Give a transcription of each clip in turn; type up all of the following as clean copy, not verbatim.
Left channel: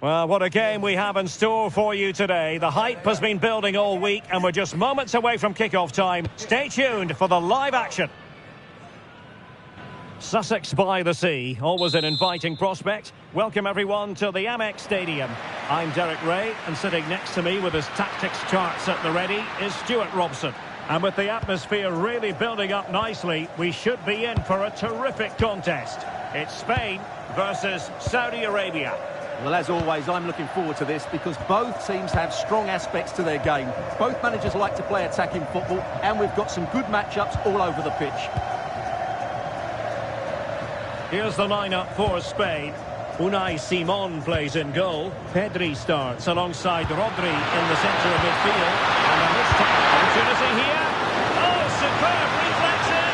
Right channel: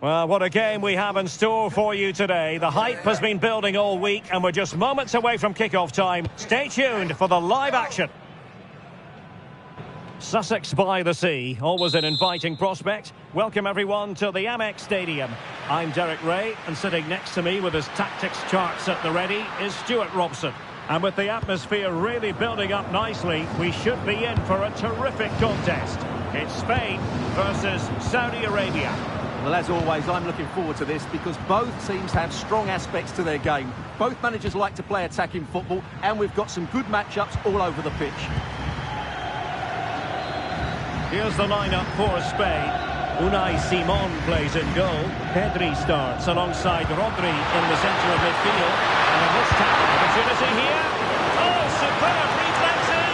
Well, what a game we have in store for you today. The hype has been building all week and we're just moments away from kickoff time. Stay tuned for the live action. Sussex by the Sea, always an inviting prospect. Welcome everyone to the Amex Stadium. I'm Derek Ray, and sitting next to me with his tactics charts at the ready is Stuart Robson. And with the atmosphere really building up nicely, we should be in for a terrific contest. It's Spain versus Saudi Arabia. Well, as always, I'm looking forward to this because both teams have strong aspects to their game. Both managers like to play attacking football, and we've got some good matchups all over the pitch. Here's the lineup for Spain. Unai Simon plays in goal. Pedri starts alongside Rodri in the centre of midfield. And a missed opportunity here. Oh, superb reflexes!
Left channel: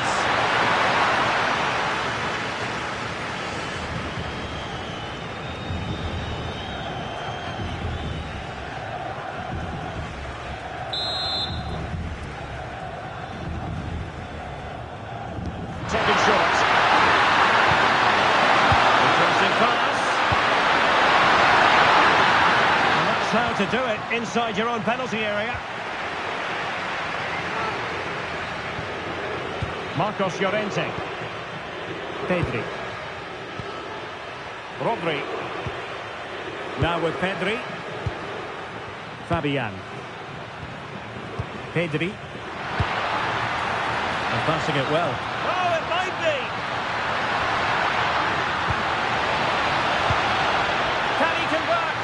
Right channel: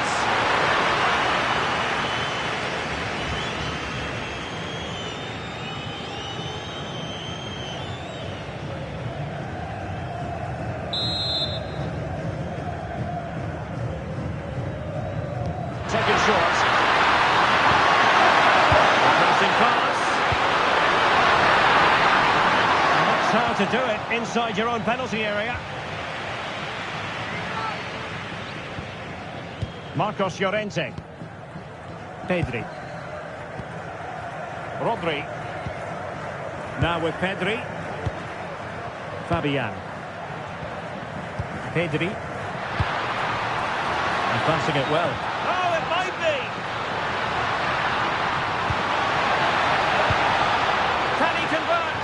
Taken short. Interesting pass. And that's how to do it inside your own penalty area. Marcos Llorente. Pedri. Rodri. Now with Pedri. Fabian. Pedri. And passing it well. Oh, it might be! Can he convert?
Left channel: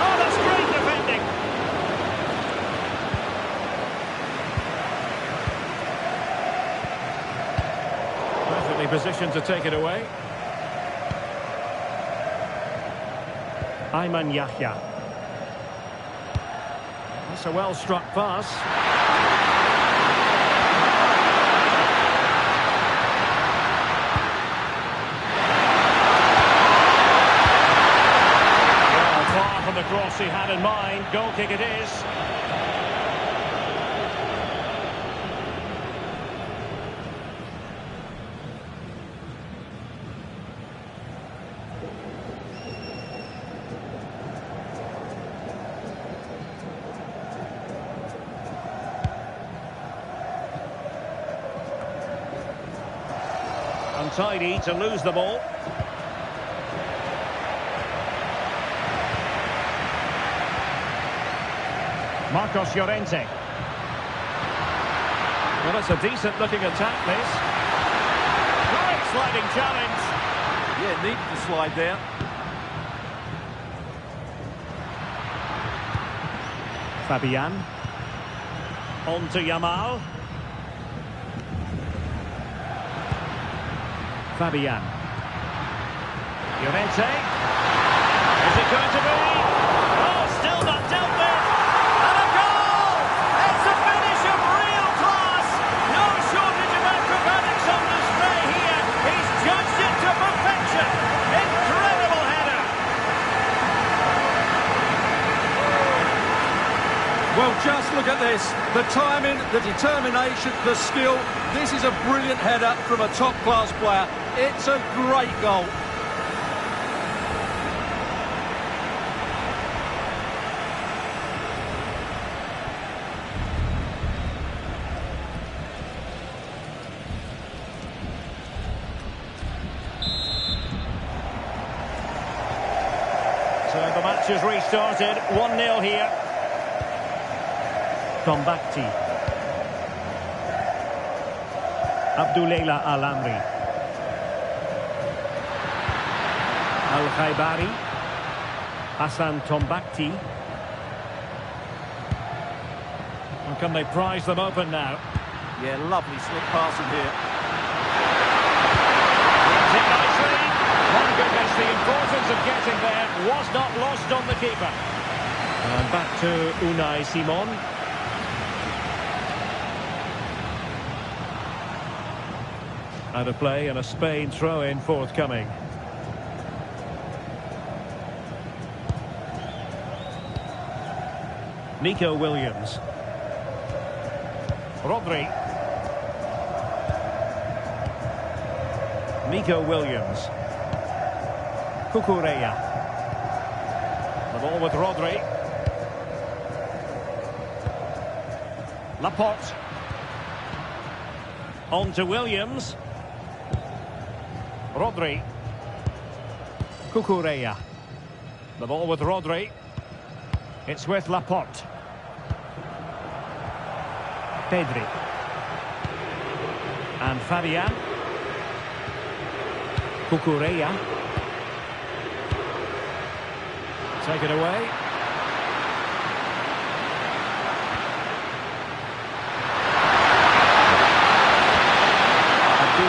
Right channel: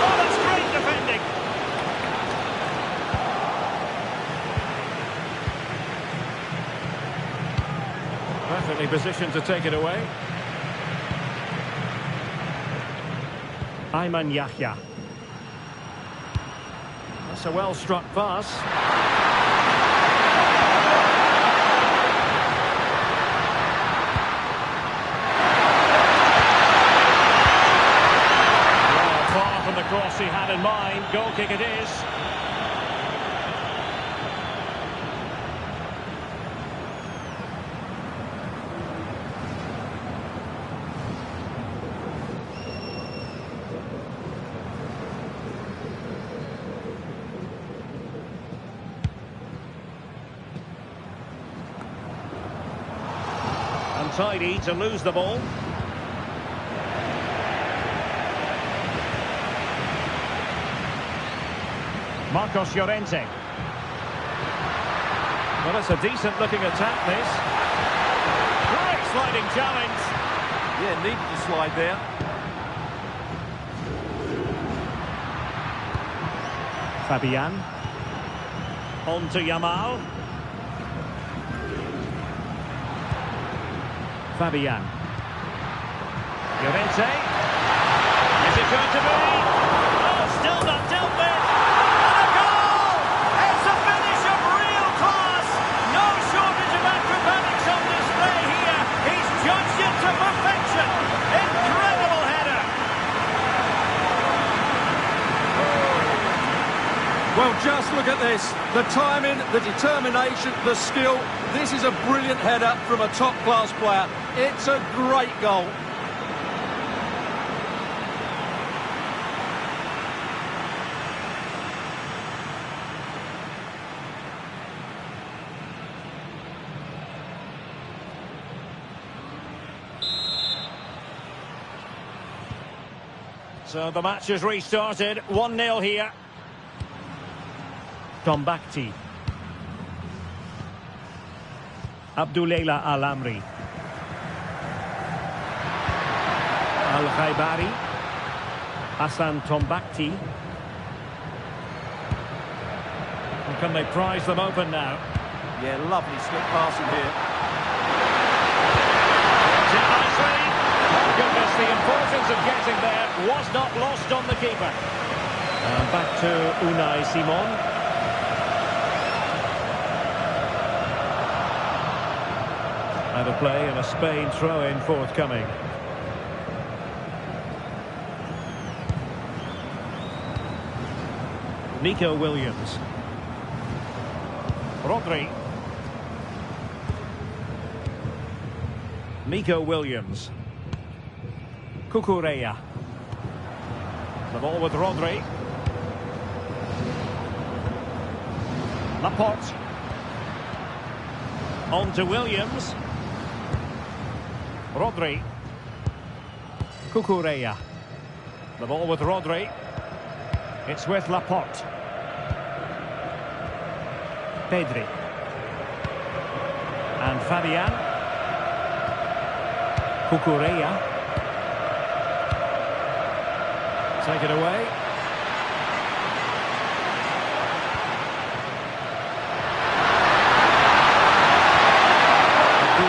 Oh, that's great defending! Perfectly positioned to take it away. Ayman Yahya. That's a well-struck pass. Far from the cross he had in mind. Goal kick it is. Untidy to lose the ball. Marcos Llorente. Well, it's a decent-looking attack, this. Great sliding challenge. Yeah, needed to slide there. Fabian. On to Yamal. Fabian. Llorente. Is it going to be? Oh, still not dealt with. Judged it to perfection. Incredible header. Well, just look at this. The timing, the determination, the skill. This is a brilliant header from a top-class player. It's a great goal. So the match has restarted. 1-0 here. Tombakti. Abdoulela Al-Amri. Al-Khaibari. Hassan Tombakti. And can they prize them open now? Yeah, lovely slick passing here. Gets it nicely. My goodness, the importance of getting there was not lost on the keeper. And back to Unai Simon. Out of play and a Spain throw-in forthcoming. Nico Williams. Rodri. Nico Williams. Cucurella. The ball with Rodri. Laporte. On to Williams. Rodri. Cucurella. The ball with Rodri. It's with Laporte. Pedri. And Fabian. Cucurella. Take it away.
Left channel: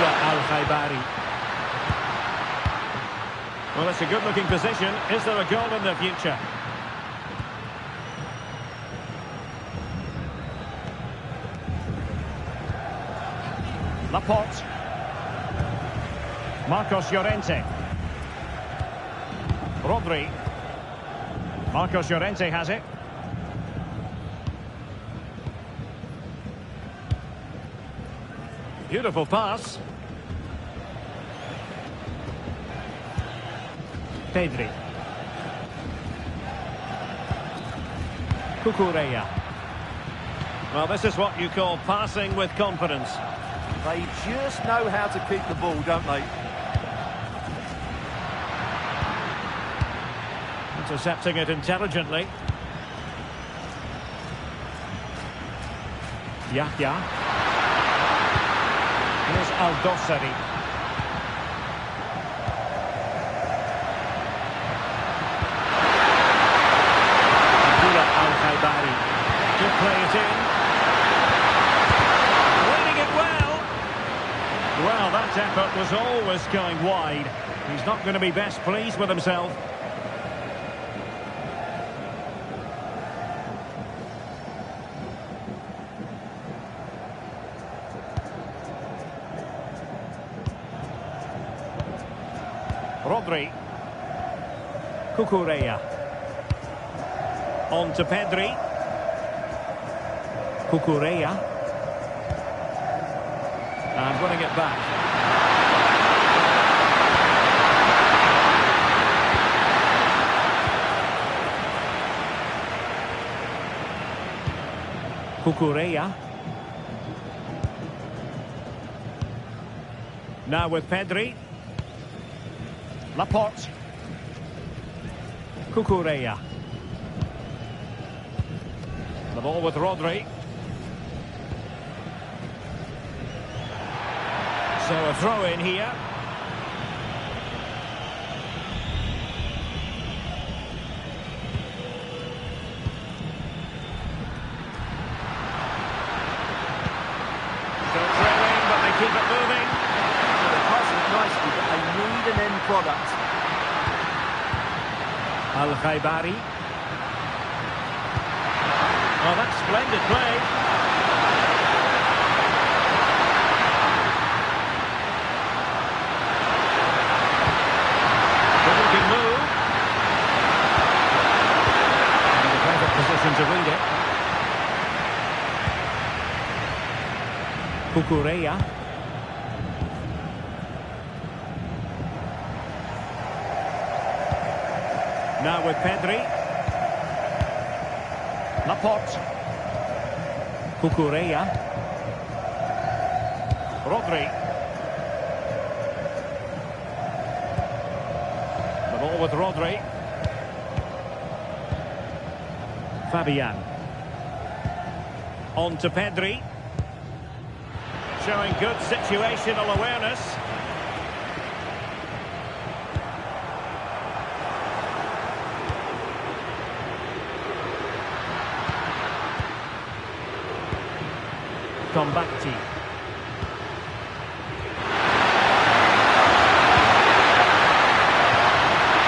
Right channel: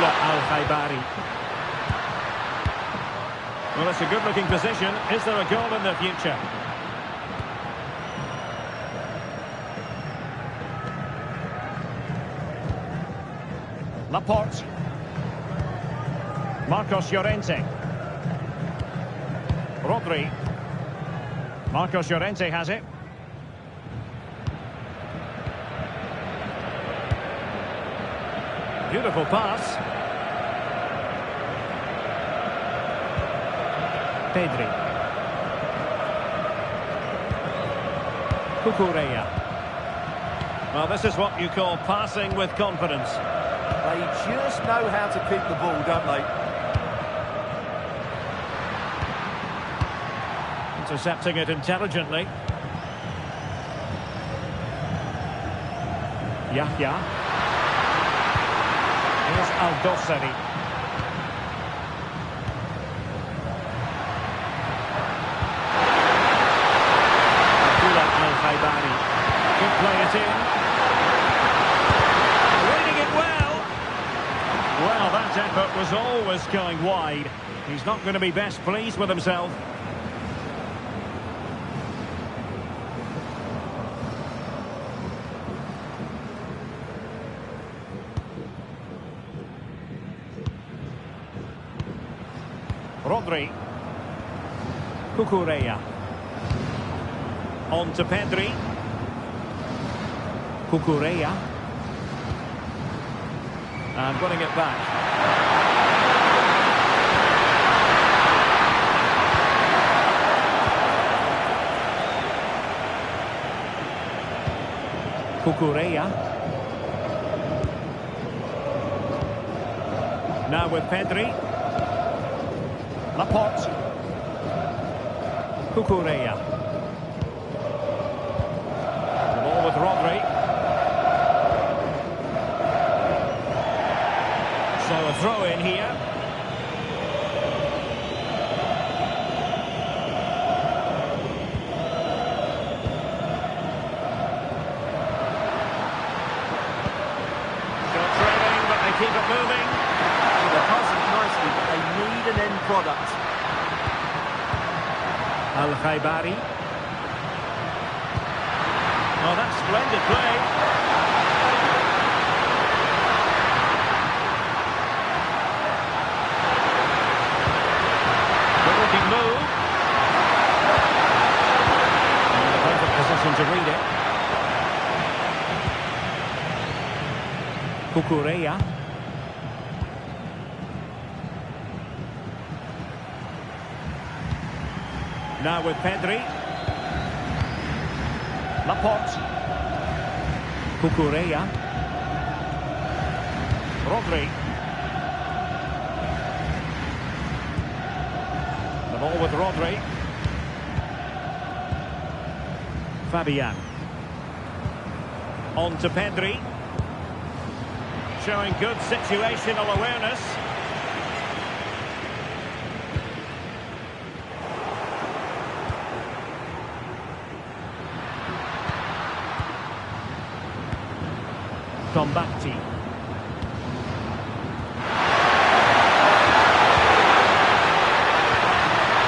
Al-Khaibari. Well, it's a good-looking position. Is there a goal in the future? Laporte. Marcos Llorente. Rodri. Marcos Llorente has it. Beautiful pass. Pedri. Cucurella. Well, this is what you call passing with confidence. They just know how to keep the ball, don't they? Intercepting it intelligently. Yahya. Here's Al-Dossari. Al-Khaibari. Could play it in. Reading it well. Well, that effort was always going wide. He's not going to be best pleased with himself. Rodri. Cucurella. On to Pedri. Cucurella. And winning it back. Cucurella. Now with Pedri. Laporte. Cucurella. The ball with Rodri. So a throw in here. Still trailing, but they keep it moving. Well, they're passing it nicely, but they need an end product. Al-Khaibari. Oh, that's splendid play. Good-looking move. In the perfect position to read it. Cucurella. Now with Pedri. Laporte. Cucurella. Rodri. The ball with Rodri. Fabian. On to Pedri. Showing good situational awareness. Combatti.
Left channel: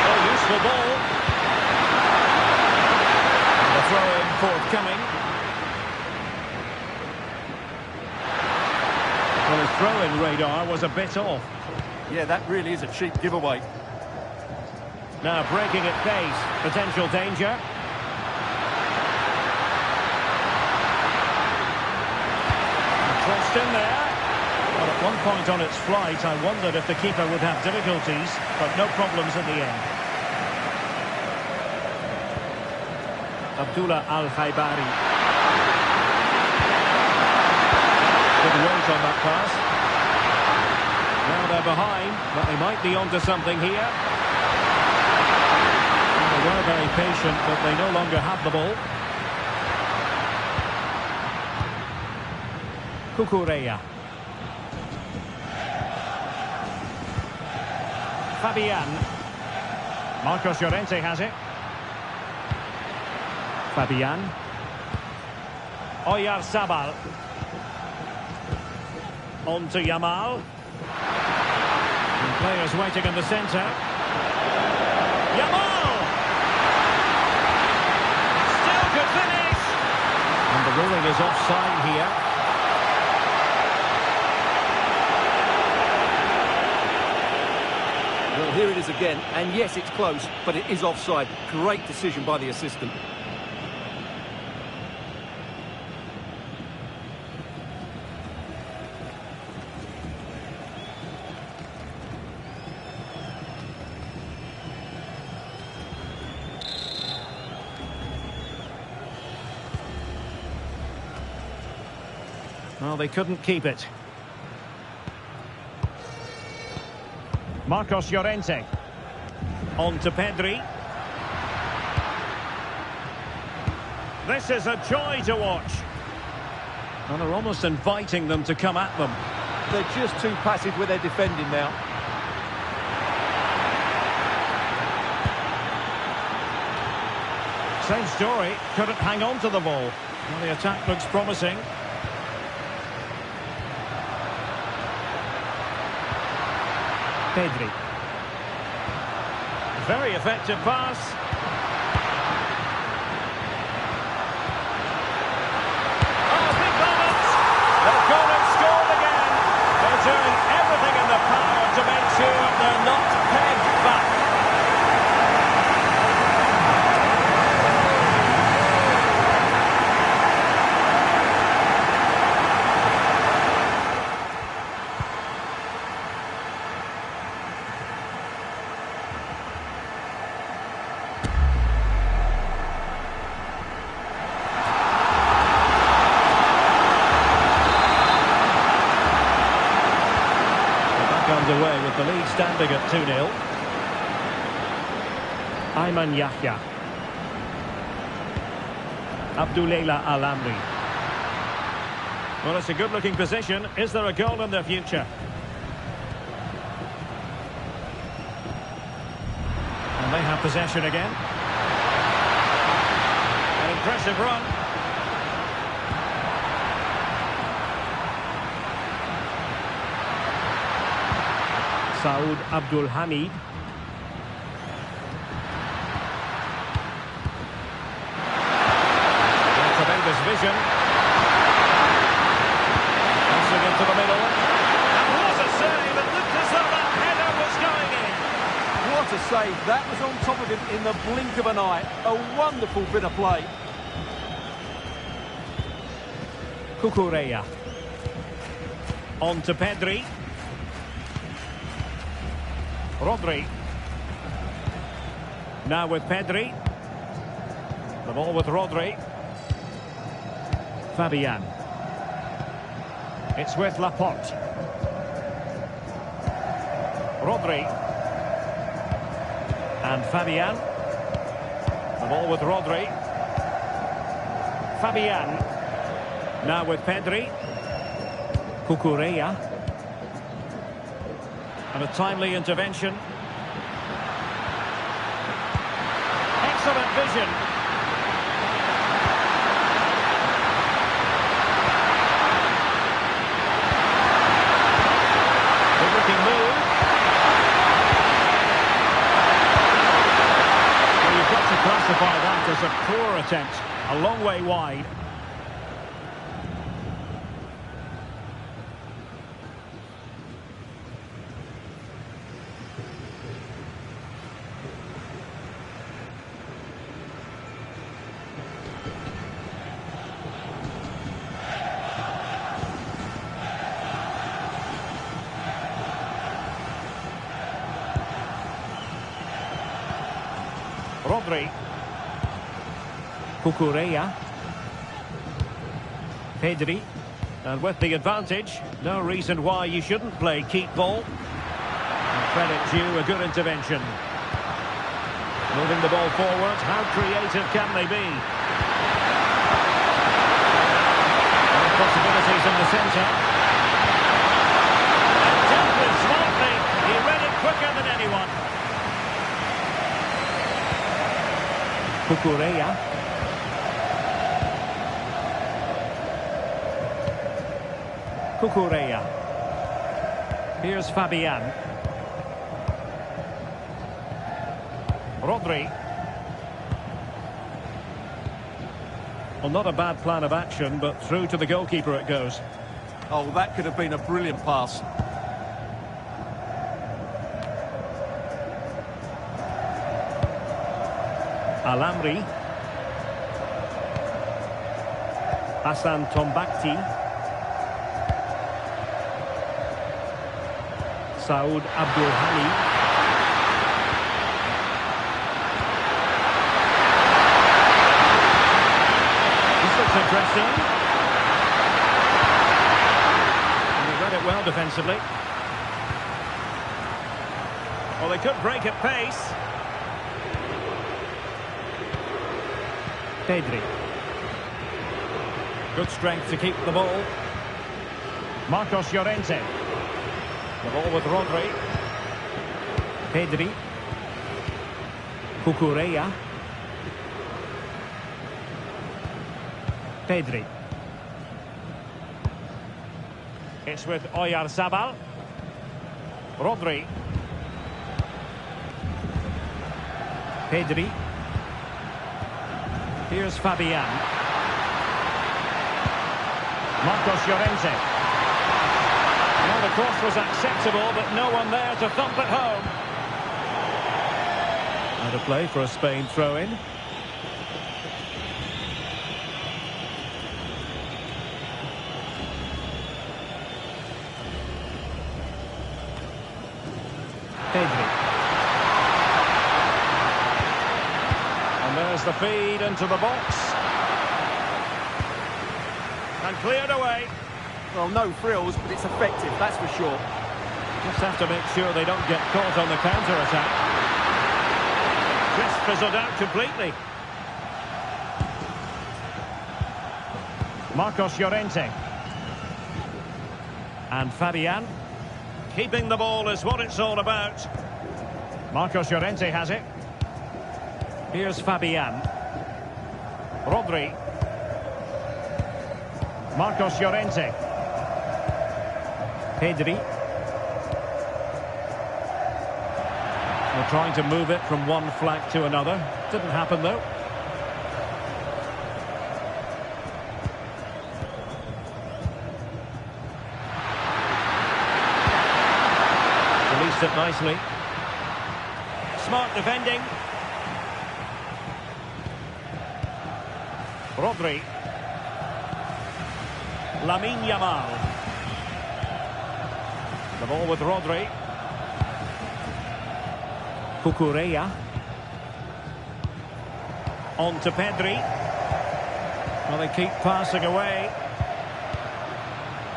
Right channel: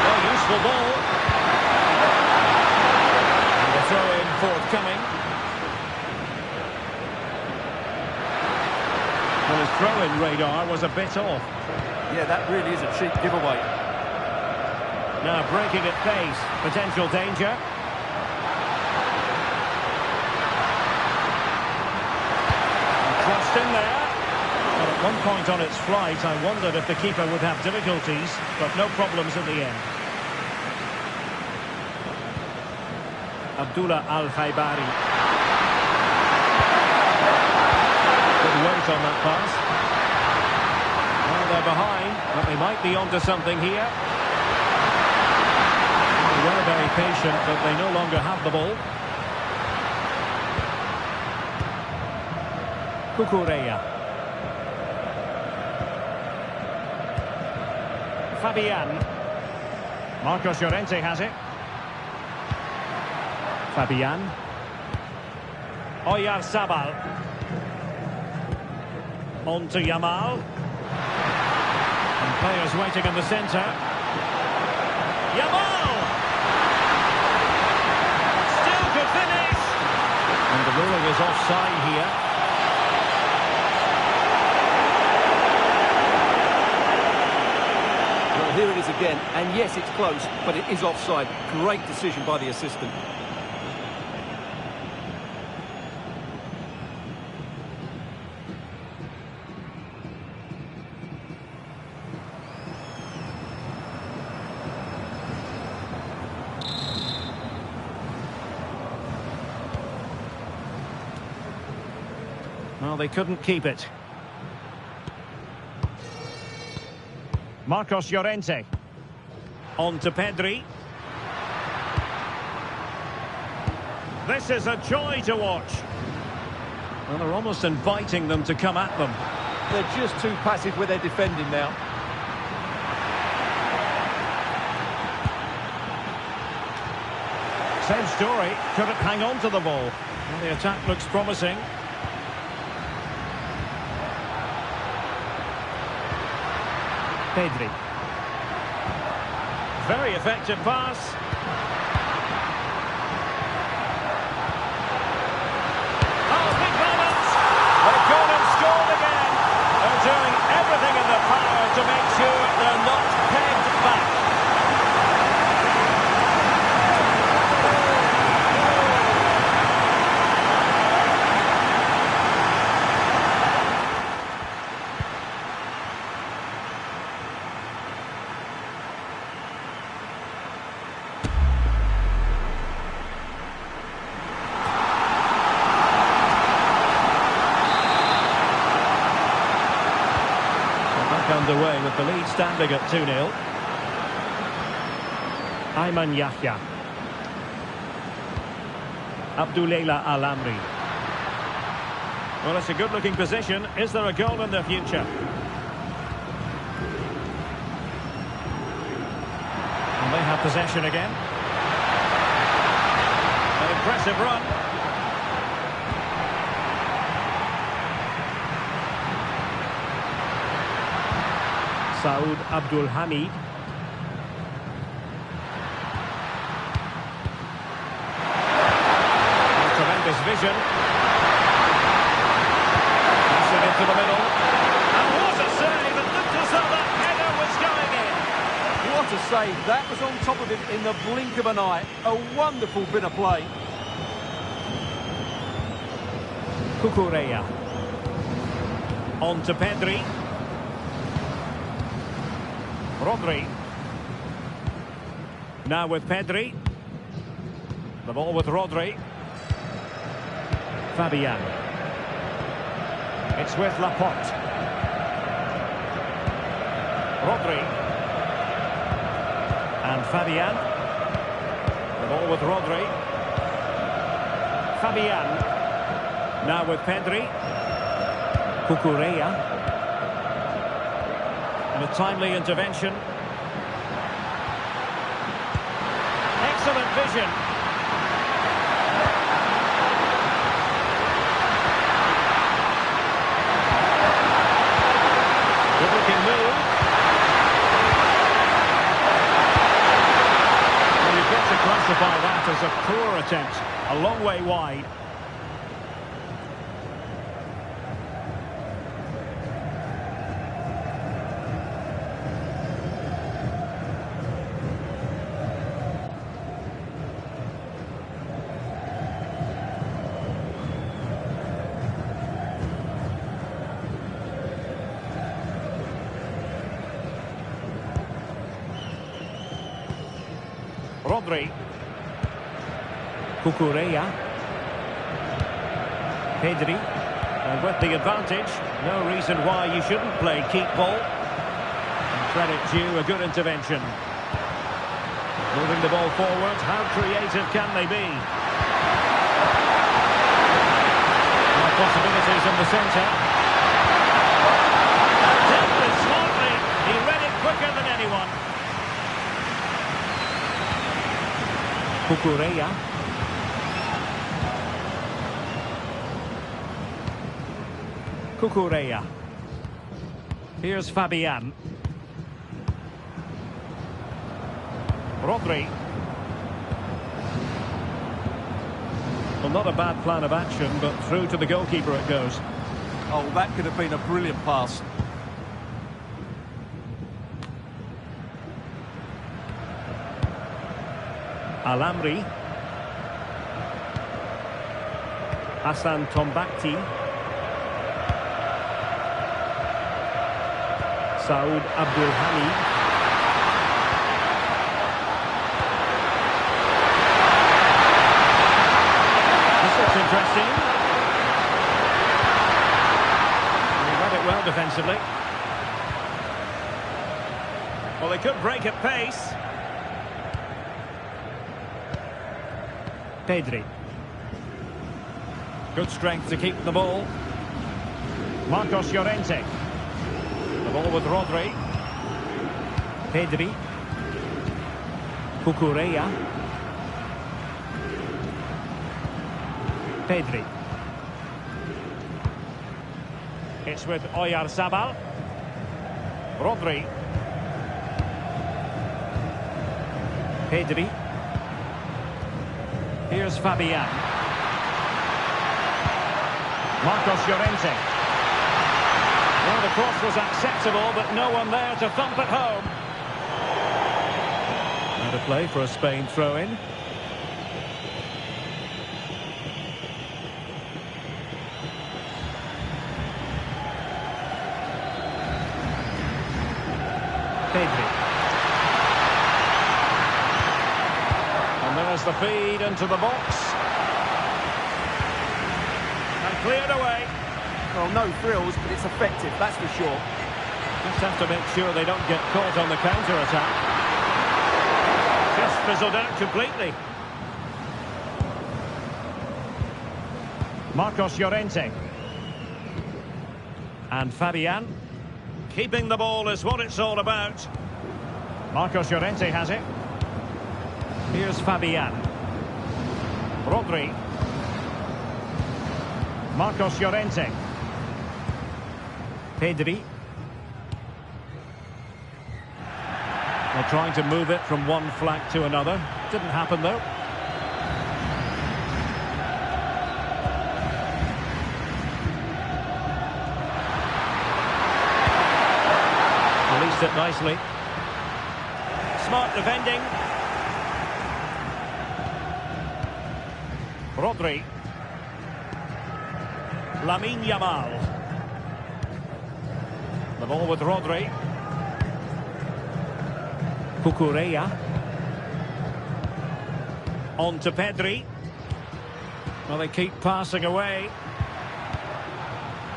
Oh, useful ball. And the throw-in forthcoming. Well, his throw-in radar was a bit off. Yeah, that really is a cheap giveaway. Now breaking at pace. Potential danger. Crossed in there. Well, at one point on its flight, I wondered if the keeper would have difficulties, but no problems in the end. Abdullah Al-Khaibari. Good weight on that pass. Well, they're behind, but they might be onto something here. They were very patient, but they no longer have the ball. Cucurella. Fabian. Marcos Llorente has it. Fabian. Oyarzabal. On to Yamal. And players waiting in the centre. Yamal! Still could finish! And the ruling is offside here. Well, here it is again, and yes, it's close, but it is offside. Great decision by the assistant. Well, they couldn't keep it. Marcos Llorente. On to Pedri. This is a joy to watch. And they're almost inviting them to come at them. They're just too passive with their defending now. Same story. Couldn't hang on to the ball. Well, the attack looks promising. Pedri. Very effective pass. Oh, big moment! They've gone and scored again. They're doing everything in their power to make sure they're not pegged back. Underway with the lead standing at 2-0. Ayman Yahya. Abdullah Al-Amri. Well, it's a good-looking position. Is there a goal in the future? And they have possession again. An impressive run. Saud Abdul Hamid. Tremendous vision. Passing into the middle. And what a save! It looked as though that header was going in. What a save. That was on top of him in the blink of an eye. A wonderful bit of play. Cucurella. On to Pedri. Rodri. Now with Pedri. The ball with Rodri. Fabian. It's with Laporte. Rodri. And Fabian. The ball with Rodri. Fabian. Now with Pedri. Cucurella. And a timely intervention. Excellent vision. Good-looking move. Well, you've got to classify that as a poor attempt. A long way wide. Rodri. Cucurella. Pedri. And with the advantage, no reason why you shouldn't play keep ball. And credit due, a good intervention. Moving the ball forward, how creative can they be? Possibilities in the centre. And dealt with smartly. He read it quicker than anyone. Cucurella. Cucurella. Here's Fabian. Rodri. Well, not a bad plan of action, but through to the goalkeeper it goes. Oh, that could have been a brilliant pass. Alamri. Hassan Tombakti. Saud Abdulhani. This looks interesting. And he read it well defensively. Well, they could break at pace. Pedri. Good strength to keep the ball. Marcos Llorente. The ball with Rodri. Pedri. Cucurella. Pedri. It's with Oyarzabal. Rodri. Pedri. Here's Fabian. Marcos Llorente. Well, the cross was acceptable, but no one there to thump it home. Out of play for a Spain throw-in. Pedri. And there's the feed into the box. And cleared away. Well, no frills, but it's effective, that's for sure. Just have to make sure they don't get caught on the counter-attack. Just fizzled out completely. Marcos Llorente. And Fabian. Keeping the ball is what it's all about. Marcos Llorente has it. Here's Fabian. Rodri. Marcos Llorente. Pedri. Well, trying to move it from one flank to another. Didn't happen, though. Released it nicely. Smart defending. Rodri. Lamine Yamal. The ball with Rodri. Cucurella. On to Pedri. Well, they keep passing away.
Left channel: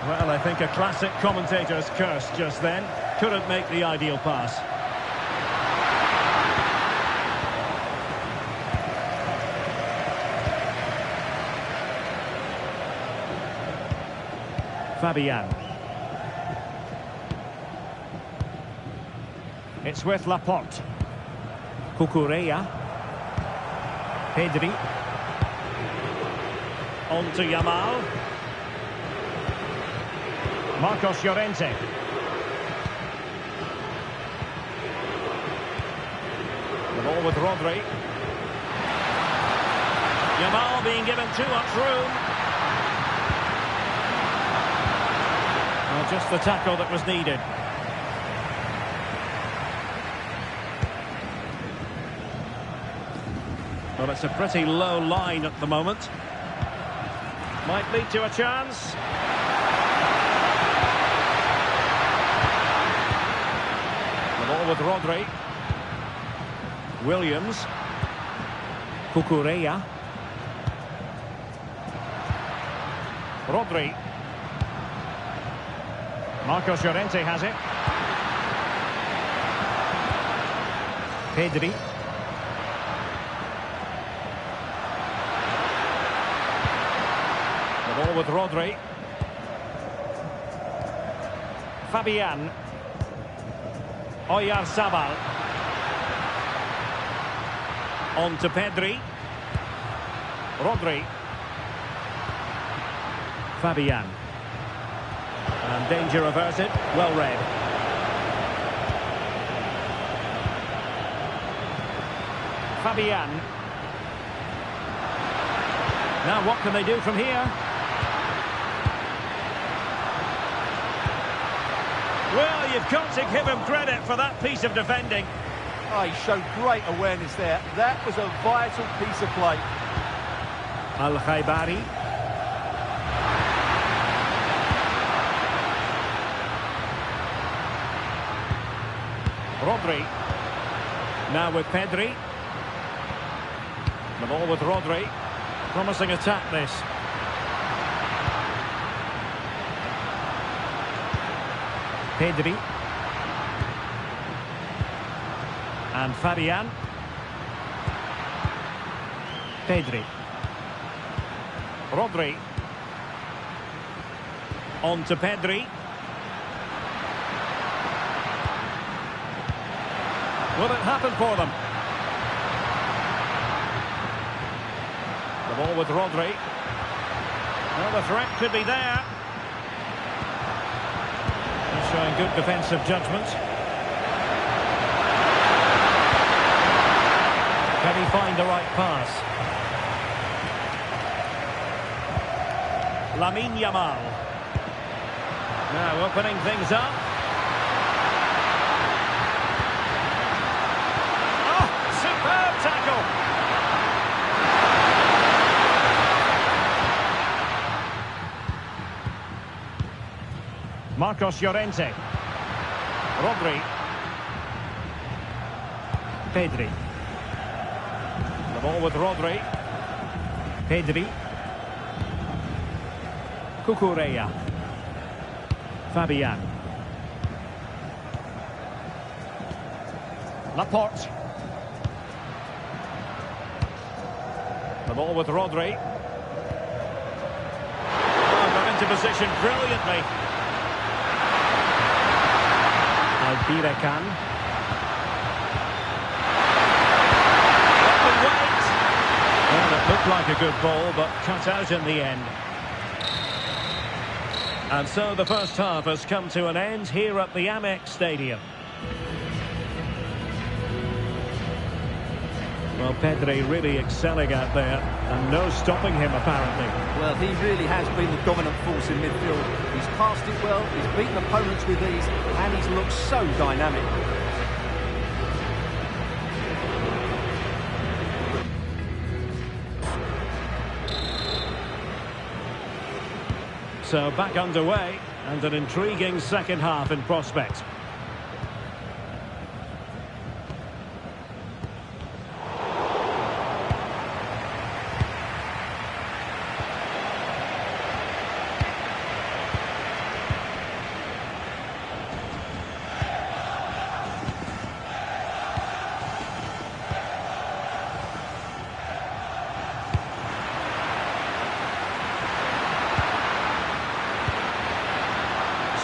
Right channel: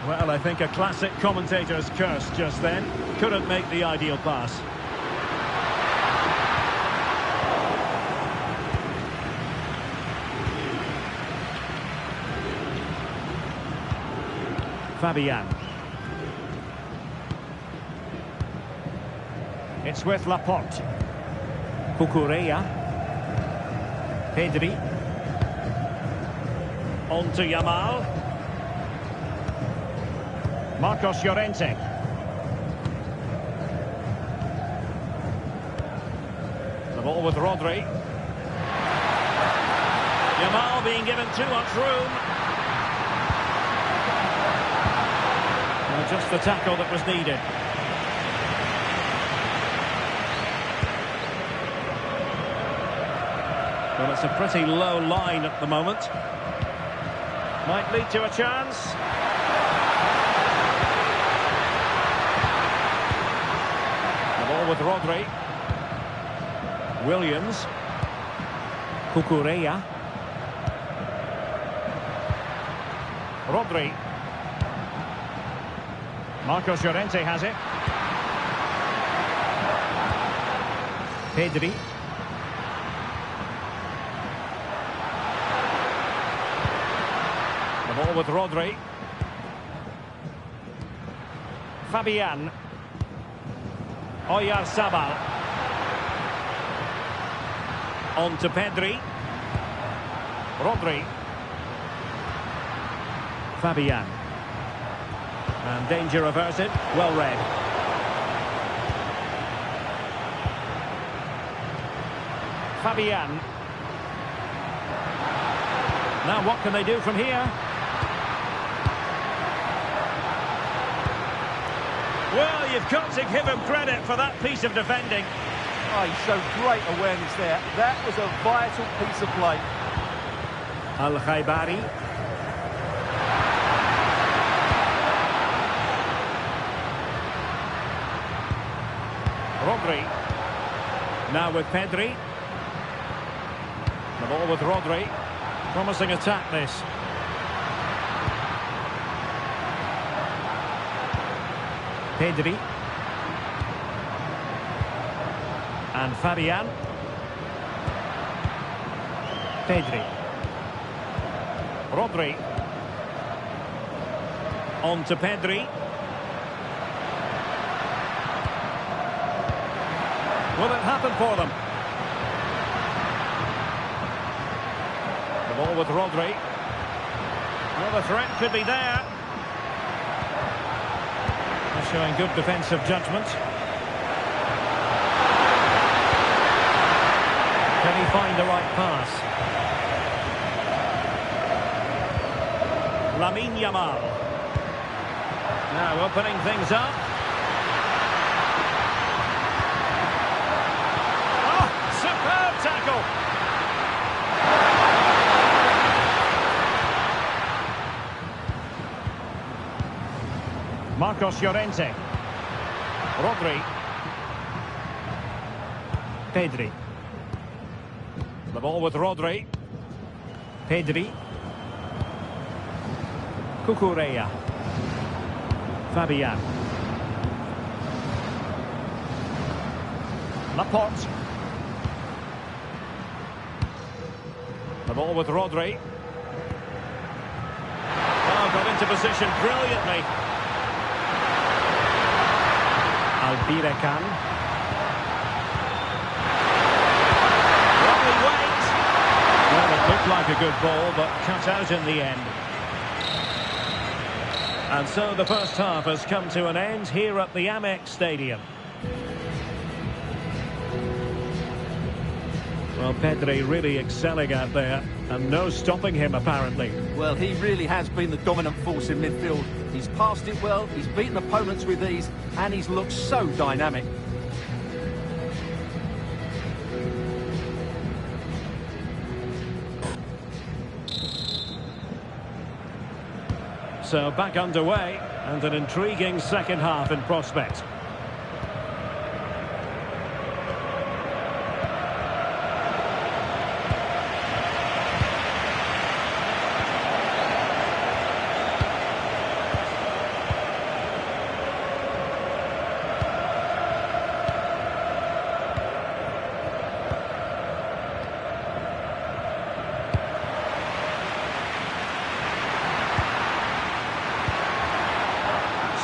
Well, I think a classic commentator's curse just then. Couldn't make the ideal pass. Fabian. It's with Laporte. Cucurella. Pedri. On to Yamal. Marcos Llorente. The ball with Rodri. Yamal being given too much room. Well, just the tackle that was needed. Well, it's a pretty low line at the moment. Might lead to a chance. The ball with Rodri. Williams. Cucurella. Rodri. Marcos Llorente has it. Pedri. The ball with Rodri. Fabian. Oyarzabal. On to Pedri. Rodri. Fabian. And danger averted. Well read. Fabian. Now what can they do from here? Well, you've got to give him credit for that piece of defending. Oh, he showed great awareness there. That was a vital piece of play. Al-Khaibari. Rodri. Now with Pedri. The ball with Rodri. Promising attack this. Pedri. And Fabian. Pedri. Rodri. On to Pedri. Will it happen for them? The ball with Rodri. Well, the threat could be there. They're showing good defensive judgment. Can he find the right pass? Lamine Yamal. Now opening things up. Oh, superb tackle. Marcos Llorente. Rodri. Pedri. The ball with Rodri. Pedri. Cucurella. Fabian. Laporte. The ball with Rodri. Oh, got into position brilliantly. IBHN. Lovely weight. Well, it looked like a good ball, but cut out in the end. And so the first half has come to an end here at the Amex Stadium. Well, Pedri really excelling out there, and no stopping him, apparently. Well, he really has been the dominant force in midfield. He's passed it well, he's beaten opponents with ease, and he's looked so dynamic. So back underway, and an intriguing second half in prospect.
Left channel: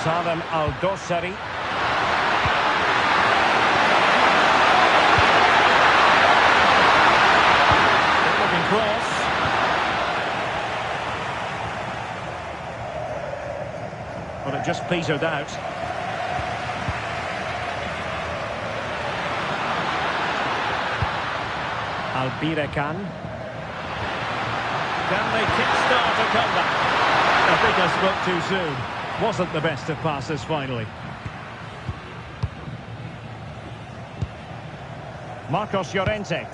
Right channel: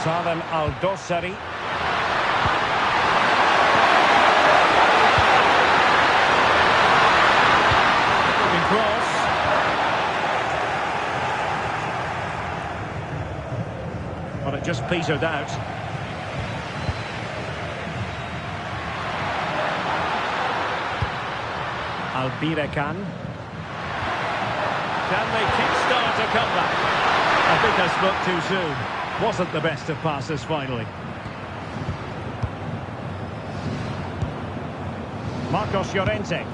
Salem Al-Dossari. Looking cross. But it just petered out. IBHN. Can they kickstart a comeback? I think I spoke too soon. Wasn't the best of passes finally. Marcos Llorente.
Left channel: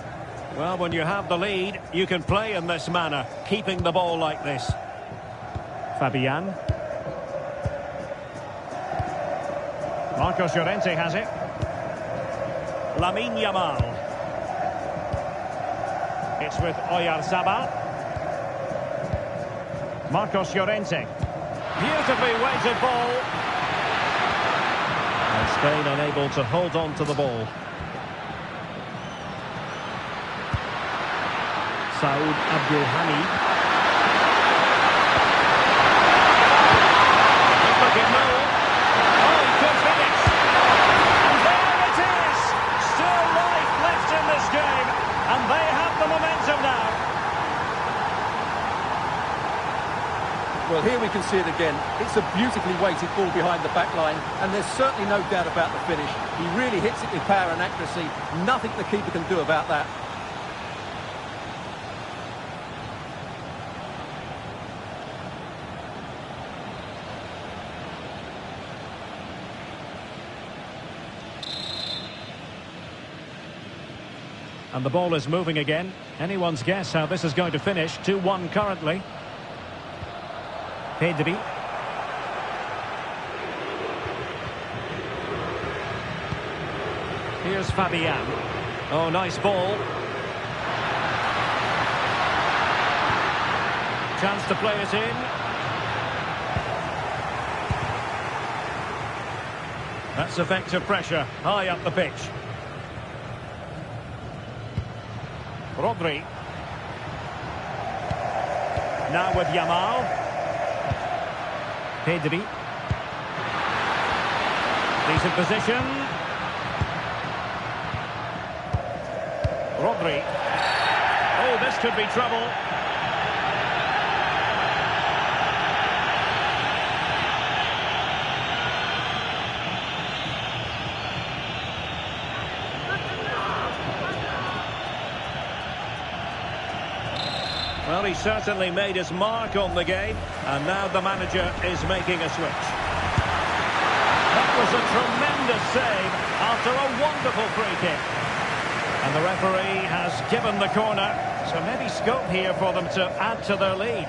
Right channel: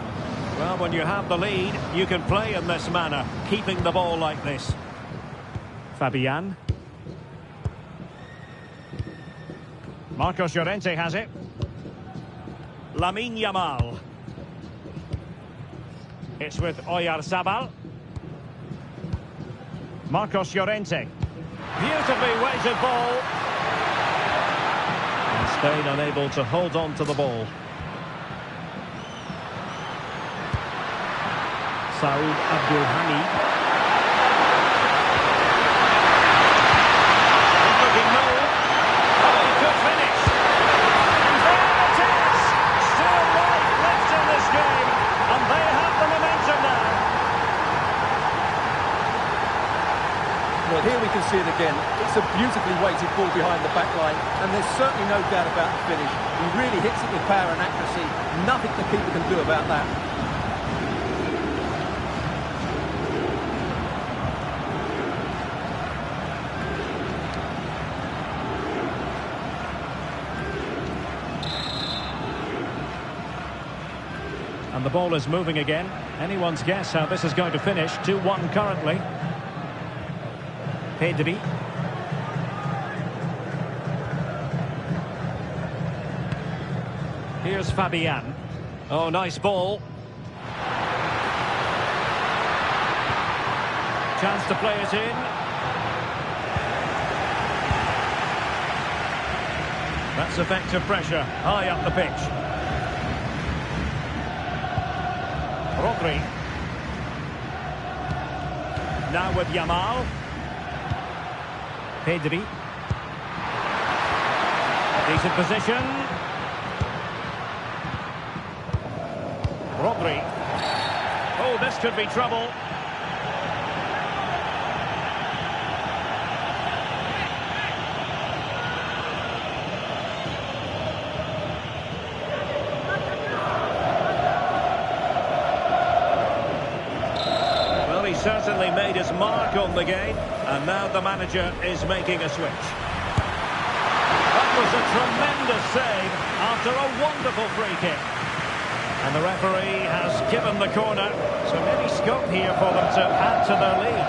Well, when you have the lead, you can play in this manner, keeping the ball like this. Fabian. Marcos Llorente has it. Lamine Yamal. It's with Oyarzabal. Marcos Llorente. Beautifully weighted ball. And Spain unable to hold on to the ball. Saud Abdul Hamid. Good looking move. Oh, he could finish. And there it is. Still life left in this game. And they have the momentum now. Well, here we can see it again. It's a beautifully weighted ball behind the back line, and there's certainly no doubt about the finish. He really hits it with power and accuracy. Nothing the keeper can do about that. And the ball is moving again. Anyone's guess how this is going to finish. 2-1 currently. Pedri. Here's Fabian. Oh, nice ball. Chance to play it in. That's effective pressure. High up the pitch. Rodri. Now with Yamal. Pedri. Decent position. Rodri. Oh, this could be trouble. Well, he certainly made his mark on the game, and now the manager is making a switch. That was a tremendous save after a wonderful free kick. And the referee has given the corner, so maybe scope here for them to add to their lead.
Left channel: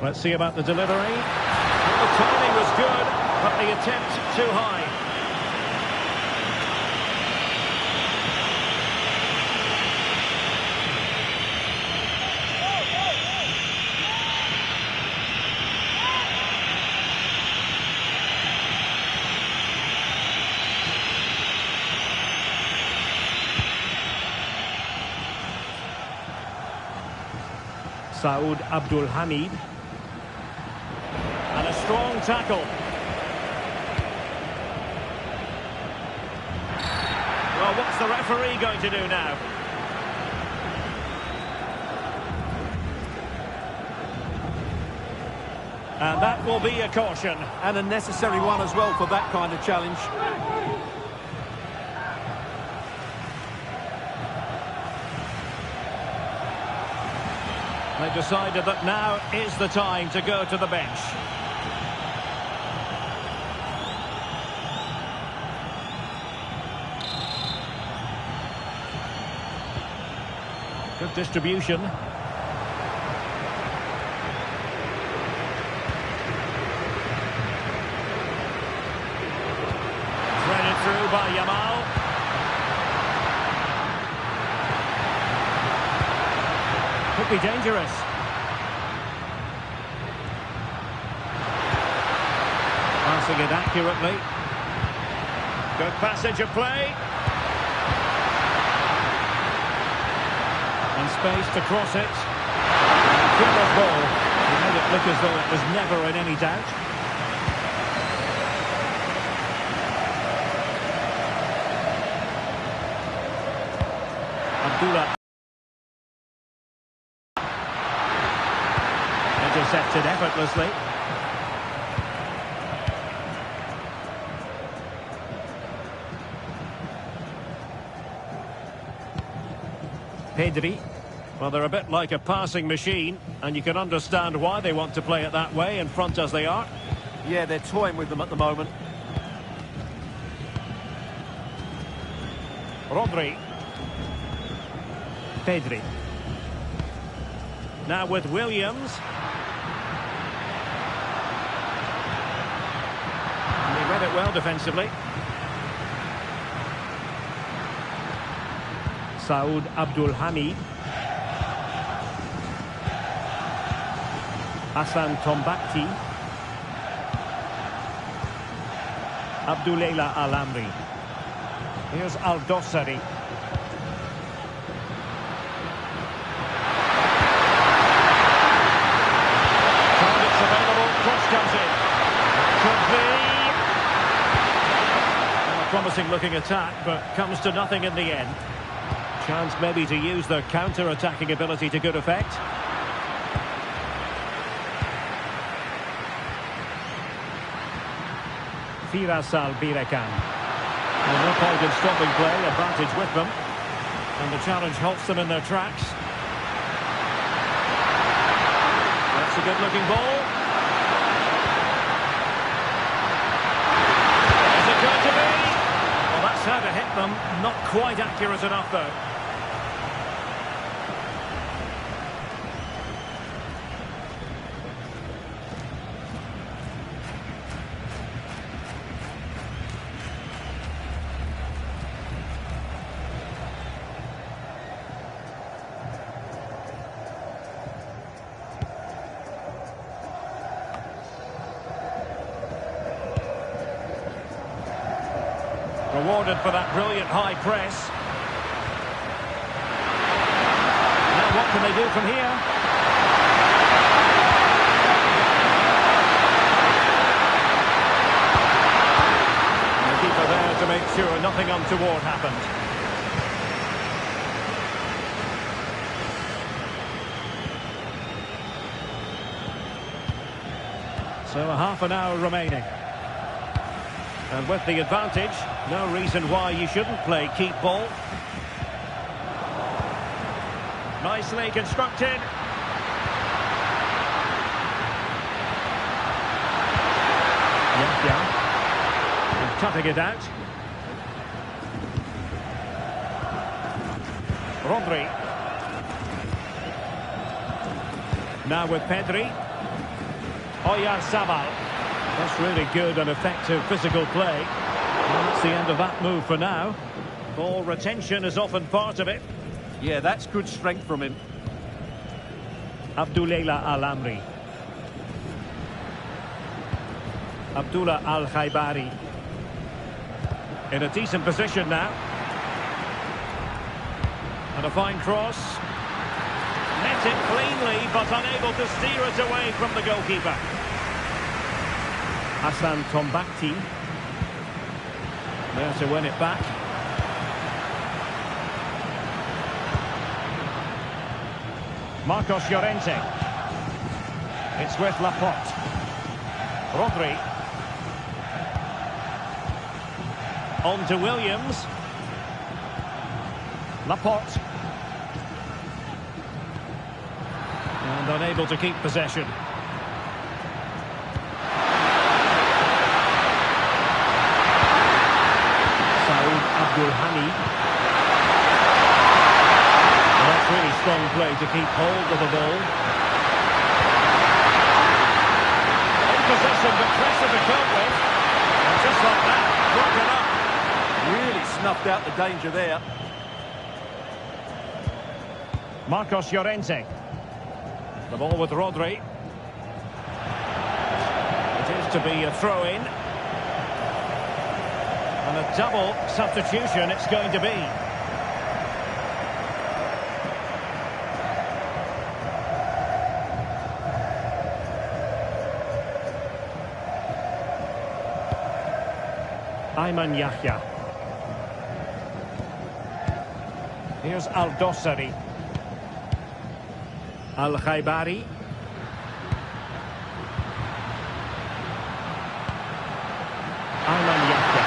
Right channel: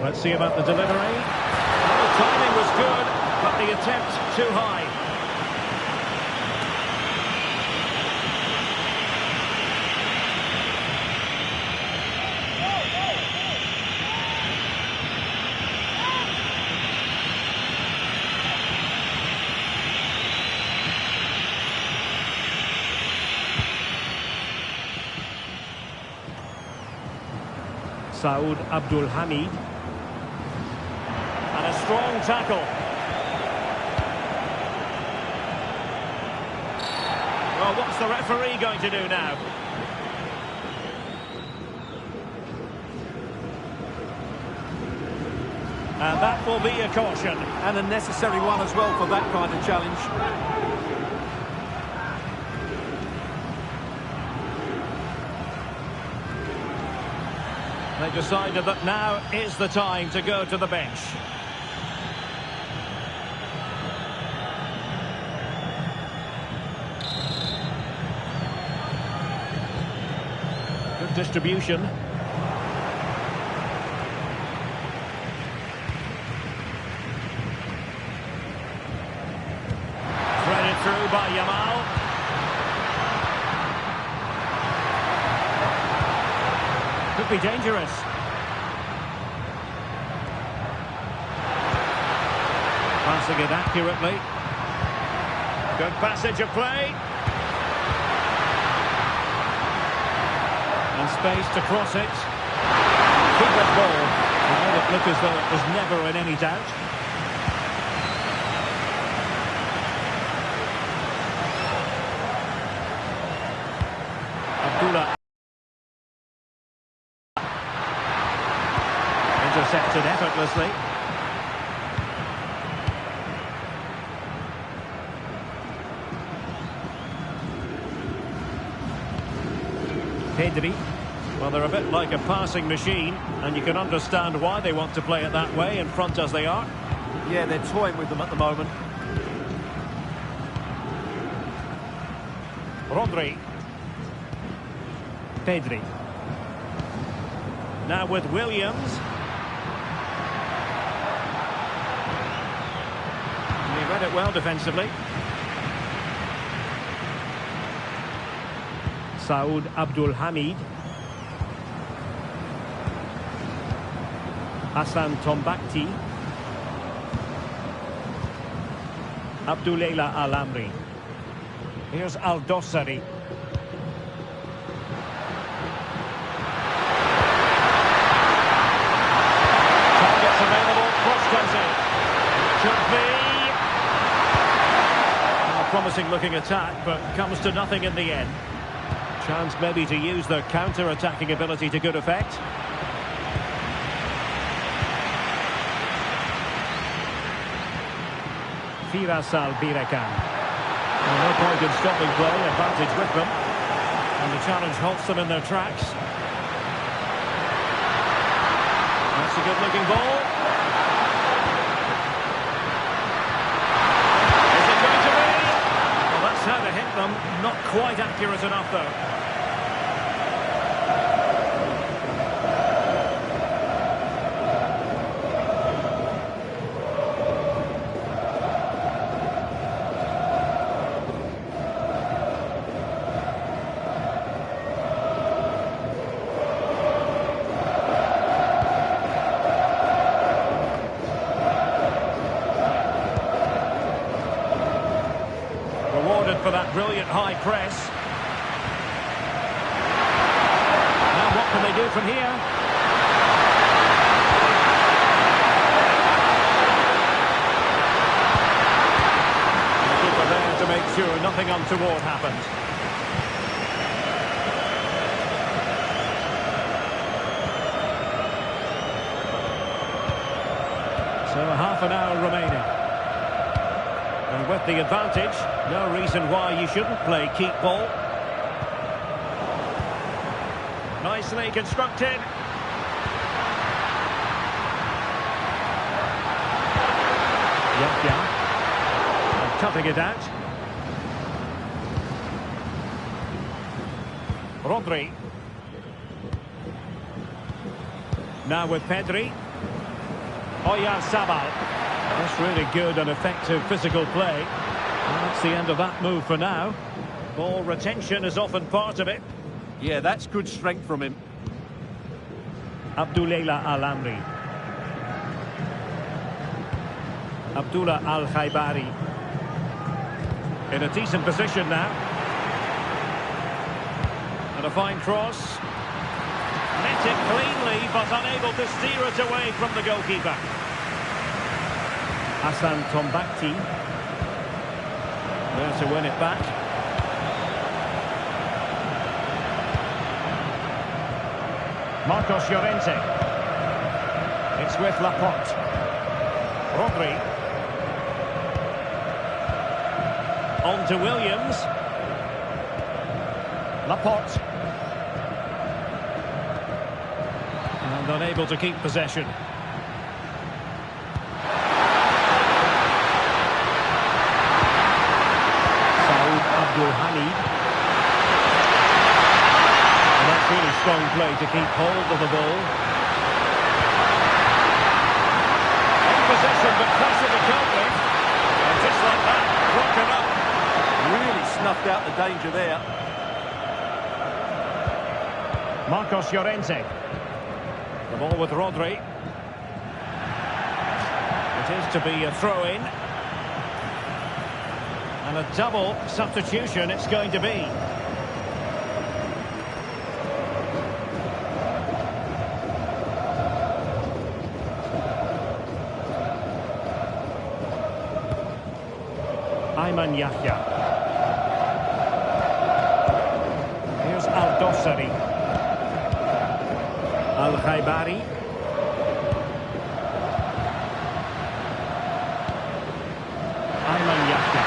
Let's see about the delivery. Well, the timing was good, but the attempt too high. Saud Abdul Hamid. And a strong tackle. Well, what's the referee going to do now? And that will be a caution. And a necessary one as well for that kind of challenge. They decided that now is the time to go to the bench. Good distribution. Threaded through by Yamal. Could be dangerous. Passing it accurately. Good passage of play. And space to cross it. Keeper's ball. He made it look as though it was never in any doubt. Abdullah. Intercepted effortlessly. Pedri. Well, they're a bit like a passing machine, and you can understand why they want to play it that way, in front as they are. Yeah, they're toying with them at the moment. Rodri. Pedri. Now with Williams. And he read it well defensively. Saud Abdul Hamid. Hassan Tombakti. Abdoulela Al-Amri. Here's Al-Dossari. Targets available, cross comes in. It could be a promising looking attack, but comes to nothing in the end. Chance maybe to use their counter-attacking ability to good effect. Firas Al-Birekan. Well, no point in stopping play, advantage with them. And the challenge halts them in their tracks. That's a good-looking ball. Is it going to be? Well, that's how to hit them. Not quite accurate enough, though. Rewarded for that brilliant high press. Now what can they do from here? And the keeper there to make sure nothing untoward happened. So a half an hour remaining. And with the advantage, no reason why you shouldn't play keep ball. Nicely constructed. Yahya. And cutting it out. Rodri. Now with Pedri. Oyarzabal. That's really good and effective physical play. Well, that's the end of that move for now. Ball retention is often part of it. Yeah, that's good strength from him. Abdoulela Al-Amri. Abdullah Al-Khaibari. In a decent position now. And a fine cross. Met it cleanly, but unable to steer it away from the goalkeeper. Hassan Tombakti. There to win it back. Marcos Llorente. It's with Laporte. Rodri. On to Williams. Laporte. And unable to keep possession. Saud Abdul Hamid. And that's really strong play to keep hold of the ball. In possession, but pressure to cope with. And just like that, broken up. Really snuffed out the danger there. Marcos Llorente. The ball with Rodri. It is to be a throw-in. And a double substitution it's going to be. Ayman Yahya. Here's Al-Dossari. Al-Khaibari. Ayman Yahya.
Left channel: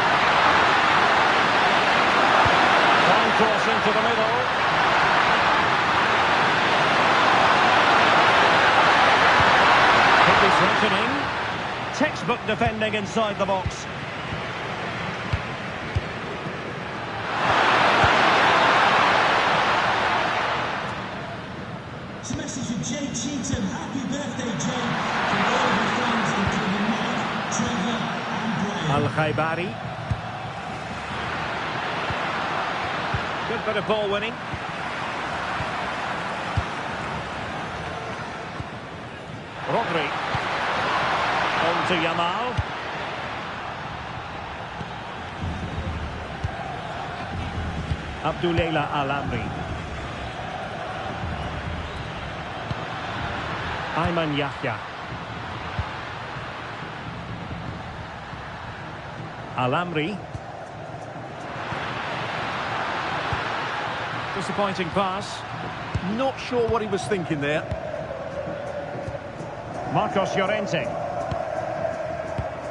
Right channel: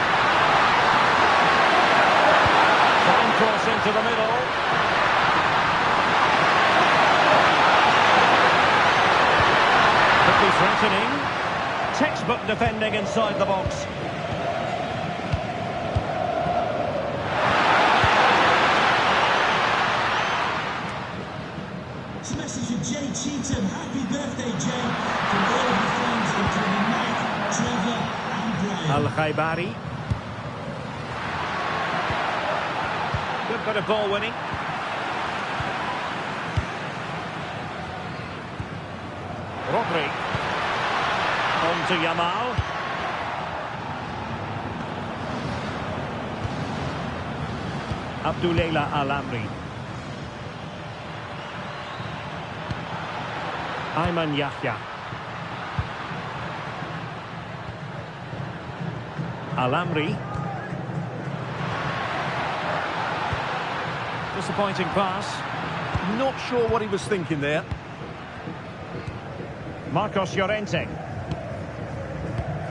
Fine cross into the middle. Could be threatening. Textbook defending inside the box. It's a message for Jay Cheatham. Happy birthday, Jay, from all of your friends, including Mike, Trevor and Brian. Al-Khaibari. Good bit of ball winning. Rodri. On to Yamal. Abdullah Al-Amri. Ayman Yahya. Al-Amri. Disappointing pass. Not sure what he was thinking there. Marcos Llorente.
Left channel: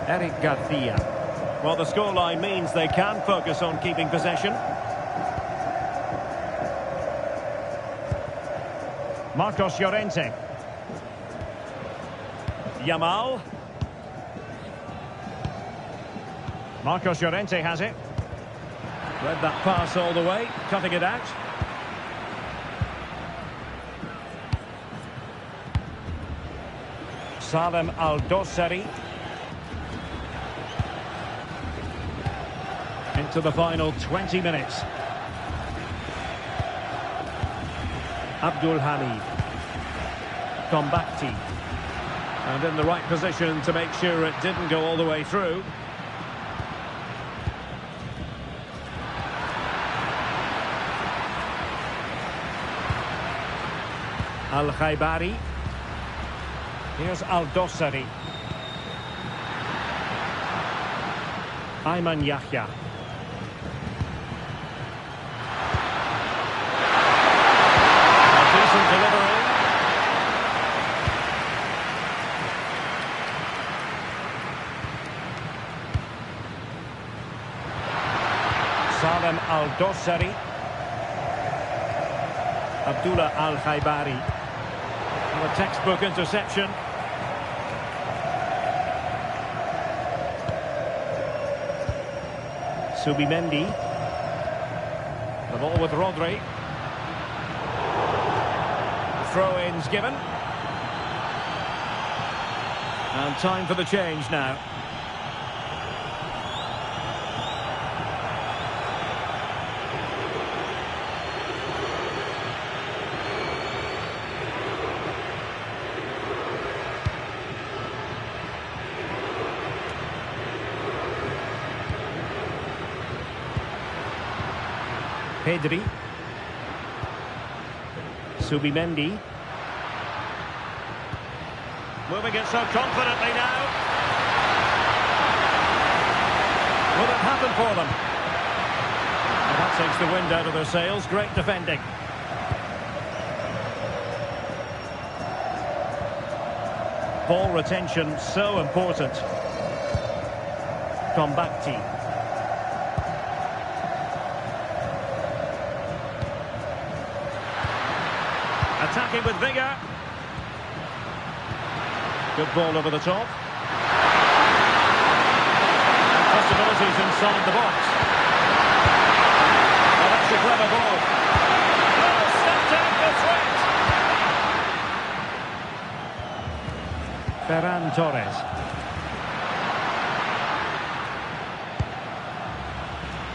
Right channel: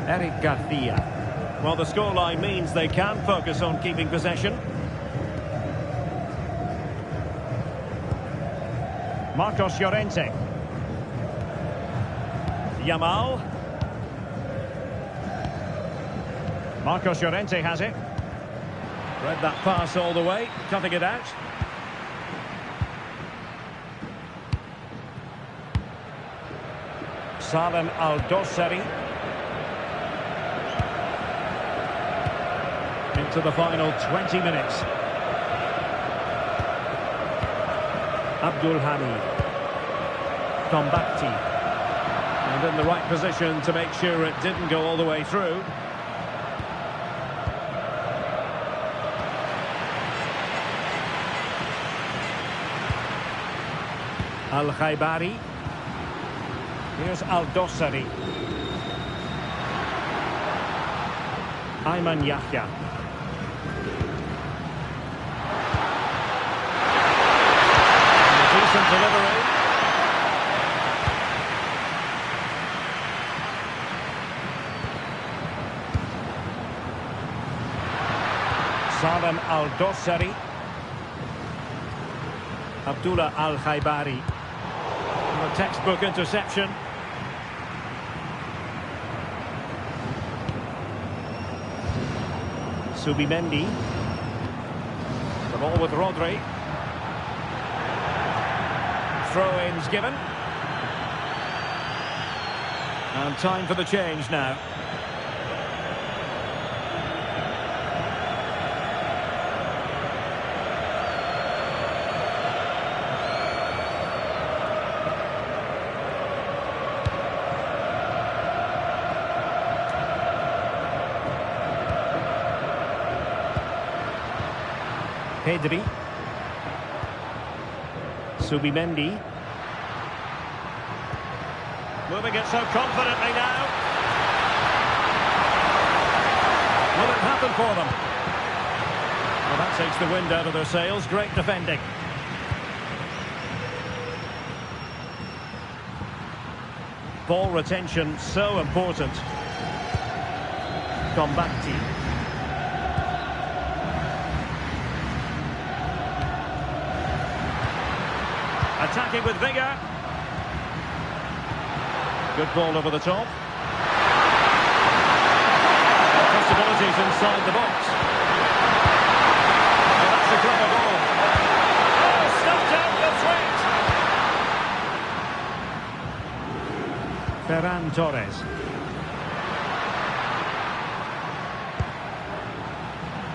Eric Garcia. Well, the scoreline means they can focus on keeping possession. Marcos Llorente. Yamal. Marcos Llorente has it. Read that pass all the way, cutting it out. Salem Al-Dossari. Into the final 20 minutes. Abdul Hamid. Tombakti. And in the right position to make sure it didn't go all the way through. Al-Khaibari. Here's Al-Dossari. Ayman Yahya. A decent delivery. Salem Al-Dossari. Abdullah Al-Khaibari. A textbook interception. Subimendi. The ball with Rodri. Throw-ins given. And time for the change now. Pedri. Subimendi. Moving it so confidently now. Will it happen for them? Well, that takes the wind out of their sails. Great defending. Ball retention so important. Tombakti. Attacking with vigour. Good ball over the top. And possibilities inside the box. Oh, that's a clever ball. Oh, stuffed out the threat. Ferran Torres.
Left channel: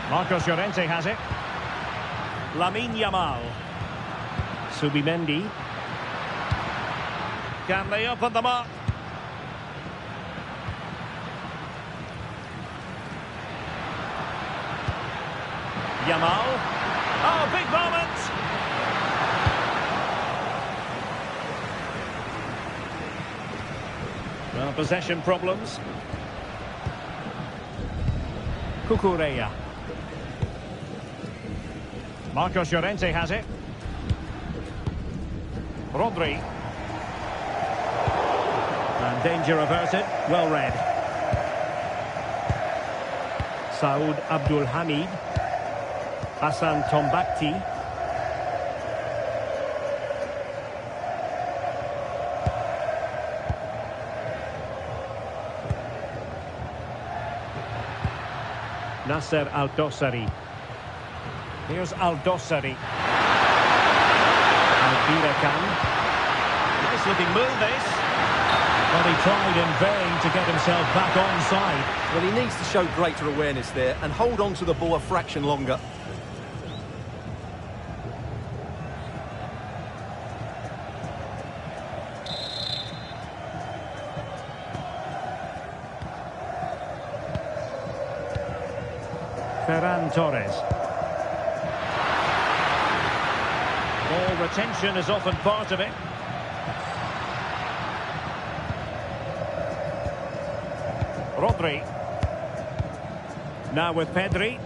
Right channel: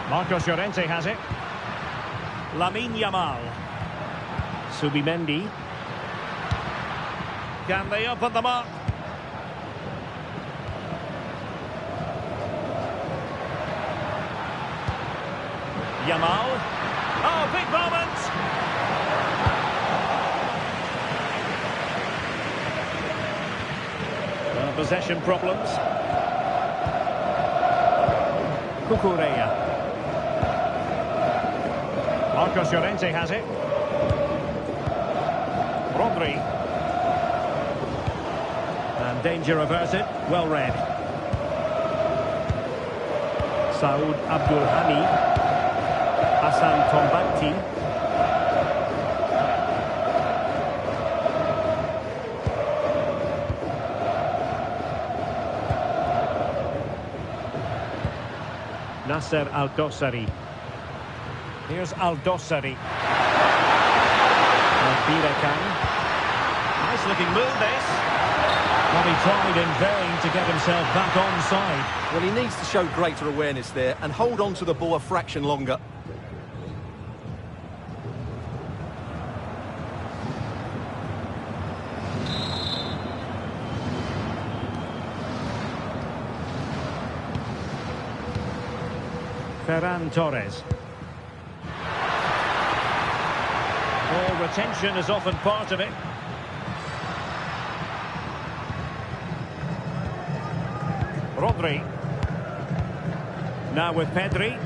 Marcos Llorente has it. Lamine Yamal. Subimendi. Can they open them up? Yamal. Oh, big moment! Well, possession problems. Cucurella. Marcos Llorente has it. Rodri. And danger averted. Well read. Saud Abdul Hamid. Hassan Tombakti. Nasser Al-Dossari. Here's Al-Dossari. Al-Birakan. Nice looking move this. Well, he tried in vain to get himself back onside. Well, he needs to show greater awareness there and hold on to the ball a fraction longer. Ferran Torres. Ball retention is often part of it. Rodri. Now with Pedri.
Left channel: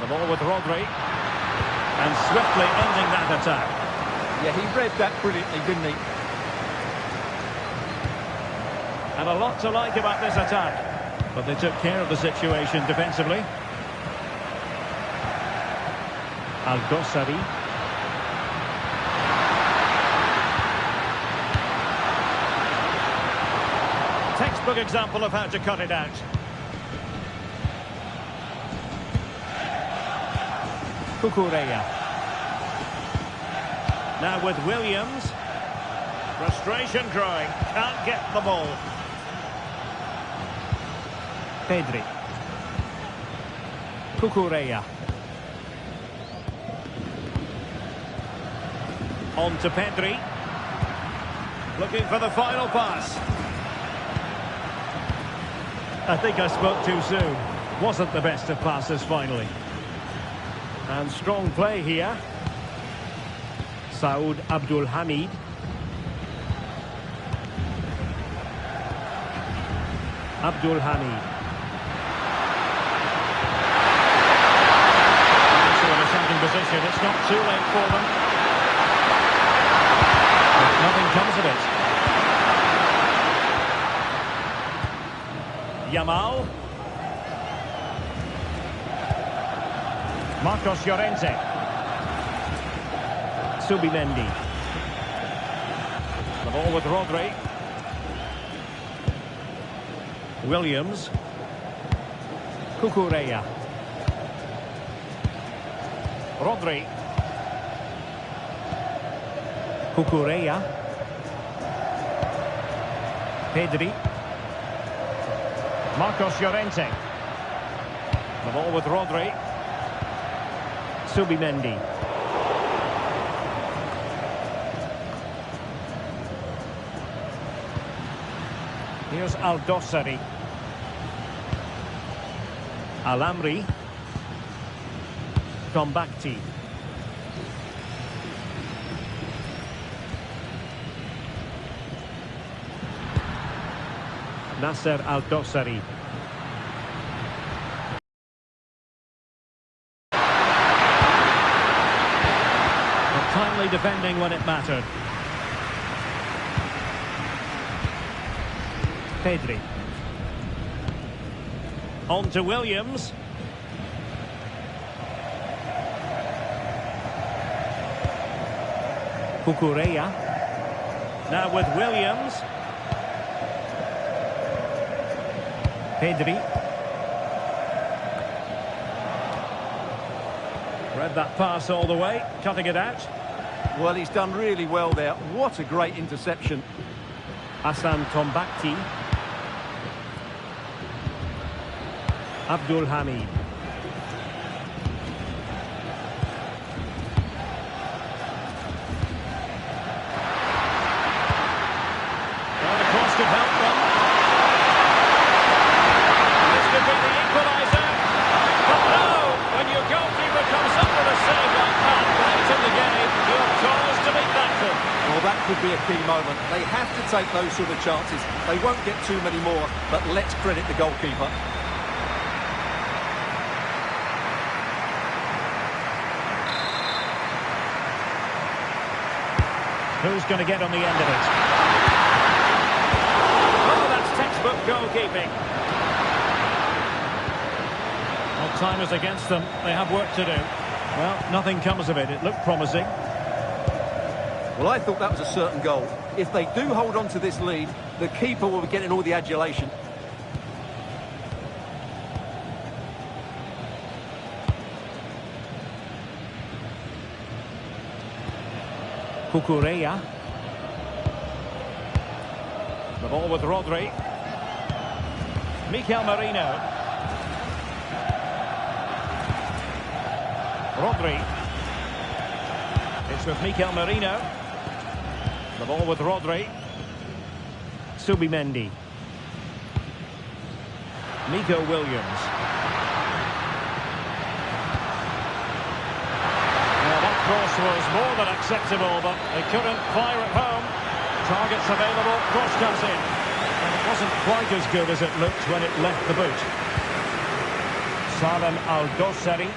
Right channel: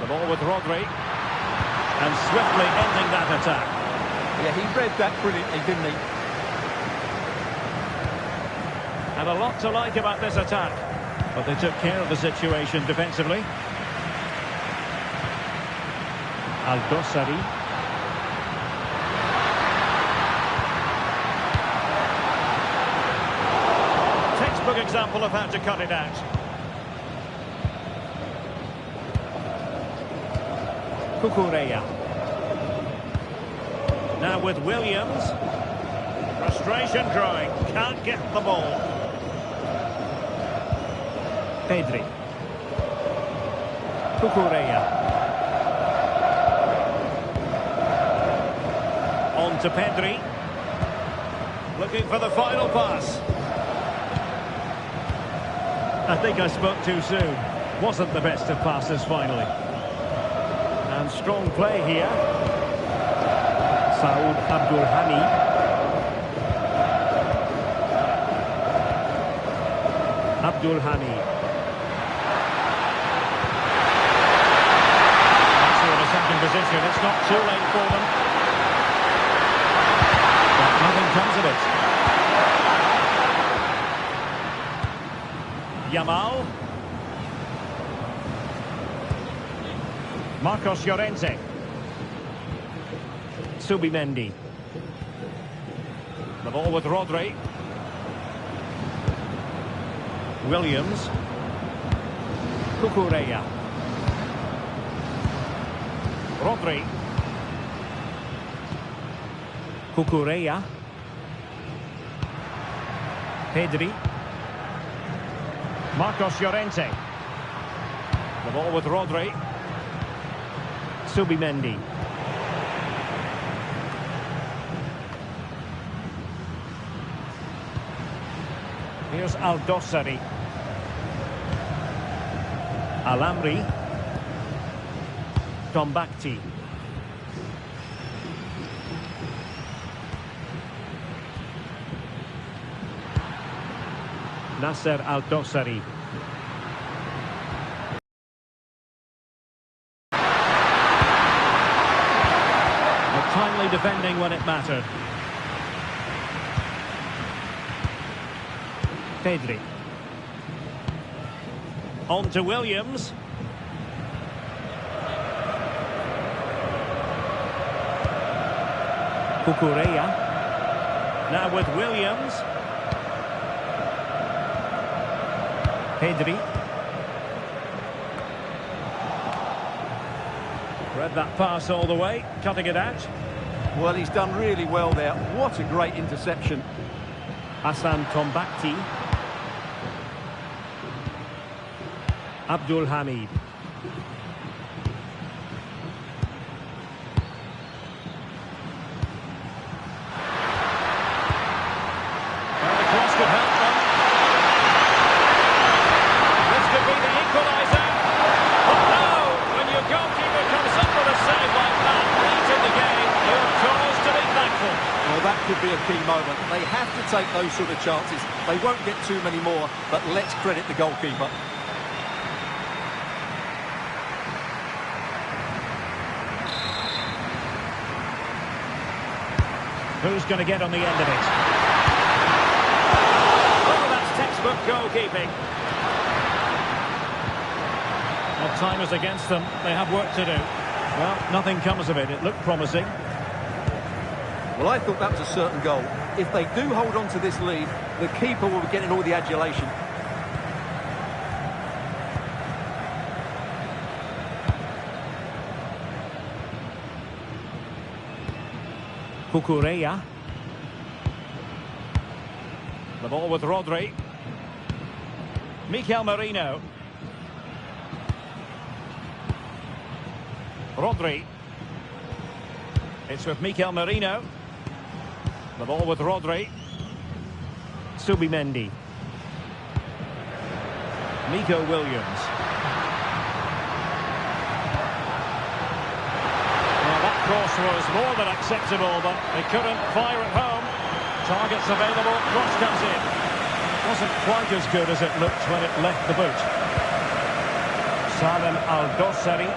The ball with Rodri. And swiftly ending that attack. Yeah, he read that brilliantly, didn't he? And a lot to like about this attack. But they took care of the situation defensively. Al-Dossari. Textbook example of how to cut it out. Cucurella. Now with Williams. Frustration growing. Can't get the ball. Pedri. Cucurella. On to Pedri. Looking for the final pass. I think I spoke too soon. Wasn't the best of passes finally. And strong play here. Saud Abdul Hamid. Abdul Hamid. Also an attacking position. It's not too late for them. But nothing comes of it. Yamal. Marcos Llorente. Subimendi. The ball with Rodri. Williams. Cucurella. Rodri. Cucurella. Pedri. Marcos Llorente. The ball with Rodri. Subimendi. Here's Al-Dossari. Al-Amri. Tombakti. Nasser Al-Dossari. But timely defending when it mattered. Pedri. On to Williams. Cucurella. Now with Williams. Pedri. Read that pass all the way, cutting it out. Well, he's done really well there. What a great interception. Hassan Tombakti. Abdul Hamid. Well, the cross could help them. This could be the equalizer. But no, when your goalkeeper comes up with a save like that late in the game, you're cause to be thankful. Well, that could be a key moment. They have to take those sort of chances. They won't get too many more, but let's credit the goalkeeper. Who's going to get on the end of it? Oh, that's textbook goalkeeping. Well, time is against them. They have work to do. Well, nothing comes of it. It looked promising. Well, I thought that was a certain goal. If they do hold on to this lead, the keeper will be getting all the adulation. Cucurella. The ball with Rodri. Mikel Merino. Rodri. It's with Mikel Merino. The ball with Rodri. Subimendi. Nico Williams. Cross was more than acceptable, but they couldn't fire it home. Targets available, cross comes in. And it wasn't quite as good as it looked when it left the boot. Salem Al-Dossari.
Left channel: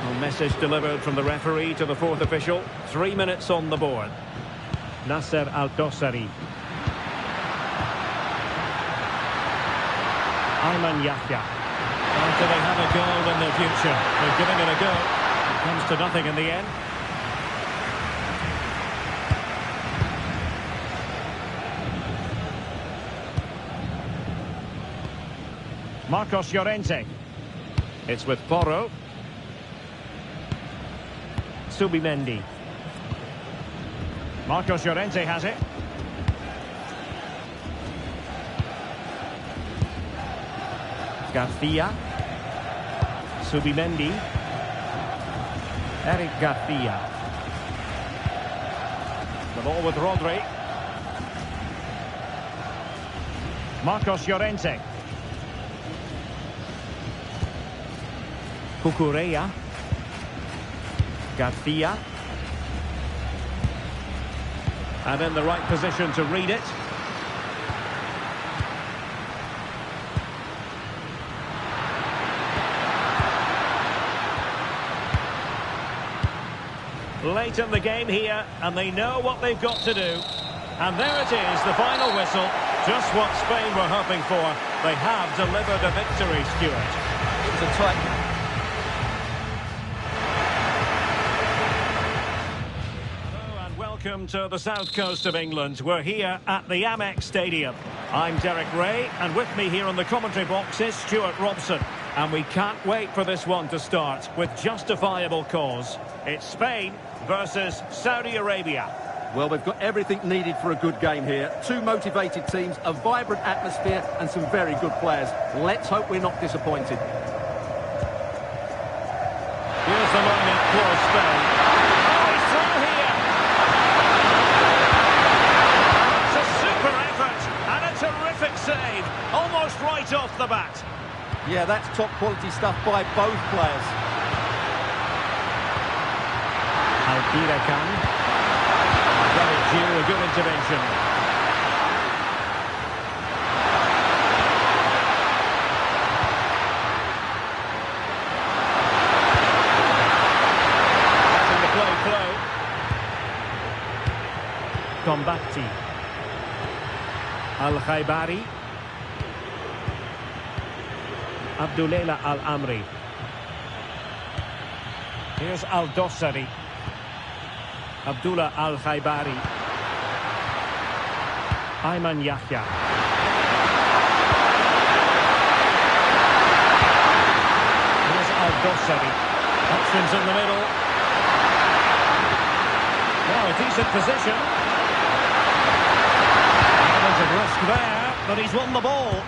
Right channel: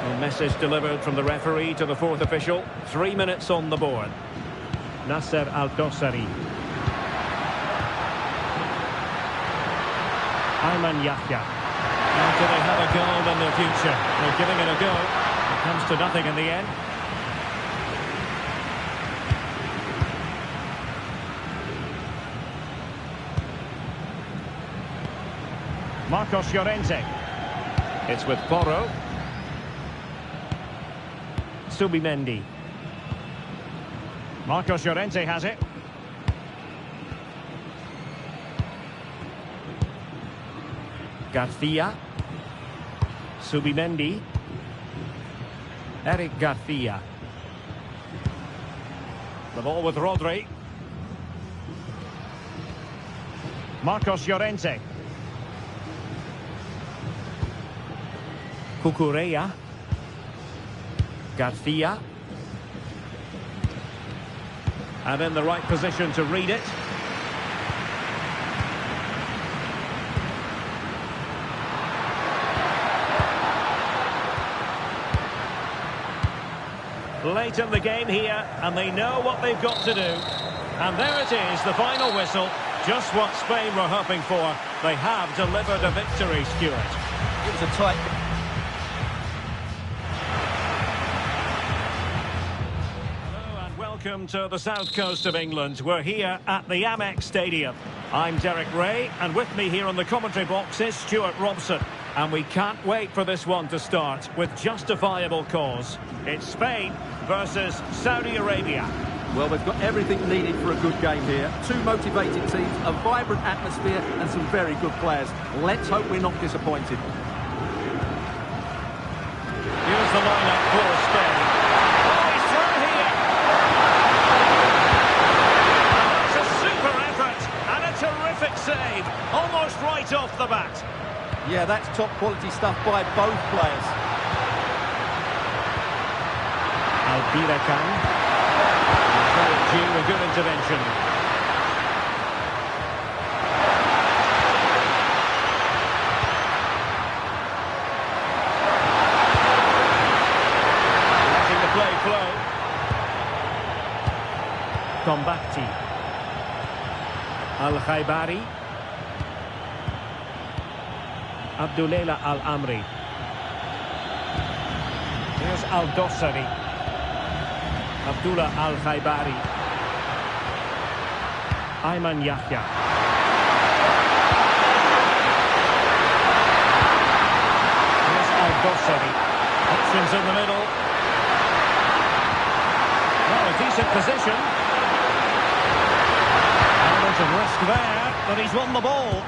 A message delivered from the referee to the fourth official. 3 minutes on the board. Nasser Al-Dossari. Ayman Yahya. Do they have a goal in their future? They're giving it a go. It comes to nothing in the end. Marcos Llorente. It's with Porro. Subimendi. Marcos Llorente has it. Garcia. Subimendi. Eric Garcia. The ball with Rodri. Marcos Llorente. Cucurella. Garcia. And in the right position to read it. Late in the game here, and they know what they've got to do. And there it is, the final whistle. Just what Spain were hoping for. They have delivered a victory, Stuart. It was a tight... Welcome to the south coast of England. We're here at the Amex Stadium. I'm Derek Ray, and with me here on the commentary box is Stuart Robson. And we can't wait for this one to start with justifiable cause. It's Spain versus Saudi Arabia. Well, they've got everything needed for a good game here. Two motivated teams, a vibrant atmosphere, and some very good players. Let's hope we're not disappointed. Here's the lineup for Spain. Oh, he's through here. Super effort and a terrific save, almost right off the bat. Yeah, that's top quality stuff by both players. Alpira-Can. Credit due, a good intervention. Letting the play flow. Tombakti. Al-Khaibari. Abdullah Al-Amri. Here's Al-Dossari. Abdullah Al-Khaibari. Ayman Yahya. Here's Al-Dossari. Options in the middle. Well, a decent position. Element of risk there, but he's won the ball.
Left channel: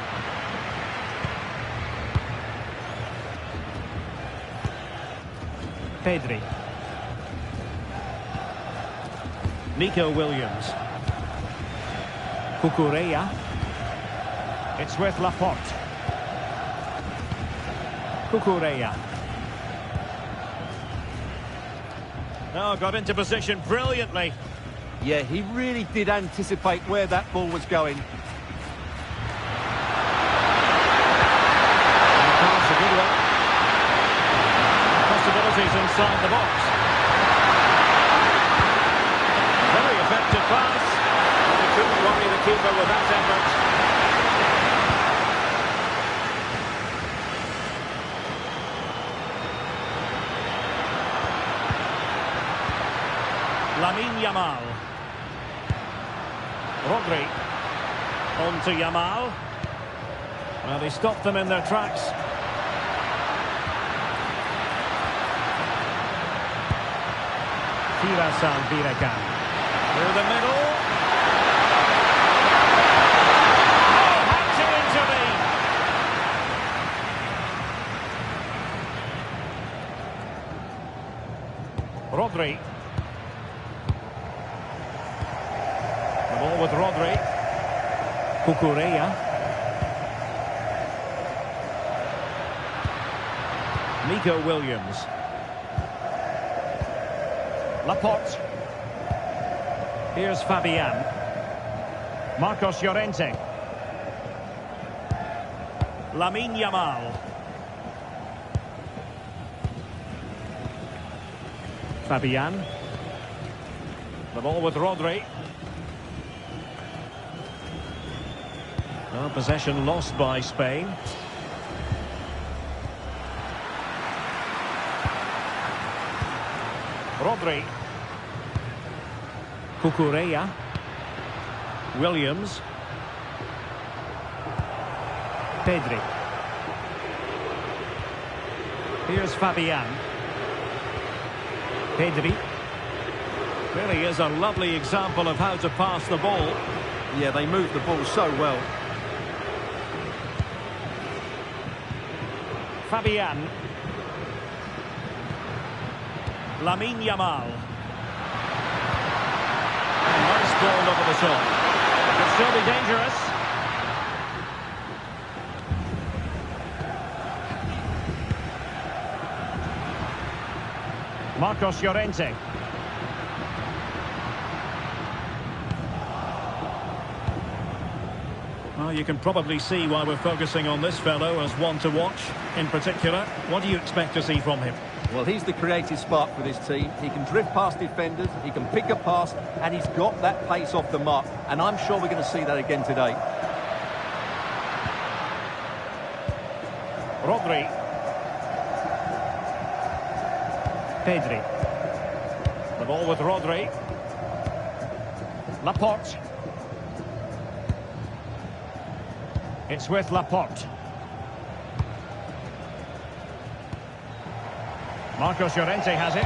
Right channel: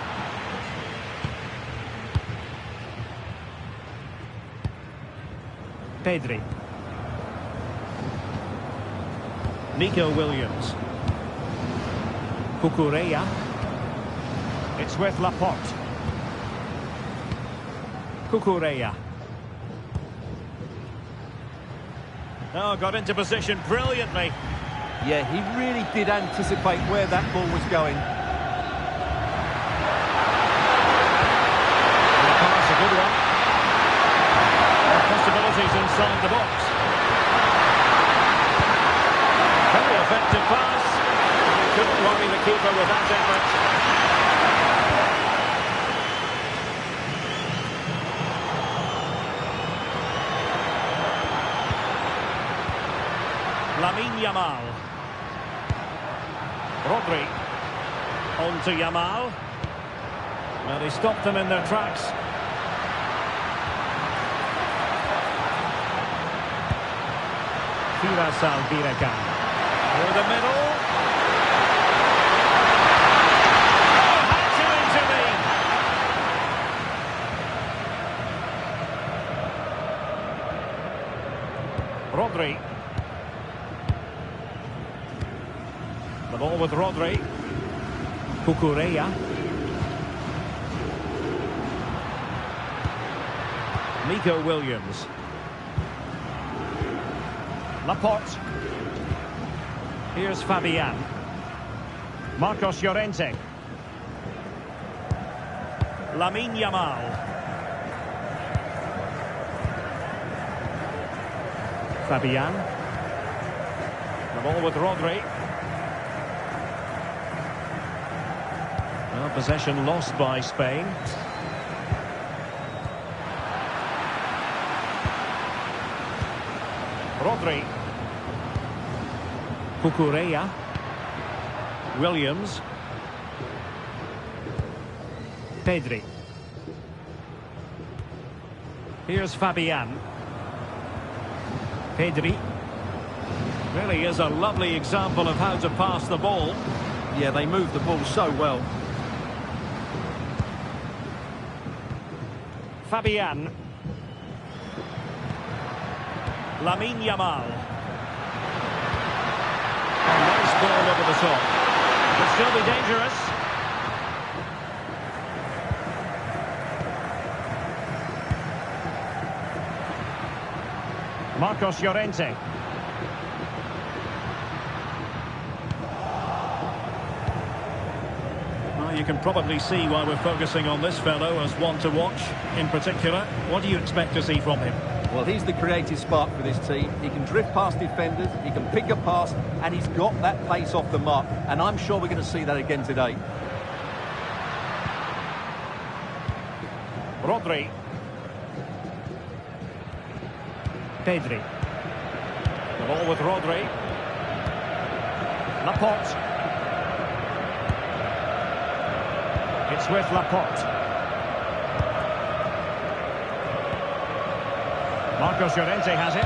Pedri. Nico Williams. Cucurella. It's with Laporte. Cucurella. Oh, got into position brilliantly. Yeah, he really did anticipate where that ball was going. And the pass, a good one. Possibilities inside the box. Very effective pass. And he couldn't worry the keeper with that effort. Lamine Yamal. Rodri. On to Yamal. Well, they stopped them in their tracks. Firas Alpira-Can. Through the middle. Oh, had to intervene. Rodri. The ball with Rodri. Cucurella. Nico Williams. Laporte. Here's Fabian. Marcos Llorente. Lamine Yamal. Fabian. The ball with Rodri. Well, possession lost by Spain. Rodri. Cucurella. Williams. Pedri. Here's Fabian. Pedri. Really is a lovely example of how to pass the ball. Yeah, they moved the ball so well. Fabian. Lamine Yamal. A nice ball over the top. Could still be dangerous. Marcos Llorente. Well, you can probably see why we're focusing on this fellow as one to watch in particular. What do you expect to see from him? Well, he's the creative spark for this team. He can drift past defenders, he can pick a pass, and he's got that pace off the mark. And I'm sure we're going to see that again today. Rodri. Pedri. The ball with Rodri. Laporte. It's with Laporte. Marcos Llorente has it.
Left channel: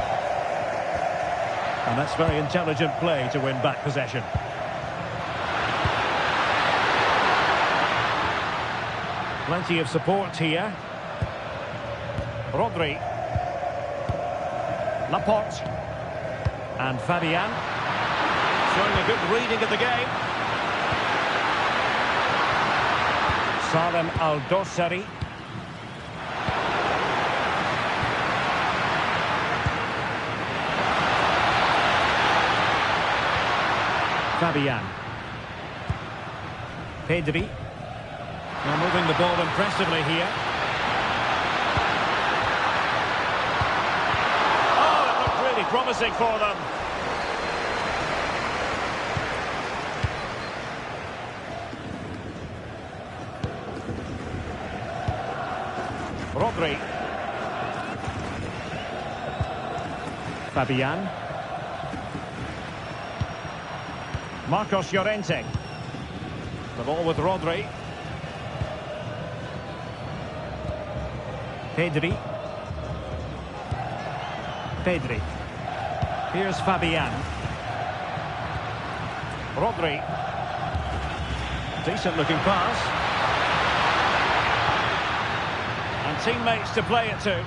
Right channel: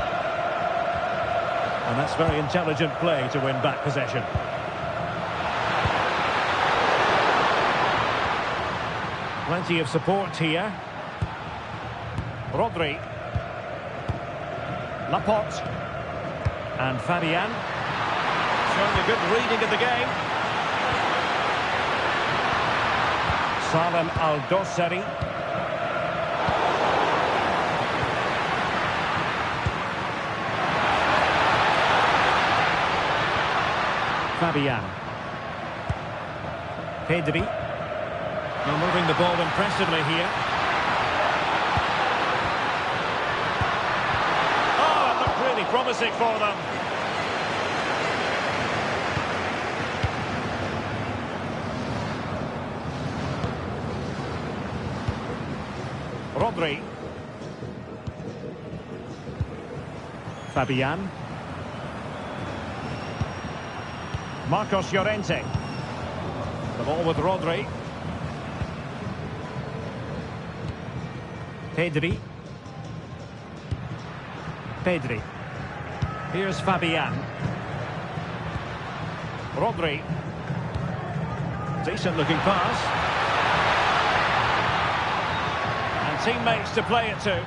And that's very intelligent play to win back possession. Plenty of support here. Rodri. Laporte. And Fabian. Showing a good reading of the game. Salem Al-Dossari. Fabian. Pedri. Now moving the ball impressively here. Oh, it looked really promising for them. Rodri. Fabian. Marcos Llorente. The ball with Rodri. Pedri. Pedri. Here's Fabian. Rodri. Decent looking pass. And teammates to play it to.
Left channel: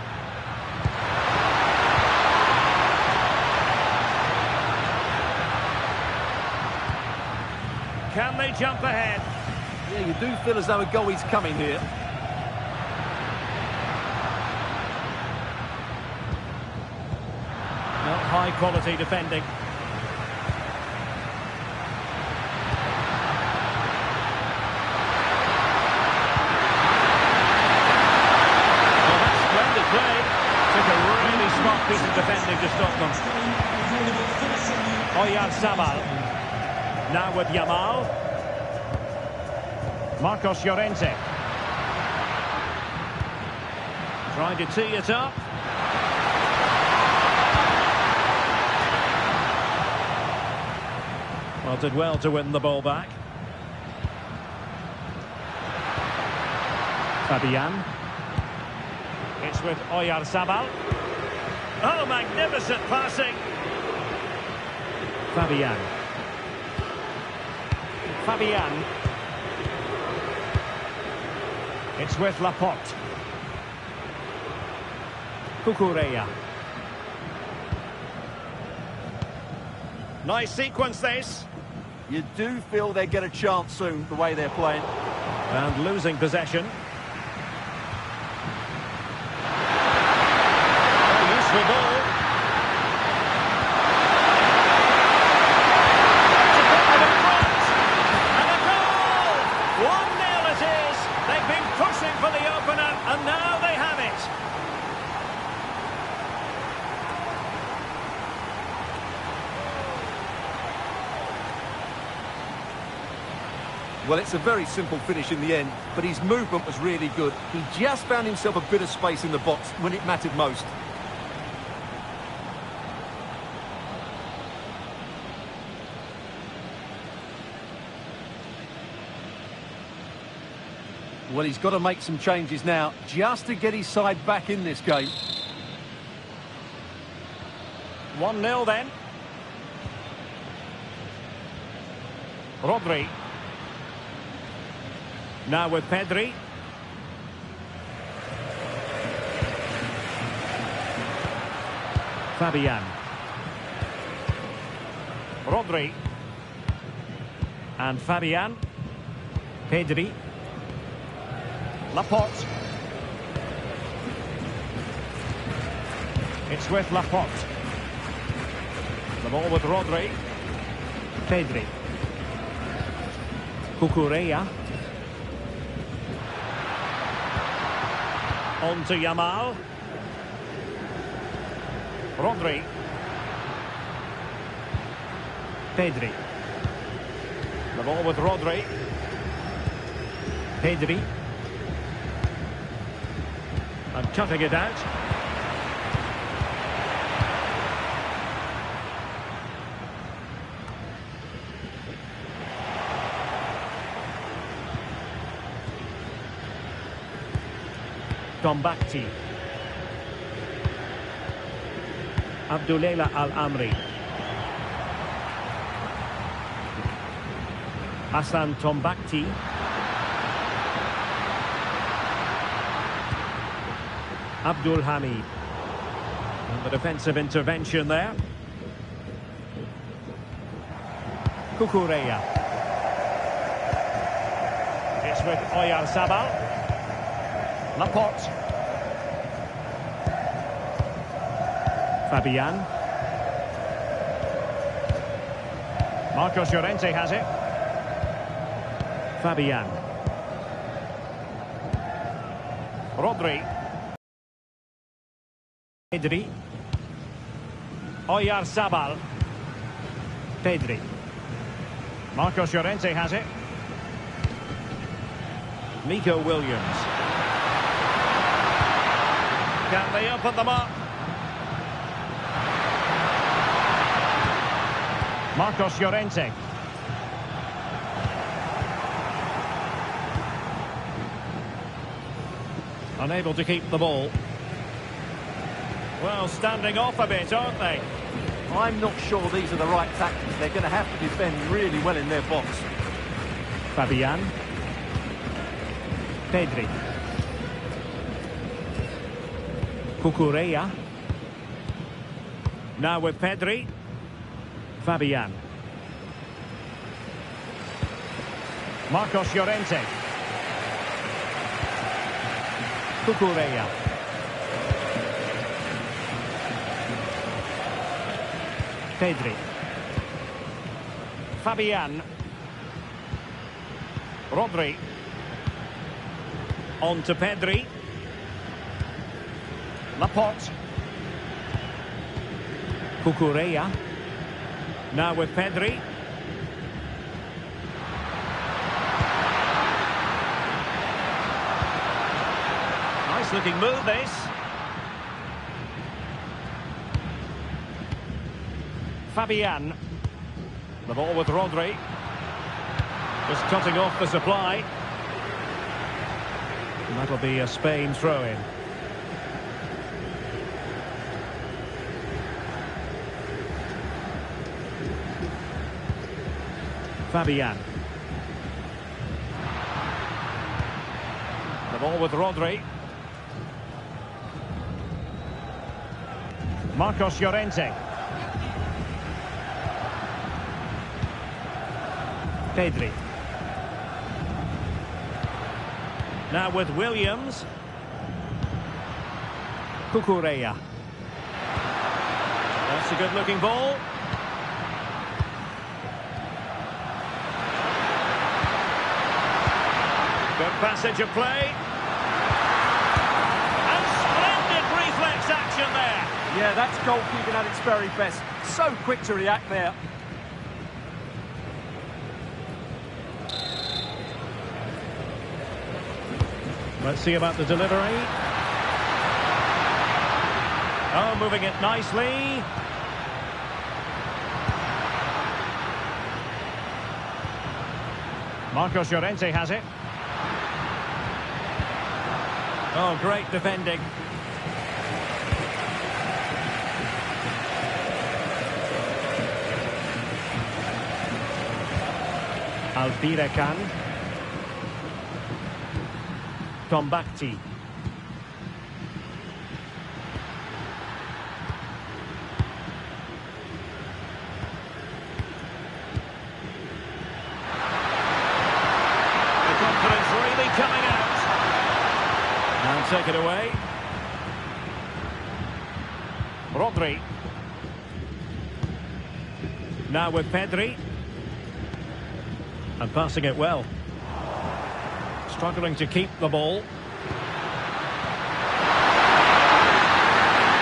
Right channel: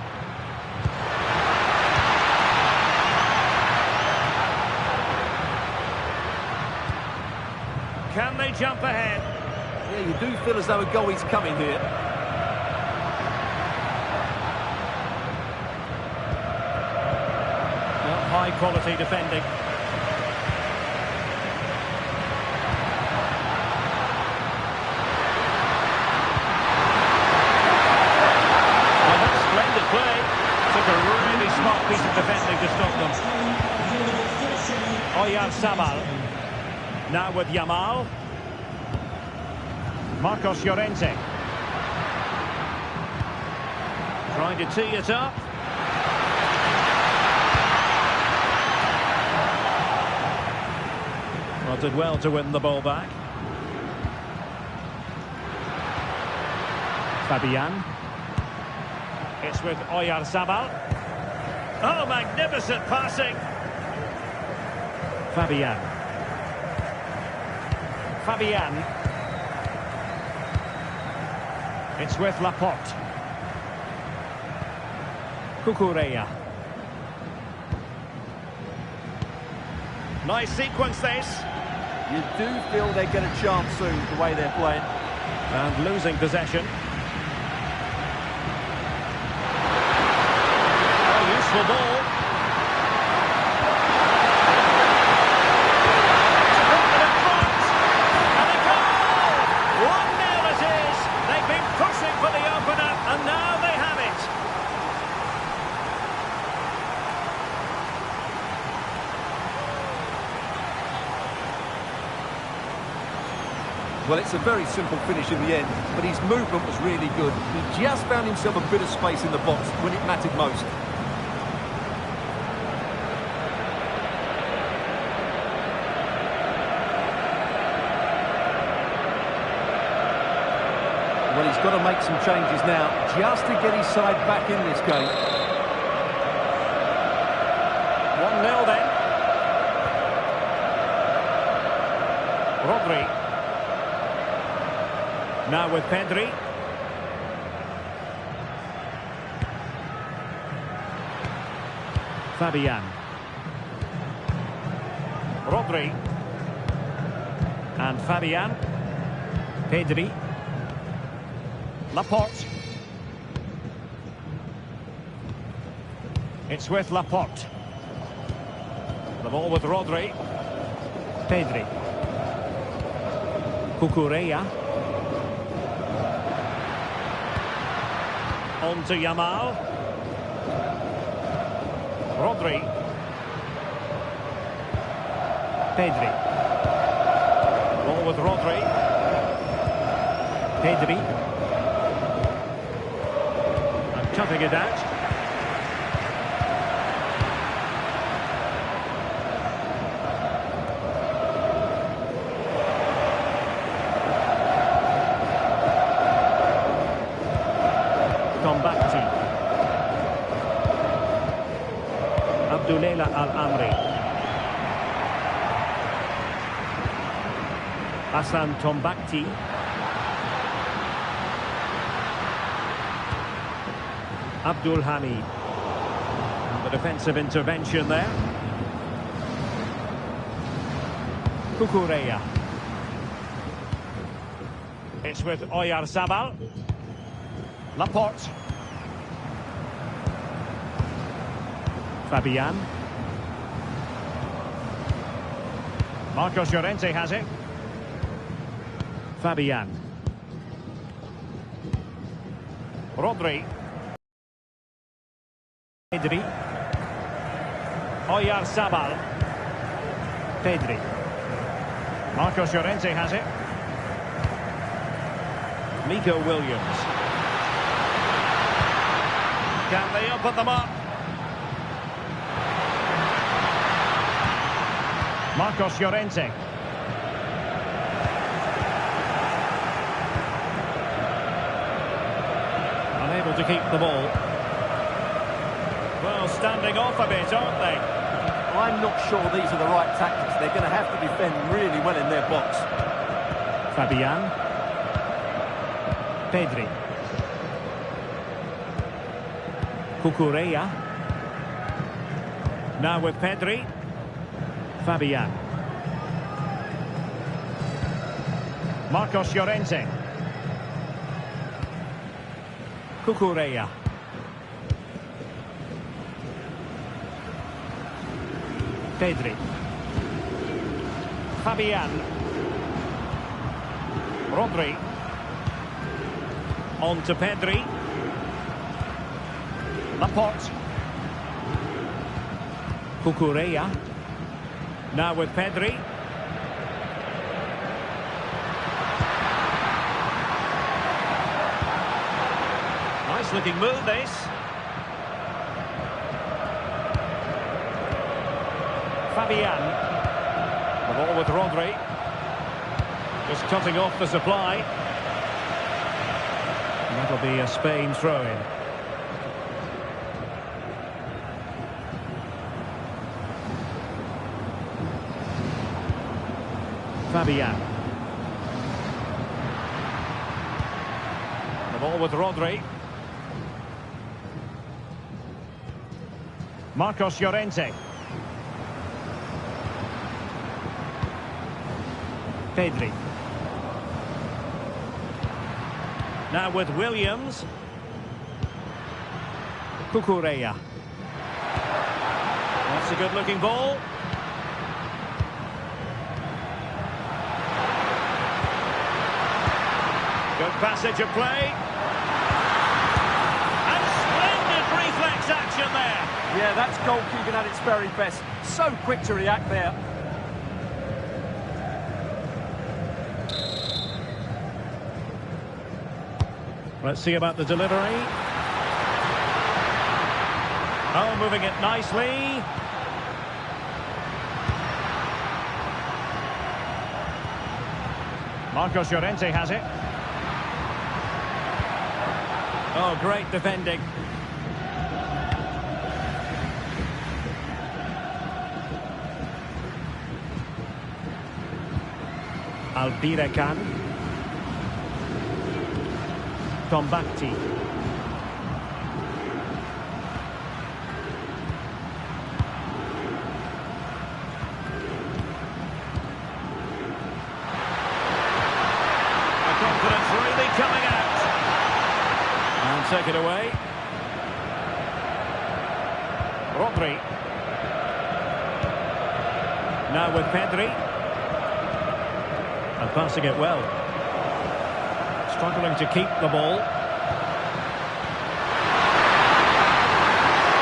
Can they jump ahead? Yeah, you do feel as though a goal is coming here. Not high quality defending. Well, that's splendid play. Took a really smart piece of defending to stop them. Oyarzabal. Now with Yamal. Marcos Llorente. Trying to tee it up. Well, did well to win the ball back. Fabian. It's with Oyarzabal. Oh, magnificent passing. Fabian. Fabian. It's with Laporte. Cucurella. Nice sequence this. You do feel they get a chance soon, the way they're playing. And losing possession. Oh, useful ball. Well, it's a very simple finish in the end, but his movement was really good. He just found himself a bit of space in the box when it mattered most. Well, he's got to make some changes now, just to get his side back in this game. 1-0 then. Rodri. Now with Pedri. Fabian. Rodri. And Fabian. Pedri. Laporte. It's with Laporte. The ball with Rodri. Pedri. Cucurella. On to Yamal. Rodri. Pedri. The ball with Rodri. Pedri. And cutting it out. Tombakti. Abdullela Al-Amri. Hassan Tombakti. Abdul Hamid. And the defensive intervention there. Cucurella. It's with Oyarzabal. Laporte. Fabian. Marcos Llorente has it. Fabian. Rodri. Pedri. Oyarzabal. Pedri. Marcos Llorente has it. Nico Williams. Can they open them up? Marcos Llorente. Unable to keep the ball. Well, standing off a bit, aren't they? I'm not sure these are the right tactics. They're going to have to defend really well in their box. Fabian. Pedri. Cucurella. Now with Pedri. Fabian. Marcos Llorente. Cucurella. Pedri. Fabian. Rodri. On to Pedri. Laporte. Cucurella. Now with Pedri. Nice looking move this. Fabian. The ball with Rodri. Just cutting off the supply. And that'll be a Spain throw-in. Fabian. The ball with Rodri. Marcos Llorente. Pedri. Now with Williams. Cucurella. That's a good-looking ball. Good passage of play. And splendid reflex action there. Yeah, that's goalkeeping at its very best. So quick to react there. Let's see about the delivery. Oh, moving it nicely. Marcos Llorente has it. Oh, great defending. Albirekan. Tombakti. The confidence really coming out. And take it away. Rodri. Now with Pedri. And passing it well. Struggling to keep the ball.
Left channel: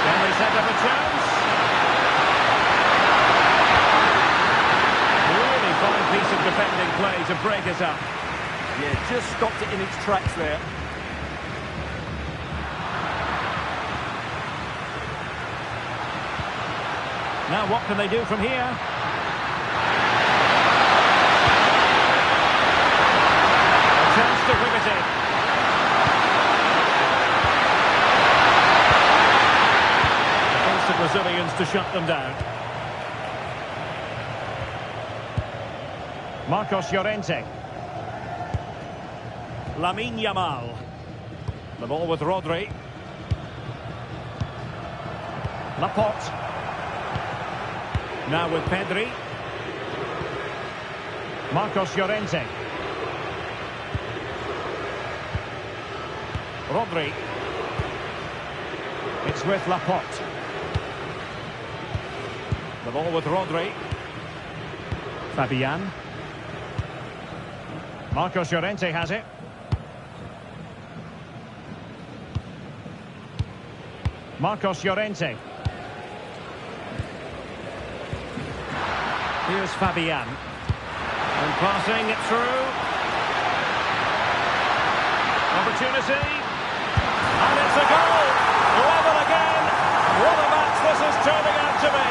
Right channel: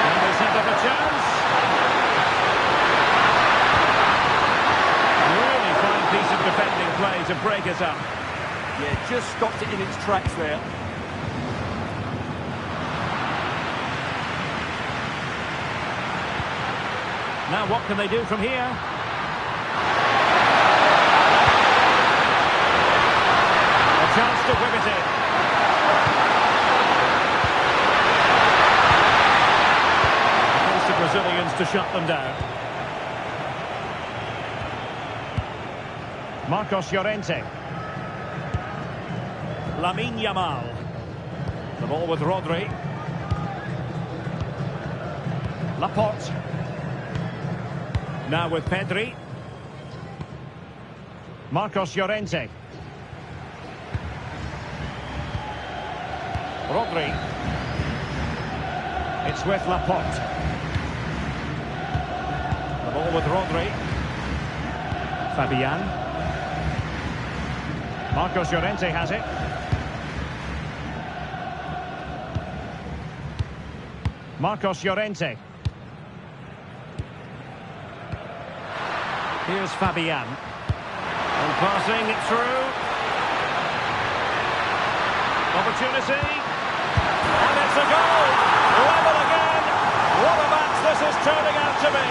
Can they set up a chance? Really fine piece of defending play to break it up. Yeah, just stopped it in its tracks there. Now what can they do from here? Chance to whip it in. Against the Brazilians to shut them down. Marcos Llorente. Lamine Yamal. The ball with Rodri. Laporte. Now with Pedri. Marcos Llorente. Rodri. It's with Laporte. The ball with Rodri. Fabian. Marcos Llorente has it. Marcos Llorente. Here's Fabian. And passing it through. Opportunity. And it's a goal! Level again! What a match this is turning out to be!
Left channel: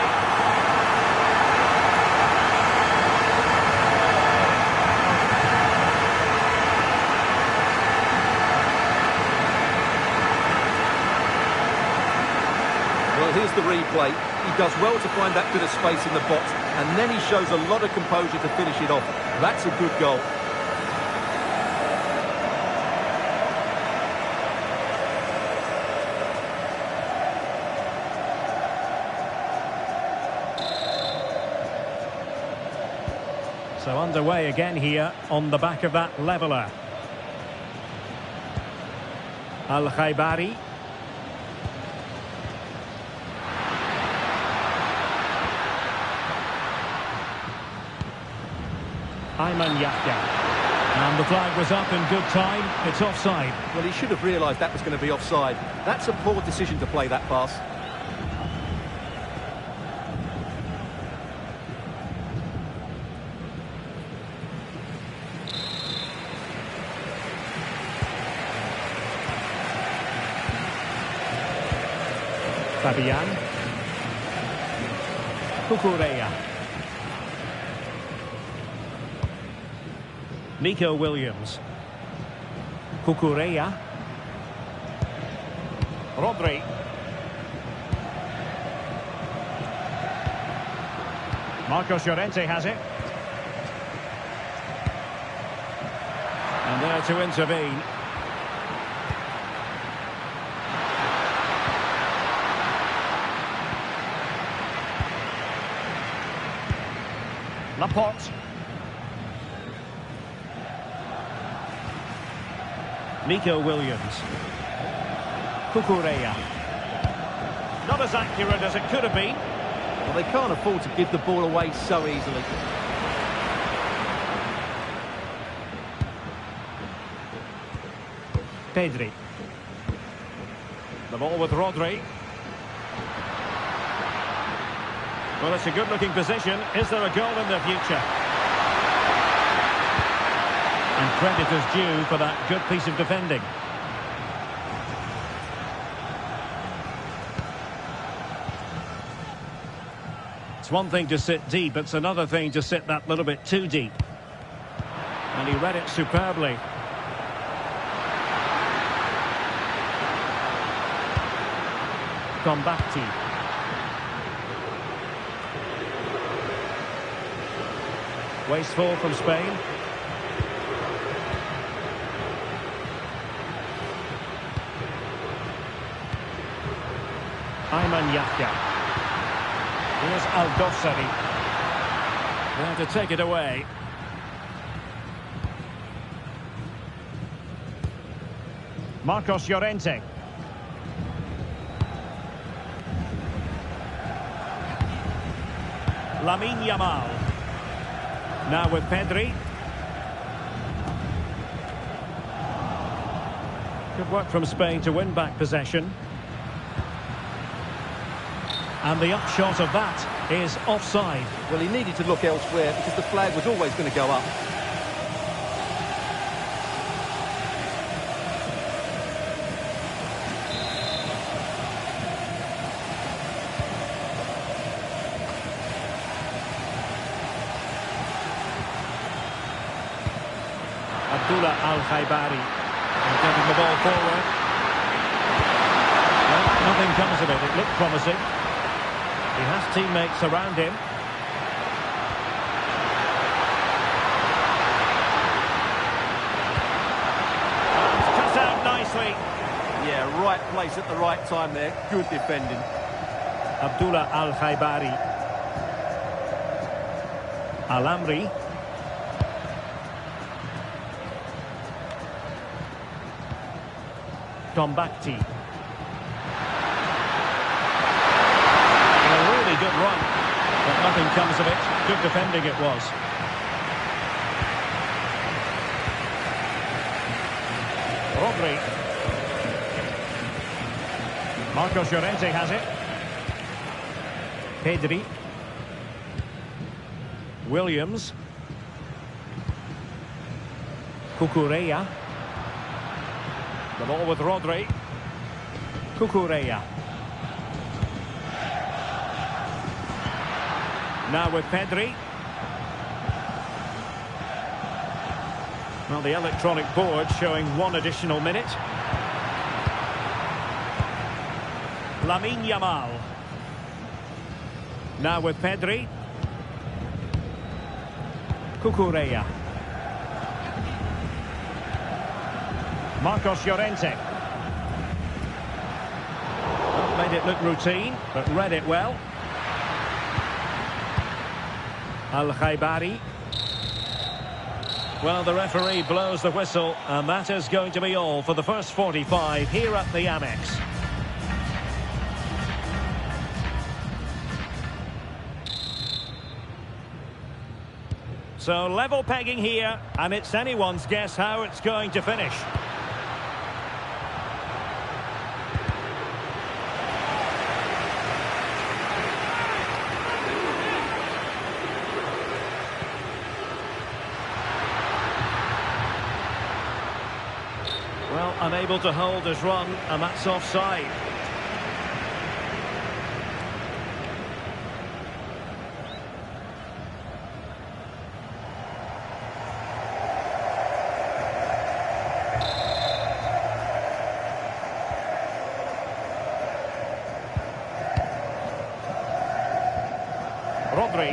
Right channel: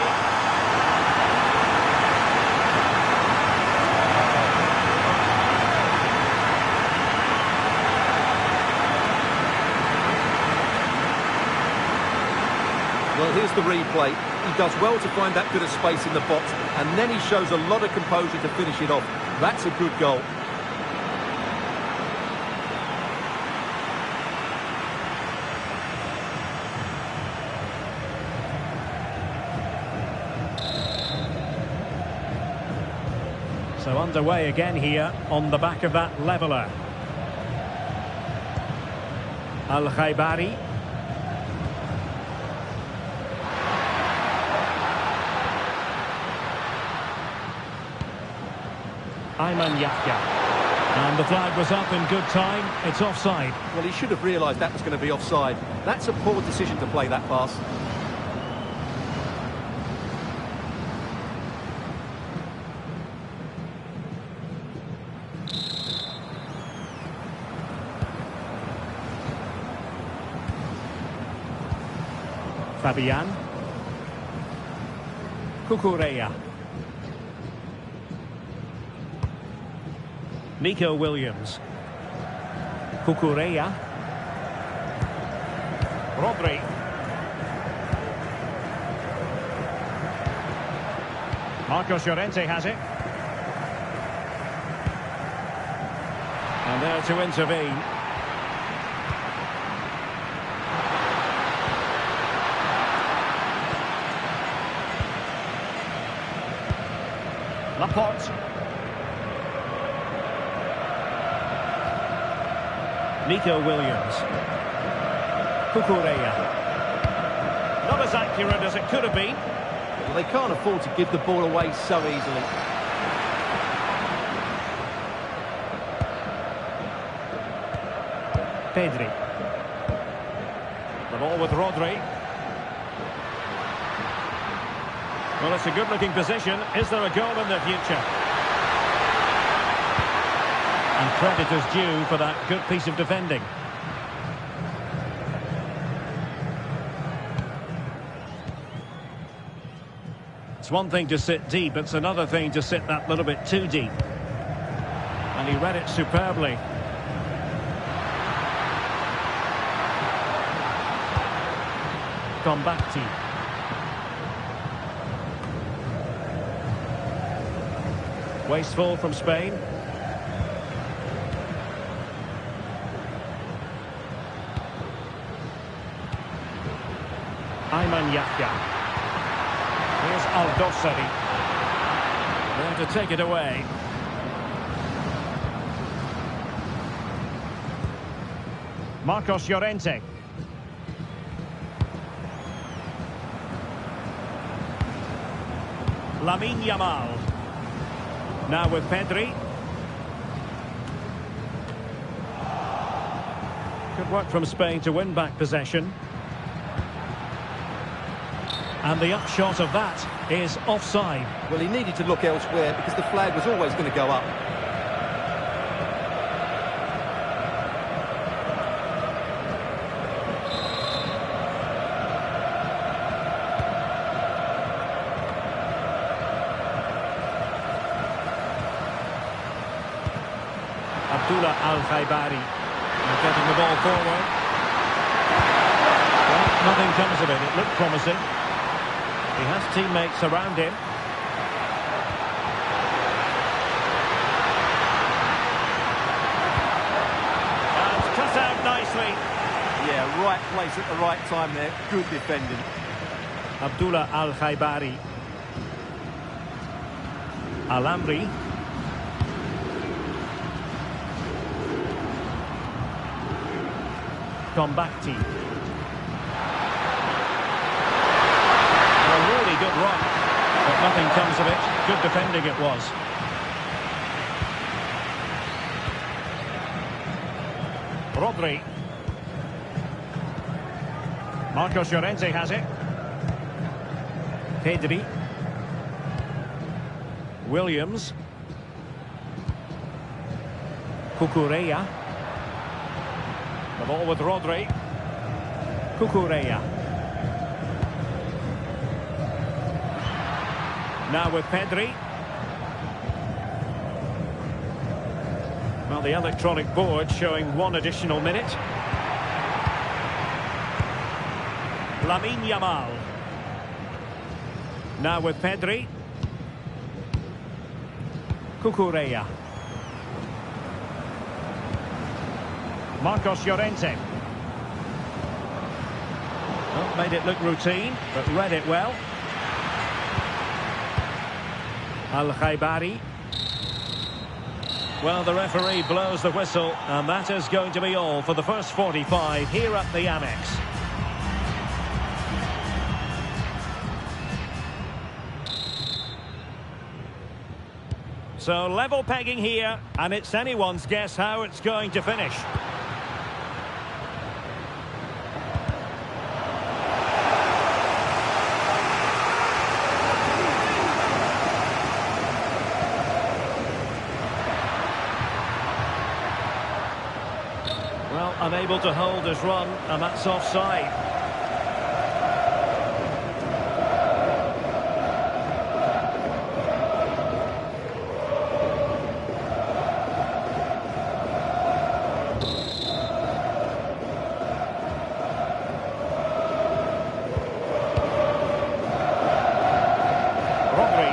Well, here's the replay. He does well to find that bit of space in the box, and then he shows a lot of composure to finish it off. That's a good goal. So underway again here on the back of that leveller. Al-Khaibari. Ayman Yahya. And the flag was up in good time. It's offside. Well, he should have realised that was going to be offside. That's a poor decision to play that pass. Fabian. Cucurella. Nico Williams. Cucurella. Rodri. Marcos Llorente has it. And there to intervene. Laporte. Nico Williams. Cucurella. Not as accurate as it could have been. Well, they can't afford to give the ball away so easily. Pedri. The ball with Rodri. Well, it's a good-looking position. Is there a goal in the future? And credit is due for that good piece of defending. It's one thing to sit deep, it's another thing to sit that little bit too deep. And he read it superbly. Combatti. Wasteful from Spain. Ayman Yahya. Here's Al-Dossari. There to take it away. Marcos Llorente. Lamine Yamal. Now with Pedri. Good work from Spain to win back possession. And the upshot of that is offside. Well, he needed to look elsewhere because the flag was always going to go up. Abdullah Al-Khaibari getting the ball forward. Well, nothing comes of it. It looked promising. He has teammates around him. And cut out nicely. Yeah, right place at the right time there. Good defending. Abdullah Al-Khaibari. Al-Amri. Combatti. Well, a really good run, but nothing comes of it. Good defending it was. Rodri. Marcos Llorente has it. Pedri. Williams. Cucurella. The ball with Rodri. Cucurella. Now with Pedri. Well, the electronic board showing one additional minute. Lamine Yamal. Now with Pedri. Cucurella. Marcos Llorente. Well, made it look routine, but read it well. Al-Khaibari. Well, the referee blows the whistle, and that is going to be all for the first 45 here at the Amex. So level pegging here, and it's anyone's guess how it's going to finish. Well, unable to hold his run, and that's offside. Rodri.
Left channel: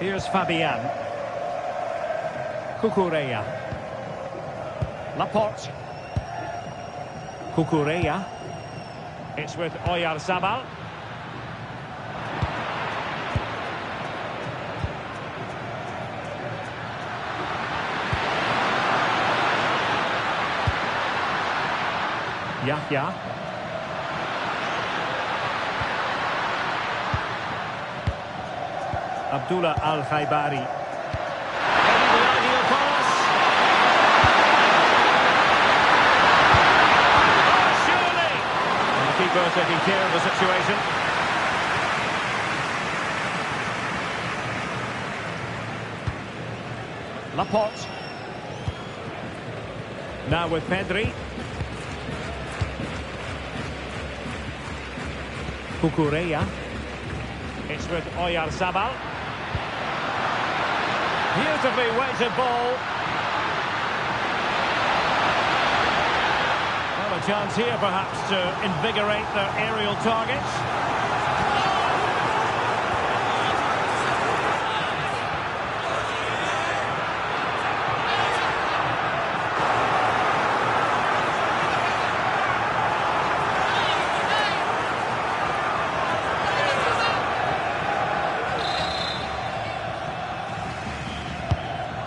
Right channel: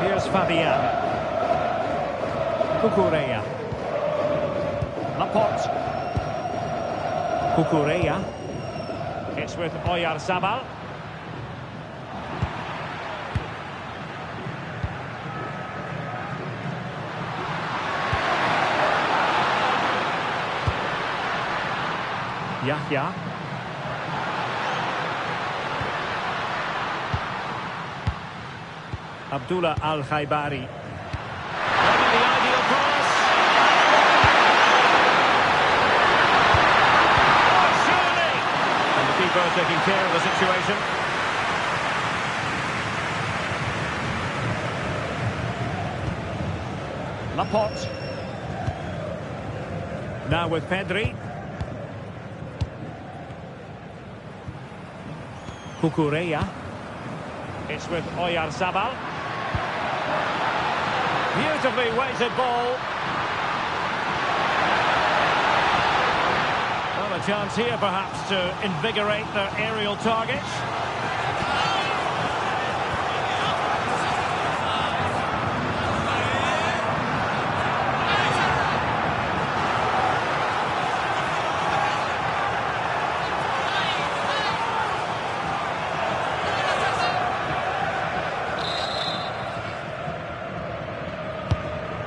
Here's Fabian. Cucurella. Laporte. Cucurella. It's with Oyarzabal. Yahya. Abdullah Al-Khaibari. Maybe the ideal pass. Oh, surely! And the keeper taking care of the situation. Laporte. Now with Pedri. Cucurella. It's with Oyarzabal. Beautifully weighted ball. Well, a chance here perhaps to invigorate their aerial targets.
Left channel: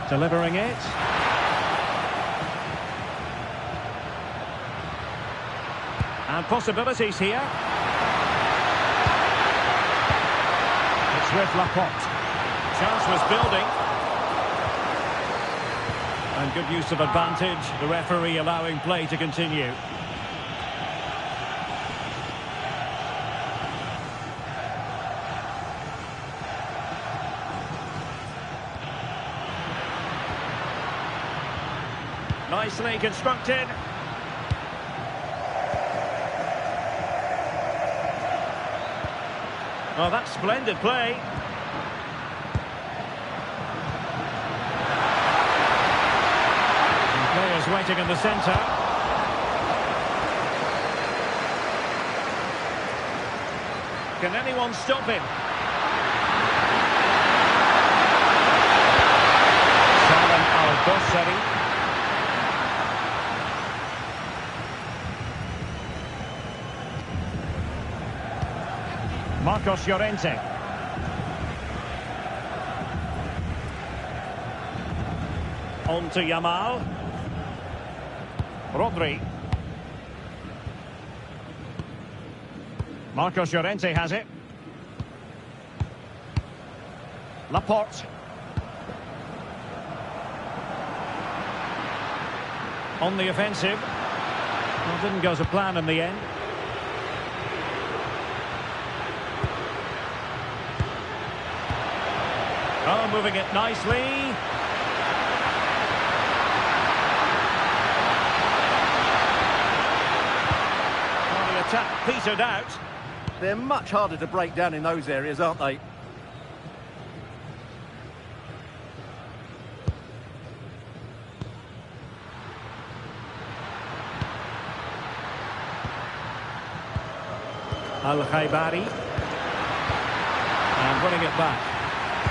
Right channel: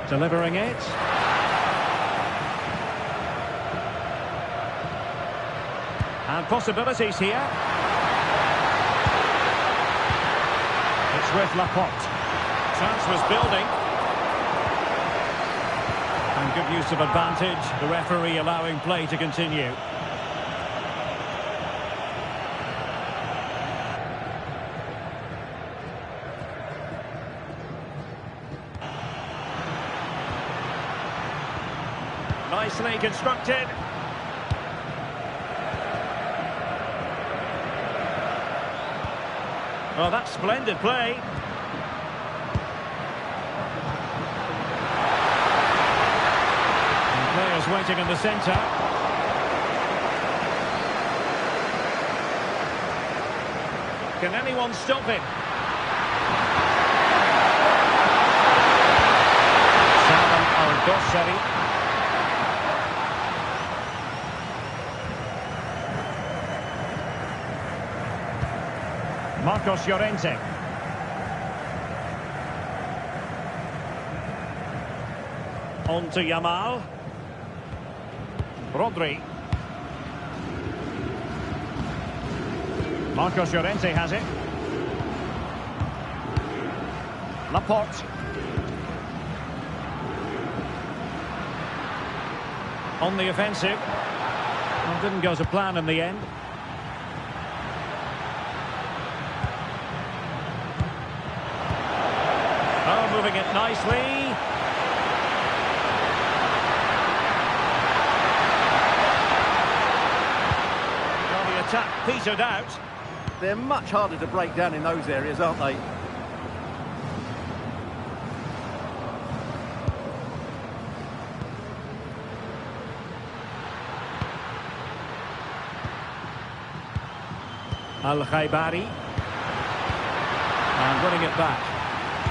Delivering it. And possibilities here. It's with Laporte. Chance was building. And good use of advantage. The referee allowing play to continue. Nicely constructed. Oh, that's splendid play. And players waiting in the centre. Can anyone stop him? Salem Al-Dossari. Marcos Llorente. On to Yamal. Rodri. Marcos Llorente has it. Laporte. On the offensive. Well, didn't go to plan in the end. Oh, moving it nicely. Well, the attack petered out. They're much harder to break down in those areas, aren't they? Al-Khaibari. And winning it back.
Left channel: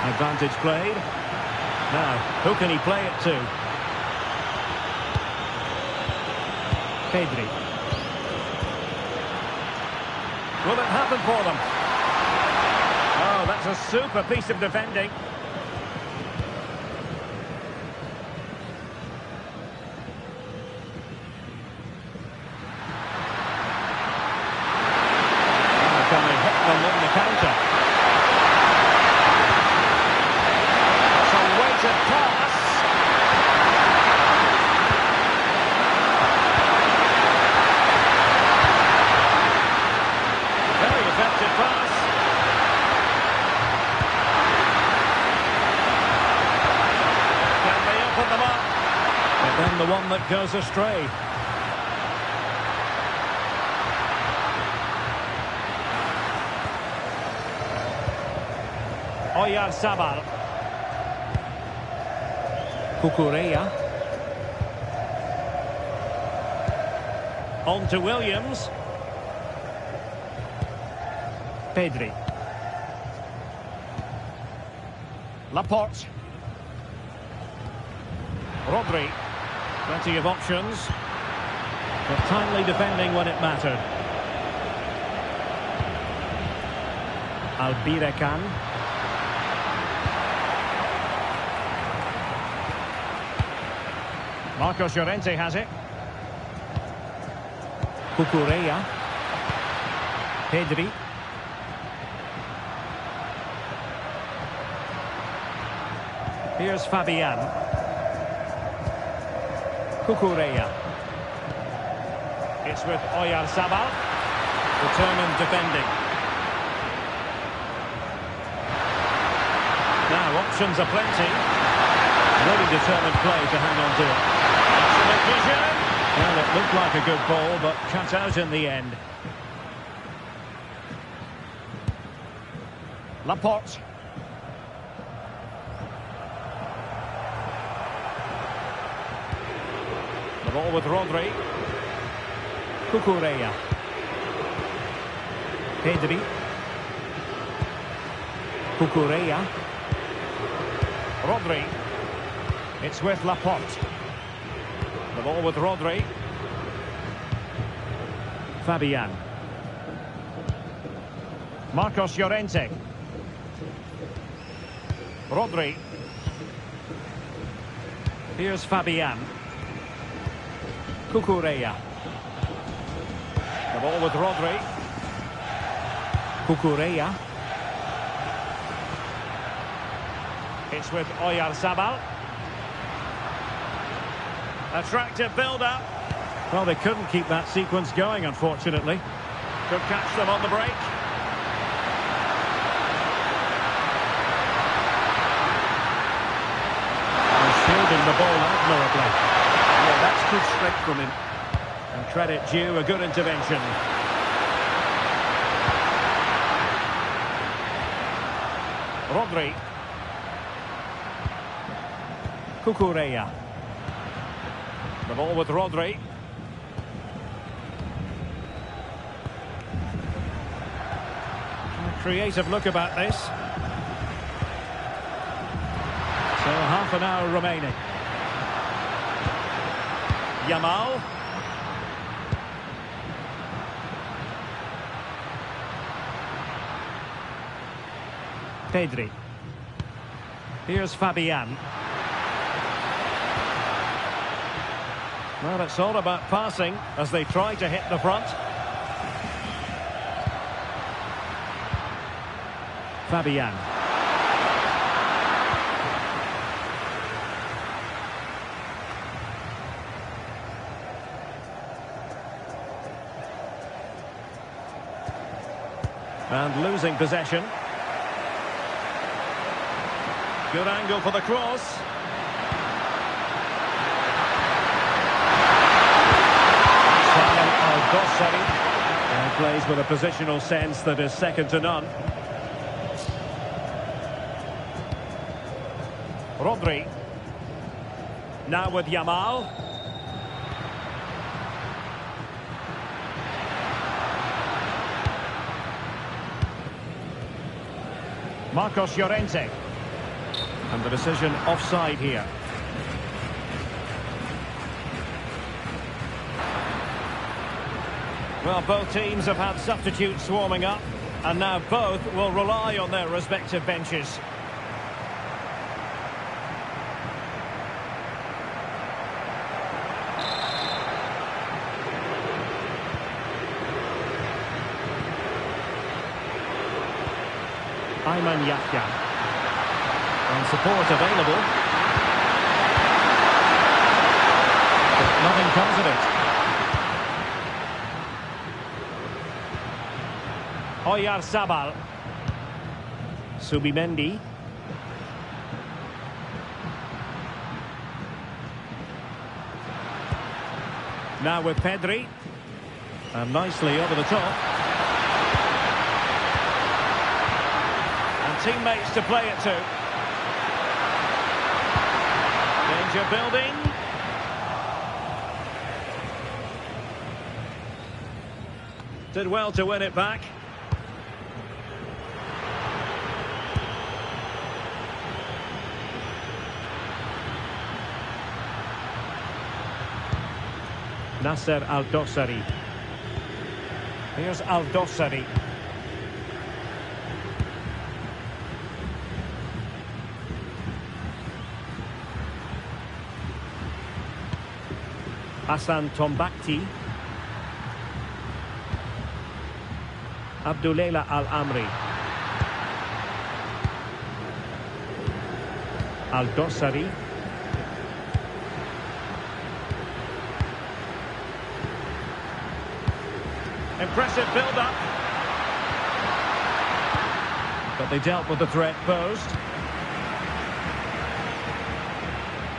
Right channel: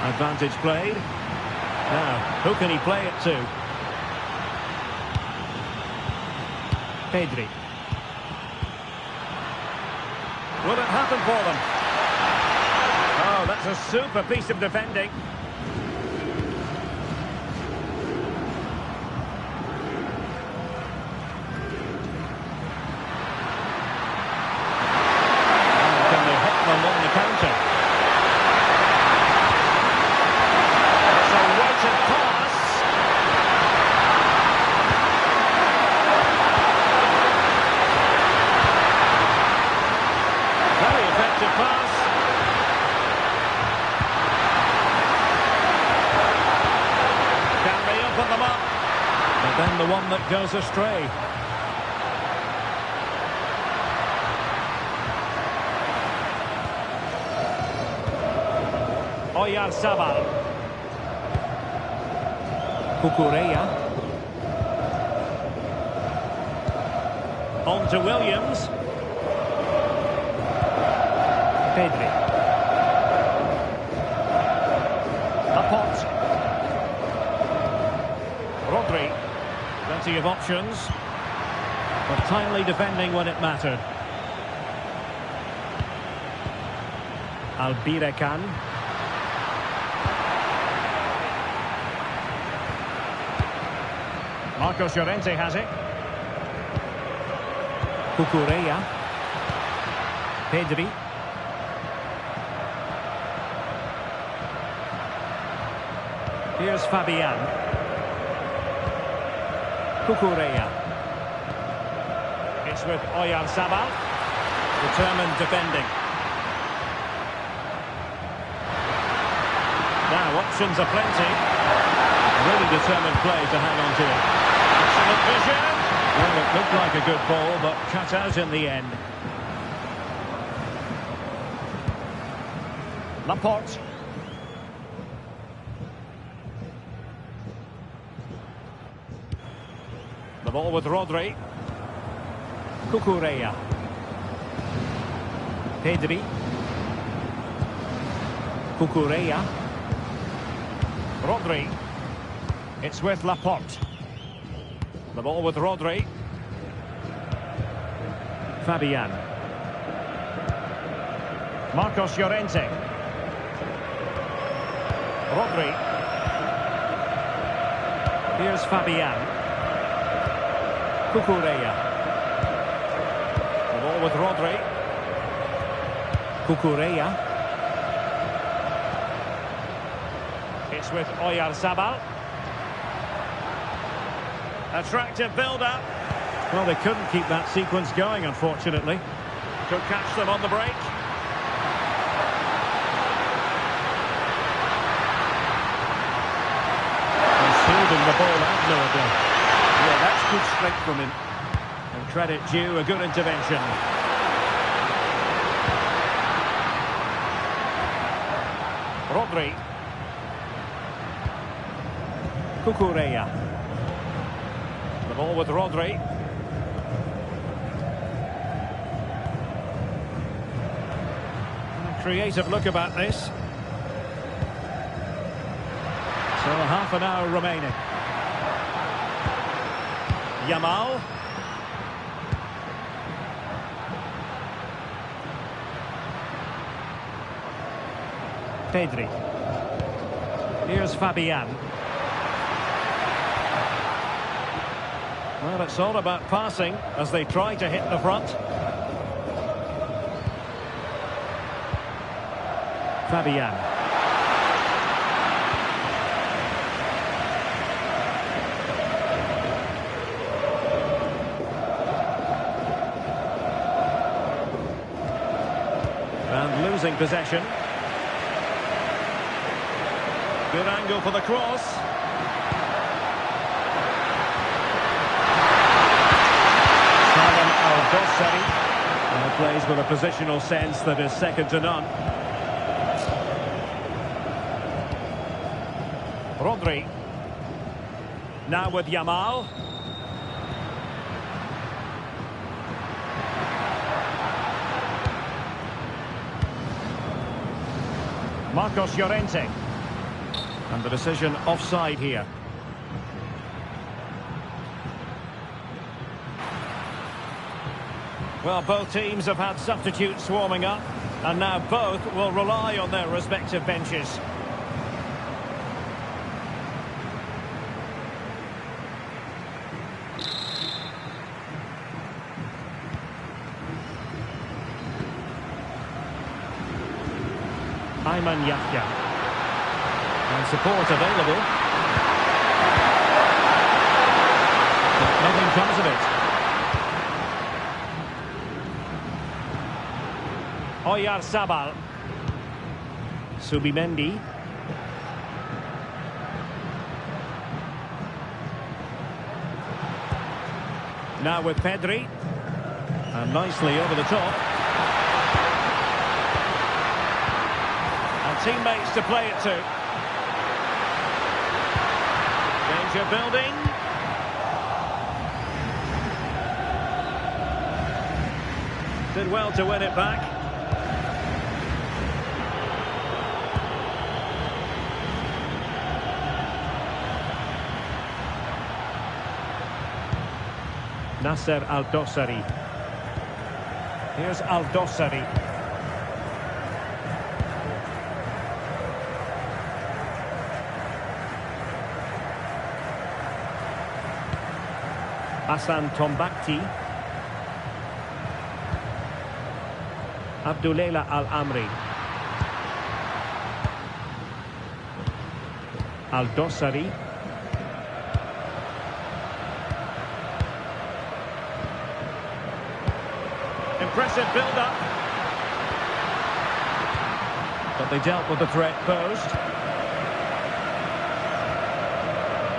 Advantage played. Now, who can he play it to? Pedri. Will it happen for them? Oh, that's a super piece of defending. Oh, can they hit them on the counter? Weighted pass. Very effective pass. Can they open them up? But then the one that goes astray. Oyarzabal. Cucurella. On to Williams. Pedri. Laporte. Rodri. Plenty of options. But timely defending when it mattered. IBHN. Marcos Llorente has it. Cucurella. Pedri. Here's Fabian. Cucurella. It's with Oyarzabal. Determined defending. Now options are plenty. Really determined play to hang on to it. Excellent vision. Well, it looked like a good ball, but cut out in the end. Laporte. The ball with Rodri. Cucurella. Pedri. Cucurella. Rodri. It's with Laporte. The ball with Rodri. Fabian. Marcos Llorente. Rodri. Here's Fabian. Cucurella. The ball with Rodri. Cucurella. It's with Oyarzabal. Attractive build-up. Well, they couldn't keep that sequence going, unfortunately. Could catch them on the break. And shielding the ball admirably. Yeah, that's good strength from him. And credit due, a good intervention. Rodri. Cucurella. The ball with Rodri. A creative look about this. So half an hour remaining. Yamal. Pedri. Here's Fabian. Well, it's all about passing as they try to hit the front. Fabian. And losing possession. Good angle for the cross. Al-Dossari plays with a positional sense that is second to none. Rodri. Now with Yamal. Marcos Llorente. And the decision offside here. Well, both teams have had substitutes warming up, and now both will rely on their respective benches. Ayman Yahya. And support available. But nothing comes of it. Oyarzabal. Subimendi. Now with Pedri. And nicely over the top. And teammates to play it to. Danger building. Did well to win it back. Nasser Al-Dossari. Here's Al-Dossari. Hassan Tombakti. Abdullela Al-Amri. Al-Dossari. Impressive build-up. But they dealt with the threat posed.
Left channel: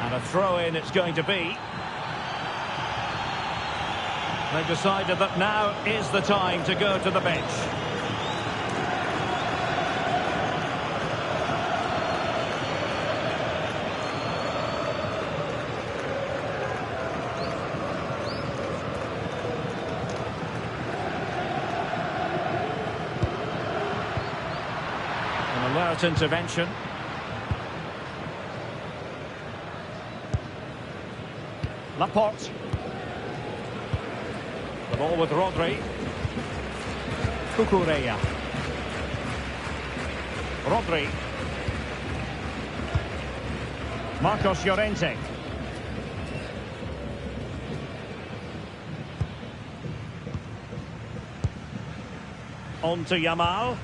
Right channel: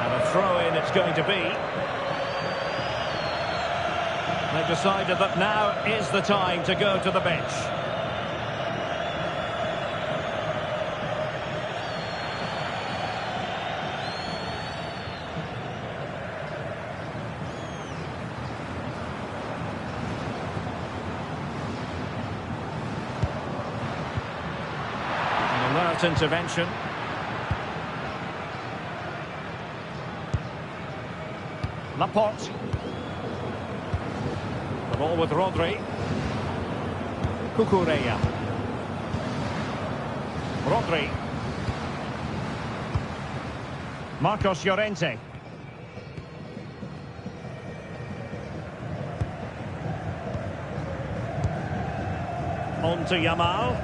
And a throw-in it's going to be. They've decided that now is the time to go to the bench. Alert intervention. Laporte. The ball with Rodri. Cucurella. Rodri. Marcos Llorente. On to Yamal.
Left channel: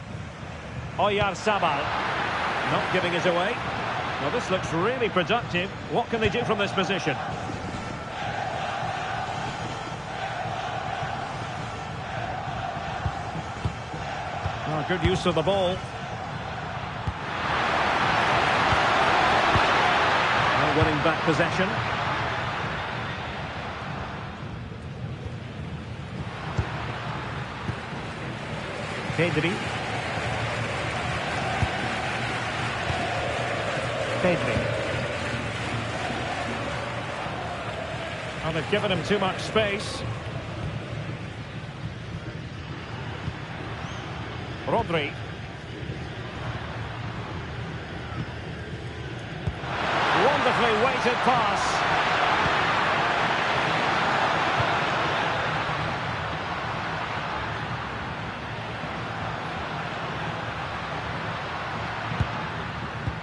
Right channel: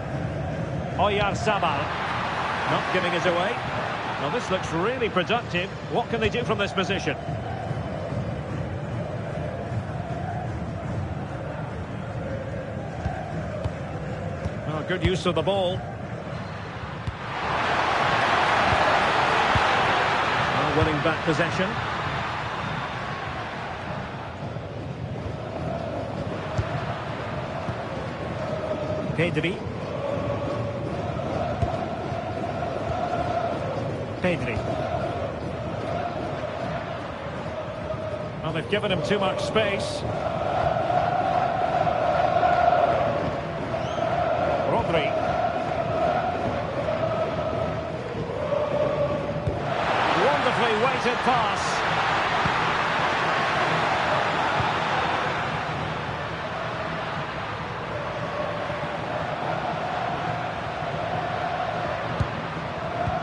Oyarzabal. Not giving it away. Now this looks really productive. What can they do from this position? Oh, good use of the ball. Winning back possession. Pedri. Well, they've given him too much space. Rodri. Wonderfully weighted pass.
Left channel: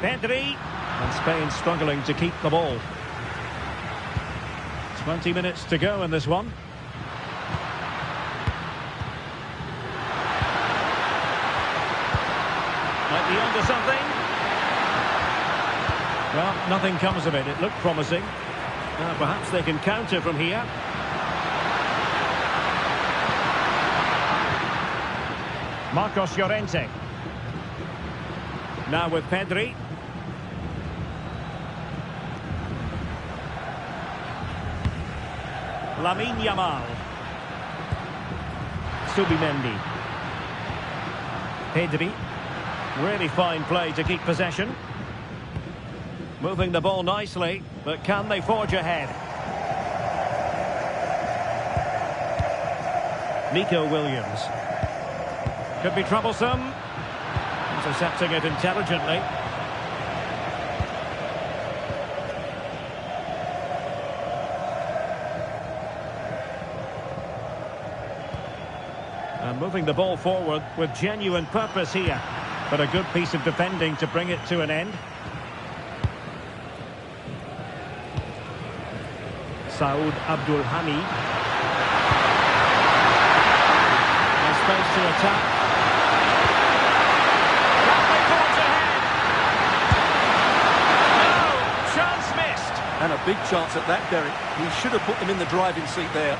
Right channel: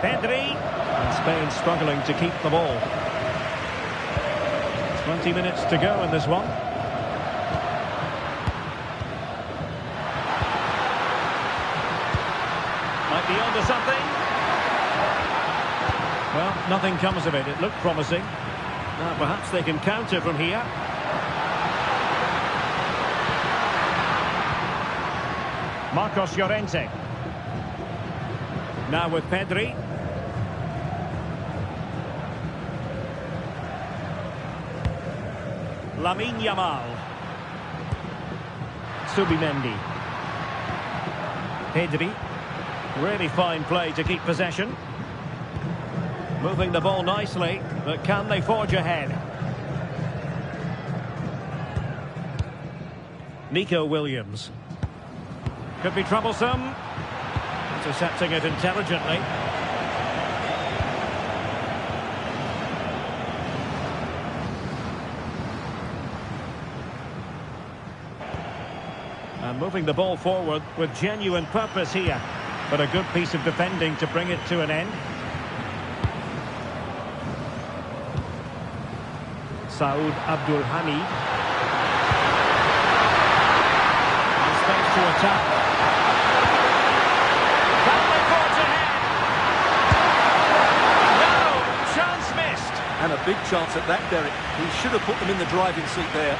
Pedri. And Spain struggling to keep the ball. 20 minutes to go in this one. Might be onto something. Well, nothing comes of it. It looked promising. Now, perhaps they can counter from here. Marcos Llorente. Now with Pedri. Lamine Yamal. Subimendi. Pedri. Really fine play to keep possession. Moving the ball nicely, but can they forge ahead? Nico Williams. Could be troublesome. Intercepting it intelligently. And moving the ball forward with genuine purpose here. But a good piece of defending to bring it to an end. Saud Abdul Hamid. And space to attack. Can they forge ahead? No! Chance missed. And a big chance at that, Derek. He should have put them in the driving seat there.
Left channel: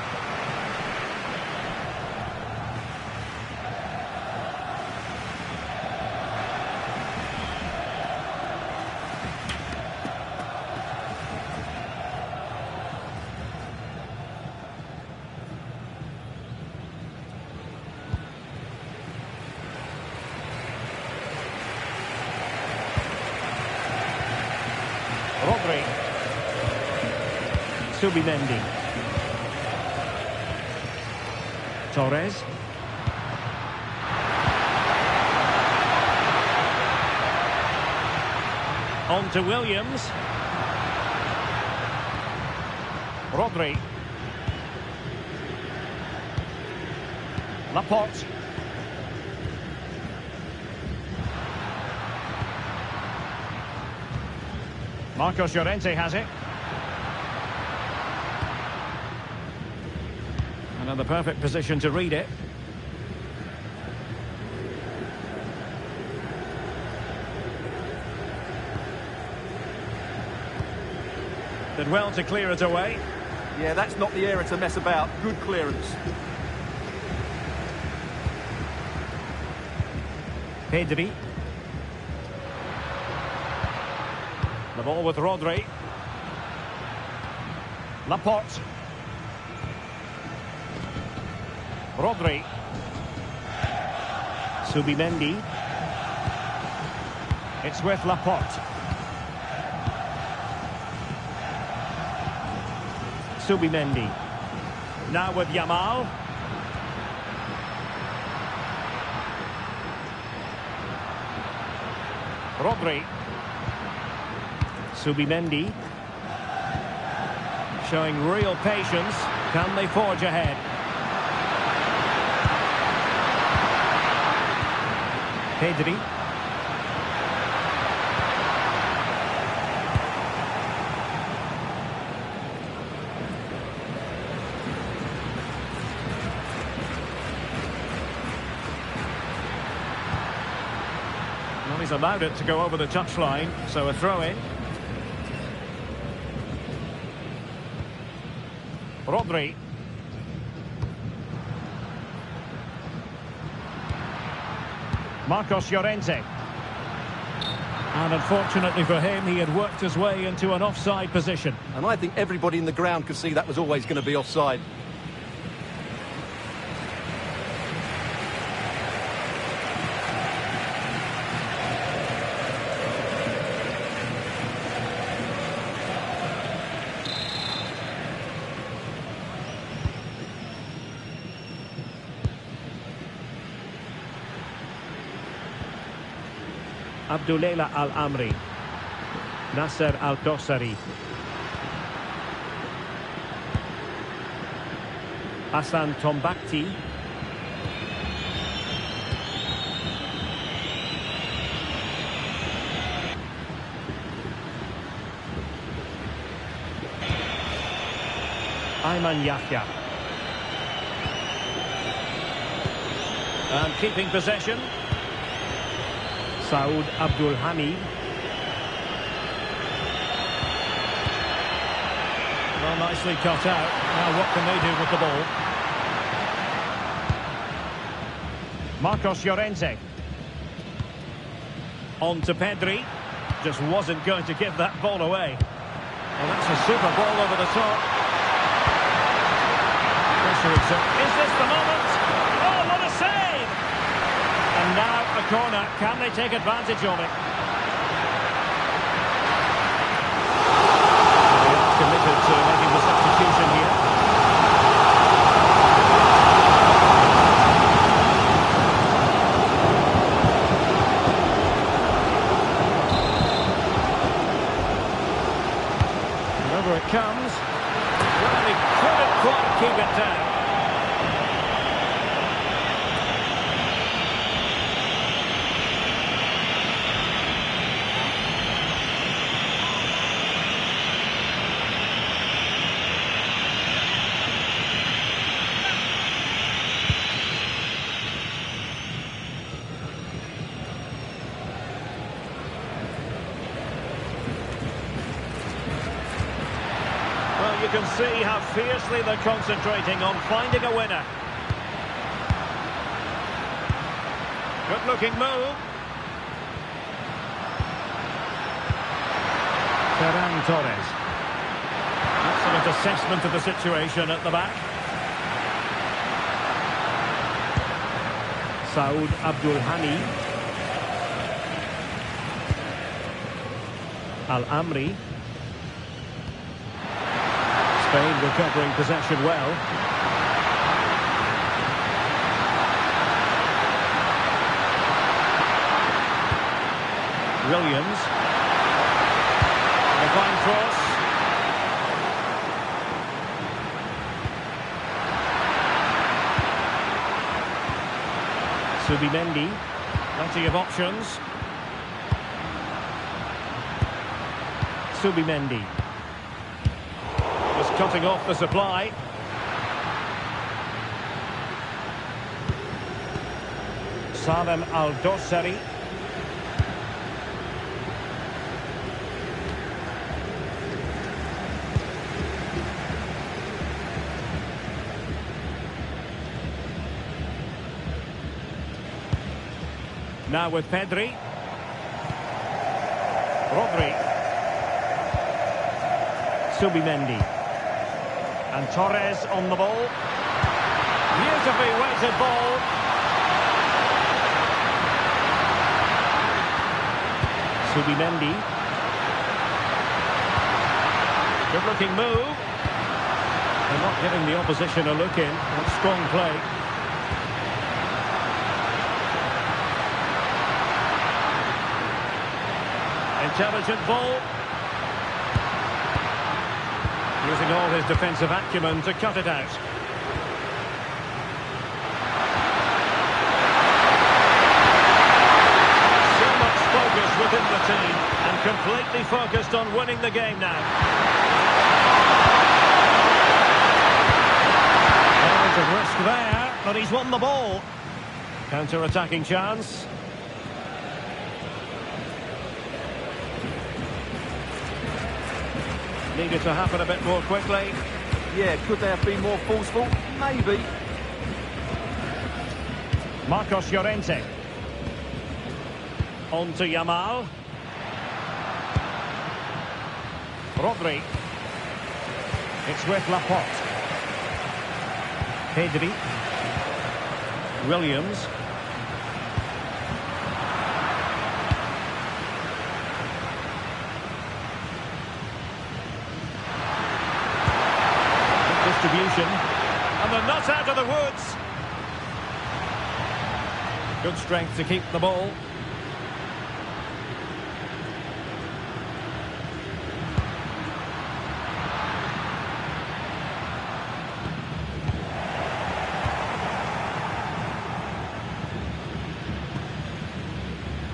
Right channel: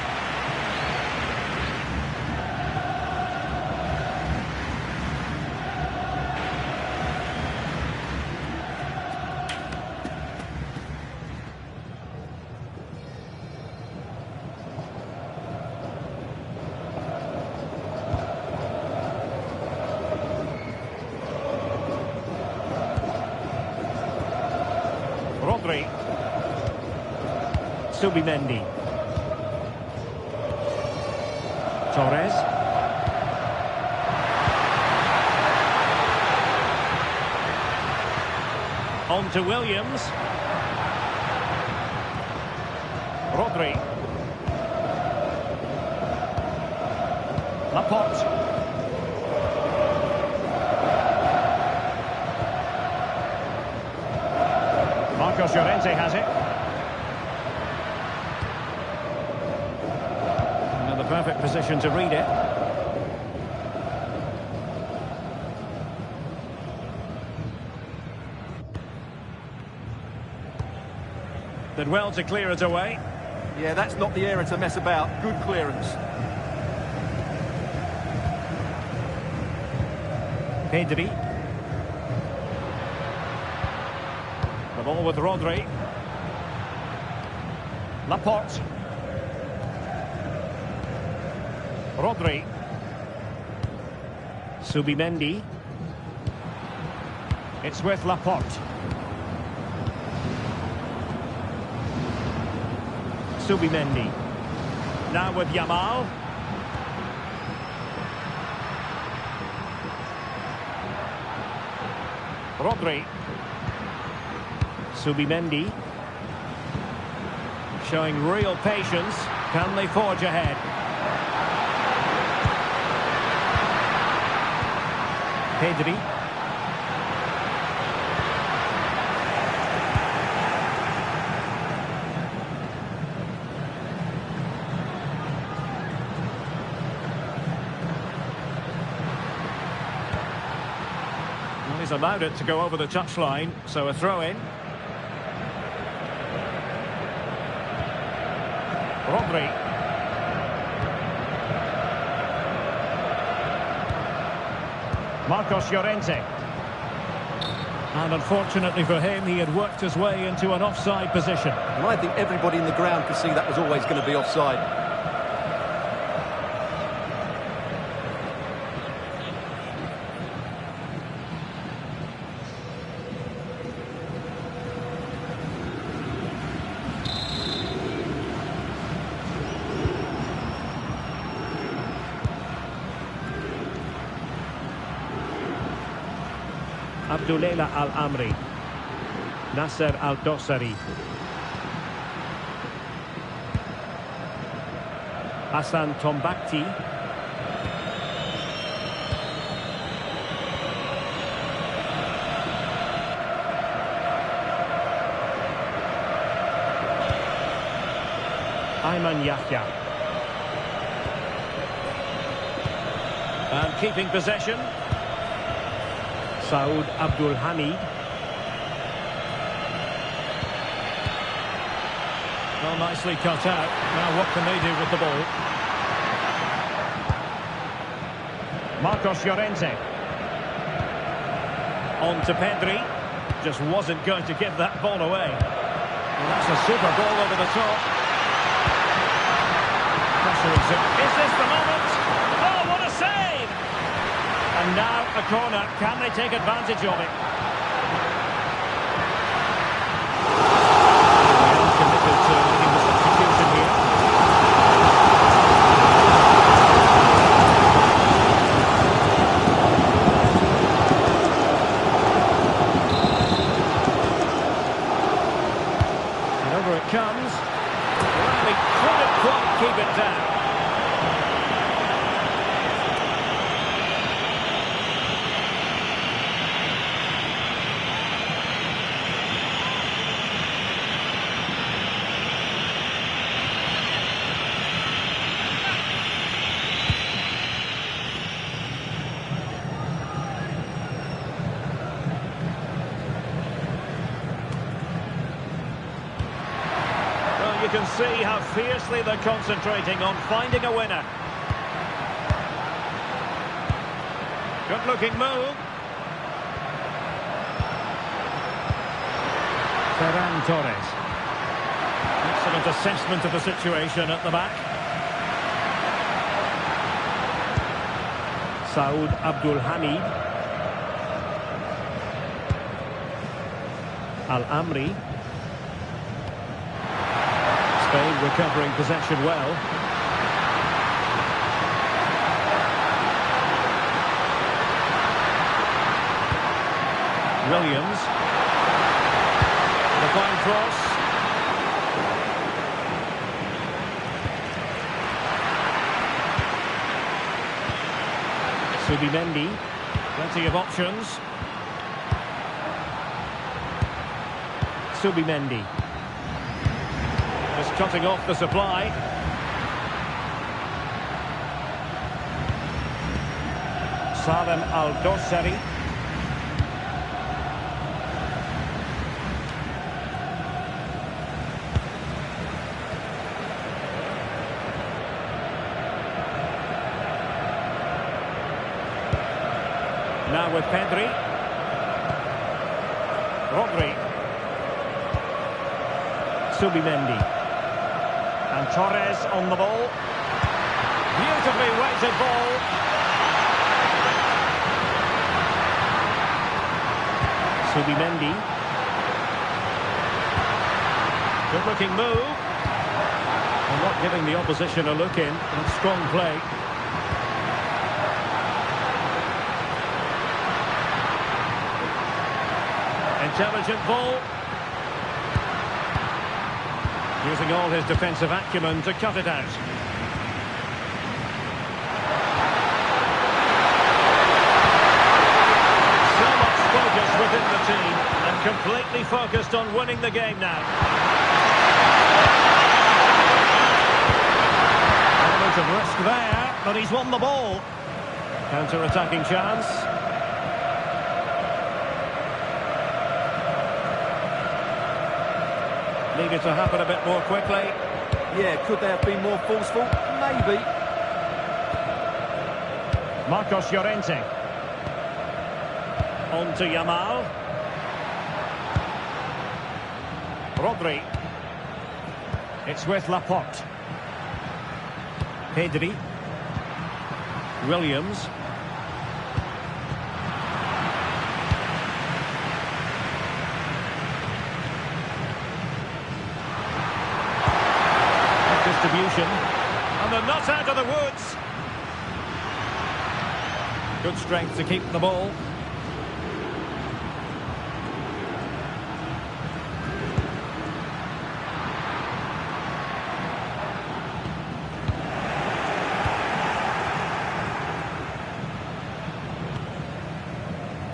Rodri. Subimendi. Torres. On to Williams. Rodri. Laporte. Marcos Llorente has it. Another perfect position to read it. Did well to clear it away. Yeah, that's not the area to mess about. Good clearance. Pedri. The ball with Rodri. Laporte. Rodri. Subimendi. It's with Laporte. Subimendi. Now with Yamal. Rodri. Subimendi. Showing real patience. Can they forge ahead? Pedri. Well, he's allowed it to go over the touchline, so a throw-in. Rodri. Marcos Llorente. And unfortunately for him, he had worked his way into an offside position. And I think everybody in the ground could see that was always going to be offside. Abdullela Al-Amri. Nasser Al-Dossari. Hassan Tombakti. Ayman Yahya. And keeping possession. Saud Abdul Hamid. Well, nicely cut out. Now what can they do with the ball? Marcos Llorente. On to Pedri. Just wasn't going to give that ball away. Well, that's a super ball over the top. Pressure exert. Is this the moment? Oh, what a save! And now a corner. Can they take advantage of it? They are committed to making the substitution here. And over it comes. Well, they couldn't quite keep it down. Well, you can see how fiercely they're concentrating on finding a winner. Good-looking move. Ferran Torres. Excellent assessment of the situation at the back. Saud Abdul Hamid. Al-Amri. Spain recovering possession well. Williams. And a fine cross. Subimendi. Plenty of options. Subimendi. Just cutting off the supply. Salem Al-Dossari. Now with Pedri. Rodri. Subimendi. And Torres on the ball. Beautifully weighted ball. Subimendi. Good looking move. And not giving the opposition a look in. That's strong play. Intelligent ball. Using all his defensive acumen to cut it out. So much focus within the team and completely focused on winning the game now. Element of risk there, but he's won the ball. Counter-attacking chance. Needed to happen a bit more quickly. Yeah, could they have been more forceful? Maybe. Marcos Llorente. On to Yamal. Rodri. It's with Laporte. Pedri. Williams. Distribution, and they're not out of the woods. Good strength to keep the ball.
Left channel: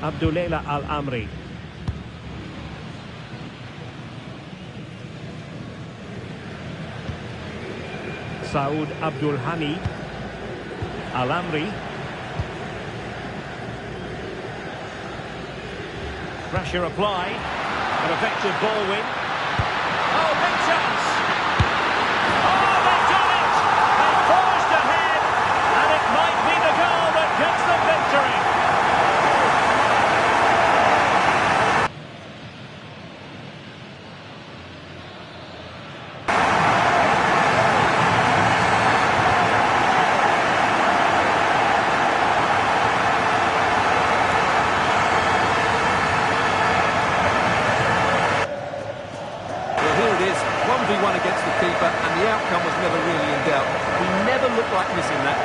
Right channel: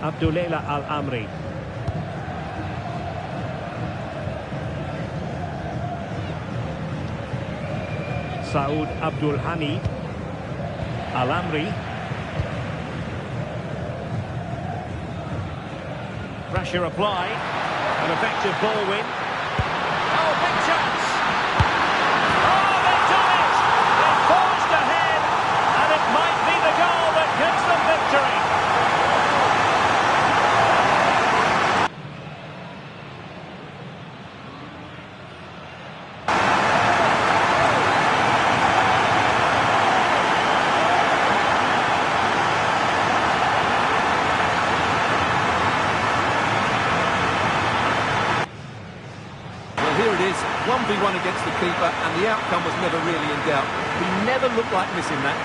Abdullah Al-Amri. Saud Abdul Hamid. Al-Amri. Pressure applied. An effective ball win. Oh, big chance. Oh, they've done it. They forged ahead. And it might be the goal that gives them victory. Here it is, 1v1 against the keeper, and the outcome was never really in doubt. He never looked like missing that.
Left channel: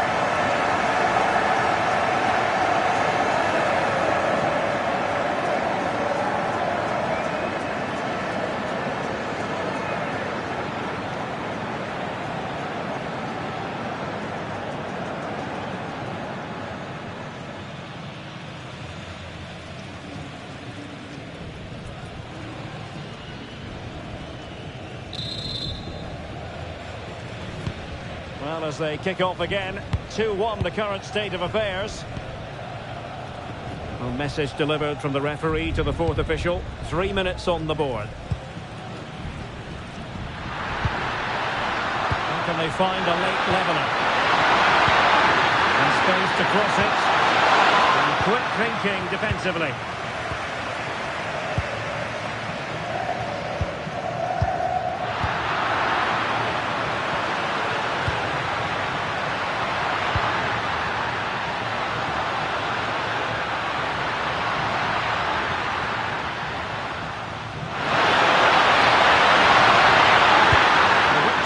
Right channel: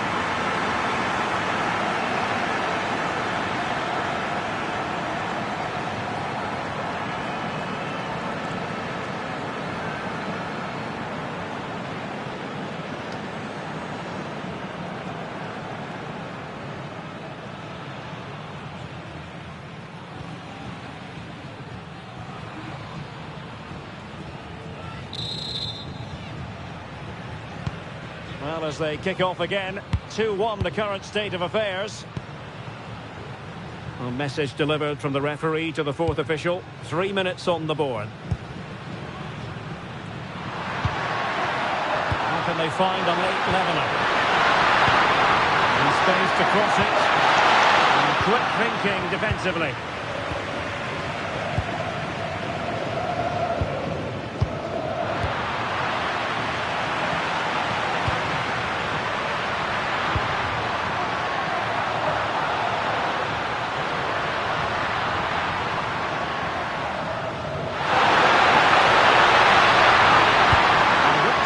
Well, as they kick off again, 2-1 the current state of affairs. A message delivered from the referee to the fourth official. 3 minutes on the board. How can they find a late leveller? In space to cross it. And quick thinking defensively.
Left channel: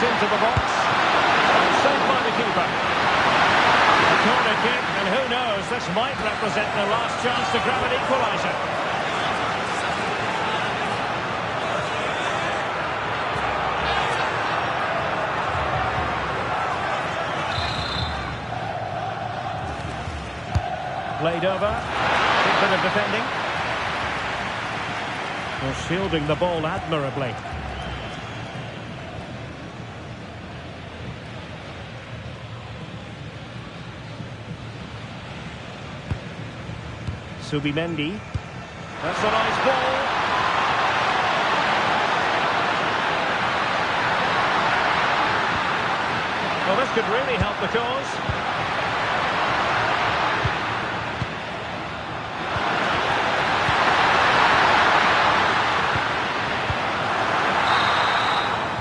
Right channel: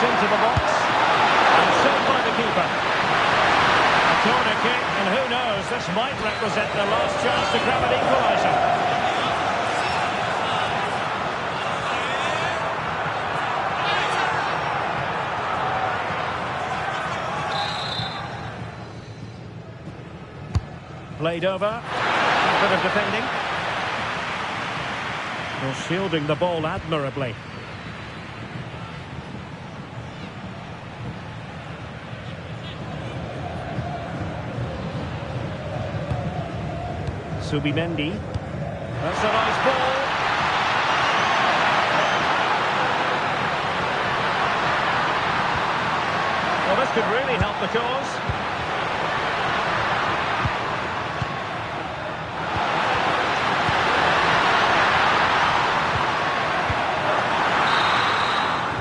Into the box and saved by the keeper. A corner kick, and who knows, this might represent the last chance to grab an equalizer. Played over, good bit of defending. Well, shielding the ball admirably. Subimendi. That's a nice ball. Well, this could really help the cause.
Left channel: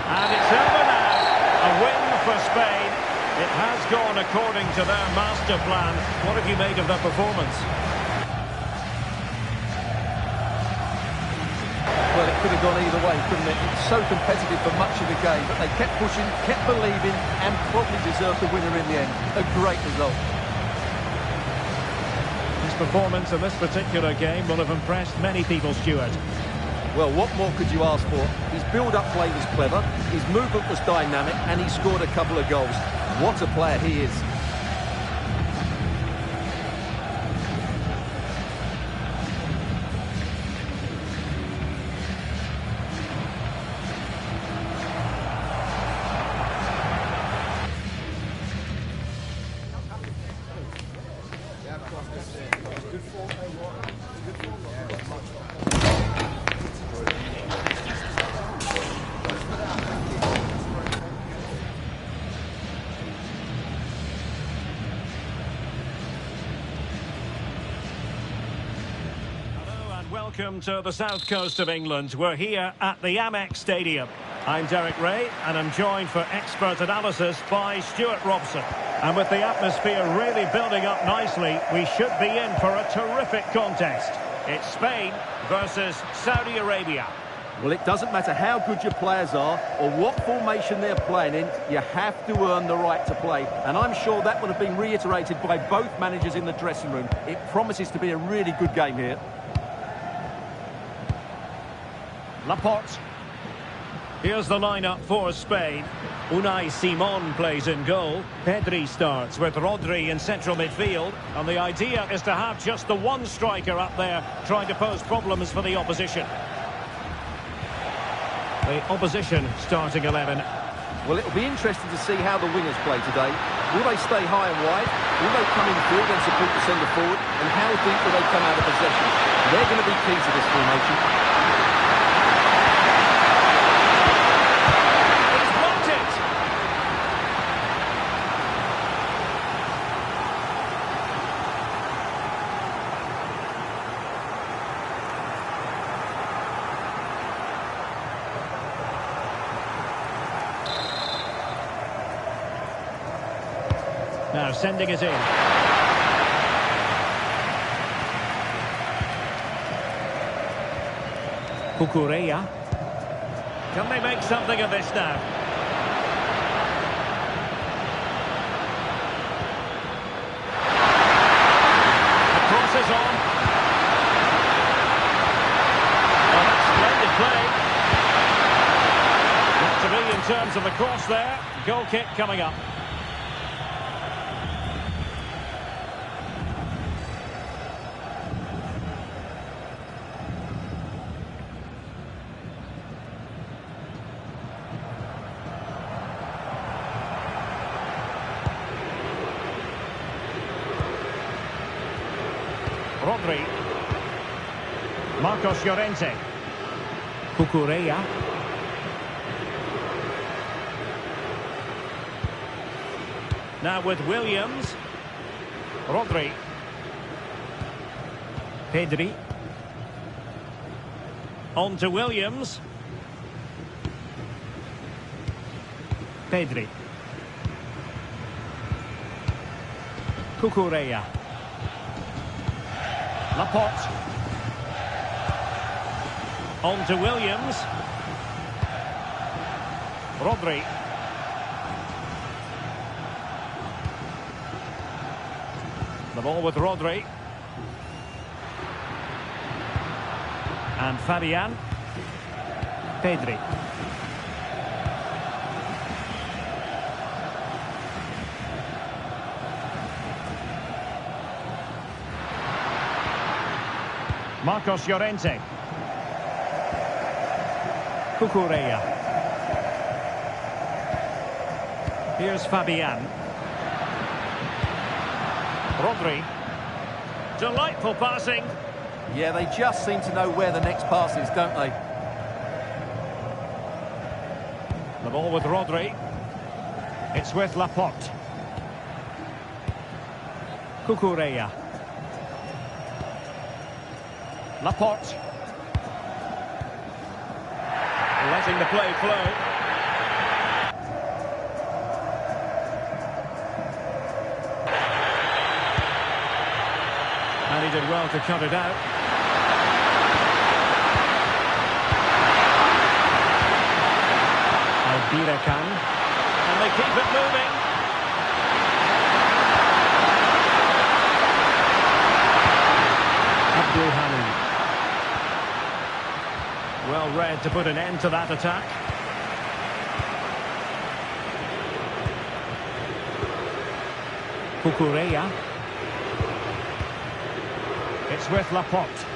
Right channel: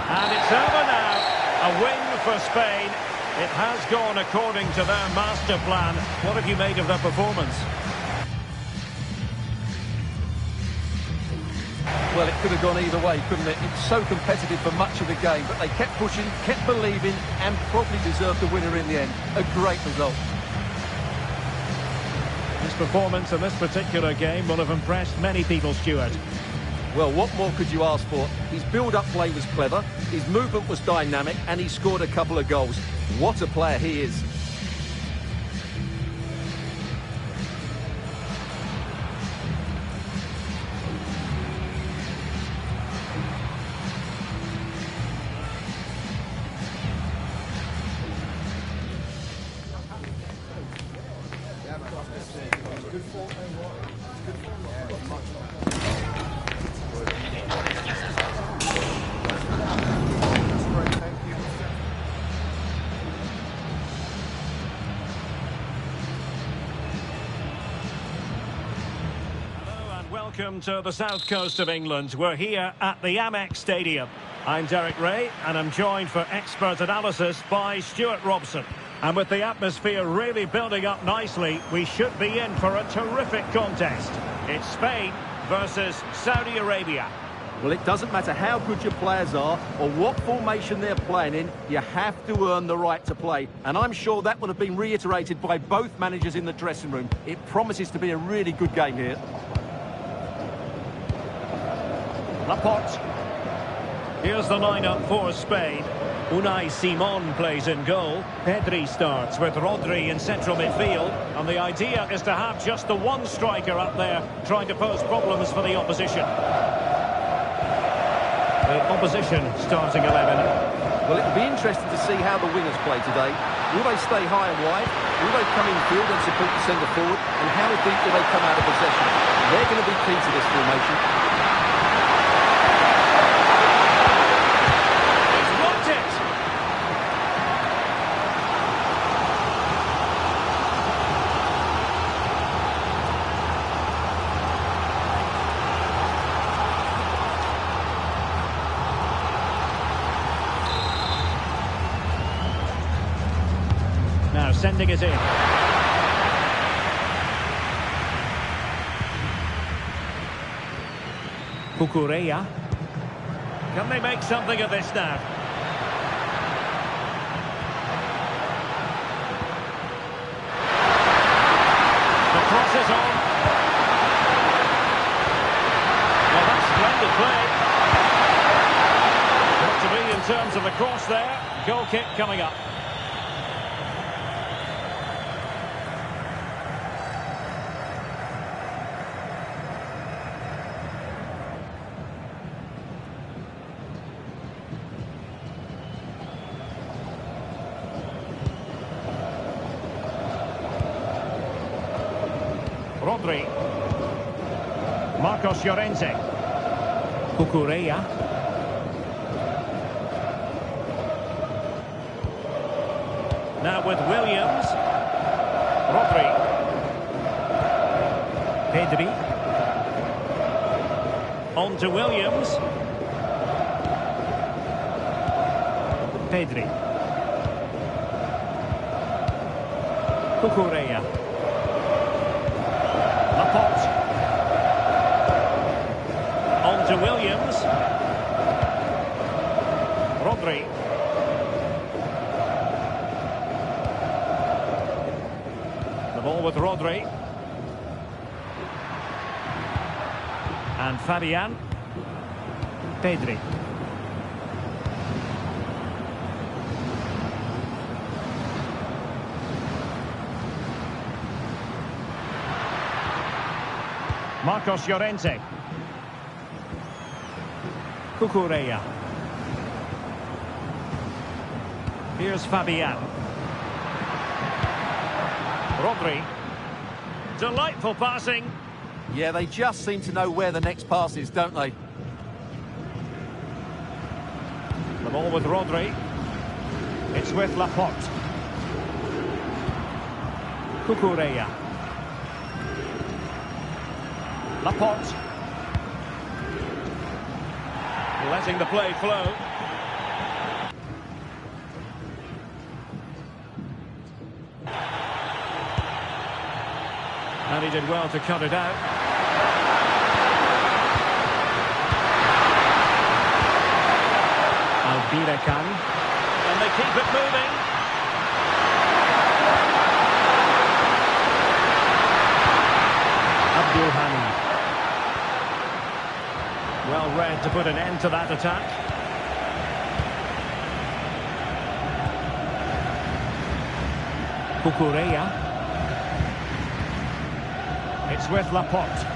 And it's over now. A win for Spain. It has gone according to their master plan. What have you made of their performance? Well, it could have gone either way, couldn't it? It's so competitive for much of the game, but they kept pushing, kept believing, and probably deserved the winner in the end. A great result. His performance in this particular game will have impressed many people, Stuart. Well, what more could you ask for? His build-up play was clever, his movement was dynamic, and he scored a couple of goals. What a player he is. Welcome to the south coast of England. We're here at the Amex Stadium. I'm Derek Ray, and I'm joined for expert analysis by Stuart Robson. And with the atmosphere really building up nicely, we should be in for a terrific contest. It's Spain versus Saudi Arabia. Well, it doesn't matter how good your players are or what formation they're playing in, you have to earn the right to play. And I'm sure that would have been reiterated by both managers in the dressing room. It promises to be a really good game here. Laporte. Here's the lineup for Spain. Unai Simon plays in goal. Pedri starts with Rodri in central midfield. And the idea is to have just the one striker up there trying to pose problems for the opposition. The opposition starting 11. Well, it'll be interesting to see how the wingers play today. Will they stay high and wide? Will they come in field and support the centre forward? And how deep will they come out of possession? They're going to be key to this formation. Now sending it in. Cucurella. Can they make something of this now? The cross is on. Well, that's splendid play. Got to be in terms of the cross there. Goal kick coming up. Rodri. Marcos Llorente. Cucurella. Now with Williams. Rodri. Pedri. On to Williams. Pedri. Cucurella. Laporte. On to Williams. Rodri. The ball with Rodri. And Fabian. Pedri. Marcos Llorente. Cucurella. Here's Fabian. Rodri. Delightful passing. Yeah, they just seem to know where the next pass is, don't they? The ball with Rodri. It's with Laporte. Cucurella. Laporte. Letting the play flow. And he did well to cut it out. Albiracan. And they keep it moving. Abdul Hamid. Well read to put an end to that attack. Cucurella. It's with Laporte.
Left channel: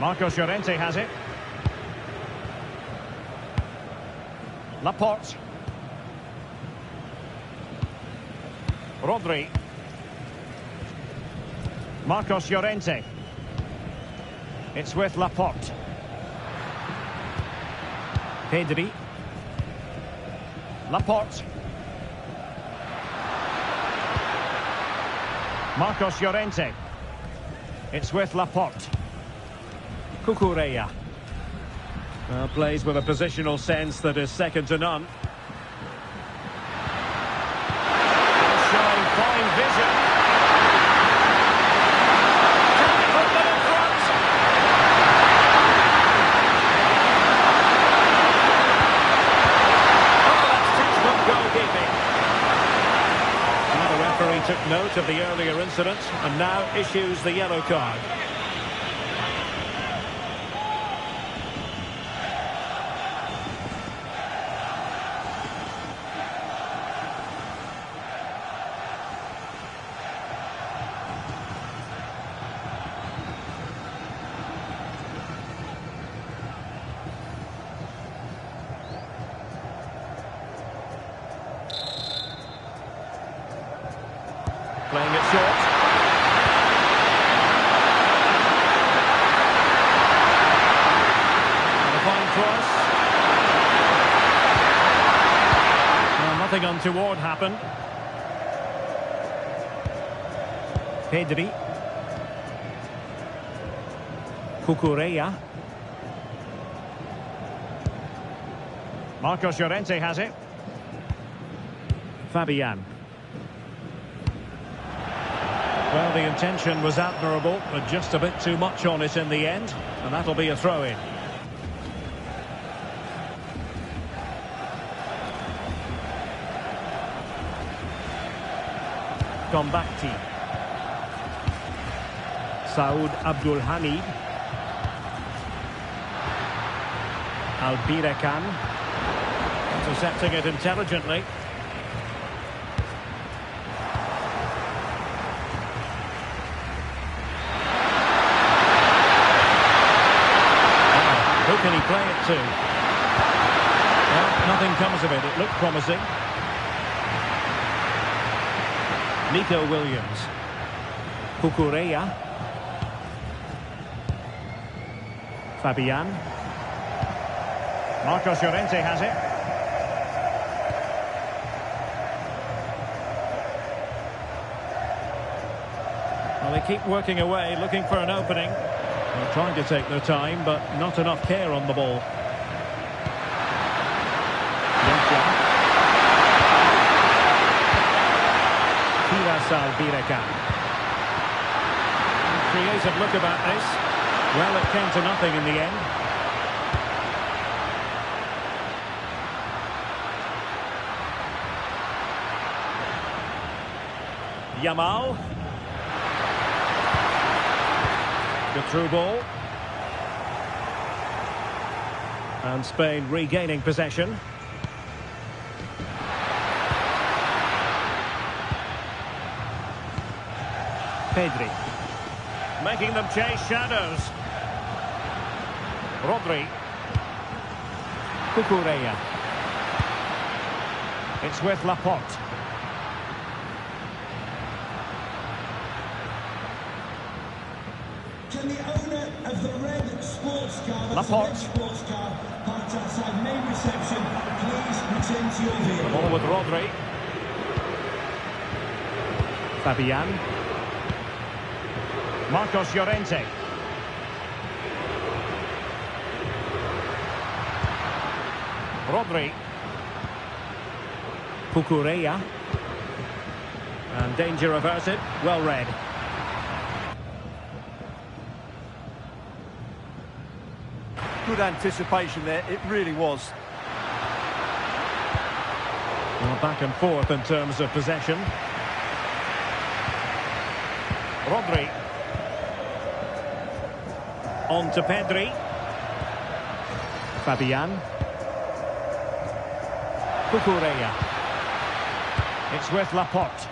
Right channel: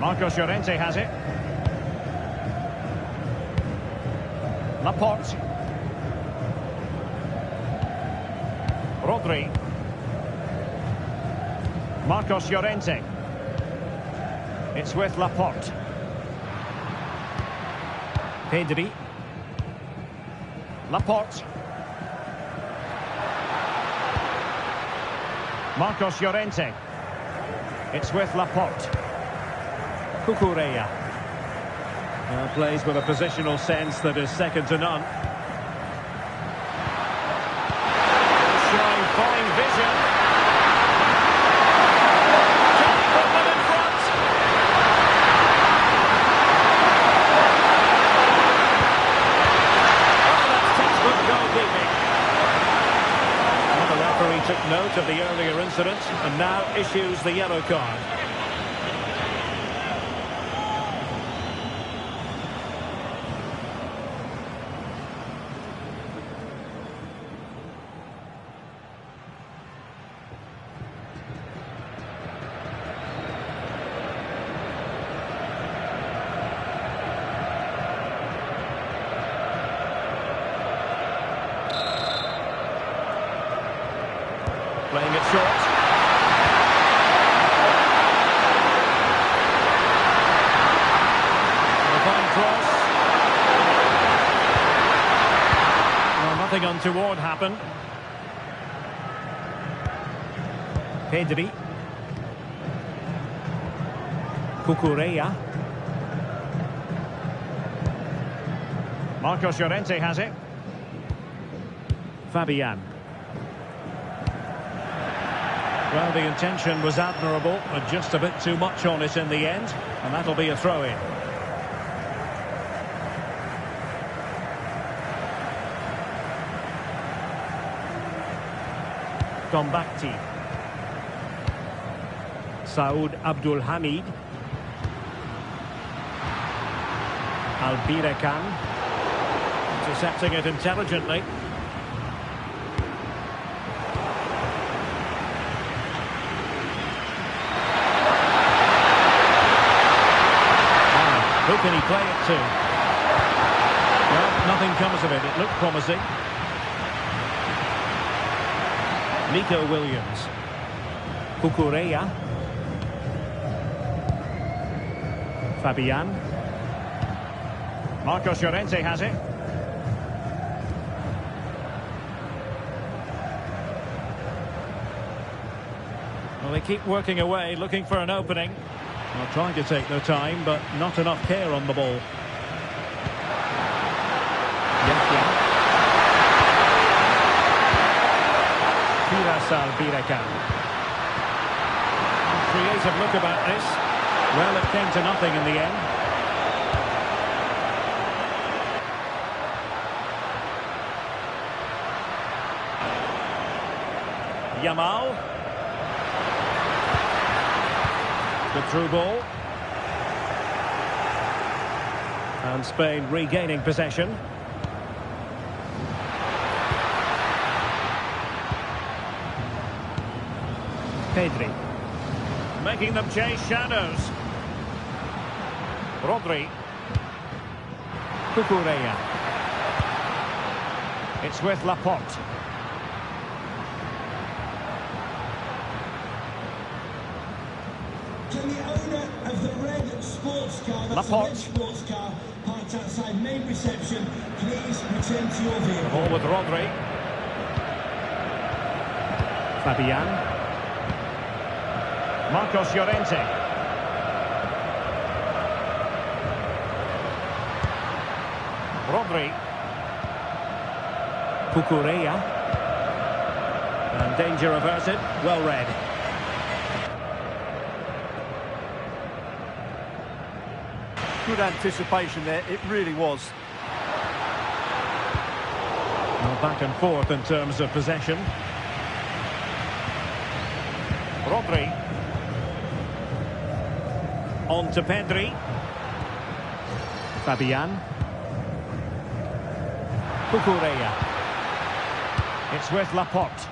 Marcos Llorente has it. Laporte. Rodri. Marcos Llorente. It's with Laporte. Pedri. Laporte. Marcos Llorente. It's with Laporte. Cucurella. Plays with a positional sense that is second to none. Showing fine vision. Can he put them in front? Oh, that's textbook goalkeeping. And the referee took note of the earlier incident and now issues the yellow card. Playing it short. And a fine cross. Well, nothing untoward happened. Pedri. Cucurella. Marcos Llorente has it. Fabian. Well, the intention was admirable, but just a bit too much on it in the end, and that'll be a throw-in. Gombakti. Saud Abdul Hamid. Albirekan. Intercepting it intelligently. Who can he play it to? Well, nothing comes of it. It looked promising. Nico Williams. Cucurella. Fabian. Marcos Llorente has it. Well, they keep working away, looking for an opening. Well, trying to take their time, but not enough care on the ball. Yahya. Firas Albirekan. Creative look about this. Well, it came to nothing in the end. Yamal. Good through ball. And Spain regaining possession. Pedri. Making them chase shadows. Rodri. Cucurella. It's with Laporte. Can the owner of the red sports car, that's Laporte. the red sports car, parked outside main reception, please return to your vehicle? The ball with Rodri. Fabian. Marcos Llorente. Rodri. Cucurella. And danger averted. Well read. Good anticipation there, it really was. Well, back and forth in terms of possession. Rodri. On to Pedri. Fabian. Cucurella. It's with Laporte.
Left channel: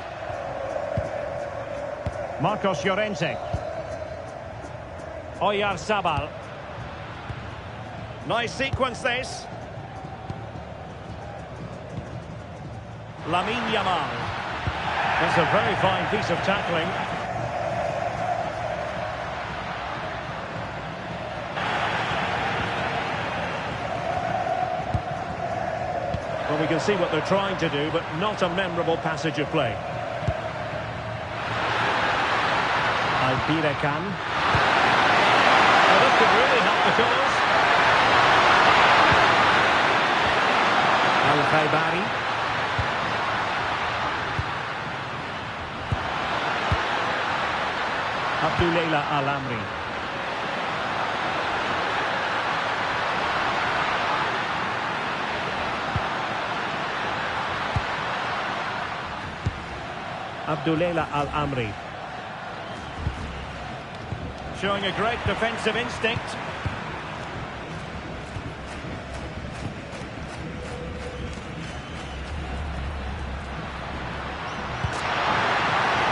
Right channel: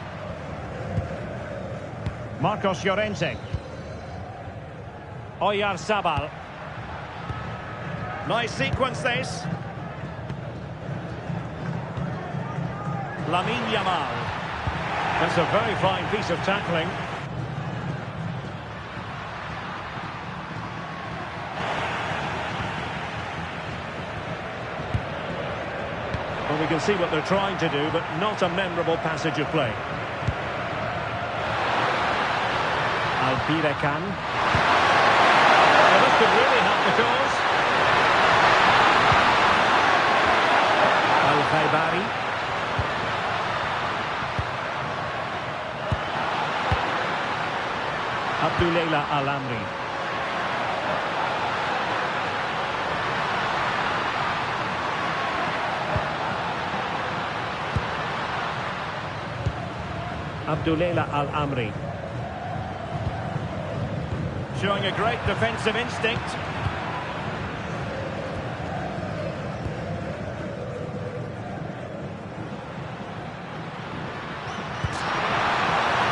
Marcos Llorente. Oyarzabal. Nice sequence this. Lamine Yamal. That's a very fine piece of tackling. Well, we can see what they're trying to do, but not a memorable passage of play. Alpirekan. Well, this could really help the cause. Al-Khaibari. Abdullah Al-Amri. Abdullah Al-Amri. Showing a great defensive instinct.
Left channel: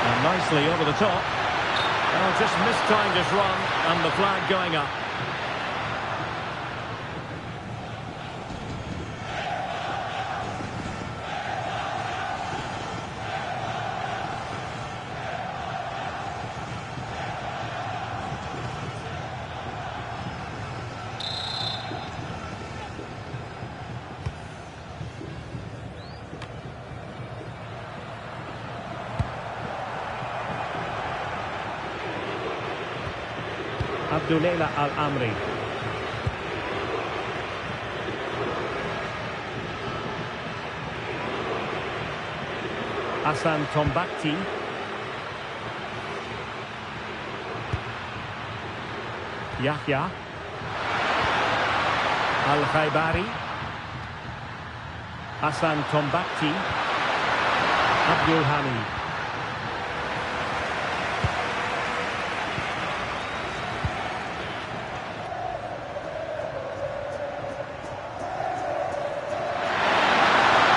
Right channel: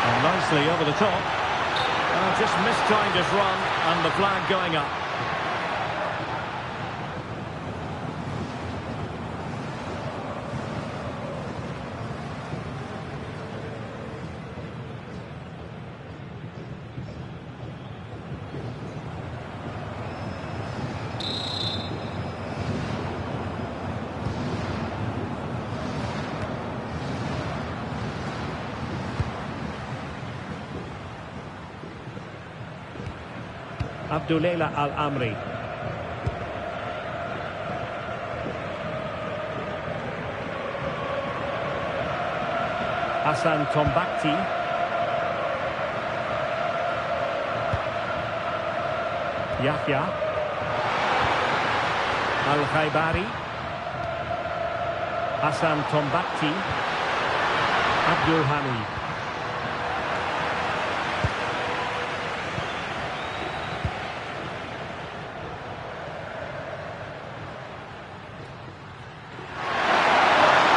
And nicely over the top. Just mistimed his run, and the flag going up. Abdullah Al-Amri. Hassan Tombakti. Yahya. Al-Khaibari. Hassan Tombakti. Abdul Hamid.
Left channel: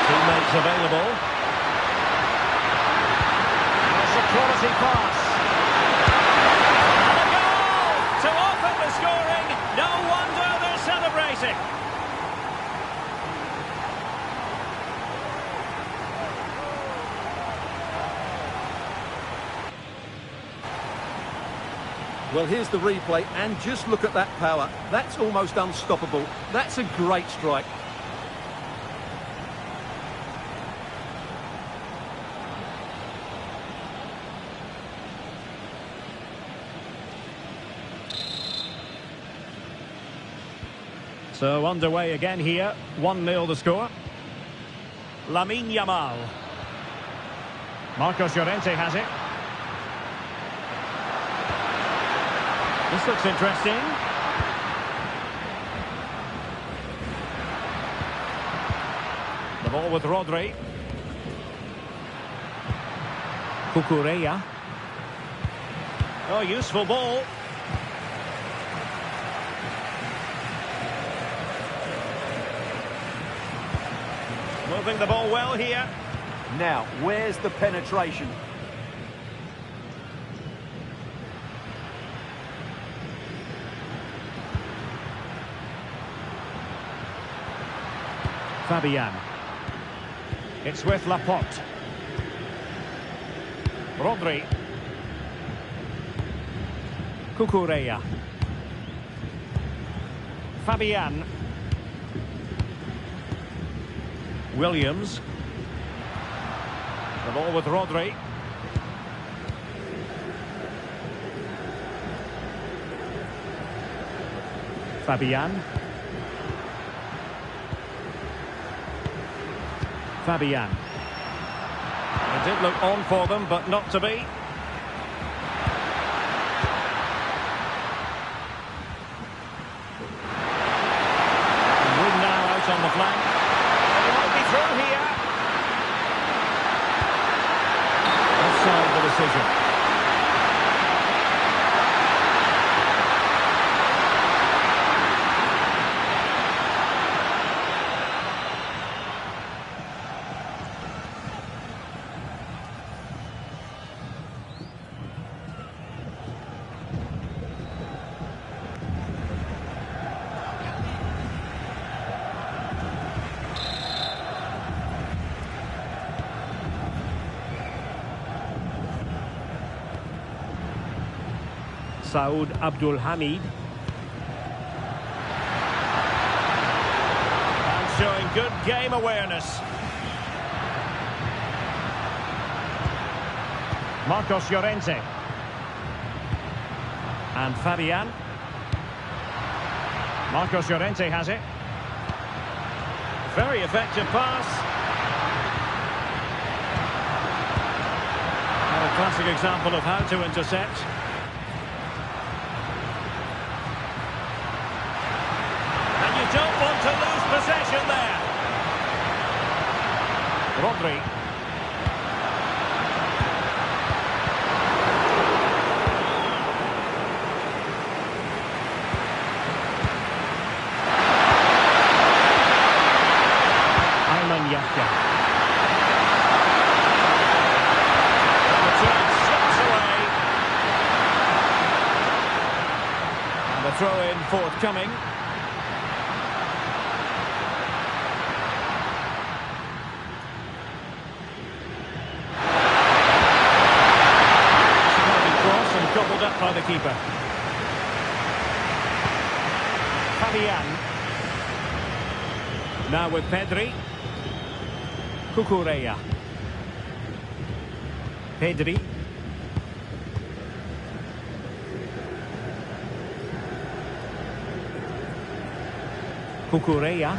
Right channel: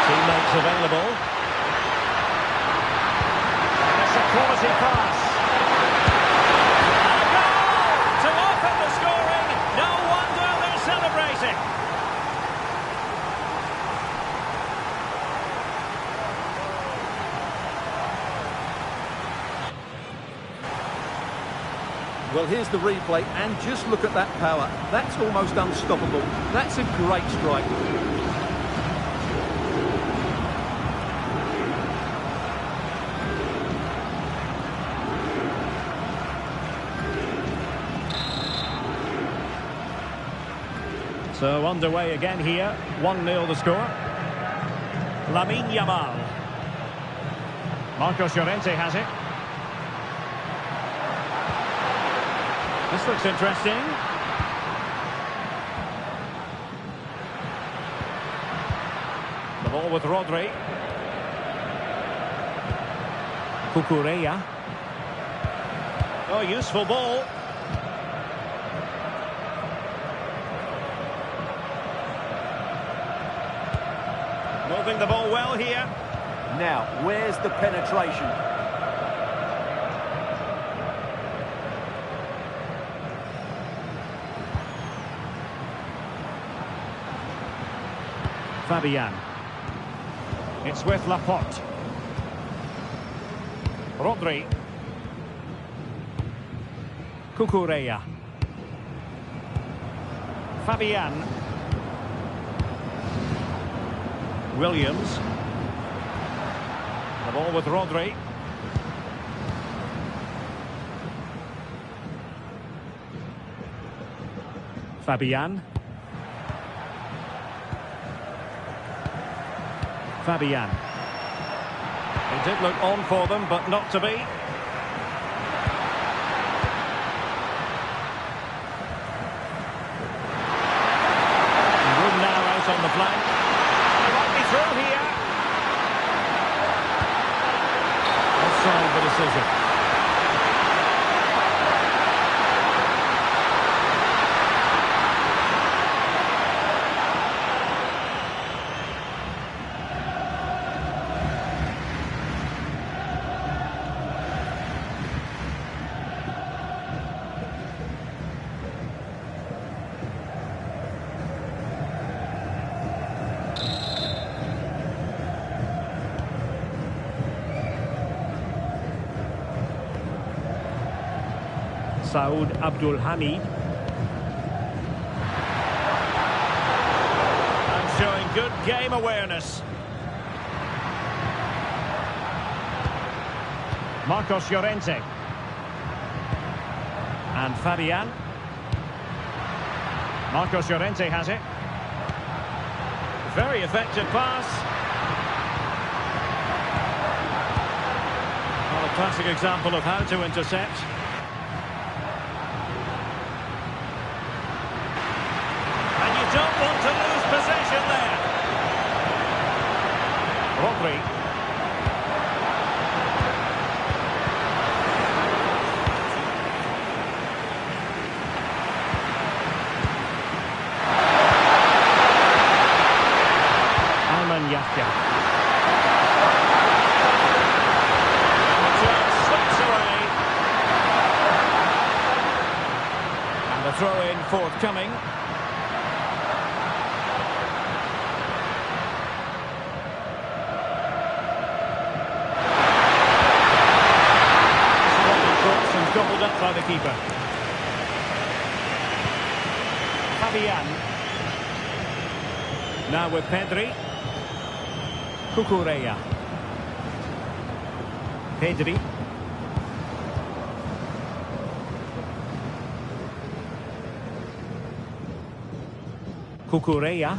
Teammates available. And it's a quality pass. And a goal to open the scoring. No wonder they're celebrating. Well, here's the replay, and just look at that power. That's almost unstoppable. That's a great strike. So underway again here. 1-0 the score. Lamine Yamal. Marcos Llorente has it. This looks interesting. The ball with Rodri. Cucurella. Oh, useful ball. Moving the ball well here. Now, where's the penetration? Fabian. It's with Laporte. Rodri. Cucurella. Fabian. Williams. The ball with Rodri. Fabian. Fabian. It did look on for them, but not to be. Room now out on the flank. Well, he might be through here. offside the decision. Saud Abdul Hamid. And showing good game awareness. Marcos Llorente. And Fabian. Marcos Llorente has it. Very effective pass. Well, a classic example of how to intercept. And you don't want to lose possession there. Rodri. Ayman Yahya. And the turn slips away. And the throw-in forthcoming. Cross and gobbled up by the keeper. Fabian. Now with Pedri. Cucurella. Pedri. Cucurella.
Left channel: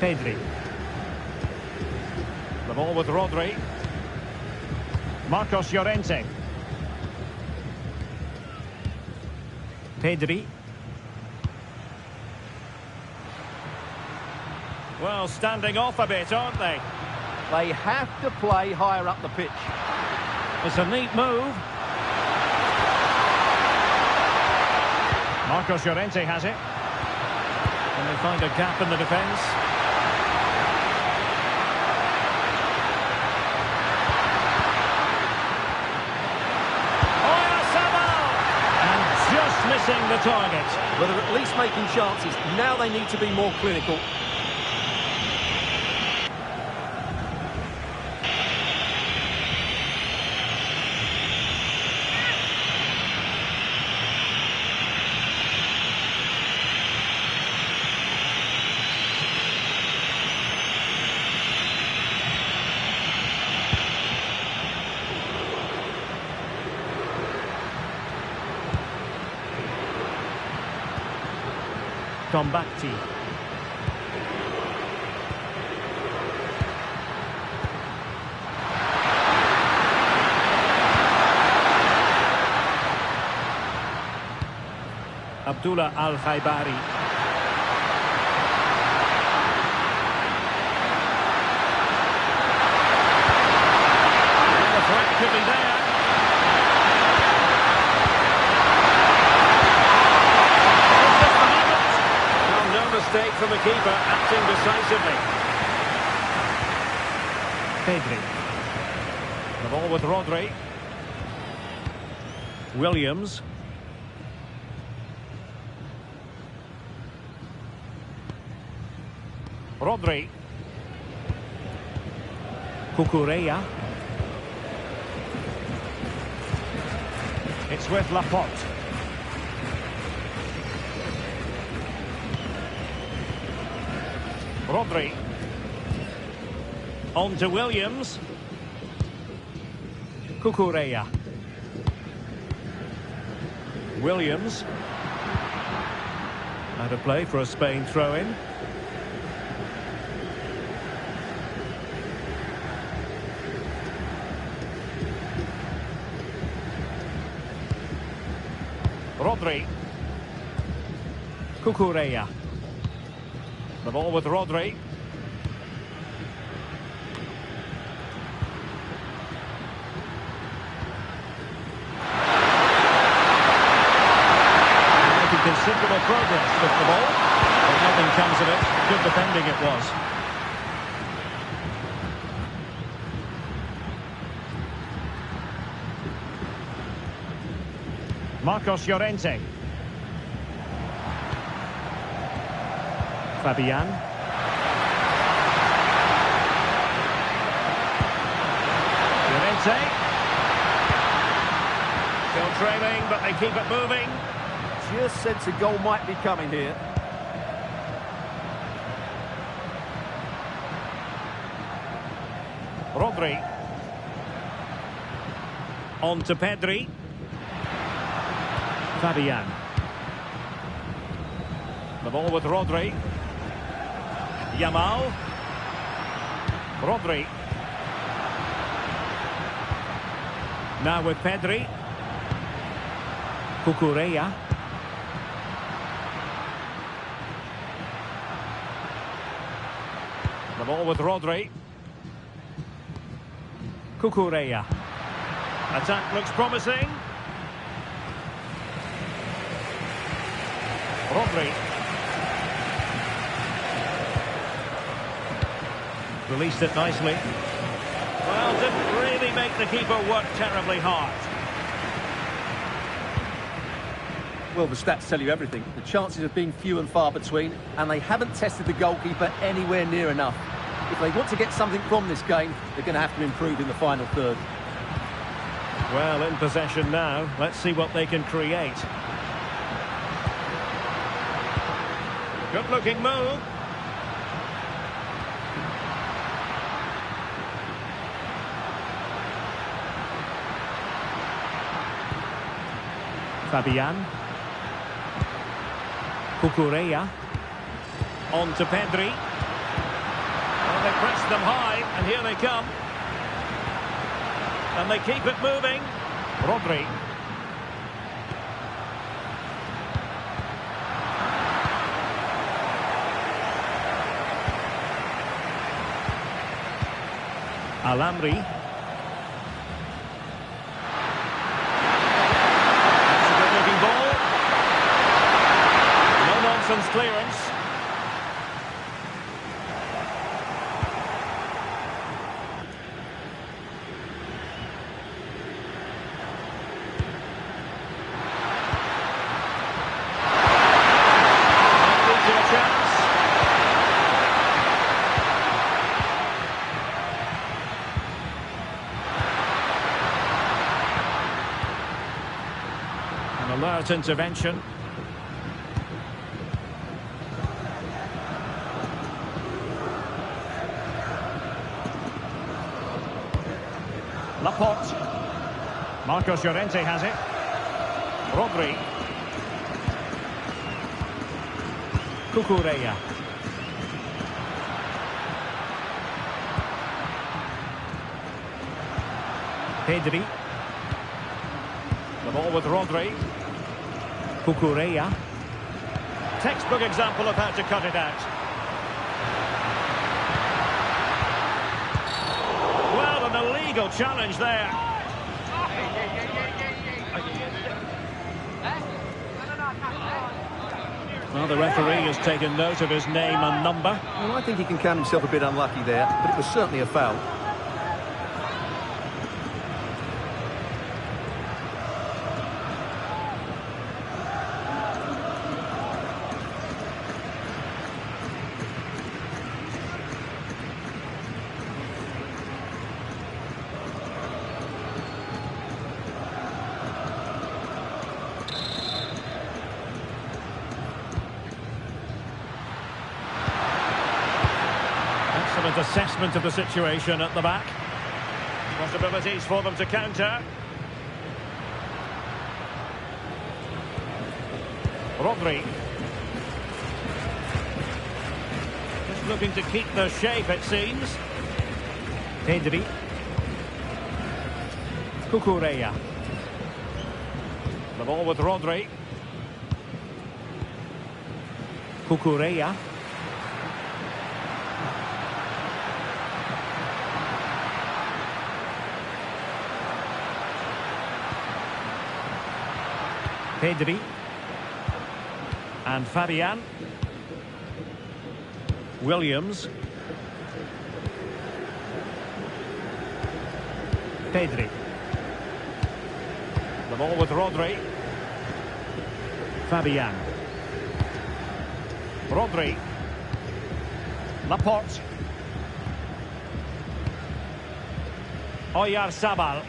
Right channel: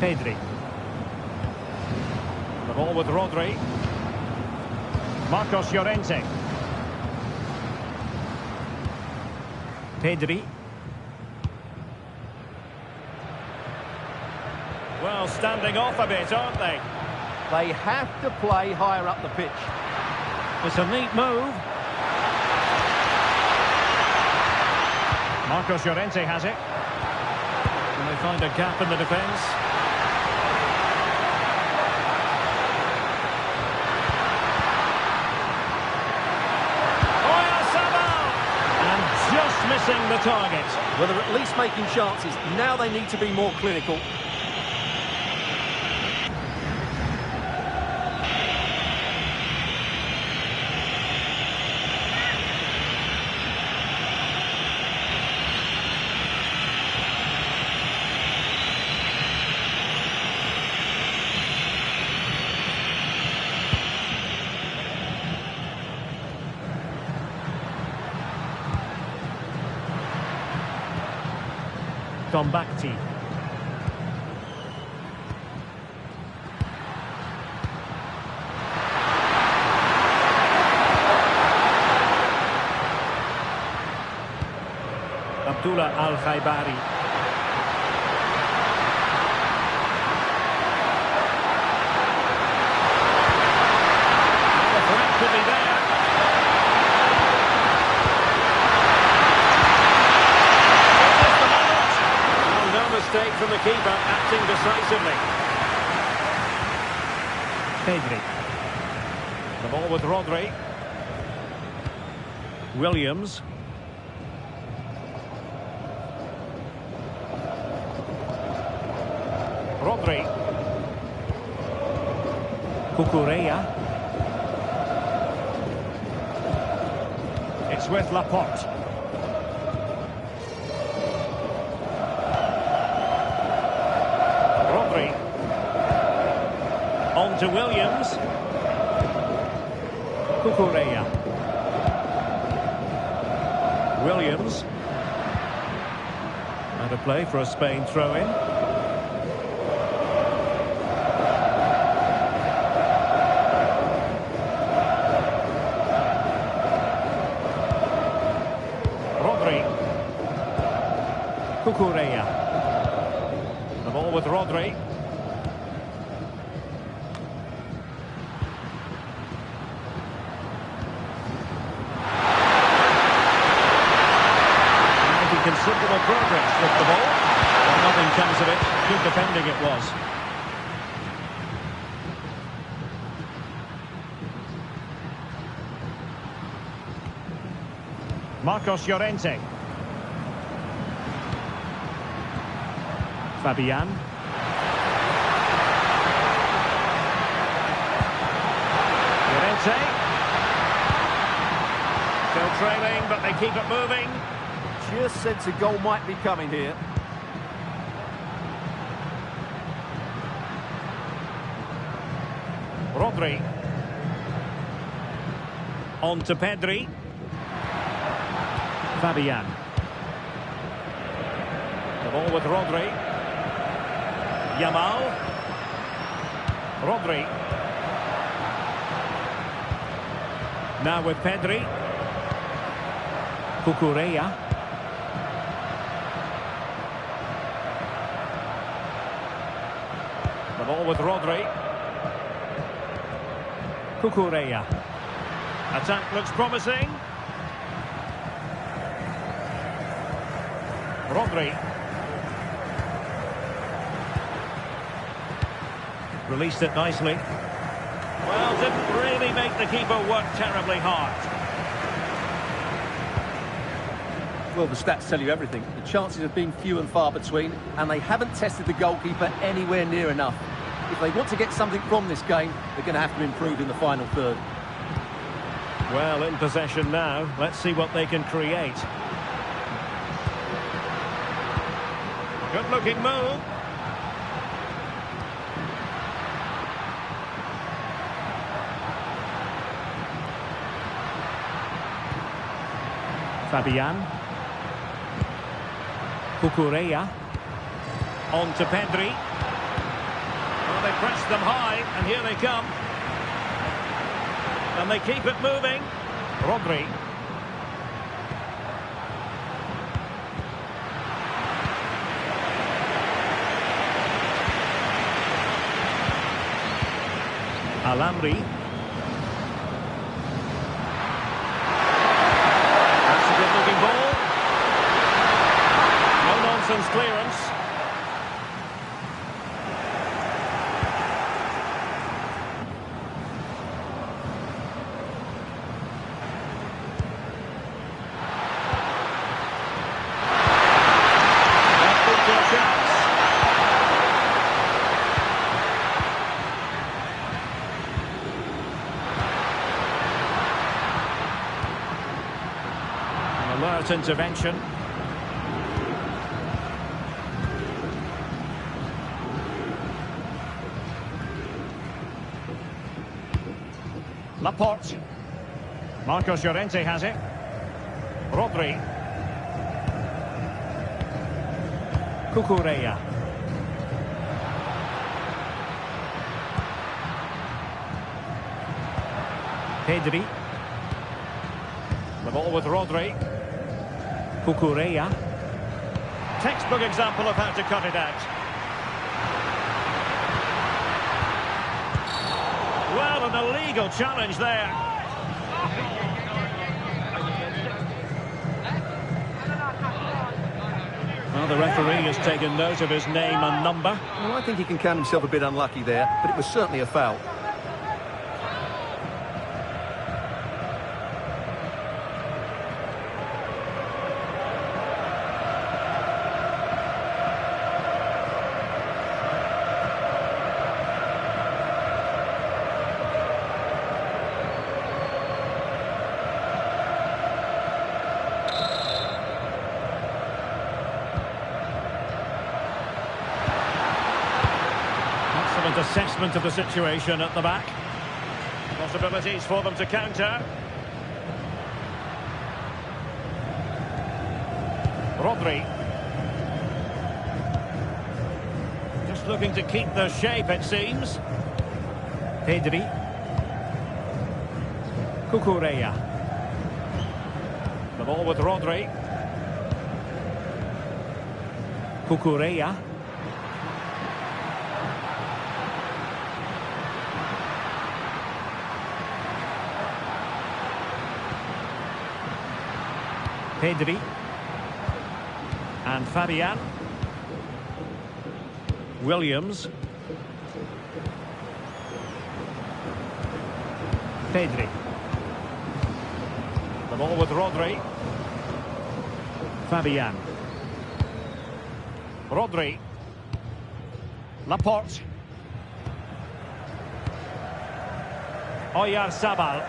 Pedri. The ball with Rodri. Marcos Llorente. Pedri. Well, standing off a bit, aren't they? They have to play higher up the pitch. It's a neat move. Marcos Llorente has it. Can they find a gap in the defence? Just missing the target. Well, they're at least making chances. Now they need to be more clinical. Tombakti. Abdullah Al-Khaibari. Well, the threat could be there. No mistake from the keeper, acting decisively. Pedri. The ball with Rodri. Williams. Rodri. Cucurella. It's with Laporte. Rodri. On to Williams. Cucurella. Williams. Out of play for a Spain throw-in. Rodri. Cucurella. The ball with Rodri. considerable progress with the ball, but nothing comes of it. Good defending it was. Marcos Llorente. Fabian. Llorente. Still trailing, but they keep it moving. Just sense a goal might be coming here. Rodri. On to Pedri. Fabian. The ball with Rodri. Yamal. Rodri. Now with Pedri. Cucurella. The ball with Rodri. Cucurella. Attack looks promising. Rodri. Released it nicely. Well, didn't really make the keeper work terribly hard. Well, the stats tell you everything. The chances have been few and far between, and they haven't tested the goalkeeper anywhere near enough. If they want to get something from this game, they're going to have to improve in the final third. Well, in possession now. Let's see what they can create. Good-looking move. Fabian. Cucurella. On to Pedri. Well, they pressed them high, and here they come. And they keep it moving. Rodri. Alamri. That's a good-looking ball. No-nonsense clearance. That leads to a chance. Alert intervention. Laporte. Marcos Llorente has it. Rodri. Cucurella. Pedri. The ball with Rodri. Cucurella. Textbook example of how to cut it out. Well, an illegal challenge there. Well, the referee has taken note of his name and number. Well, I think he can count himself a bit unlucky there, but it was certainly a foul. Excellent assessment of the situation at the back. Possibilities for them to counter. Rodri. Just looking to keep the shape, it seems. Pedri. Cucurella. The ball with Rodri. Cucurella. Pedri. And Fabian. Williams. Pedri. The ball with Rodri. Fabian. Rodri. Laporte. Oyarzabal.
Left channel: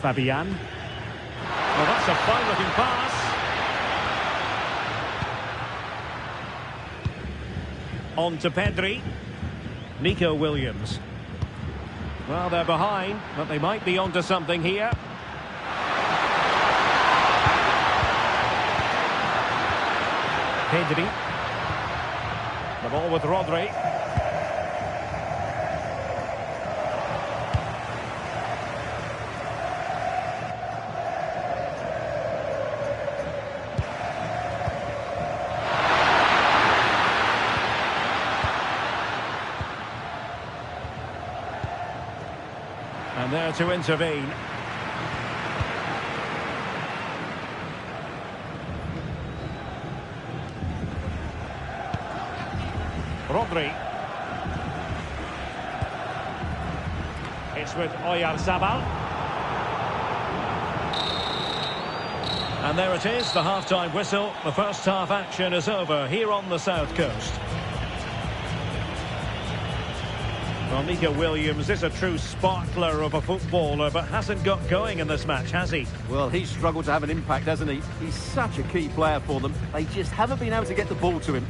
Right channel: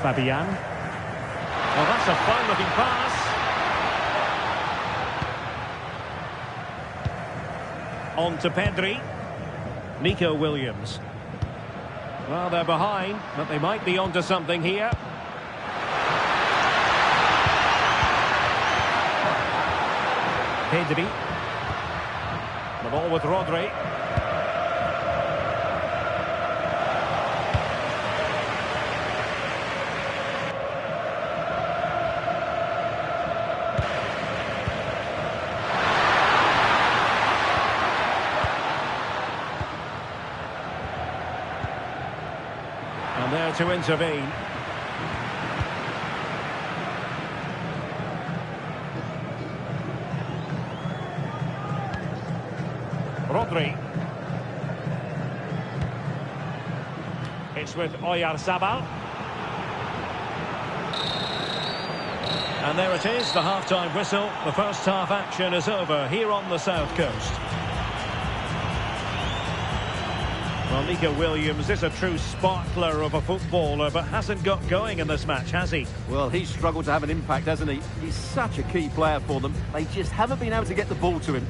Fabian. Oh, that's a fine-looking pass. On to Pedri. Nico Williams. Well, they're behind, but they might be onto something here. Pedri. The ball with Rodri. And there to intervene. Rodri. It's with Oyarzabal. And there it is, the half-time whistle. The first half action is over here on the South Coast. Well, Nico Williams is a true sparkler of a footballer, but hasn't got going in this match, has he? Well, he's struggled to have an impact, hasn't he? He's such a key player for them. They just haven't been able to get the ball to him.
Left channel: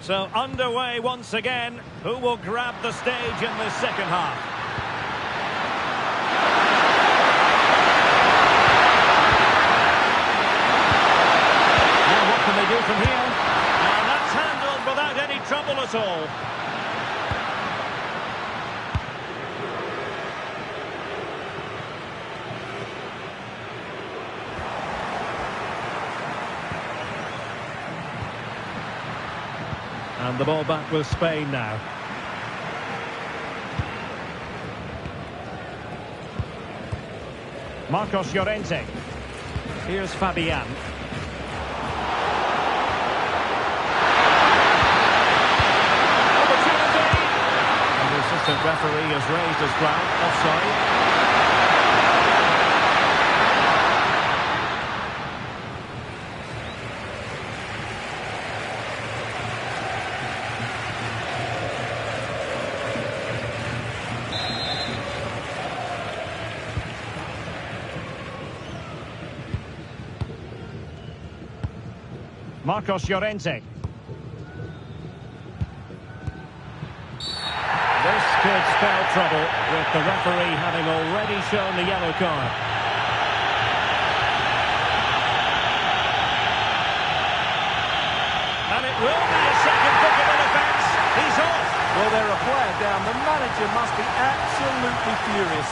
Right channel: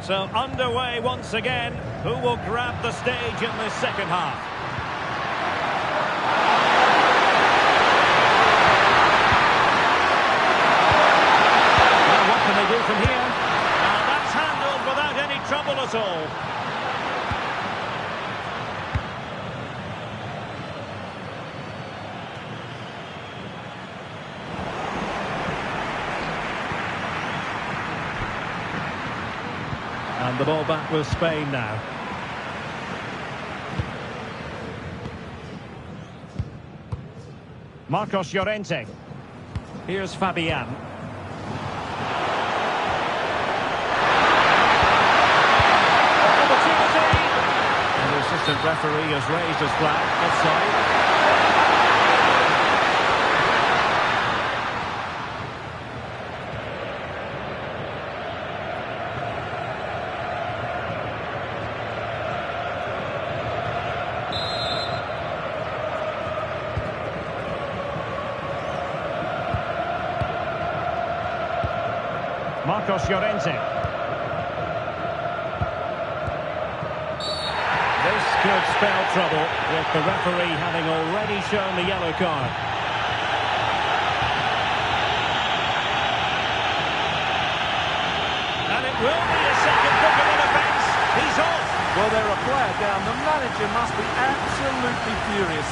So underway once again. Who will grab the stage in this second half? Now what can they do from here? And that's handled without any trouble at all. And the ball back with Spain now. Marcos Llorente. Here's Fabian. Opportunity! And the assistant referee has raised his flag. Offside. Marcos Llorente. This could spell trouble with the referee having already shown the yellow card. And it will be a second bookable offence. He's off. Well, they're a player down. The manager must be absolutely furious.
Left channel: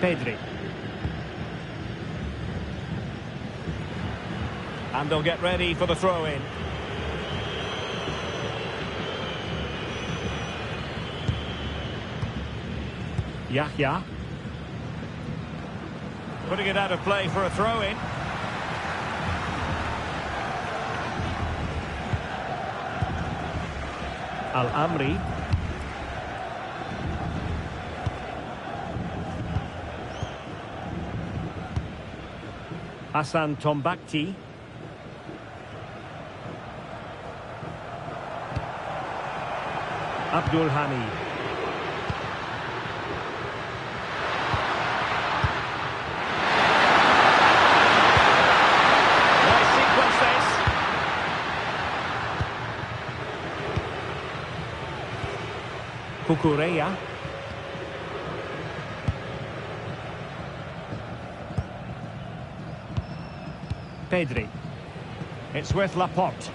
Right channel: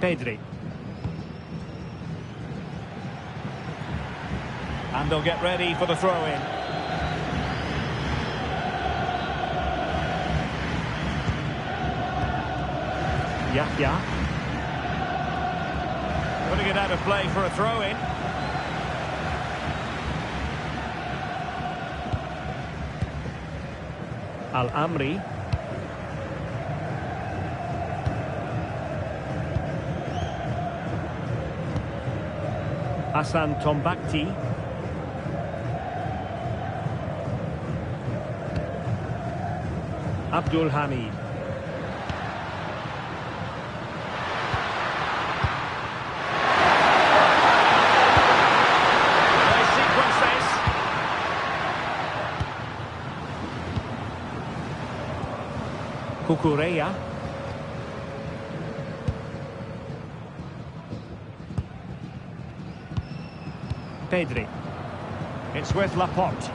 Pedri. And they'll get ready for the throw-in. Yahya. Putting it out of play for a throw-in. Al-Amri. Hassan Tombakti. Abdul Hamid. Nice sequence this. Cucurella. Pedri. It's with Laporte.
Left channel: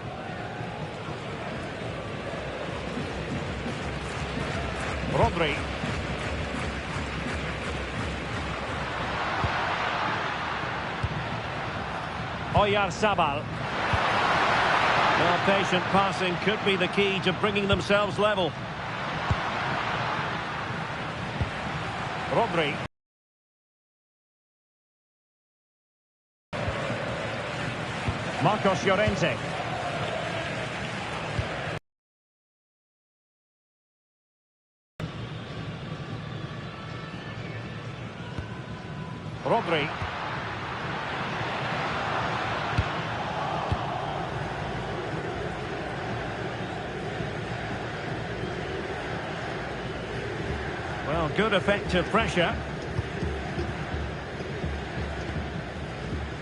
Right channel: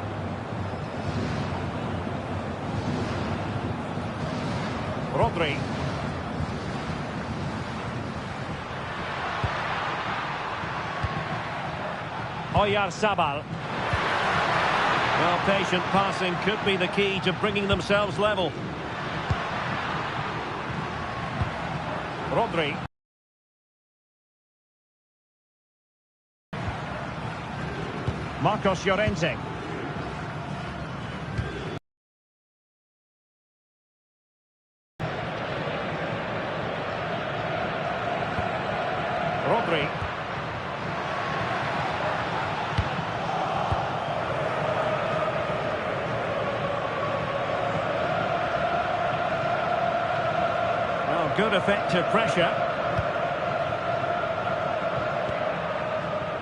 Rodri. Oyarzabal. Well, patient passing could be the key to bringing themselves level. Rodri. Marcos Llorente. Rodri. Well, good effective pressure.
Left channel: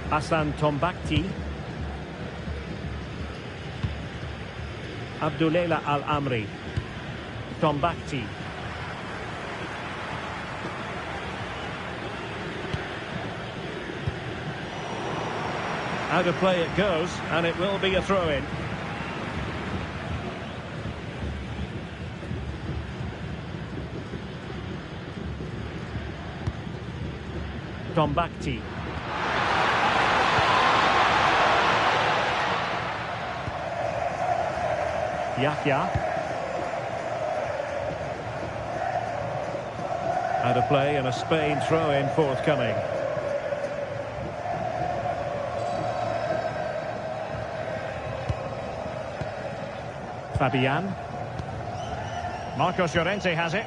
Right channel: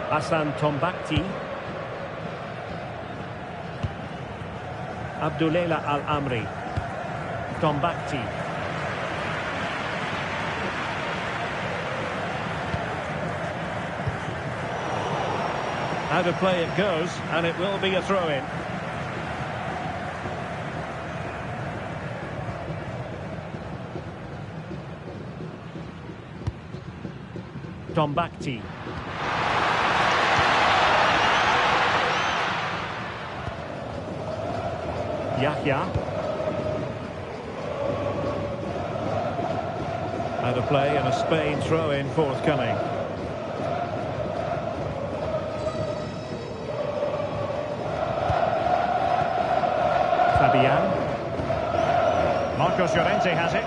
Hassan Tombakti. Abdullela Al-Amri. Tombakti. Out of play it goes, and it will be a throw-in. Tombakti. Yahya. Out of play and a Spain throw-in forthcoming. Fabian. Marcos Llorente has it.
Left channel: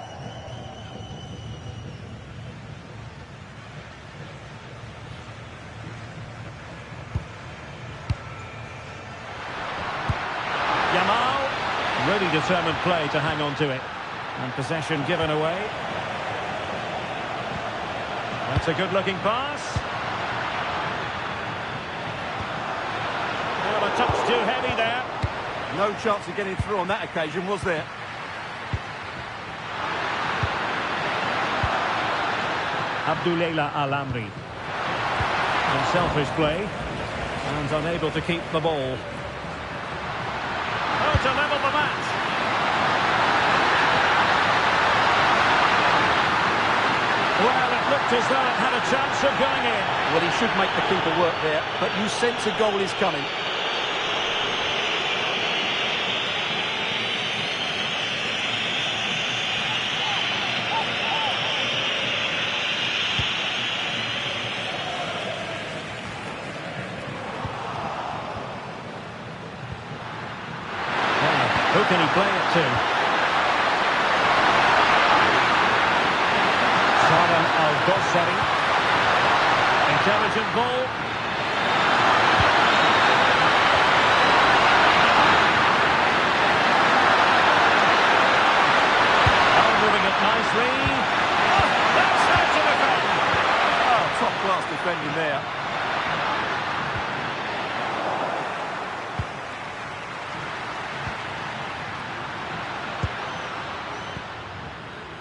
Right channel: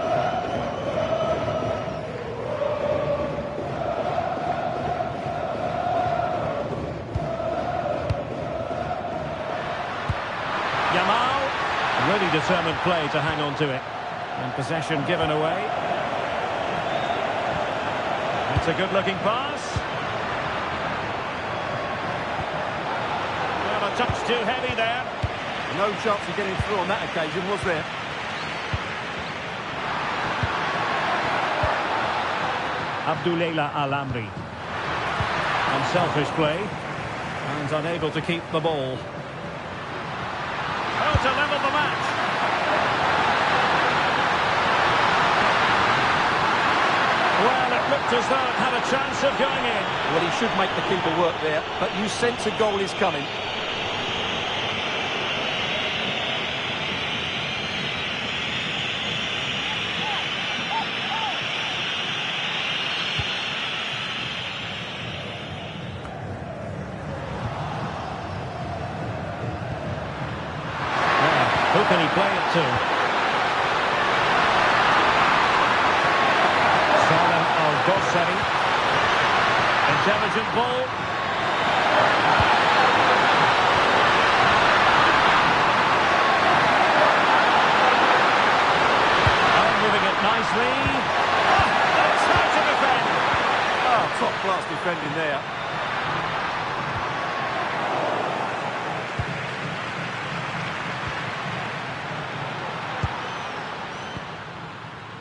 Yamal. Really determined play to hang on to it. And possession given away. That's a good-looking pass. Well, a touch too heavy there. No chance of getting through on that occasion, was there? Abdullela Al-Amri. Unselfish play. And unable to keep the ball. Oh, to level the match. Well, it looked as though it had a chance of going in. Well, he should make the keeper work there, but you sense a goal is coming. Who can he play it to? Salem Al-Dossari. Intelligent ball. Oh, moving it nicely. Oh, that's how to defend. Oh, top-class defending there.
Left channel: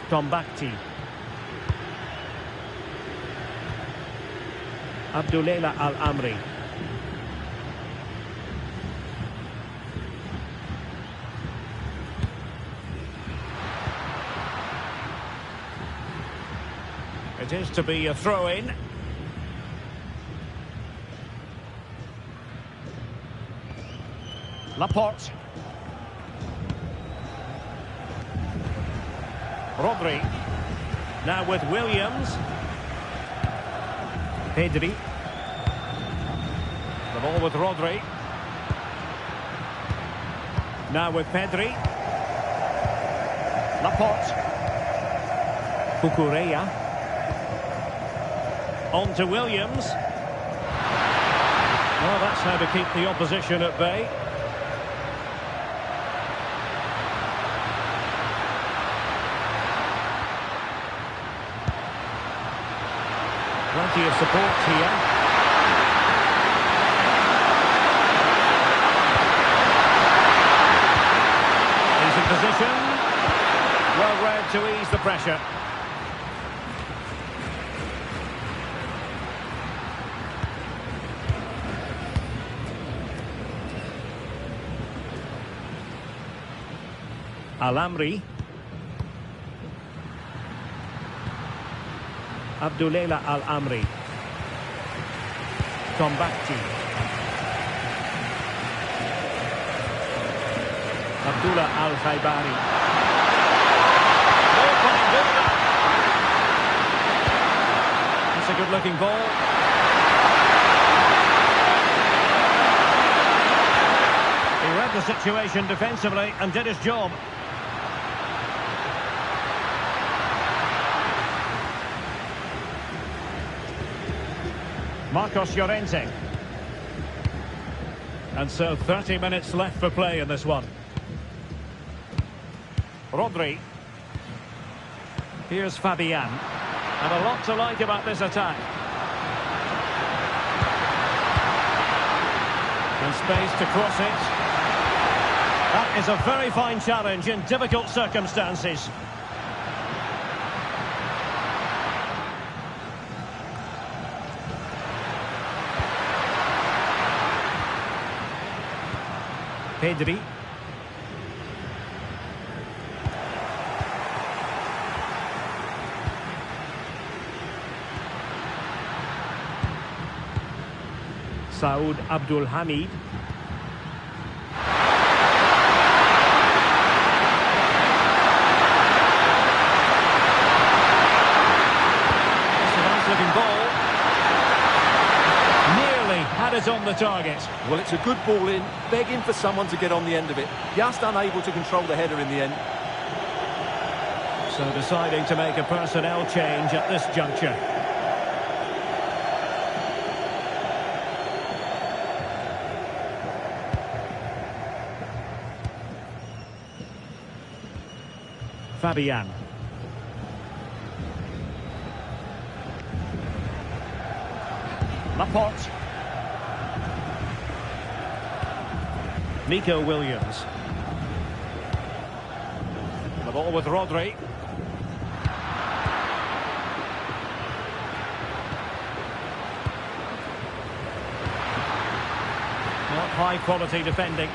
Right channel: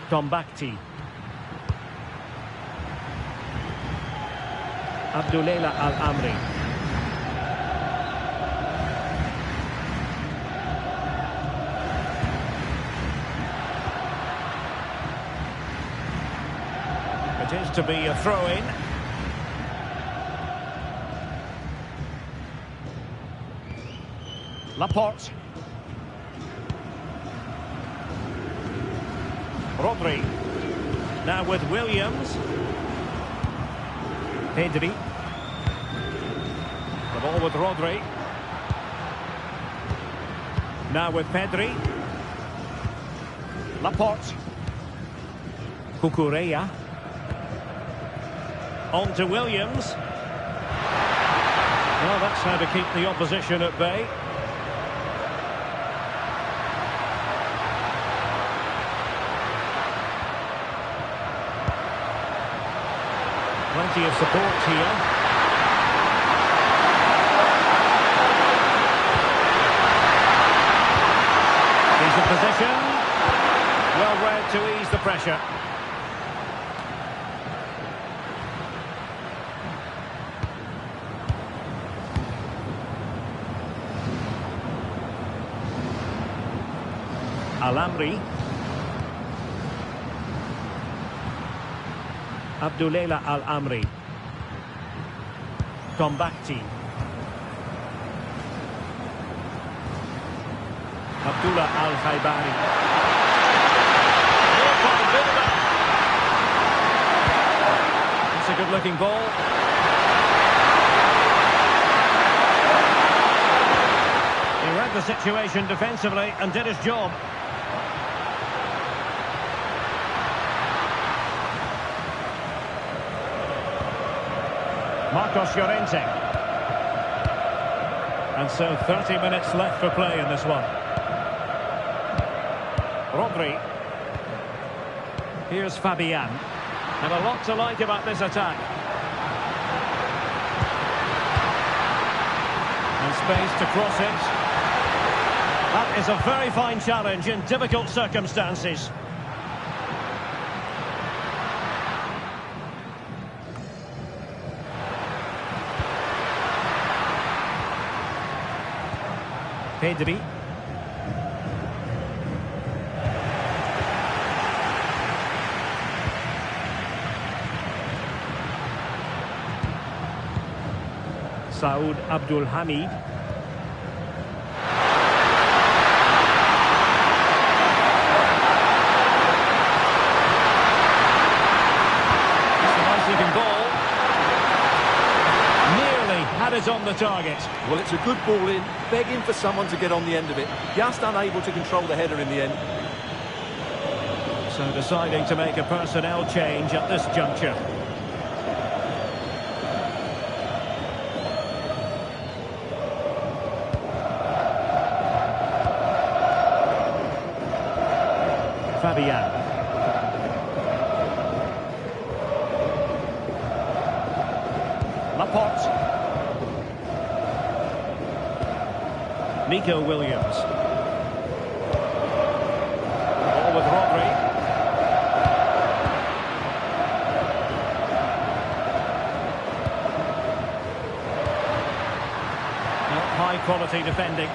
Tombakti. Abdullela Al-Amri. It is to be a throw-in. Laporte. Rodri. Now with Williams. Pedri. The ball with Rodri. Now with Pedri. Laporte. Cucurella. On to Williams. Well, that's how to keep the opposition at bay. Plenty of support here. Decent position. Well read to ease the pressure. Al-Amri. Abdullah Al-Amri. Tombakti. Abdullah Al-Khaibari. No fine build-up. It's a good-looking ball. He read the situation defensively and did his job. Marcos Llorente. And so 30 minutes left for play in this one. Rodri. Here's Fabian. And a lot to like about this attack. And space to cross it. That is a very fine challenge in difficult circumstances. Pedri. Saud Abdul Hamid. It's a nice looking ball. Nearly had it on the target. Well, it's a good ball in, begging for someone to get on the end of it. Just unable to control the header in the end. So deciding to make a personnel change at this juncture. Fabian. Laporte. Nico Williams. The ball with Rodri. Well, high quality defending.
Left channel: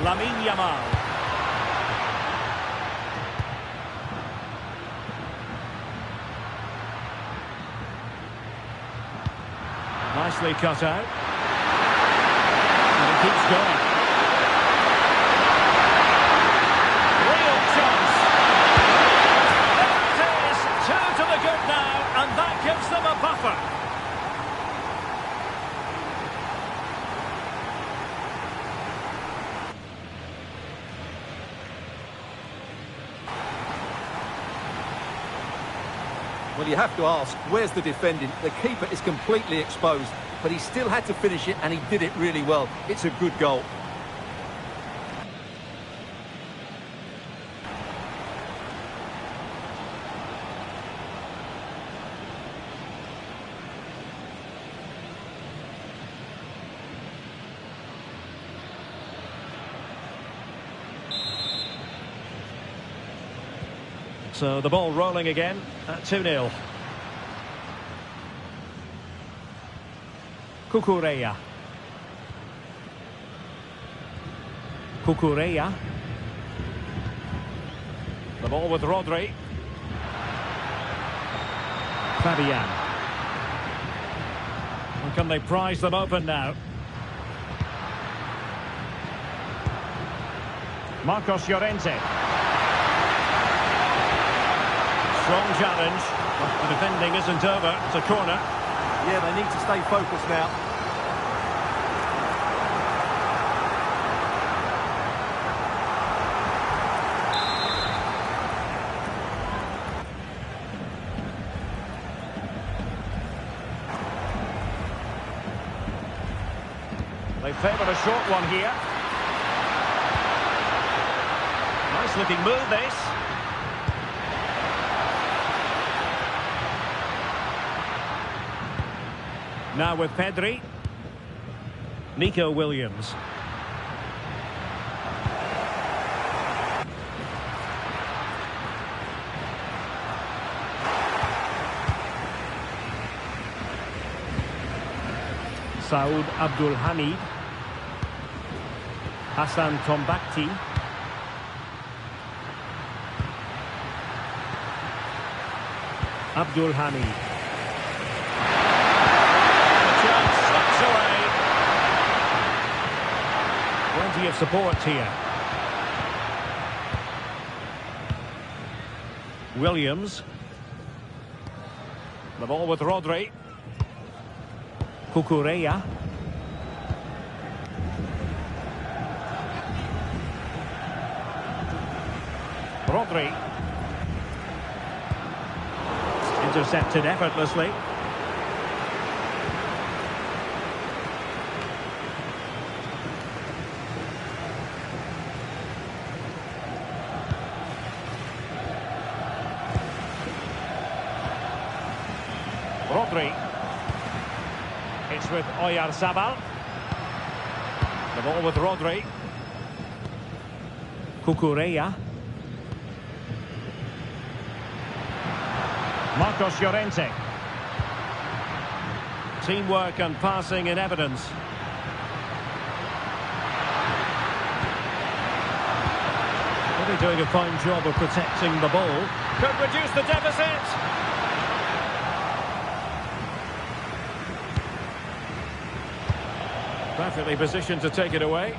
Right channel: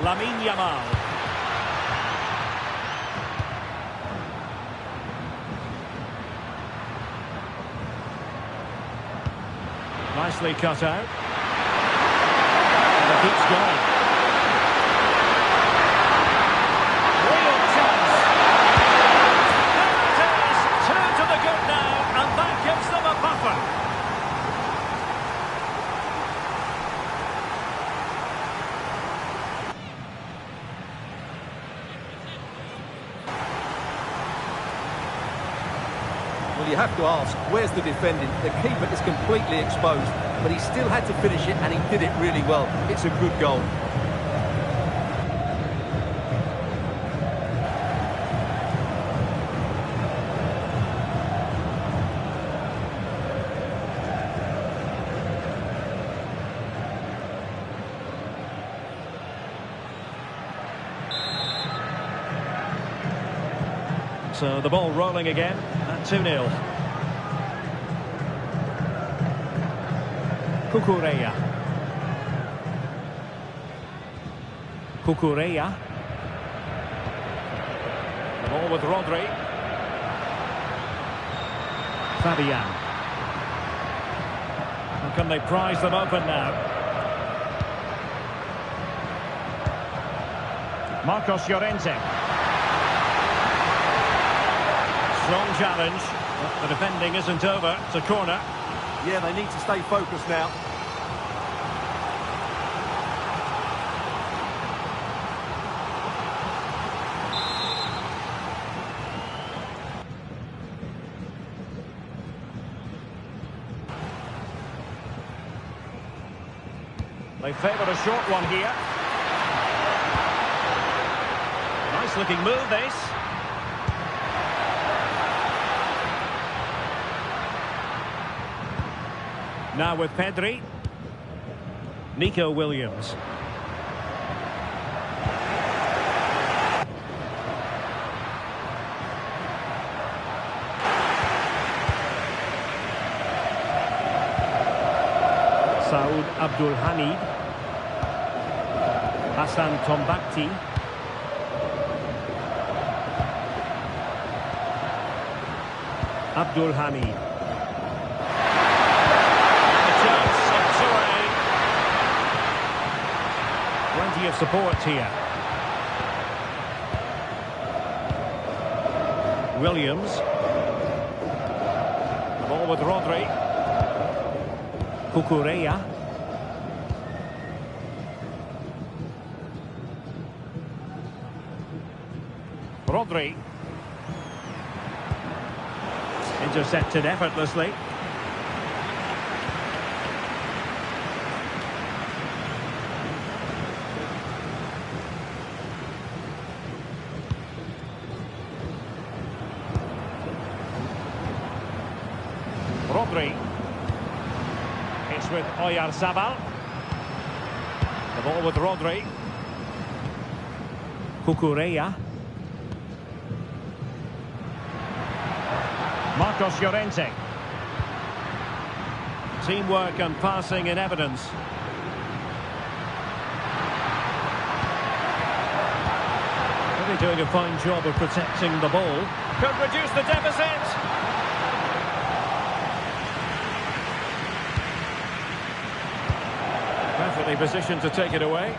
Lamine Yamal. Nicely cut out. And it keeps going. Real chance. There it is. 2 to the good now, and that gives them a buffer. Well, you have to ask, where's the defending? The keeper is completely exposed, but he still had to finish it, and he did it really well. It's a good goal. So the ball rolling again at 2-0. Cucurella. Cucurella. The ball with Rodri. Fabian. And can they prize them open now? Marcos Llorente. Strong challenge, but the defending isn't over. It's a corner. Yeah, they need to stay focused now. They favour a short one here. Nice looking move, this. Now with Pedri. Nico Williams. Saud Abdul Hamid. Hassan Tombakti. Abdul Hamid. A chance, slips away. Plenty of support here. Williams. The ball with Rodri. Cucurella. Rodri. Intercepted effortlessly. Rodri. It's with Oyarzabal. The ball with Rodri. Cucurella. Marcos Llorente. Teamwork and passing in evidence. Really doing a fine job of protecting the ball. Could reduce the deficit. Perfectly positioned to take it away.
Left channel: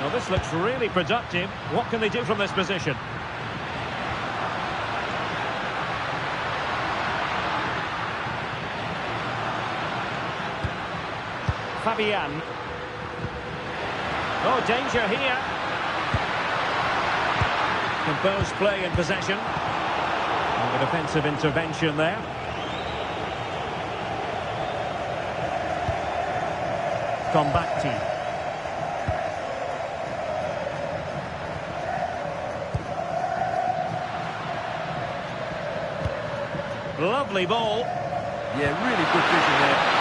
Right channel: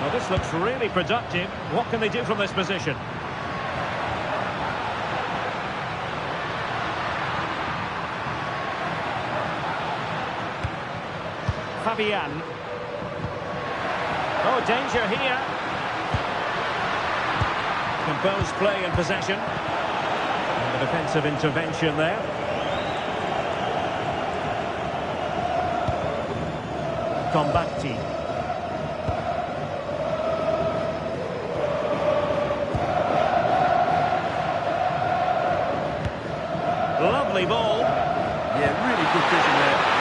Now this looks really productive. What can they do from this position? Fabian. Oh, danger here. Composed play and possession. And the defensive intervention there. Tombakti. Lovely ball. Yeah, really good vision there.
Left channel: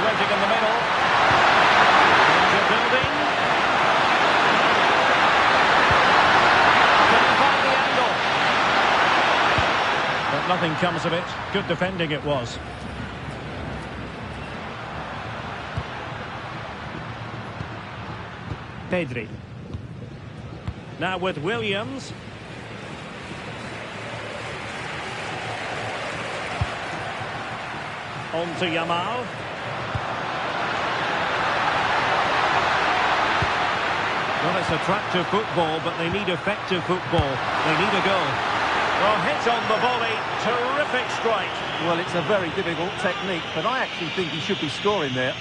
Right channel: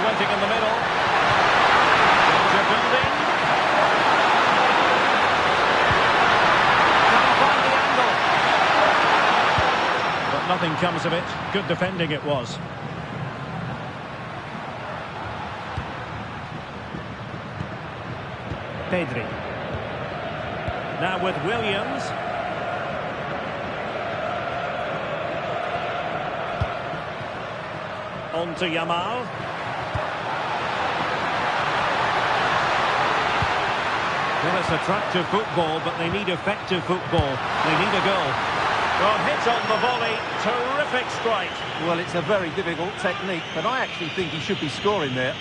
Waiting in the middle. Danger building. Can he find the angle? But nothing comes of it. Good defending it was. Pedri. Now with Williams. On to Yamal. Well, it's attractive football, but they need effective football. They need a goal. Well, hit on the volley. Terrific strike. Well, it's a very difficult technique, but I actually think he should be scoring there.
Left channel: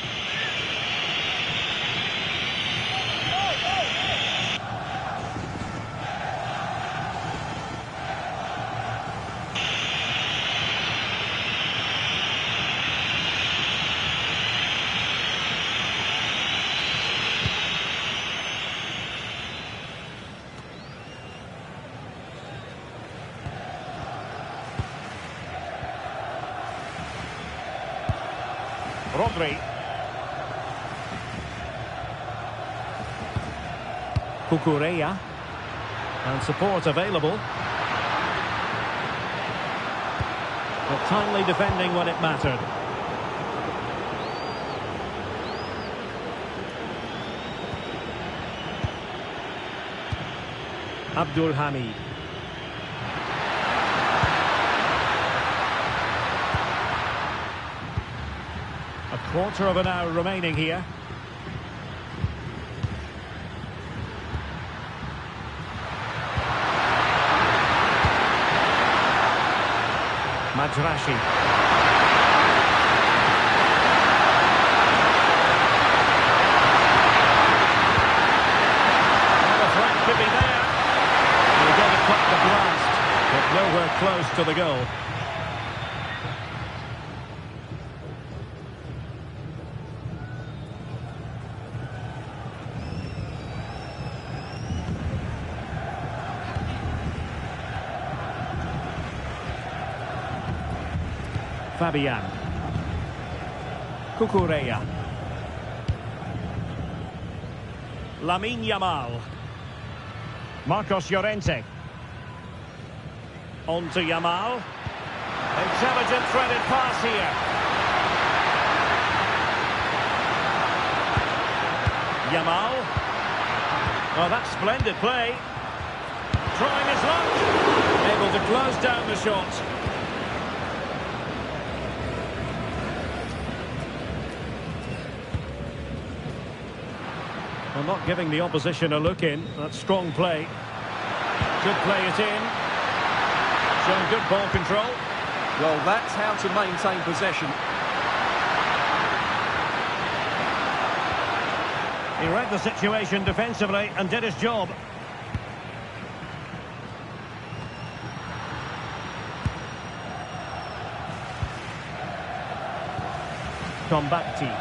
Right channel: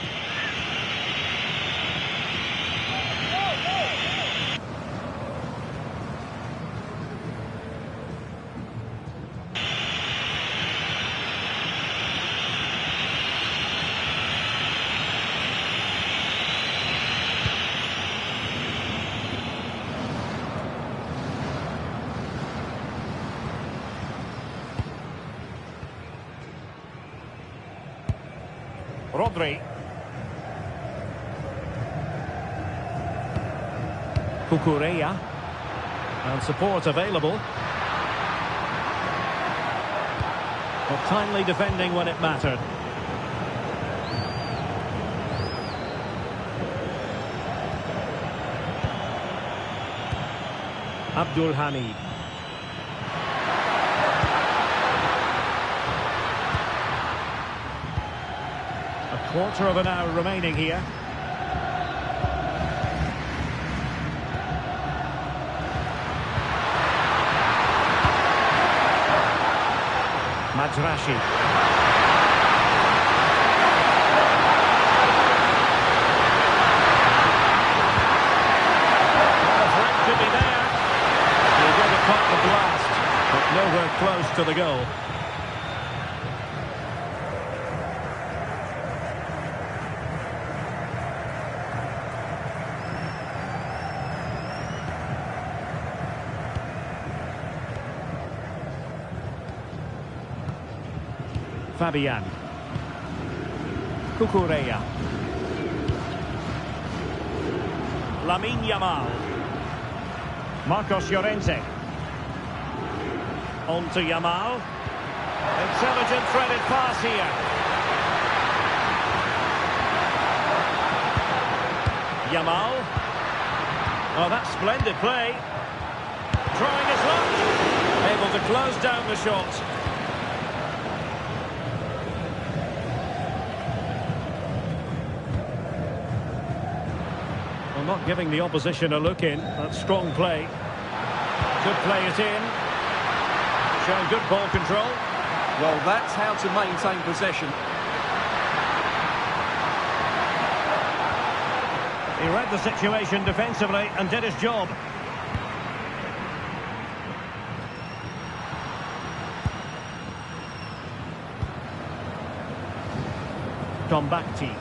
Rodri. Cucurella. And support available. But timely defending when it mattered. Abdul Hamid. A quarter of an hour remaining here. Madrashi. Well, the threat could be there. He'll go to cut the blast, but nowhere close to the goal. Fabian. Cucurella. Lamine Yamal. Marcos Llorente. On to Yamal. Intelligent threaded pass here. Yamal. Oh, that's splendid play. Trying his luck. Able to close down the shot. Well, not giving the opposition a look in. That's strong play. Could play it in. Showing good ball control. Well, that's how to maintain possession. He read the situation defensively and did his job. Tombakti.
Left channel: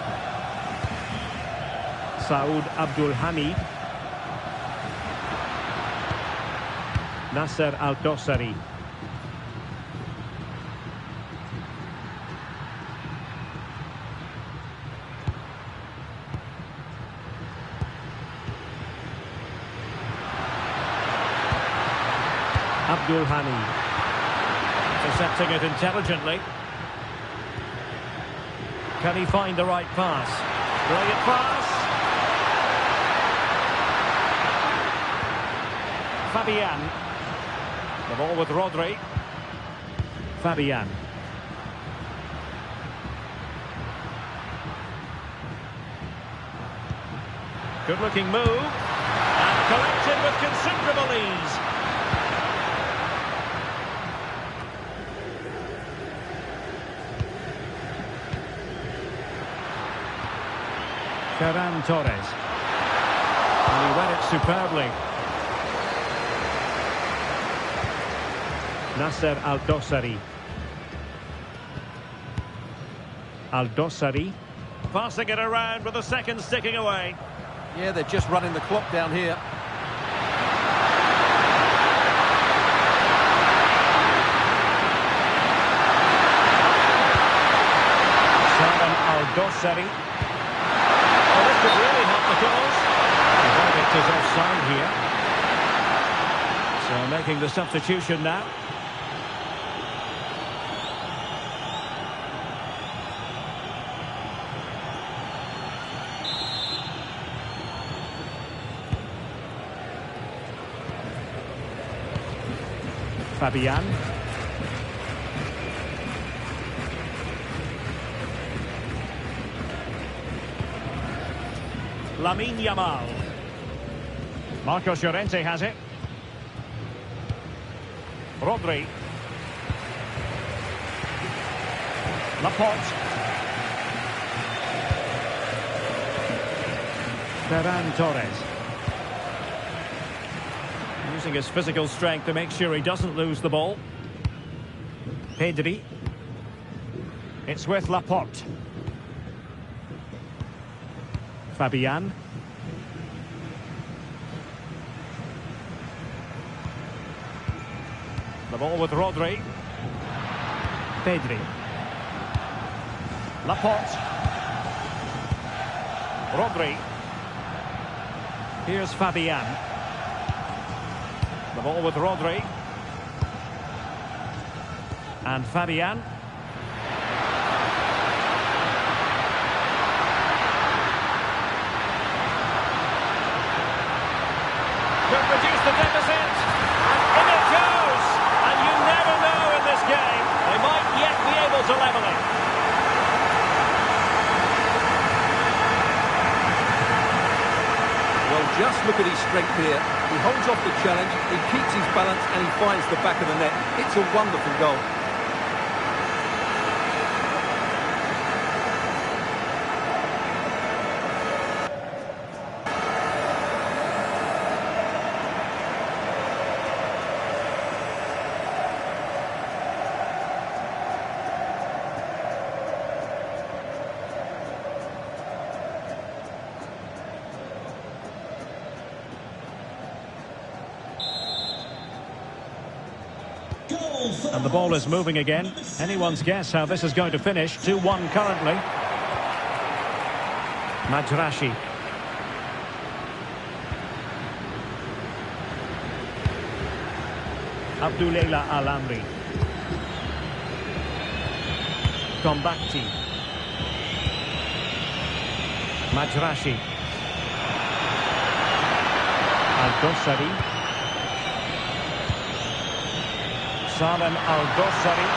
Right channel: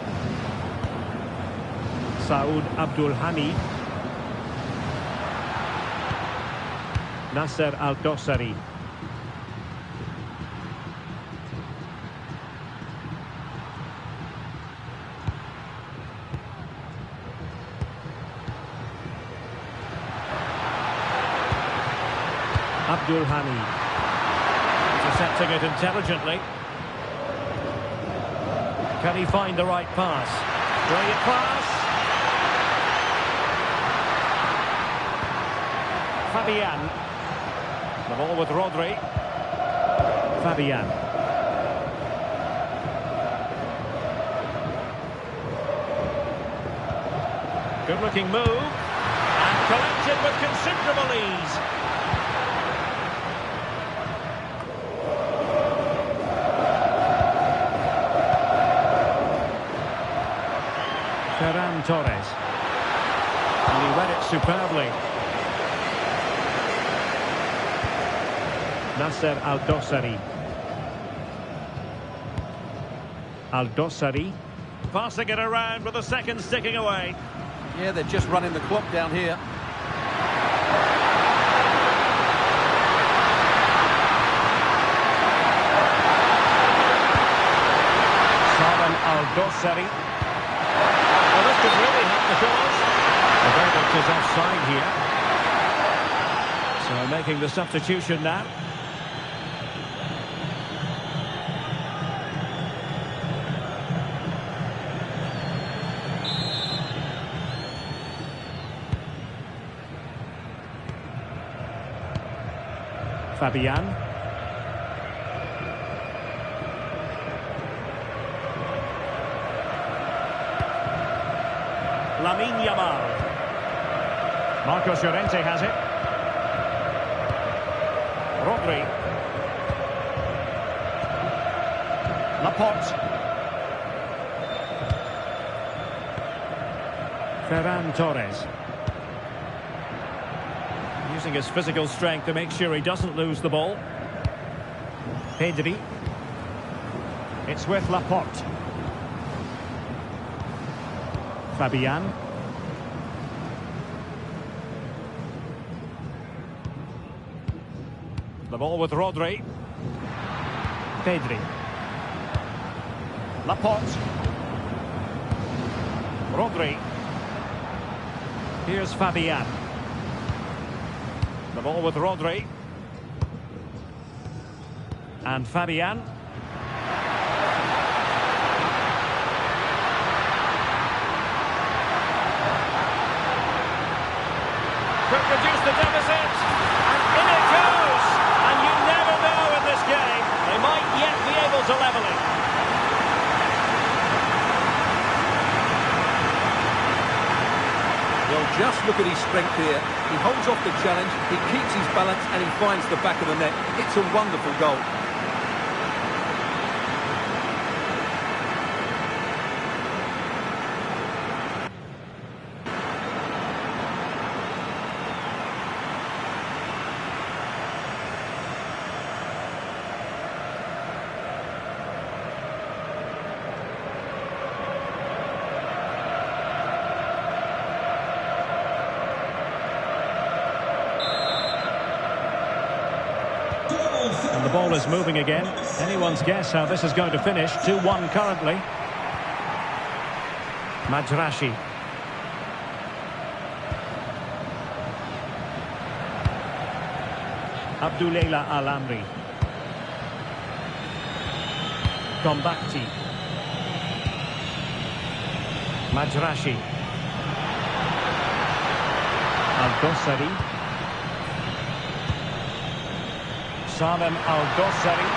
Saud Abdul Hamid. Nasser Al-Dossari. Abdul Hamid. Intercepting it intelligently. Can he find the right pass? Brilliant pass. Fabian. The ball with Rodri. Fabian. Good looking move. And collected with considerable ease. Ferran Torres. And he read it superbly. Nasser Al-Dossari. Al-Dossari. Passing it around with the seconds ticking away. Yeah, they're just running the clock down here. Salem Al-Dossari. Well, this could really help the cause. The verdict is offside here. So making the substitution now. Fabian. Lamine Yamal. Marcos Llorente has it. Rodri. Laporte. Ferran Torres. Using his physical strength to make sure he doesn't lose the ball. Pedri. It's with Laporte. Fabian. The ball with Rodri. Pedri. Laporte. Rodri. Here's Fabian. The ball with Rodri. And Fabian. Could reduce the deficit. And in it goes. And you never know in this game. They might yet be able to level it. Well, just look at his strength here. He holds off the challenge, he keeps his balance, and he finds the back of the net. It's a wonderful goal. And the ball is moving again. Anyone's guess how this is going to finish. 2-1 currently. Madrashi. Abdullah Al-Amri. Gombakti. Majrashi. Al-Dossari. Salem Al-Dossari.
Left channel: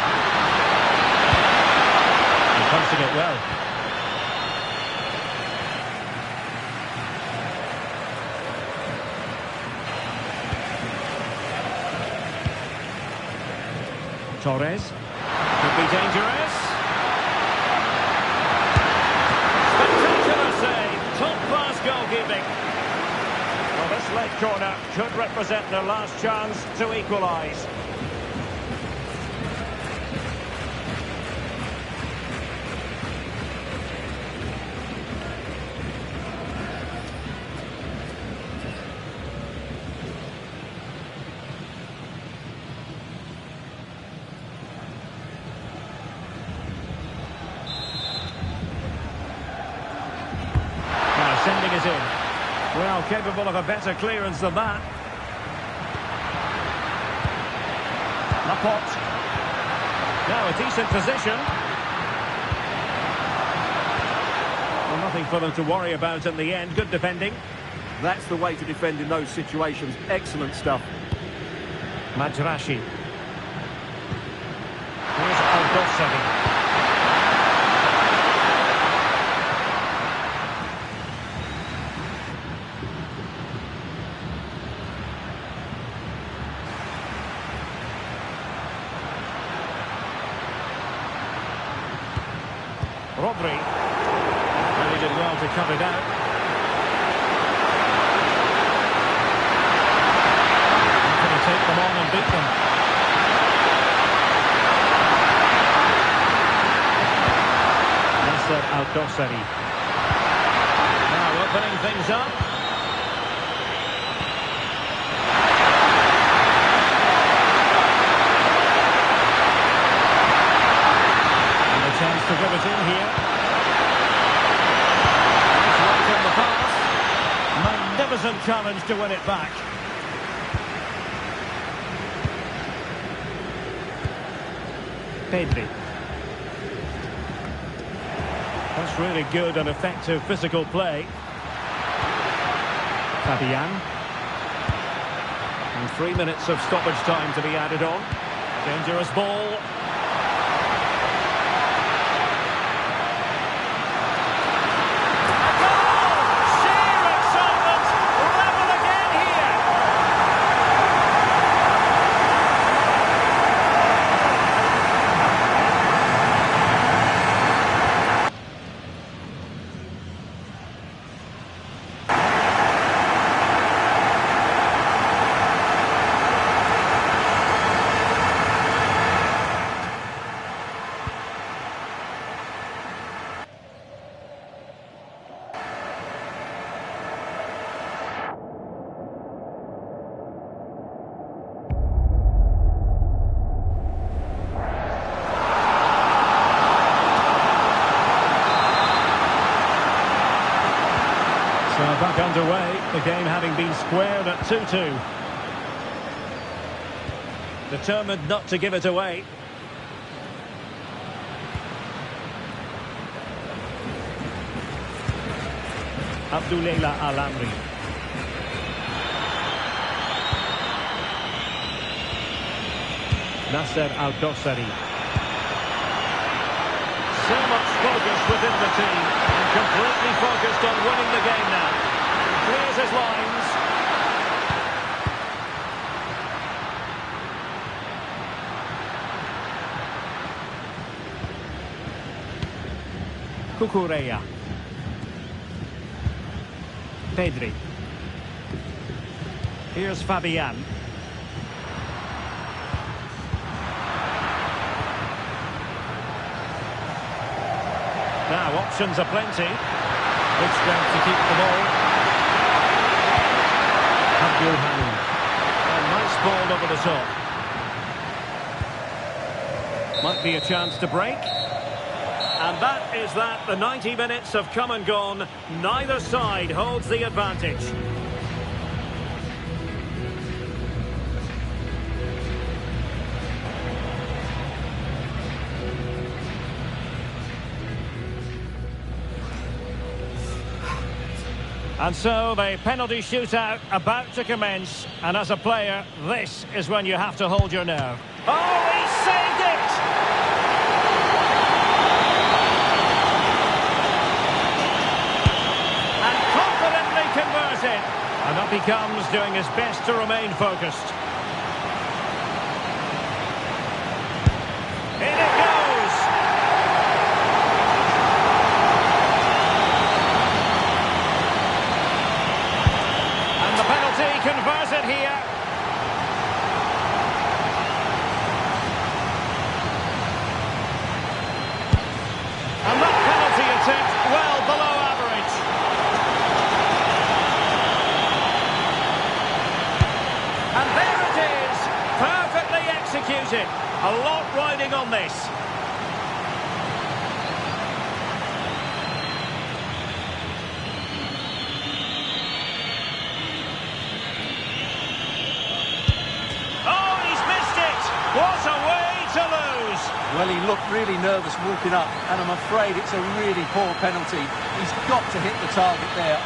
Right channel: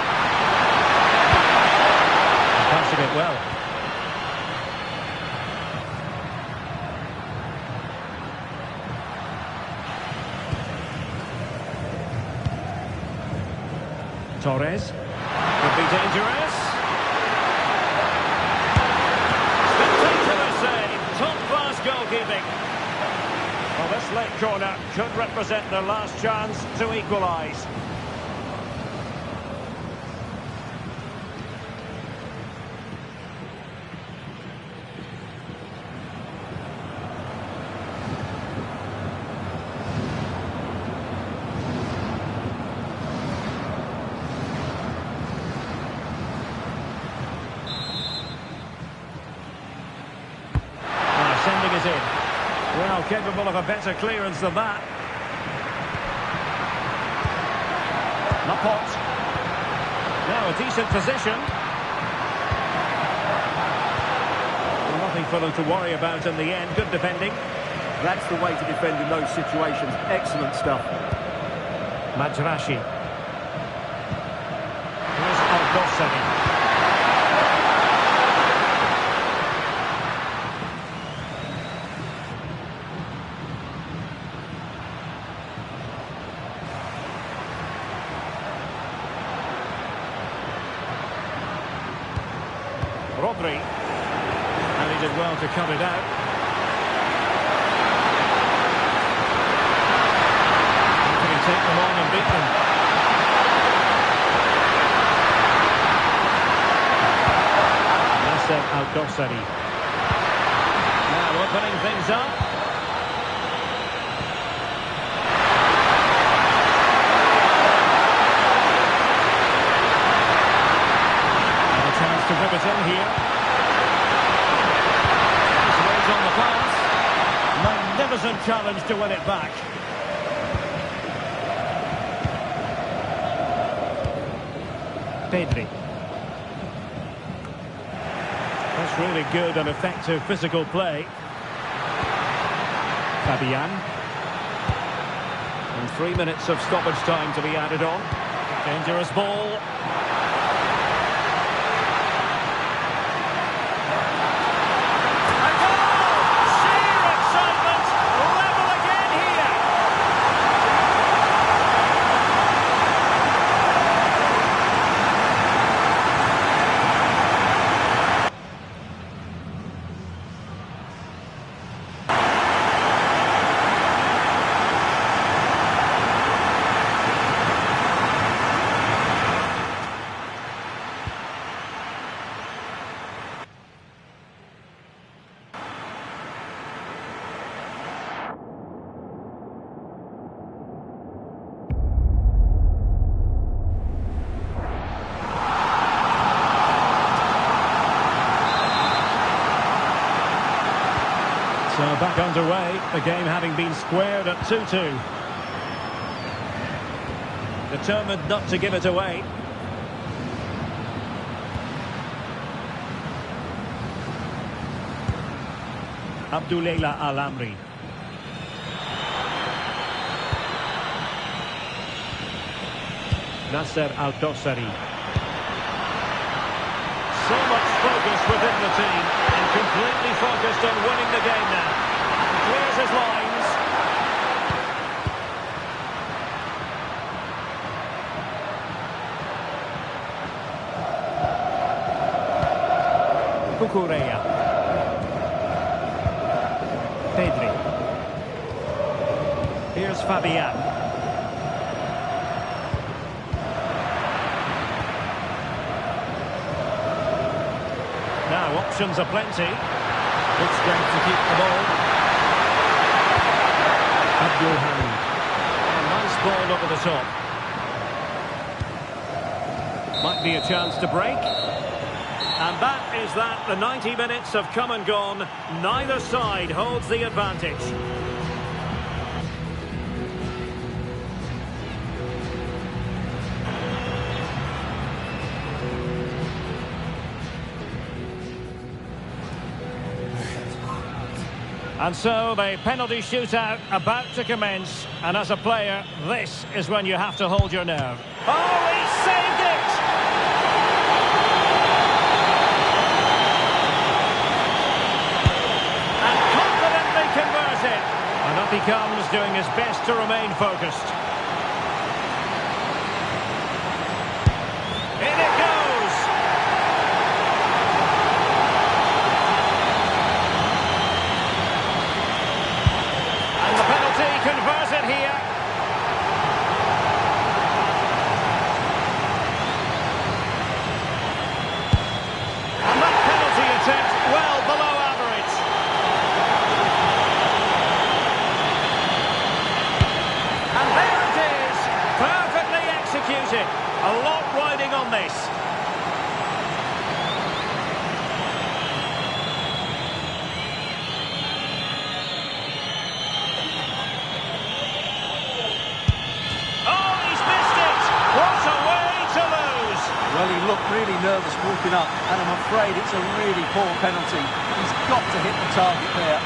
And passing it well. Torres. Could be dangerous. Spectacular save. Top-class goalkeeping. Well, this late corner could represent their last chance to equalise. Sending it in. Well, capable of a better clearance than that. Laporte. Now a decent position. Well, nothing for them to worry about in the end. Good defending. That's the way to defend in those situations. Excellent stuff. Majrashi. Here's Al-Dossari. Rodri, and he did well to cut it out. How can he take them on and beat them? Nasser Al-Dossari. Now opening things up. Chance to whip it in here. Nice weight on the pass. Magnificent challenge to win it back. Pedri. That's really good and effective physical play. Fabian. And 3 minutes of stoppage time to be added on. Dangerous ball. So back underway, the game having been squared at 2-2. Determined not to give it away. Abdullah Al-Amri. Nasser Al-Dossari. So much focus within the team and completely focused on winning the game now. He clears his lines. Cucurella. Pedri. Here's Fabian. Now options are plenty. Good strength to keep the ball. Abdul Hamid. A nice ball over the top. Might be a chance to break. And that is that. The 90 minutes have come and gone. Neither side holds the advantage. And so the penalty shootout about to commence. And as a player, this is when you have to hold your nerve. Oh, he saved it! And confidently converted. And up he comes, doing his best to remain focused. In it goes! And the penalty converted here. And that penalty attempt well below average. And there it is, perfectly executed. A lot riding on this. Oh, he's missed it. What a way to lose. Well, he looked really nervous walking up, and I'm afraid it's a really poor penalty. He's got to hit the target there.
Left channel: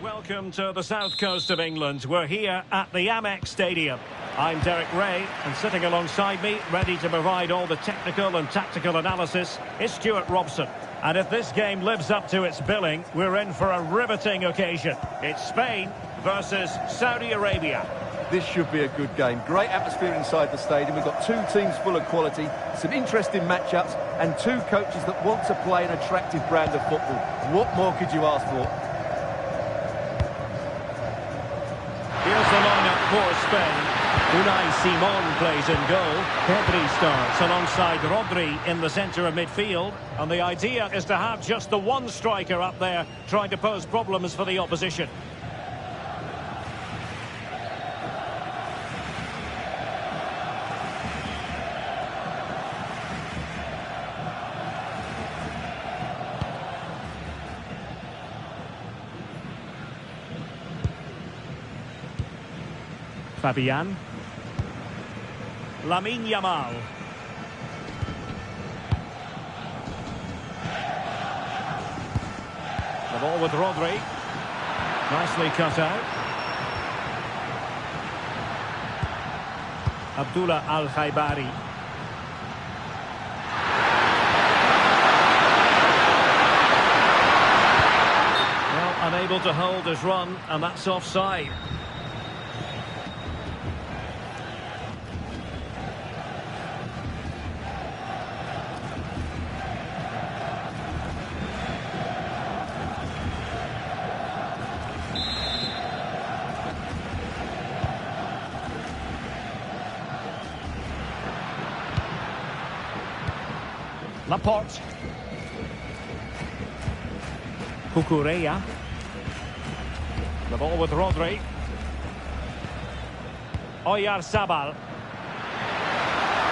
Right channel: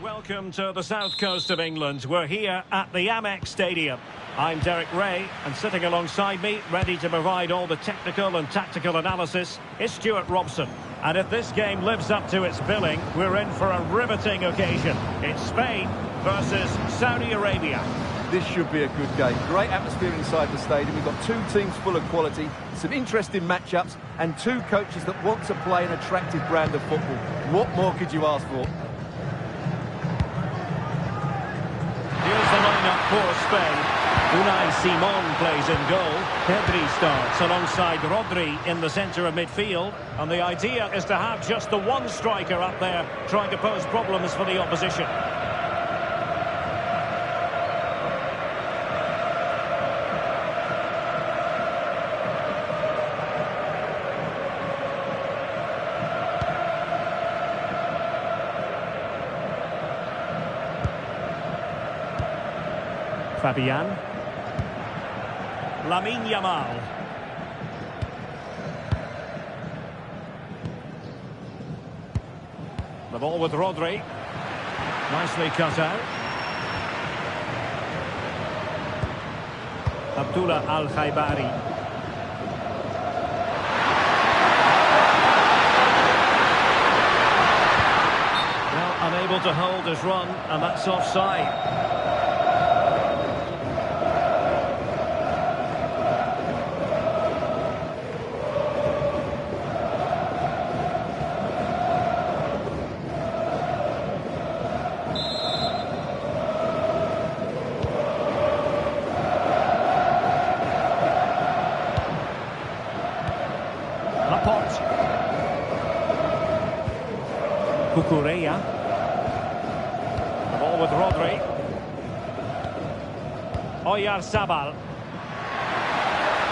Welcome to the south coast of England. We're here at the Amex Stadium. I'm Derek Ray, and sitting alongside me, ready to provide all the technical and tactical analysis, is Stuart Robson. And if this game lives up to its billing, we're in for a riveting occasion. It's Spain versus Saudi Arabia. This should be a good game. Great atmosphere inside the stadium. We've got two teams full of quality, some interesting matchups, and two coaches that want to play an attractive brand of football. What more could you ask for? Here's the lineup for Spain. Unai Simon plays in goal. Pedri starts alongside Rodri in the centre of midfield. And the idea is to have just the one striker up there trying to pose problems for the opposition. Fabian. Lamine Yamal. The ball with Rodri. Nicely cut out. Abdullah Al-Khaibari. Well, unable to hold his run, and that's offside. Laporte. Cucurella. The ball with Rodri. Oyarzabal.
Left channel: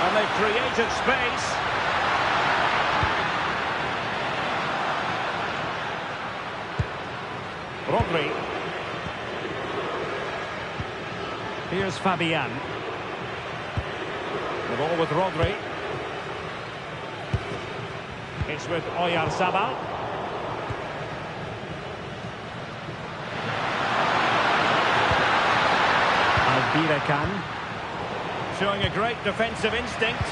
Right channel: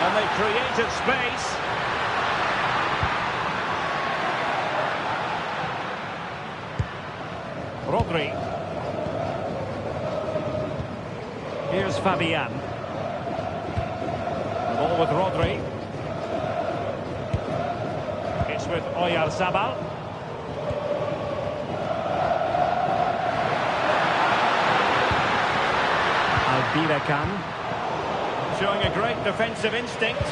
And they've created space. Rodri. Here's Fabian. The ball with Rodri. It's with Oyarzabal. Albirekan. Showing a great defensive instinct.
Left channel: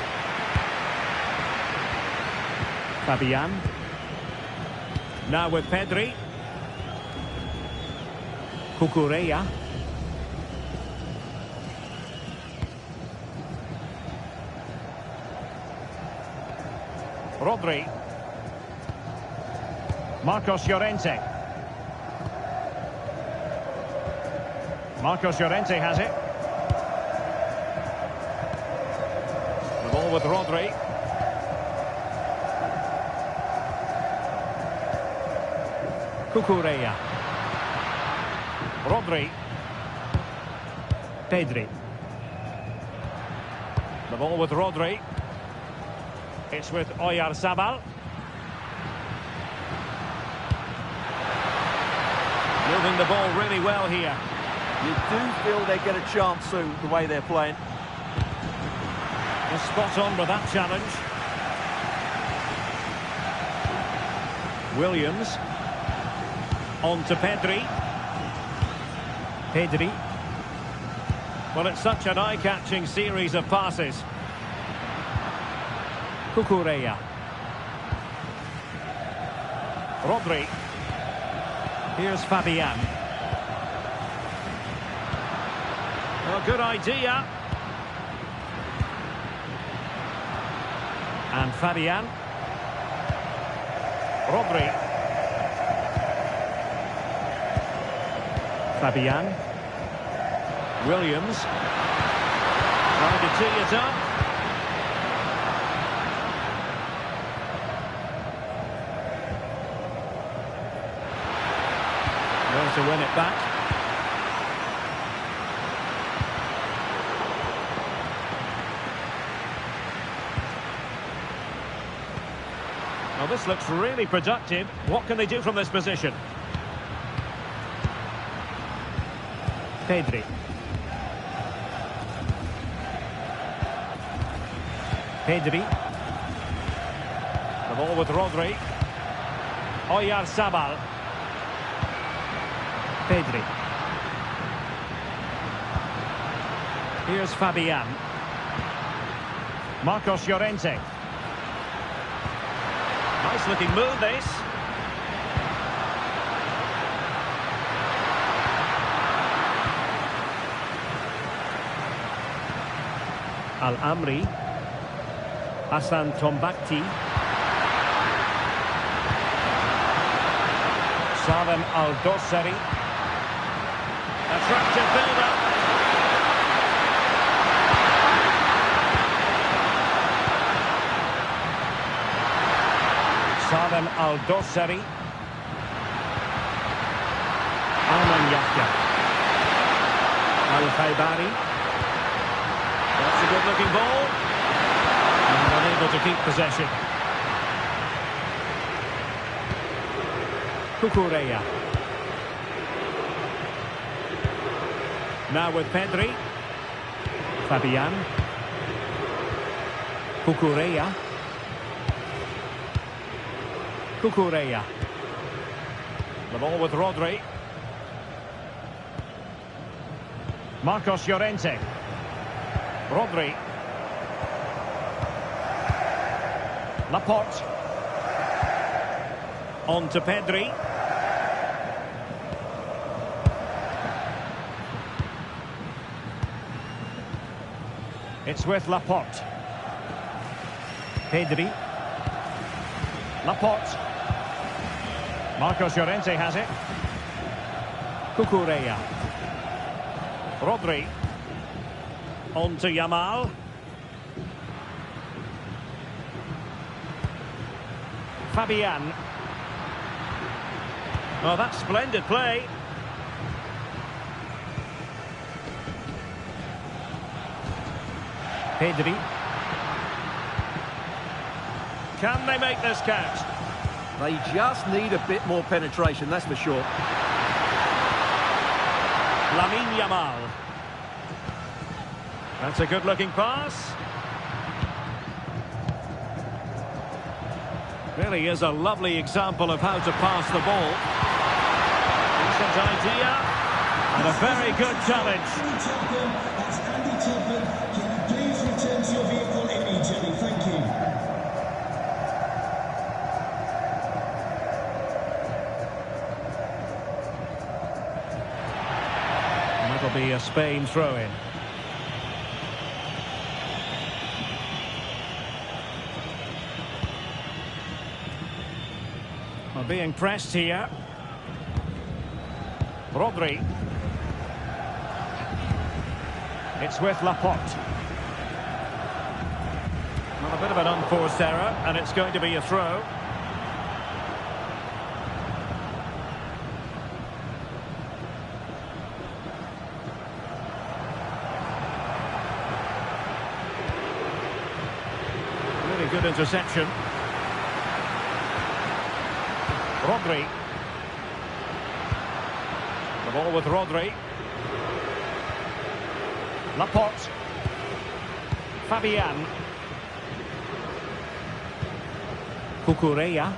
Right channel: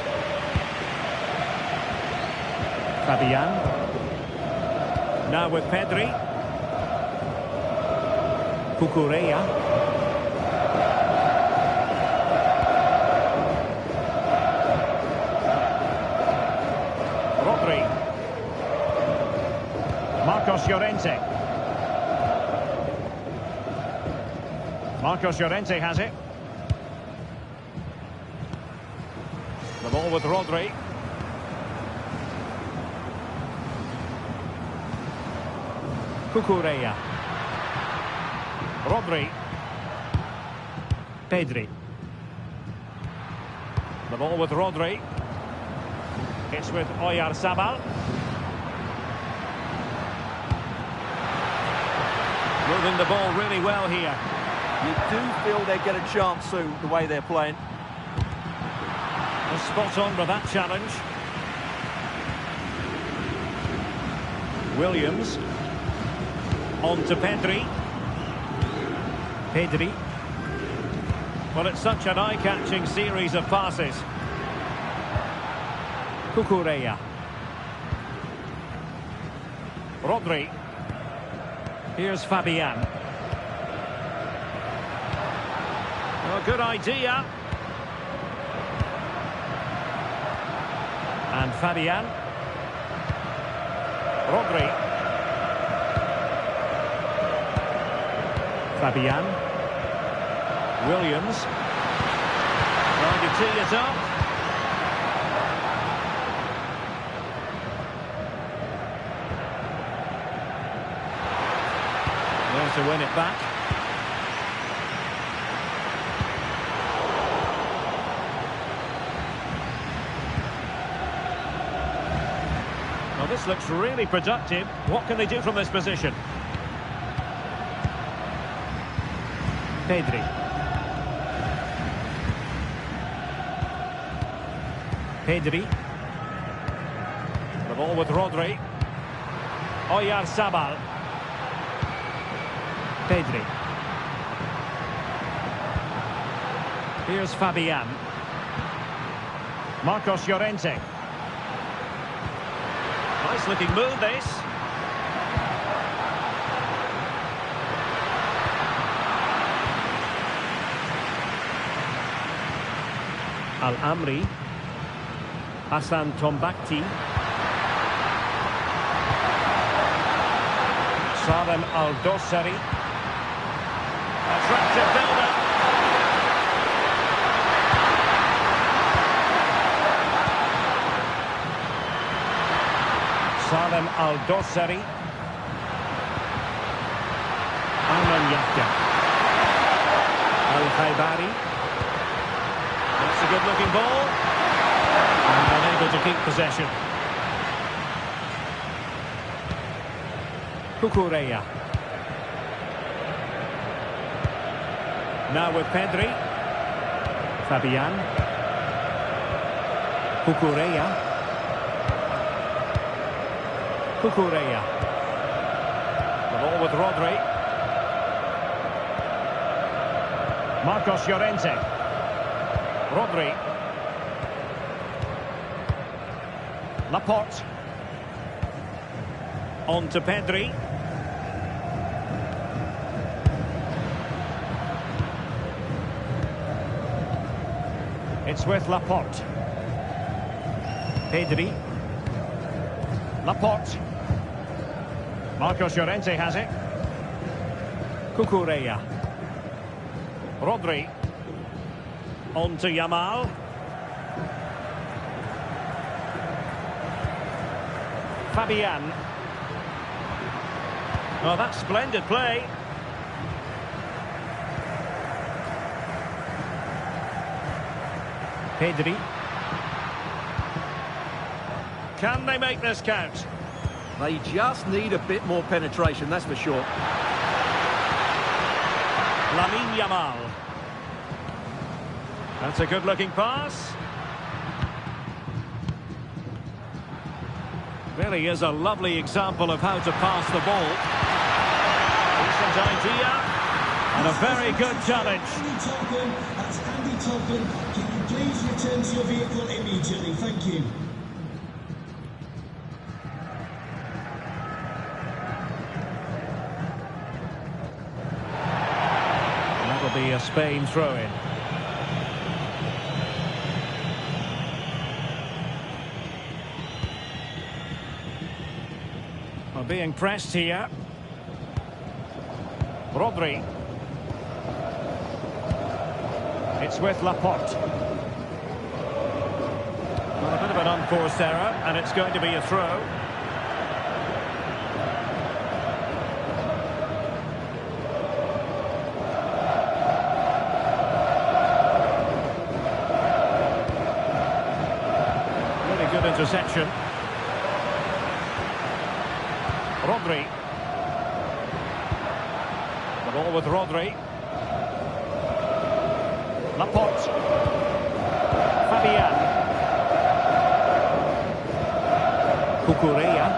Fabian. Now with Pedri. Cucurella. Rodri. Marcos Llorente. Marcos Llorente has it. The ball with Rodri. Cucurella. Rodri. Pedri. The ball with Rodri. It's with Oyarzabal. Moving the ball really well here. You do feel they get a chance soon, the way they're playing. They're spot on with that challenge. Williams. On to Pedri. Pedri. Well, it's such an eye-catching series of passes. Cucurella. Rodri. Here's Fabian. Oh, good idea. And Fabian. Rodri. Fabian. Williams. Trying to tee it up. There to win it back. Well, this looks really productive. What can they do from this position? Pedri. Pedri. The ball with Rodri. Oyarzabal. Pedri. Here's Fabian. Marcos Llorente. Nice looking move, this. Al-Amri. Hassan Tombakti. Salem Al-Dossari. Attractive build-up. Salem Al-Dossari. Ayman Yahya. Al-Khaibari. That's a good-looking ball. And unable to keep possession. Cucurella. Now with Pedri. Fabian. Cucurella. Cucurella. The ball with Rodri. Marcos Llorente. Rodri. Laporte. On to Pedri. It's with Laporte. Pedri. Laporte. Marcos Llorente has it. Cucurella. Rodri. On to Yamal. Fabian. Oh, that's splendid play. Pedri. Can they make this count? They just need a bit more penetration, that's for sure. Lamine Yamal. That's a good-looking pass. Really is a lovely example of how to pass the ball. Decent idea. And a very good challenge. Andy Topham, that's Andy Topham. Can you please return to your vehicle immediately? Thank you. And that'll be a Spain throw-in. Well, being pressed here. Rodri. It's with Laporte. Well, a bit of an unforced error, and it's going to be a throw. Really good interception. Rodri. The ball with Rodri. Laporte. Fabian. Cucurella.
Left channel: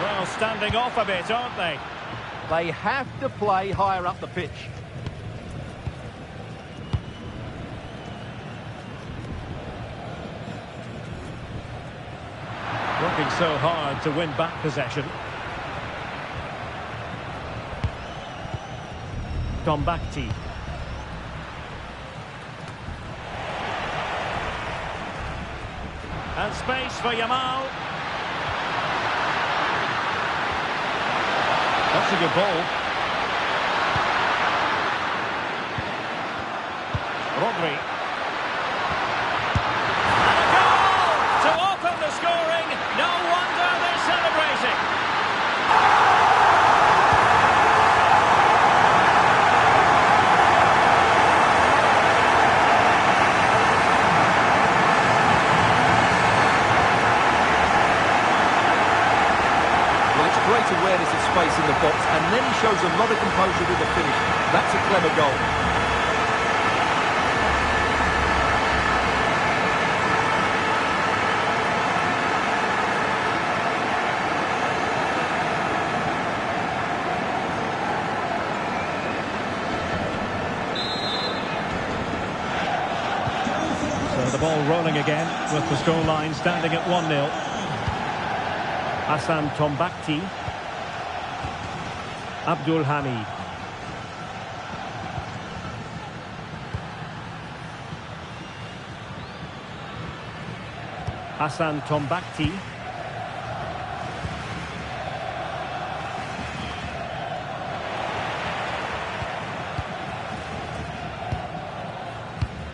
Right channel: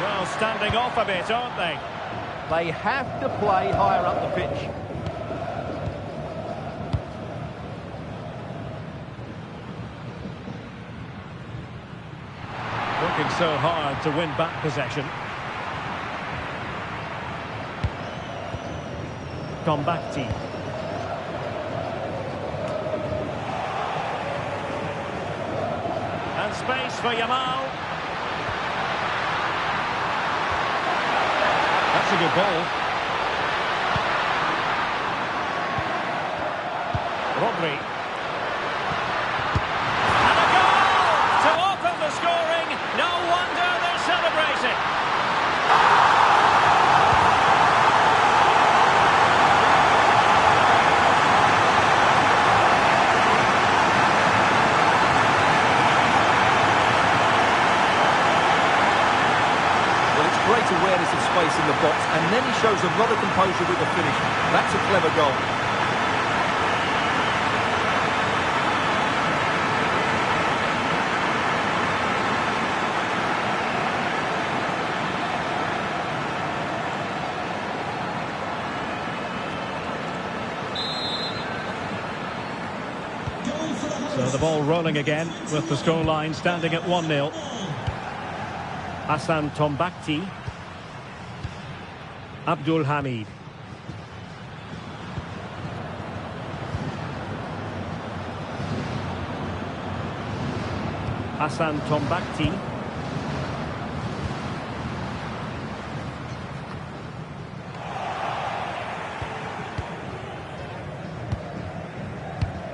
Well, standing off a bit, aren't they? They have to play higher up the pitch. Working so hard to win back possession. Tombakti. And space for Yamal. That's a good ball. Rodri. And a goal to open the scoring. No wonder they're celebrating. Well, it's great awareness of space in the box, and then he shows a lot of composure with the finish. That's a clever goal. So the ball rolling again with the scoreline standing at 1-0. Hassan Tombakti. Abdul Hamid. Hassan Tombakti.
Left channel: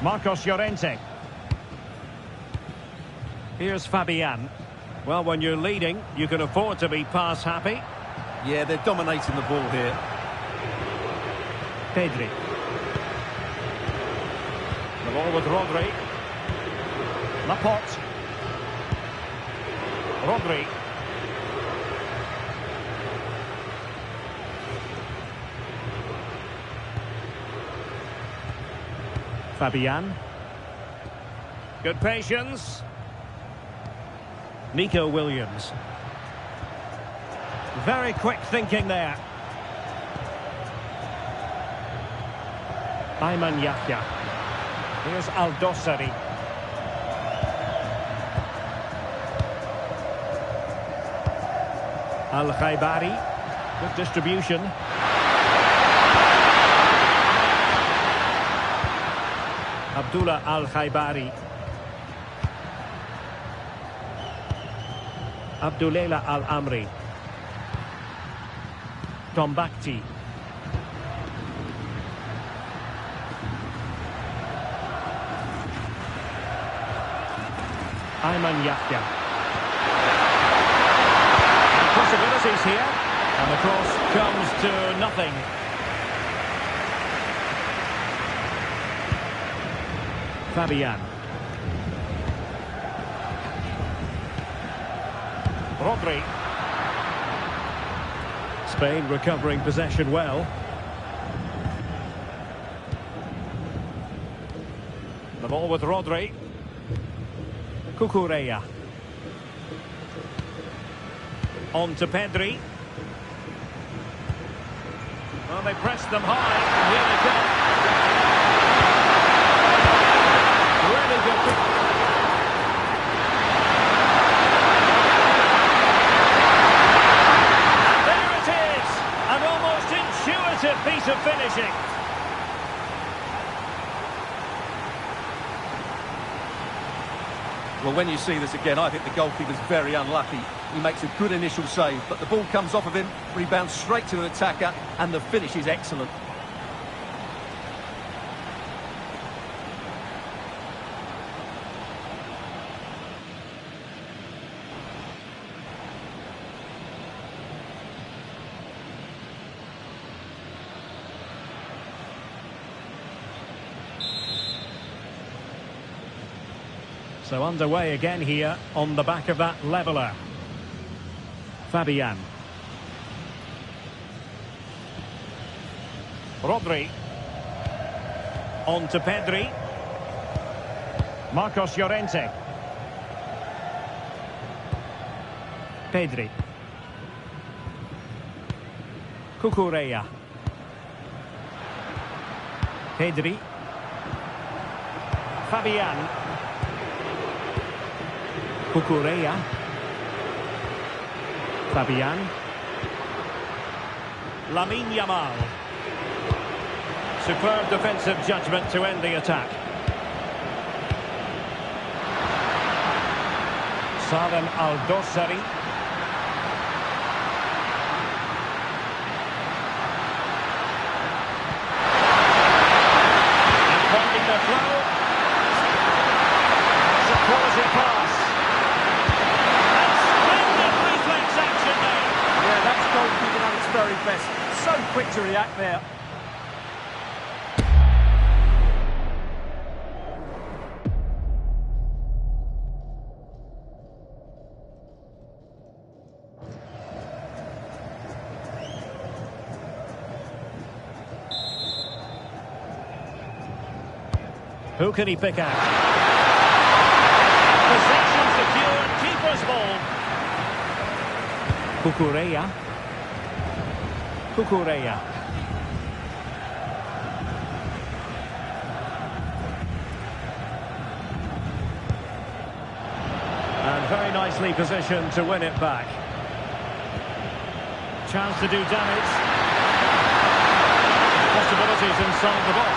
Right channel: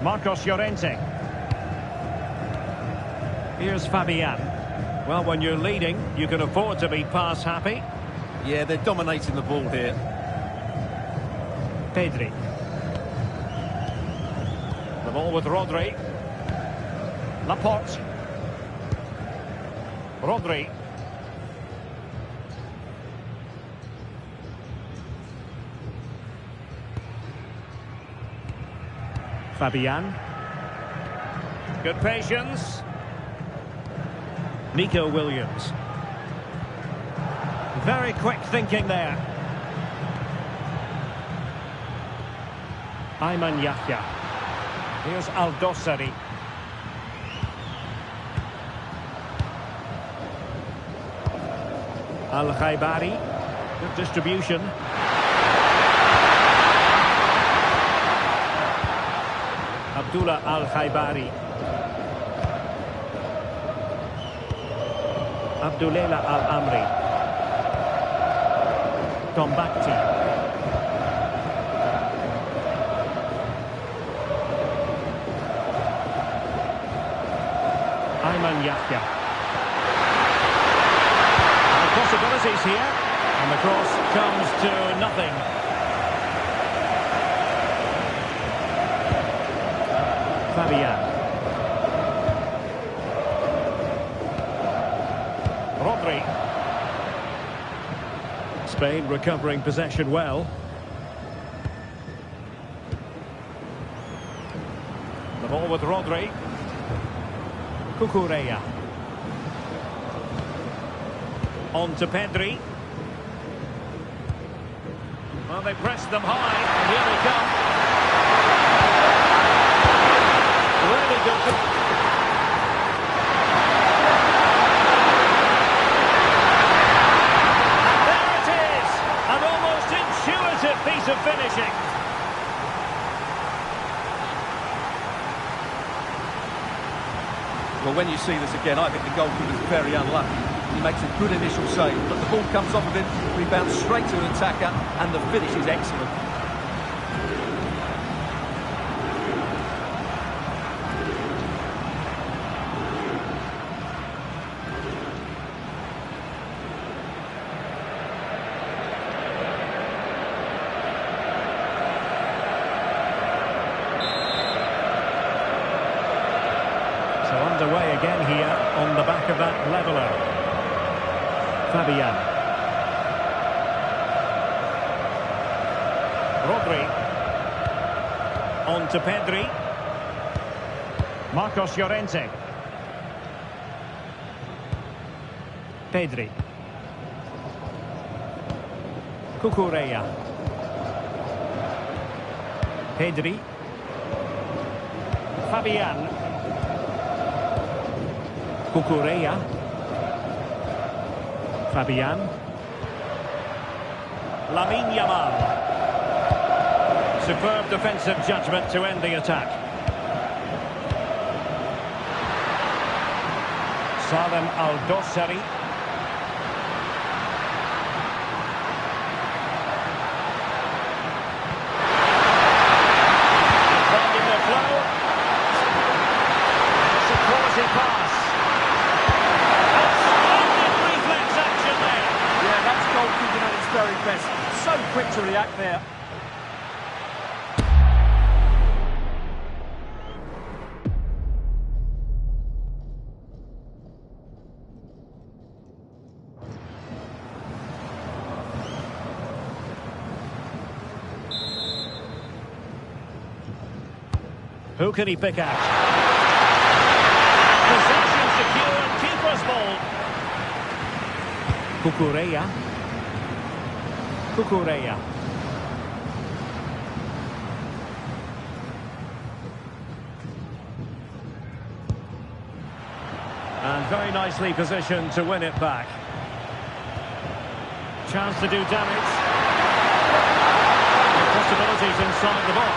Marcos Llorente. Here's Fabian. Well, when you're leading, you can afford to be pass happy. Yeah, they're dominating the ball here. Pedri. The ball with Rodri. Laporte. Rodri. Fabian. Good patience. Nico Williams. Very quick thinking there. Ayman Yahya. Here's Al-Dossari. Al-Khaibari. Good distribution. Abdullah Al-Khaibari. Abdullah Al-Amri. Tombakti. Ayman Yahya. And possibilities here. And the cross comes to nothing. Fabian. Rodri. Spain recovering possession well. The ball with Rodri. Cucurella. On to Pedri. Well, they pressed them high, and here they come. Really good. And there it is! An almost intuitive piece of finishing. Well, when you see this again, I think the goalkeeper's very unlucky. He makes a good initial save, but the ball comes off of him, rebounds straight to an attacker, and the finish is excellent. So underway again here on the back of that leveller. Fabian. Rodri. On to Pedri. Marcos Llorente. Pedri. Cucurella. Pedri. Fabian. Cucurella. Fabian. Lamine Yamal. Superb defensive judgment to end the attack. Salem Al-Dossari. And finding their flow. That's a quality pass. Action there. Yeah, that's goalkeeping at its very best. So quick to react there. Who can he pick out? Possession secured, keeper's ball. Cucurella. Cucurella. And very nicely positioned to win it back. Chance to do damage. Possibilities inside the box.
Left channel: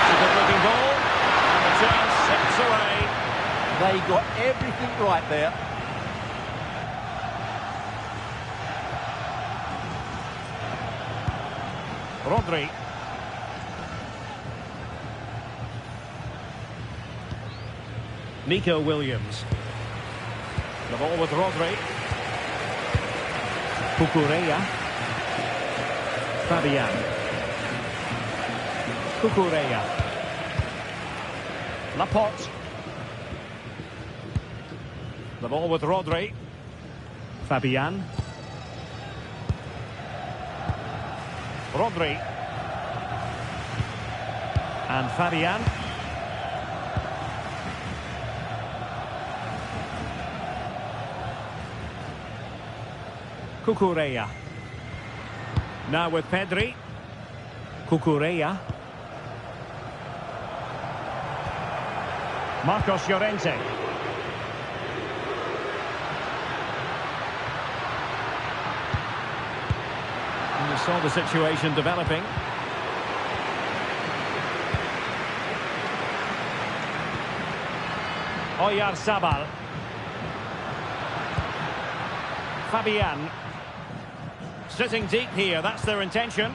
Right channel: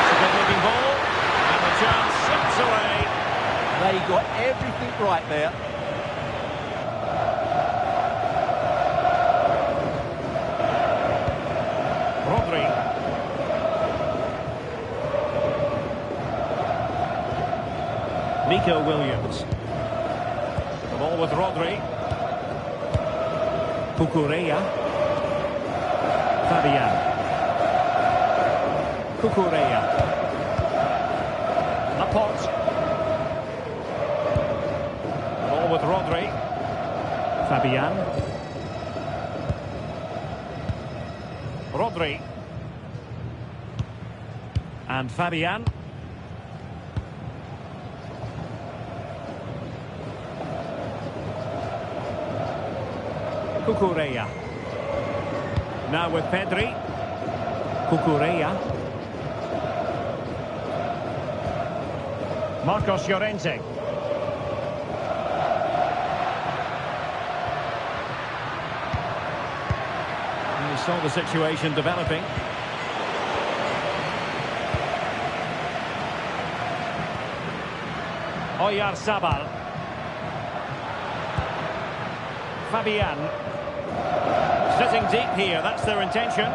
It's a good-looking ball. And the chance slips away. They got everything right there. Rodri. Nico Williams. The ball with Rodri. Cucurella. Fabian. Cucurella. Laporte. The ball with Rodri. Fabian. Rodri. And Fabian. Cucurella. Now with Pedri. Cucurella. Marcos Llorente. And you saw the situation developing. Oyarzabal. Fabian. Sitting deep here, that's their intention.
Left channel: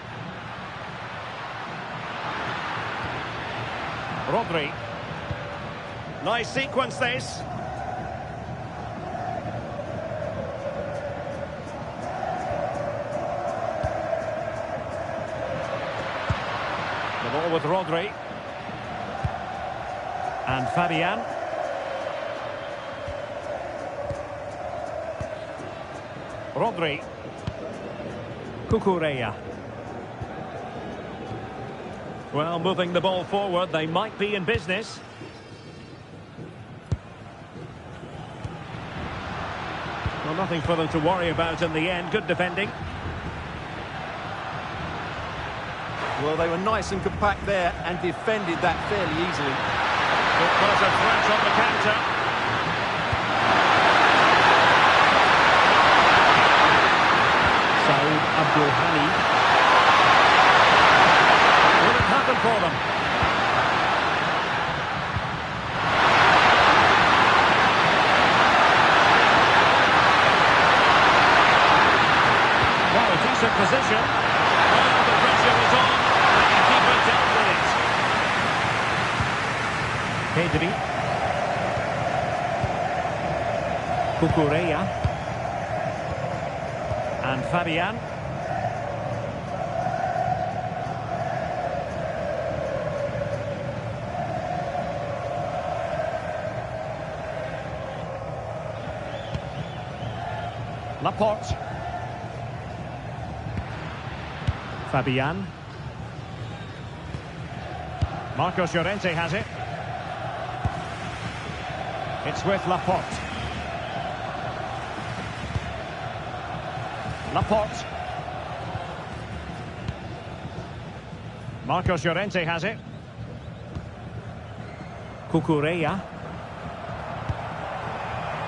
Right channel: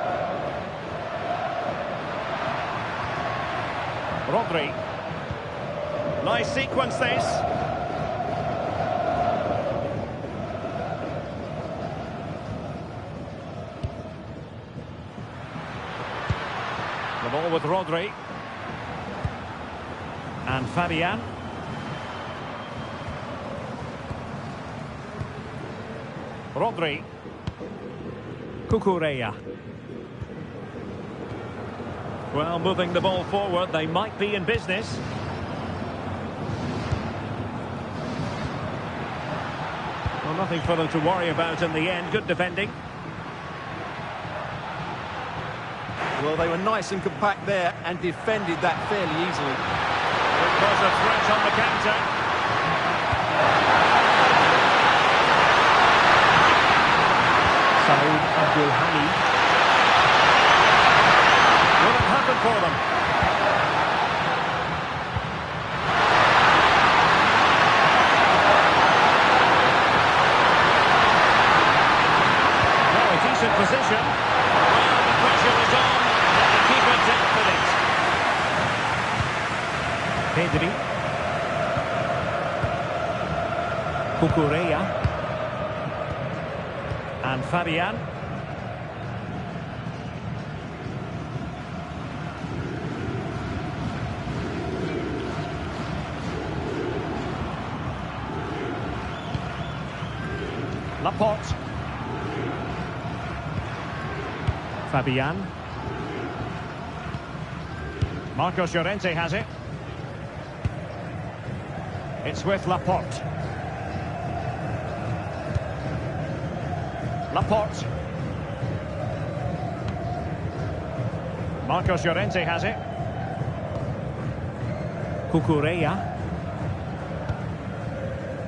Rodri. Nice sequence this. The ball with Rodri. And Fabian. Rodri. Cucurella. Well, moving the ball forward, they might be in business. Well, nothing for them to worry about in the end. Good defending. Well, they were nice and compact there and defended that fairly easily. Could cause a threat on the counter. Saud Abdulhani. Will it happen for them? Now a decent position. Well, the pressure was on, but the keeper dealt with it. Pedri. Cucurella. And Fabian. Laporte. Fabian. Marcos Llorente has it. It's with Laporte. Laporte. Marcos Llorente has it. Cucurella.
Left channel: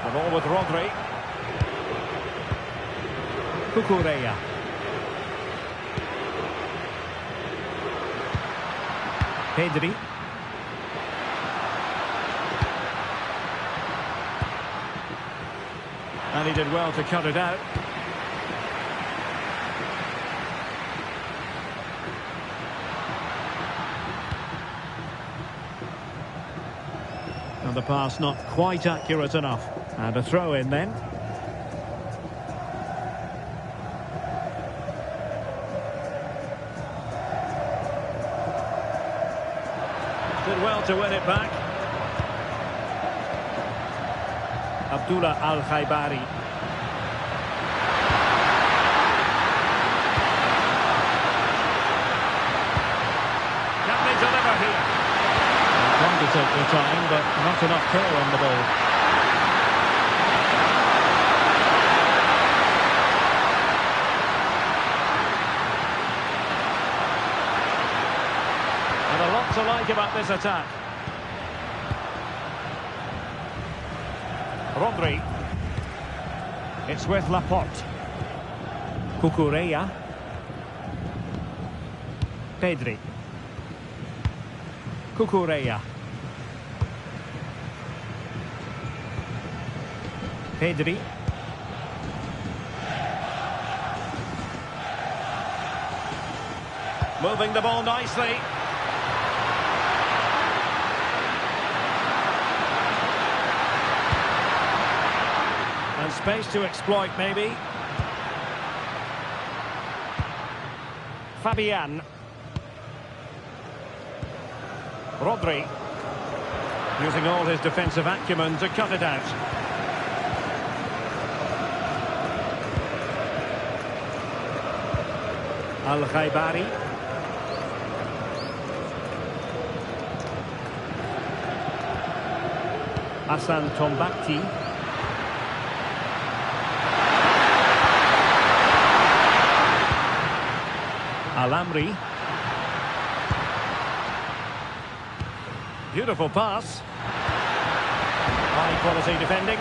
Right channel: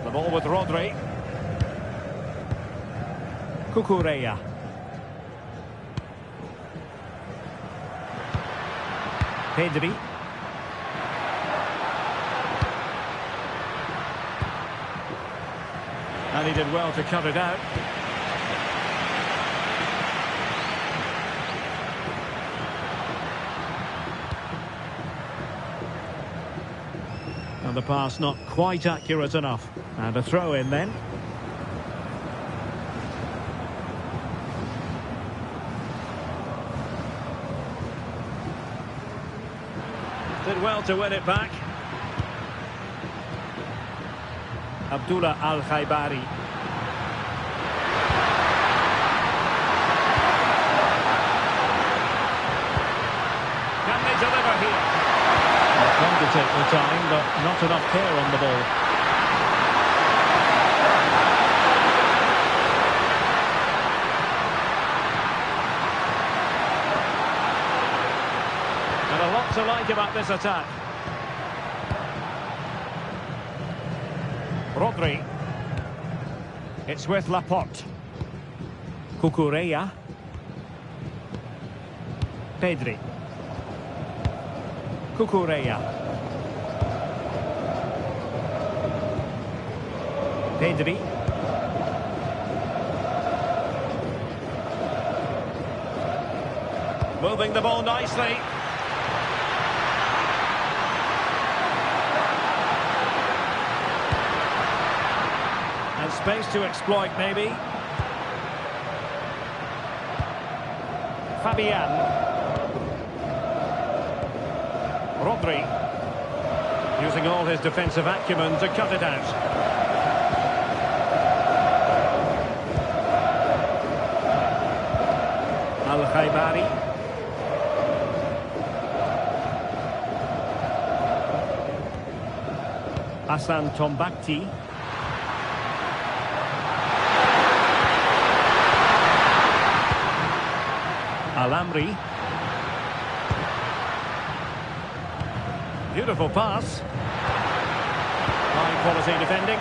The ball with Rodri. Cucurella. Pedri. And he did well to cut it out. And the pass not quite accurate enough. And a throw in then. Did well to win it back. Abdullah Al-Khaibari. Can they deliver here? They're trying to take their time, but not enough care on the ball. And a lot to like about this attack. Rodri. It's with Laporte. Cucurella. Pedri. Cucurella. Pedri. Moving the ball nicely. And space to exploit, maybe. Fabian. Rodri. Using all his defensive acumen to cut it out. Al-Khaibari. Hassan Tombakti. Al-Amri. Beautiful pass. High quality defending.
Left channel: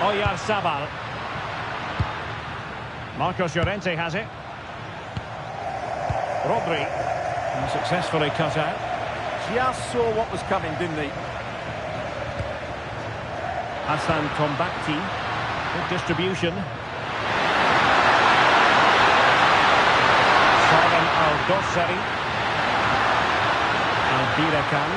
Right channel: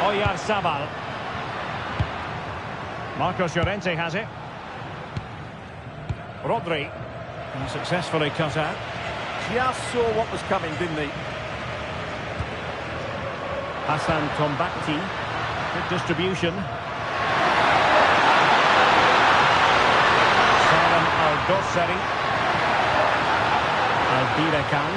Oyarzabal. Marcos Llorente has it. Rodri. Successfully cut out. Just saw what was coming, didn't he? Hassan Tombakti. Good distribution. Salem Al-Dossari. Al-Birakan.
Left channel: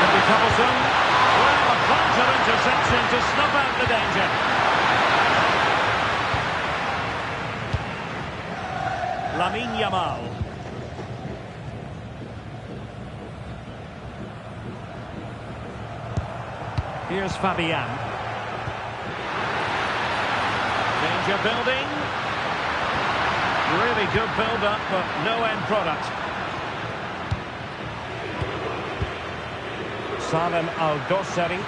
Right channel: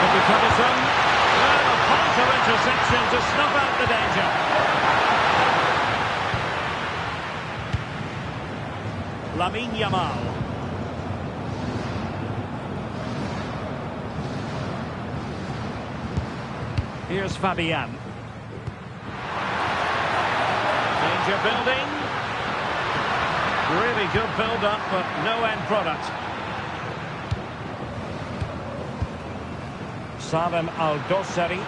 Could be troublesome. Well, a vital interception to snuff out the danger. Lamine Yamal. Here's Fabian. Danger building. Really good build-up, but no end product. Salem Al-Dossari.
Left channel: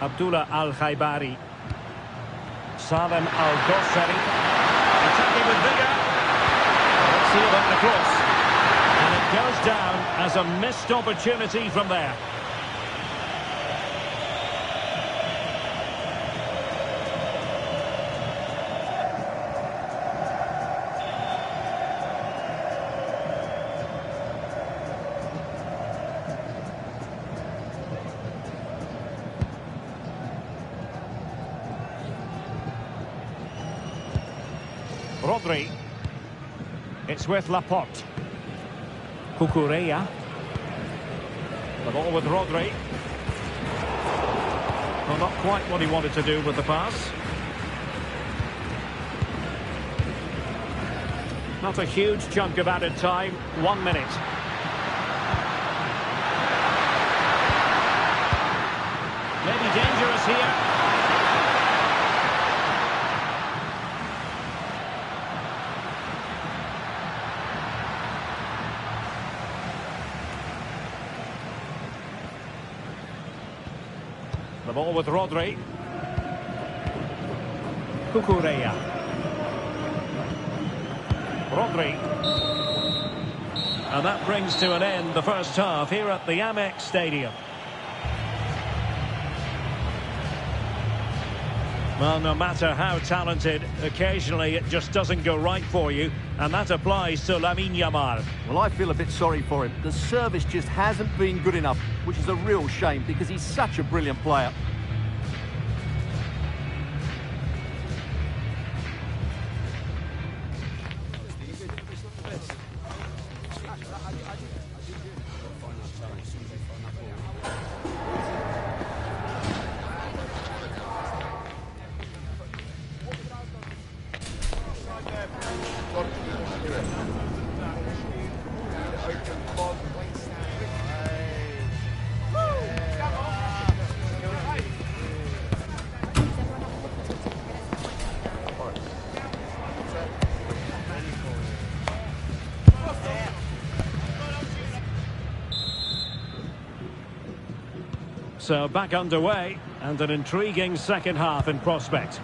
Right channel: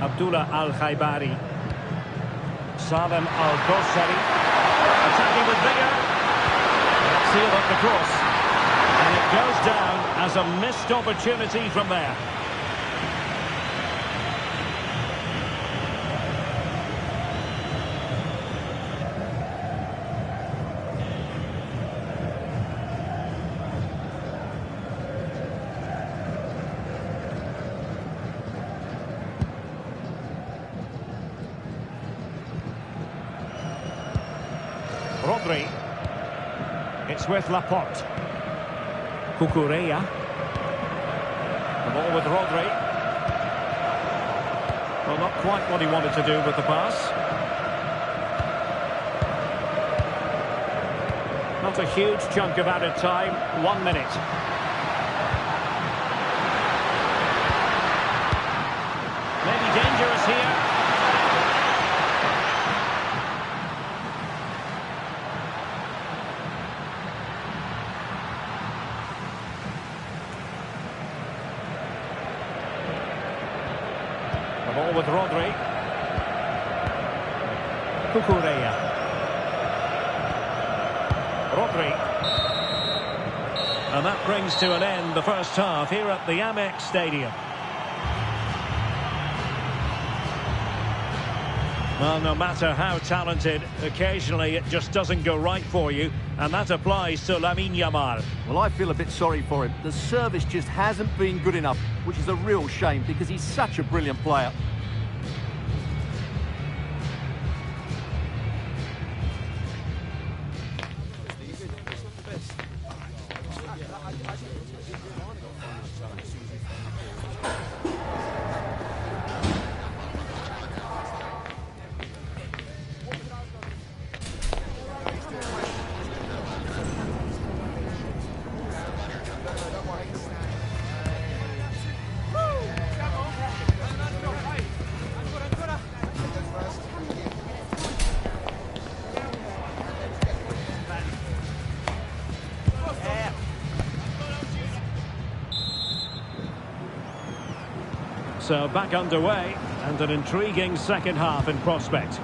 Abdullah Al-Khaibari. Salem Al-Dossari. Attacking with vigour. Let's see about the cross. And it goes down as a missed opportunity from there. Rodri. It's with Laporte. Cucurella. The ball with Rodri. Well, not quite what he wanted to do with the pass. Not a huge chunk of added time. 1 minute. Maybe dangerous here. The ball with Rodri. Cucurella. Rodri. And that brings to an end the first half here at the Amex Stadium. Well, no matter how talented, occasionally it just doesn't go right for you, and that applies to Lamine Yamal. Well, I feel a bit sorry for him. The service just hasn't been good enough, which is a real shame because he's such a brilliant player. So back underway, and an intriguing second half in prospect.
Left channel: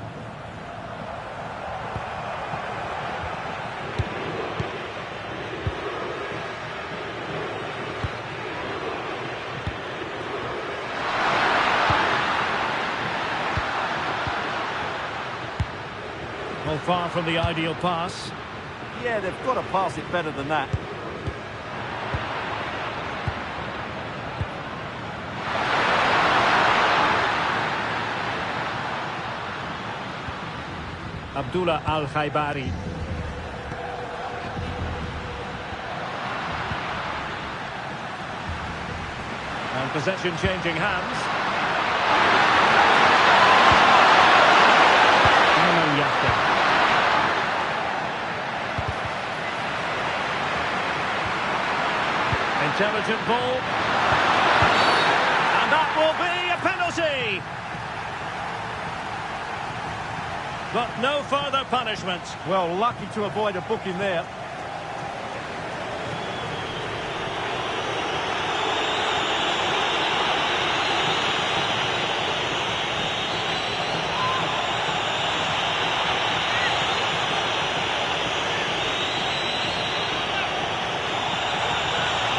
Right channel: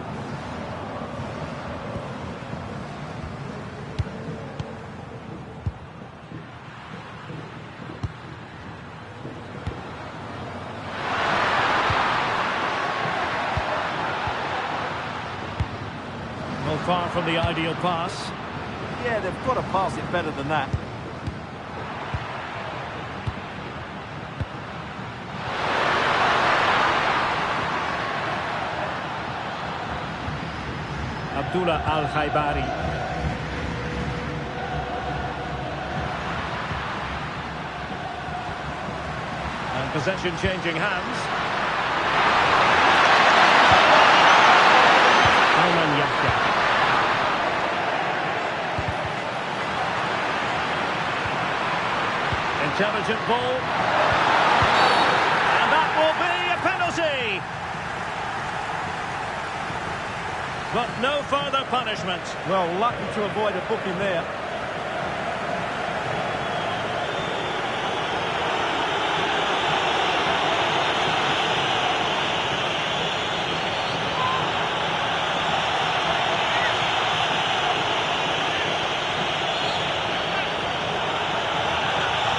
Well, far from the ideal pass. Yeah, they've got to pass it better than that. Abdullah Al-Khaibari. And possession changing hands. Ayman Yahya. Intelligent ball. And that will be a penalty. But no further punishment. Well, lucky to avoid a booking there.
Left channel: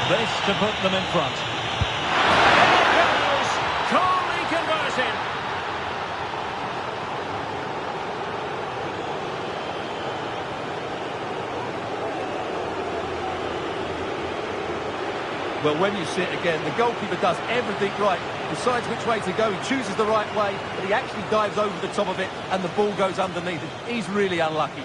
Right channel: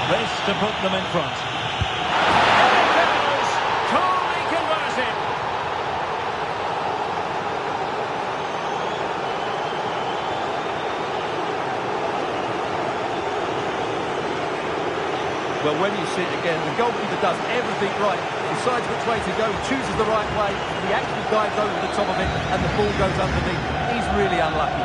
This to put them in front. There it goes! Coolly converted. Well, when you see it again, the goalkeeper does everything right. Decides which way to go, he chooses the right way, and he actually dives over the top of it, and the ball goes underneath. He's really unlucky.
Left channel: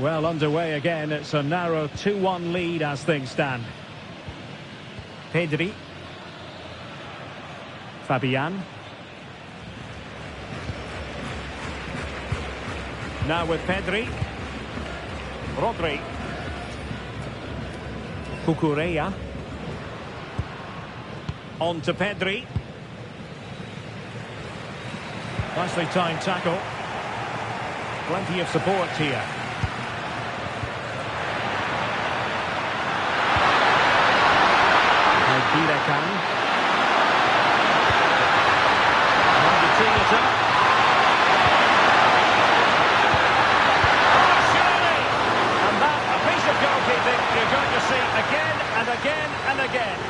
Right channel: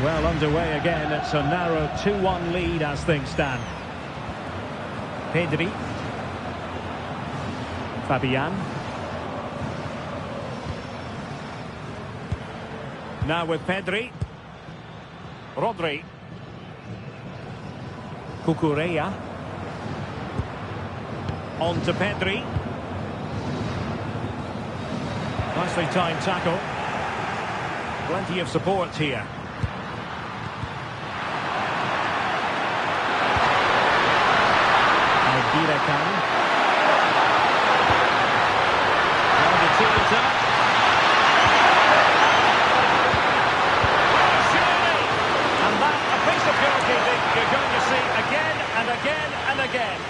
Well, underway again. It's a narrow 2-1 lead as things stand. Pedri. Fabian. Now with Pedri. Rodri. Cucurella. On to Pedri. Nicely timed tackle. Plenty of support here. IBHN. Trying to tee it up. Oh, surely! And that, a piece of goalkeeping you're going to see again and again and again.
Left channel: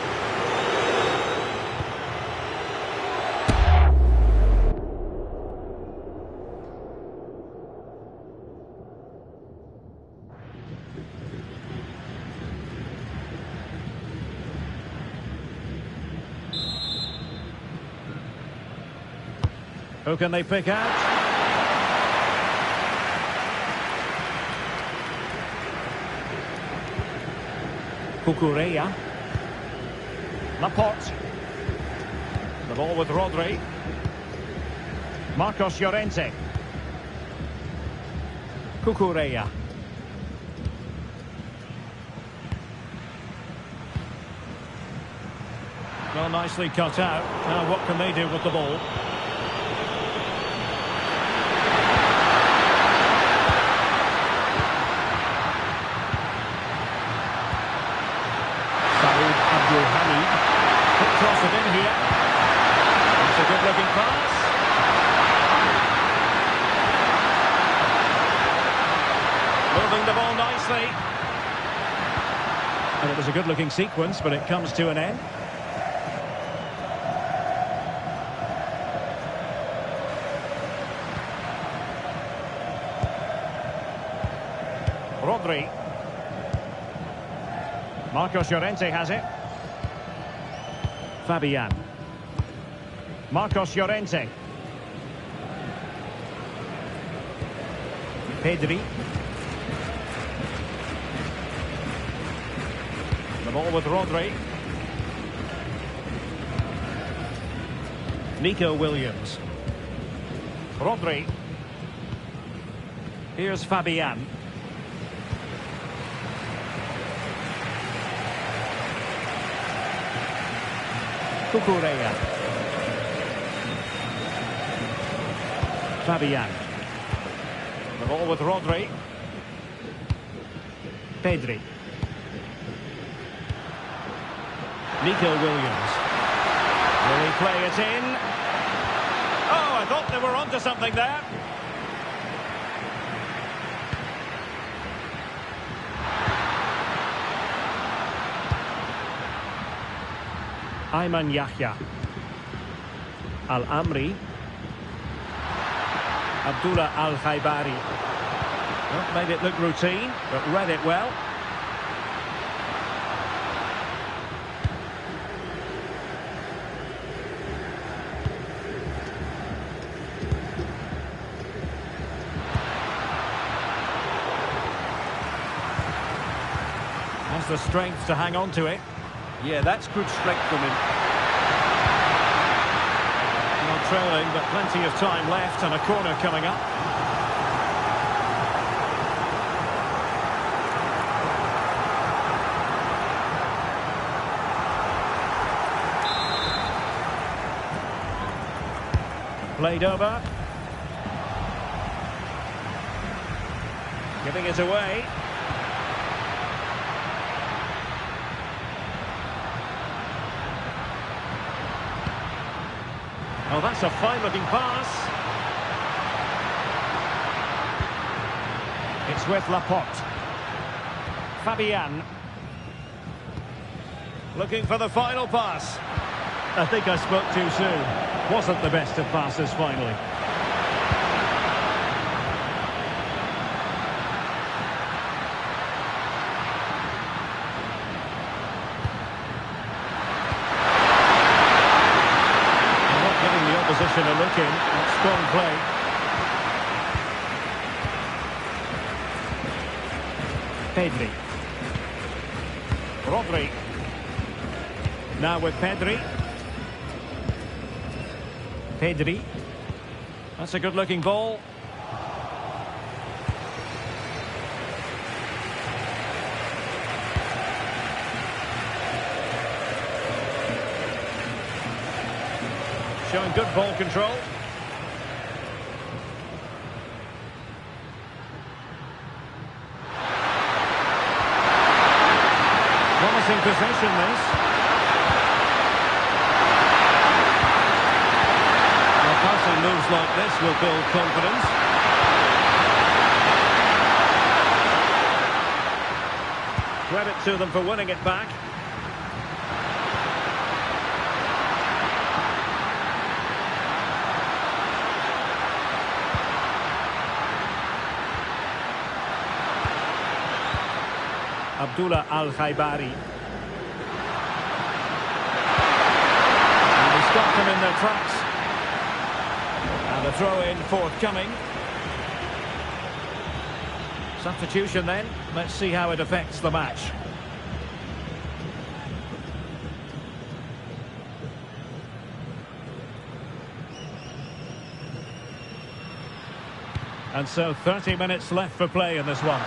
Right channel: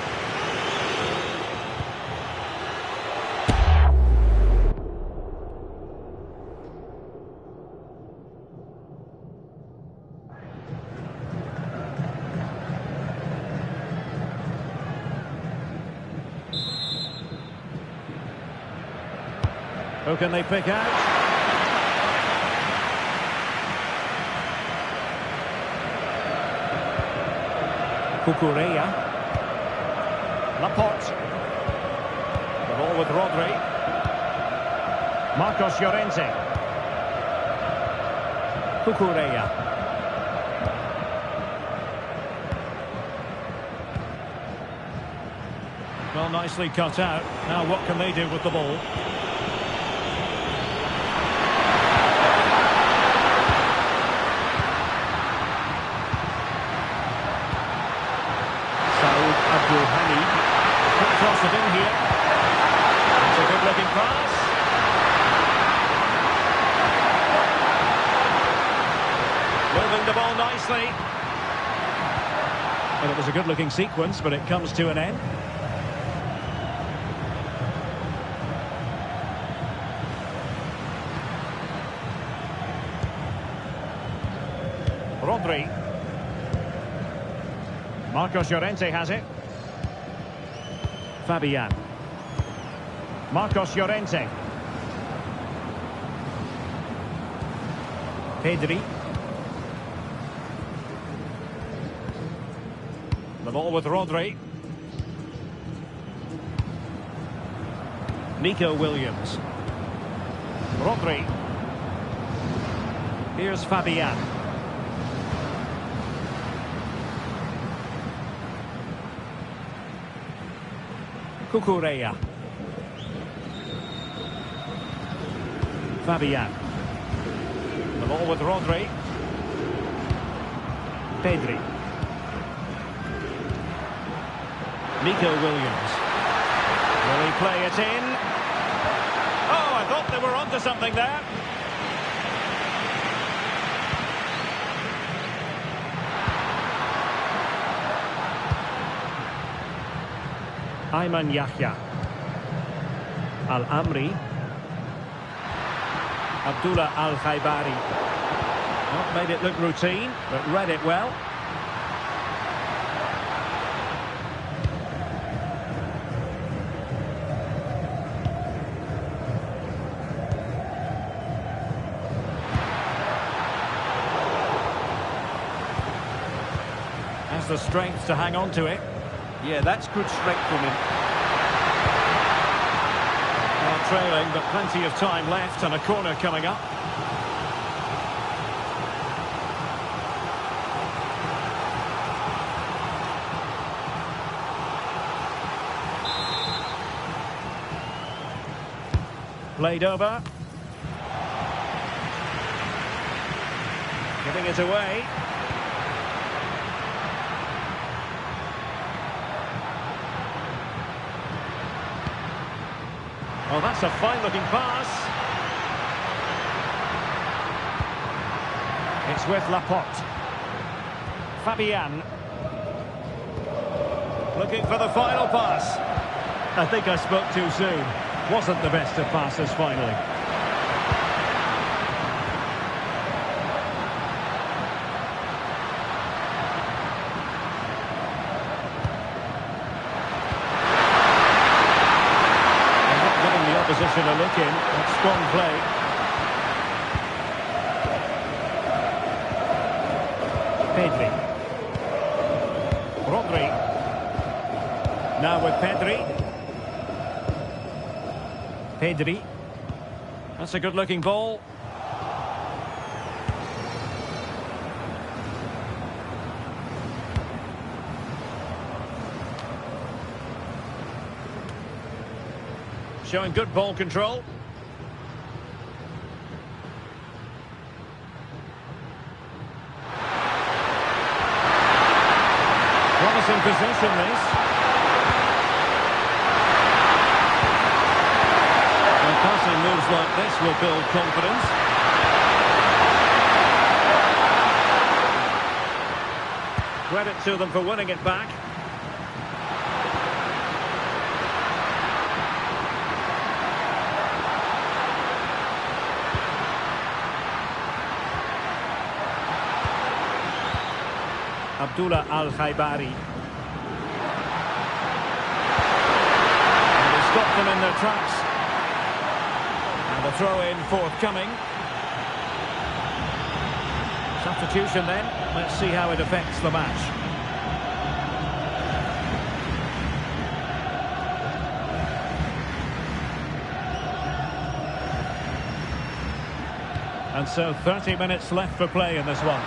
Who can they pick out? Cucurella. Laporte. The ball with Rodri. Marcos Llorente. Cucurella. Well, nicely cut out. Now what can they do with the ball? Abdul Hamid. Quick toss it in here. It's a good looking pass. Moving the ball nicely. And it was a good looking sequence, but it comes to an end. Rodri. Marcos Llorente has it. Fabian. Marcos Llorente. Pedri. The ball with Rodri. Nico Williams. Rodri. Here's Fabian. Cucurella. Fabian. The ball with Rodri. Pedri. Nico Williams. Will he play it in? Oh, I thought they were onto something there. Ayman Yahya. Al-Amri. Abdullah Al-Khaibari. Not made it look routine, but read it well. Has the strength to hang on to it. Yeah, that's good strength from him. Well, trailing, but plenty of time left and a corner coming up. Played over. Giving it away. Oh, that's a fine-looking pass. It's with Laporte. Fabian. Looking for the final pass. I think I spoke too soon. Wasn't the best of passes finally. Giving the opposition a look in. That's strong play. Pedri. Rodri. Now with Pedri. Pedri. That's a good-looking ball. Showing good ball control. Promising possession, this. Well, passing moves like this will build confidence. Credit to them for winning it back. Abdullah Al-Khaibari. And he stopped them in their tracks. And the throw-in forthcoming. Substitution then. Let's see how it affects the match. And so 30 minutes left for play in this one.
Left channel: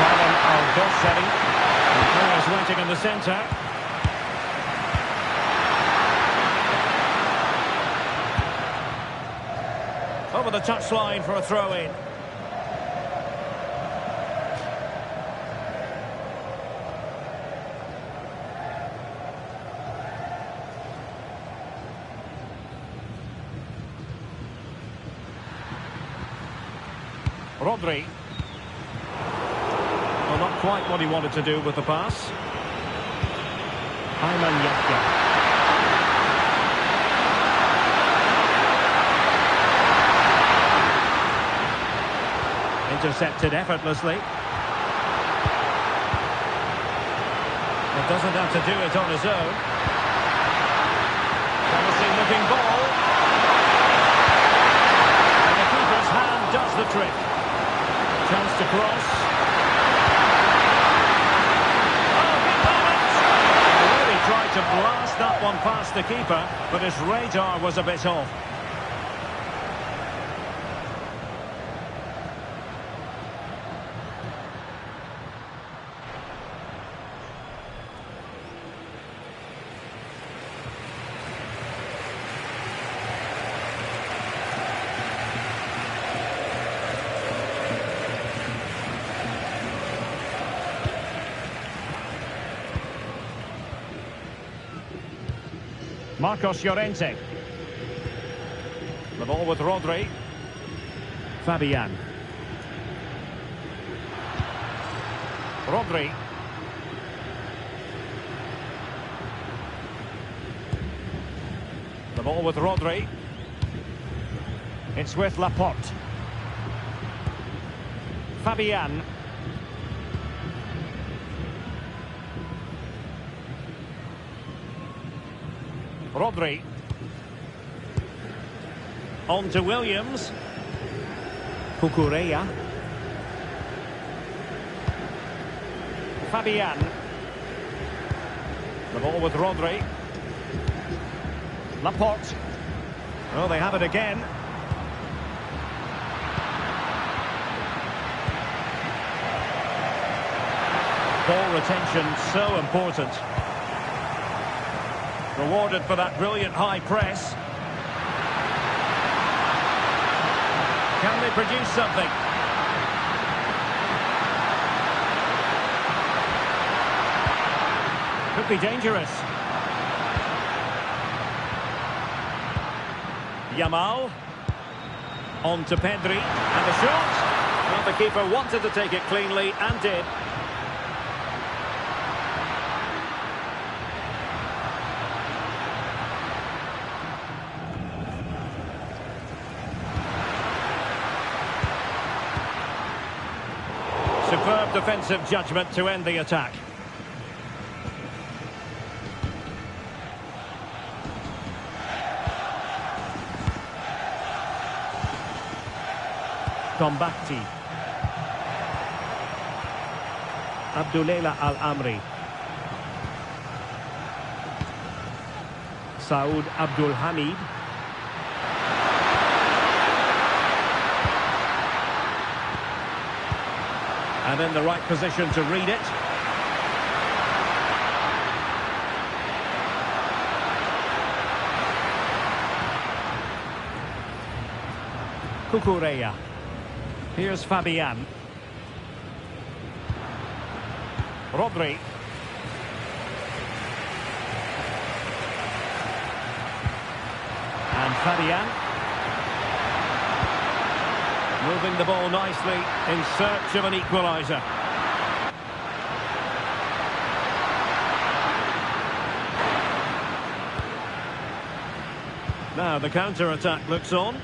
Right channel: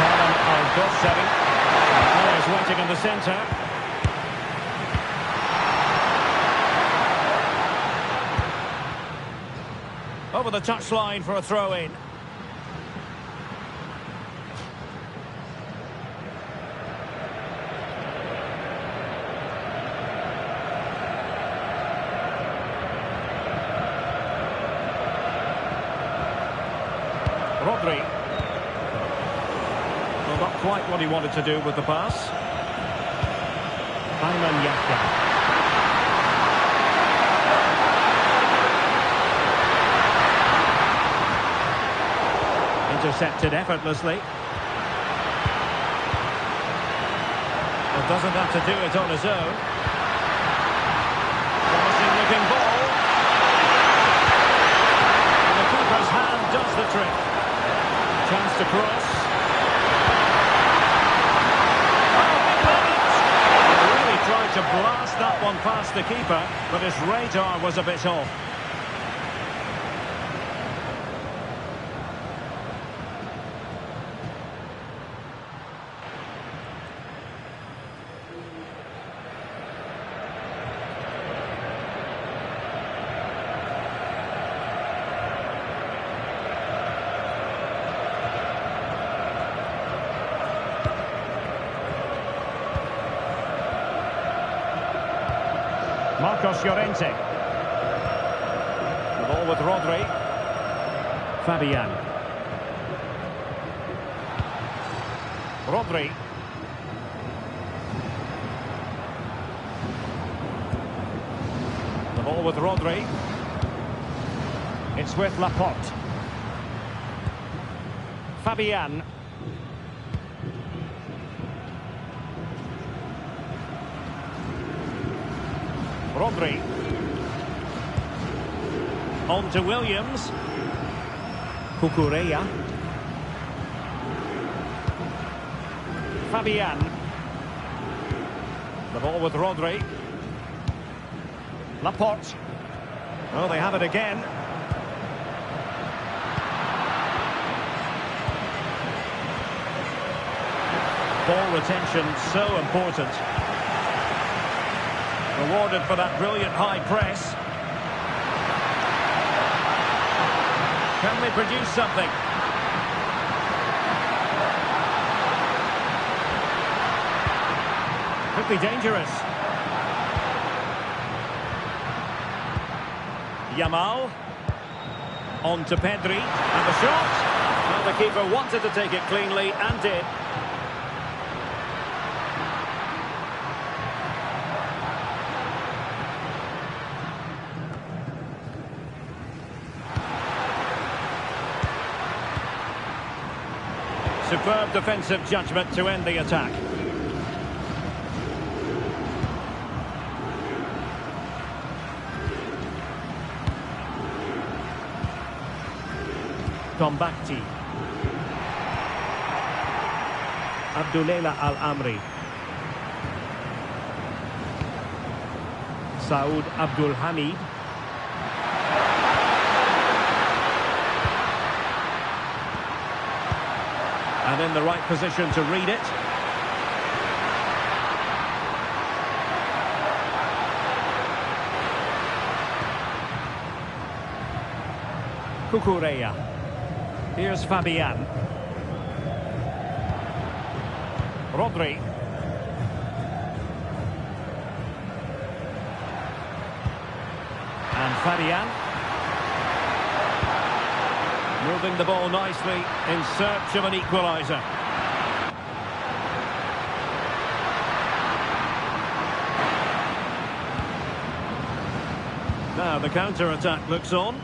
Salem Al-Dossari. Players waiting in the centre. Over the touchline for a throw-in. Rodri. Well, not quite what he wanted to do with the pass. Ayman Yahya. Intercepted effortlessly. Well, doesn't have to do it on his own. Promising looking ball. And the keeper's hand does the trick. Chance to cross. Oh, big moment! He really tried to blast that one past the keeper, but his radar was a bit off. Marcos Llorente. The ball with Rodri. Fabian. Rodri. The ball with Rodri. It's with Laporte. Fabian. Rodri. On to Williams. Cucurella. Fabian. The ball with Rodri. Laporte. Oh, they have it again. Ball retention so important. Rewarded for that brilliant high press. Can they produce something? Could be dangerous. Yamal. On to Pedri. And the shot. Well, the keeper wanted to take it cleanly and did. Superb defensive judgment to end the attack. Tombakti. Abdullah Al-Amri. Saud Abdul Hamid. And in the right position to read it. Cucurella. Here's Fabian. Rodri. And Fabian. Moving the ball nicely in search of an equalizer. Now the counter-attack looks on.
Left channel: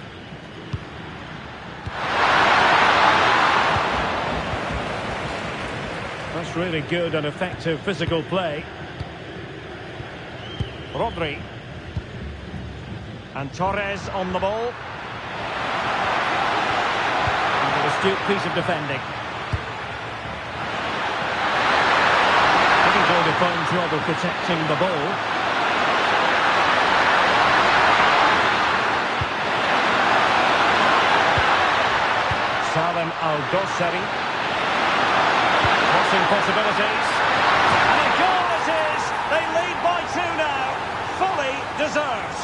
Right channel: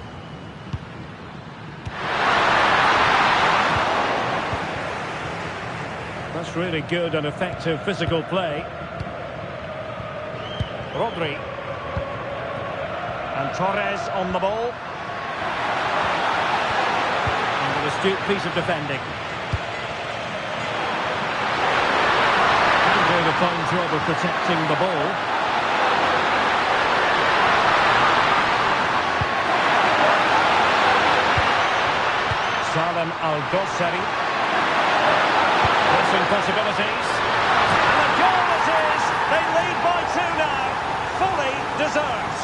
That's really good and effective physical play. Rodri. And Torres on the ball. And an astute piece of defending. He's doing a fine job of protecting the ball. Salem Al-Dossari. Crossing possibilities. And a goal it is! They lead by 2 now. Fully deserved.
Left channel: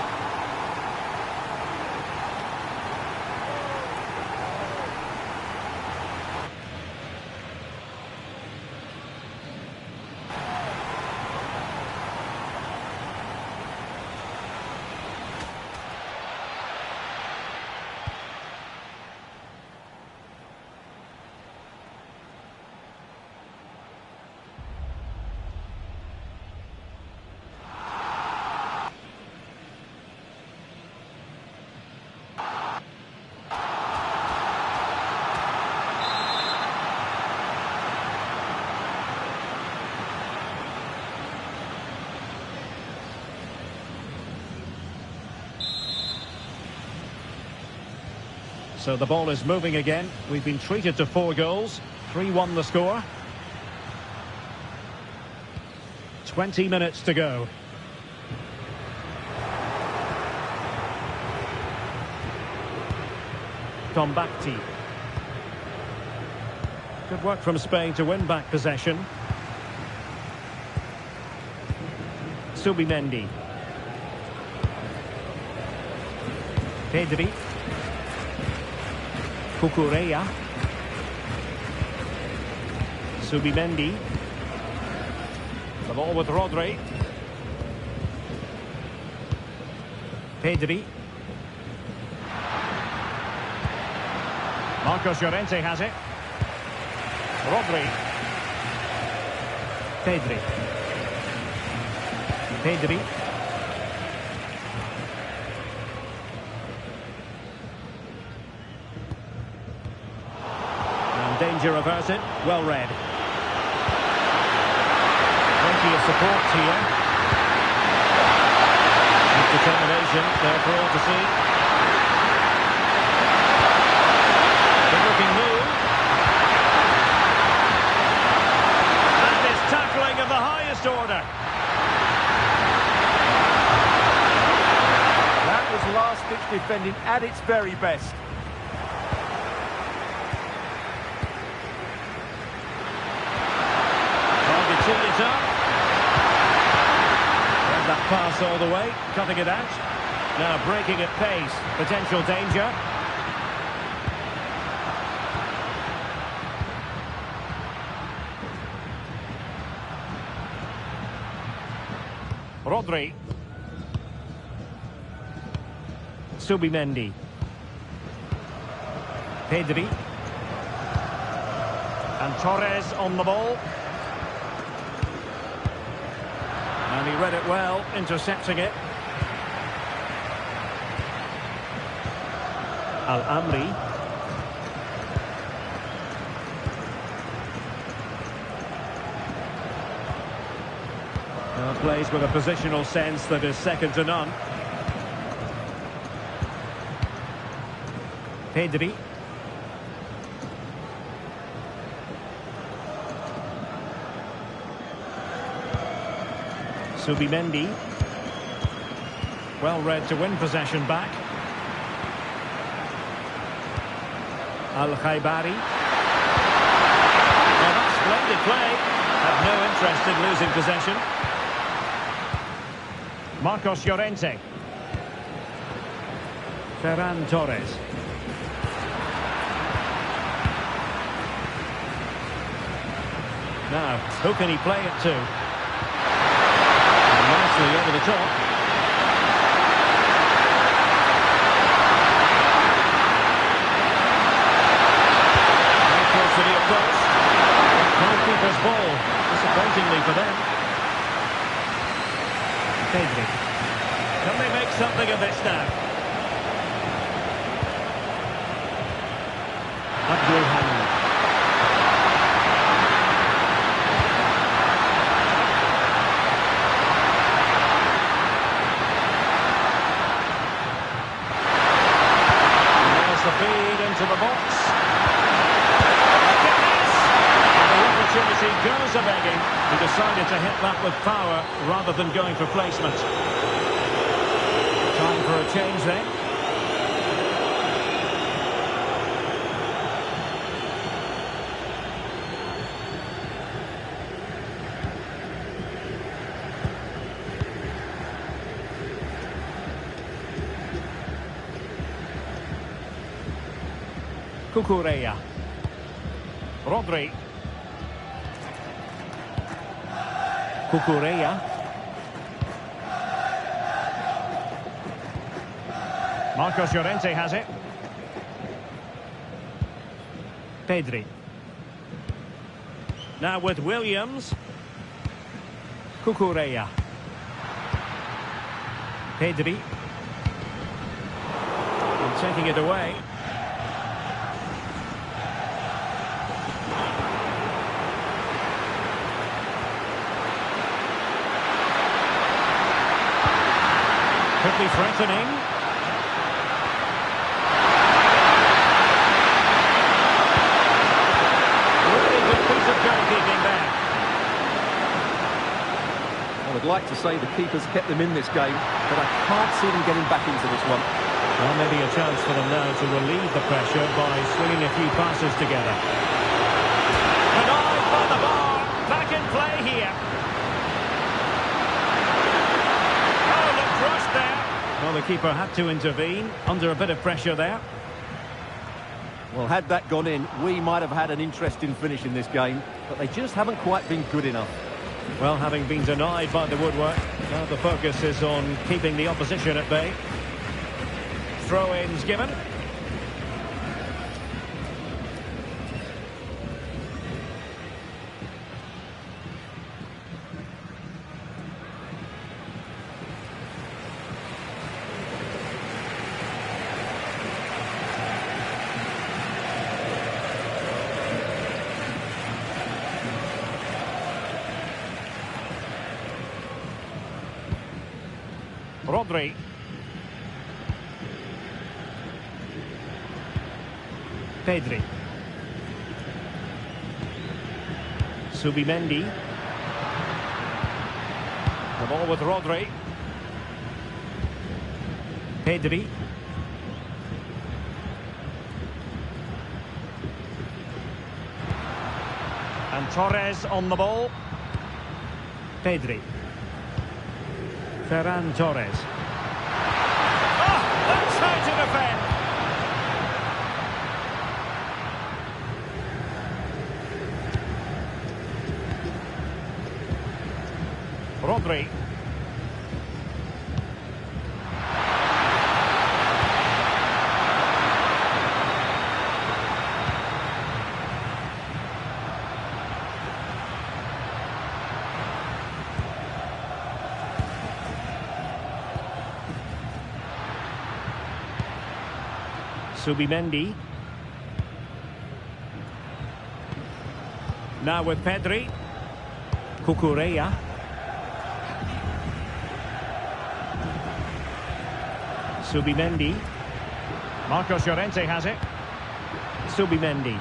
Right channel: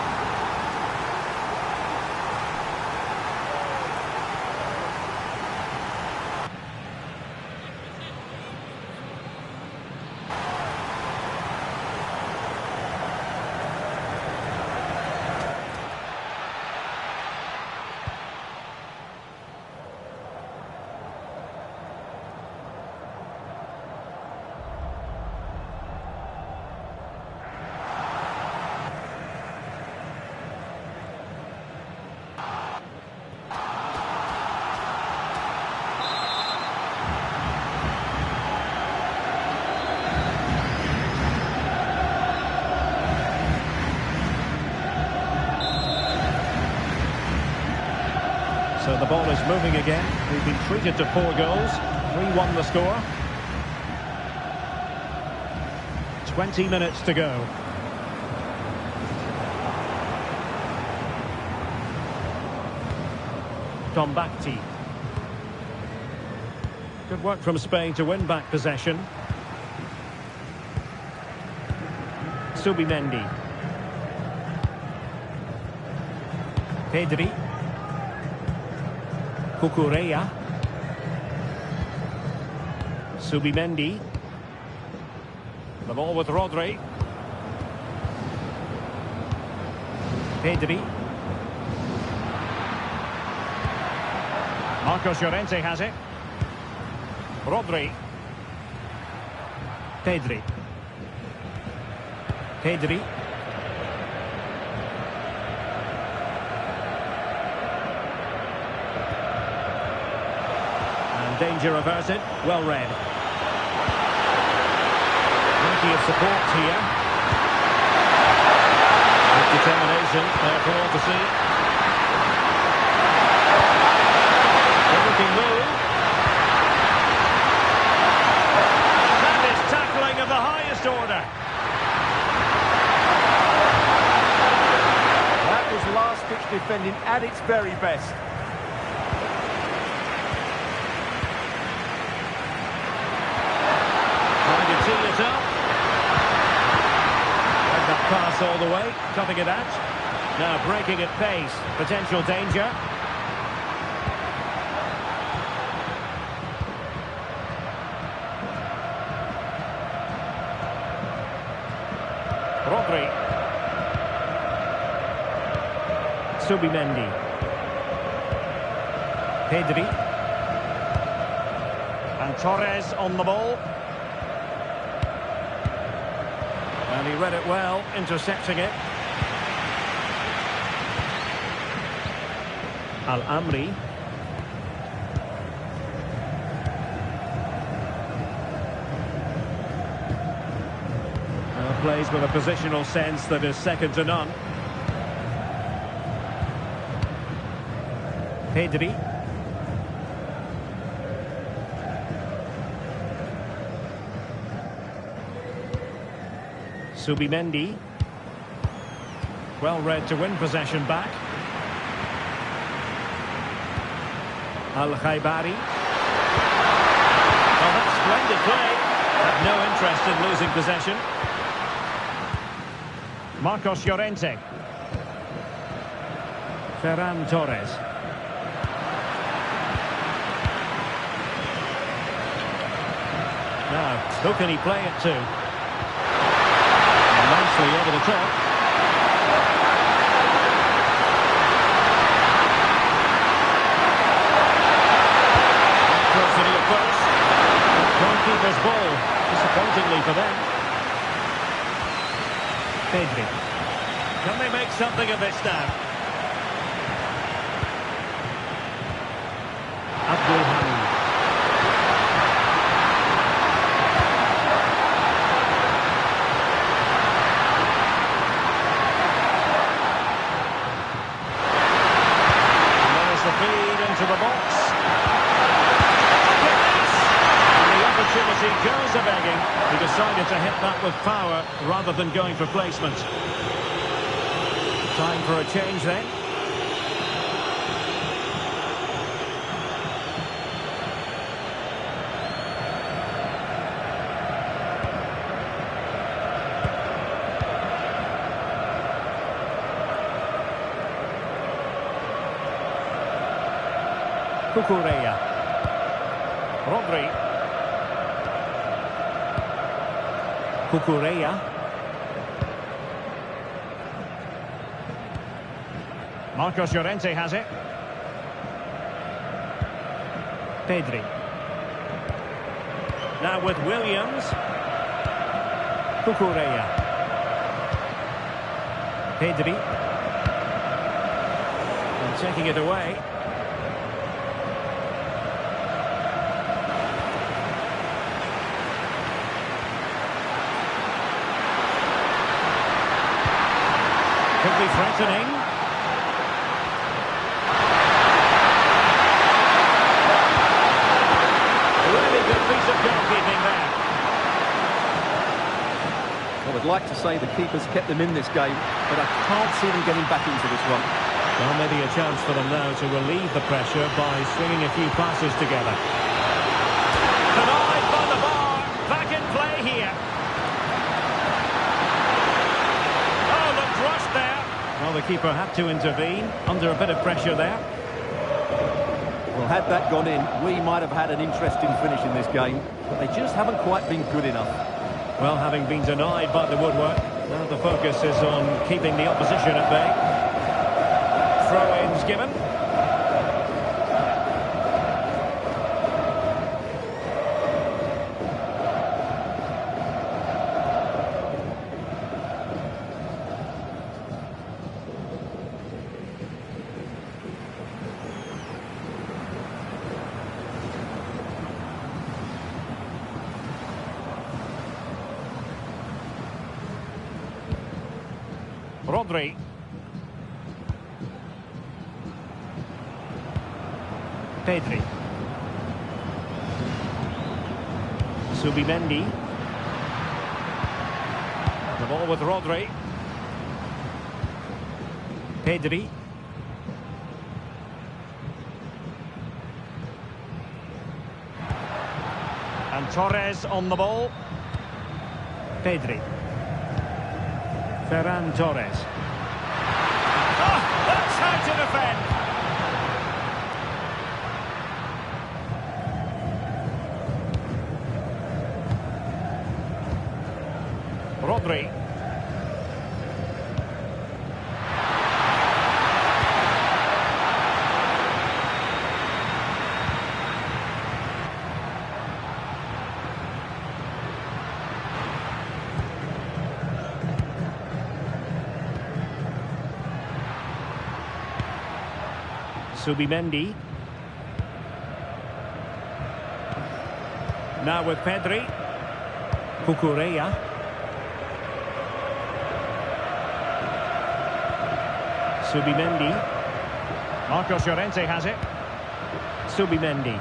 So the ball is moving again. We've been treated to 4 goals. 3-1 the score. 20 minutes to go. Tombakti. Good work from Spain to win back possession. Subimendi. Pedri. Cucurella. Subimendi. The ball with Rodri. Pedri. Marcos Llorente has it. Rodri. Pedri. Pedri. And danger averted. Well read. Plenty of support here. With determination there for all to see. Good-looking move. That is tackling of the highest order. That was last-ditch defending at its very best. Trying to tee it up. Read that pass all the way, cutting it out. Now breaking at pace. Potential danger. Rodri. Subimendi. Pedri. And Torres on the ball. And he read it well, intercepting it. Al-Amri. Plays with a positional sense that is second to none. Pedri. Subimendi. Well read to win possession back. Al-Khaibari. Well, that's splendid play. Have no interest in losing possession. Marcos Llorente. Ferran Torres. Now, who can he play it to? And nicely over the top. Right cross to the post. Goalkeeper's ball, disappointingly for them. Pedri. Can they make something of this now? Abdul Hamid. And there's the feed into the box. Look at this! And the opportunity goes a-begging. He decided to hit that with power rather than going for placement. Time for a change then. Cucurella. Rodri. Cucurella. Marcos Llorente has it. Pedri. Now with Williams. Cucurella. Pedri. And taking it away. Could be threatening. Really good piece of goalkeeping there. I would like to say the keeper's kept them in this game, but I can't see them getting back into this one. Well, maybe a chance for them now to relieve the pressure by swinging a few passes together. Denied by the bar. Back in play here. Oh, looked rushed there. Well, the keeper had to intervene under a bit of pressure there. Well, had that gone in, we might have had an interesting finish in this game, but they just haven't quite been good enough. Well, having been denied by the woodwork, now the focus is on keeping the opposition at bay. Throw-ins given. Rodri. Pedri. Subimendi. The ball with Rodri. Pedri. And Torres on the ball. Pedri. Ferran Torres. Oh, that's how to defend. Rodri. Subimendi. Now with Pedri. Cucurella. Subimendi. Marcos Llorente has it. Subimendi.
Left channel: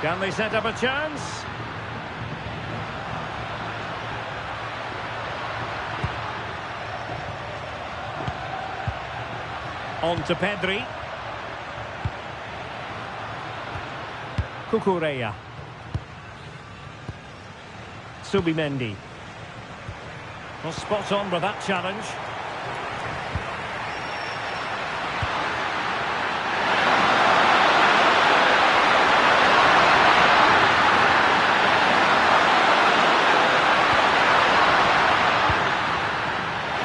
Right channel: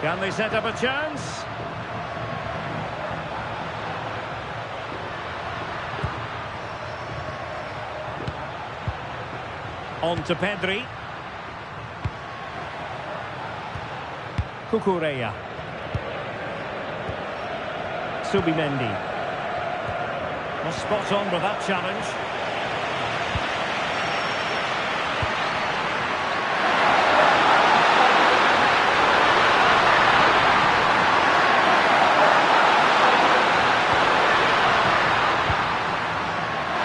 Can they set up a chance? On to Pedri. Cucurella. Subimendi. Well, spot on with that challenge.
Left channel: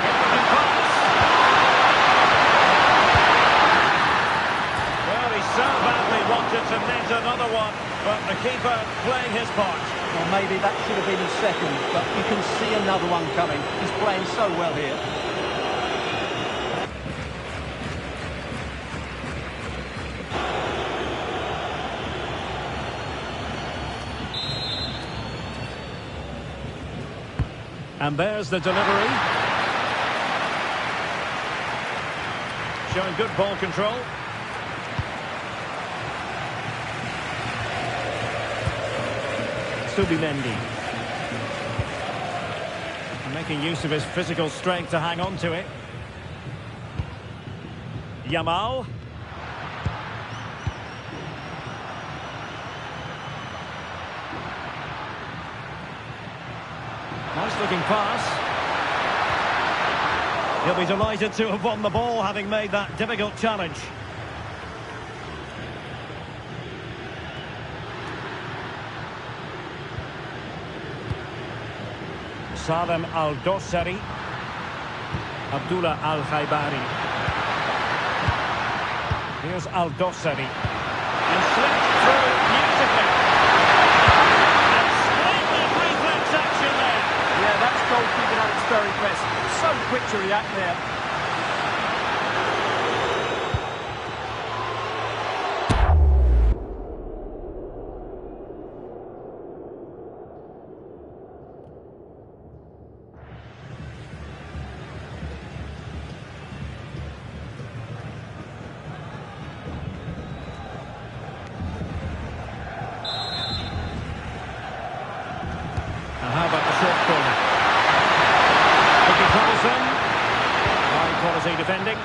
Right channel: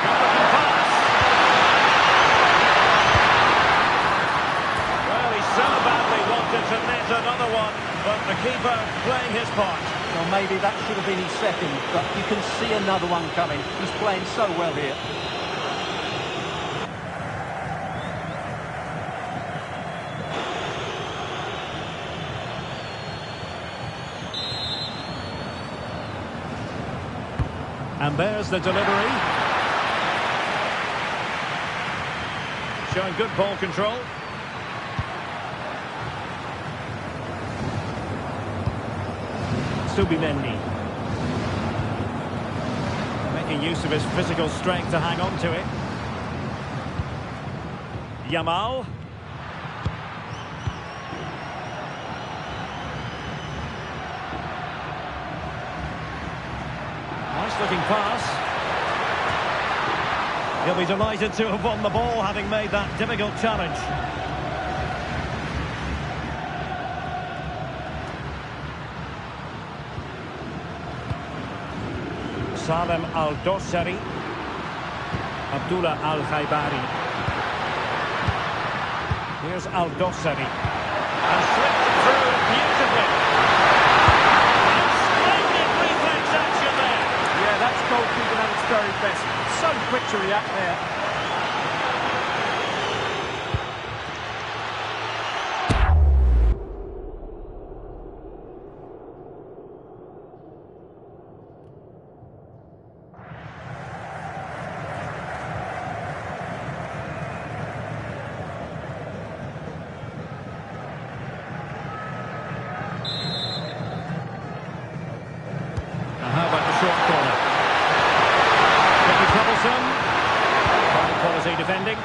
Good-looking pass. Well, he so badly wanted to net another one, but the keeper playing his part. Well, maybe that should have been his second, but you can see another one coming. He's playing so well here. And there's the delivery. Showing good ball control. Subimendi. Making use of his physical strength to hang on to it. Yamal. Nice looking pass. He'll be delighted to have won the ball, having made that difficult challenge. Salem Al-Dossari. Abdullah Al-Khaibari. Here's Al-Dossari. And slipped through beautifully. And splendid reflex action there. Yeah, that's goalkeeping at its very best. So quick to react there. And how about the short corner? Could be troublesome. High quality defending.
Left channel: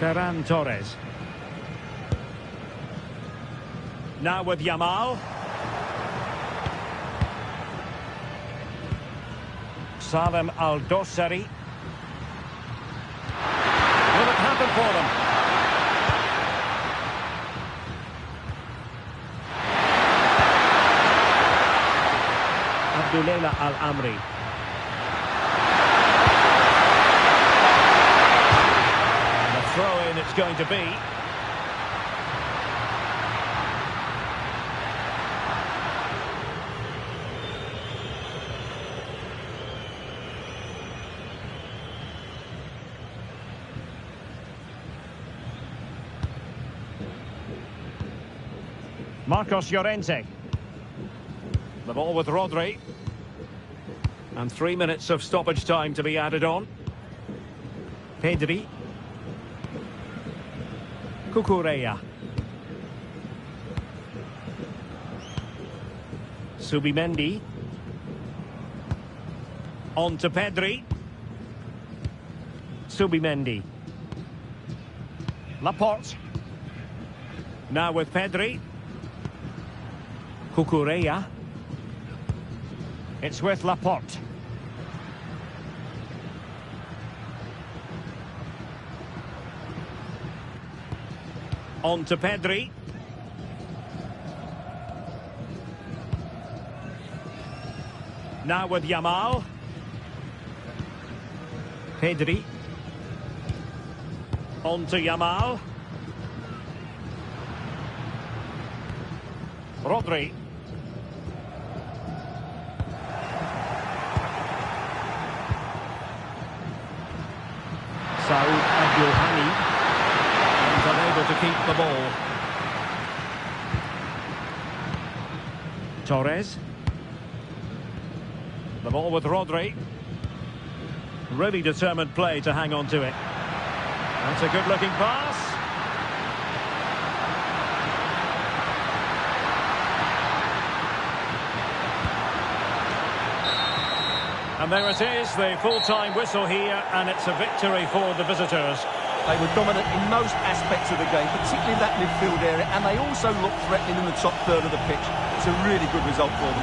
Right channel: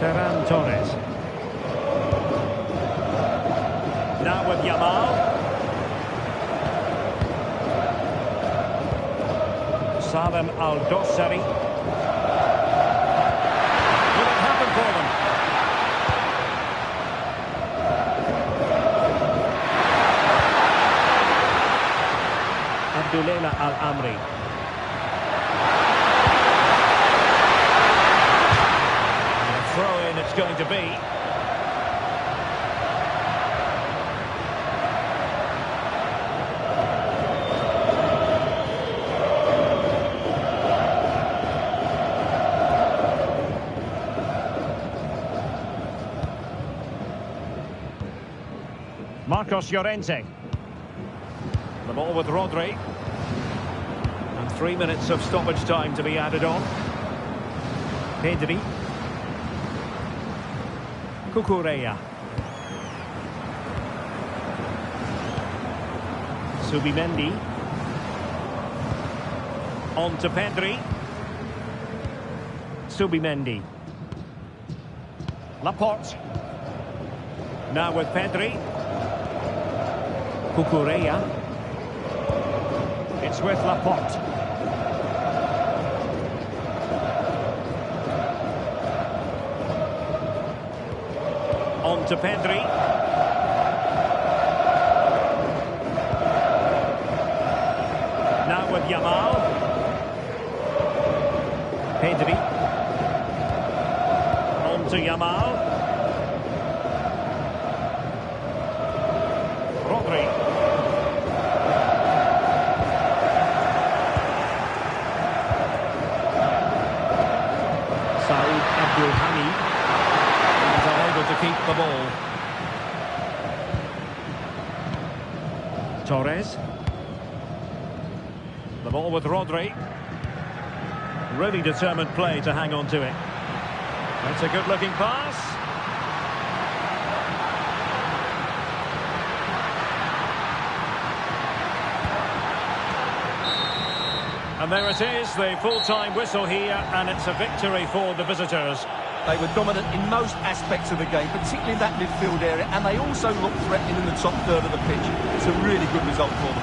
Ferran Torres. Now with Yamal. Salem Al-Dossari. Will it happen for them? Abdullah Al-Amri. And a throw-in it's going to be. Marcos Llorente. The ball with Rodri. And 3 minutes of stoppage time to be added on. Pedri. Cucurella. Subimendi. On to Pedri. Subimendi. Laporte. Now with Pedri. Cucurella. It's with Laporte. On to Pedri. Now with Yamal. Pedri. On to Yamal. Rodri. Saud Abdulhani, and unable to keep the ball. Torres. The ball with Rodri. Really determined play to hang on to it. That's a good-looking pass. And there it is, the full-time whistle here, and it's a victory for the visitors. They were dominant in most aspects of the game, particularly in that midfield area, and they also looked threatening in the top third of the pitch. It's a really good result for them.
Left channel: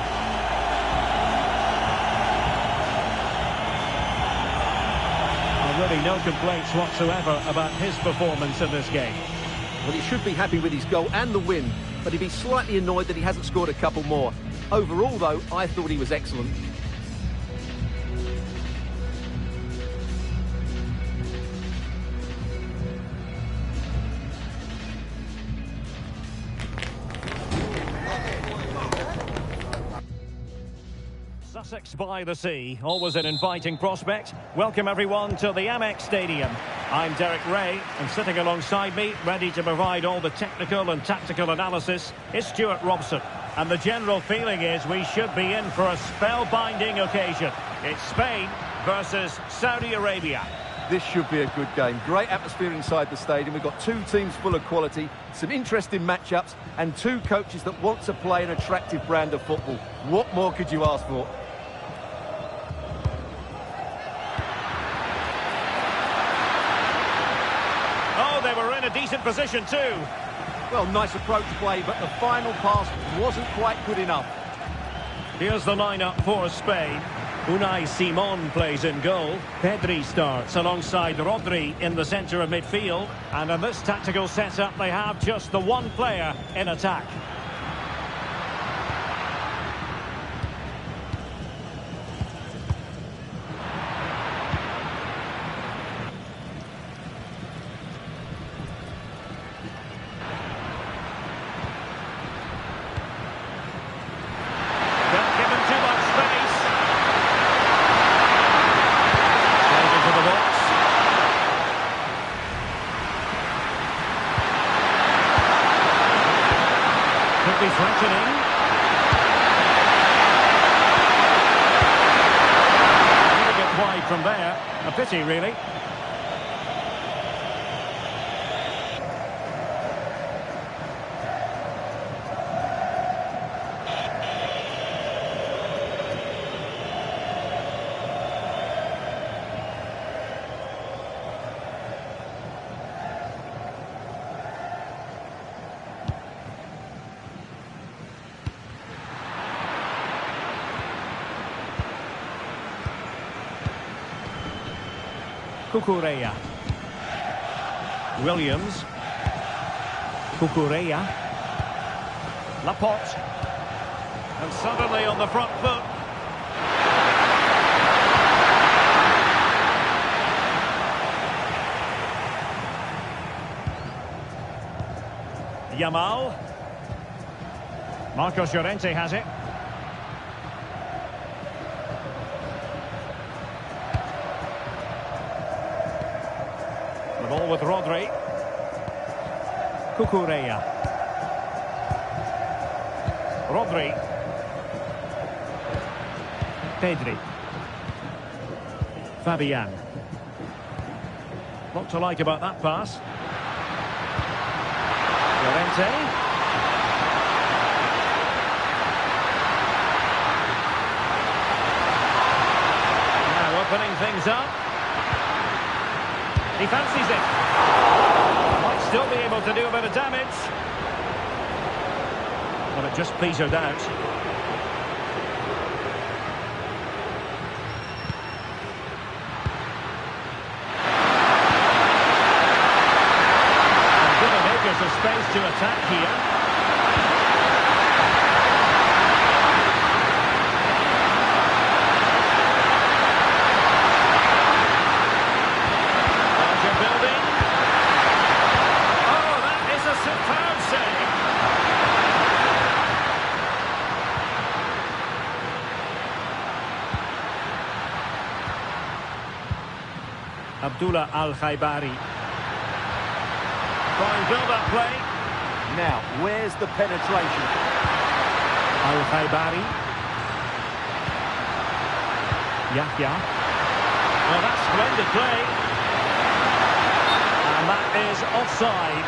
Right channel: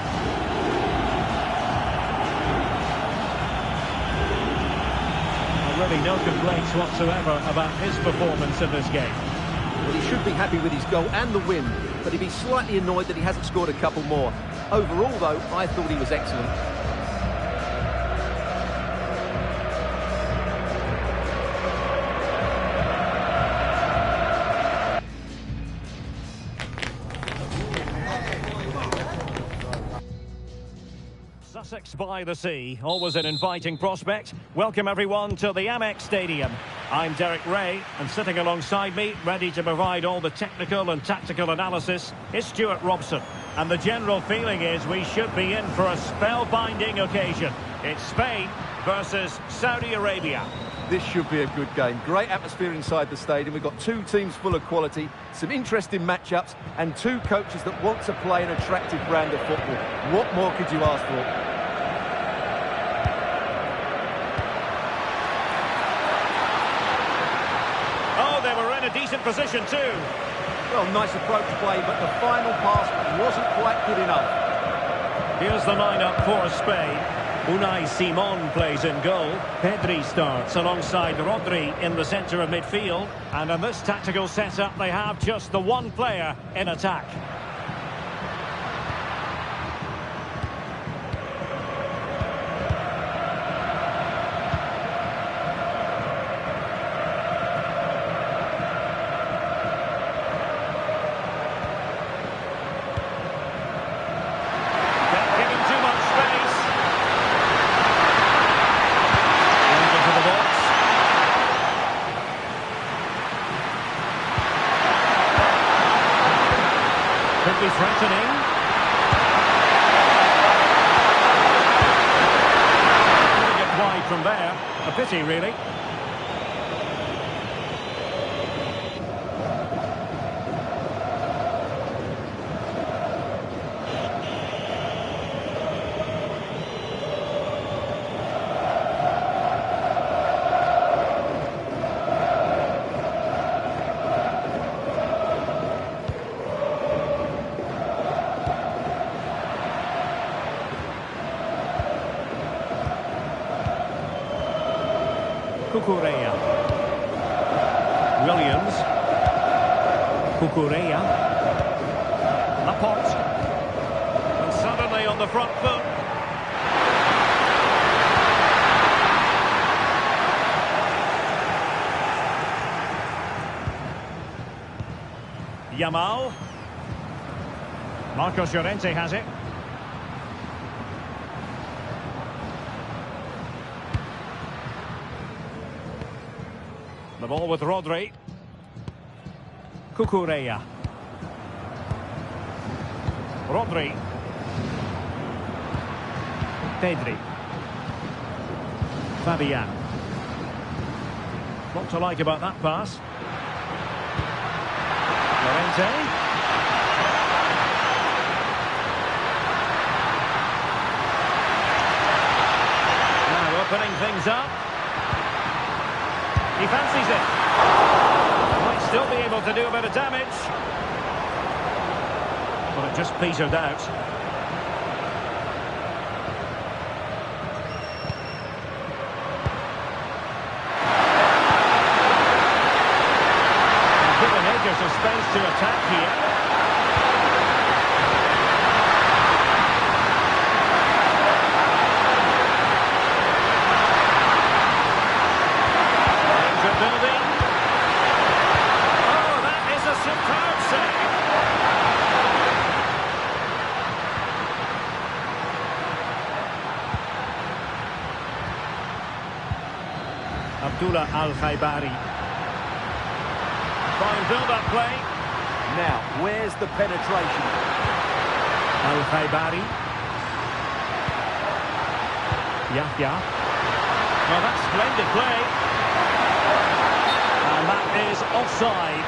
Really no complaints whatsoever about his performance in this game. Well, he should be happy with his goal and the win, but he'd be slightly annoyed that he hasn't scored a couple more. Overall, though, I thought he was excellent. Sussex by the sea, always an inviting prospect. Welcome everyone to the Amex Stadium. I'm Derek Ray, and sitting alongside me, ready to provide all the technical and tactical analysis, is Stuart Robson. And the general feeling is we should be in for a spellbinding occasion. It's Spain versus Saudi Arabia. This should be a good game. Great atmosphere inside the stadium. We've got two teams full of quality, some interesting matchups, and two coaches that want to play an attractive brand of football. What more could you ask for? Oh, they were in a decent position too. Well, nice approach play, but the final pass wasn't quite good enough. Here's the lineup for Spain. Unai Simon plays in goal. Pedri starts alongside Rodri in the centre of midfield. And in this tactical setup, they have just the one player in attack. Don't give him too much space. Played into the box. Could be threatening. Couldn't get wide from there. A pity, really. Cucurella. Williams. Cucurella. Laporte. And suddenly on the front foot. Yamal. Marcos Llorente has it. The ball with Rodri. Cucurella. Rodri. Pedri. Fabian. What to like about that pass? Llorente. Now opening things up. He fancies it. Might still be able to do a bit of damage. But it just petered out. And given acres of space to attack here. Building. Oh, that is a superb save. Abdullah Al-Khaibari. Fine build-up play. Now, where's the penetration? Al-Khaibari. Yahya. Oh, that's splendid play. And that is offside.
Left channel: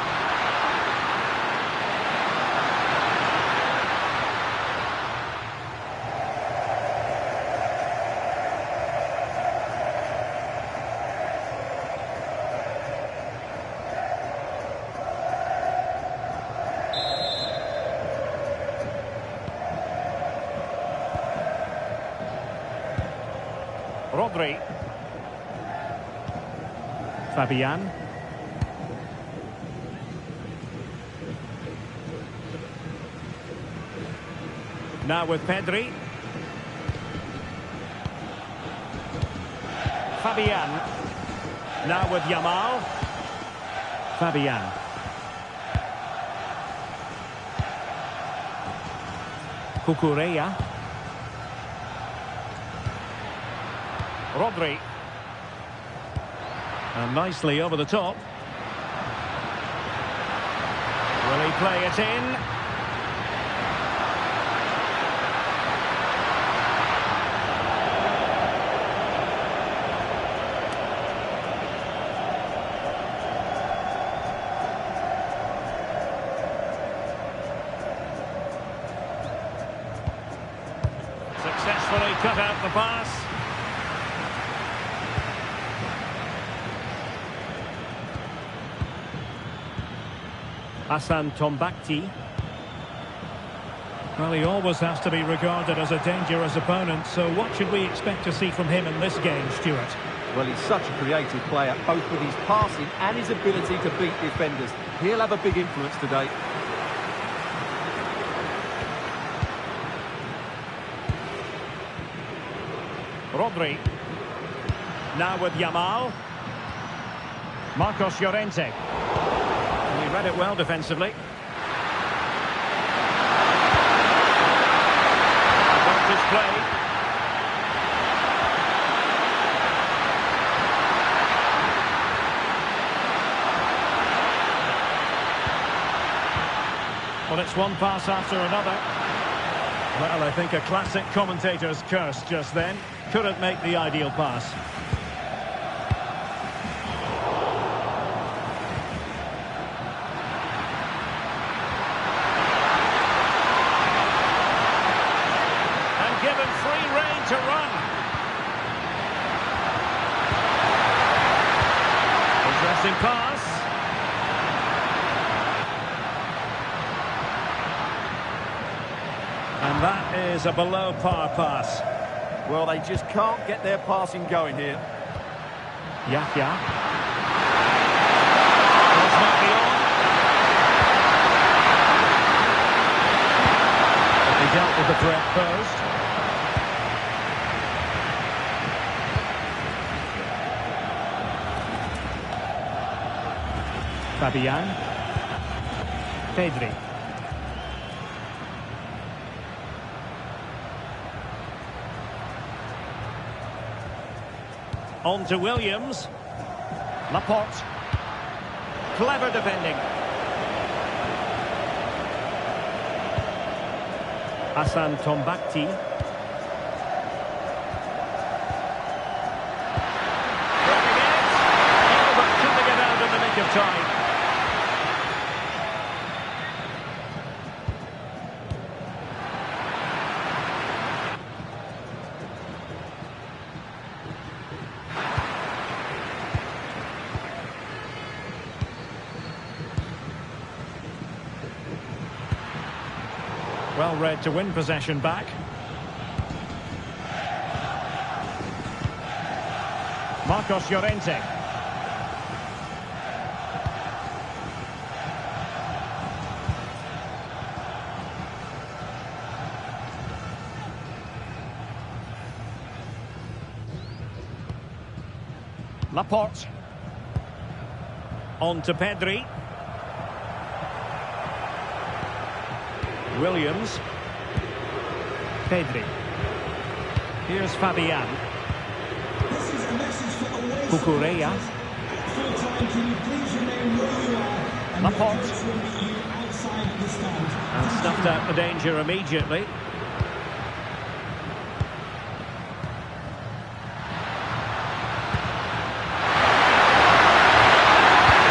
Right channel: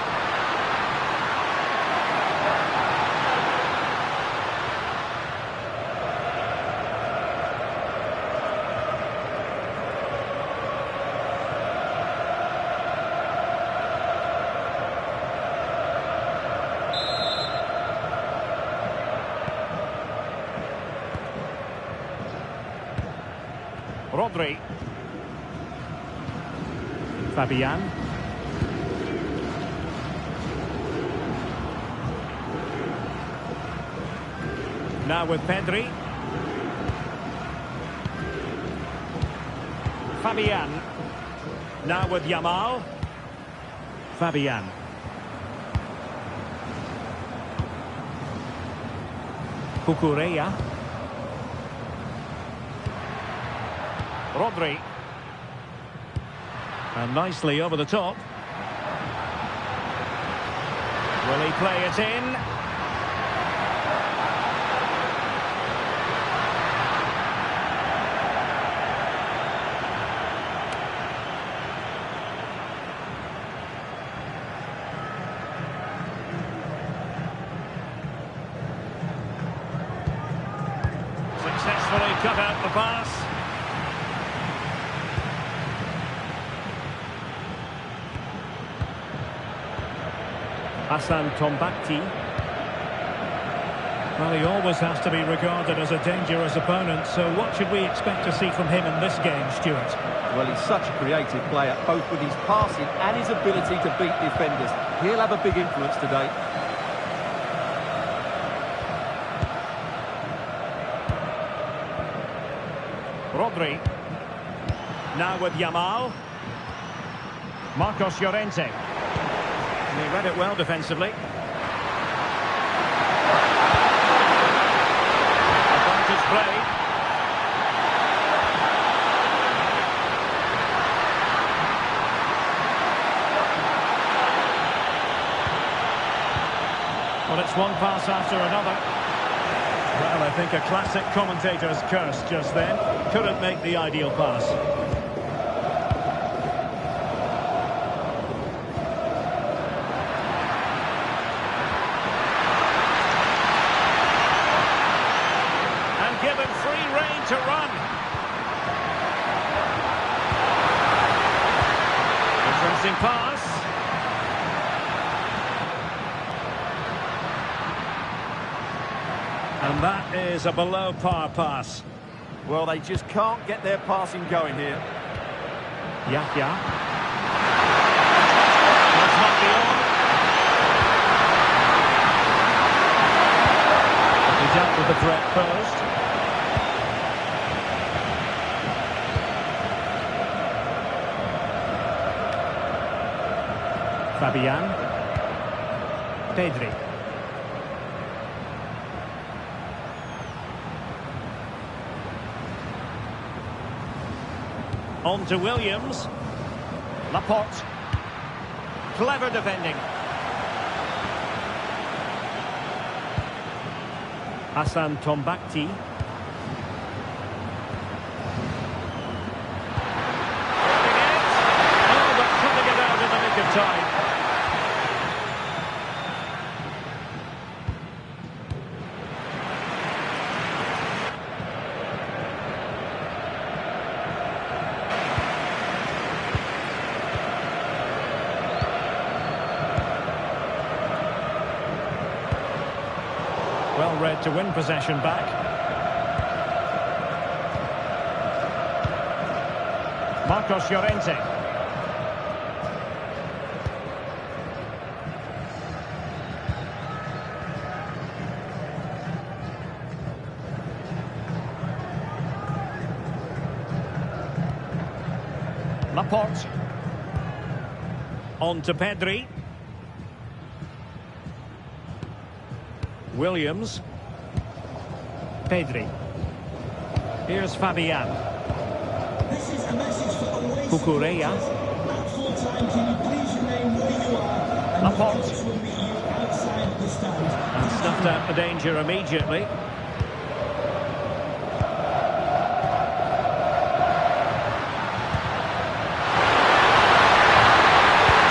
Rodri. Fabian. Now with Pedri. Fabian. Now with Yamal. Fabian. Cucurella. Rodri. And nicely over the top. Will he play it in? Successfully cut out the pass. Hassan Tombakti. Well, he always has to be regarded as a dangerous opponent, so what should we expect to see from him in this game, Stuart? Well, he's such a creative player, both with his passing and his ability to beat defenders. He'll have a big influence today. Rodri. Now with Yamal. Marcos Llorente. And he read it well defensively. Advantage played. Well, it's one pass after another. Well, I think a classic commentator's curse just then. Couldn't make the ideal pass. And given free rein to run. Interesting pass. And that is a below-par pass. Well, they just can't get their passing going here. Yahya. Cross might be on. But they dealt with the threat posed. Fabian. Pedri. On to Williams. Laporte. Clever defending. Hassan Tombakti. Grabbing it. Oh, but cutting it out in the nick of time. Well read to win possession back. Marcos Llorente. Laporte. On to Pedri. Williams. Pedri. Here's Fabian. This is a message for away Cucurella. At full time, can you please remain where you are and Laporte. the coach will meet you outside the stand. And snuffed out the danger immediately.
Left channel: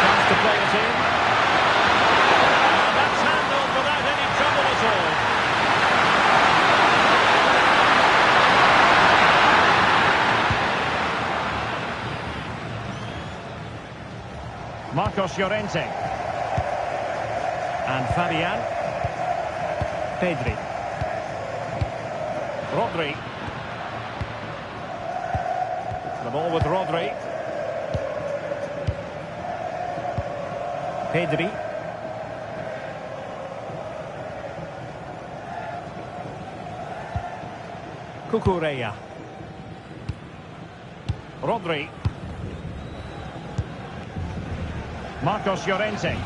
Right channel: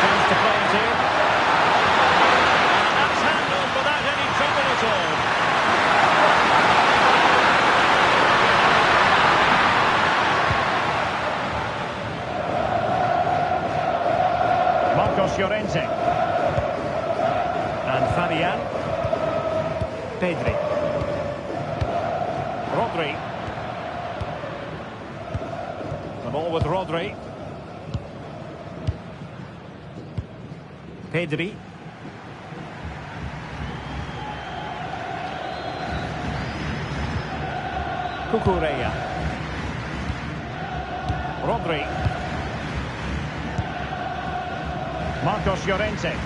Chance to play it in. And that's handled without any trouble at all. Marcos Llorente. And Fabian. Pedri. Rodri. ball with Rodri. Pedri. Cucurella. Rodri. Marcos Llorente.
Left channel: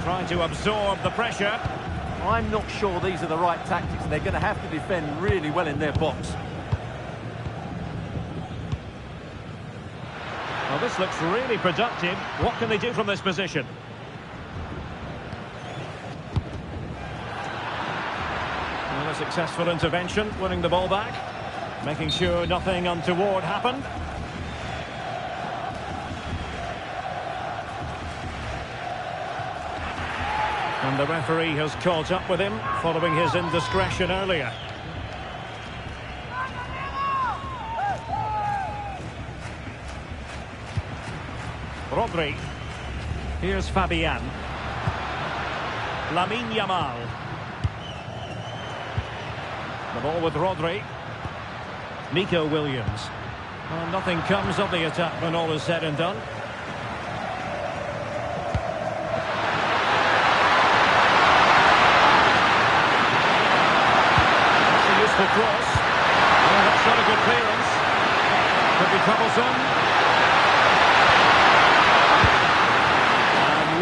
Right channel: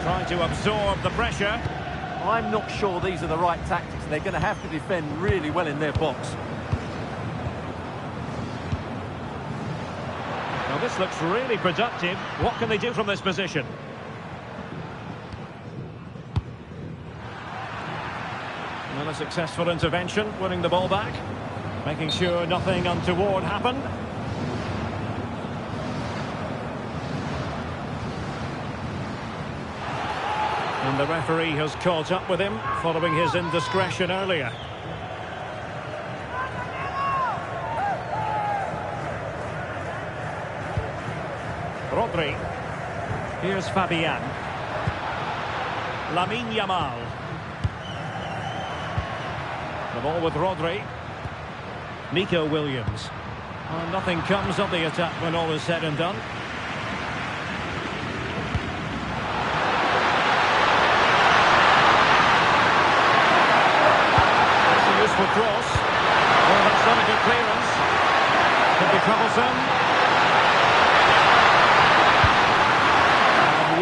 Trying to absorb the pressure. I'm not sure these are the right tactics. They're going to have to defend really well in their box. Well, this looks really productive. What can they do from this position? Well, a successful intervention, winning the ball back, making sure nothing untoward happened. And the referee has caught up with him following his indiscretion earlier. Rodri. Here's Fabian. Lamine Yamal. The ball with Rodri. Nico Williams. Well, nothing comes of the attack when all is said and done. That's a useful cross. Oh, that's not a good clearance. Could be troublesome.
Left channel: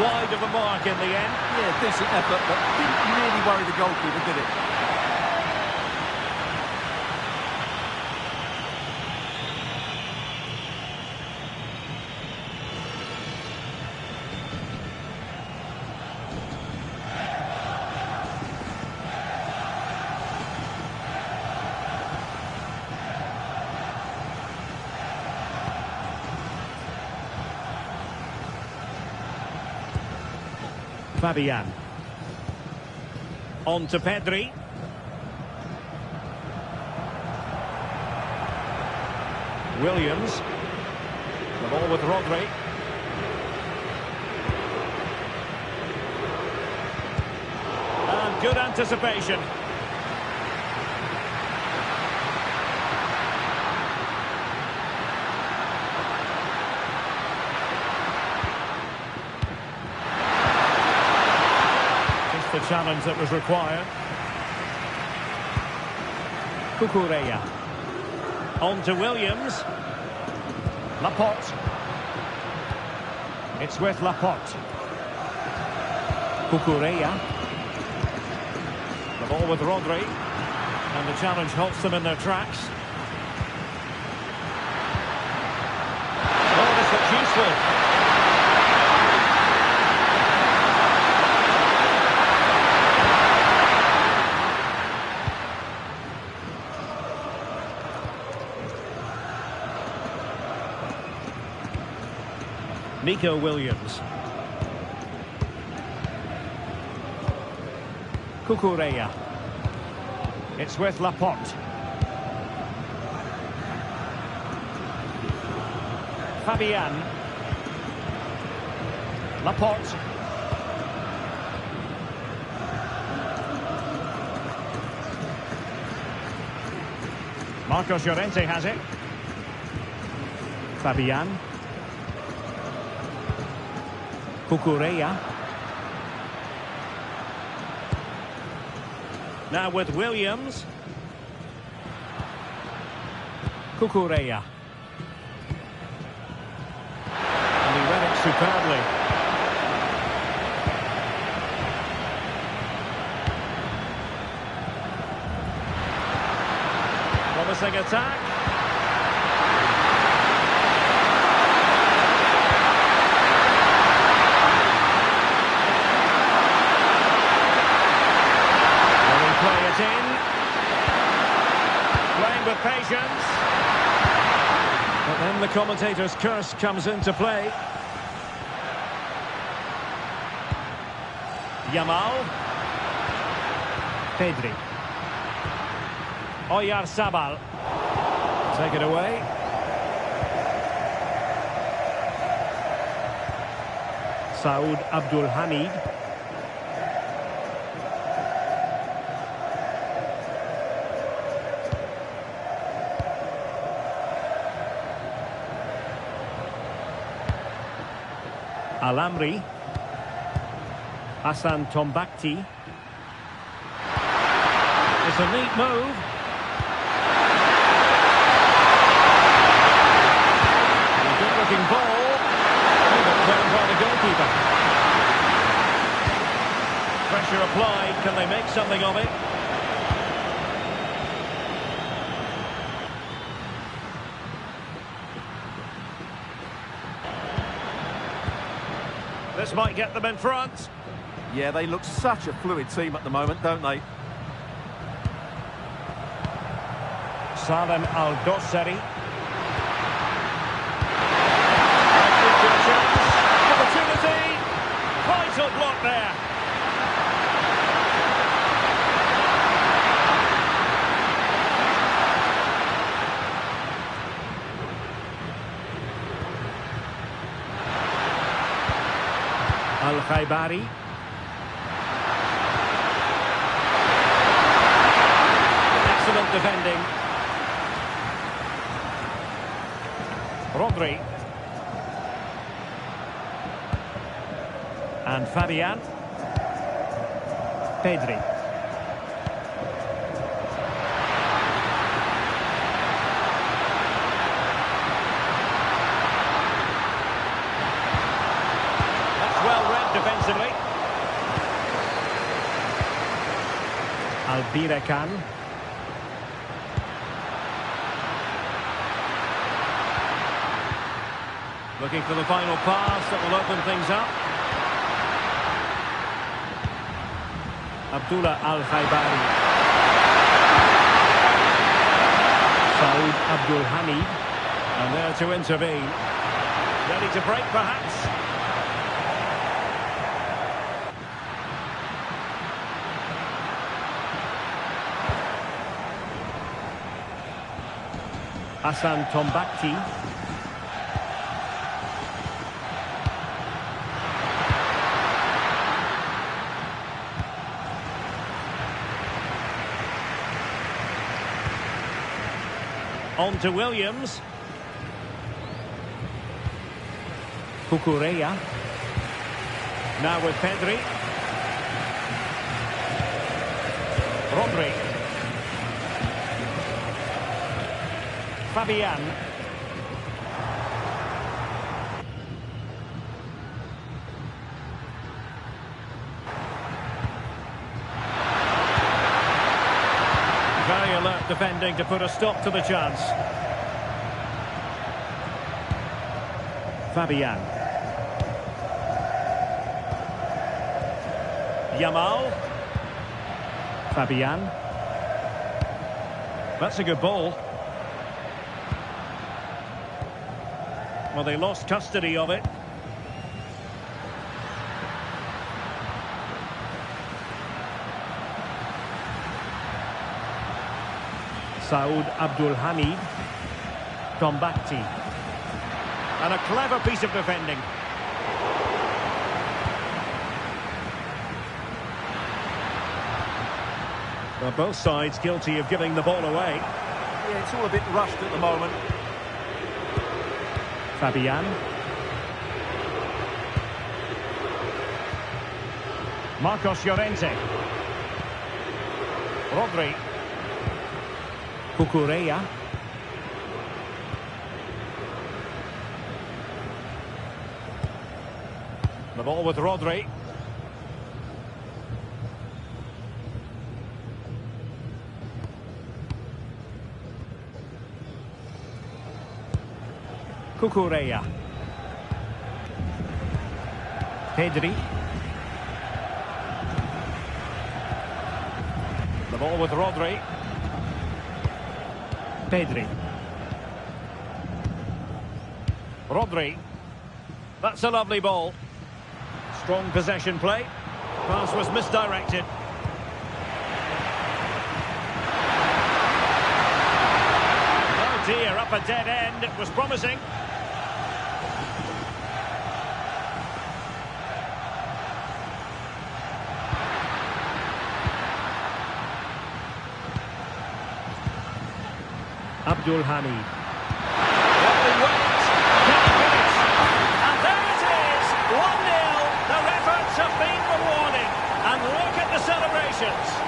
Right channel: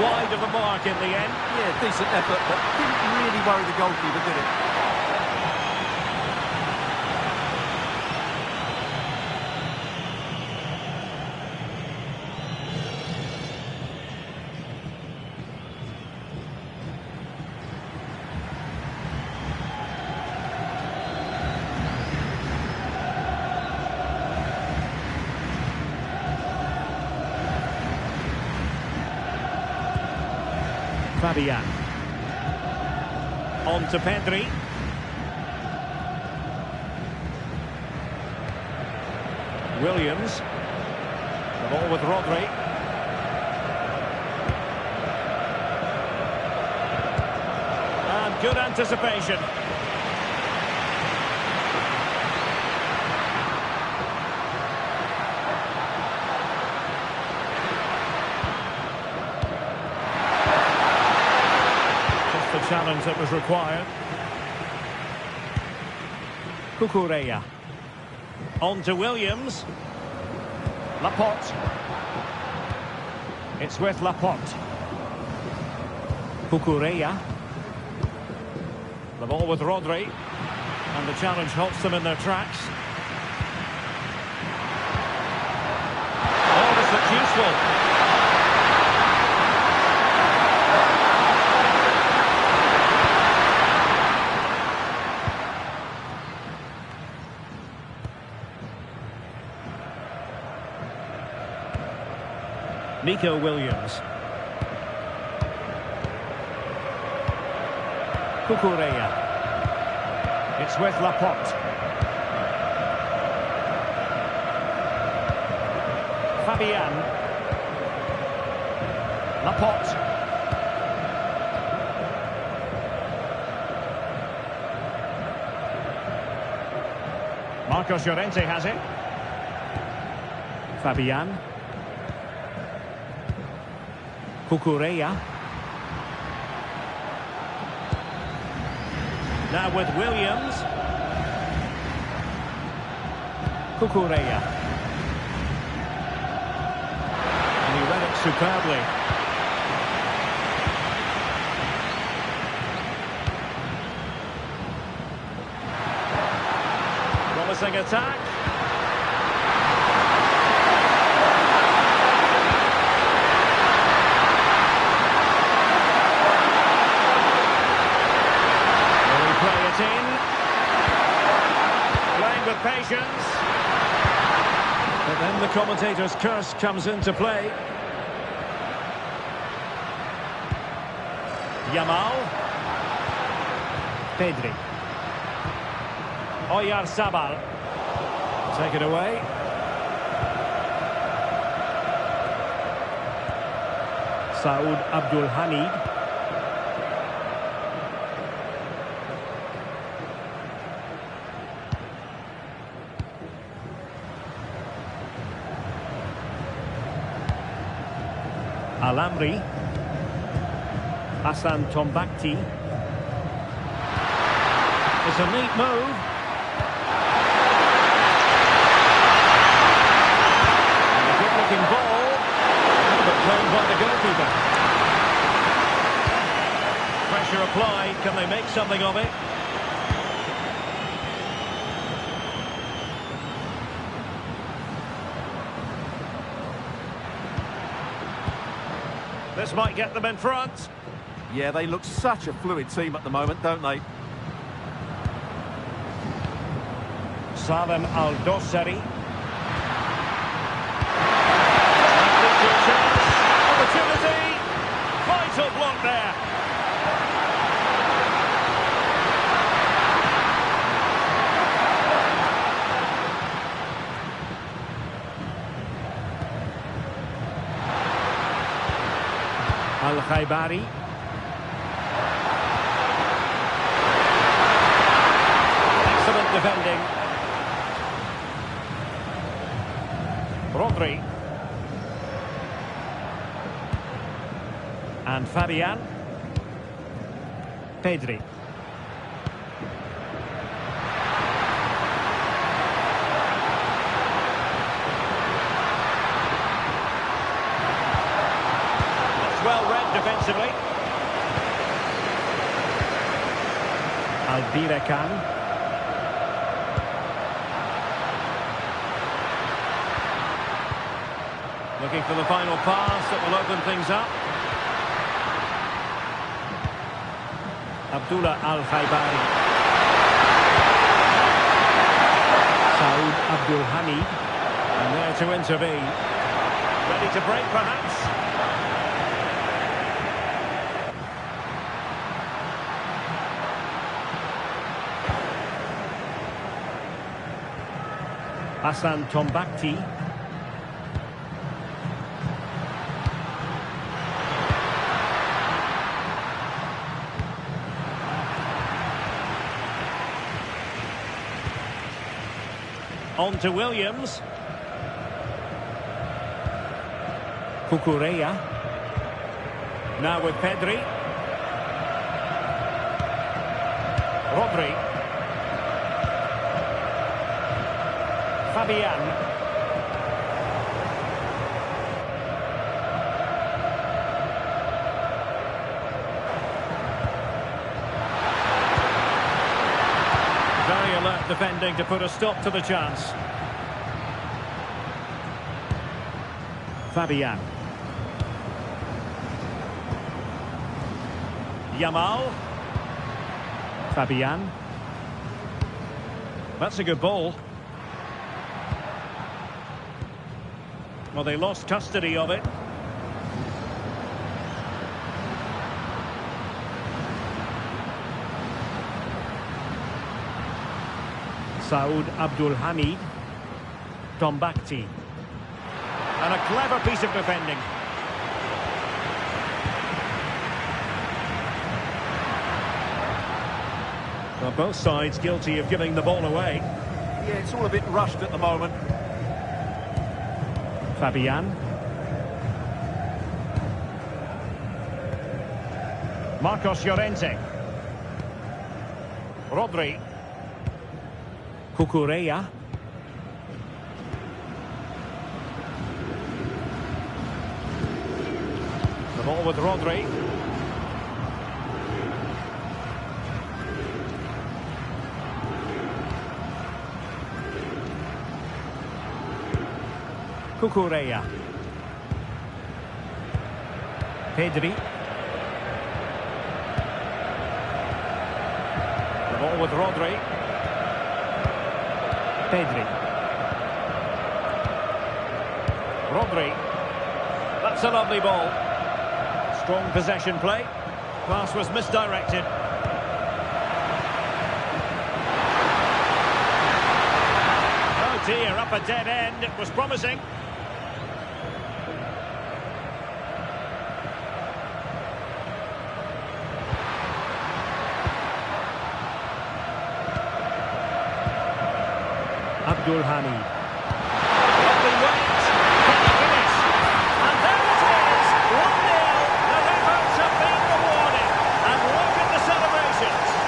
Wide of the mark in the end. Yeah, decent effort, but didn't really worry the goalkeeper, did it? Fabian. On to Pedri. Williams. The ball with Rodri. And good anticipation. The challenge that was required. Cucurella. On to Williams. Laporte. It's with Laporte. Cucurella. The ball with Rodri. And the challenge halts them in their tracks. Oh, this looks useful. Nico Williams. Cucurella. It's with Laporte. Fabian. Laporte. Marcos Llorente has it. Fabian. Cucurella. Now with Williams. Cucurella. And he read it superbly. Promising attack. Play it in. Playing with patience. But then the commentator's curse comes into play. Yamal. Pedri. Oyarzabal. Take it away. Saud Abdul Hamid. Alamri. Hassan Tombakti. It's a neat move. And a good-looking ball. Oh, but played by the goalkeeper. Pressure applied. Can they make something of it? This might get them in front. Yeah, they look such a fluid team at the moment, don't they? Salem Al-Dossari. Might lead to a chance. Opportunity. Vital block there. Al-Khaibari. Excellent defending. Rodri. And Fabian. Pedri. That's well read defensively. Albirekan. Looking for the final pass that will open things up. Abdullah Al-Khaibari. Saud Abdul Hamid. And there to intervene. Ready to break, perhaps. Hassan Tombakti. On to Williams. Cucurella. Now with Pedri. Rodri. Fabian. Very alert defending to put a stop to the chance. Fabian. Yamal. Fabian. That's a good ball. Well, they lost custody of it. Saud Abdul Hamid. Tombakti. And a clever piece of defending. Well, both sides guilty of giving the ball away. Yeah, it's all a bit rushed at the moment. Fabian. Marcos Llorente. Rodri. Cucurella. The ball with Rodri. Cucurella. Pedri. The ball with Rodri. Pedri. Rodri. That's a lovely ball. Strong possession play. Pass was misdirected. Oh dear, up a dead end. It was promising. Abdul Hamid. Lovely weight. Can he finish? And there it is. 1-0. conditions.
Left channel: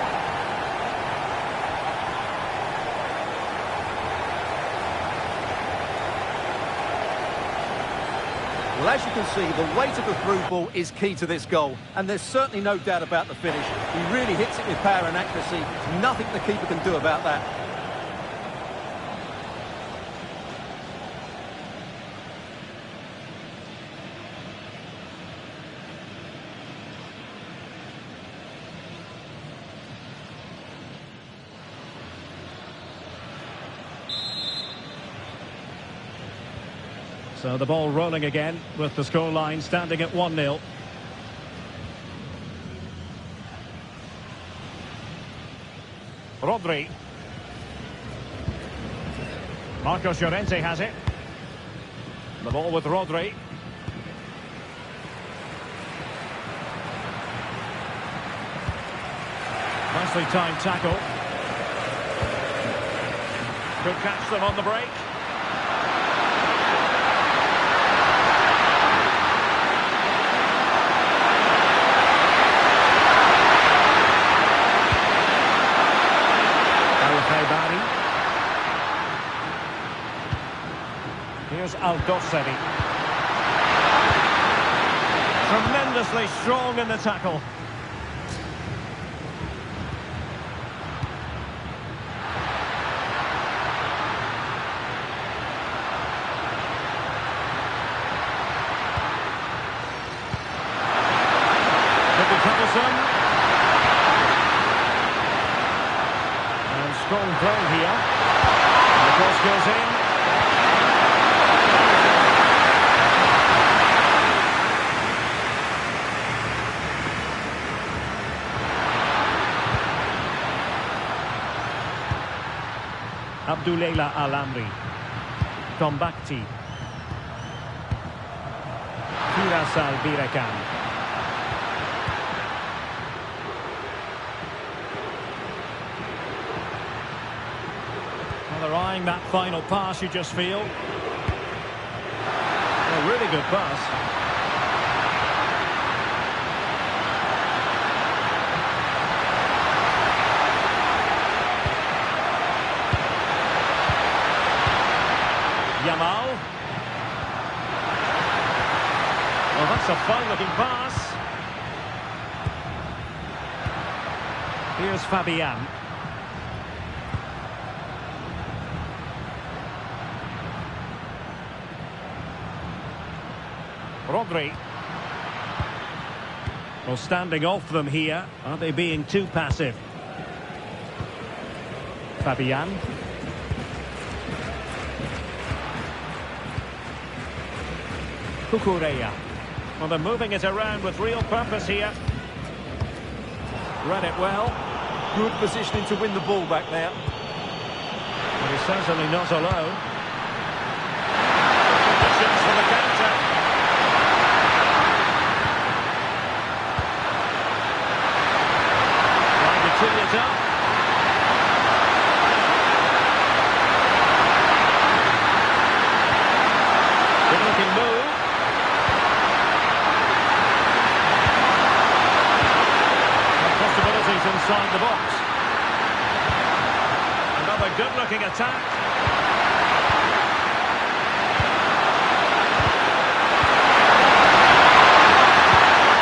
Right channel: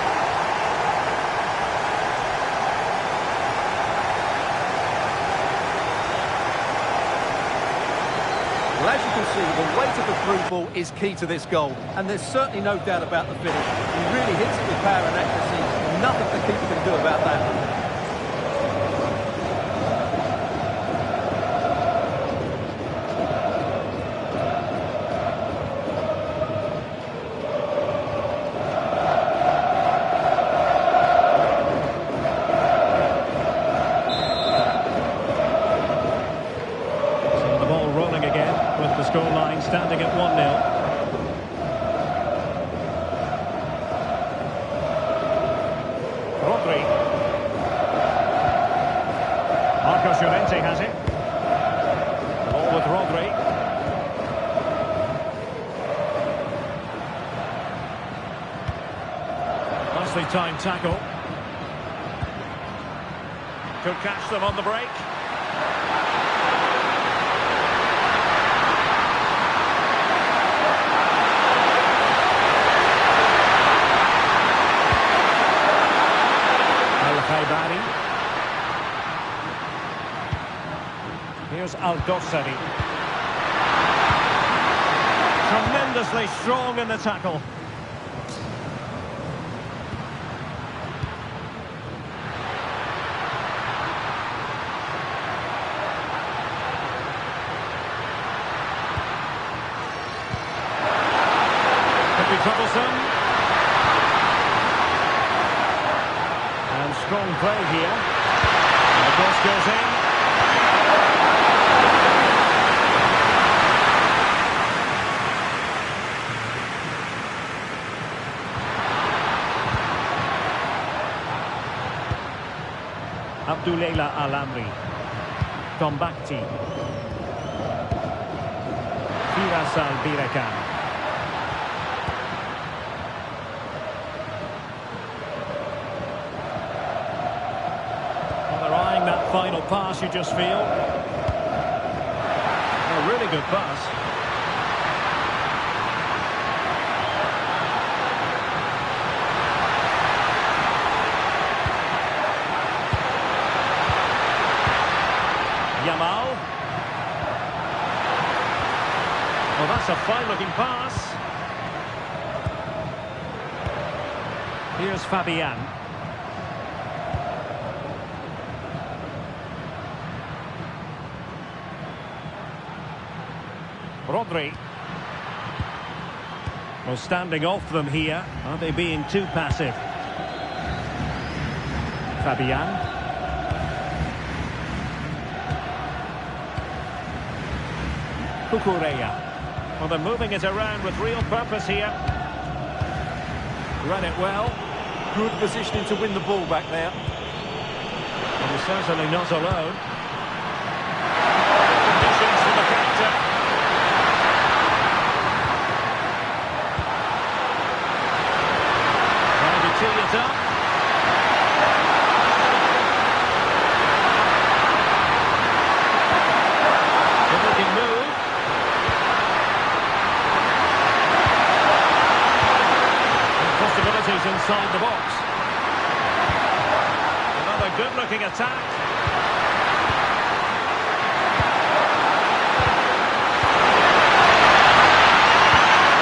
Well, as you can see, the weight of the through ball is key to this goal, and there's certainly no doubt about the finish. He really hits it with power and accuracy. Nothing the keeper can do about that. So the ball rolling again with the scoreline standing at 1-0. Rodri. Marcos Llorente has it. The ball with Rodri. Nicely timed tackle. Could catch them on the break. Al-Khaibari. Here's Al-Dossari. Tremendously strong in the tackle. Could be troublesome. And strong play here. And the cross goes in. Abdullah Al-Amri. Tombakti. Firas Al-Birakan. They're eyeing that final pass, you just feel. A really good pass. Yamal. Oh, that's a fine-looking pass. Here's Fabian. Rodri. Well, standing off them here. Are they being too passive? Fabian. Cucurella. Well, they're moving it around with real purpose here. Read it well. Good positioning to win the ball back there. But he's certainly not alone. Conditions for the counter. Trying to tee it up. Good-looking move. Possibilities inside the box. Another good-looking attack.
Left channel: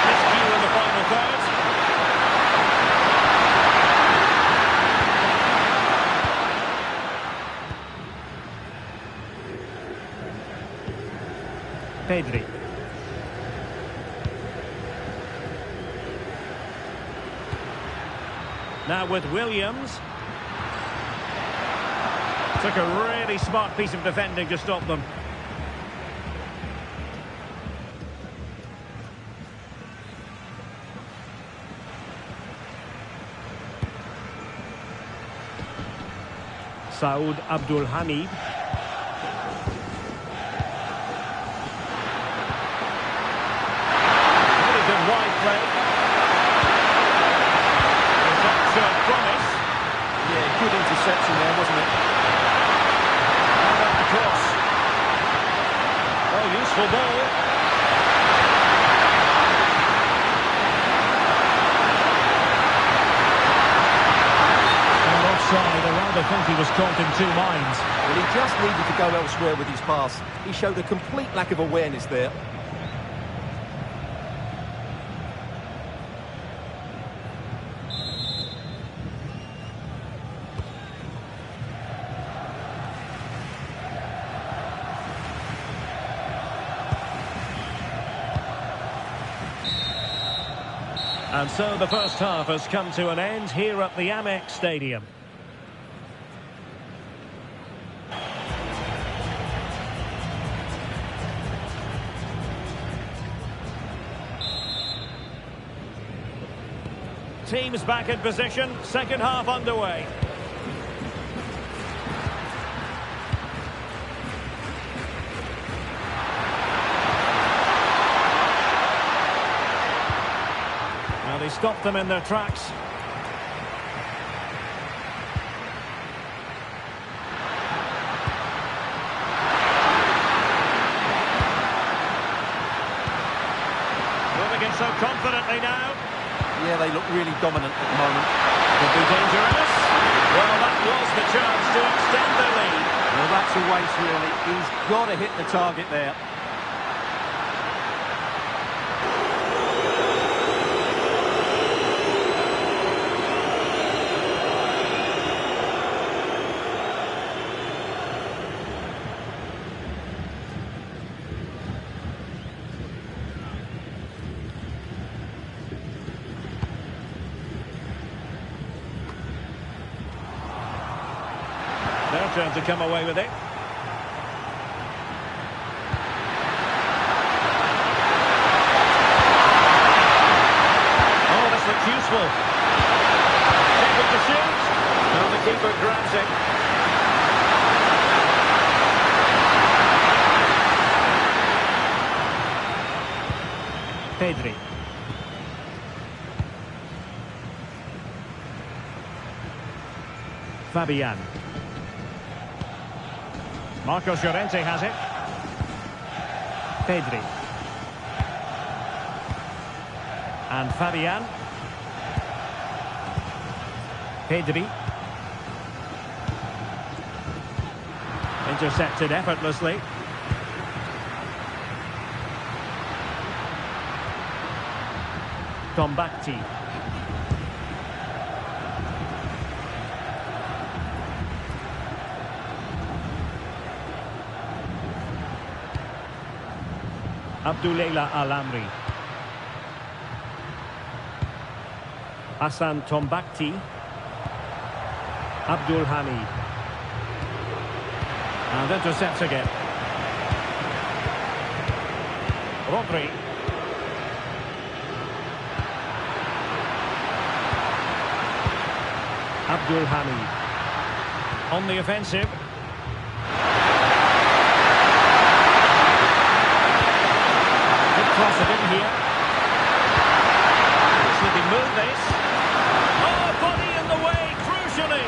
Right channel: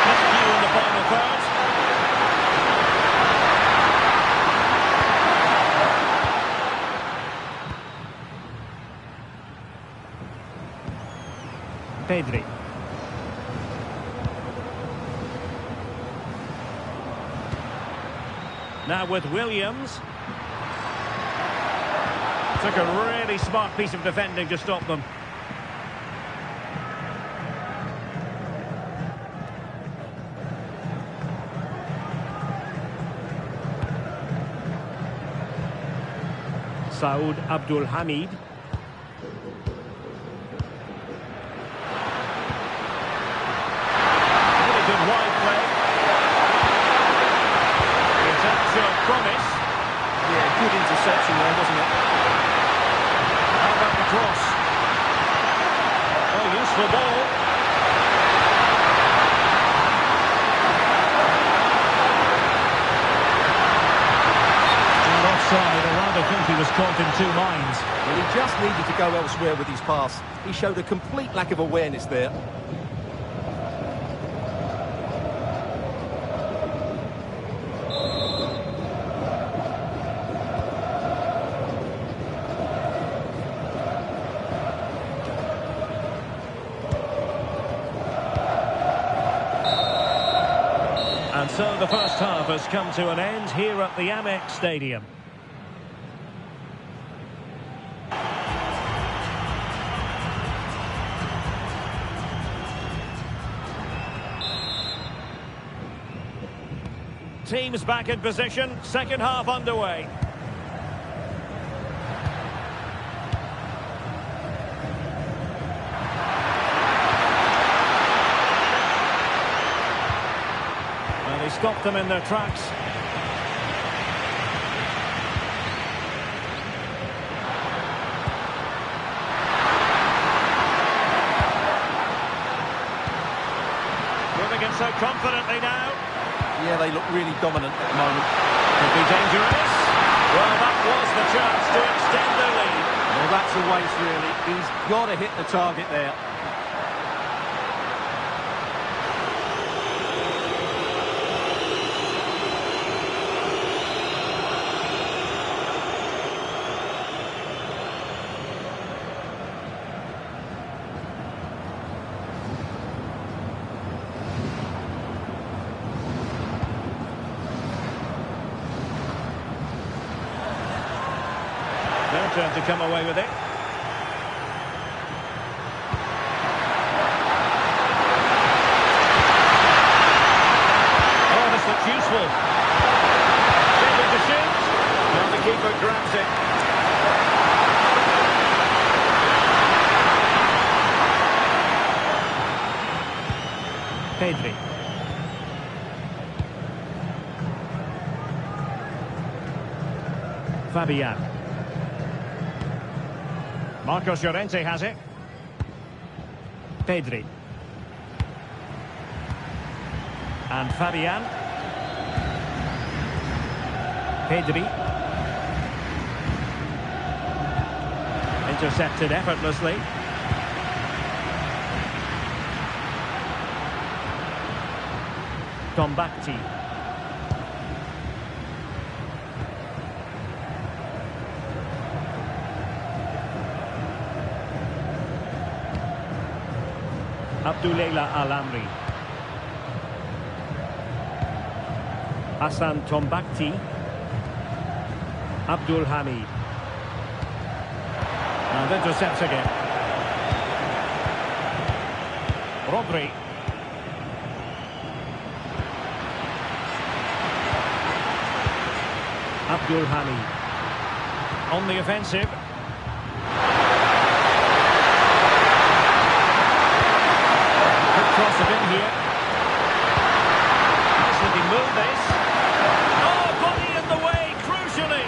Miscue in the final third. Pedri. Now with Williams. Took a really smart piece of defending to stop them. Saud Abdul Hamid. Really good wide play. Showed promise. Yeah, good interception there, wasn't it? How about the cross? Oh, useful ball. they think he was caught in two minds. Well, he just needed to go elsewhere with his pass. He showed a complete lack of awareness there. And so the first half has come to an end here at the Amex Stadium. Teams back in position, second half underway. Well, he stopped them in their tracks. Moving it so confidently now. Yeah, they look really dominant at the moment. Could be dangerous. Well, that was the chance to extend the lead. Well, that's a waste, really. He's got to hit the target there. Their turn to come away with it. Oh, this looks useful. Shaping to shoot. Now the keeper grabs it. Pedri. Fabian. Marcos Llorente has it. Pedri. And Fabian. Pedri. Intercepted effortlessly. Tombakti. Abdullah Al-Amri. Hassan Tombakti. Abdul Hamid. And intercepts again. Rodri. Abdul Hamid. On the offensive. Cross it in here. Nice looking move, this. Oh, body in the way, crucially.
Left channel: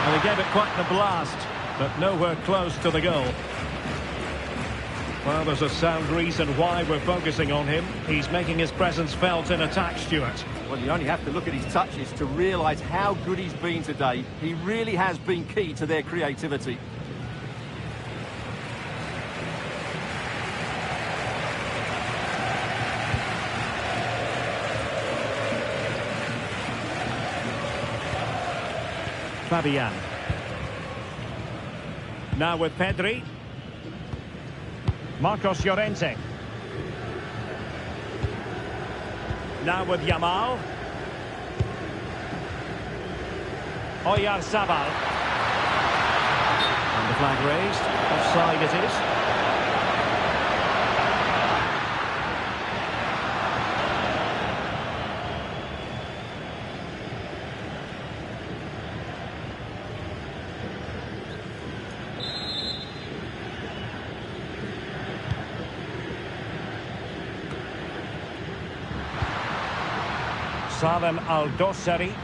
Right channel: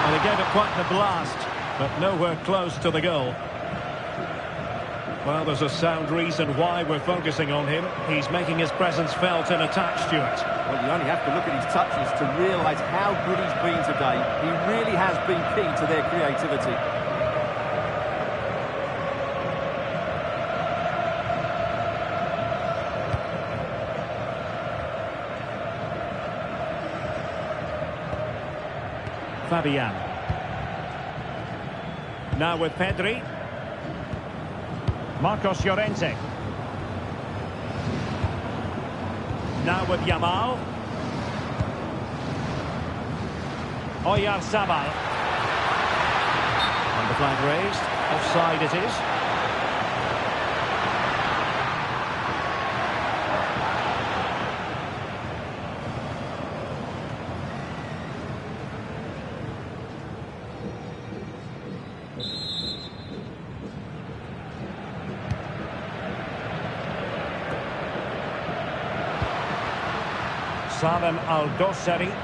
Well, he gave it quite the blast, but nowhere close to the goal. Well, there's a sound reason why we're focusing on him. He's making his presence felt in attack, Stuart. Well, you only have to look at his touches to realise how good he's been today. He really has been key to their creativity. Fabian. Now with Pedri. Marcos Llorente. Now with Yamal. Oyarzabal. And the flag raised. Offside it is. Salem Al-Dossari.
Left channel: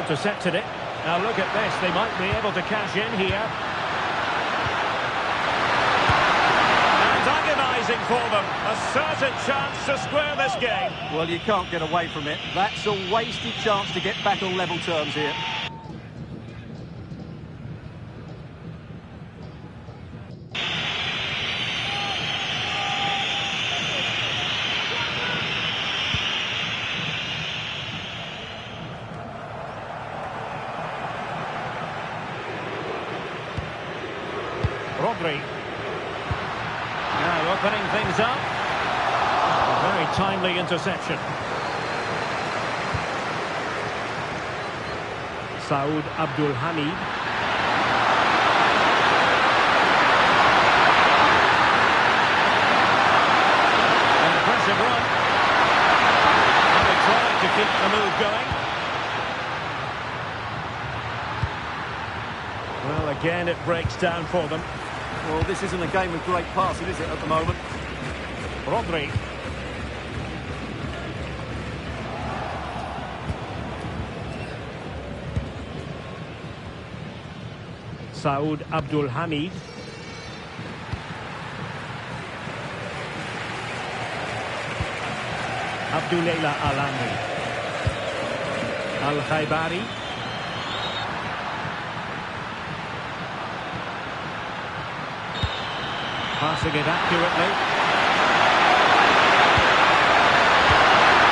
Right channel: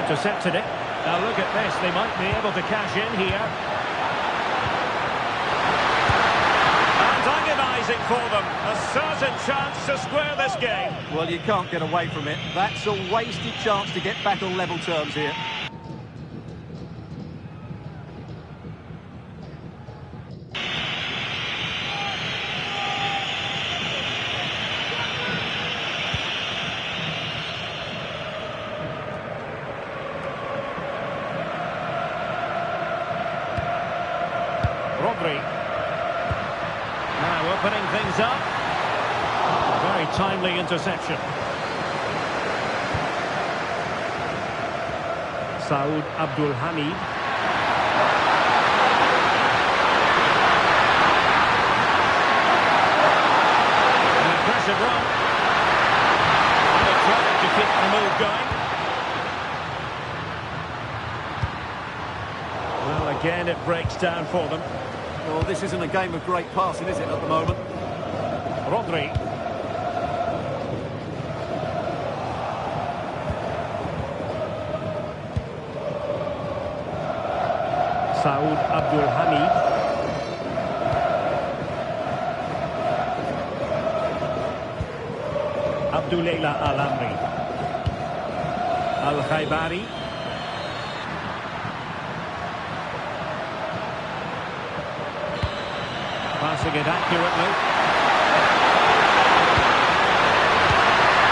Intercepted it. Now look at this, they might be able to cash in here. And agonising for them. A certain chance to square this game. Well, you can't get away from it. That's a wasted chance to get back on level terms here. Rodri. Now opening things up. A very timely interception. Saud Abdul Hamid. An impressive run. And they tried to keep the move going. Well, again, it breaks down for them. Well, this isn't a game of great passing, is it, at the moment? Rodri. Saud Abdul Hamid. Abdullah Al-Amri. Al-Khaibari. Passing it accurately.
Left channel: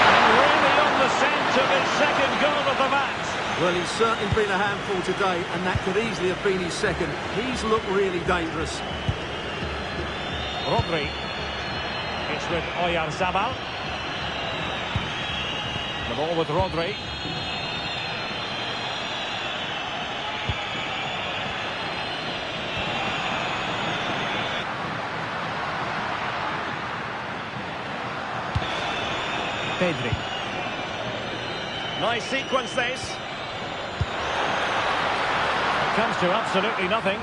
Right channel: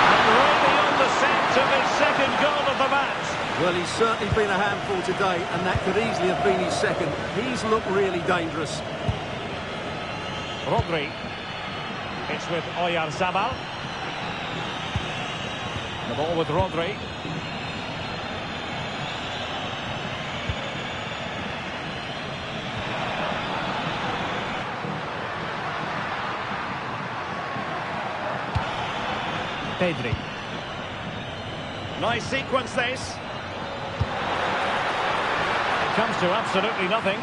And really on the scent of his second goal of the match. Well, he's certainly been a handful today, and that could easily have been his second. He's looked really dangerous. Rodri. It's with Oyarzabal. The ball with Rodri. Pedri. Nice sequence this. It comes to absolutely nothing.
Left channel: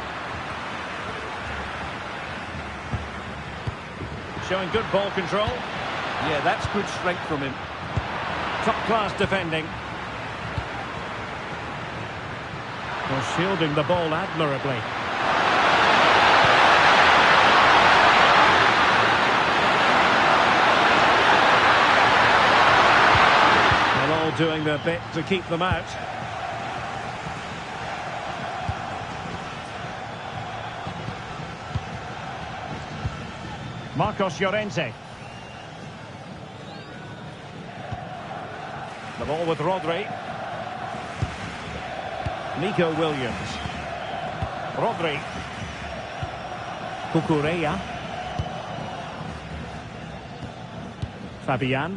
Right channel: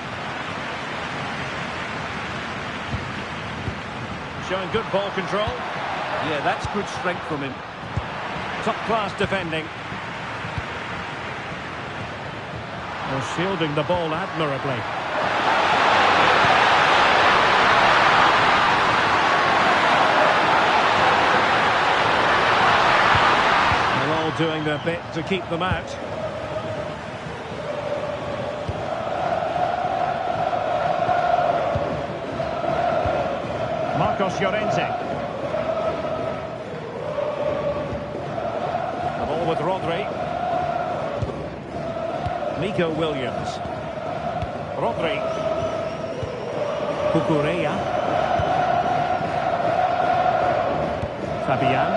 Showing good ball control. Yeah, that's good strength from him. Top-class defending. Well, shielding the ball admirably. They're all doing their bit to keep them out. Marcos Llorente. The ball with Rodri. Nico Williams. Rodri. Cucurella. Fabian.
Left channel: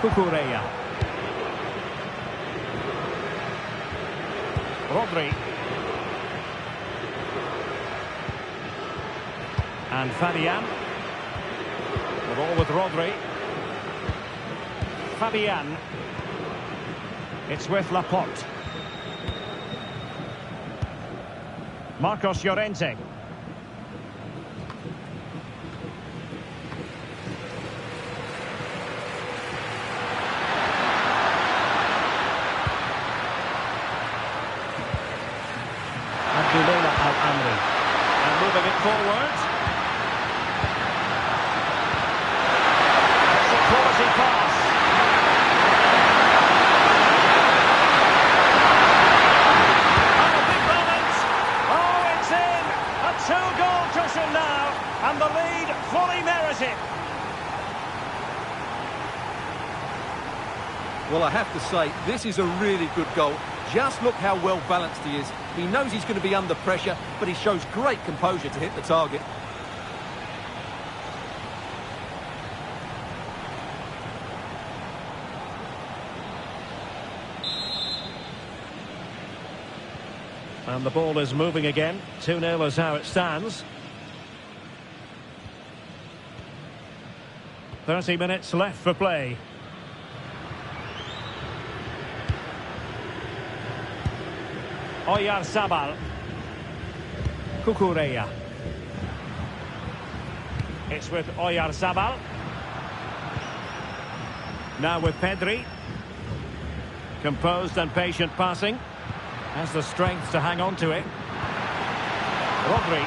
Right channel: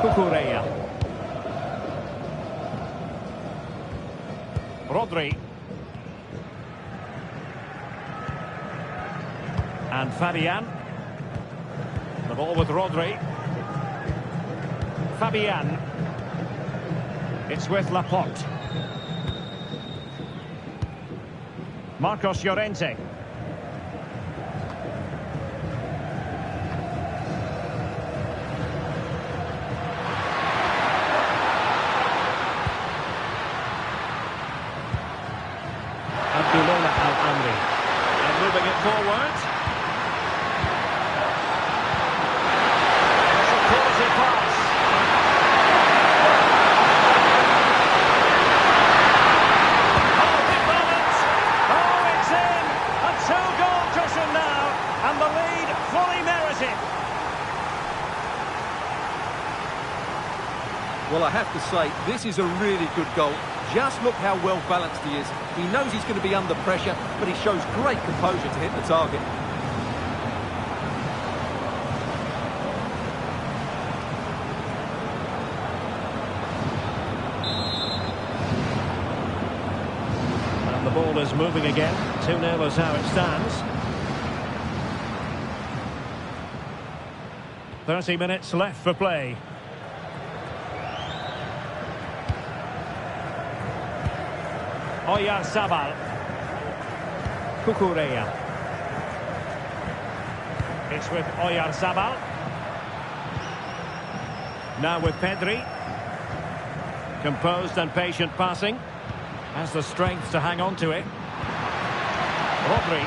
Cucurella. Rodri. And Fabian. The ball with Rodri. Fabian. It's with Laporte. Marcos Llorente. Abdullah Al-Amri. And moving it forward. It's a quality pass. Oh, big moment. Oh, it's in. A two-goal cushion now. And the lead fully merited. Well, I have to say, this is a really good goal. Just look how well balanced he is. He knows he's going to be under pressure, but he shows great composure to hit the target. And the ball is moving again. 2-0 is how it stands. 30 minutes left for play. Oyarzabal. Cucurella. It's with Oyarzabal. Now with Pedri. Composed and patient passing. Has the strength to hang on to it. Rodri.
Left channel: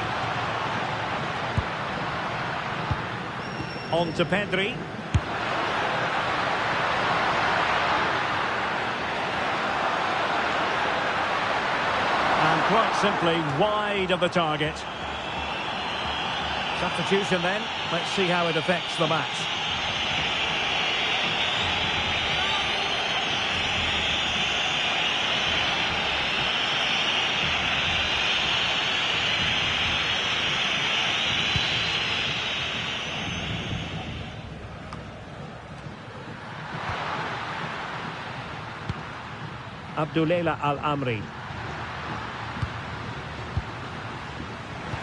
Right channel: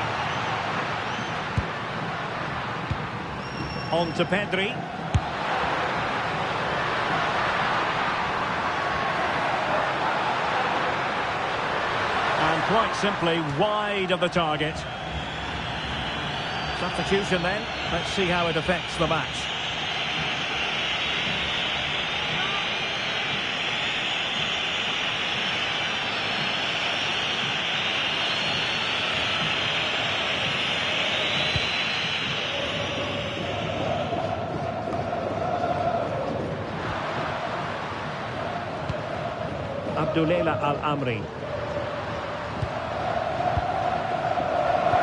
On to Pedri. And quite simply wide of the target. Substitution then. Let's see how it affects the match. Abdullah Al-Amri.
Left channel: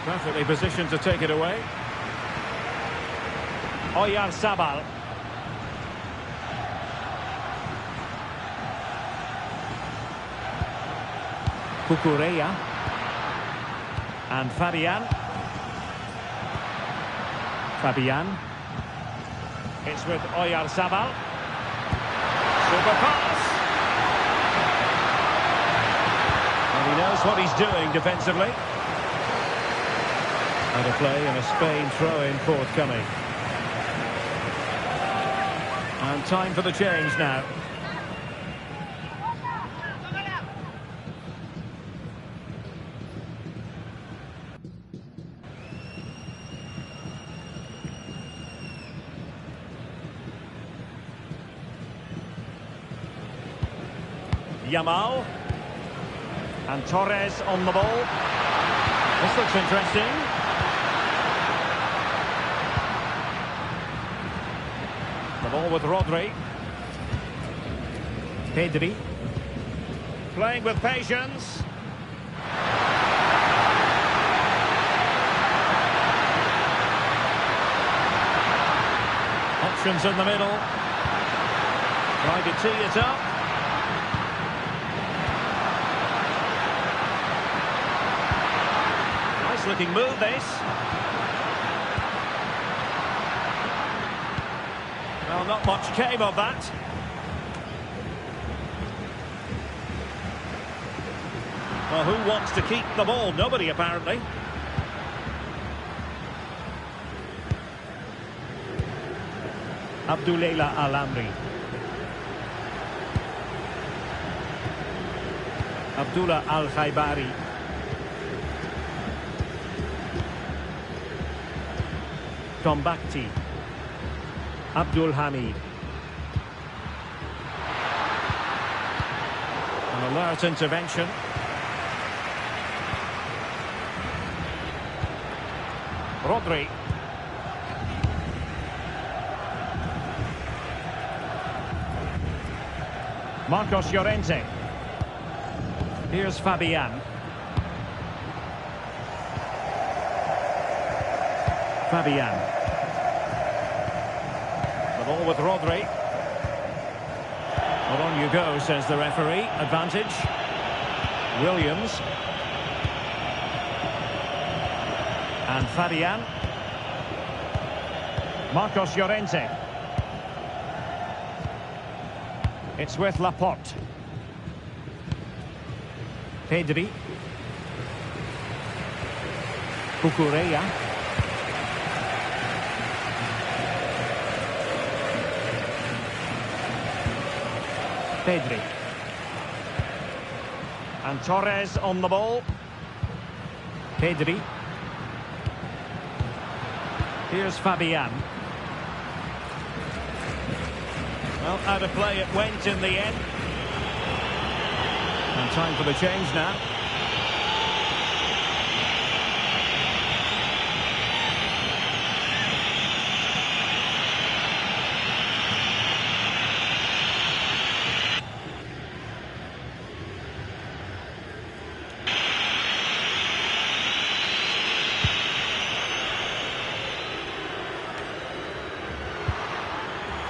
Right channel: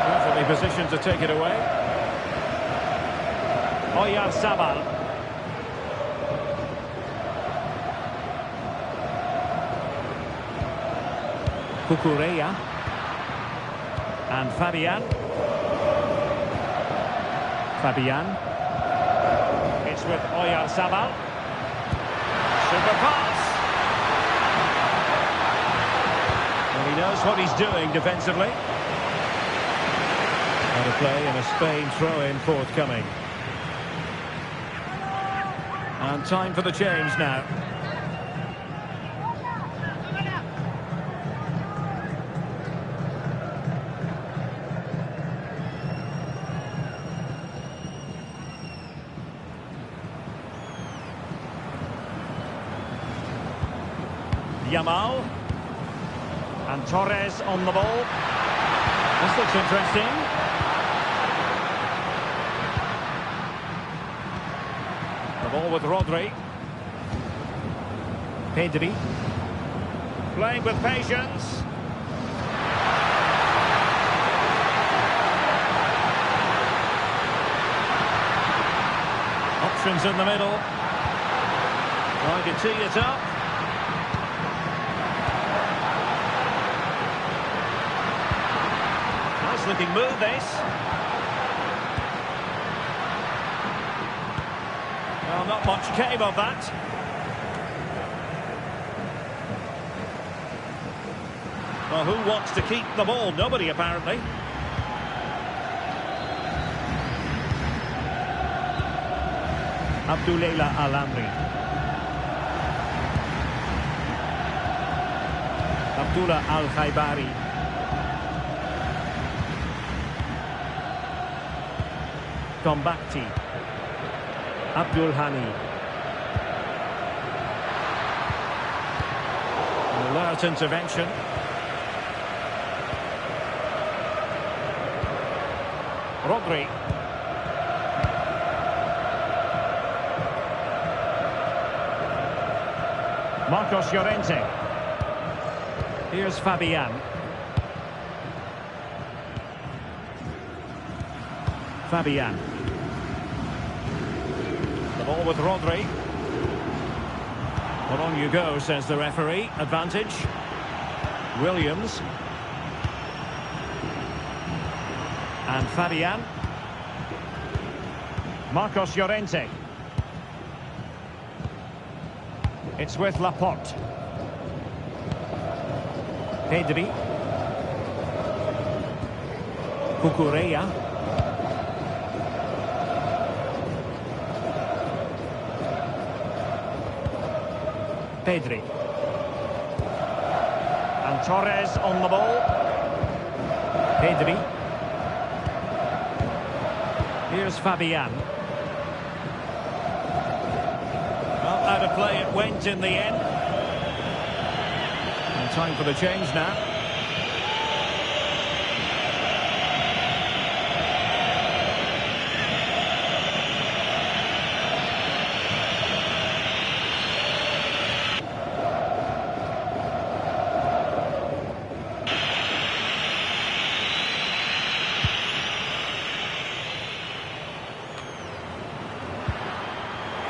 Perfectly positioned to take it away. Oyarzabal. Cucurella. And Fabian. It's with Oyarzabal. Super pass. Well, he knows what he's doing defensively. Out of play and a Spain throw-in forthcoming. And time for the change now. Yamal. And Torres on the ball. This looks interesting. The ball with Rodri. Pedri. Playing with patience. Options in the middle. Trying to tee it up. Nice looking move, this. Well, not much came of that. Well, who wants to keep the ball? Nobody, apparently. Abdullah Al-Amri. Abdullah Al-Khaibari. Tombakti. Abdul Hamid. An alert intervention. Rodri. Marcos Llorente. Here's Fabian. The ball with Rodri. Well, on you go, says the referee. Advantage. Williams. And Fabian. Marcos Llorente. It's with Laporte. Pedri. Cucurella. Pedri. And Torres on the ball. Pedri. Here's Fabian. Well, out of play it went in the end. And time for the change now.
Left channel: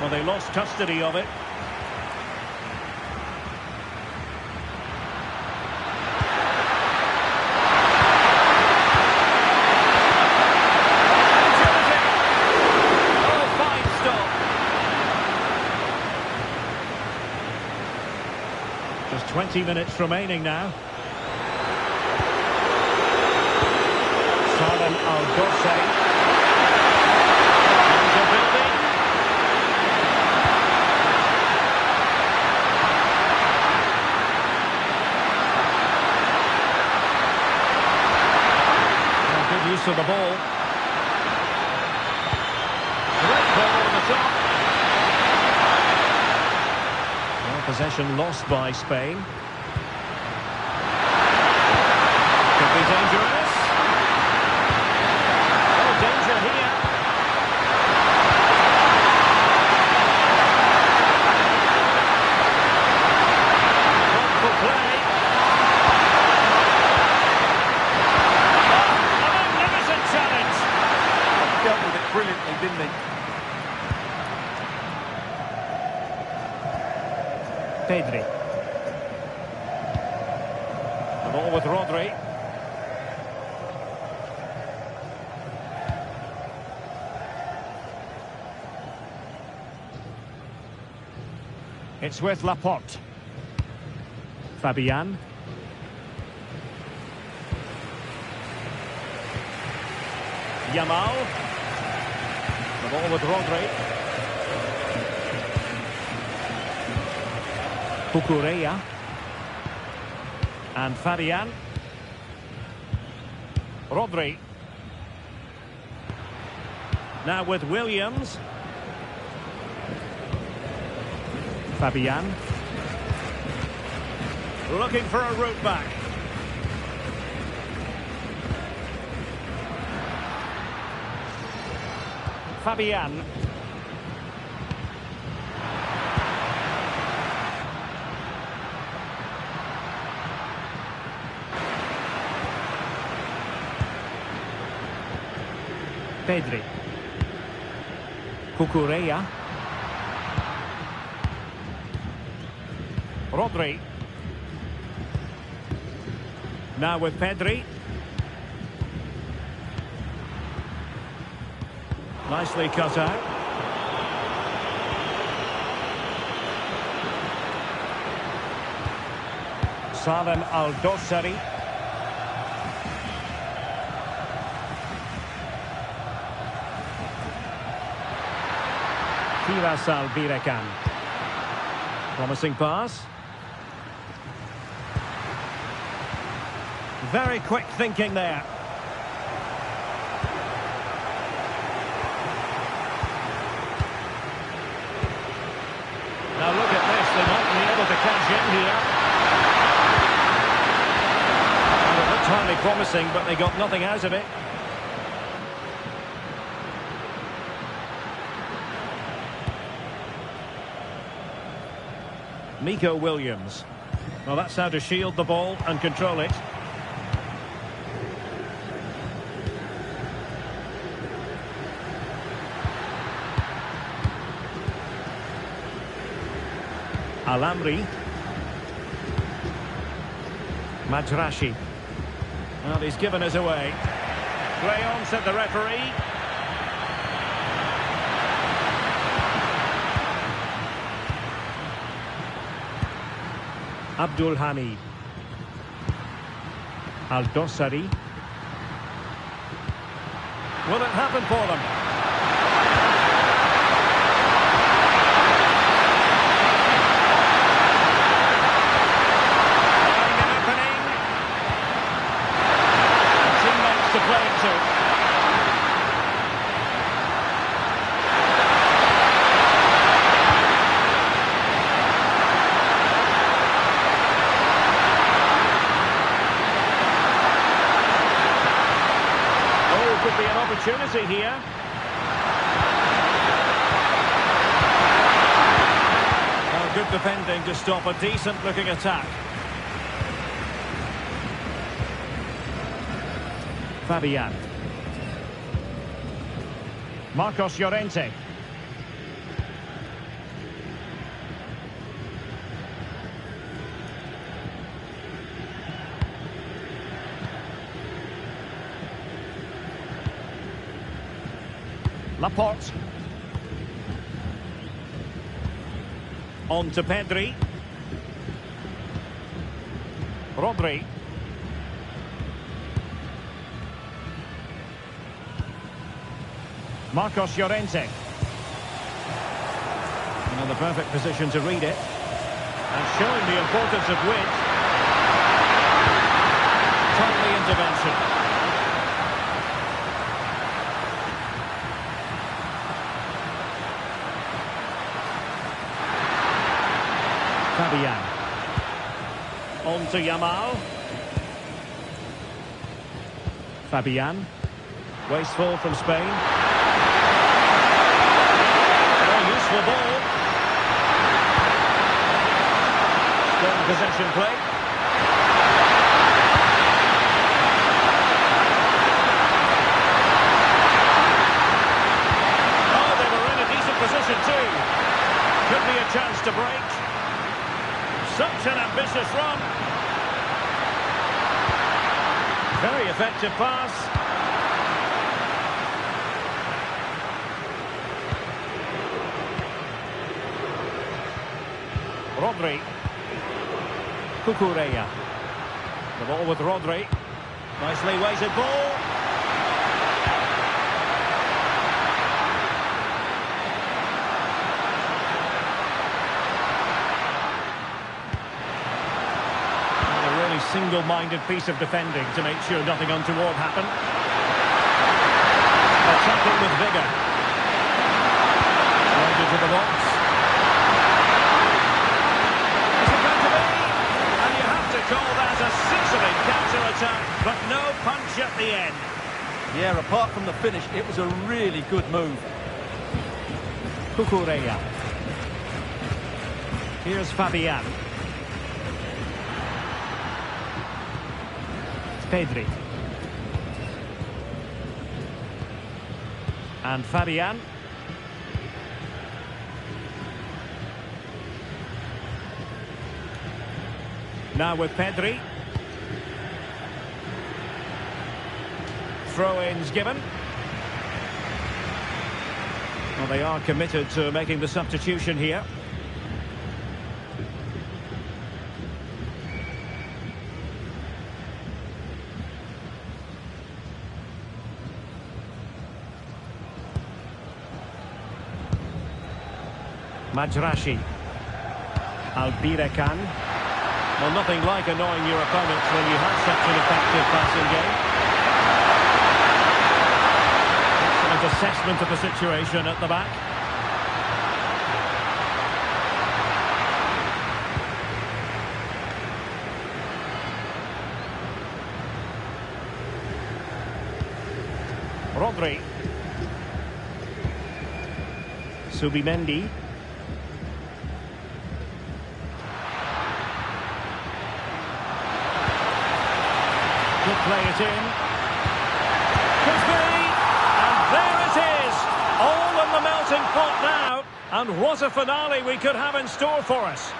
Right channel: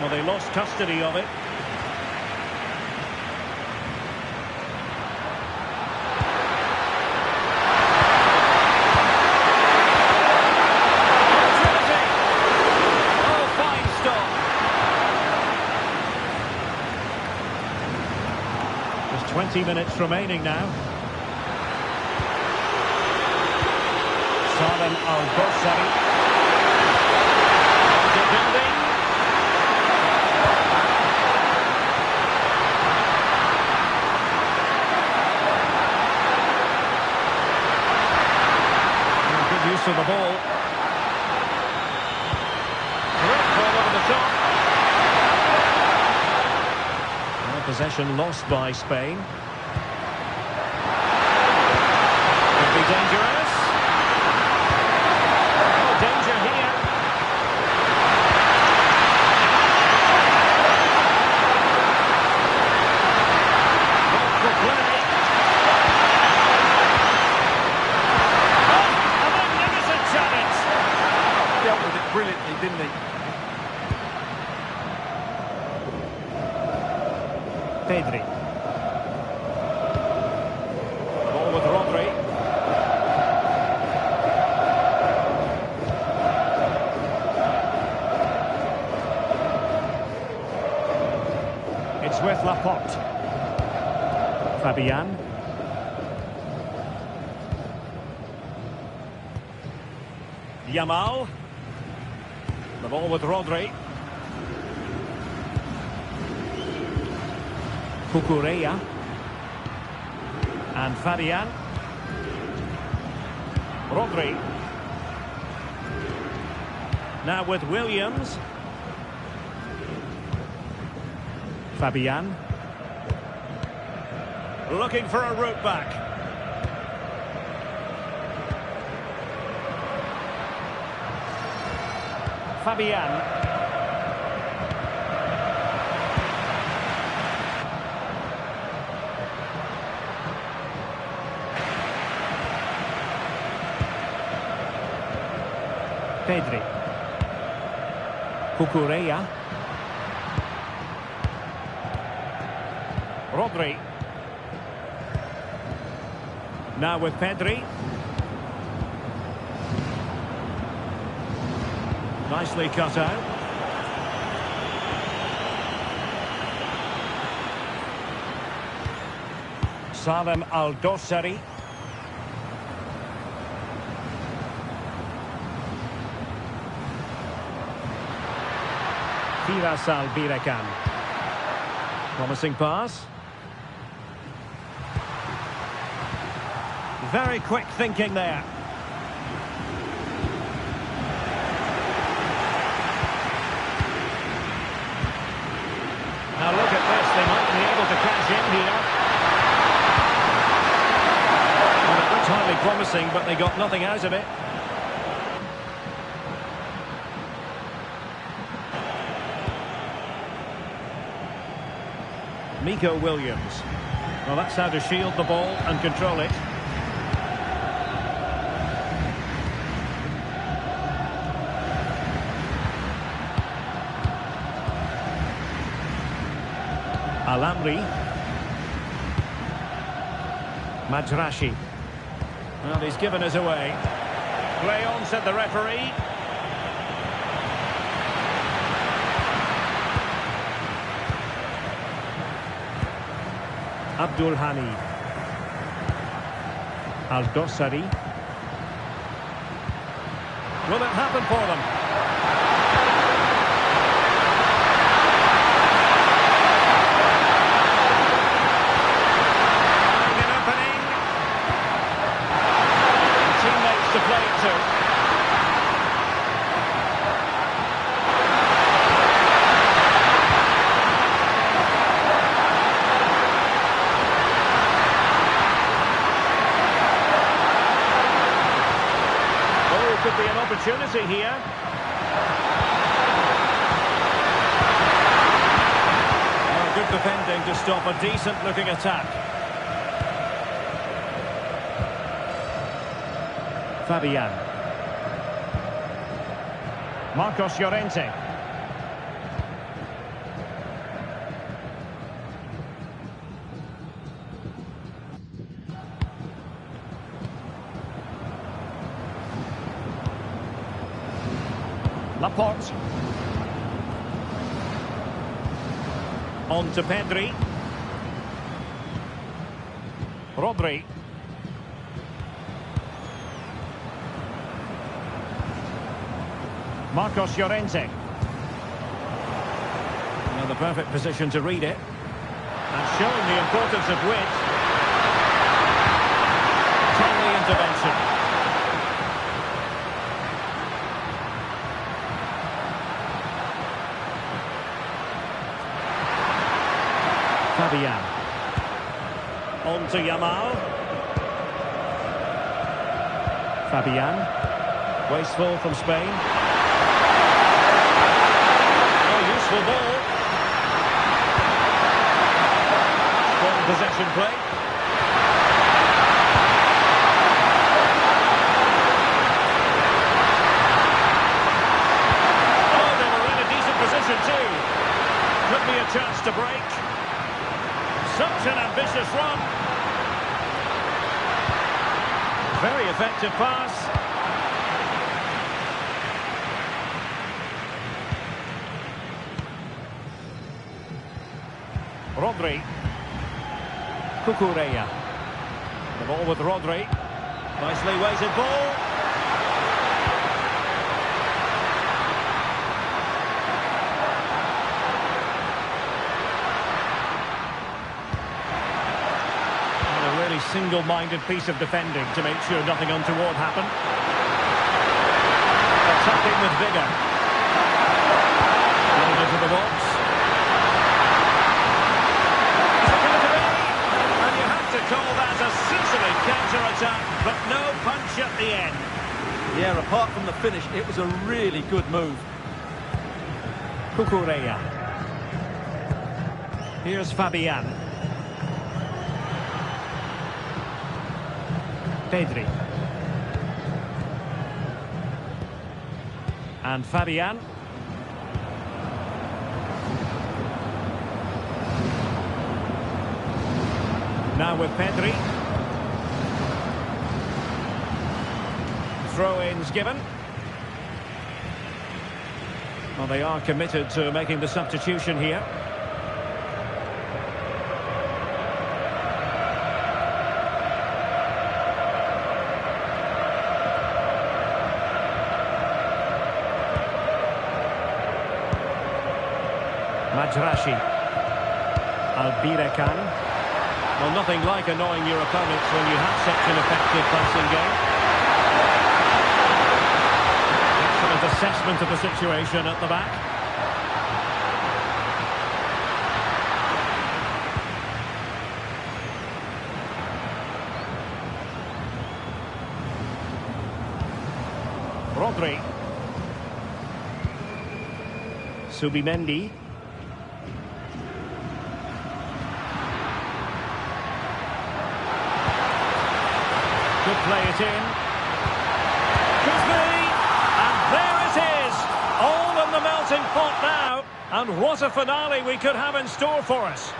Well, they lost custody of it. Opportunity. 20 minutes remaining now. Salem Al-Dossari. Into building. Well, good use of the ball. Great ball over the top. Well, possession lost by Spain. Could be dangerous. Oh, danger here. Thoughtful play. Oh, a magnificent challenge. Oh, dealt with it brilliantly, didn't he? Pedri. The ball with Rodri. It's with Laporte. Fabian. Yamal. The ball with Rodri. Cucurella. And Fabian. Rodri. Now with Williams. Fabian. Looking for a route back. Fabian. Pedri. Cucurella. Rodri. Now with Pedri. Nicely cut out. Salem Al-Dossari. Firas Al-Birekan. Promising pass. Very quick thinking there. Now look at this, they might be able to cash in here. Well, it looked highly promising, but they got nothing out of it. Nico Williams. Well, that's how to shield the ball and control it. Alamri. Majrashi. Well, he's given us away. Play on, said the referee. Abdul Hamid. Al-Dossari. Will it happen for them? Finding an opening. And teammates to play it to. Could be an opportunity here. Well, good defending to stop a decent-looking attack. Fabian. Marcos Llorente. Laporte. On to Pedri. Rodri. Marcos Llorente. Now the perfect position to read it. And showing the importance of width. Timely intervention. Fabian. On to Yamal. Fabian. Wasteful from Spain. Very useful ball. Strong possession play. Oh, they were in a decent position too. Could be a chance to break. Such an ambitious run. Very effective pass. Rodri. Cucurella. The ball with Rodri. Nicely weighted ball. And a really single-minded piece of defending to make sure nothing untoward happened. Attacking with vigour. Loaded to the box. You have to call that a sizzling counter-attack, but no punch at the end. Yeah, apart from the finish, it was a really good move. Cucurella. Here's Fabian. Pedri. And Fabian. Now with Pedri. Throw-ins given. Well, they are committed to making the substitution here. Majrashi. Albirekan. Well, nothing like annoying your opponents when you have such an effective passing game. Excellent assessment of the situation at the back. Rodri. Subimendi. Could play it in. Could be. And there it is. All in the melting pot now. And what a finale we could have in store for us.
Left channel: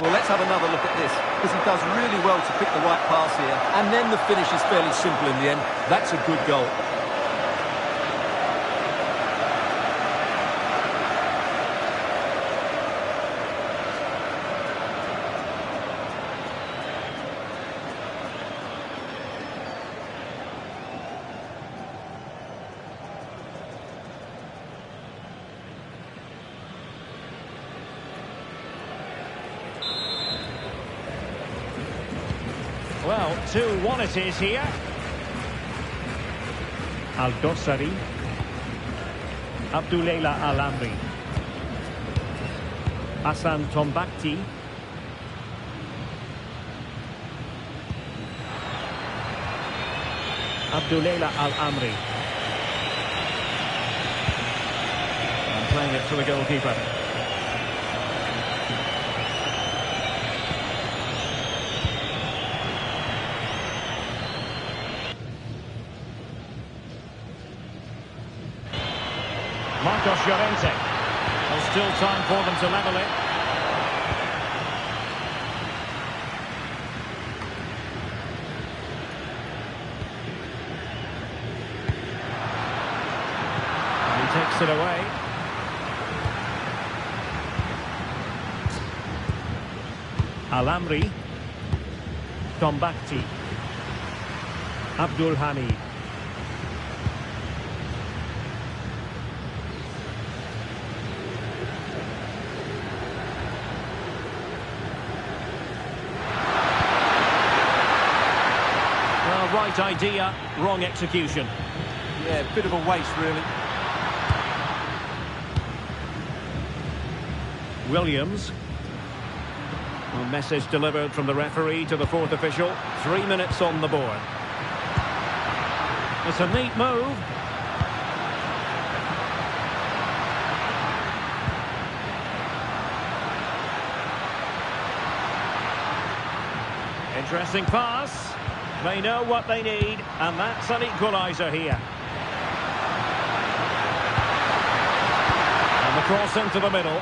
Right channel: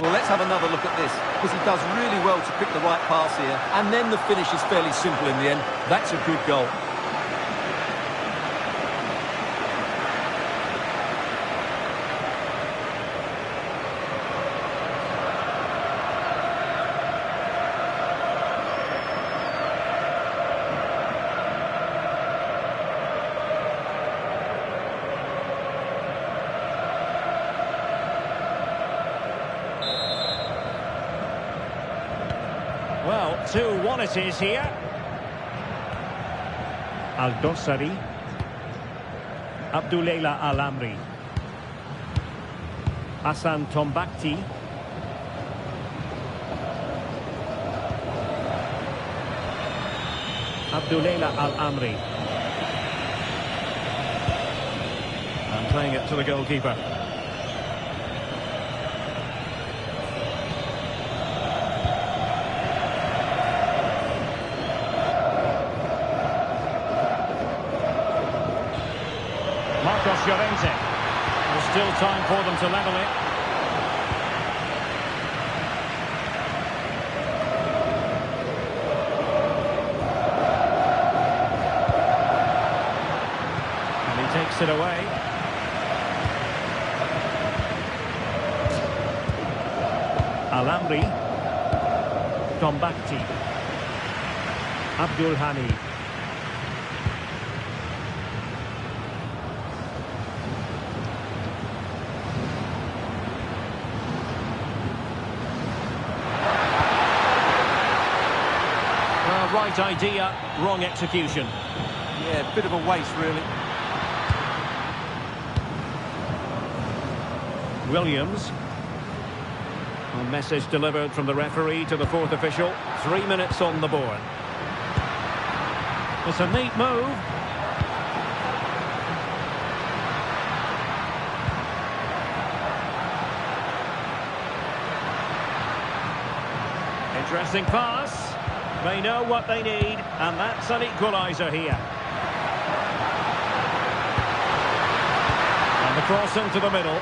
Well, let's have another look at this, because he does really well to pick the right pass here, and then the finish is fairly simple in the end. That's a good goal. Well, 2-1 it is here. Al-Dossari. Abdouleila Al-Amri. Hassan Tombakti. Abdouleila Al-Amri. And playing it to the goalkeeper. Marcos Llorente. There's still time for them to level it. takes it away. Alamri. Tombakti. Abdul Hamid. Well, right idea, wrong execution. Yeah, bit of a waste, really. Williams. A message delivered from the referee to the fourth official. 3 minutes on the board. It's a neat move. Interesting pass. They know what they need, and that's an equalizer here. And the cross into the middle.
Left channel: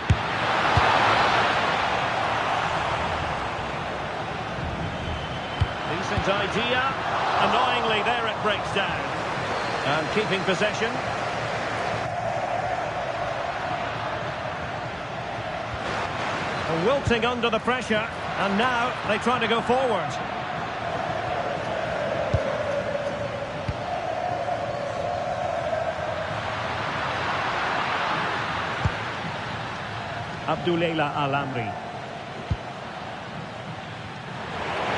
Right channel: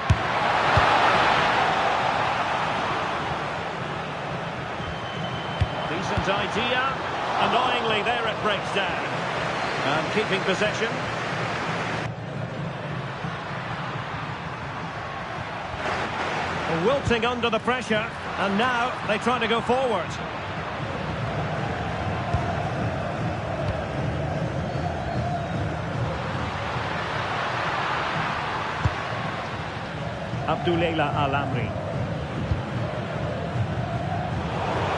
Decent idea. Annoyingly, there it breaks down. And keeping possession. Wilting under the pressure. And now they try to go forward. Abdullah Alamri.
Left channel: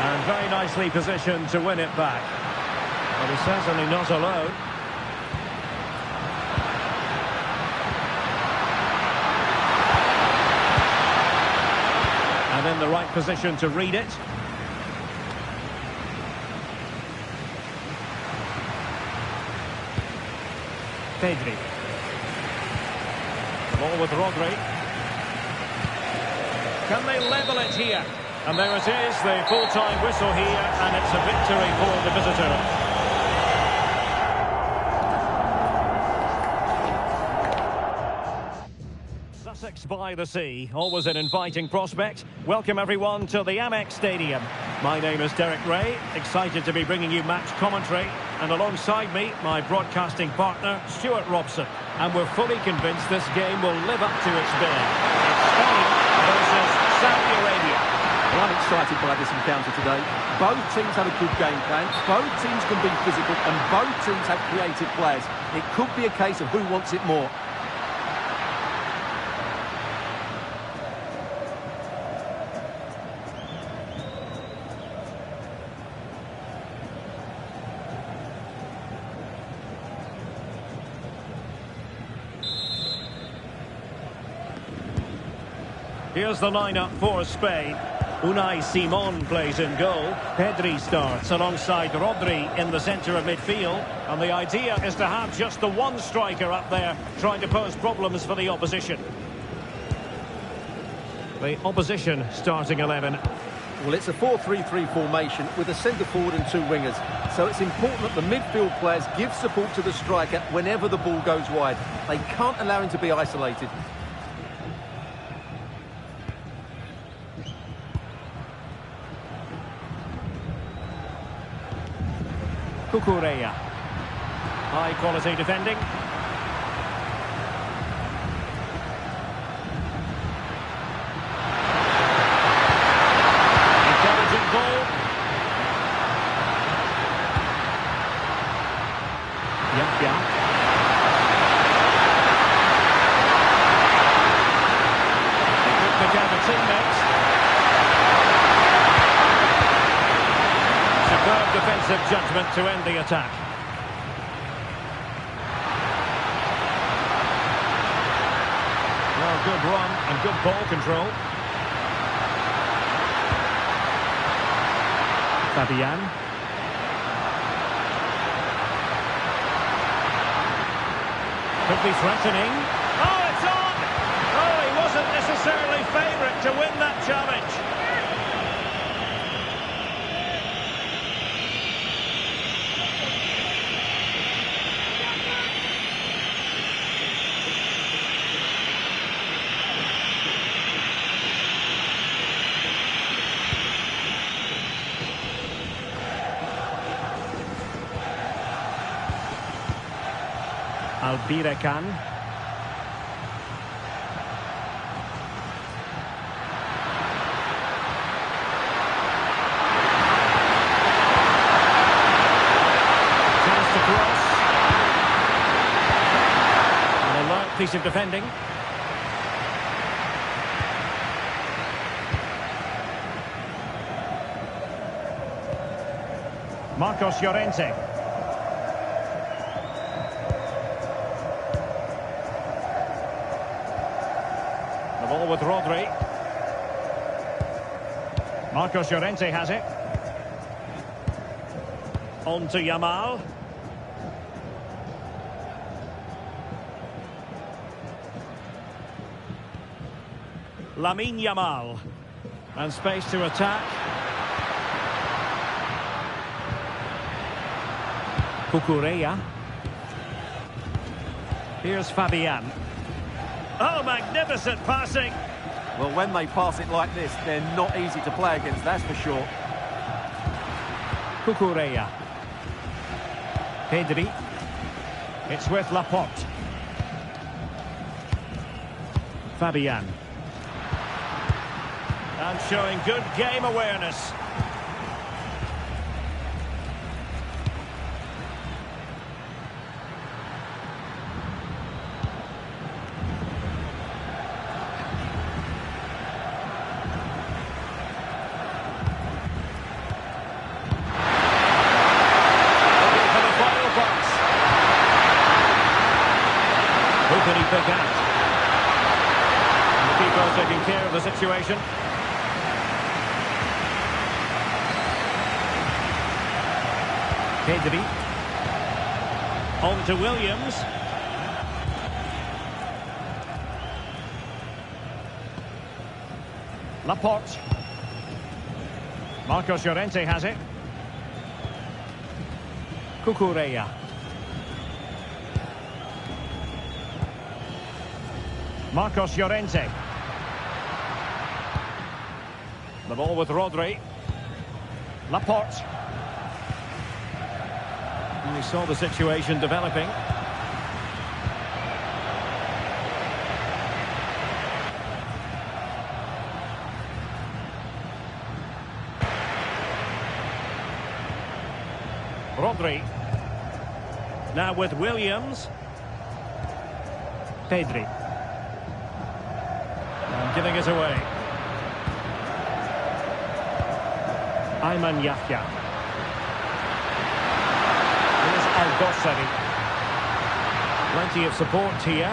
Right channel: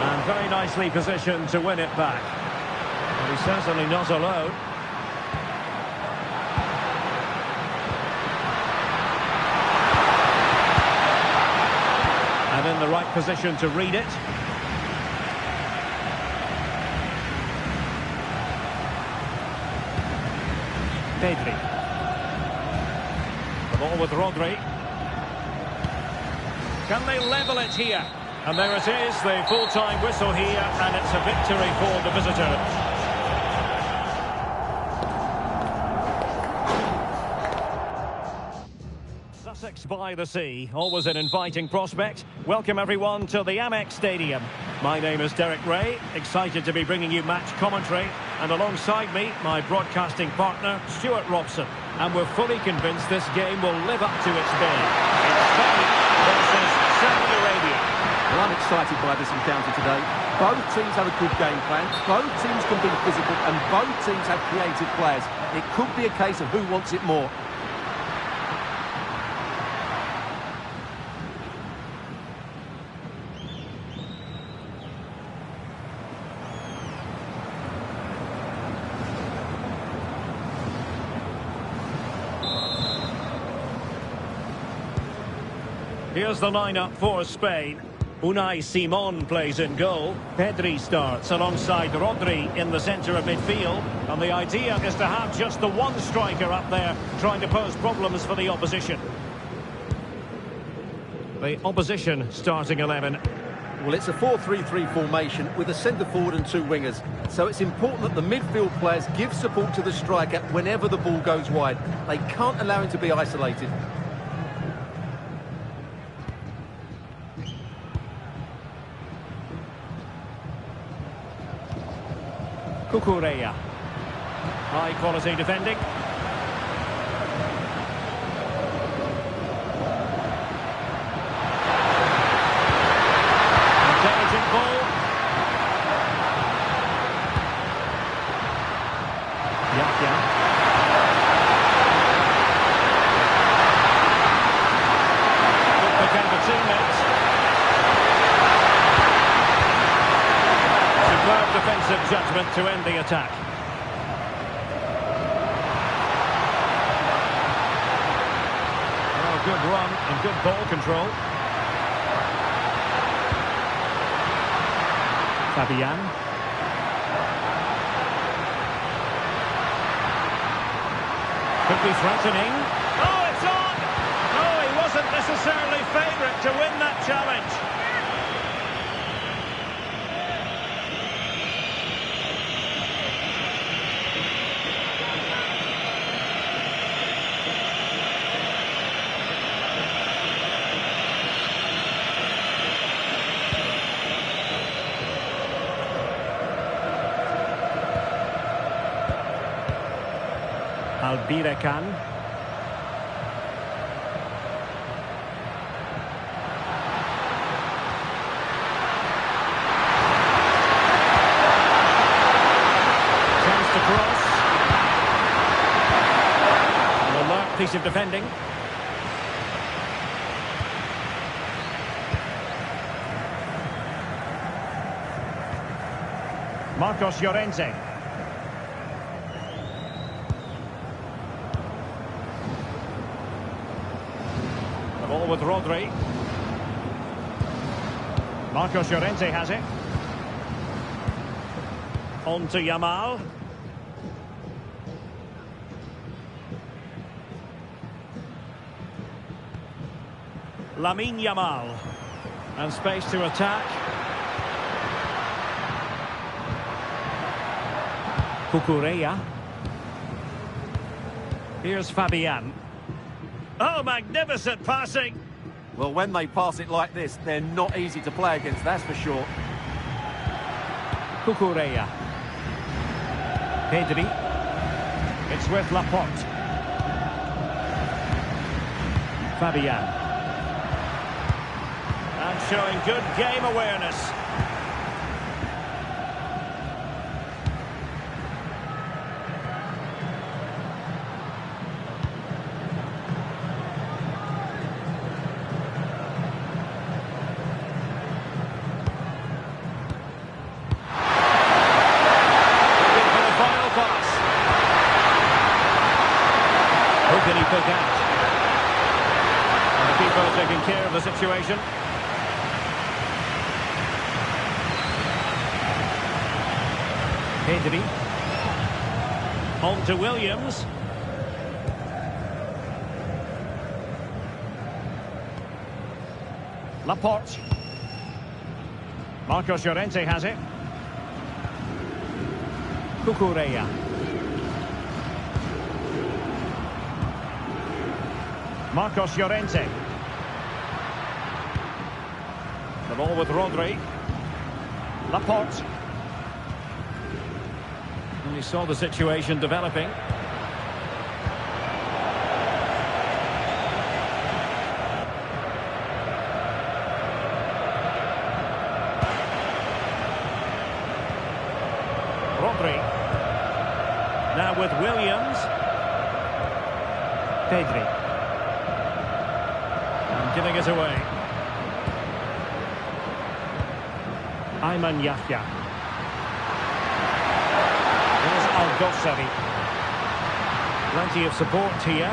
And very nicely positioned to win it back. Well, he's certainly not alone. And in the right position to read it. Pedri. The ball with Rodri. Can they level it here? And there it is, the full-time whistle here, and it's a victory for the visitor. Sussex by the sea, always an inviting prospect. Welcome everyone to the Amex Stadium. My name is Derek Ray, excited to be bringing you match commentary. And alongside me, my broadcasting partner, Stuart Robson. And we're fully convinced this game will live up to its billing. It's Spain versus Saudi Arabia. Well, I'm excited by this encounter today. Both teams have a good game plan, both teams can be physical, and both teams have creative players. It could be a case of who wants it more. Here's the lineup for Spain. Unai Simon plays in goal. Pedri starts alongside Rodri in the centre of midfield. And the idea is to have just the one striker up there trying to pose problems for the opposition. The opposition starting 11. Well, it's a 4-3-3 formation with a centre forward and two wingers. So it's important that the midfield players give support to the striker whenever the ball goes wide. They can't allow him to be isolated. Cucurella. High quality defending. Intelligent ball. Yahya. It could pick out a teammate. Superb defensive judgment to end the attack. Well, good run and good ball control. Fabian. Could be threatening. Oh, it's on! Oh, he wasn't necessarily favourite to win that challenge. Albirekan. alert piece of defending. Marcos Llorente. The ball with Rodri. Marcos Llorente has it. On to Yamal. Lamine Yamal. And space to attack. Cucurella. Here's Fabian. Oh, magnificent passing. Well, when they pass it like this, they're not easy to play against, that's for sure. Cucurella. Pedri. It's with Laporte. Fabian. And showing good game awareness. Who can he pick out? And the keeper taking care of the situation. Pedri. On to Williams. Laporte. Marcos Llorente has it. Cucurella. Marcos Llorente. The ball with Rodri. Laporte. And he saw the situation developing. Rodri. Now with Williams. Pedri. And giving it away. Ayman Yahya. Here's Al-Dossari. Plenty of support here.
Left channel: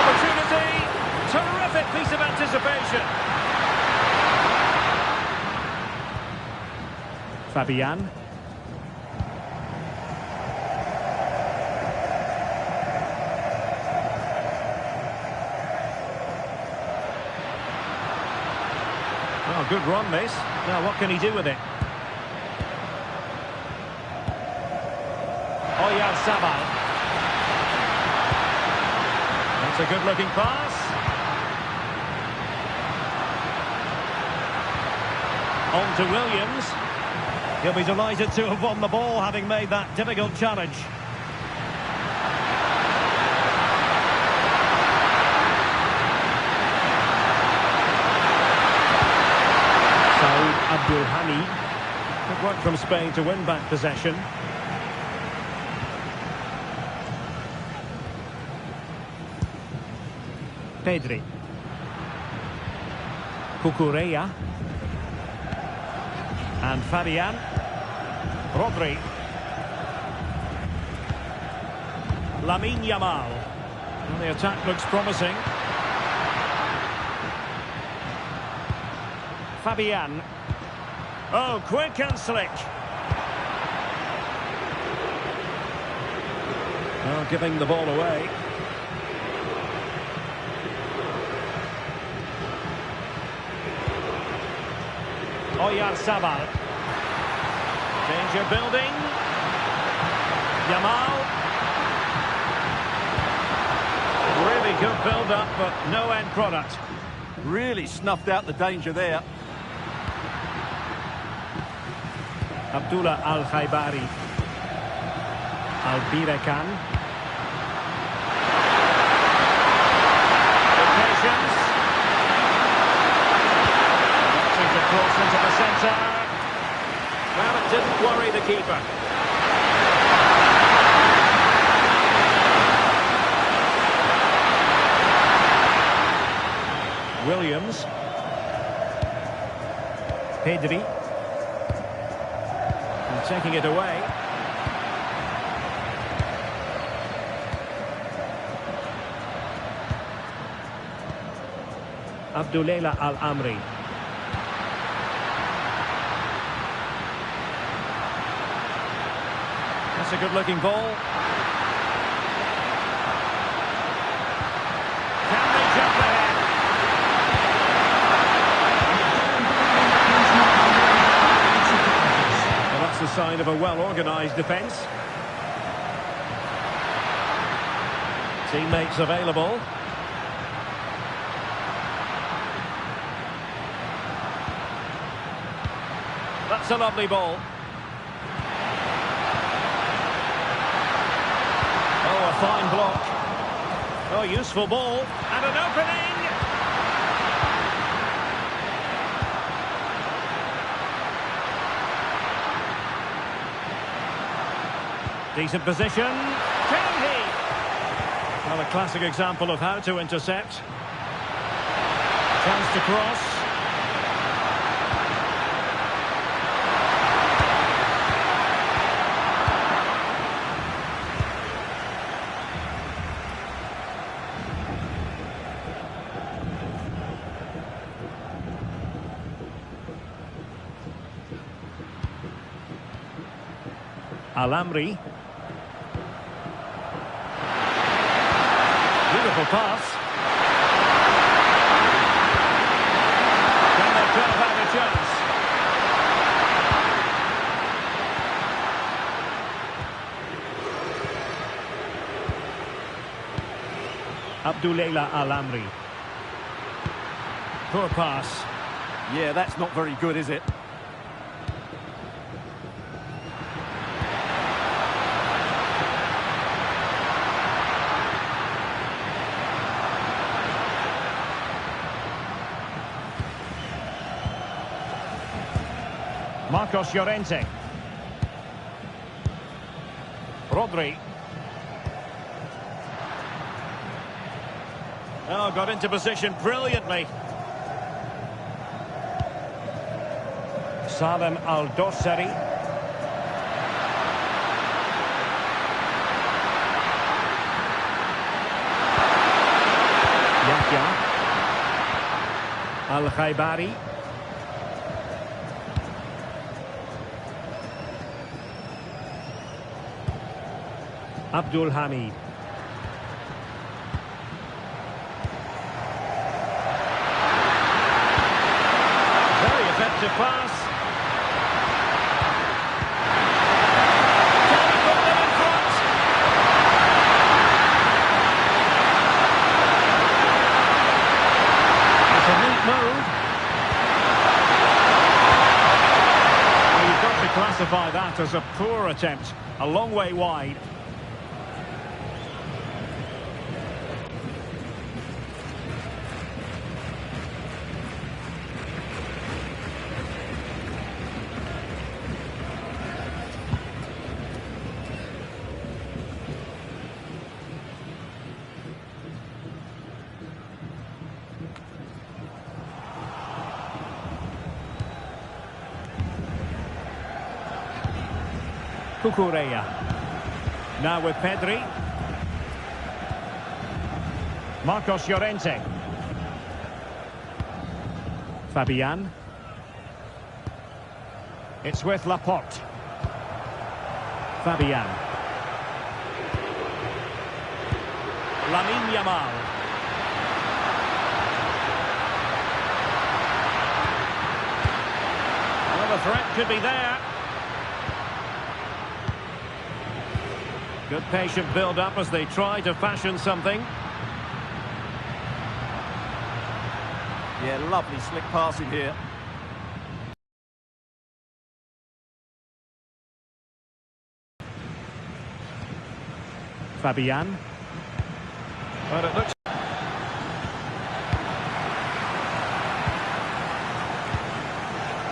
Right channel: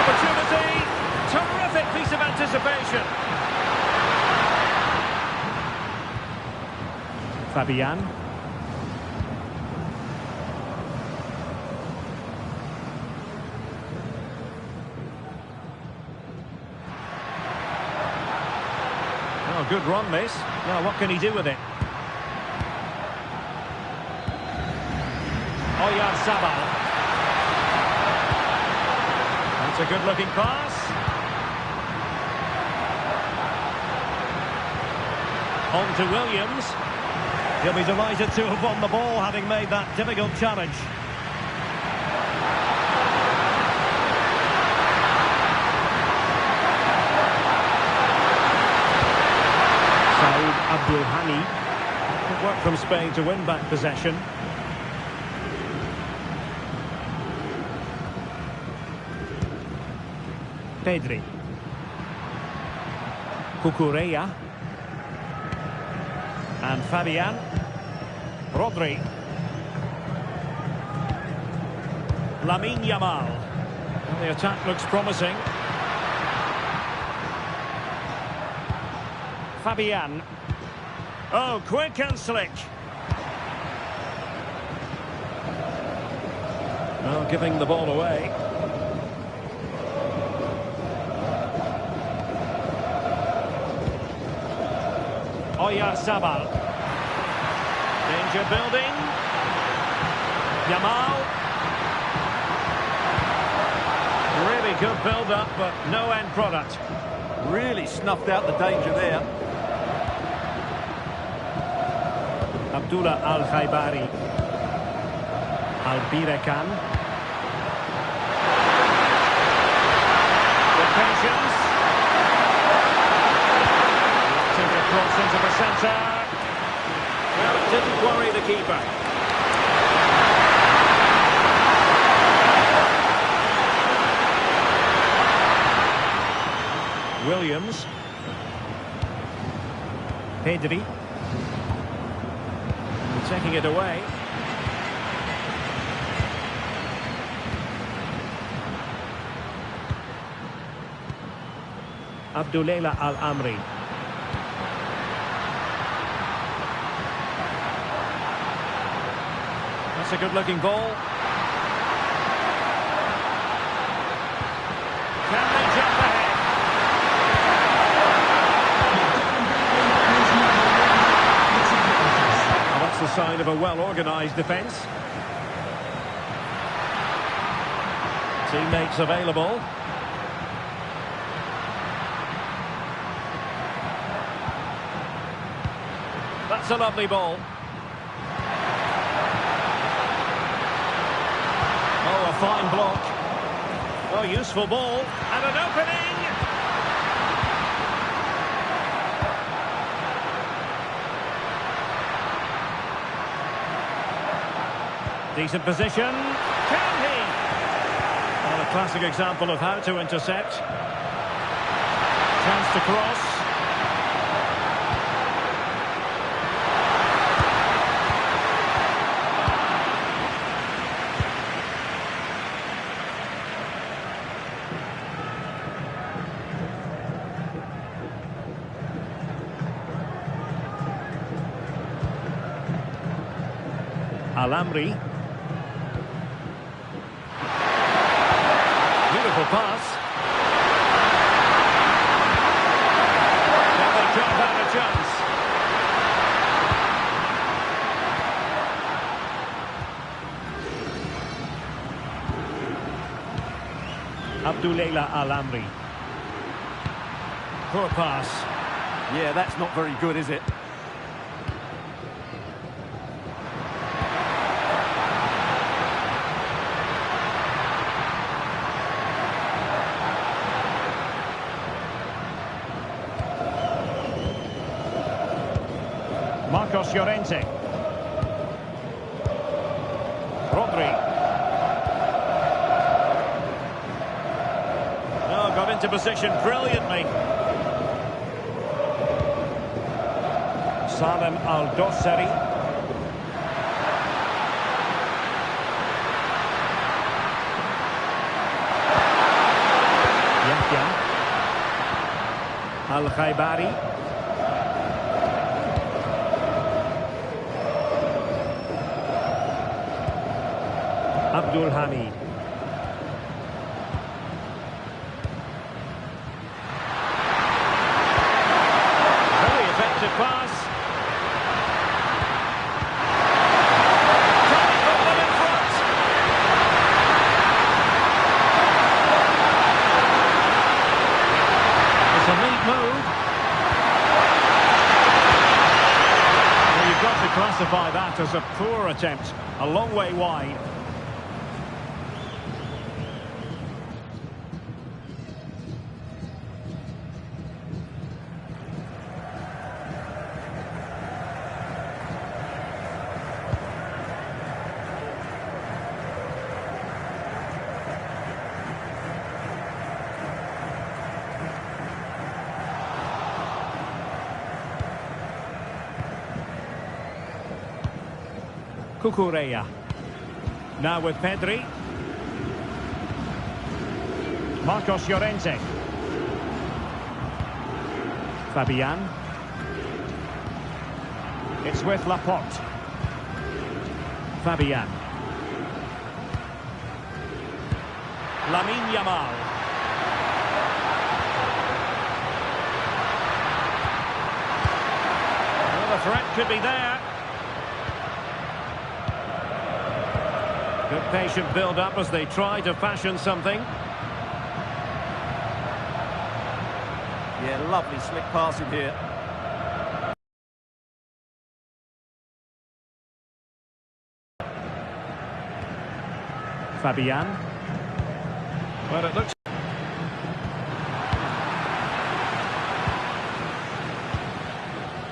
Opportunity. Terrific piece of anticipation. Fabian. Oh, good run, this. Now, what can he do with it? Oyarzabal. That's a good-looking pass. On to Williams. He'll be delighted to have won the ball, having made that difficult challenge. Saud Abdulhani. Good work from Spain to win back possession. Pedri. Cucurella. And Fabian. Rodri. Lamine Yamal. Well, the attack looks promising. Fabian. Oh, quick and slick. Well, giving the ball away. Oyarzabal. Danger building. Yamal. Really good build-up, but no end product. Really snuffed out the danger there. Abdullah Al-Khaibari. Al-Birekan. Good patience. Electing to cross into the centre. Well, it didn't worry the keeper. Williams. Pedri. And taking it away. Abdullah Al-Amri. That's a good-looking ball. Can they jump ahead? Well, that's the sign of a well-organised defence. Teammates available. That's a lovely ball. Oh, a fine block. Oh, useful ball. And an opening. Decent position. Can he? Well, a classic example of how to intercept. Chance to cross. Al-Amri. Beautiful pass. Can they carve out a chance? Abdullah Al-Amri. Poor pass. Yeah, that's not very good, is it? Marcos Llorente. Rodri. Oh, got into position brilliantly. Salem Al-Dossari. Yahya. Al-Khaibari. Abdul Hamid. Very effective pass. Can he put them in front? It's a neat move. Well, you've got to classify that as a poor attempt. A long way wide. Cucurella. Now with Pedri. Marcos Llorente. Fabian. It's with Laporte. Fabian. Lamine Yamal. Well, the threat could be there. Good patient build-up as they try to fashion something. Yeah, lovely slick passing here. Fabian. Well, it looks...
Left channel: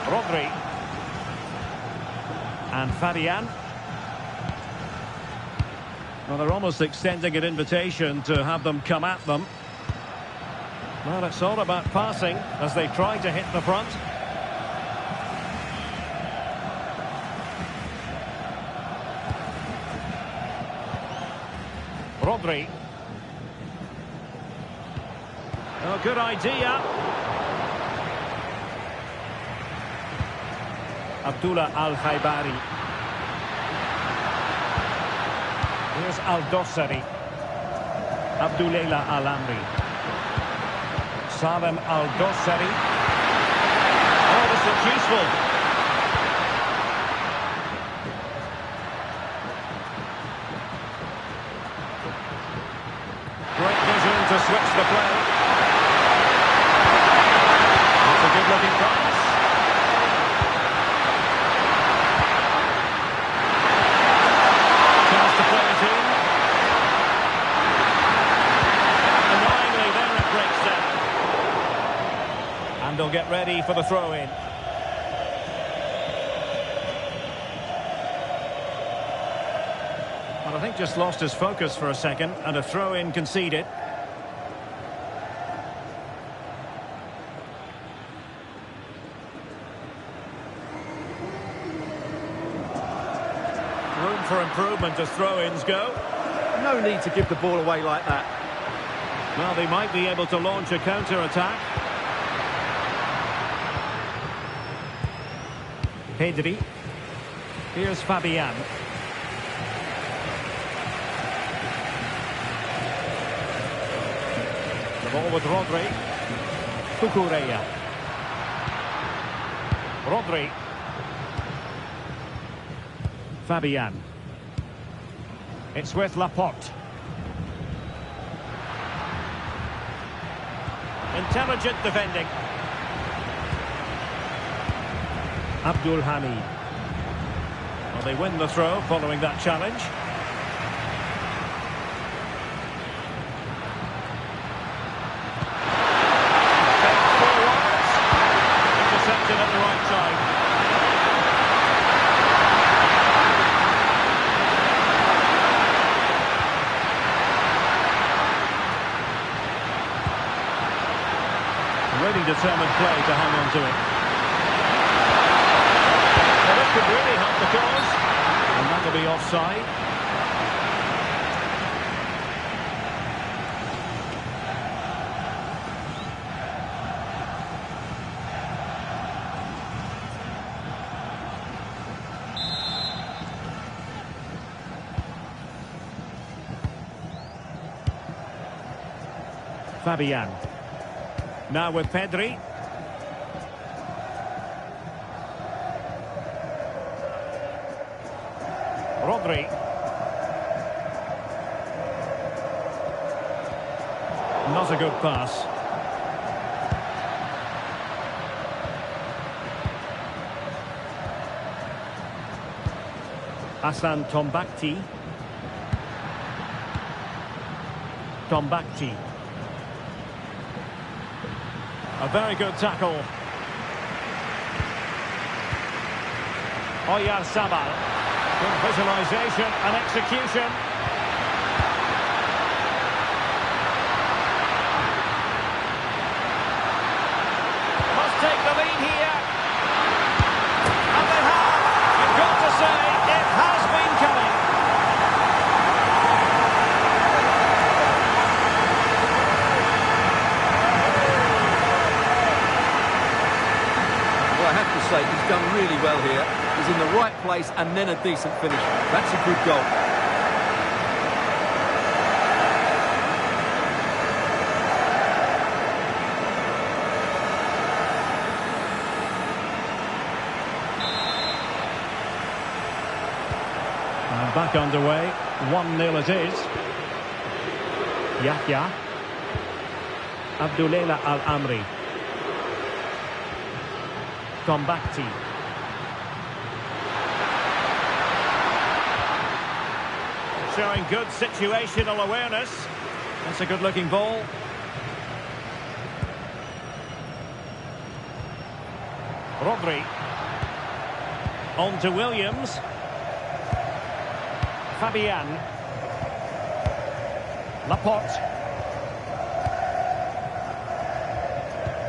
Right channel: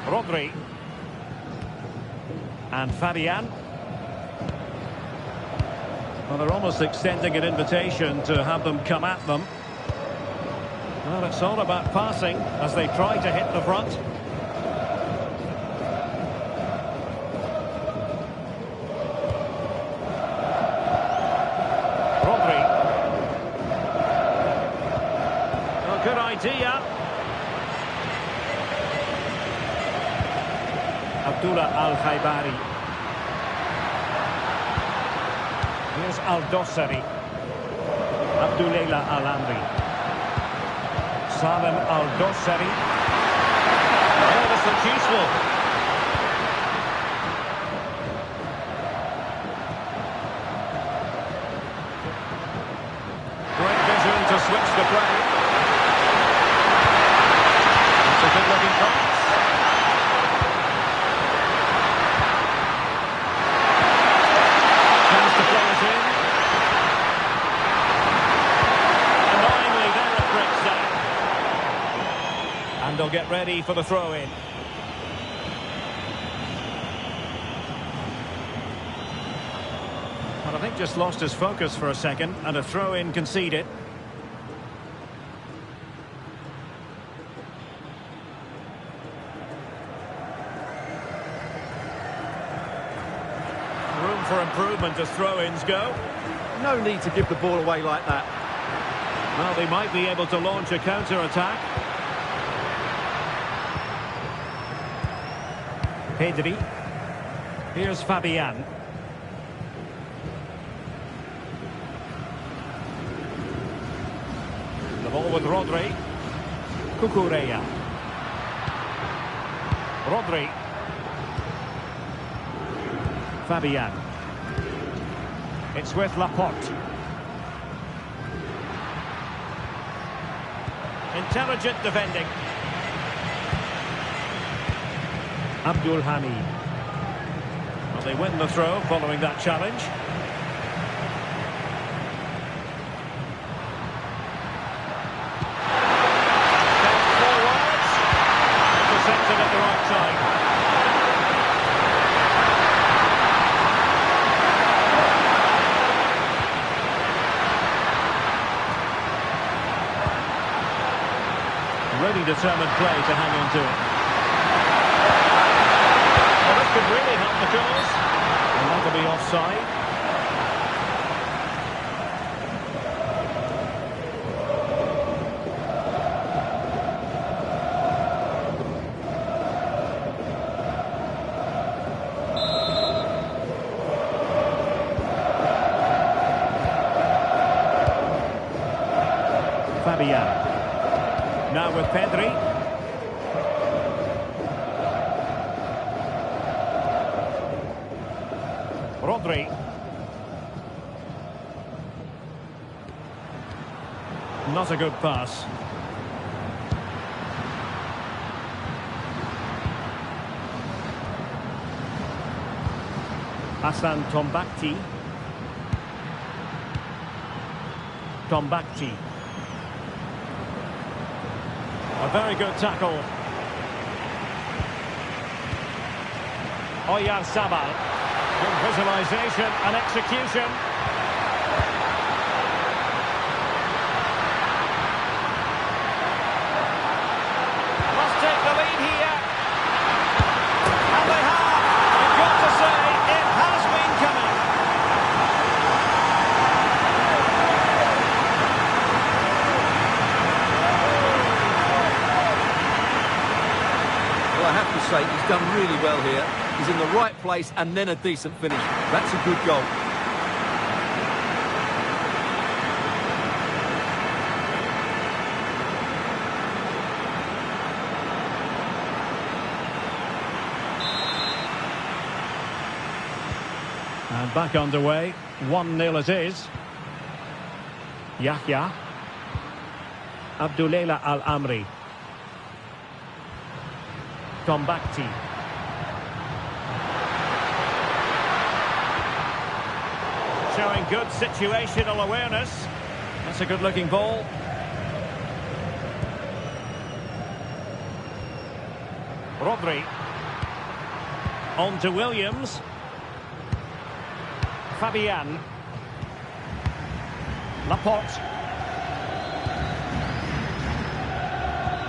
Rodri. And Fabian. Well, they're almost extending an invitation to have them come at them. Well, it's all about passing as they try to hit the front. Rodri. Oh, good idea. Abdullah Al-Khaibari. Here's Al-Dossari. Abdullah Al-Amri. Salem Al-Dossari. Oh, this looks useful. Great vision to switch the play. That's a good-looking pass. Chance to play it in. Annoyingly, there it breaks down. And they'll get ready for the throw-in. But I think just lost his focus for a second, and a throw-in conceded. Room for improvement as throw-ins go. No need to give the ball away like that. Well, they might be able to launch a counter-attack. Pedri. Here's Fabian. The ball with Rodri. Cucurella. Rodri. Fabian. It's with Laporte. Intelligent defending. Abdul Hamid. Well, they win the throw following that challenge. Fed forwards. Intercepted at the right time. Really determined play to hang on to it. Well, this could really help the cause. And that'll be offside. Fabian. Now with Pedri. Rodri. Not a good pass. Hassan Tombakti. Tombakti. A very good tackle. Oyarzabal. Good visualisation and execution. Must take the lead here. And they have. You've got to say, it has been coming. Well, I have to say, he's done really well here. He's in the right place and then a decent finish. That's a good goal. And back underway. 1-0 it is. Yahya. Abdullah Al-Amri. Tombakti. Showing good situational awareness. That's a good-looking ball. Rodri. On to Williams. Fabian.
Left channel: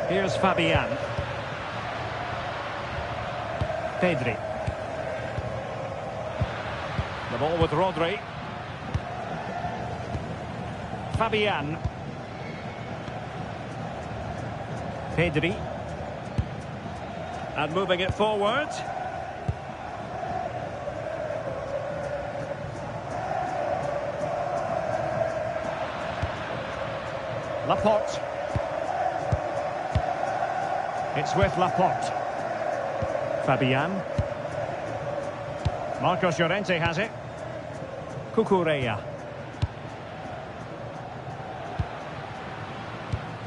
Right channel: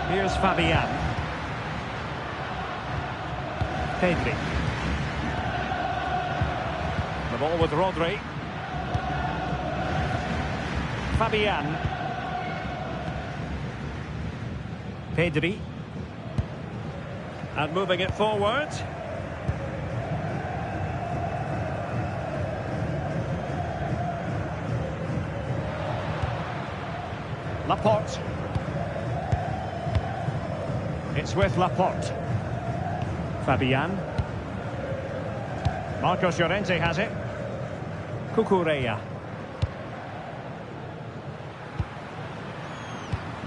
Here's Fabian. Pedri. The ball with Rodri. Fabian. Pedri. And moving it forward. Laporte. It's with Laporte. Fabian. Marcos Llorente has it. Cucurella.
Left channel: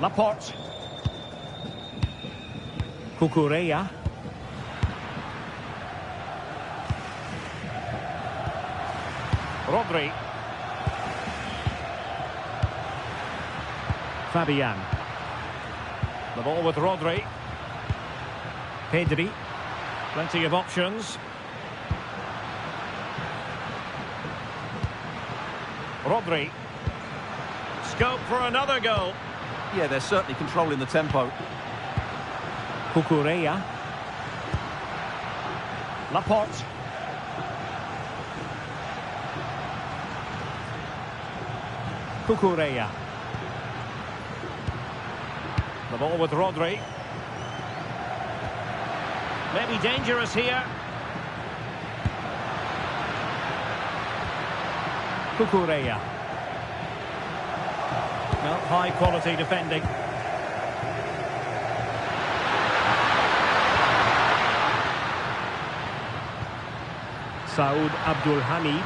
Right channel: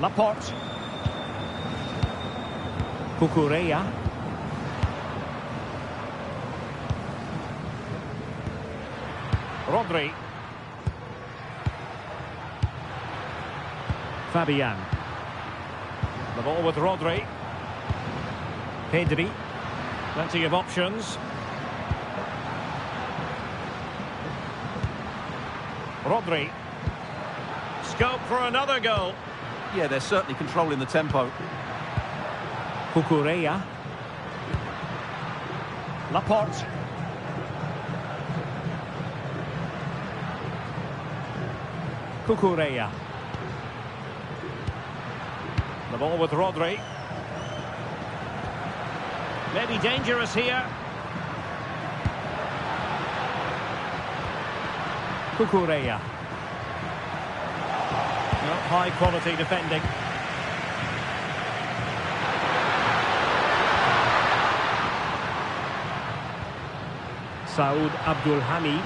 Laporte. Cucurella. Rodri. Fabian. The ball with Rodri. Pedri. Plenty of options. Rodri. Scope for another goal. Yeah, they're certainly controlling the tempo. Cucurella. Laporte. Cucurella. The ball with Rodri. Maybe dangerous here. Cucurella. No, high quality defending. Saud Abdul Hamid.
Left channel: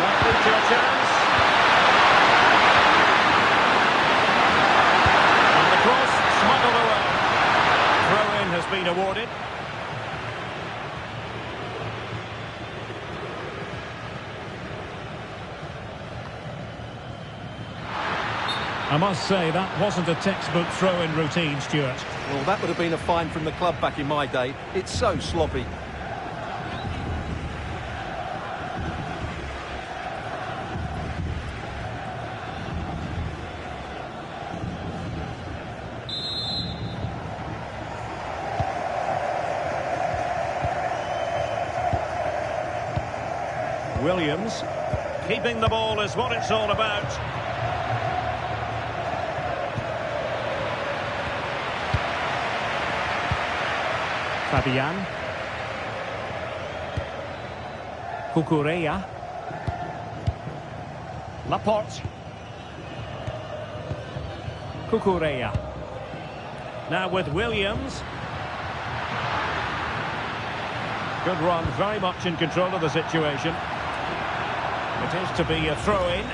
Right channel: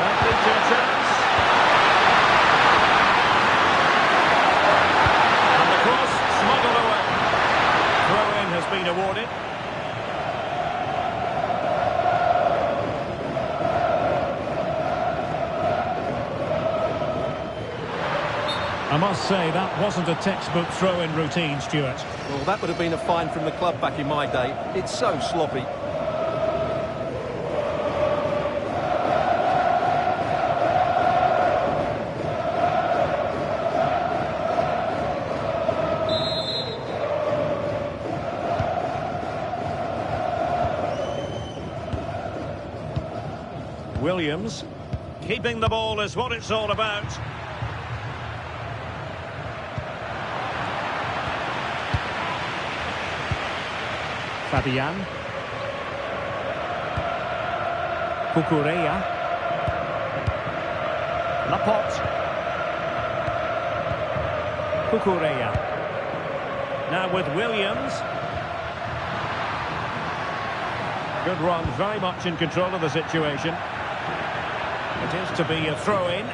Might lead to a chance. And the cross smuggled away. Throw-in has been awarded. I must say, that wasn't a textbook throw-in routine, Stuart. Well, that would have been a fine from the club back in my day. It's so sloppy. Williams. Keeping the ball is what it's all about. Fabian. Cucurella. Laporte. Cucurella. Now with Williams. Good run, very much in control of the situation. It is to be a throw-in.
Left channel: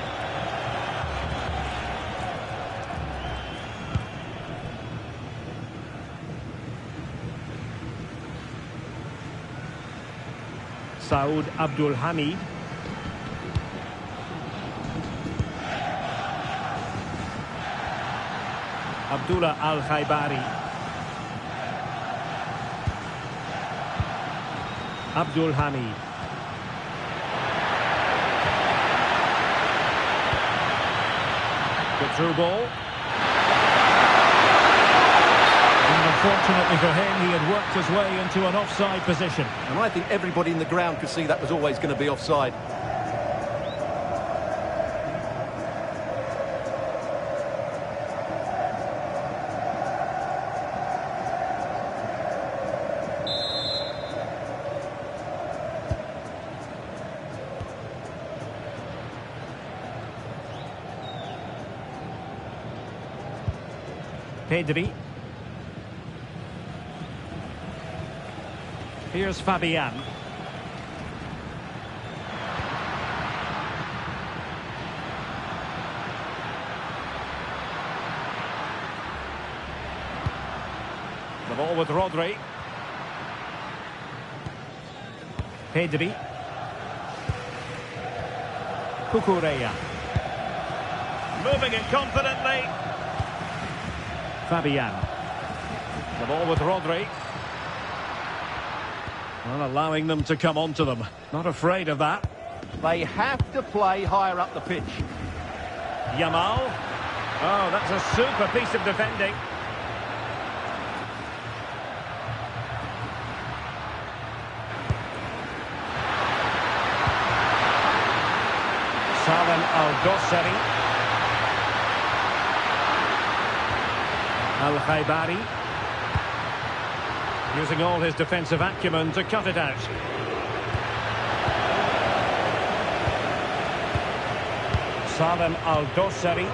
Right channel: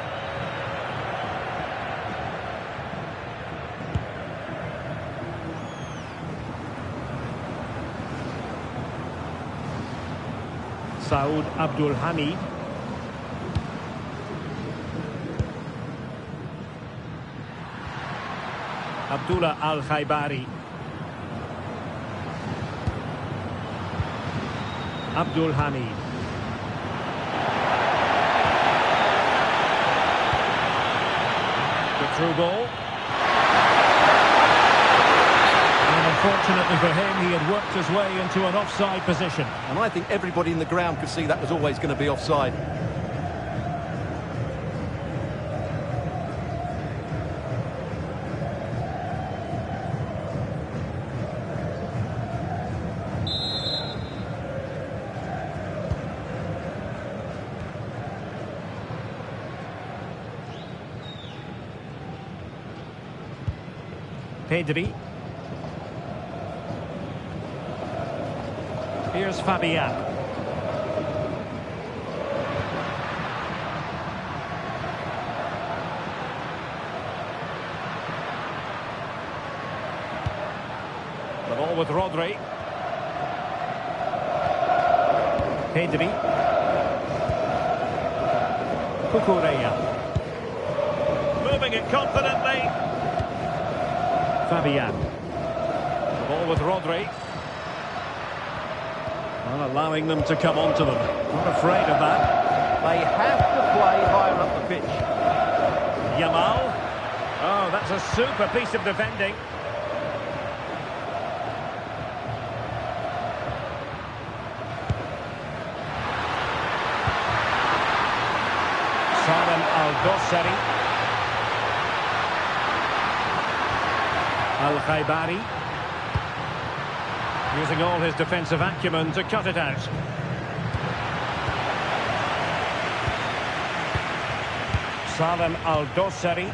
Saud Abdul Hamid. Abdullah Al-Khaibari. Abdul Hamid. Good through ball. And unfortunately for him, he had worked his way into an offside position. And I think everybody in the ground could see that was always going to be offside. Pedri. Here's Fabian. The ball with Rodri. Pedri. Cucurella. Moving it confidently. Fabian. The ball with Rodri. Well, allowing them to come onto them. Not afraid of that. They have to play higher up the pitch. Yamal. Oh, that's a super piece of defending. Salem Al-Dosseri. Al-Khaibari. Using all his defensive acumen to cut it out. Salem Al-Dosseri.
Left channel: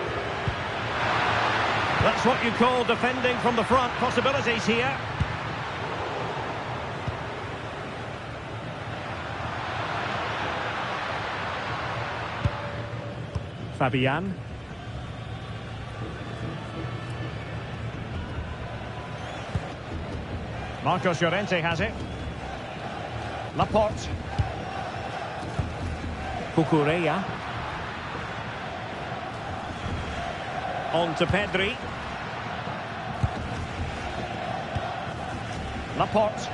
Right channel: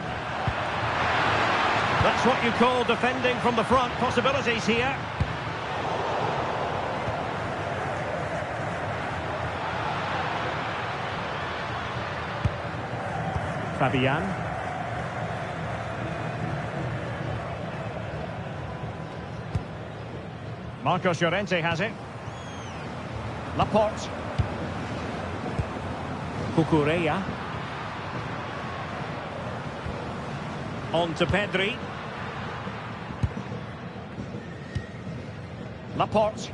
That's what you call defending from the front. Possibilities here. Fabian. Marcos Llorente has it. Laporte. Cucurella. On to Pedri. Laporte.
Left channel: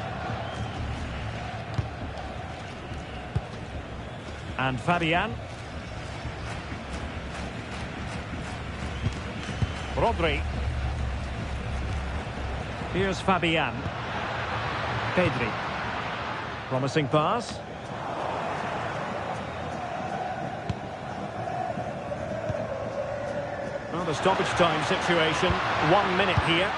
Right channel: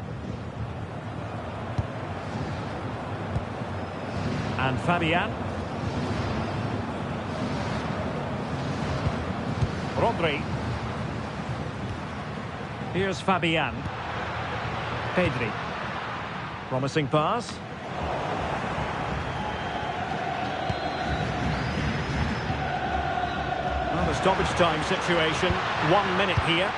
And Fabian. Rodri. Here's Fabian. Pedri. Promising pass. Well, the stoppage time situation. 1 minute here.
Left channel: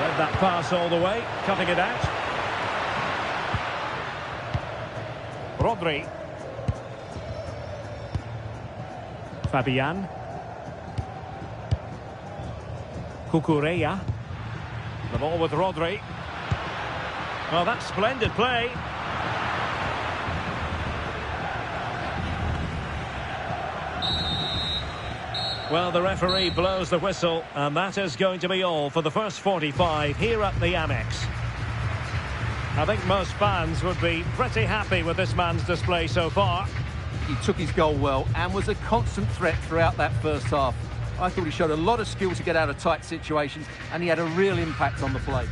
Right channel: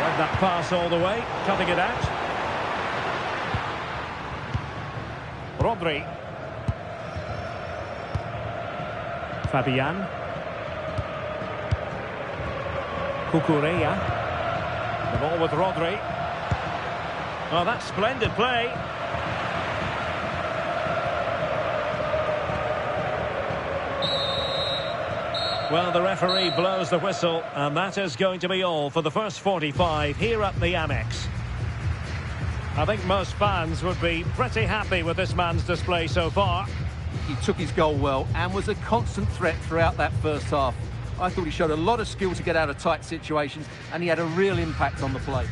Read that pass all the way. Cutting it out. Rodri. Fabian. Cucurella. The ball with Rodri. Oh, that's splendid play. Well, the referee blows the whistle, and that is going to be all for the first 45 here at the Amex. I think most fans would be pretty happy with this man's display so far. He took his goal well and was a constant threat throughout that first half. I thought he showed a lot of skill to get out of tight situations, and he had a real impact on the play.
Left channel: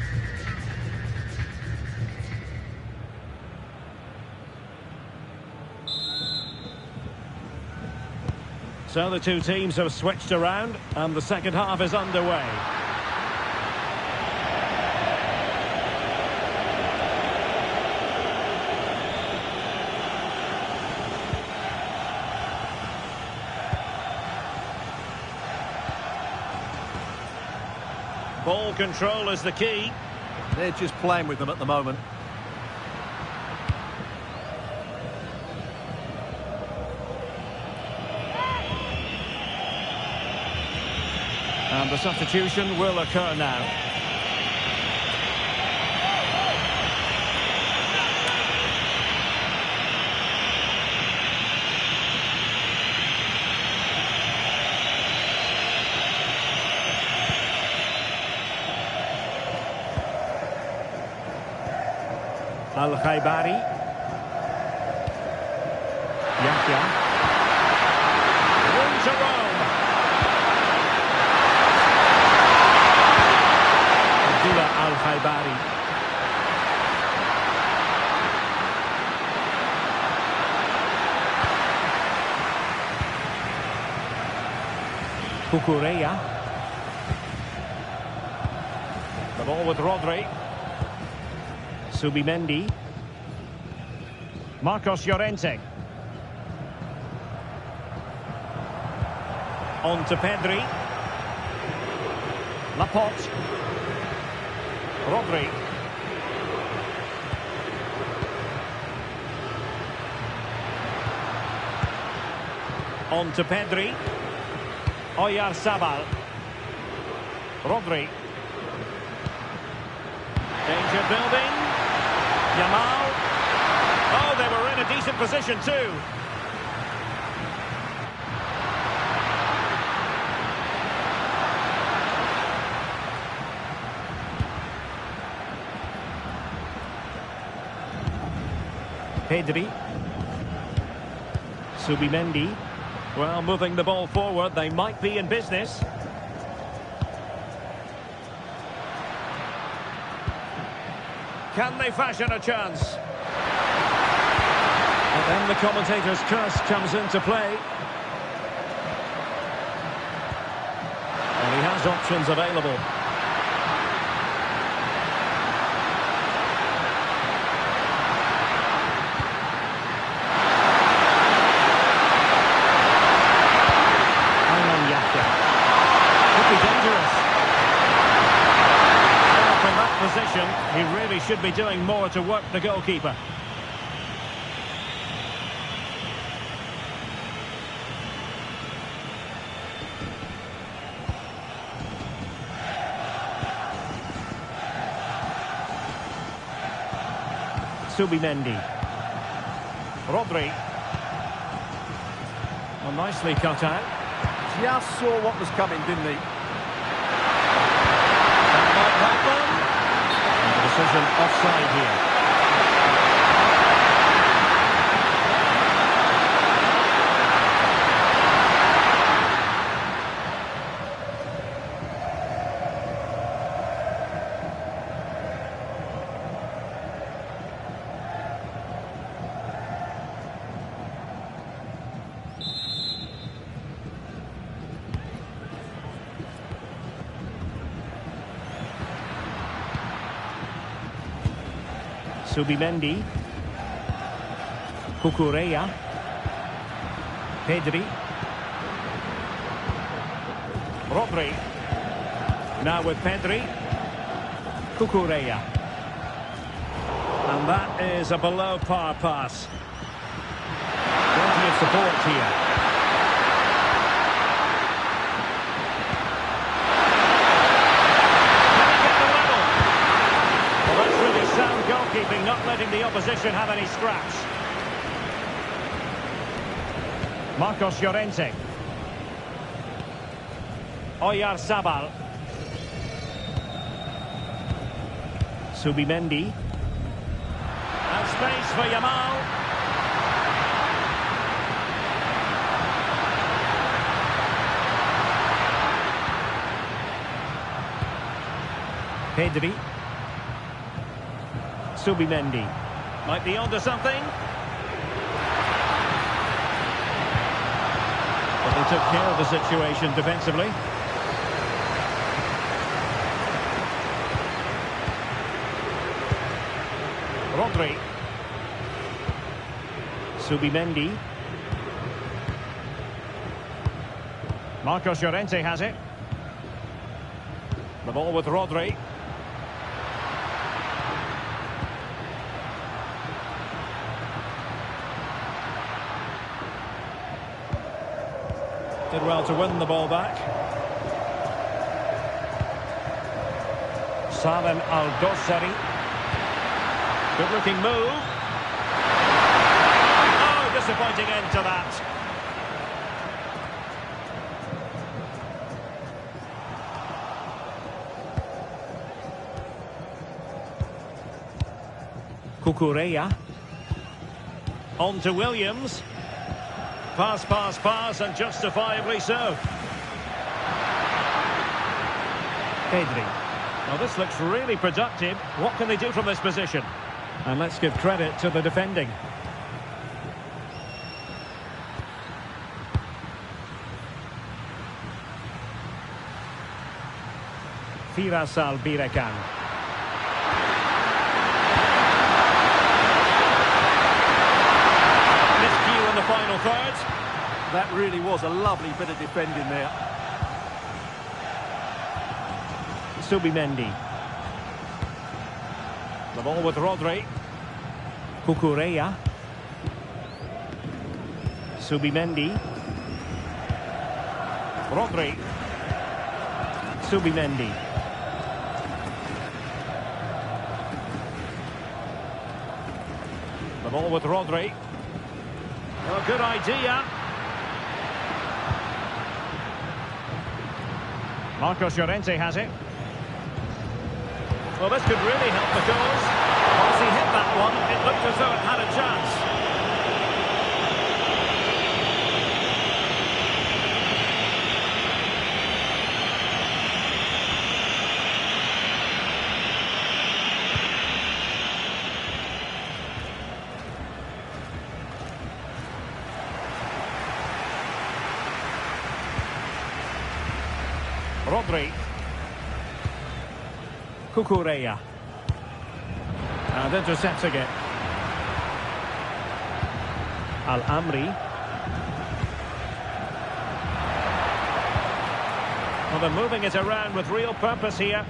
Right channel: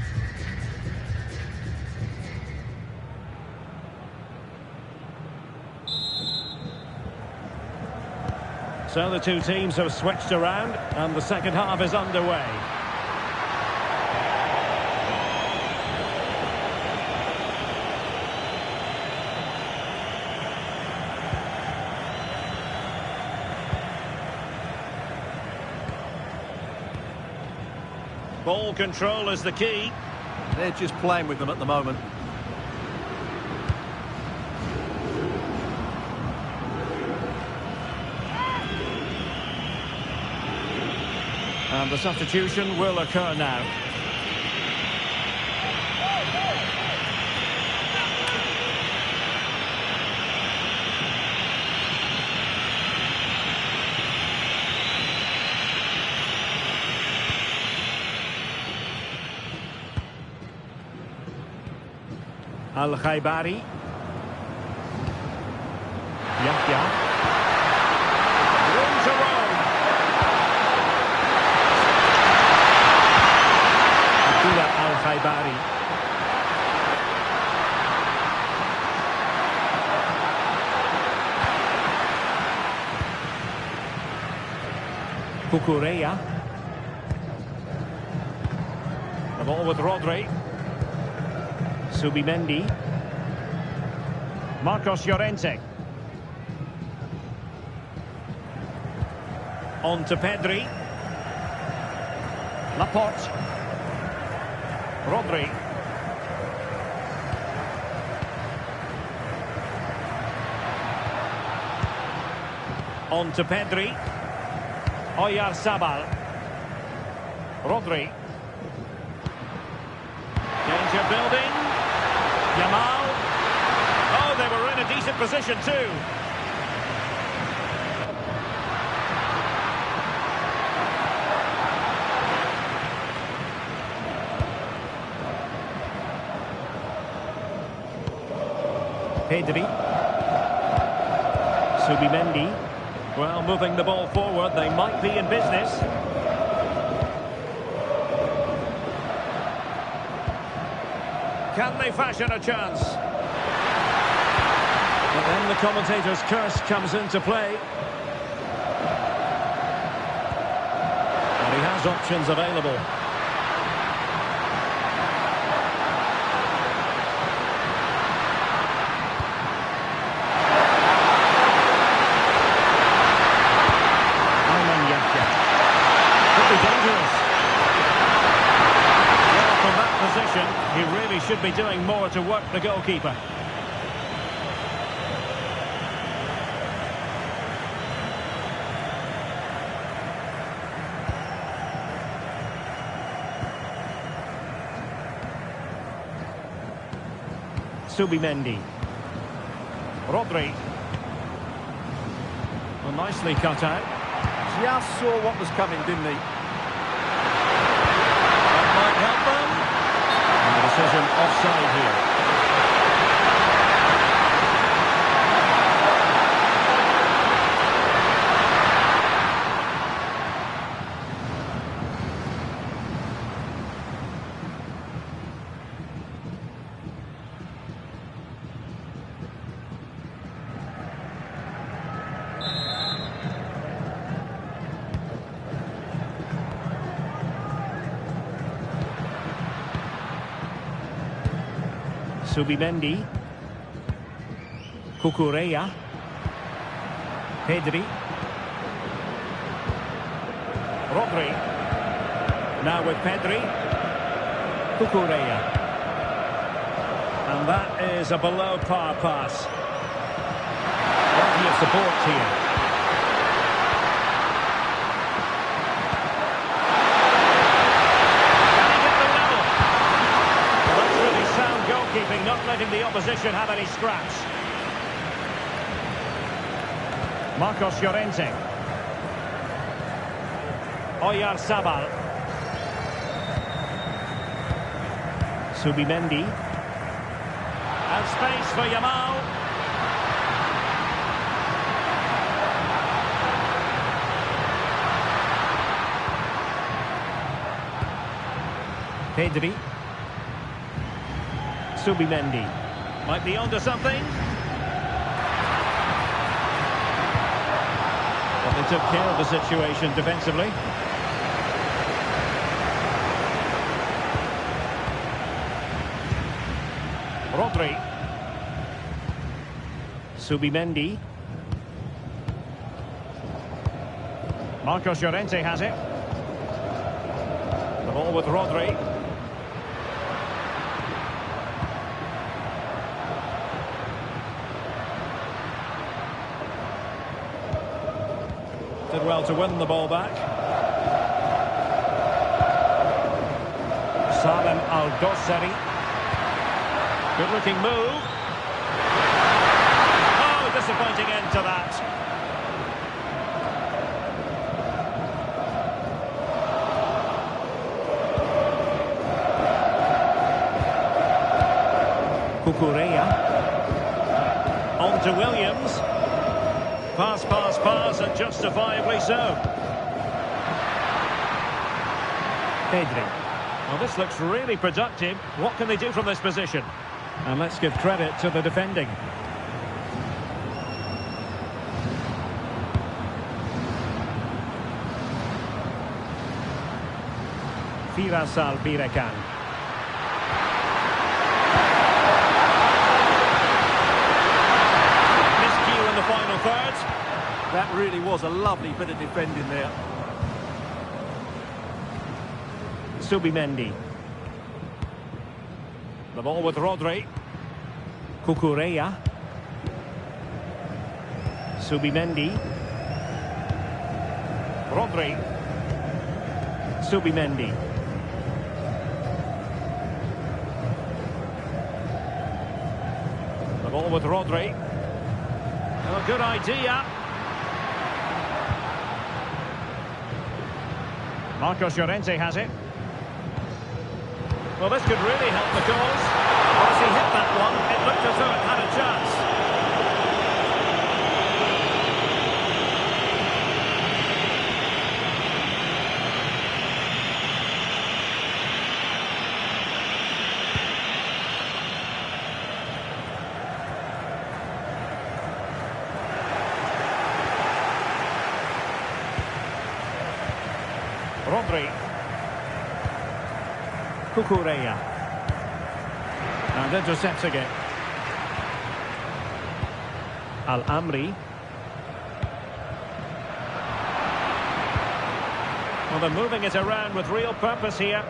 So the two teams have switched around, and the second half is underway. Ball control is the key. They're just playing with them at the moment. And the substitution will occur now. Al-Khaibari. Yahya. Room to roam. Al-Khaibari. Cucurella. The ball with Rodri. Subimendi. Marcos Llorente. On to Pedri. Laporte. Rodri. On to Pedri. Oyarzabal. Rodri. Danger building. Yamal. Oh, they were in a decent position too. Pedri. Subimendi. Well, moving the ball forward, they might be in business. Can they fashion a chance? But then the commentator's curse comes into play. And he has options available. Could be dangerous. Well, from that position, he really should be doing more to work the goalkeeper. Subimendi. Rodri. Well, nicely cut out. Just saw what was coming, didn't he? That might help them. And the decision offside here. Subimendi. Cucurella. Pedri. Rodri. Now with Pedri. Cucurella. And that is a below par pass. Plenty of support here. Really sound goalkeeping, not letting the opposition have any scraps. Marcos Llorente. Oyarzabal. Subimendi. And space for Yamal. Pedri. Subimendi. Might be onto something. But they took care of the situation defensively. Rodri. Subimendi. Marcos Llorente has it. The ball with Rodri. Did well to win the ball back. Salem Al-Dossari. Good looking move. Oh, disappointing end to that. Cucurella. On to Williams. Pass, pass, pass, and justifiably so. Pedri. Well, this looks really productive. What can they do from this position? And let's give credit to the defending. Firas Al-Birekan. Miscue in the final third. That really was a lovely bit of defending there. Subimendi. The ball with Rodri. Cucurella. Subimendi. Rodri. Subimendi. The ball with Rodri. Oh, good idea. Marcos Llorente has it. Well, this could really help the cause. Well, as he hit that one, it looked as though it had a chance. Rodri. Cucurella. And intercepting it. Al-Amri. Well, they're moving it around with real purpose here.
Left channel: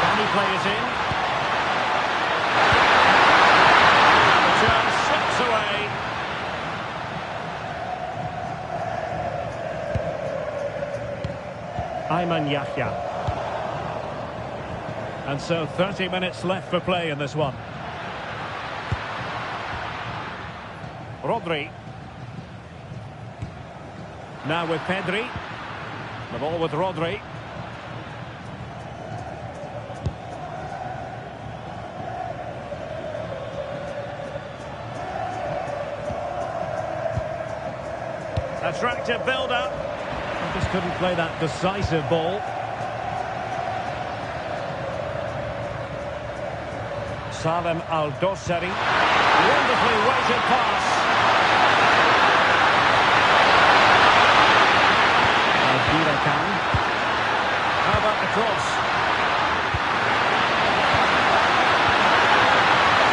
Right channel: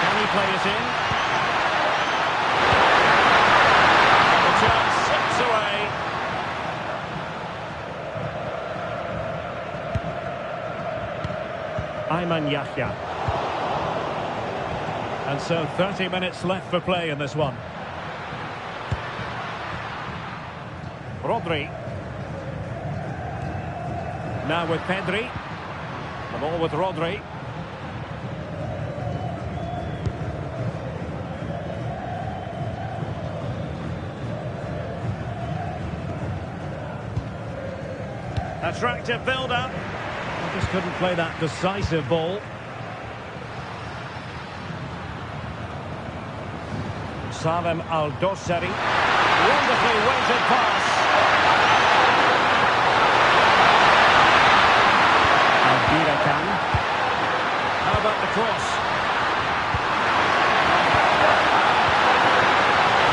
Can he play it in? And the chance slips away. Ayman Yahya. And so 30 minutes left for play in this one. Rodri. Now with Pedri. The ball with Rodri. Attractive build-up. I just couldn't play that decisive ball. Salem Al-Dossari. Wonderfully weighted pass. Al-Birakan. How about the cross?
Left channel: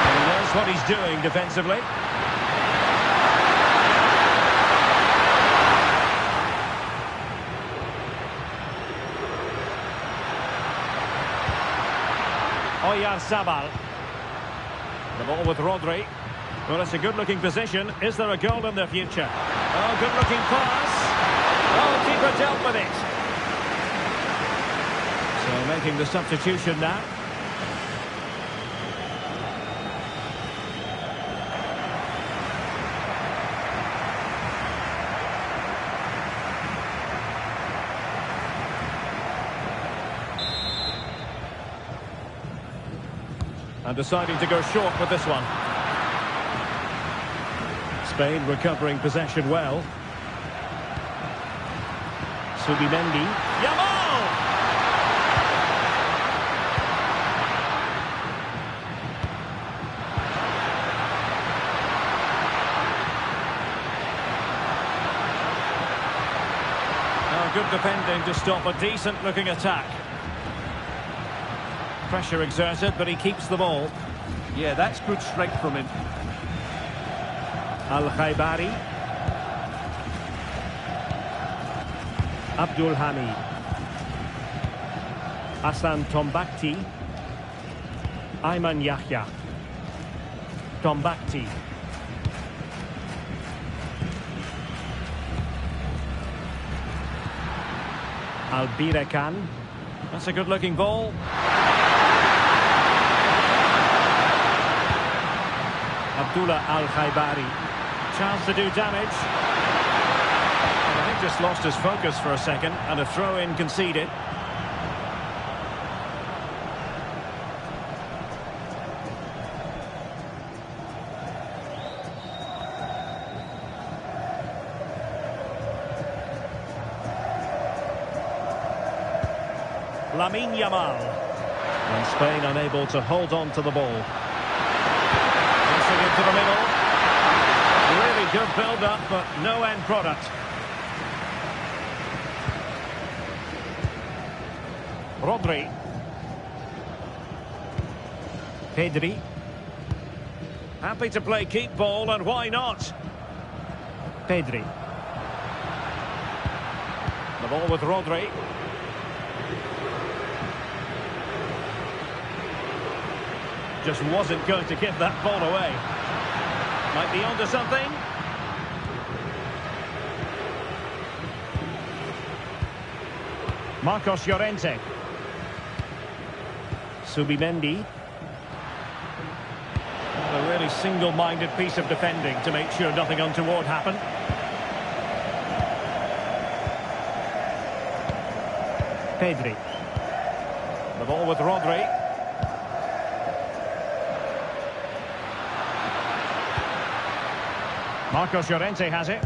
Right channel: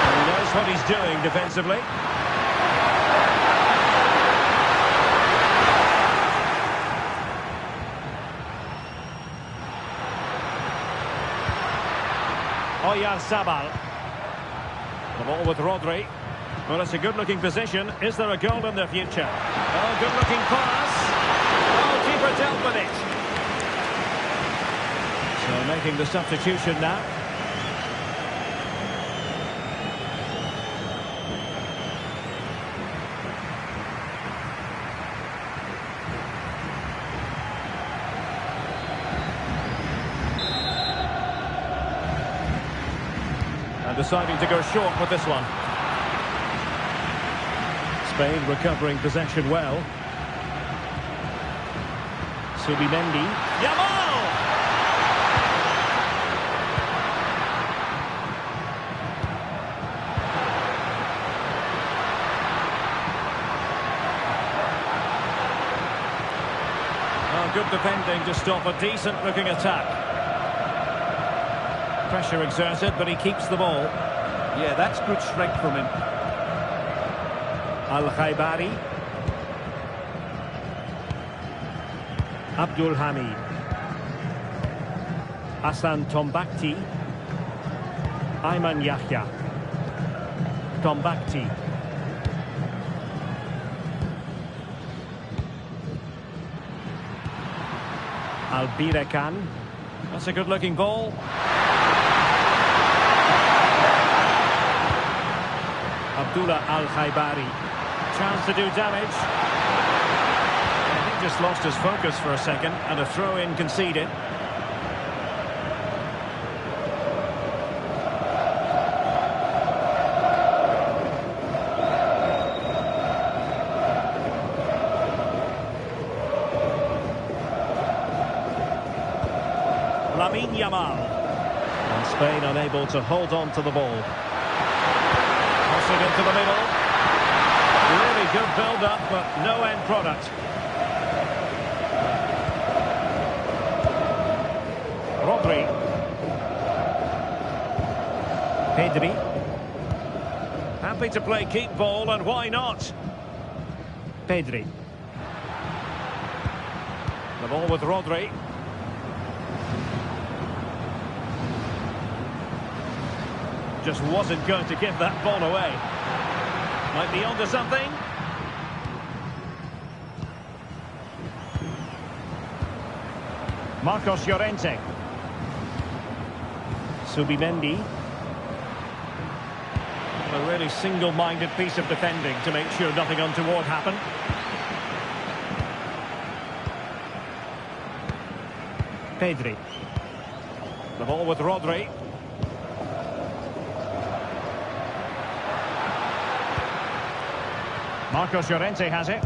And he knows what he's doing defensively. Oyarzabal. The ball with Rodri. Well, it's a good-looking position. Is there a goal in the future? Oh, good-looking pass. Oh, keeper dealt with it. So making the substitution now. And deciding to go short with this one. Spain recovering possession well. Subimendi. Yamal! Oh, good defending to stop a decent-looking attack. Pressure exerted, but he keeps the ball. Yeah, that's good strength from him. Al-Khaibari. Abdul Hamid. Hassan Tombakti. Ayman Yahya. Tombakti. Al-Birakan. That's a good-looking ball. Abdullah Al-Khaibari. Chance to do damage. And I think just lost his focus for a second, and a throw-in conceded. Lamine Yamal. And Spain unable to hold on to the ball. Crossing into the middle. Really good build-up, but no end product. Rodri. Pedri. Happy to play keep ball, and why not? Pedri. The ball with Rodri. Just wasn't going to give that ball away. Might be onto something. Marcos Llorente. Subimendi. Well, a really single-minded piece of defending to make sure nothing untoward happened. Pedri. The ball with Rodri. Marcos Llorente has it.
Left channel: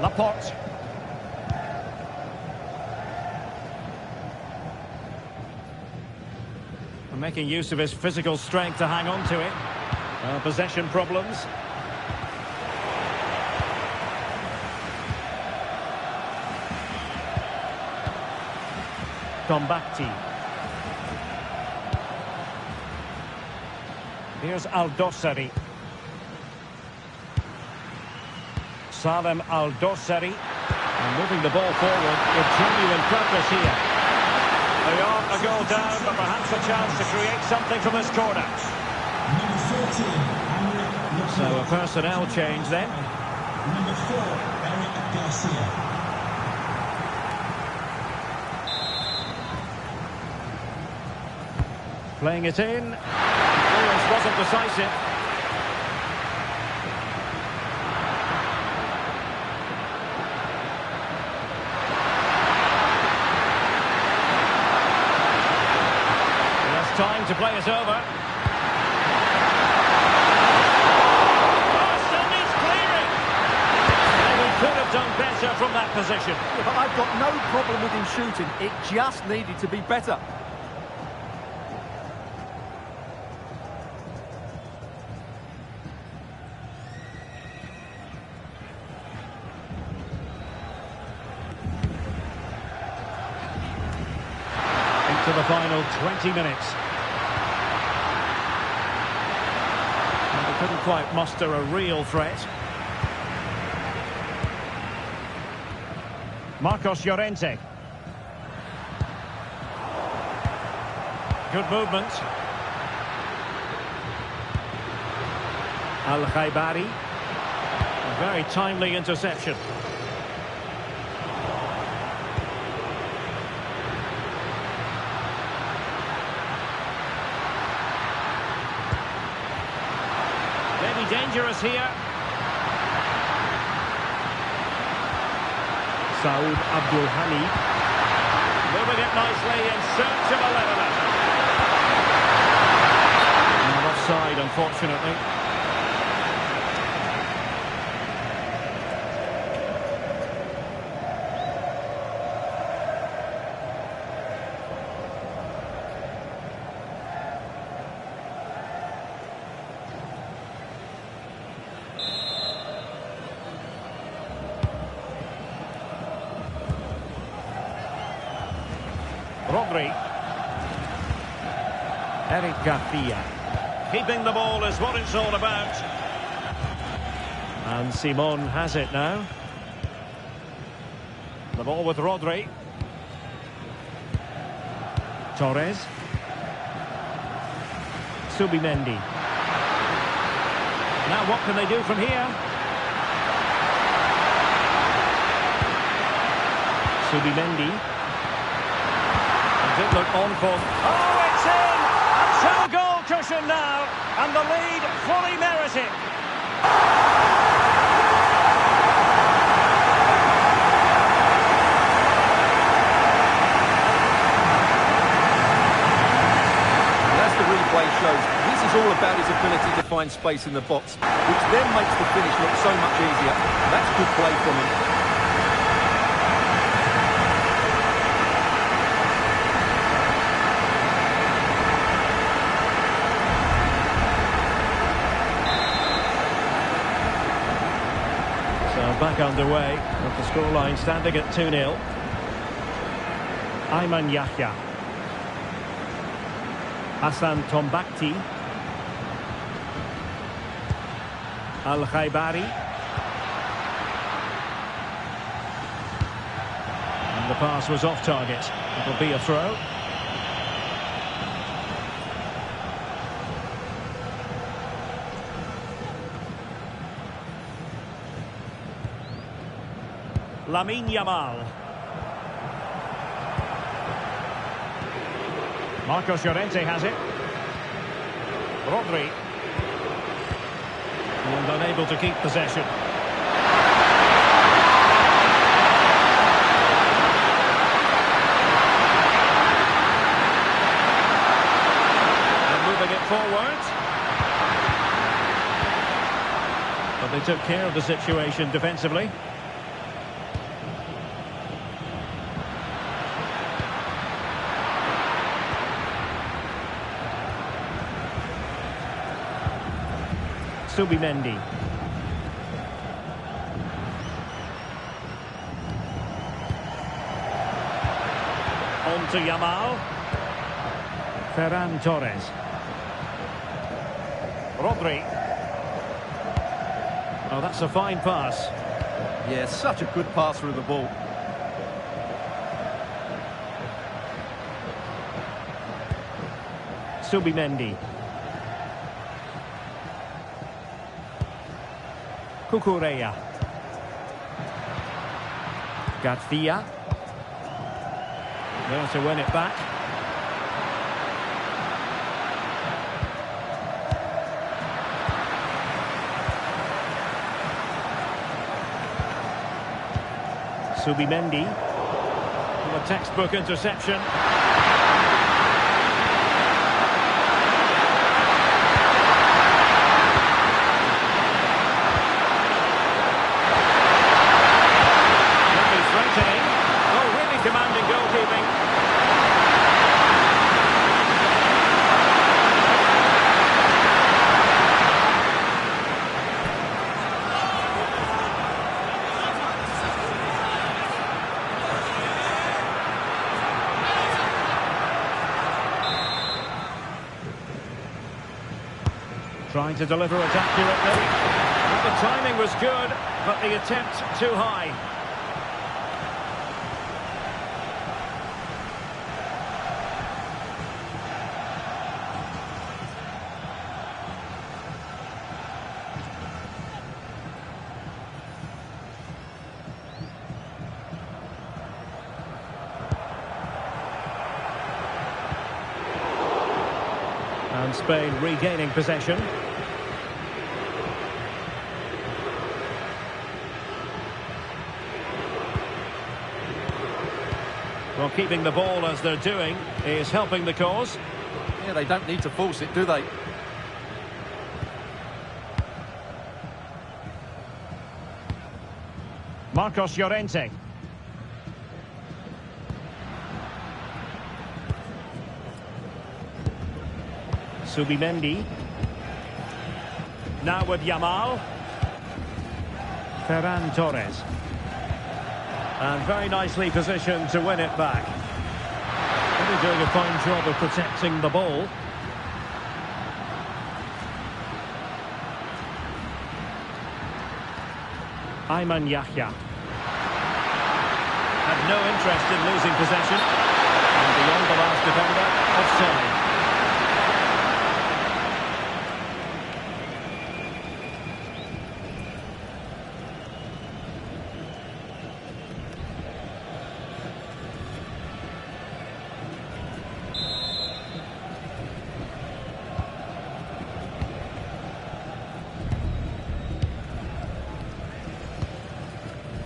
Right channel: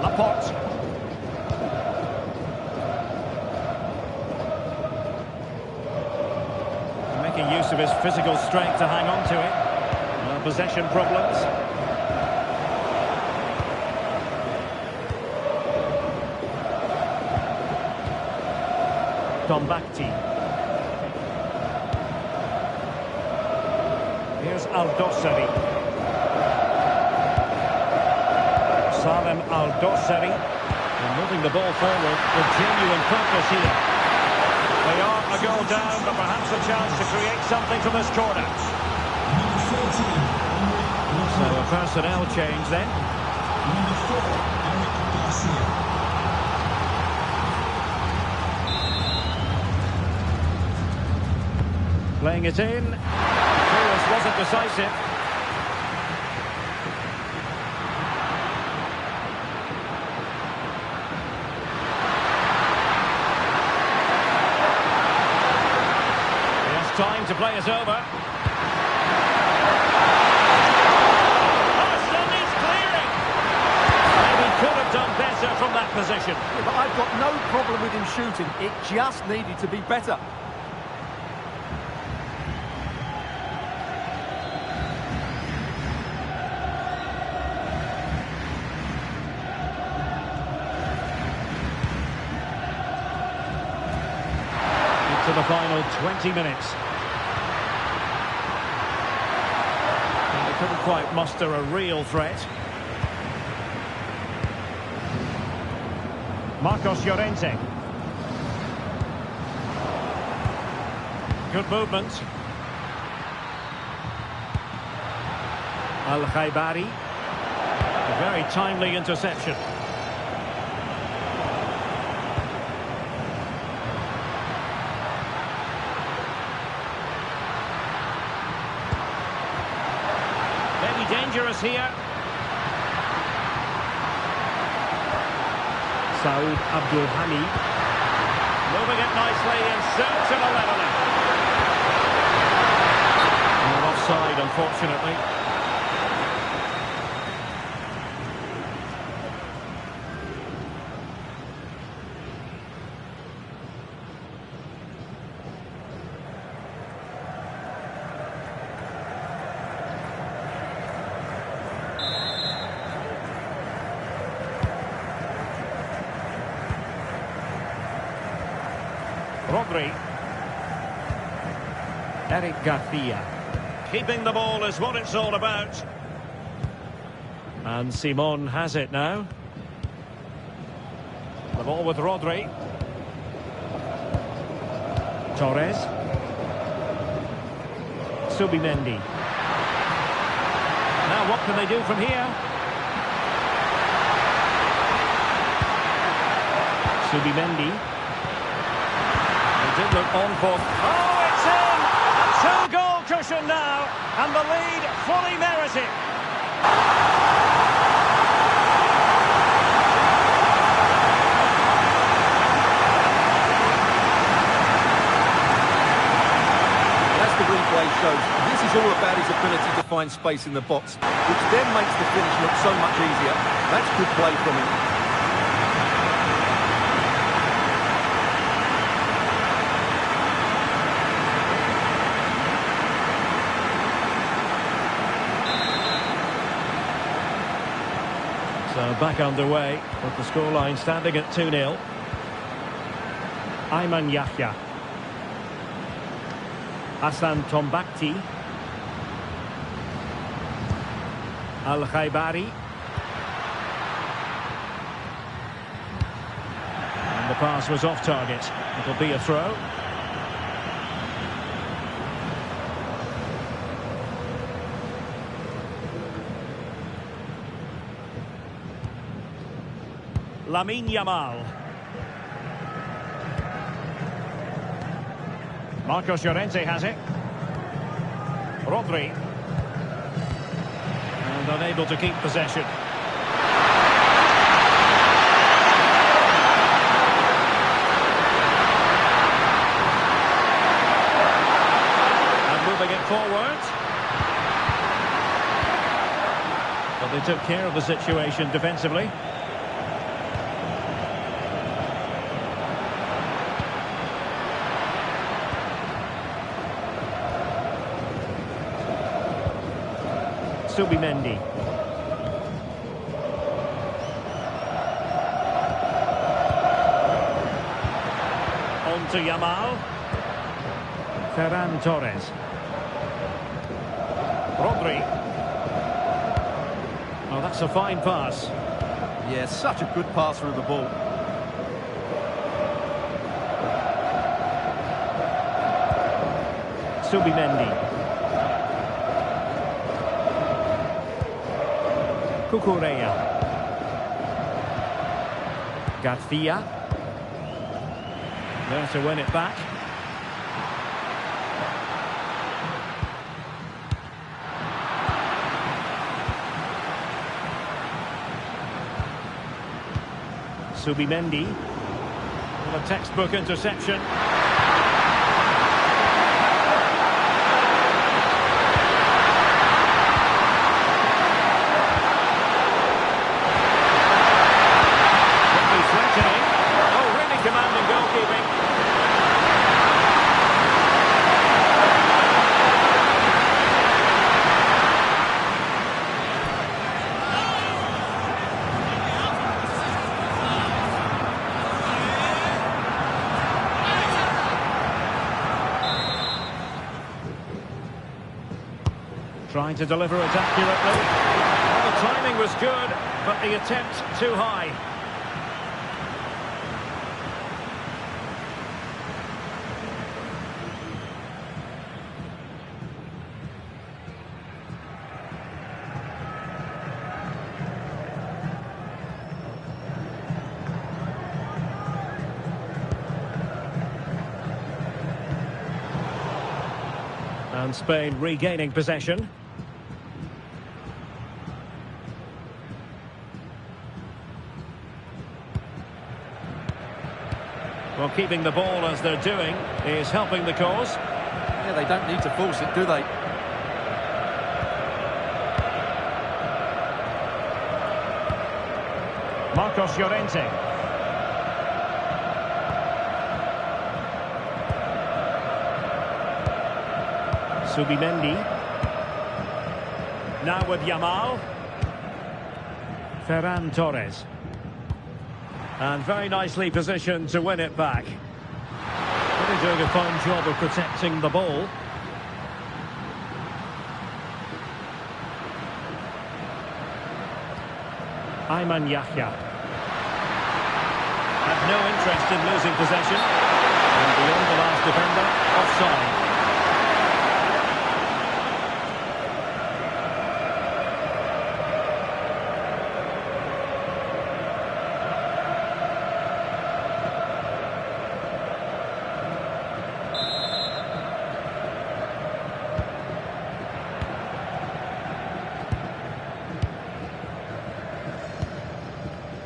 Laporte. Making use of his physical strength to hang on to it. Possession problems. Tombakti. Here's Al-Dossari. Salem Al-Dossari. And moving the ball forward with genuine purpose here. They are a goal down, but perhaps a chance to create something from this corner. Number 14, Eric. So a personnel change then. Number 4, Eric Garcia. Playing it in. Clearance wasn't decisive. He has time to play it over. Oh, still needs clearing. Maybe could have done better from that position. Yeah, but I've got no problem with him shooting. It just needed to be better. To the final 20 minutes. And they couldn't quite muster a real threat. Marcos Llorente. Good movement. Al-Khaibari. A very timely interception. Maybe dangerous here. Saud Abdul Hamid. Moving it nicely in search of a leveller. Not offside, unfortunately. Rodri. Eric Garcia. Keeping the ball is what it's all about. And Simon has it now. The ball with Rodri. Torres. Subimendi. Now what can they do from here? Subimendi. Did look on for... Oh, it's in! A two-goal cushion now, and the lead fully merited. Well, as the replay shows, this is all about his ability to find space in the box, which then makes the finish look so much easier. That's good play from him. So back underway, with the scoreline standing at 2-0. Ayman Yahya. Hassan Tombakti. Al-Khaibari. And the pass was off target. It'll be a throw. Lamine Yamal. Marcos Llorente has it. Rodri. And unable to keep possession. And moving it forward. But they took care of the situation defensively. Subimendi. On to Yamal. Ferran Torres. Rodri. Oh, that's a fine pass. Yeah, such a good passer of the ball. Subimendi. Cucurella. Garcia. There to win it back. Subimendi. Well, a textbook interception. Could be threatening. Oh, really commanding goalkeeping. Trying to deliver it accurately. Well, the timing was good, but the attempt too high. And Spain regaining possession. Well, keeping the ball as they're doing is helping the cause. Yeah, they don't need to force it, do they? Marcos Llorente. Subimendi. Now with Yamal. Ferran Torres. And very nicely positioned to win it back. Really doing a fine job of protecting the ball. Ayman Yahya. Had no interest in losing possession. And beyond the last defender, offside.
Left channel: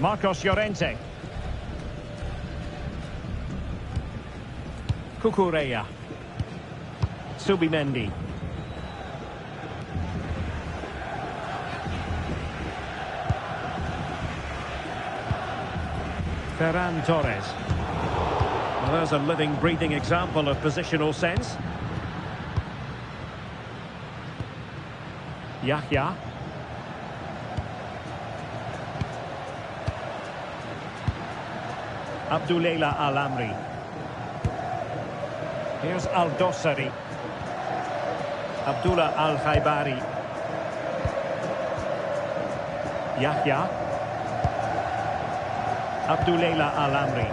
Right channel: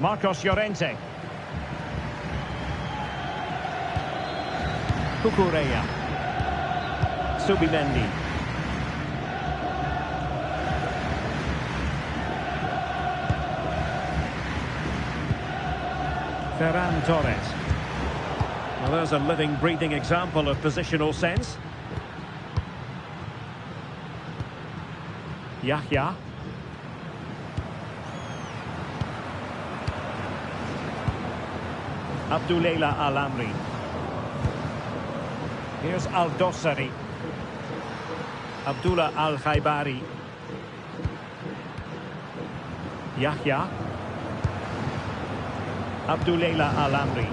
Marcos Llorente. Cucurella. Subimendi. Ferran Torres. Well, there's a living, breathing example of positional sense. Yahya. Abdullah Al-Amri. Here's Al-Dossari. Abdullah Al-Khaibari. Yahya. Abdullah Al-Amri.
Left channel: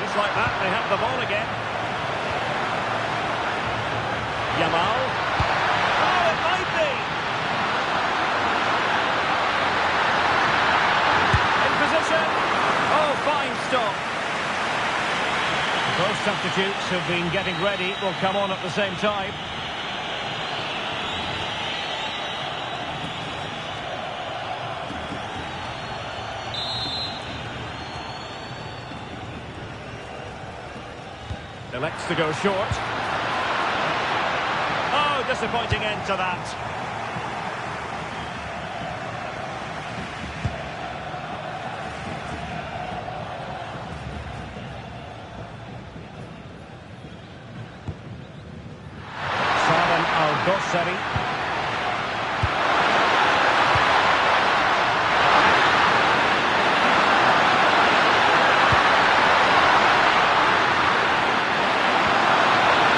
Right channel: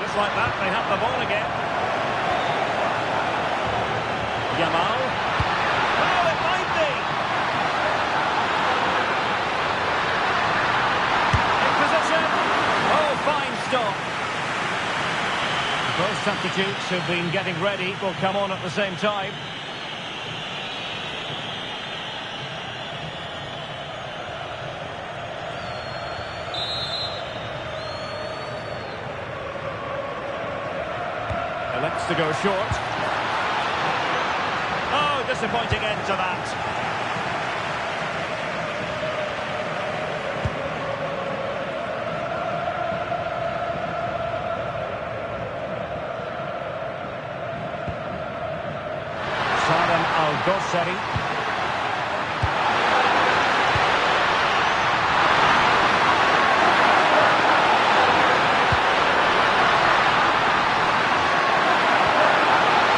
Just like that, they have the ball again. Yamal. Oh, it might be. Position. Oh, fine stop. Both substitutes have been getting ready. Will come on at the same time. Elects to go short. Oh, disappointing end to that. Aaron Al-Dossari.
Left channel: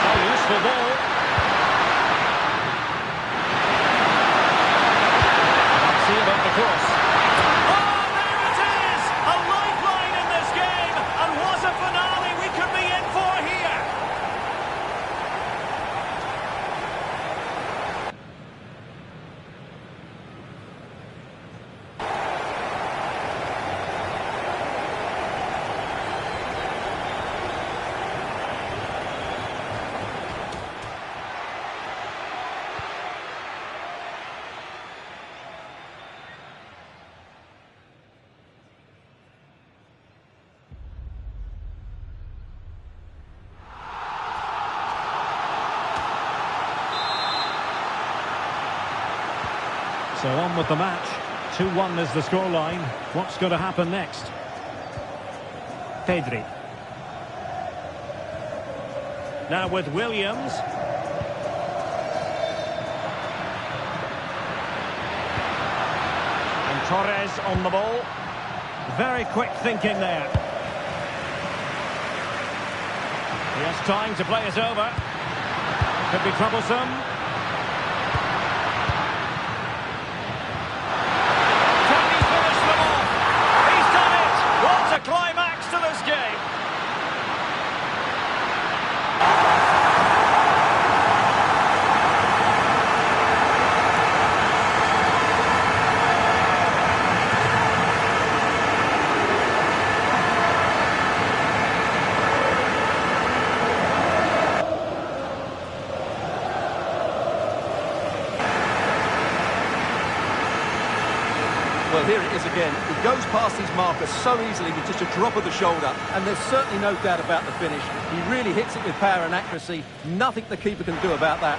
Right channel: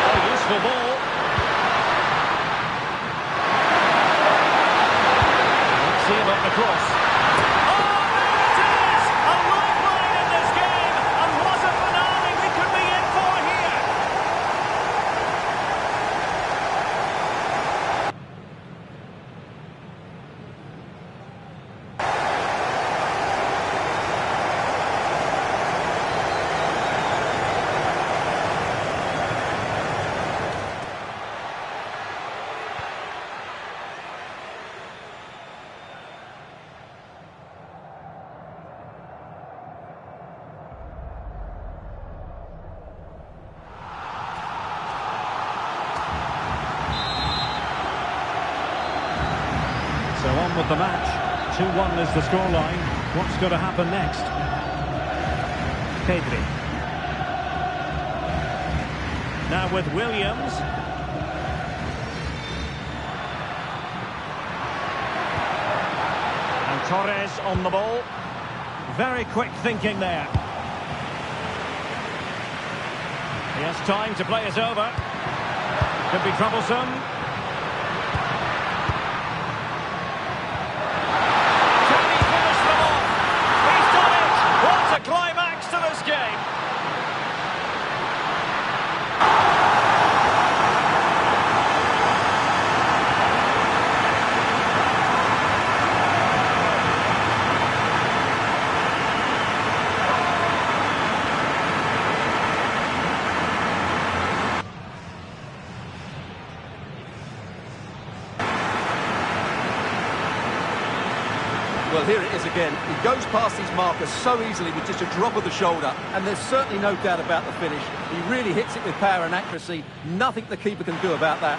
Oh, useful ball. Let's see about the cross. Oh, there it is! A lifeline in this game, and what a finale we could be in for here! So on with the match. 2-1 is the scoreline. What's going to happen next? Pedri. Now with Williams. And Torres on the ball. Very quick thinking there. He has time to play it over. Could be troublesome. What a climax to this game! Well, here it is again. He goes past his marker so easily with just a drop of the shoulder, and there's certainly no doubt about the finish. He really hits it with power and accuracy. Nothing the keeper can do about that.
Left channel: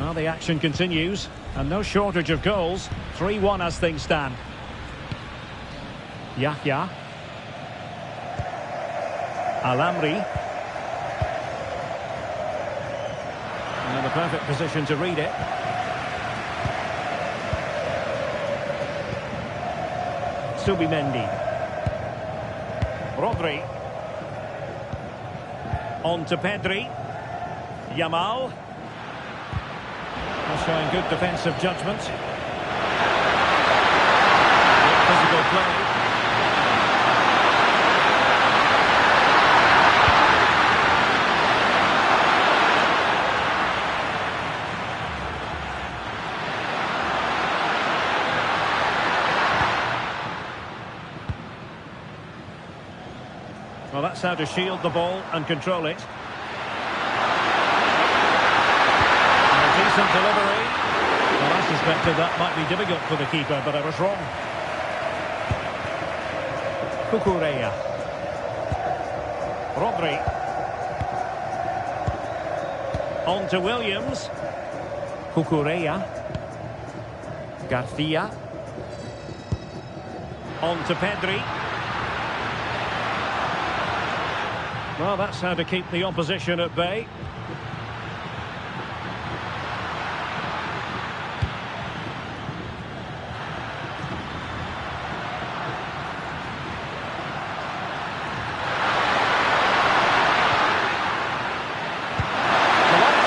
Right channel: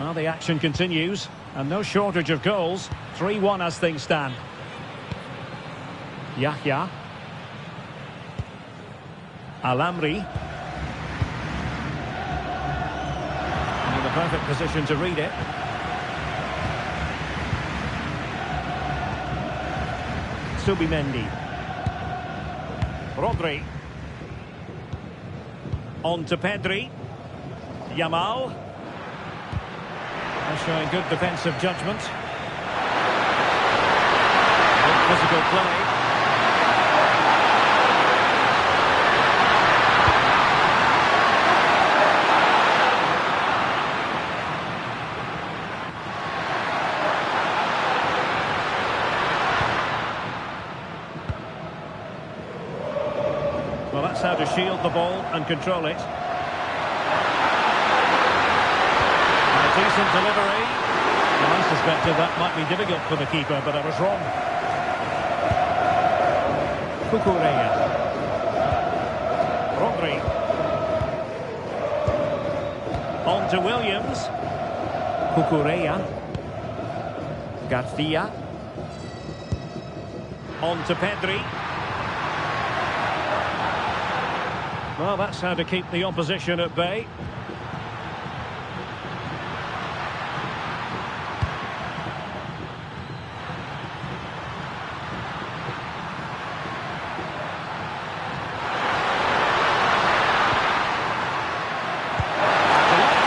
Well, the action continues, and no shortage of goals. 3-1 as things stand. Yahya. Al-Amri. In the perfect position to read it. Subimendi. Rodri. On to Pedri. Yamal. Showing good defensive judgment. Good physical play. Well, that's how to shield the ball and control it. Decent delivery. Well, I suspected that might be difficult for the keeper, but I was wrong. Cucurella. Rodri. On to Williams. Cucurella. Garcia. On to Pedri. Well, that's how to keep the opposition at bay.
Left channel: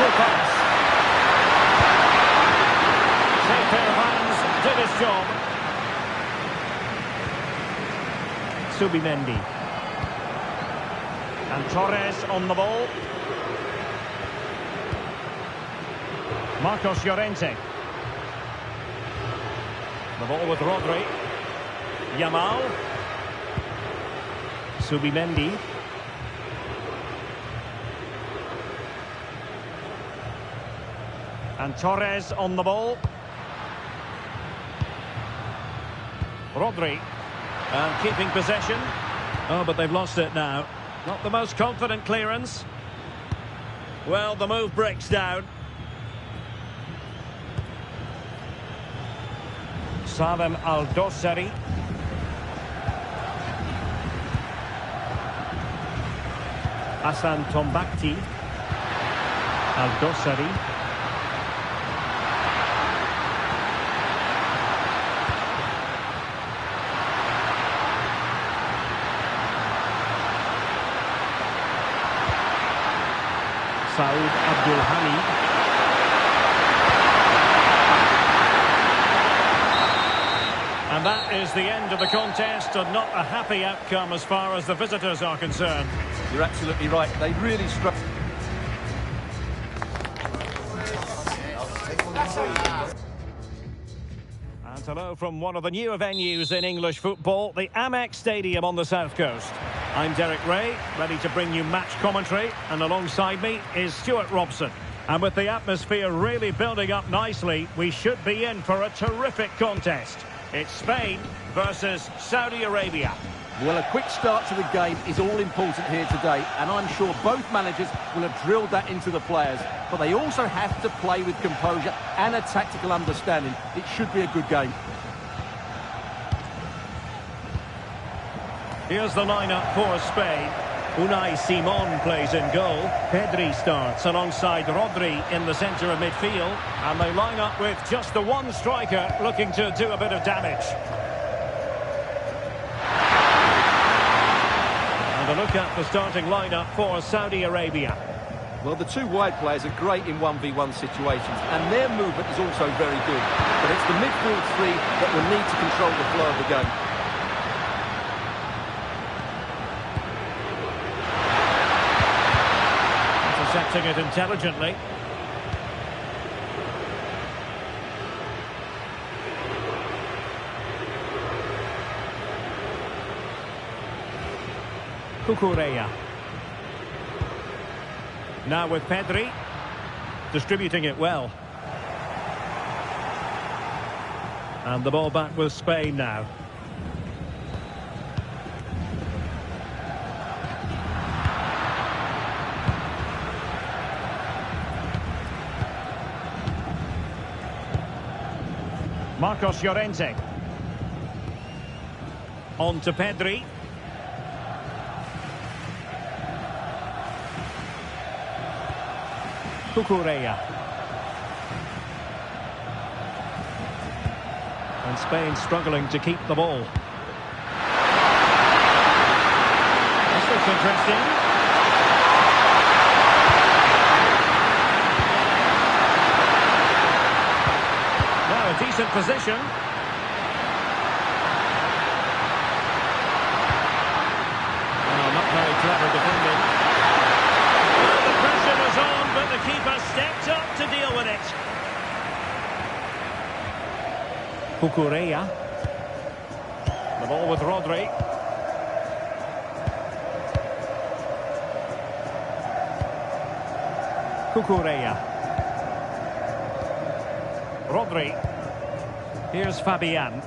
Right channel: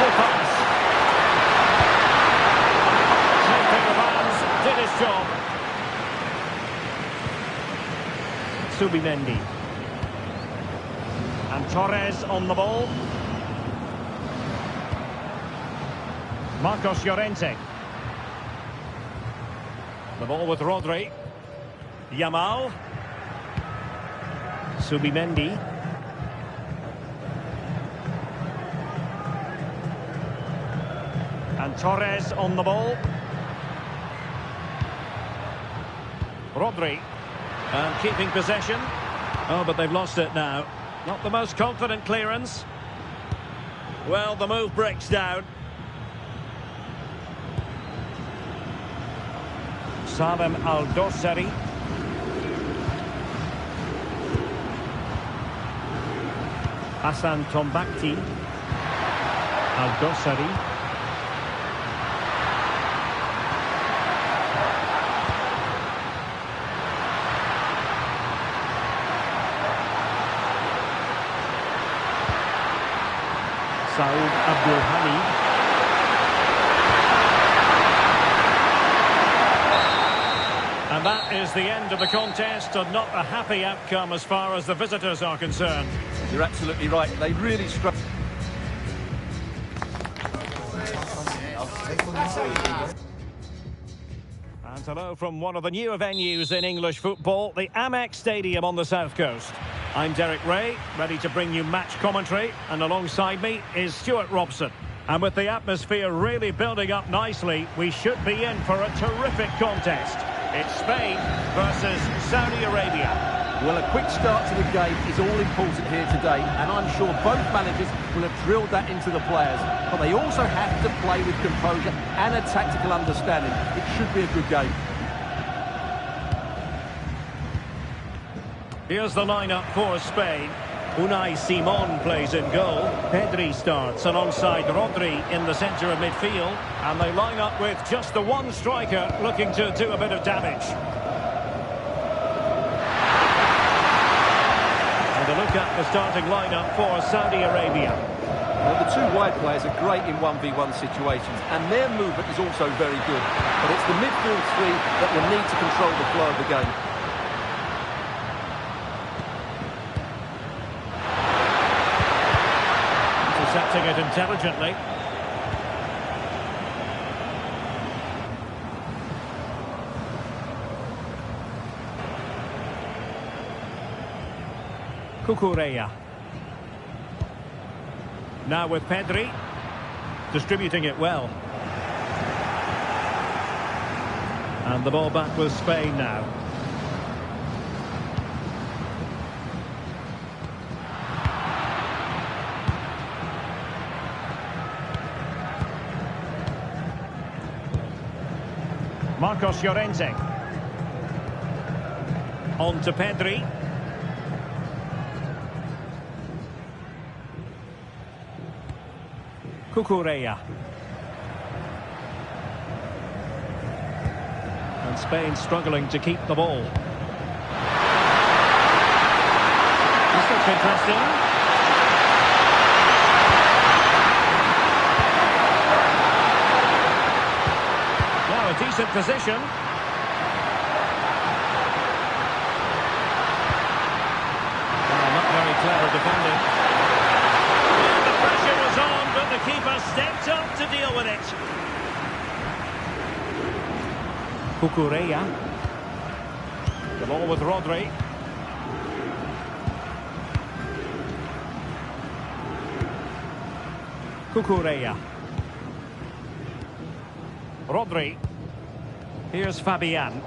Pass. Safe pair of hands, did his job. Subimendi. And Torres on the ball. Marcos Llorente. The ball with Rodri. Yamal. Subimendi. And Torres on the ball. Rodri. And keeping possession. Oh, but they've lost it now. Not the most confident clearance. Well, the move breaks down. Salem Al-Dossari. Hassan Tombakti. Al-Dossari. Saud Abdul Hamid. And that is the end of the contest, and not a happy outcome as far as the visitors are concerned. You're absolutely right. They really struck. And hello from one of the newer venues in English football, the Amex Stadium on the south coast. I'm Derek Ray, ready to bring you match commentary, and alongside me is Stuart Robson. And with the atmosphere really building up nicely, we should be in for a terrific contest. It's Spain versus Saudi Arabia. Well, a quick start to the game is all important here today, and I'm sure both managers will have drilled that into the players. But they also have to play with composure and a tactical understanding. It should be a good game. Here's the lineup for Spain. Unai Simon plays in goal. Pedri starts alongside Rodri in the centre of midfield. And they line up with just the one striker looking to do a bit of damage. And a look at the starting lineup for Saudi Arabia. Well, the two wide players are great in 1v1 situations, and their movement is also very good. But it's the midfield three that will need to control the flow of the game. Intercepting it intelligently. Cucurella. Now with Pedri. Distributing it well. And the ball back with Spain now. Marcos Llorente. On to Pedri. Cucurella. And Spain struggling to keep the ball. This looks interesting. Now a decent position. Well, not very clever defending. Well, the pressure was on, but the keeper stepped up to deal with it. Cucurella. The ball with Rodri. Cucurella. Rodri. Here's Fabian.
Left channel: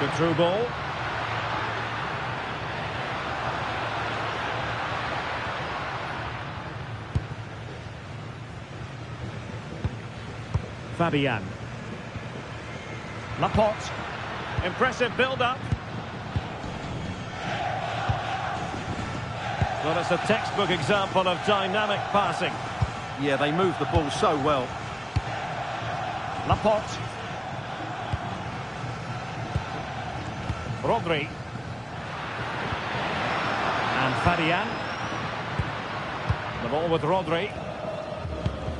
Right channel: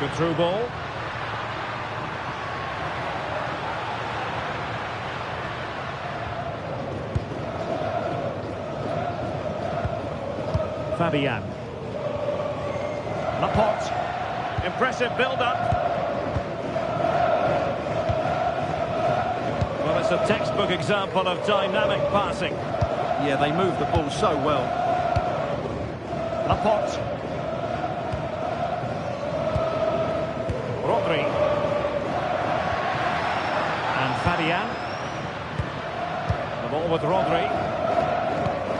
Good through ball. Fabian. Laporte. Impressive build-up. Well, it's a textbook example of dynamic passing. Yeah, they move the ball so well. Laporte. Rodri. And Fabian. The ball with Rodri.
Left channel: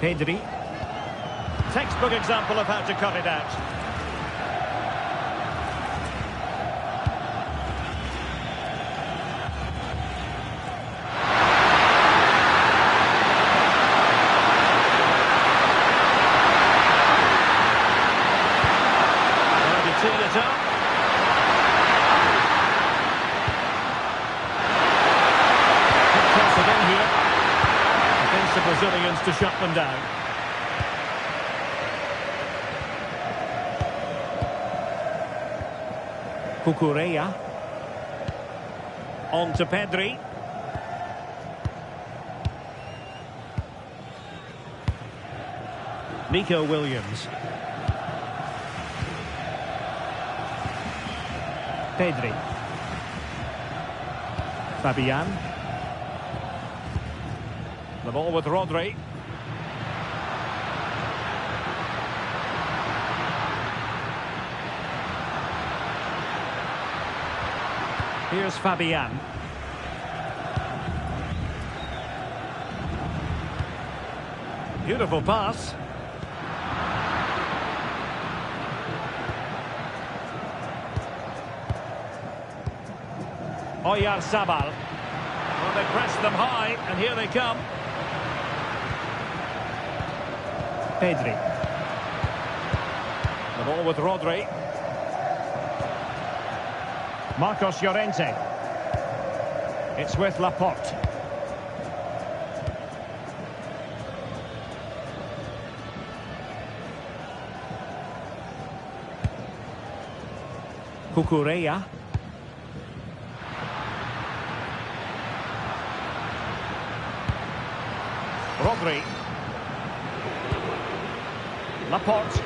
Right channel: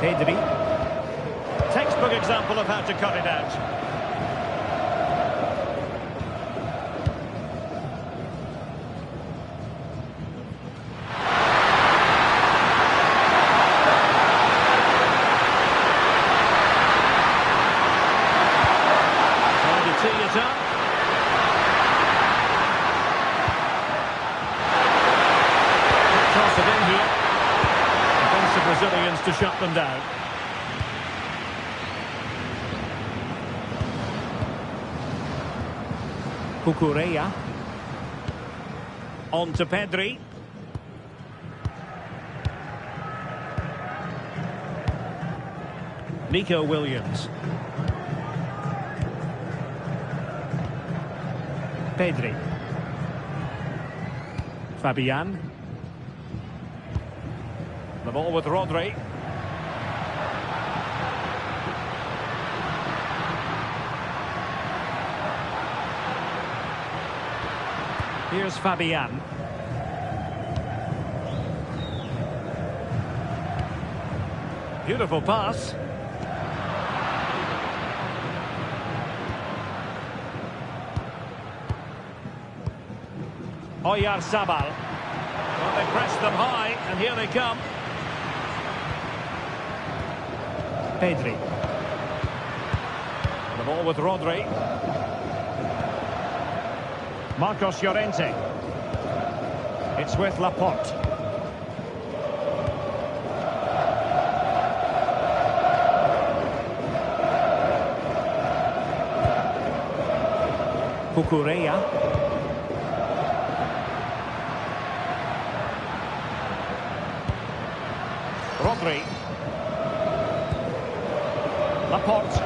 Pedri. Textbook example of how to cut it out. Trying to tee it up. Could toss it in here. Against the Brazilians to shut them down. Cucurella. On to Pedri. Nico Williams. Pedri. Fabian. The ball with Rodri. Here's Fabian. Beautiful pass. Oyarzabal. Well, they pressed them high, and here they come. Pedri. The ball with Rodri. Marcos Llorente. It's with Laporte. Cucurella. Rodri. Laporte.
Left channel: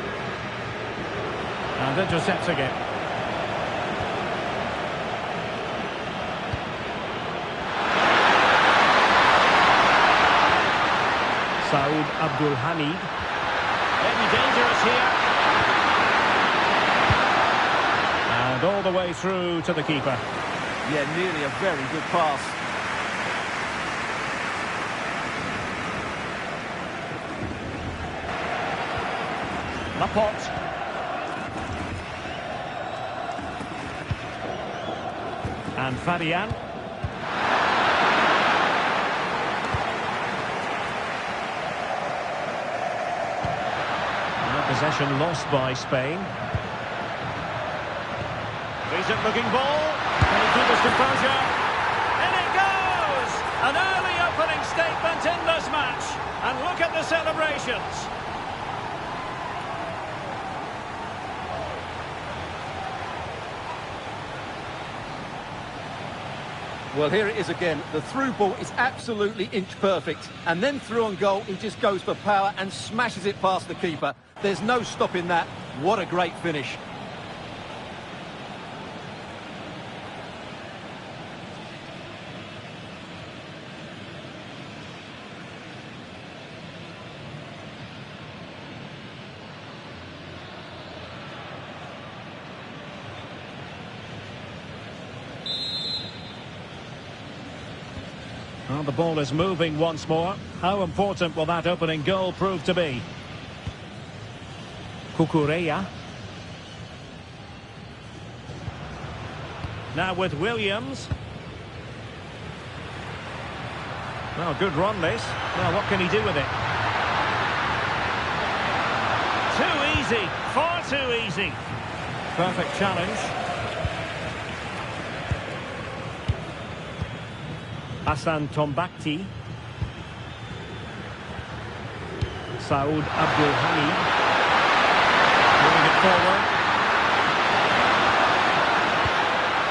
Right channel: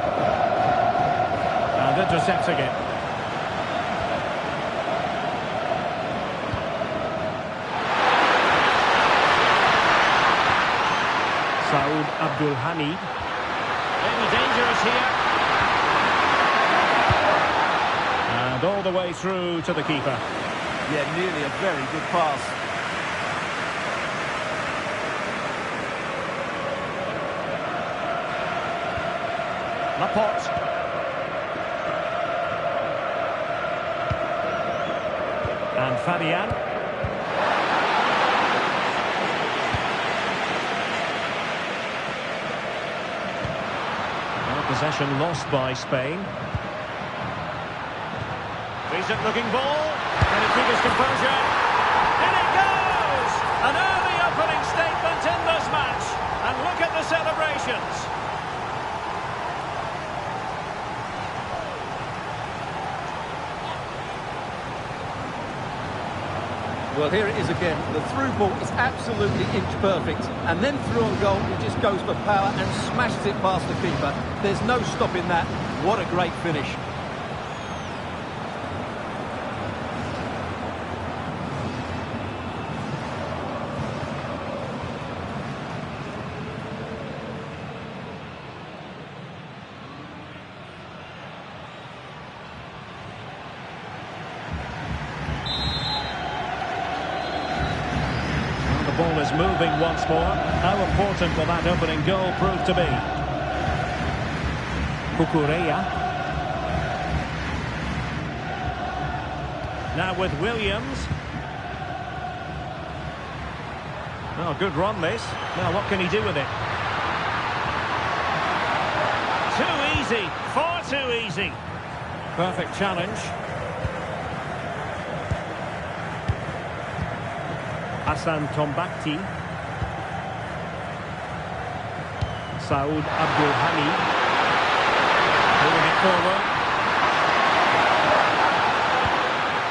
And intercepting it. Saud Abdul Hamid. Maybe dangerous here. And all the way through to the keeper. Yeah, nearly a very good pass. Laporte. And Fabian. Now possession lost by Spain. Decent looking ball. Can he keep his composure? In it goes! An early opening statement in this match. And look at the celebrations. Well, here it is again. The through ball is absolutely inch perfect. And then through on goal, he just goes for power and smashes it past the keeper. There's no stopping that. What a great finish. The ball is moving once more. How important will that opening goal prove to be? Cucurella. Now with Williams. Oh, good run this. Now what can he do with it? Too easy. Far too easy. Perfect challenge. Hassan Tombakti. Saud Abdul Hamid. Moving it forward.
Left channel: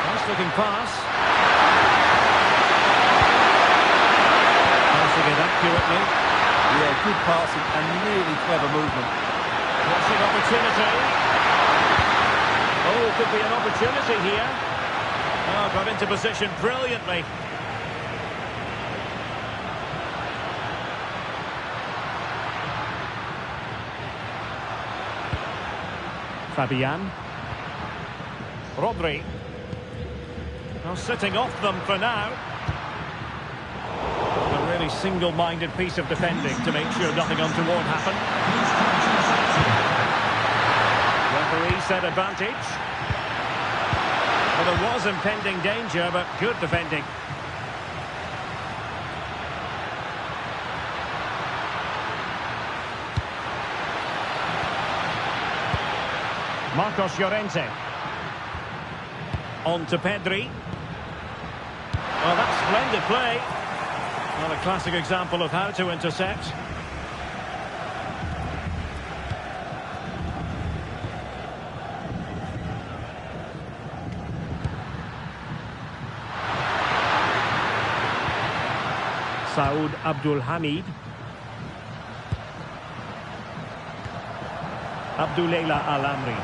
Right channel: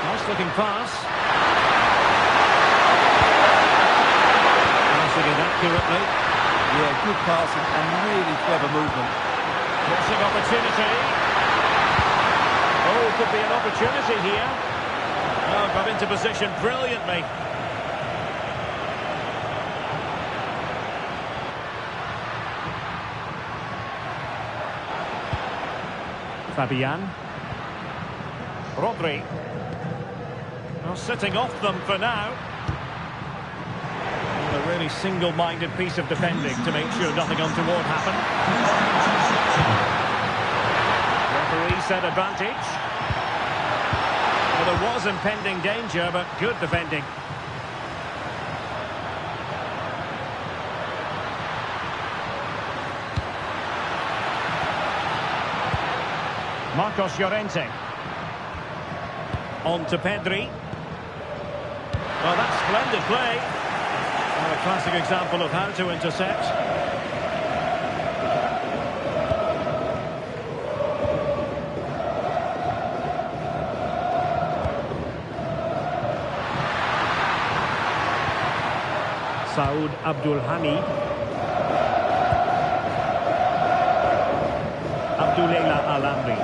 Nice looking pass. Passing it accurately. Yeah, good passing and really clever movement. Crossing opportunity. Oh, could be an opportunity here. Oh, got into position brilliantly. Fabian. Rodri. Well, sitting off them for now. A really single-minded piece of defending to make sure nothing untoward happened. Referee said advantage. Well, there was impending danger, but good defending. Marcos Llorente. On to Pedri. Well, that's splendid play. Well, a classic example of how to intercept. Saud Abdul Hamid. Abdullah Al-Amri.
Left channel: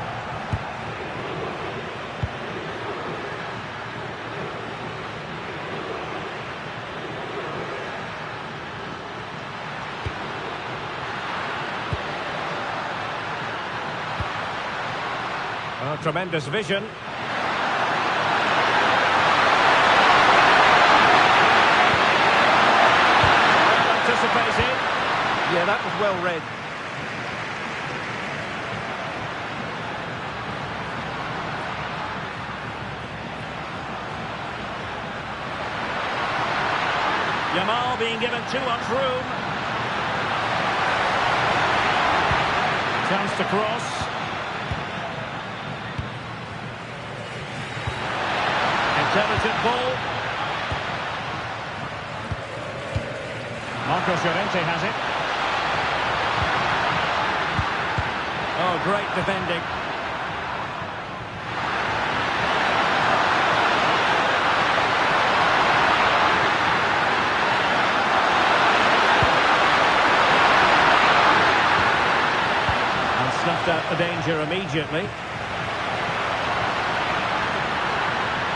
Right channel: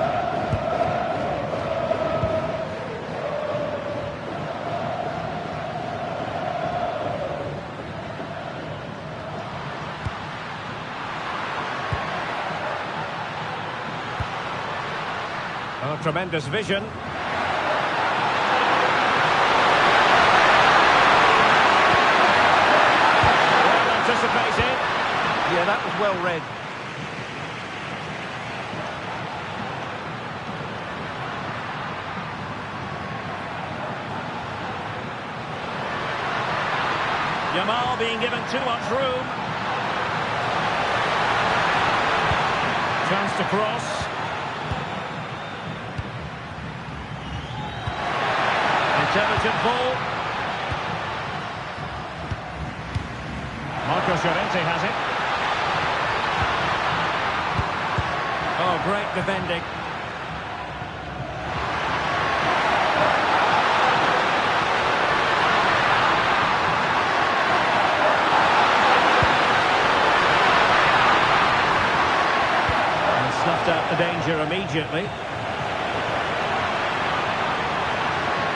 Oh, tremendous vision. Well anticipated. Yeah, that was well read. Yamal being given too much room. Chance to cross. Intelligent ball. Marcos Llorente has it. Oh, great defending. And snuffed out the danger immediately.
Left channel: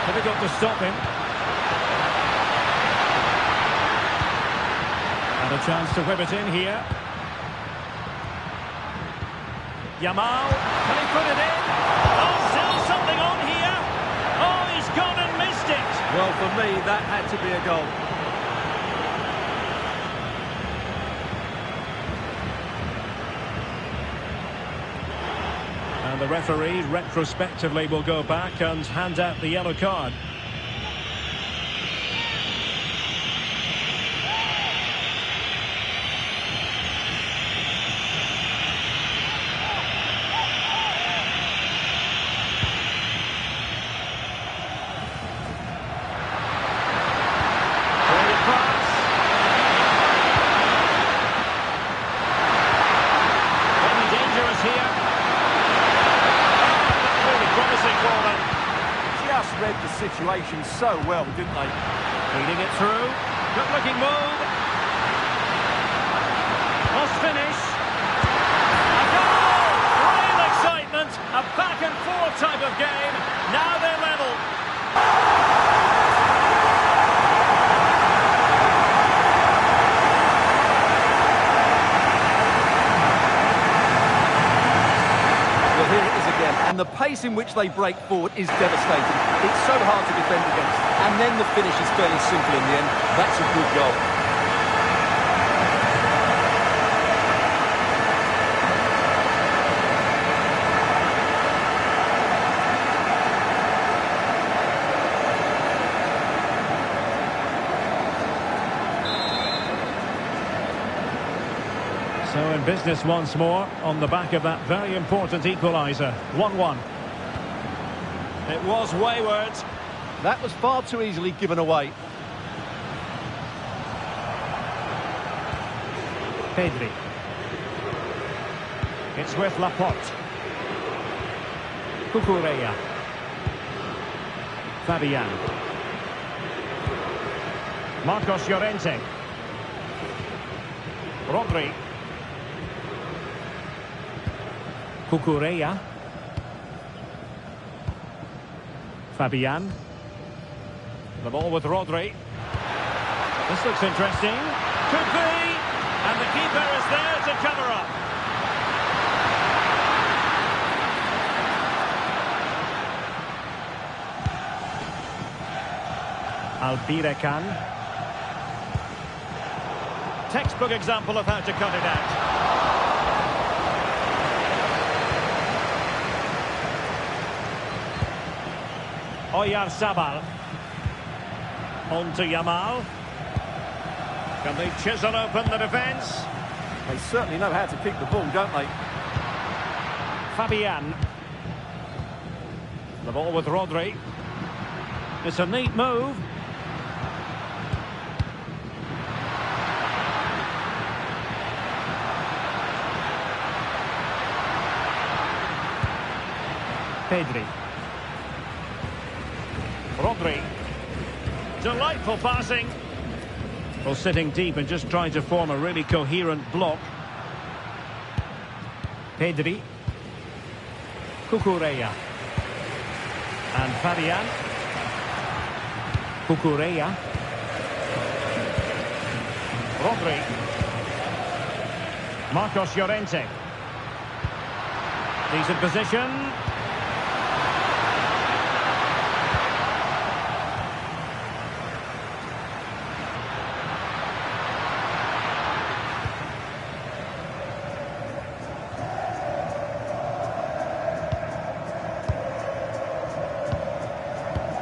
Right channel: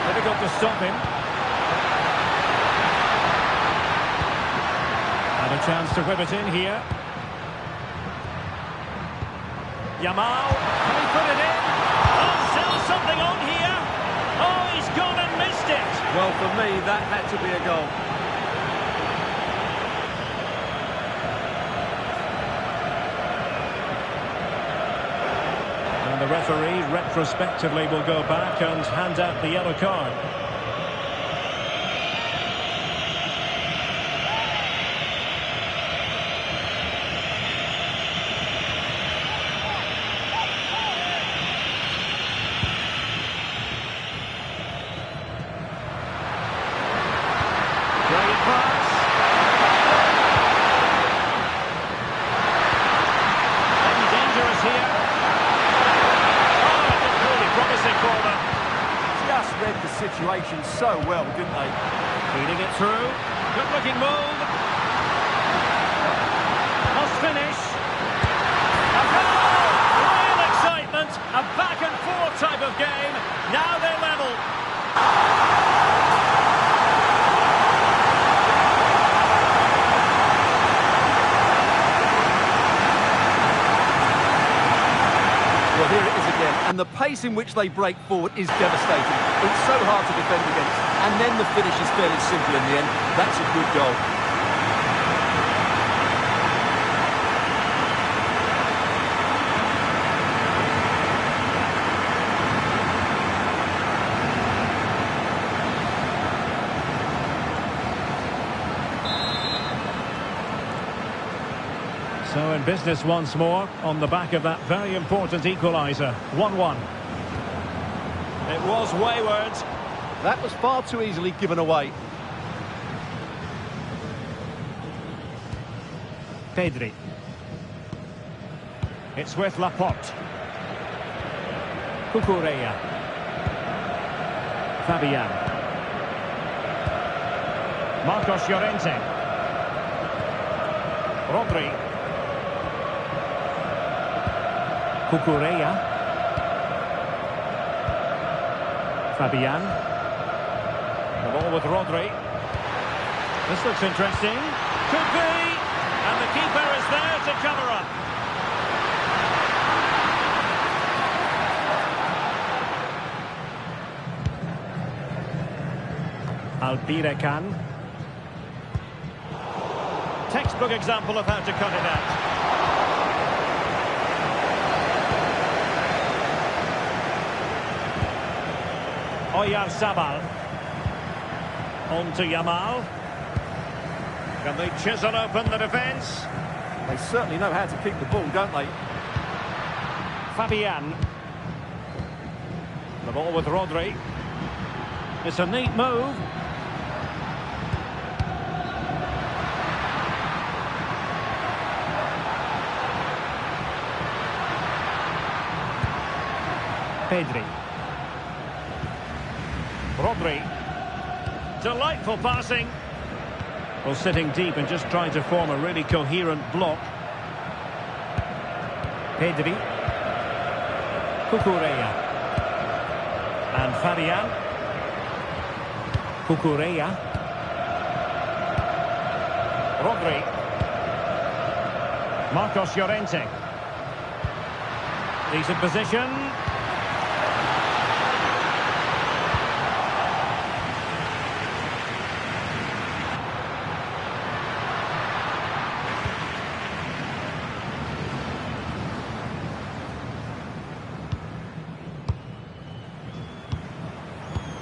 Difficult to stop him. And a chance to whip it in here. Yamal, can he put it in? Oh, still something on here. Oh, he's gone and missed it. Well, for me, that had to be a goal. And the referee retrospectively will go back and hand out the yellow card. Brilliant pass. Maybe dangerous here. Promising for them. Just read the situation so well, didn't they? Feeding it through. Good looking move. Must finish. A goal! Real excitement. A back and forth type of game. Now they're level. Well, here it is again, and the pace in which they break forward is devastating. It's so hard to defend against, and then the finish is fairly simple in the end. That's a good goal. So in business once more on the back of that very important equaliser. 1-1. It was wayward. That was far too easily given away. Pedri. It's with Laporte. Cucurella. Fabian. Marcos Llorente. Rodri. Cucurella. Fabian. The ball with Rodri. This looks interesting. Could be. And the keeper is there to cover up. Albirekan. Textbook example of how to cut it out. Oyarzabal. On to Yamal. Can they chisel open the defence? They certainly know how to keep the ball, don't they? Fabian. The ball with Rodri. It's a neat move. Pedri. Rodri. Delightful passing. Well, sitting deep and just trying to form a really coherent block. Pedri. Cucurella. And Fabian. Cucurella. Rodri. Marcos Llorente. Decent position.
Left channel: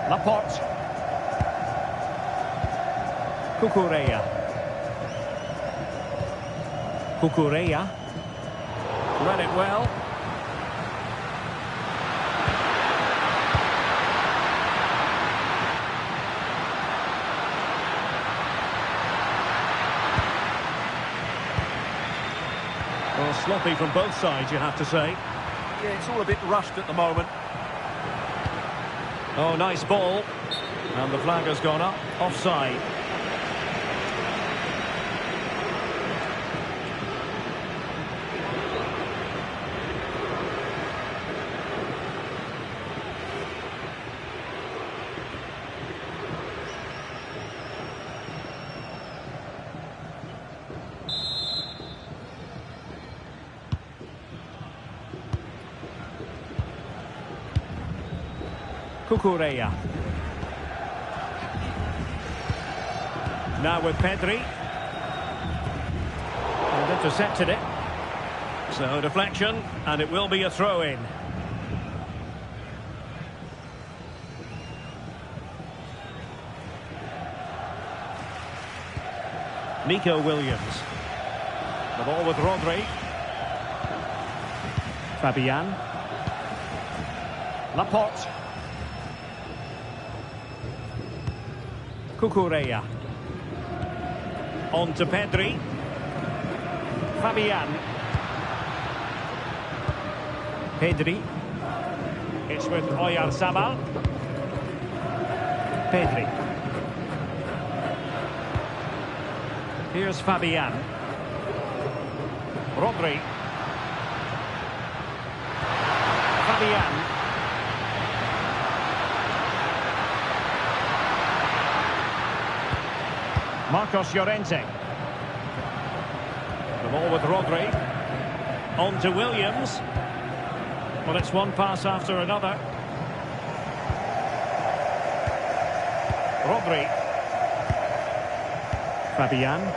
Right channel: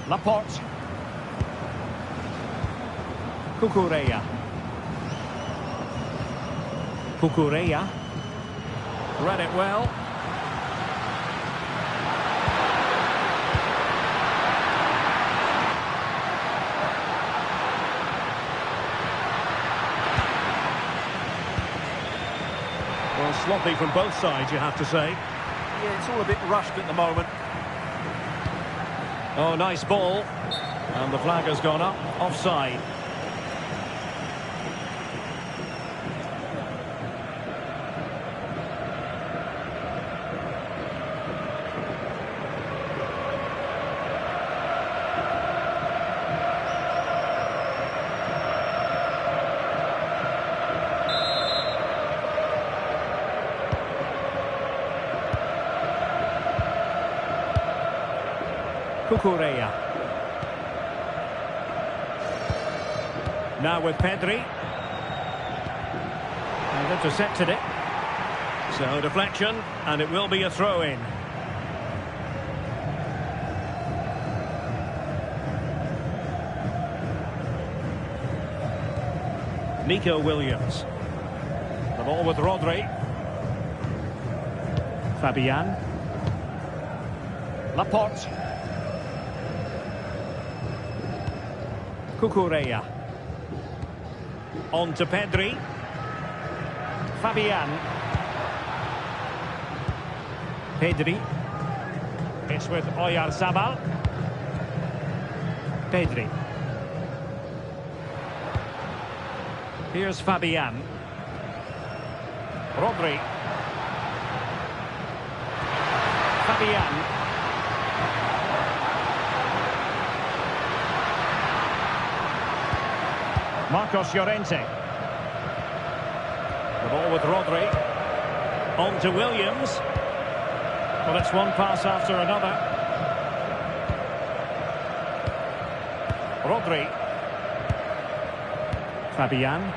Laporte. Cucurella. Cucurella. Read it well. Well, sloppy from both sides, you have to say. Yeah, it's all a bit rushed at the moment. Oh, nice ball. And the flag has gone up. Offside. Cucurella. Now with Pedri. And intercepted it. So deflection, and it will be a throw-in. Nico Williams. The ball with Rodri. Fabian. Laporte. Cucurella. On to Pedri. Fabian. Pedri. It's with Oyarzabal. Pedri. Here's Fabian. Rodri. Fabian. Marcos Llorente. The ball with Rodri. On to Williams. Well, it's one pass after another. Rodri. Fabian.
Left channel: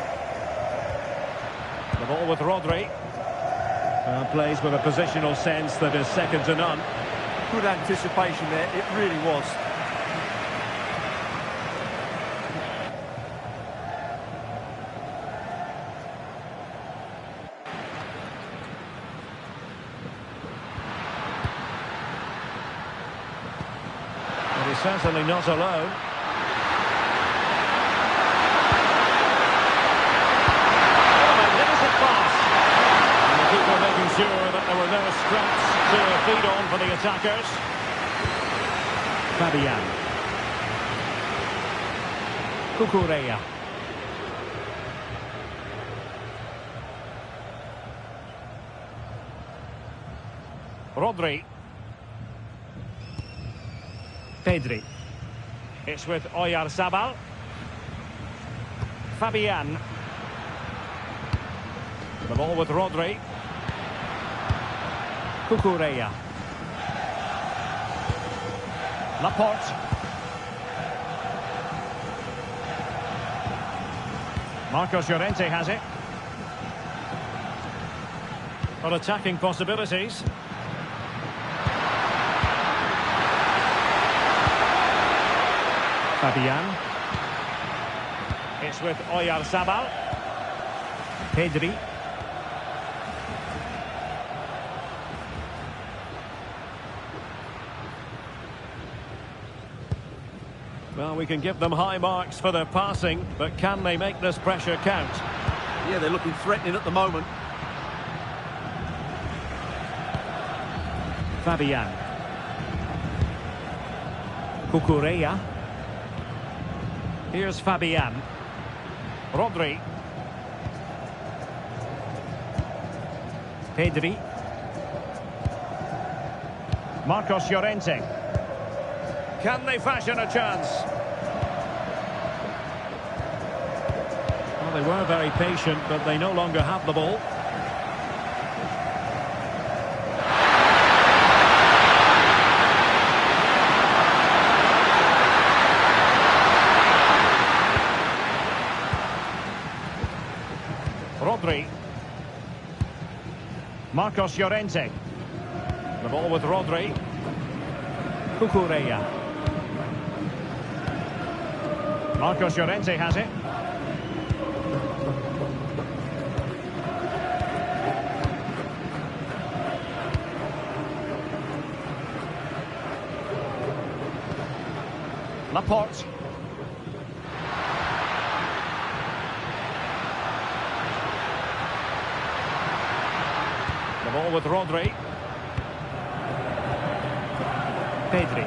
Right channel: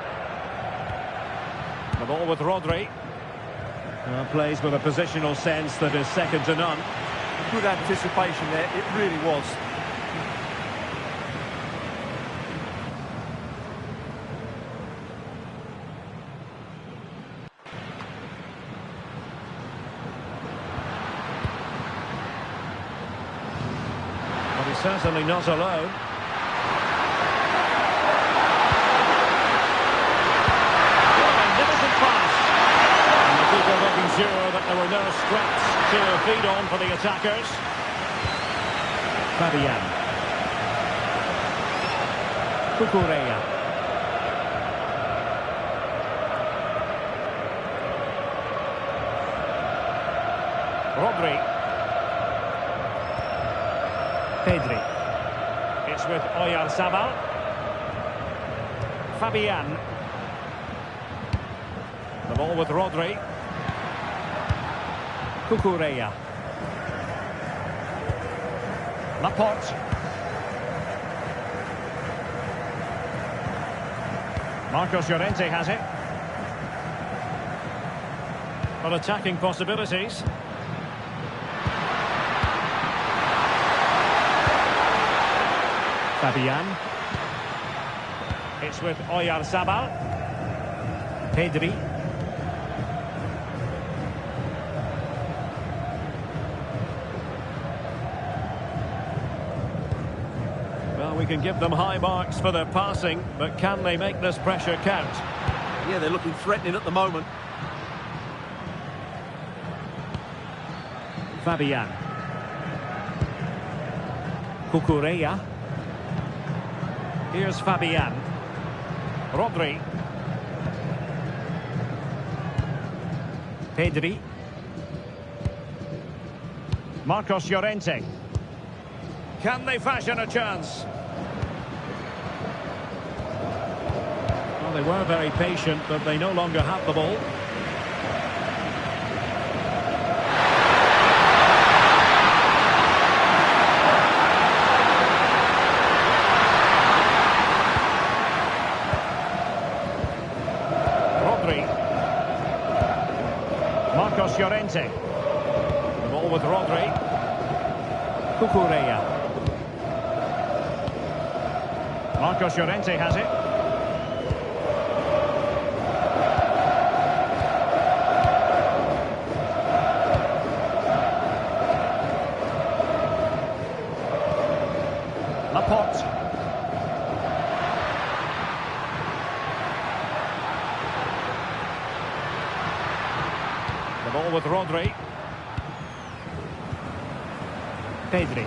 The ball with Rodri. Plays with a positional sense that is second to none. Good anticipation there, it really was. Well, he's certainly not alone. What a magnificent pass. And the keeper making sure that there were no scraps to feed on for the attackers. Fabian. Cucurella. Rodri. Pedri. It's with Oyarzabal. Fabian. The ball with Rodri. Cucurella. Laporte. Marcos Llorente has it. Well, attacking possibilities. Fabian. It's with Oyarzabal. Pedri. Well, we can give them high marks for their passing, but can they make this pressure count? Yeah, they're looking threatening at the moment. Fabian. Cucurella. Here's Fabian. Rodri. Pedri. Marcos Llorente. Can they fashion a chance? Well, they were very patient, but they no longer have the ball. Rodri. Marcos Llorente. The ball with Rodri. Cucurella. Marcos Llorente has it. Laporte. The ball with Rodri. Pedri.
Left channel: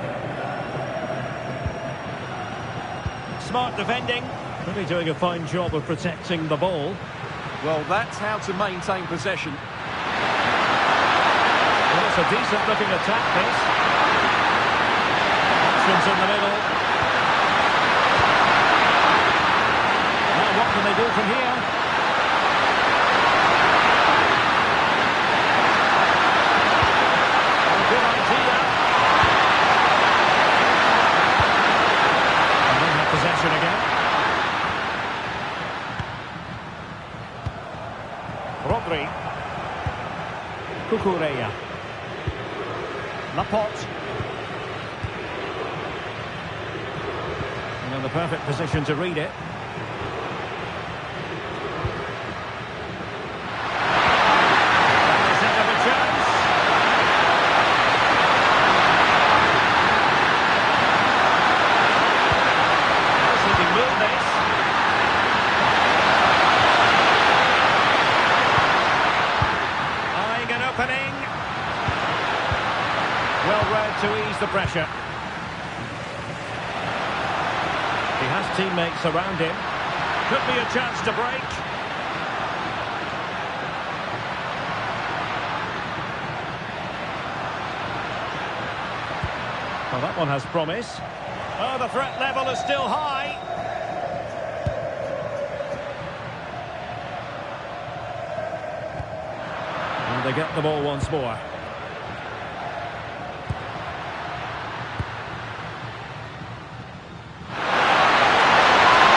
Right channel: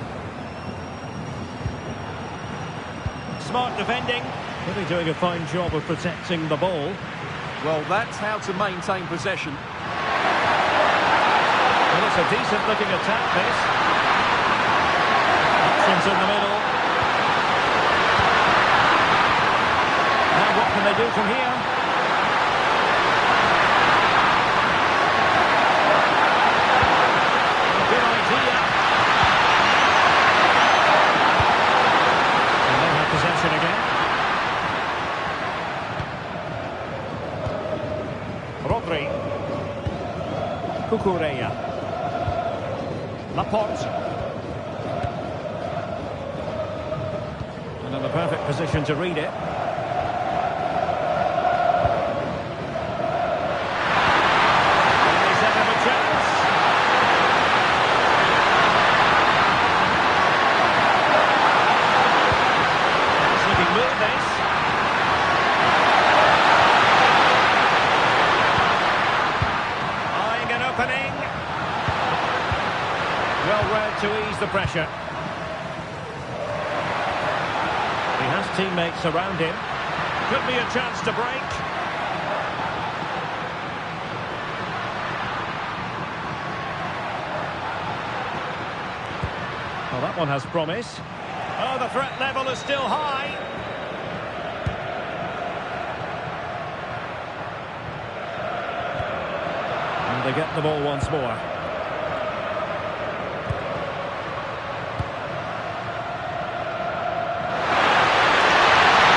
Smart defending. Really doing a fine job of protecting the ball. Well, that's how to maintain possession. Well, it's a decent looking attack, this. Options in the middle. Now what can they do from here? Good idea. And they have possession again. Rodri. Cucurella. Laporte. And in the perfect position to read it. Can they set up a chance? Looking move this. Eyeing an opening. Well read to ease the pressure. He has teammates around him. Could be a chance to break. Well, that one has promise. Oh, the threat level is still high. And they get the ball once more.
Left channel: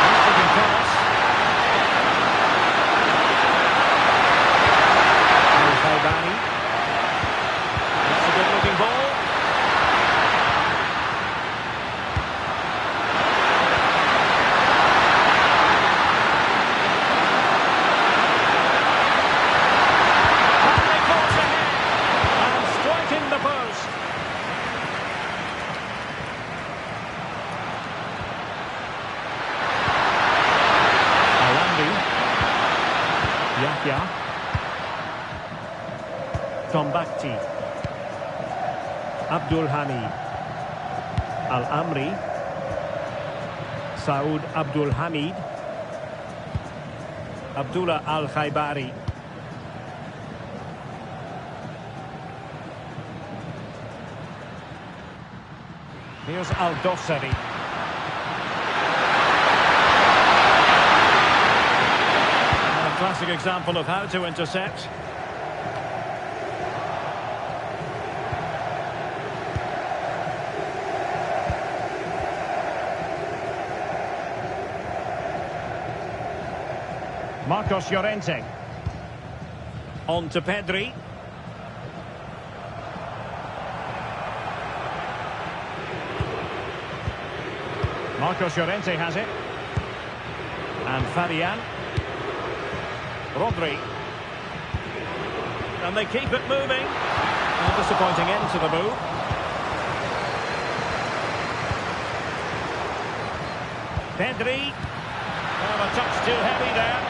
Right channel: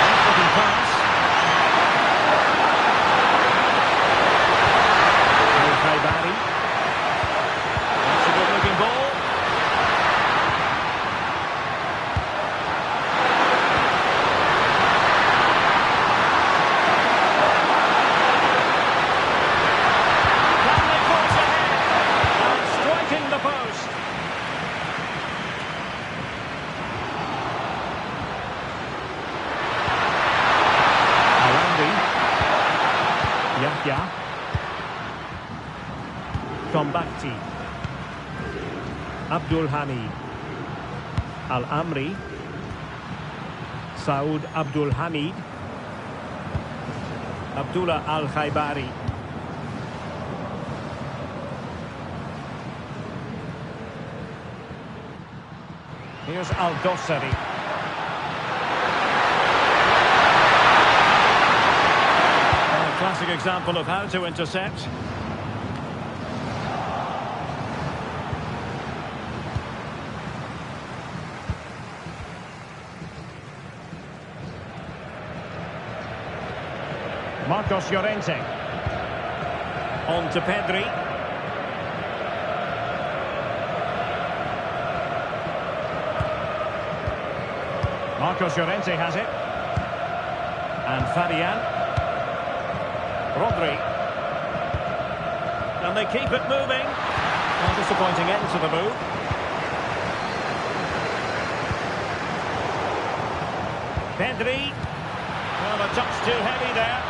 Nice looking pass. Al-Khaibari. That's a good looking ball. The post. Alambi. Yahya. Tombakti. Abdul Hamid. Al-Amri. Saud Abdul Hamid. Abdullah Al-Khaibari. Here's Al-Dossari. Well, a classic example of how to intercept. Marcos Llorente. On to Pedri. Marcos Llorente has it. And Fabian. Rodri. And they keep it moving. A disappointing end to the move. Pedri. Oh, a touch too heavy there.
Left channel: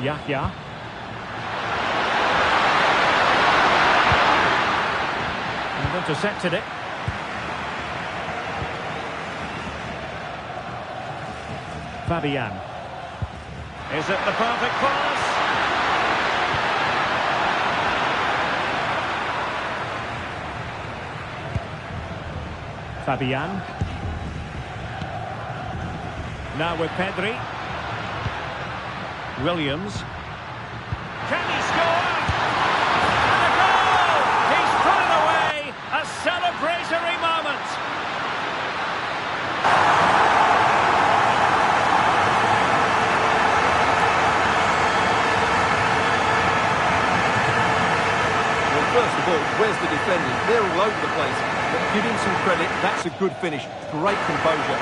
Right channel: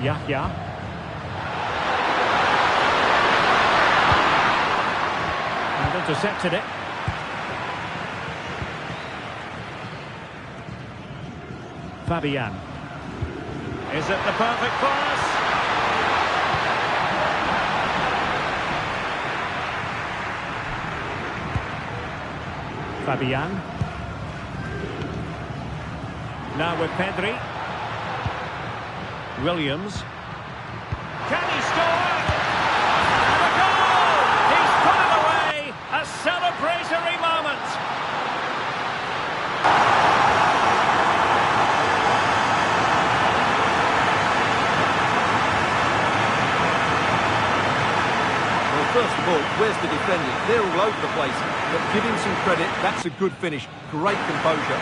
Yahya. And intercepted it. Fabian. Is it the perfect pass? Fabian. Now with Pedri. Williams. Can he score? And a goal! He's put it away! A celebratory moment! Well, first of all, where's the defenders? They're all over the place. But give him some credit, that's a good finish. Great composure.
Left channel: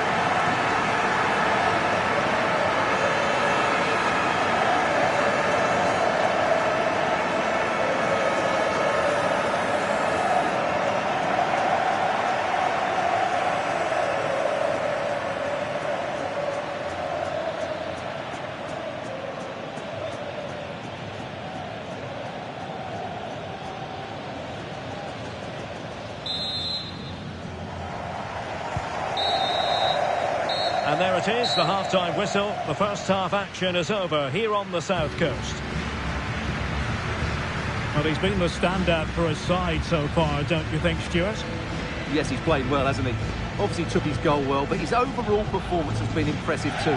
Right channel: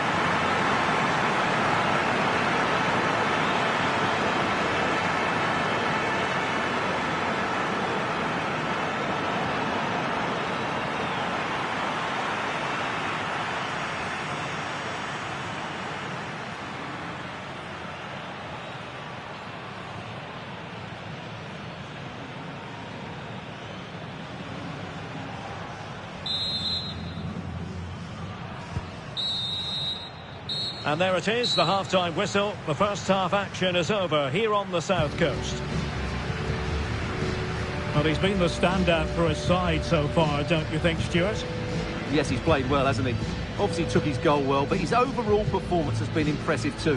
And there it is, the half-time whistle. The first half action is over here on the South Coast. Well, he's been the standout for his side so far, don't you think, Stuart? Yes, he's played well, hasn't he? Obviously took his goal well, but his overall performance has been impressive too.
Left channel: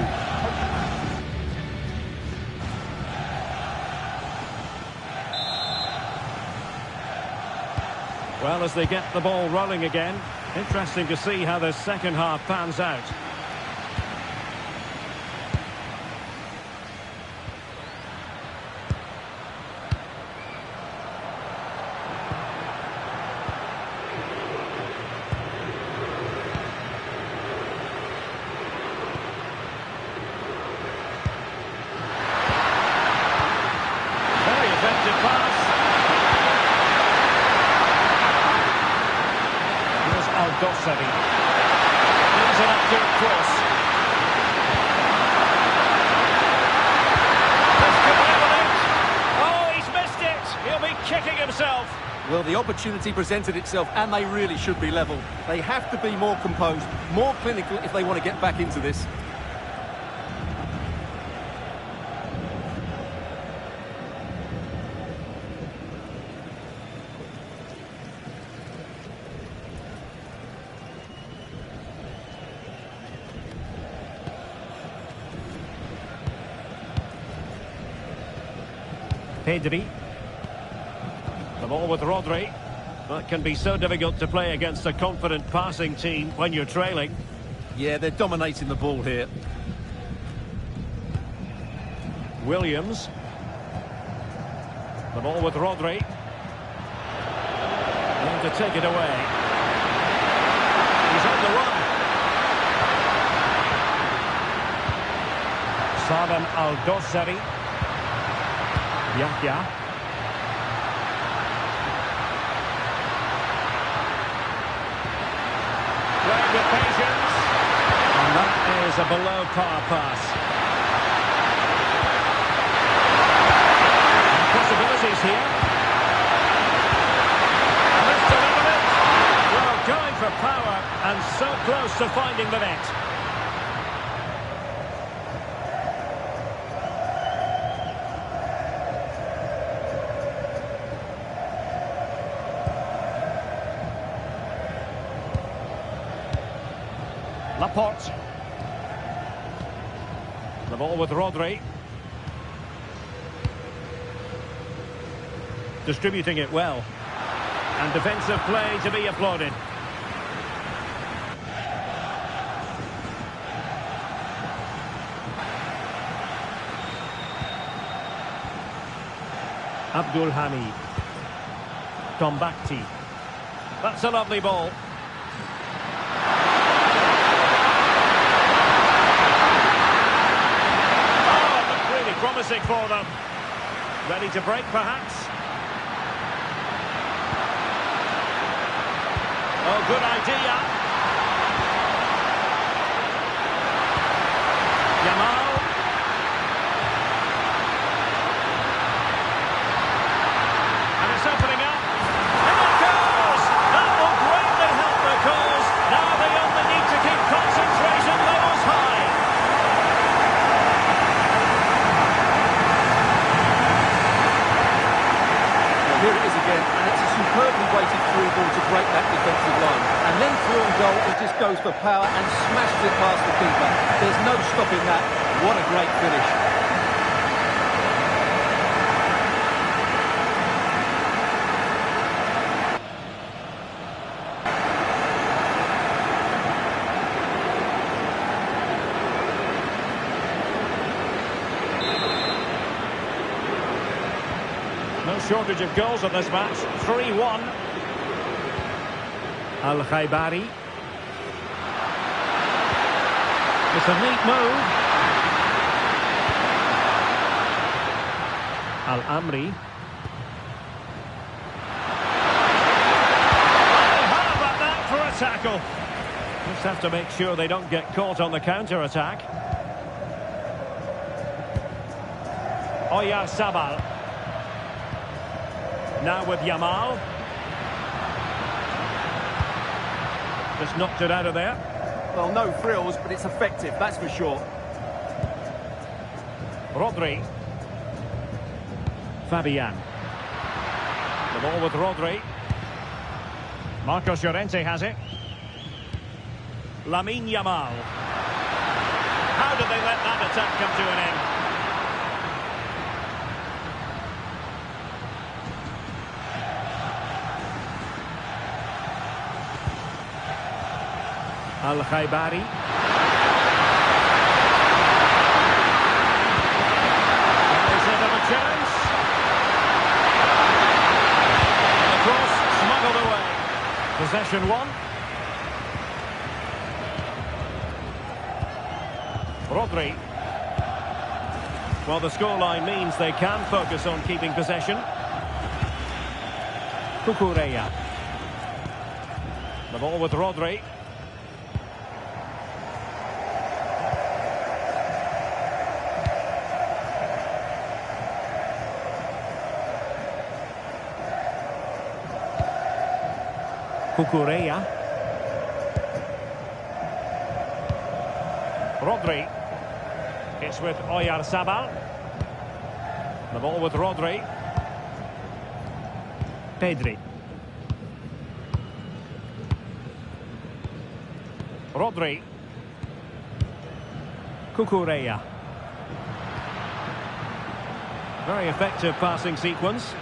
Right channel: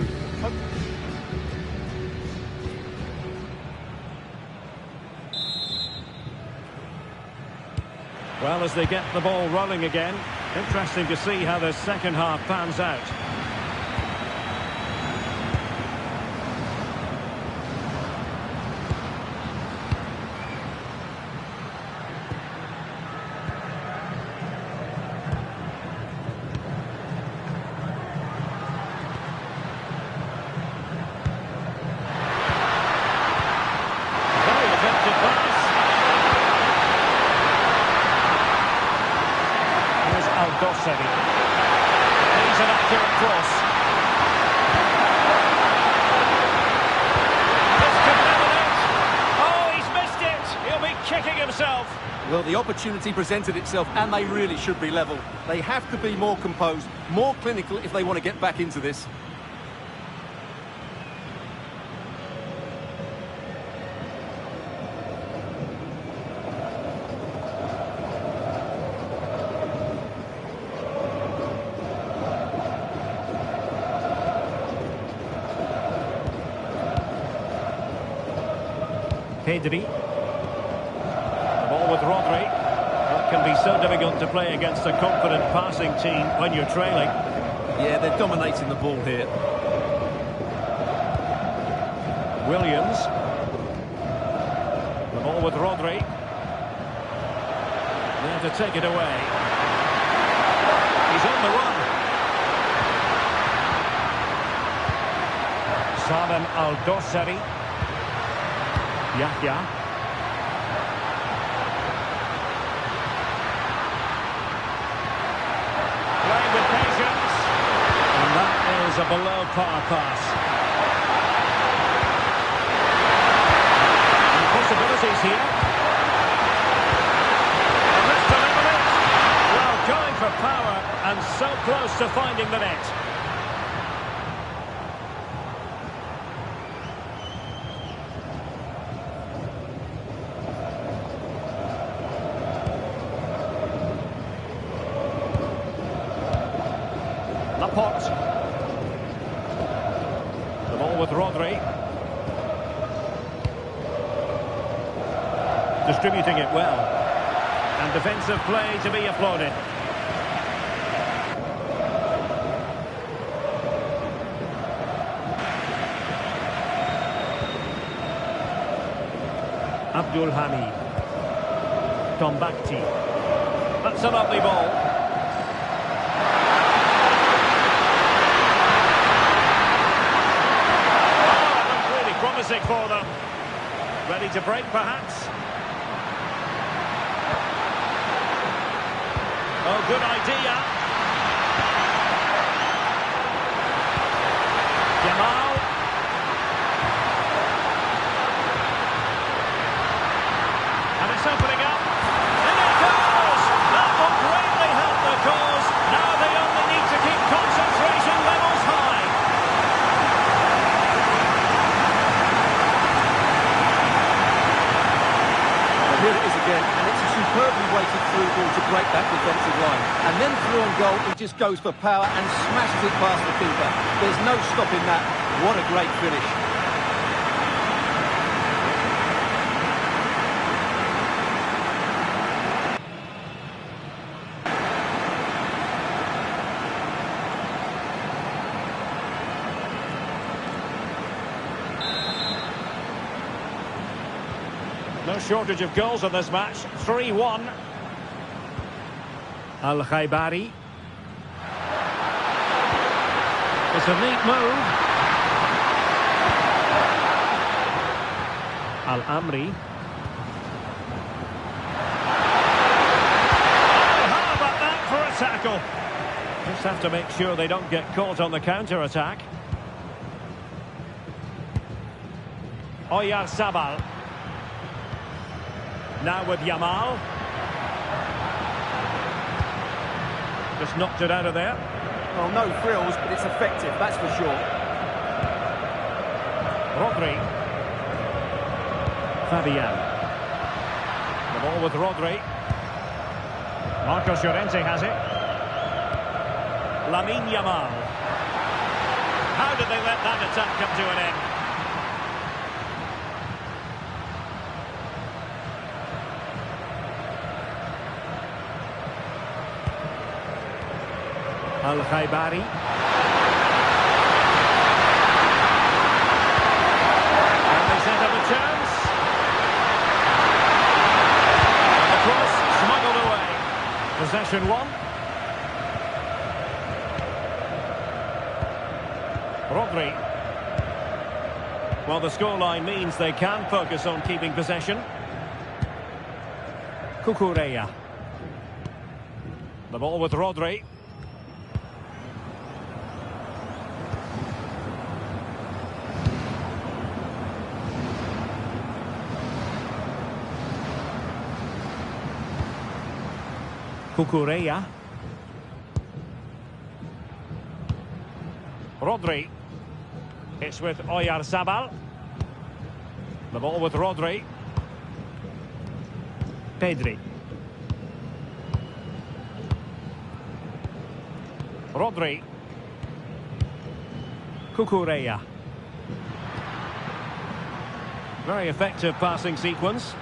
Well, as they get the ball rolling again, interesting to see how the second half pans out. Effective pass. Here's Aldosari. Needs an accurate cross. This could level it. Oh, he's missed it. He'll be kicking himself. Well, the opportunity presented itself, and they really should be level. They have to be more composed, more clinical if they want to get back into this. Pedri. The ball with Rodri. That can be so difficult to play against a confident passing team when you're trailing. Yeah, they're dominating the ball here. Williams. The ball with Rodri. There to take it away. He's on the run. Salem Aldosari. Yahya. Playing with patience. And that is a below-par pass. And possibilities here. And this to level it. Well, going for power and so close to finding the net. Laporte. The ball with Rodri. Distributing it well. And defensive play to be applauded. Abdul Hamid. Tombakti. That's a lovely ball. Promising for them. Ready to break, perhaps? Oh, good idea. Yamal. And it's opening up. And it goes! That will greatly help the cause. Now they only need to keep concentration levels high. weighted through ball to break that defensive line. And then through on goal, he just goes for power and smashes it past the keeper. There's no stopping that. What a great finish. No shortage of goals in this match. 3-1. Al-Khaibari. It's a neat move. Al-Amri. Oh, how about that for a tackle? Just have to make sure they don't get caught on the counter-attack. Oyarzabal. Now with Yamal. Just knocked it out of there. Well, no frills, but it's effective, that's for sure. Rodri. Fabian. The ball with Rodri. Marcos Llorente has it. Lamine Yamal. How did they let that attack come to an end? Al-Khaibari. Can they set up a chance? And the cross smuggled away. Possession won. Rodri. Well, the scoreline means they can focus on keeping possession. Cucurella. The ball with Rodri. Cucurella. Rodri. It's with Oyarzabal. The ball with Rodri. Pedri. Rodri. Cucurella. Very effective passing sequence.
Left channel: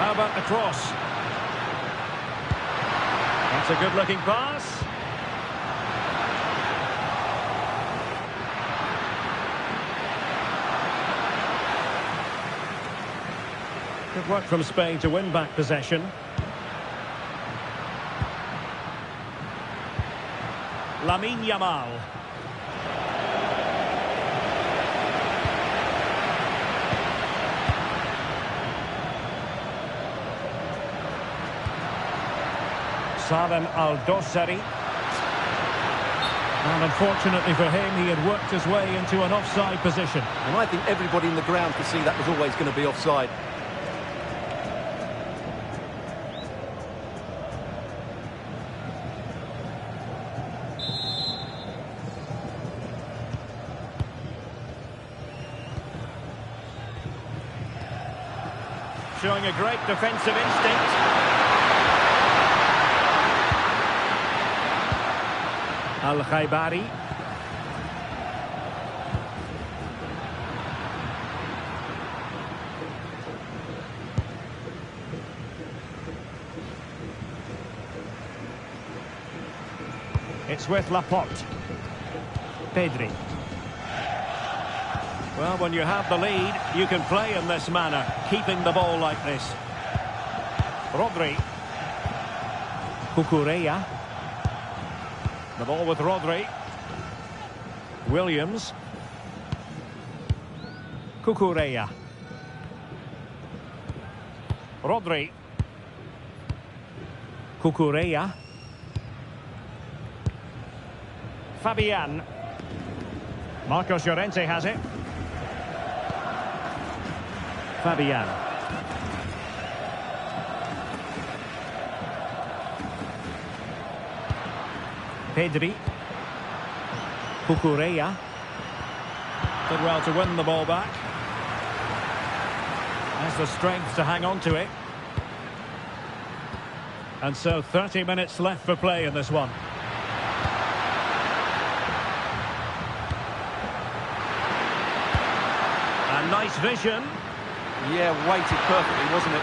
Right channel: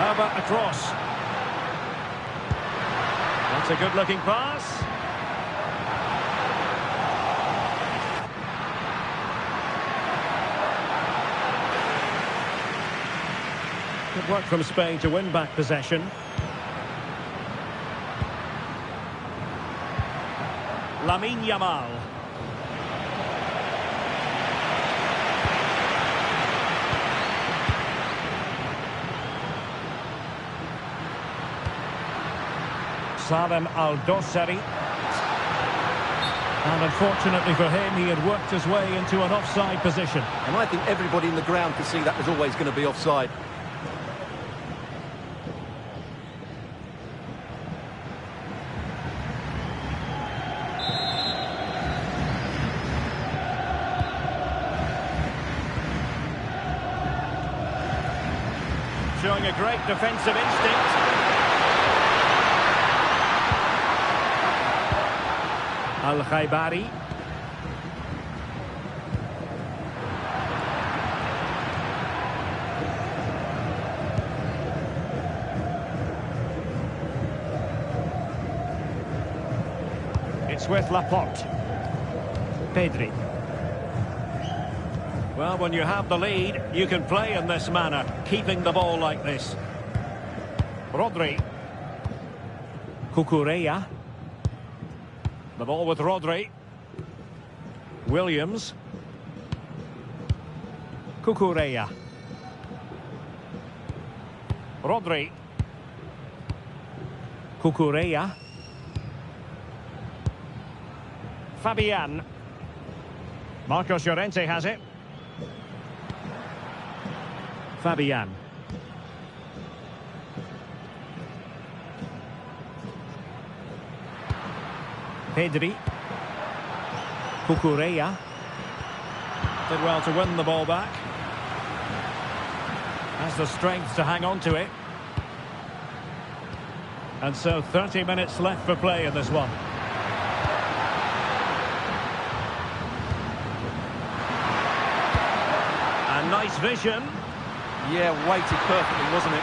How about the cross? That's a good-looking pass. Good work from Spain to win back possession. Lamine Yamal. Salem Al-Dossari. And unfortunately for him, he had worked his way into an offside position. And I think everybody in the ground could see that was always going to be offside. Showing a great defensive instinct. Al-Khaibari. It's with Laporte. Pedri. Well, when you have the lead, you can play in this manner, keeping the ball like this. Rodri. Cucurella. The ball with Rodri. Williams. Cucurella. Rodri. Cucurella. Fabian. Marcos Llorente has it. Fabian. Pedri. Cucurella. Did well to win the ball back. has the strength to hang on to it. And so 30 minutes left for play in this one. And nice vision. Yeah, weighted perfectly, wasn't it?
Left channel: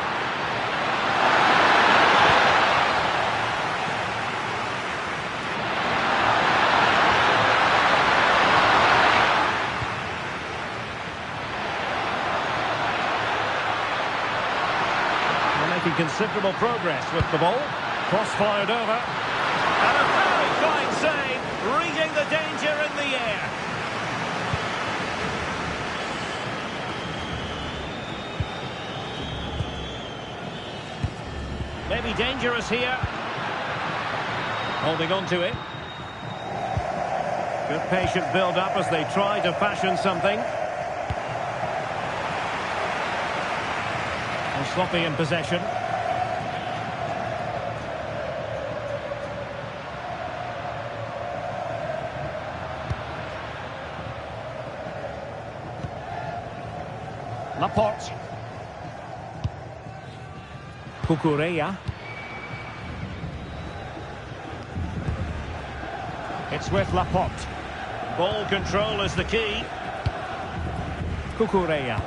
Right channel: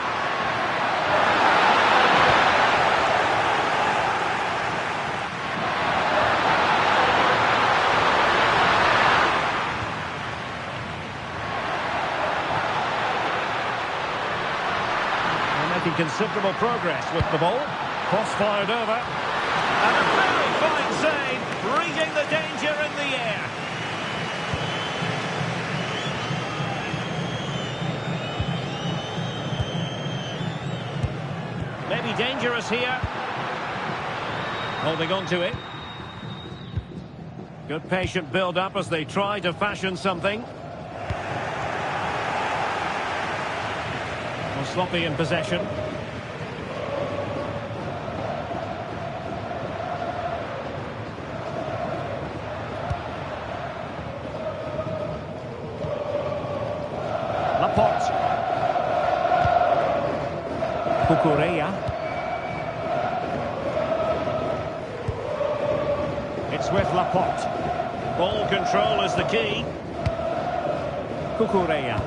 Making considerable progress with the ball. Cross-fired over. And a very fine save, reading the danger in the air. Maybe dangerous here. Holding on to it. Good patient build-up as they try to fashion something. Sloppy in possession. Laporte. Cucurella. It's with Laporte. Ball control is the key. Cucurella.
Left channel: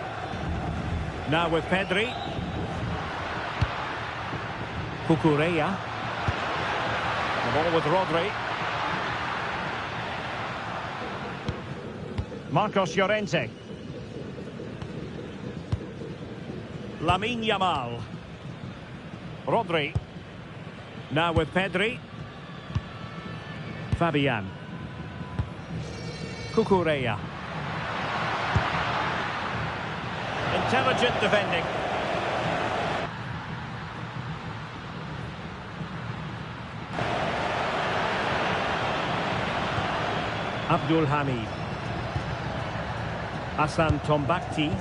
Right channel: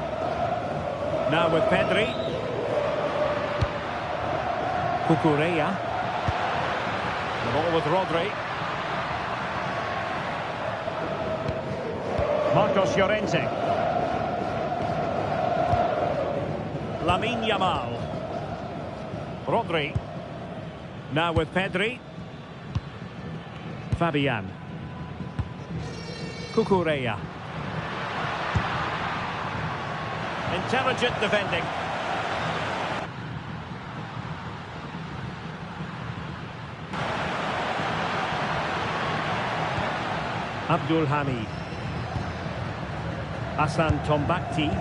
Now with Pedri. Cucurella. The ball with Rodri. Marcos Llorente. Lamine Yamal. Rodri. Now with Pedri. Fabian. Cucurella. Intelligent defending. Abdul Hamid. Hassan Tombakti. Be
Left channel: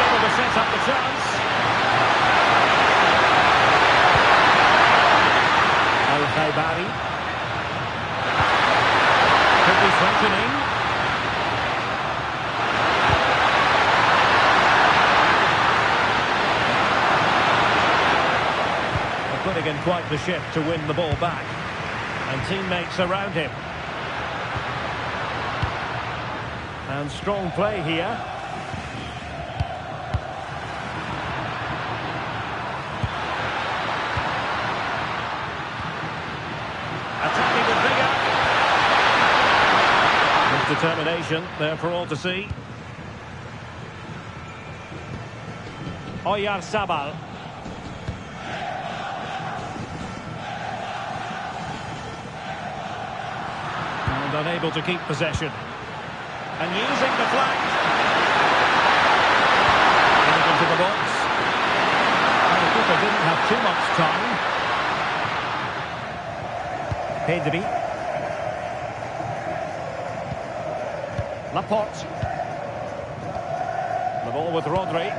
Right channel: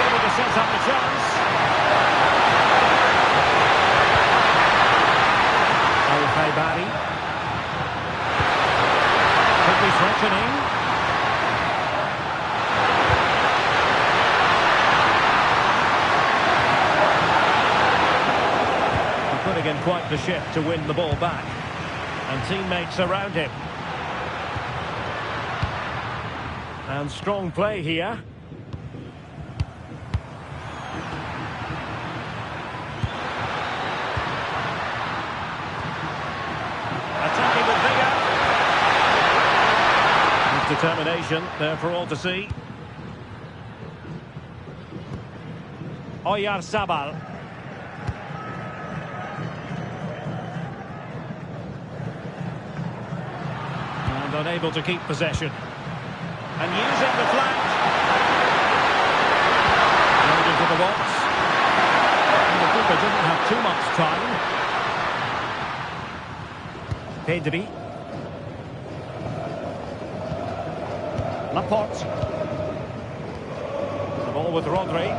able to set up the chance. Al-Khaibari. Could be threatening. Putting in quite the shift to win the ball back. And teammates around him. And strong play here. Attacking with vigour. With determination there for all to see. Oyarzabal. And unable to keep possession. And using the flank. Right into the box. And the keeper didn't have too much time. Pedri. Laporte. The ball with Rodri.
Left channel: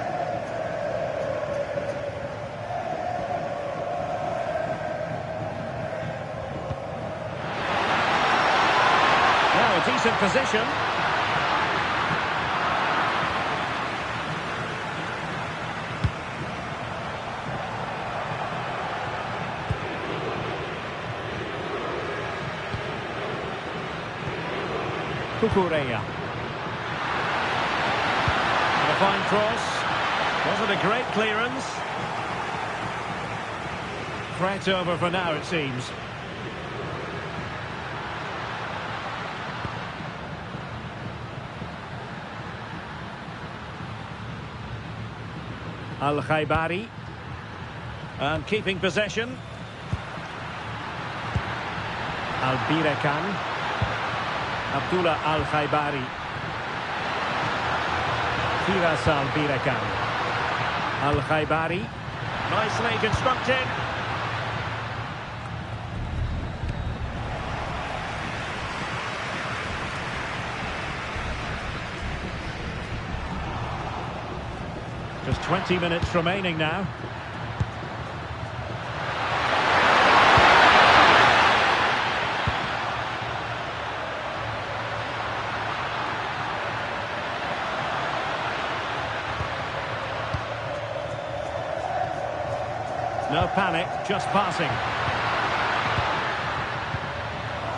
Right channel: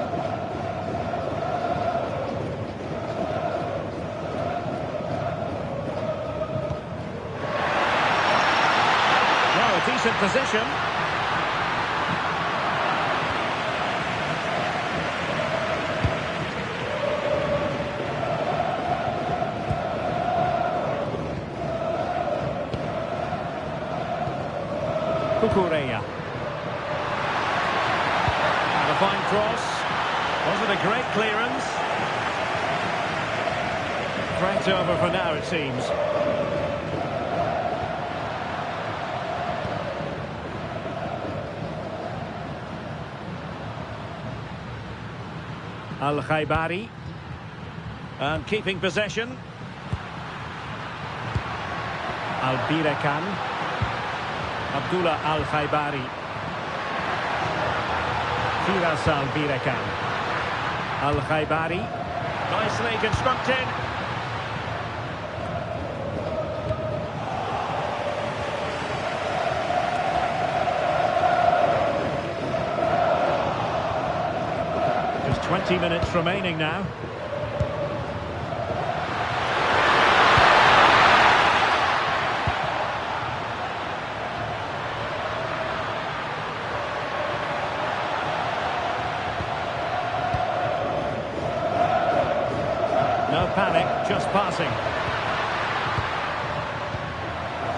Now a decent position. Cucurella. And a fine cross. Wasn't a great clearance. Threat over for now, it seems. Al-Khaibari. And keeping possession. Al-Birakan. Abdullah Al-Khaibari. Firas Al-Birakan. Al-Khaibari. Nicely constructed. Just 20 minutes remaining now. No panic, just passing.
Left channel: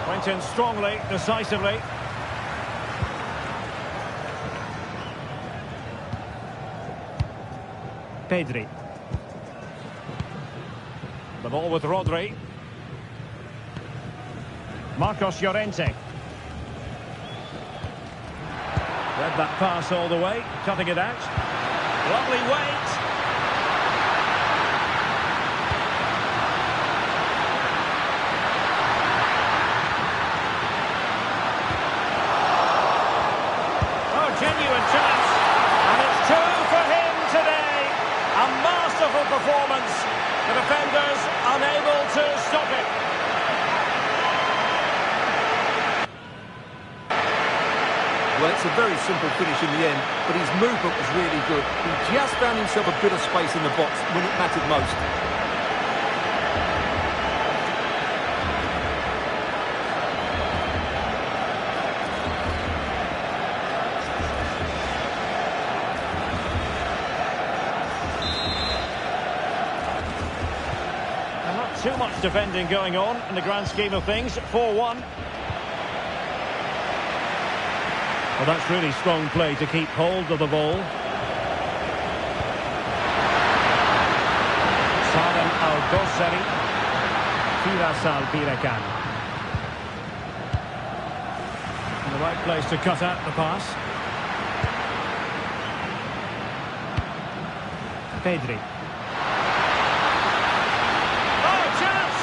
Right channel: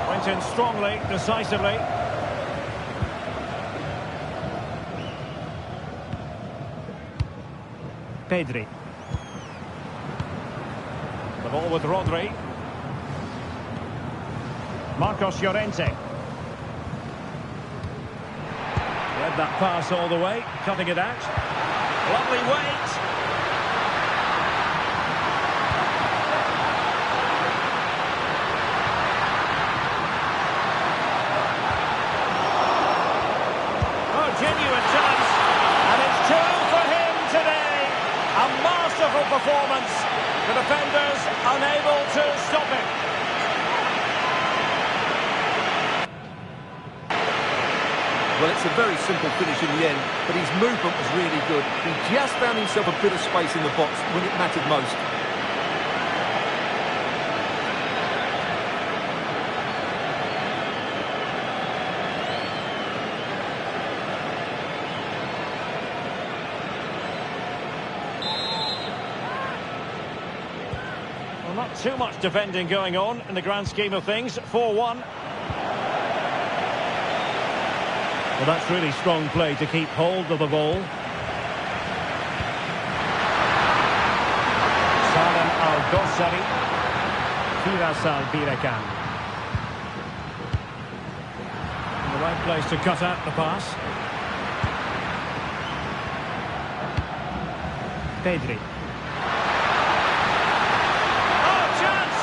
Went in strongly, decisively. Pedri. The ball with Rodri. Marcos Llorente. Read that pass all the way, cutting it out. Lovely weight. Oh, genuine chance. And it's 2 for him today. A masterful performance. The defenders unable to stop him. Well, it's a very simple finish in the end, but his movement was really good. He just found himself a bit of space in the box when it mattered most. Well, not too much defending going on in the grand scheme of things. 4-1. Well, that's really strong play to keep hold of the ball. Salem Al-Dossari. Firas Al-Birakan. In the right place to cut out the pass. Pedri. Oh, chance!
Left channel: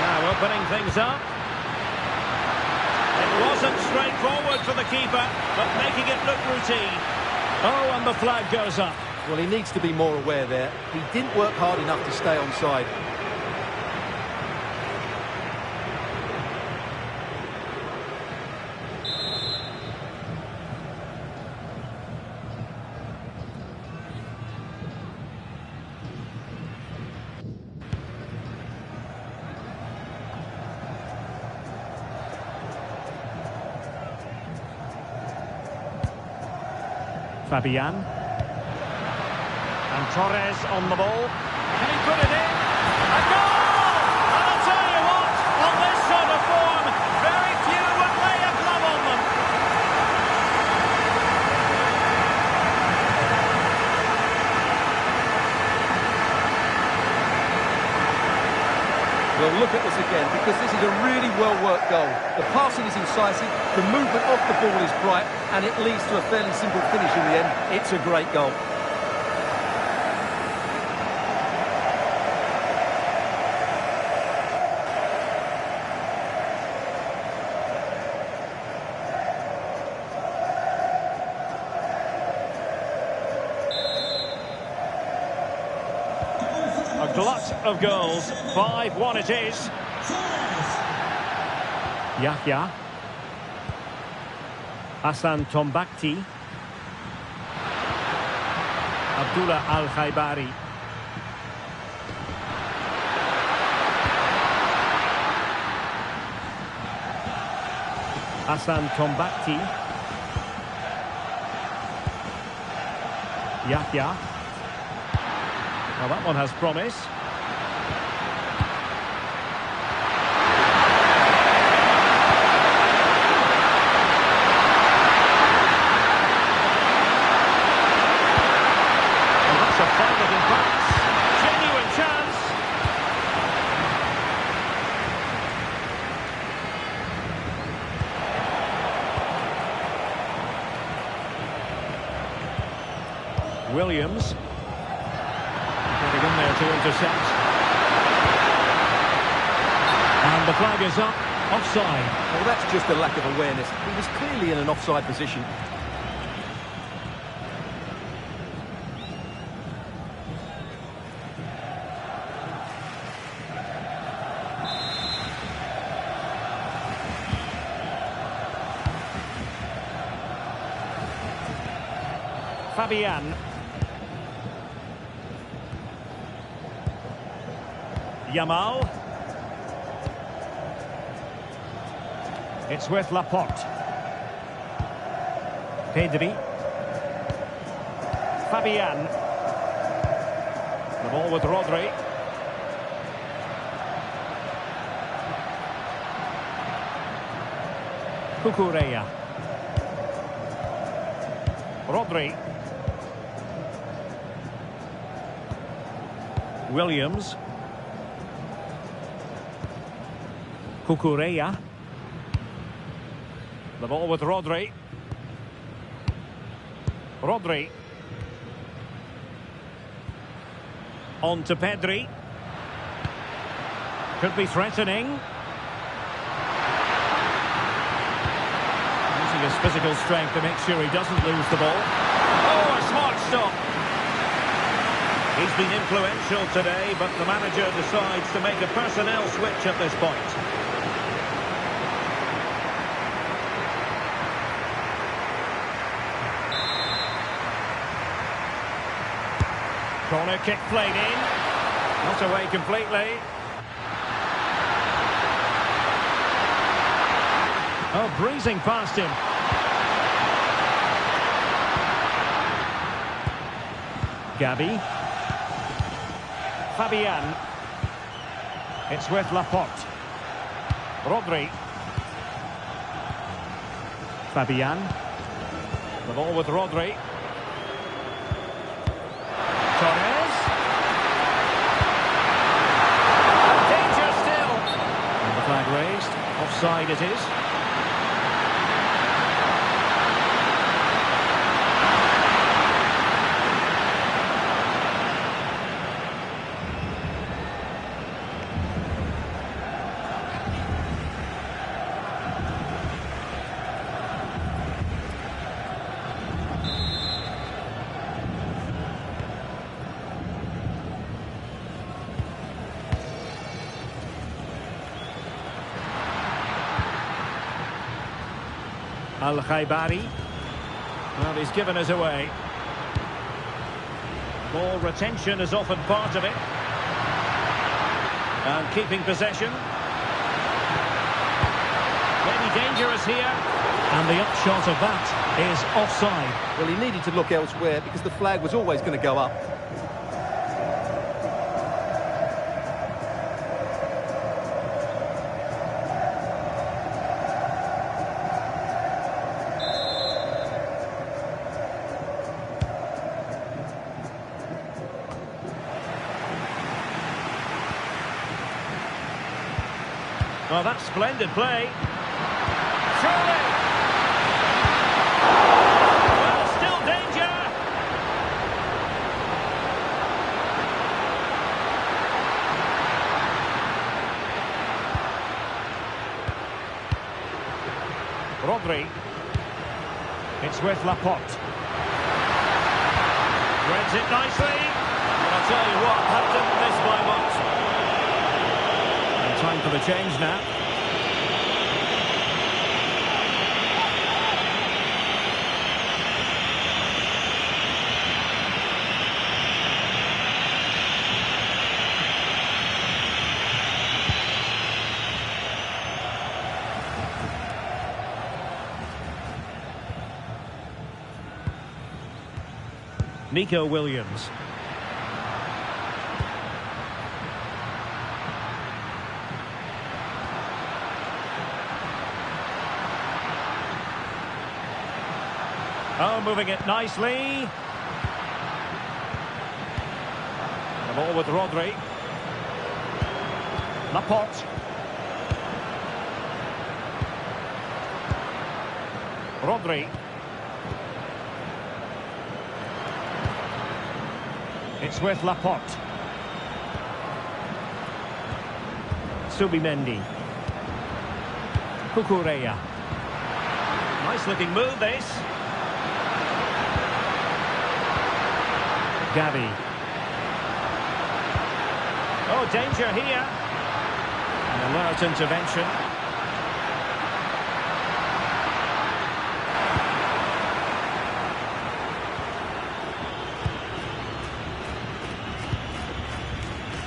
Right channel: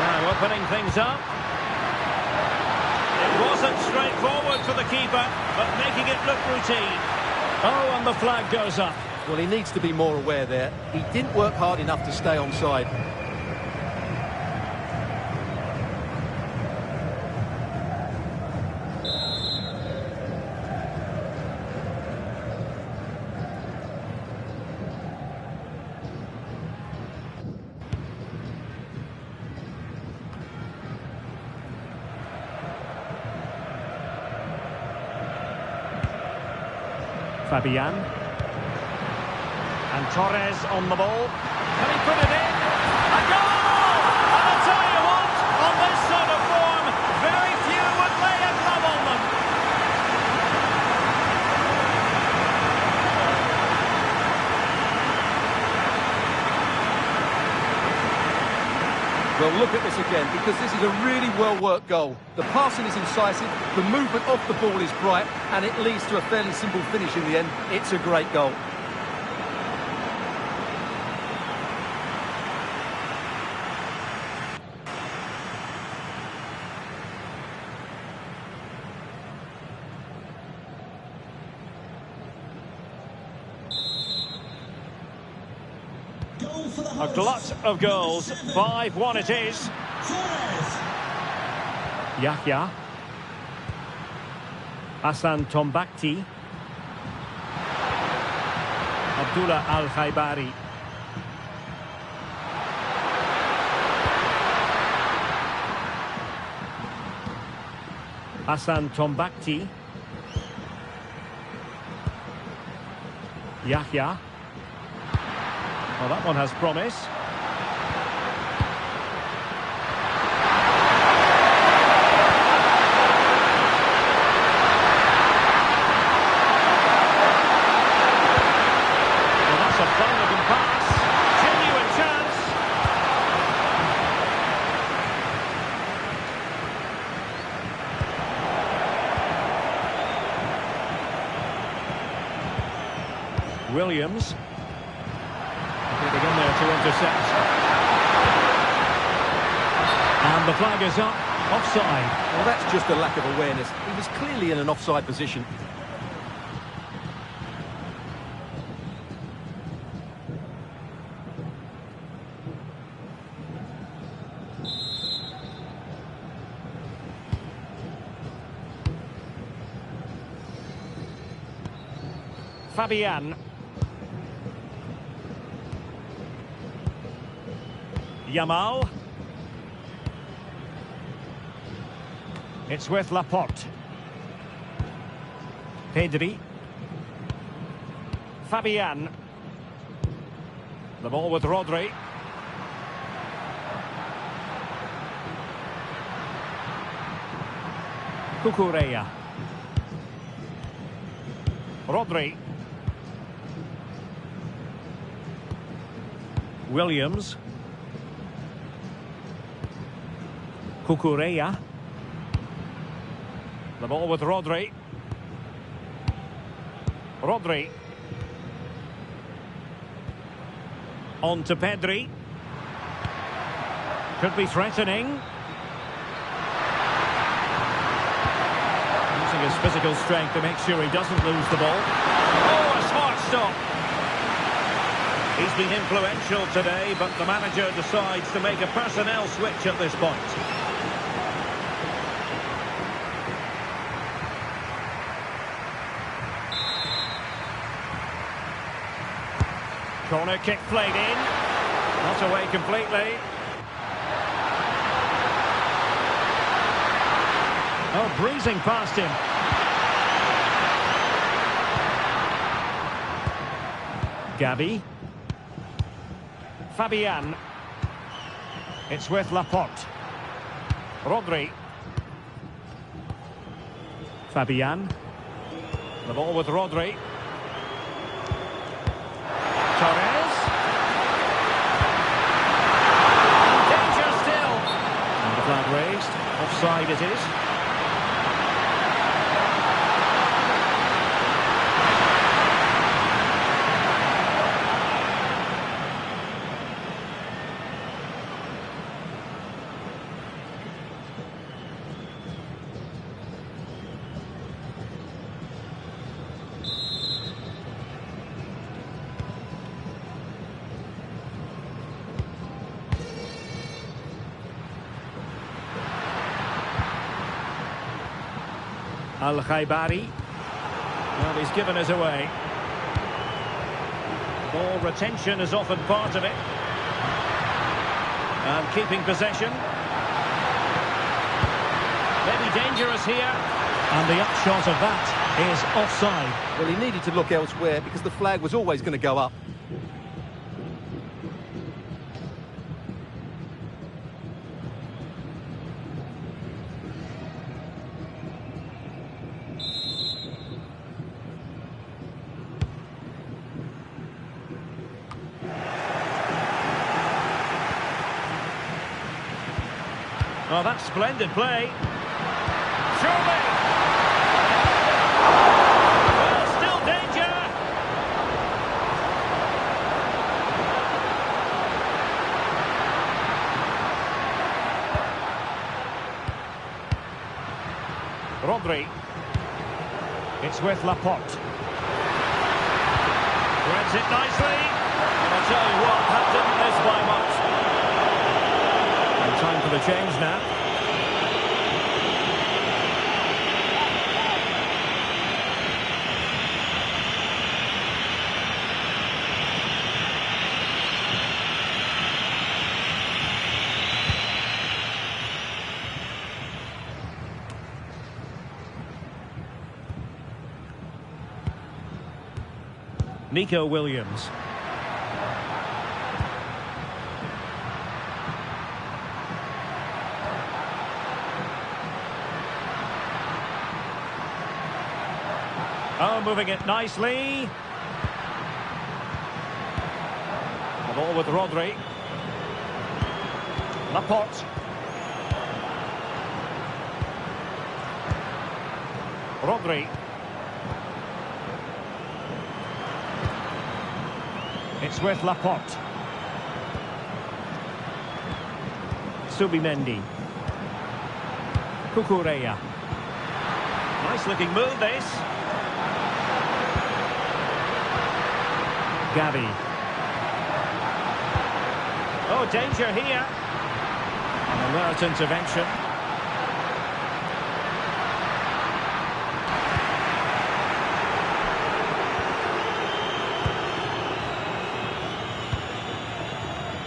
Now opening things up. It wasn't straightforward for the keeper, but making it look routine. Oh, and the flag goes up. Well, he needs to be more aware there. He didn't work hard enough to stay onside. Fabian. And Torres on the ball. Can he put it in? A goal! And I'll tell you what, on this sort of form, very few would lay a glove on them. Well, look at this again, because this is a really well-worked goal. The passing is incisive, the movement off the ball is bright, and it leads to a fairly simple finish in the end. It's a great goal. A glut of goals. 5-1 it is. Yahya. Hassan Tombakti. Abdullah Al-Khaibari. Hassan Tombakti. Yahya. Well, that one has promise. Well, that's a fine-looking pass. Genuine chance. Williams. Getting in there to intercept. And the flag is up. Offside. Well, that's just a lack of awareness. He was clearly in an offside position. Fabian. Yamal. It's with Laporte. Pedri. Fabian. The ball with Rodri. Cucurella. Rodri. Williams. Cucurella. The ball with Rodri. Rodri. On to Pedri. Could be threatening. Using his physical strength to make sure he doesn't lose the ball. Oh, a smart stop. He's been influential today, but the manager decides to make a personnel switch at this point. Corner kick played in. Not away completely. Oh, breezing past him. Gavi. Fabian. It's with Laporte. Rodri. Fabian. The ball with Rodri. Torres. And danger still. And the flag raised. Offside it is. Al-Khaibari. Well, he's given us away. Ball retention is often part of it. And keeping possession. Maybe dangerous here. And the upshot of that is offside. Well, he needed to look elsewhere because the flag was always going to go up. Well, that's splendid play. Surely! Well, still danger! Rodri. It's with Laporte. Threads it nicely. And I'll tell you what, that didn't miss by much. And time for the change now. Nico Williams. Oh, moving it nicely. The ball with Rodri. Laporte. Rodri. It's with Laporte. Subimendi. Cucurella. Nice looking move this. Gavi. Oh, danger here. An alert intervention.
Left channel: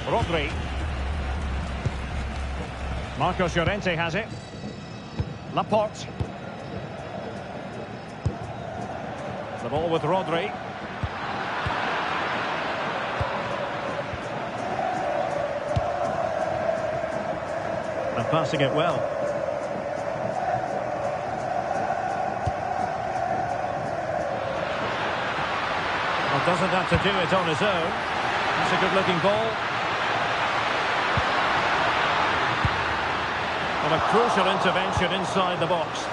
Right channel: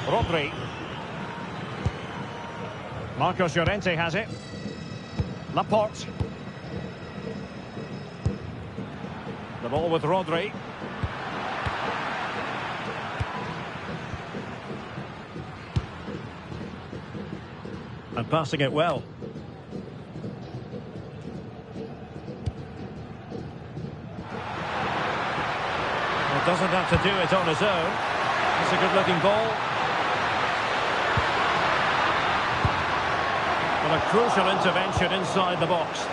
Rodri. Marcos Llorente has it. Laporte. The ball with Rodri. And passing it well. Well, doesn't have to do it on his own. It's a good-looking ball. Well, a crucial intervention inside the box.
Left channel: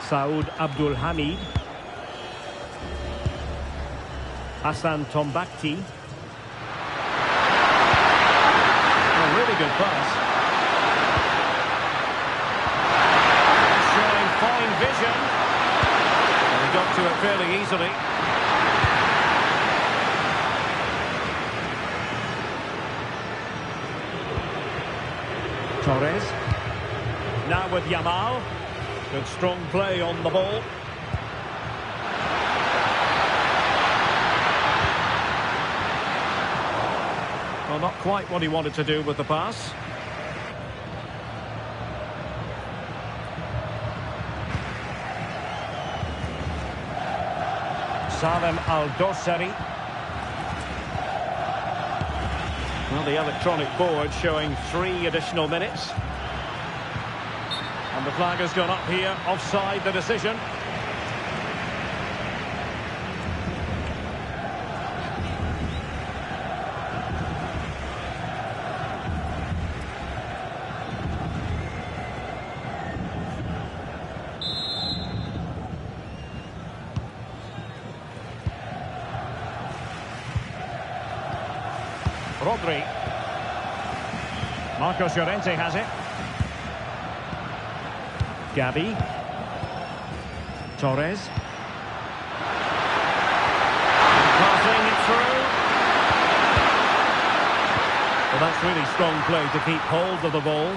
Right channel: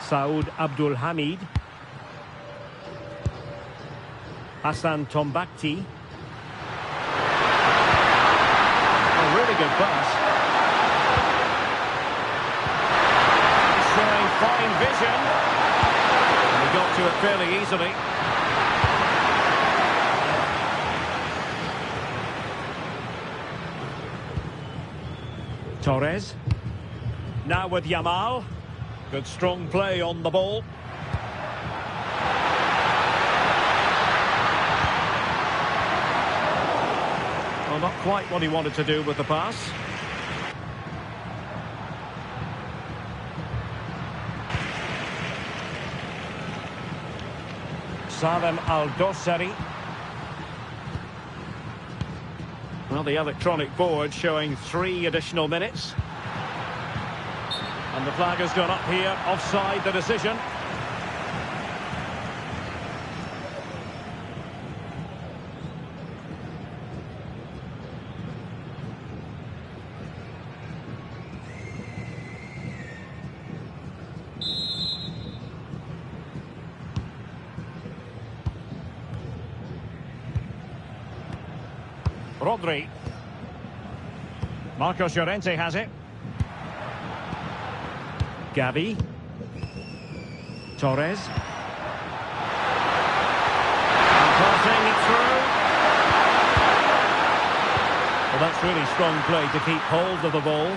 Saud Abdul Hamid. Hassan Tombakti. A really good pass. He's showing fine vision. And he got to it fairly easily. Torres. Now with Yamal. Good strong play on the ball. Well, not quite what he wanted to do with the pass. Salem Al-Dossari. Well, the electronic board showing 3 additional minutes. And the flag has gone up here, offside the decision. Rodri. Marcos Llorente has it. Gavi. Torres. And passing it through. Well, that's really strong play to keep hold of the ball.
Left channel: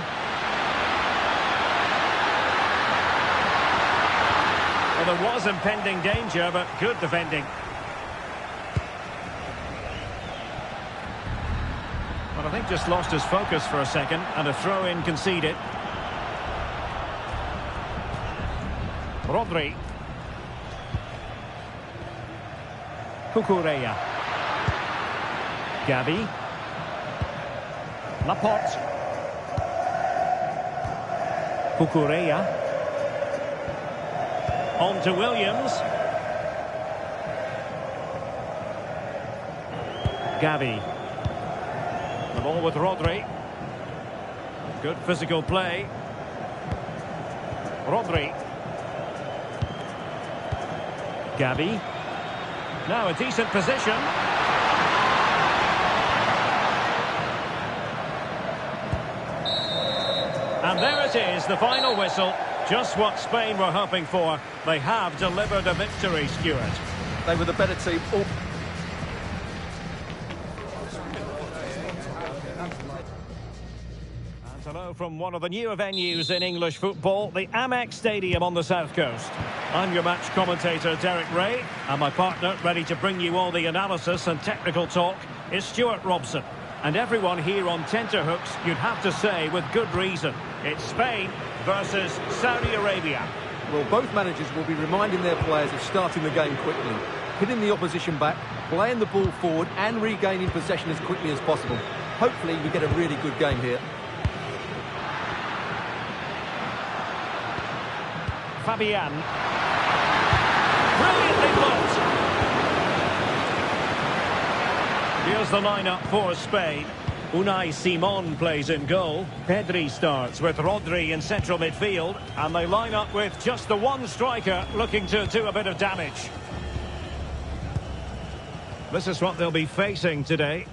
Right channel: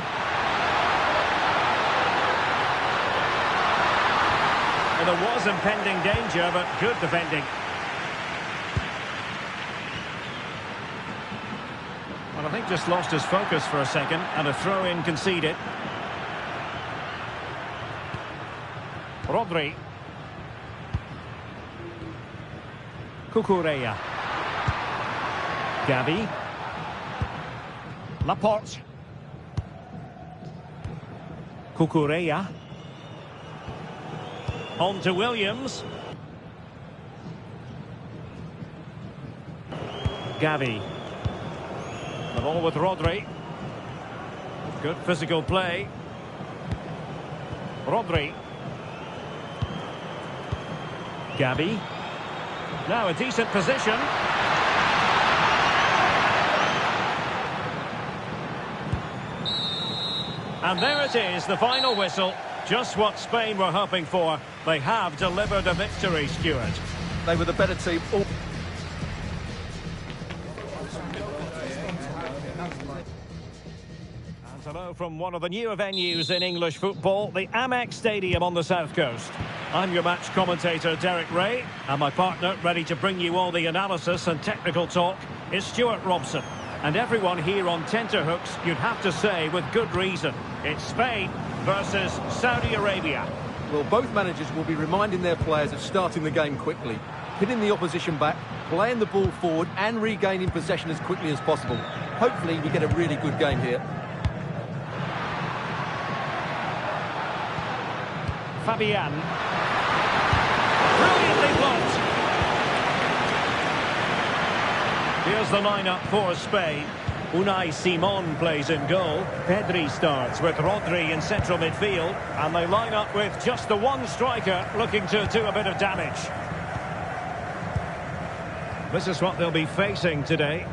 Well, there was impending danger, but good defending. Well, I think just lost his focus for a second, and a throw-in conceded. Rodri. Cucurella. Gavi. Laporte. Cucurella. On to Williams. Gavi. The ball with Rodri. Good physical play. Rodri. Gavi. Now a decent position. And there it is, the final whistle. Just what Spain were hoping for. They have delivered a victory, Stuart. They were the better team. Hello from one of the newer venues in English football, the Amex Stadium on the south coast. I'm your match commentator Derek Ray, and my partner ready to bring you all the analysis and technical talk is Stuart Robson. And everyone here on tenterhooks, you'd have to say with good reason, it's Spain versus Saudi Arabia. Well, both managers will be reminding their players of starting the game quickly, hitting the opposition back, playing the ball forward and regaining possession as quickly as possible. Hopefully we get a really good game here. Fabian. Brilliantly blocked. Here's the lineup for Spain. Unai Simon plays in goal. Pedri starts with Rodri in central midfield. And they line up with just the one striker looking to do a bit of damage. This is what they'll be facing today.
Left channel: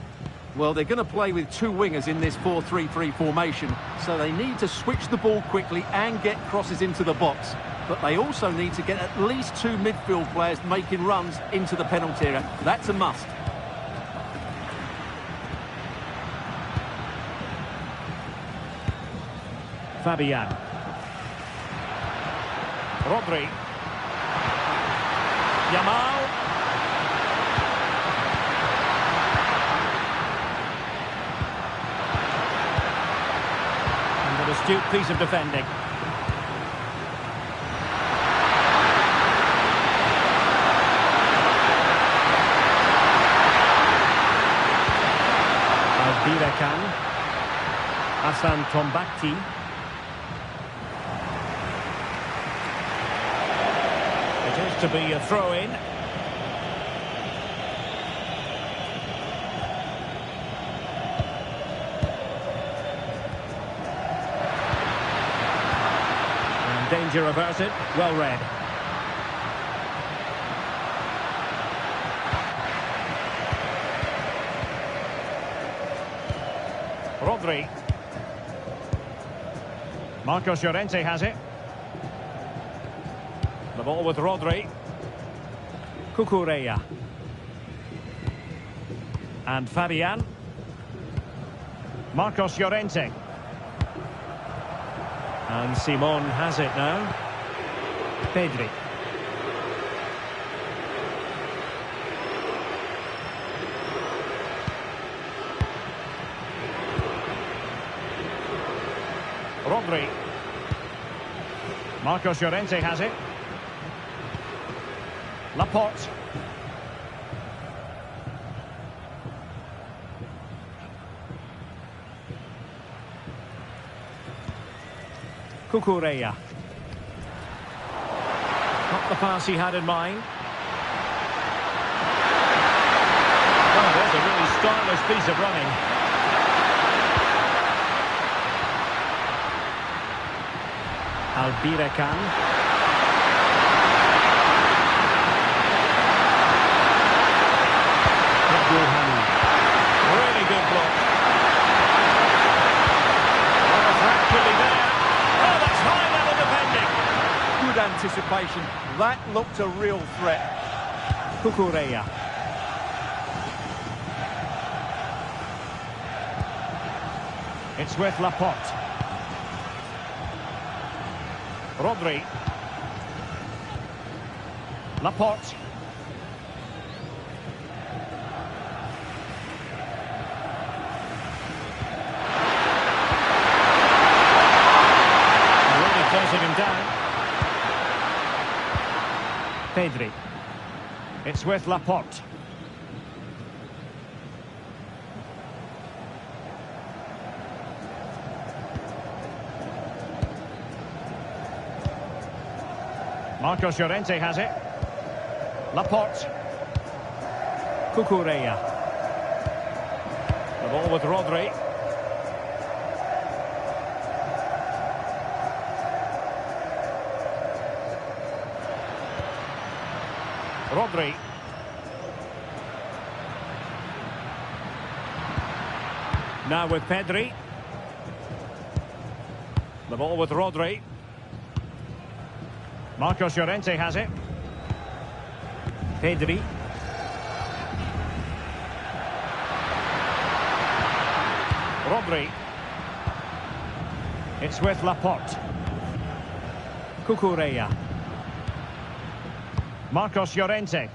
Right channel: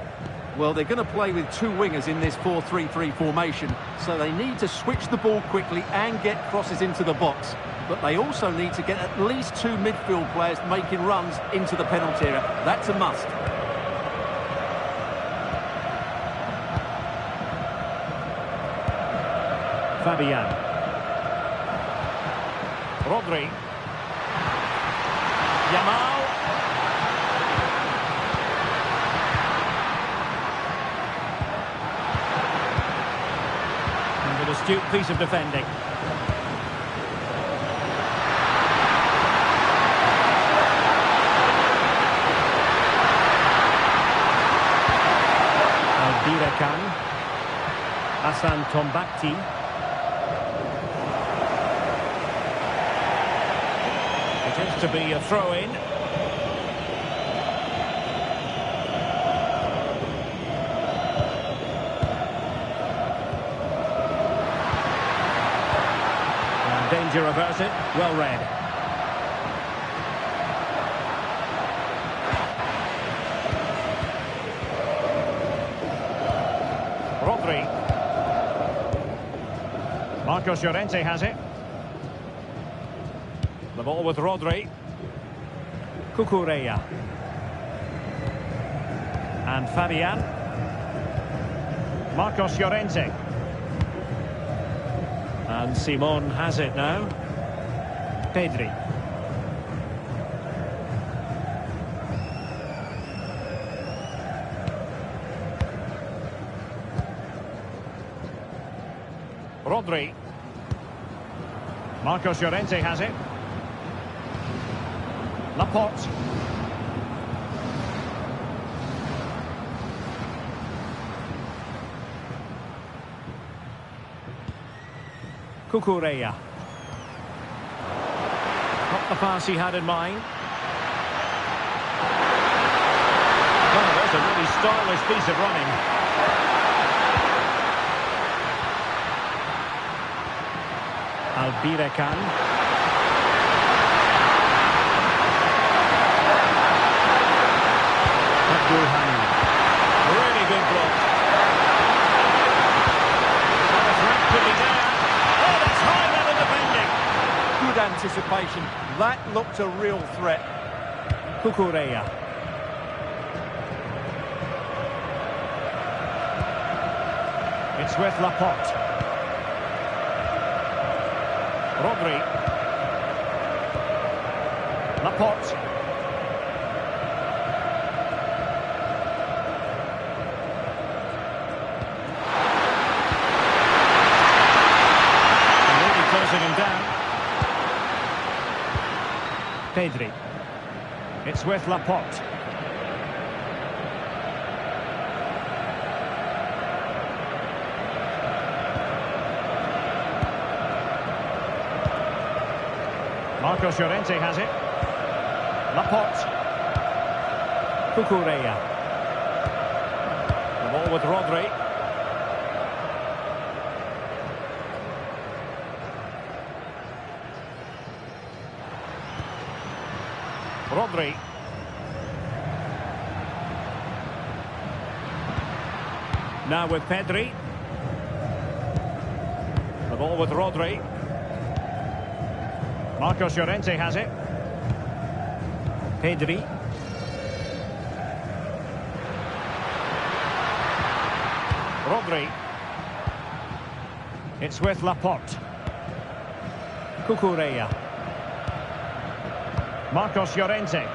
Well, they're going to play with 2 wingers in this 4-3-3 formation, so they need to switch the ball quickly and get crosses into the box. But they also need to get at least 2 midfield players making runs into the penalty area. That's a must. Fabian. Rodri. Yamal. An astute piece of defending. Albirekan. Hasan Tombakti. It is to be a throw-in. And danger averted. Well read. Rodri. Marcos Llorente has it. The ball with Rodri. Cucurella. And Fabian. Marcos Llorente. And Simon has it now. Pedri. Rodri. Marcos Llorente has it. Laporte. Cucurella. Not the pass he had in mind. Well, there's a really stylish piece of running. Albirekan. Abdulhani. Really good block. Well, the threat could be there. Oh, that's high-level defending. Good anticipation. That looked a real threat. Cucurella. It's with Laporte. Rodri. Laporte. Really closing him down. Pedri. It's with Laporte. Marcos Llorente has it. Laporte. Cucurella. The ball with Rodri. Rodri. Now with Pedri. The ball with Rodri. Marcos Llorente has it. Pedri. Rodri. It's with Laporte. Cucurella. Marcos Llorente.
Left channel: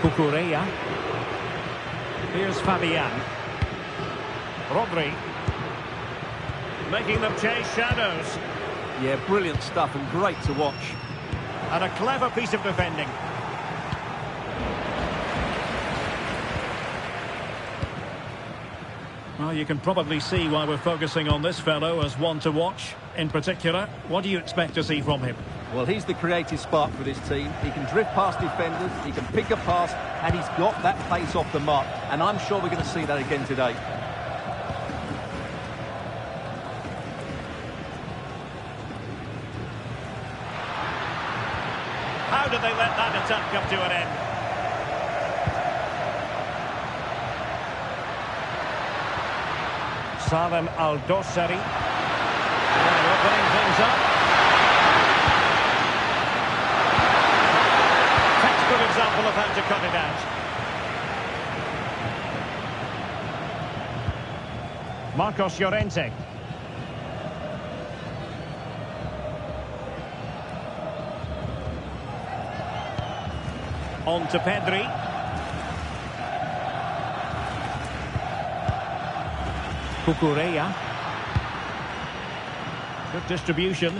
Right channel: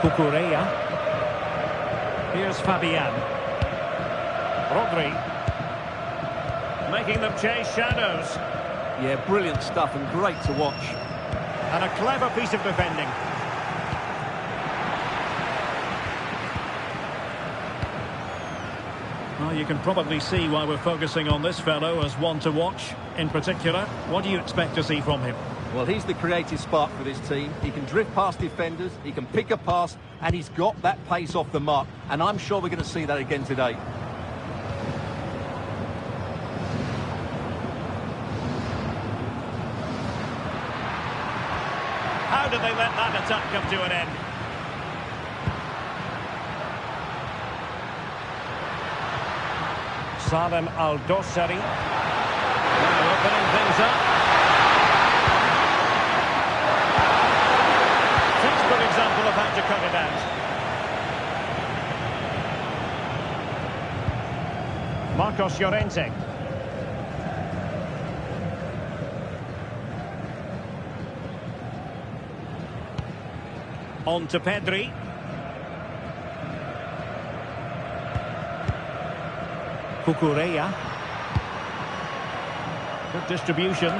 Cucurella. Here's Fabian. Rodri. Making them chase shadows. Yeah, brilliant stuff and great to watch. And a clever piece of defending. Well, you can probably see why we're focusing on this fellow as one to watch. In particular, what do you expect to see from him? Well, he's the creative spark for this team. He can drift past defenders, he can pick a pass, and he's got that pace off the mark. And I'm sure we're going to see that again today. How did they let that attack come to an end? Salem Al-Dossari. Now opening things up. Textbook example of how to cut it out. Marcos Llorente. On to Pedri. Cucurella. Good distribution.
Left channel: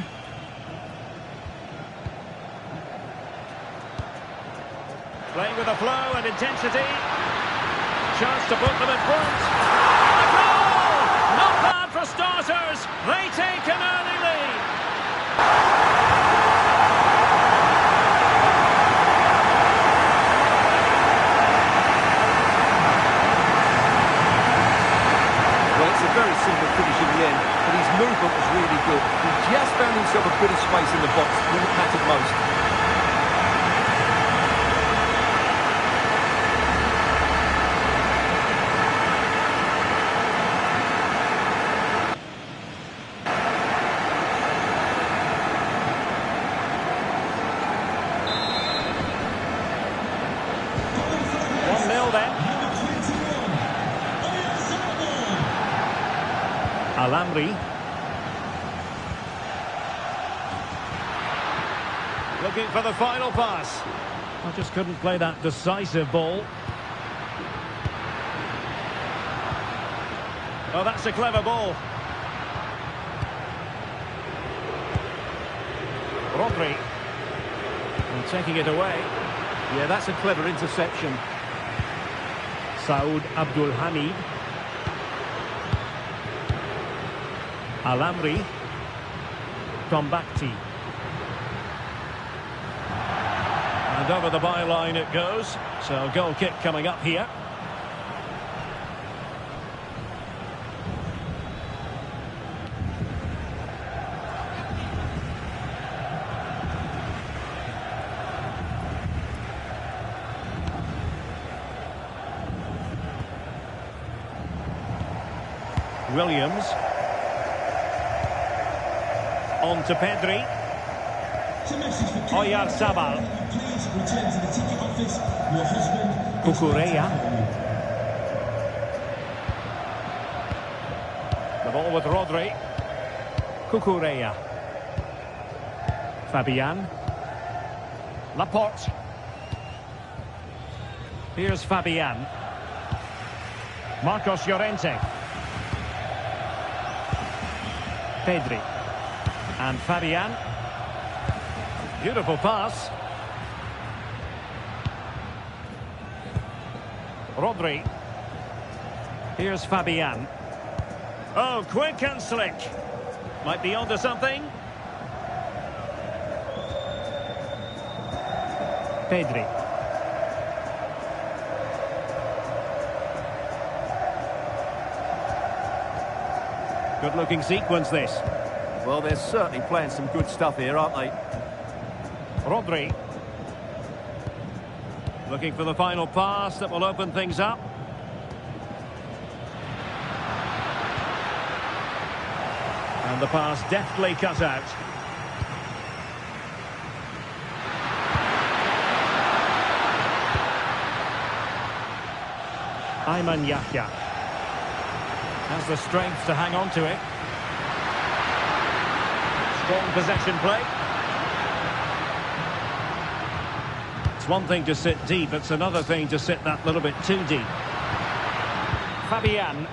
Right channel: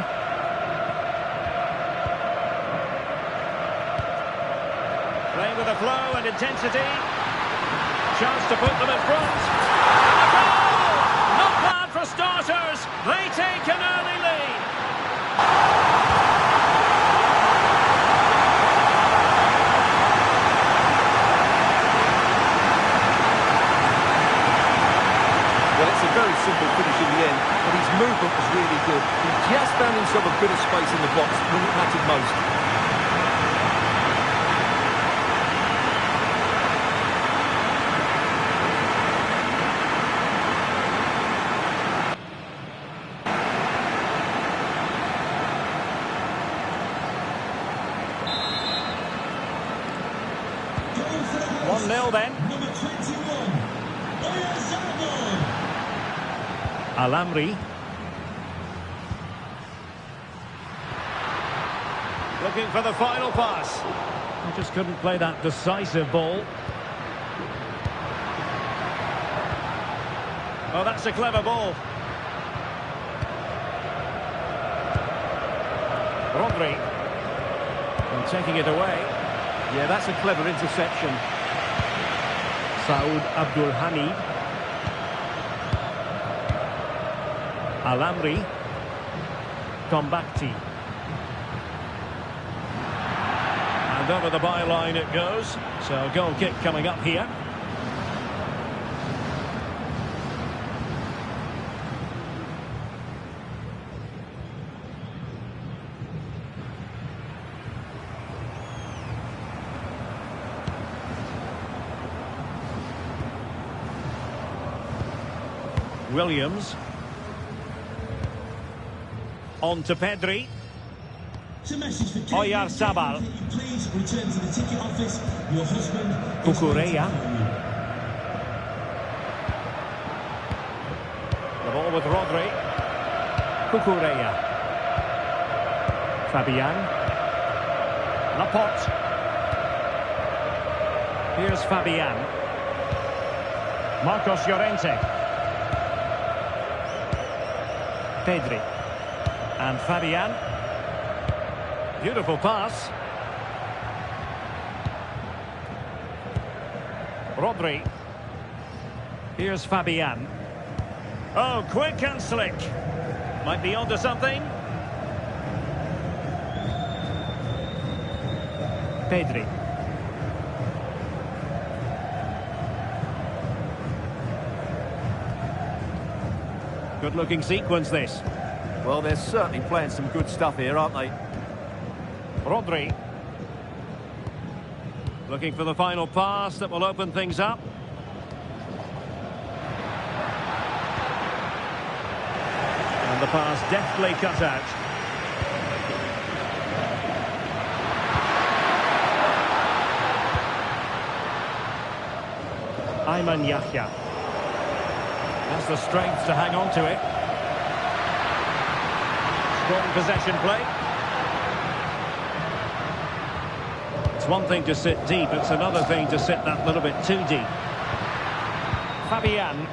Playing with a flow and intensity. Chance to put them in front. And a goal! Not bad for starters. They take an early lead. Well, it's a very simple finish in the end, but his movement was really good. He just found himself a bit of space in the box when it mattered most. Going for the 1-0 then. Number 21, Oyarzabal. Alamri. Looking for the final pass. I just couldn't play that decisive ball. Oh, that's a clever ball. Rodri. Well, taking it away. Yeah, that's a clever interception. Saud Abdul Hamid. Alamri. Tombakti. And over the byline it goes. So goal kick coming up here. Williams. On to Pedri. It's a message for Oyarzabal. Can you please return to the ticket office? Your husband is Cucurella. waiting for you. The ball with Rodri. Cucurella. Fabian. Laporte. Here's Fabian. Marcos Llorente. Pedri. And Fabian. Beautiful pass. Rodri. Here's Fabian. Oh, quick and slick. Might be onto something. Pedri. Good-looking sequence, this. Well, they're certainly playing some good stuff here, aren't they? Rodri. Looking for the final pass that will open things up. And the pass deftly cut out. Ayman Yahya has the strength to hang on to it. Strong possession play. It's one thing to sit deep, it's another thing to sit that little bit too deep. Fabian.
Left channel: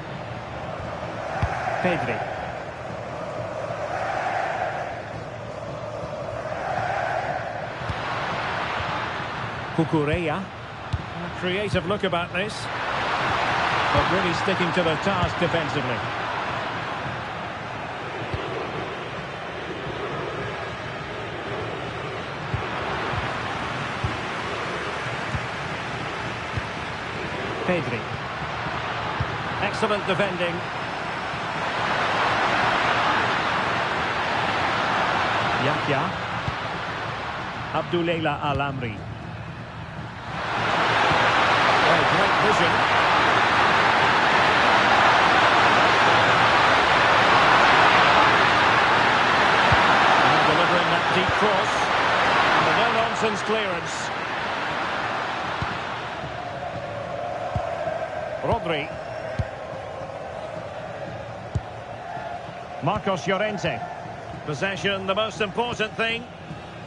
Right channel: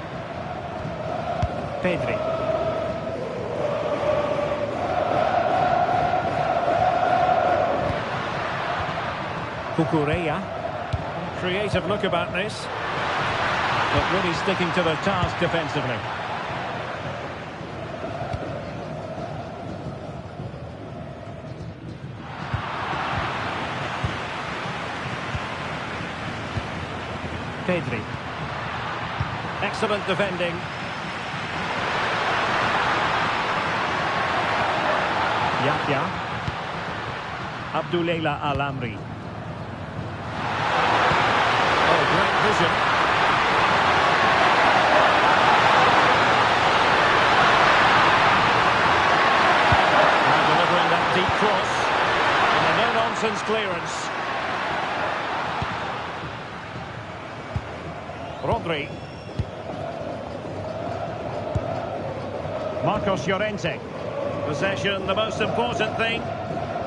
Pedri. Cucurella. And a creative look about this, but really sticking to the task defensively. Pedri. Excellent defending. Yahya. Abduleila Alamri. Oh, great vision. Now delivering that deep cross. And a no-nonsense clearance. Rodri. Marcos Llorente. Possession, the most important thing.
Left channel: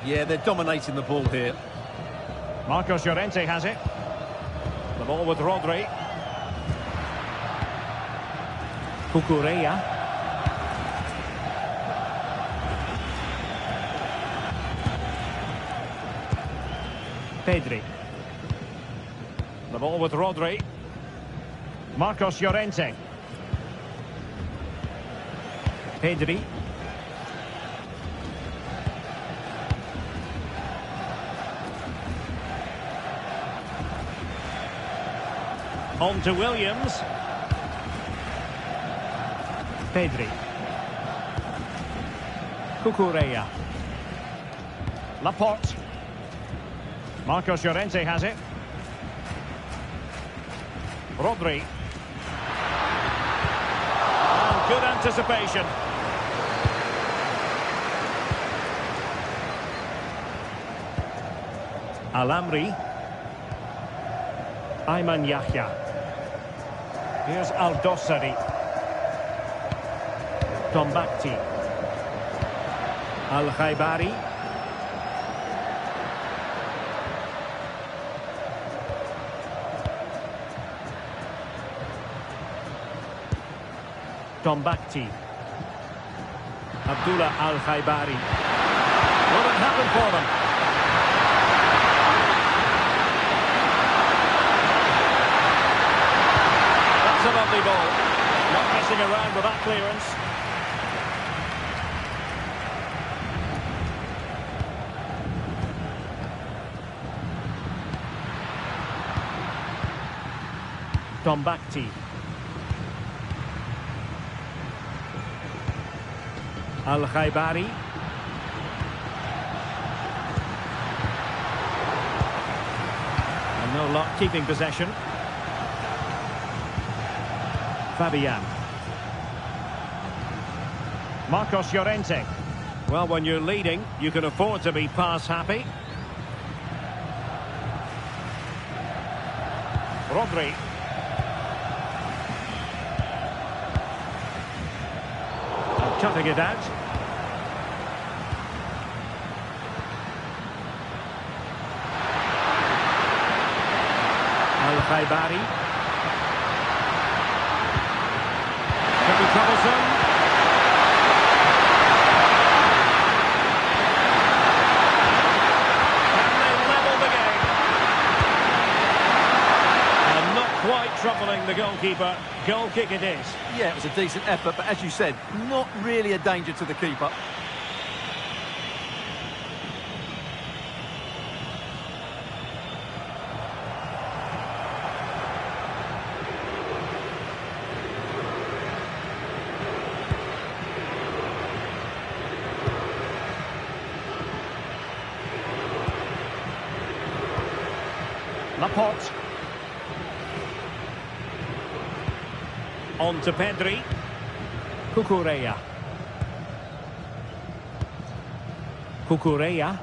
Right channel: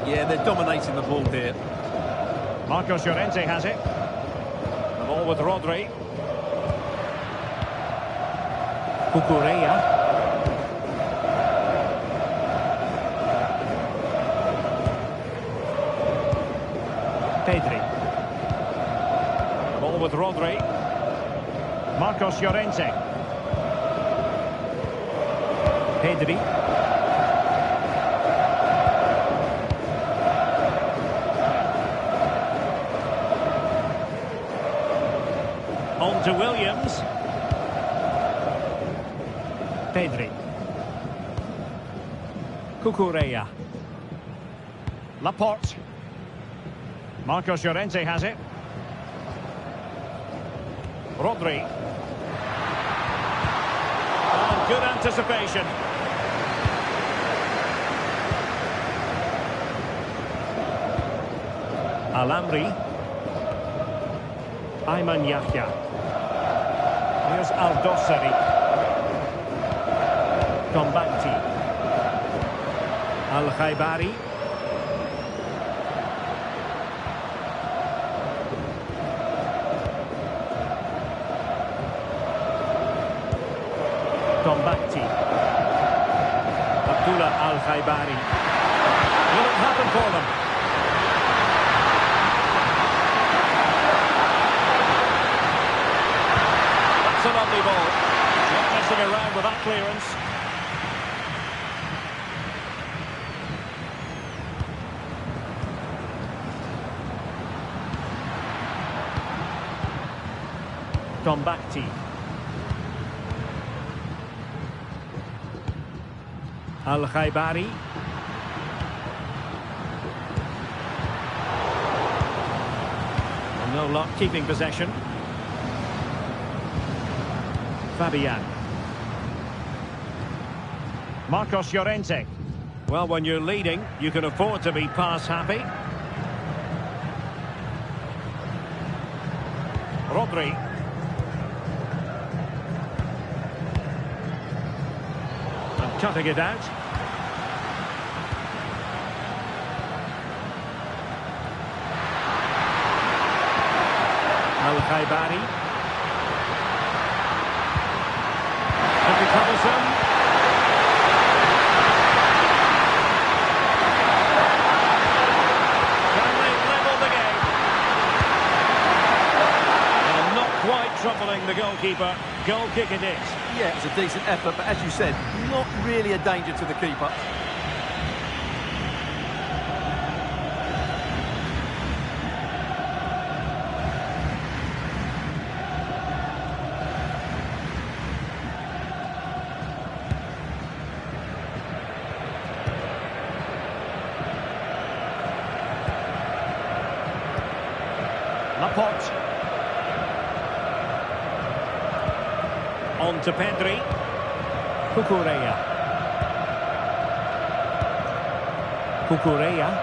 Yeah, they're dominating the ball here. Marcos Llorente has it. The ball with Rodri. Cucurella. Pedri. The ball with Rodri. Marcos Llorente. Pedri. On to Williams. Pedri. Cucurella. Laporte. Marcos Llorente has it. Rodri. Oh, good anticipation. Alamri. Ayman Yahya. Here's Aldosari. Tombakti. Al-Khaibari. Tombakti. Abdullah Al-Khaibari. Will it happen for them? That's a lovely ball. Not messing around with that clearance. Tombakti. Al-Khaibari. Well, no luck keeping possession. Fabian. Marcos Llorente. Well, when you're leading, you can afford to be pass happy. Rodri. And cutting it out. Al-Khaibari. Could be troublesome. Can they level the game? And not quite troubling the goalkeeper. Goal kick it is. Yeah, it was a decent effort, but as you said, not really a danger to the keeper. Laporte. On to Pedri. Cucurella. Cucurella.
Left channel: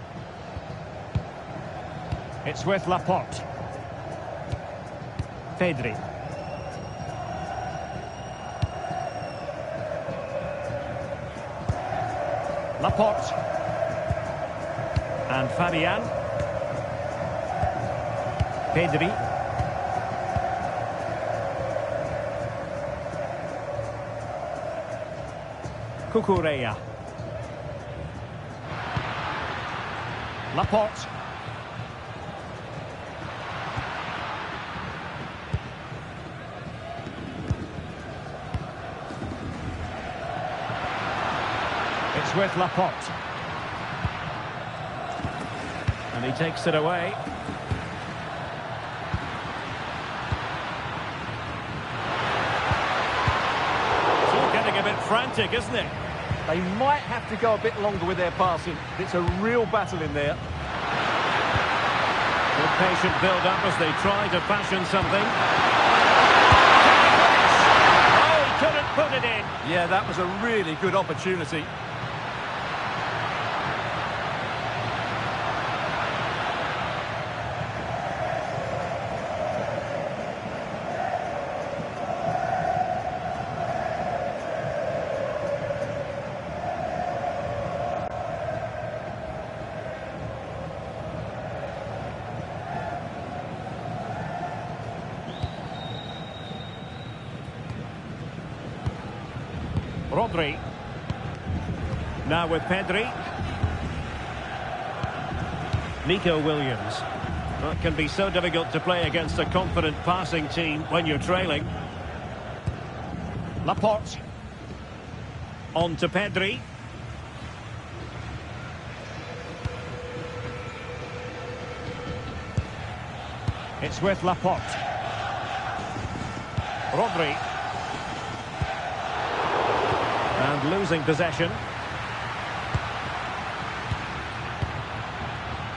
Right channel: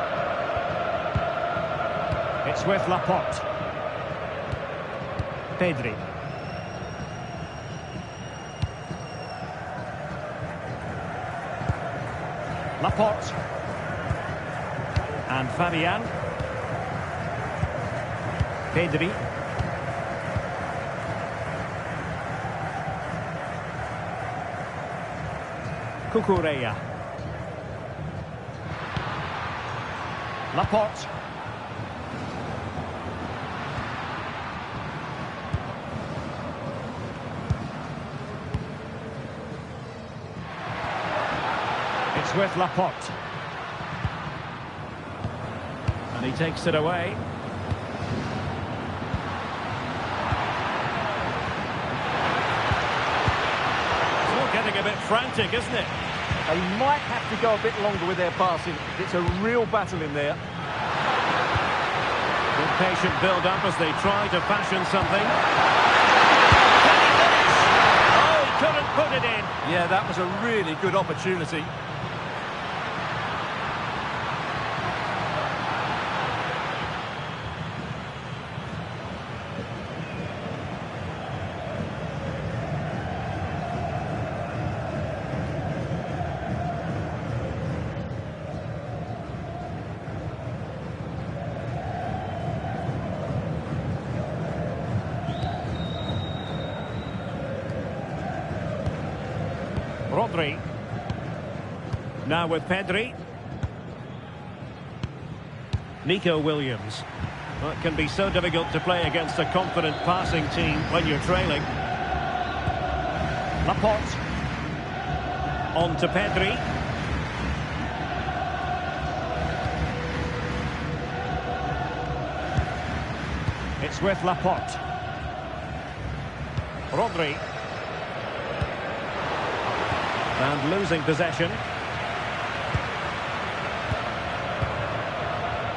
It's with Laporte. Pedri. Laporte. And Fabian. Pedri. Cucurella. Laporte. It's with Laporte. And he takes it away. Getting a bit frantic, isn't it? They might have to go a bit longer with their passing. It's a real battle in there. Good patient build-up as they try to fashion something. Can he finish? Oh, he couldn't put it in. Yeah, that was a really good opportunity. Rodri. Now with Pedri. Nico Williams. Well, it can be so difficult to play against a confident passing team when you're trailing. Laporte. On to Pedri. It's with Laporte. Rodri. And losing possession.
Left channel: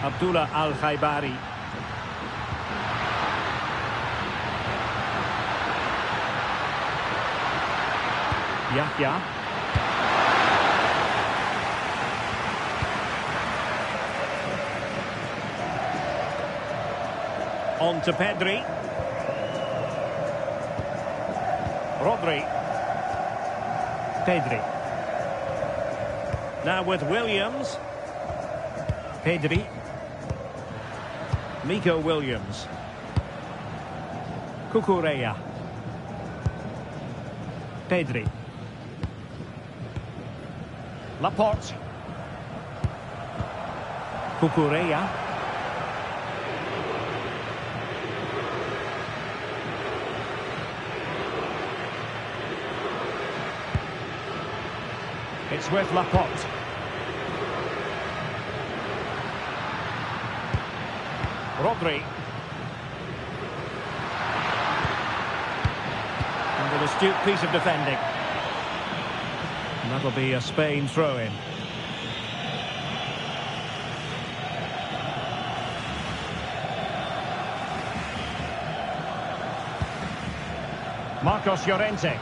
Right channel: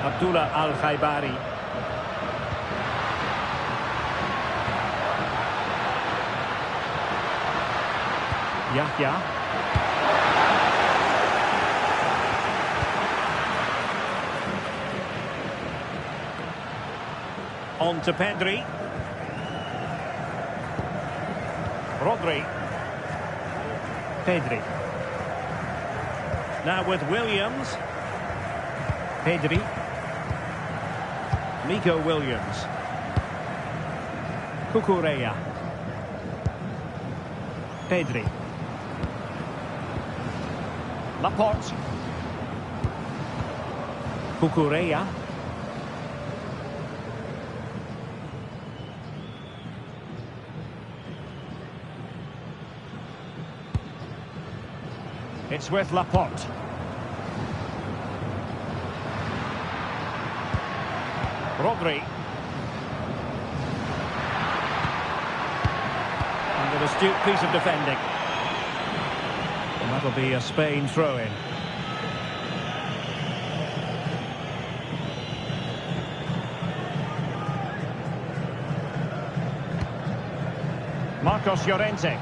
Abdullah Al-Khaibari. Yahya. On to Pedri. Rodri. Pedri. Now with Williams. Pedri. Nico Williams. Cucurella. Pedri. Laporte. Cucurella. It's with Laporte. Rodri. And an astute piece of defending. And that'll be a Spain throw-in. Marcos Llorente.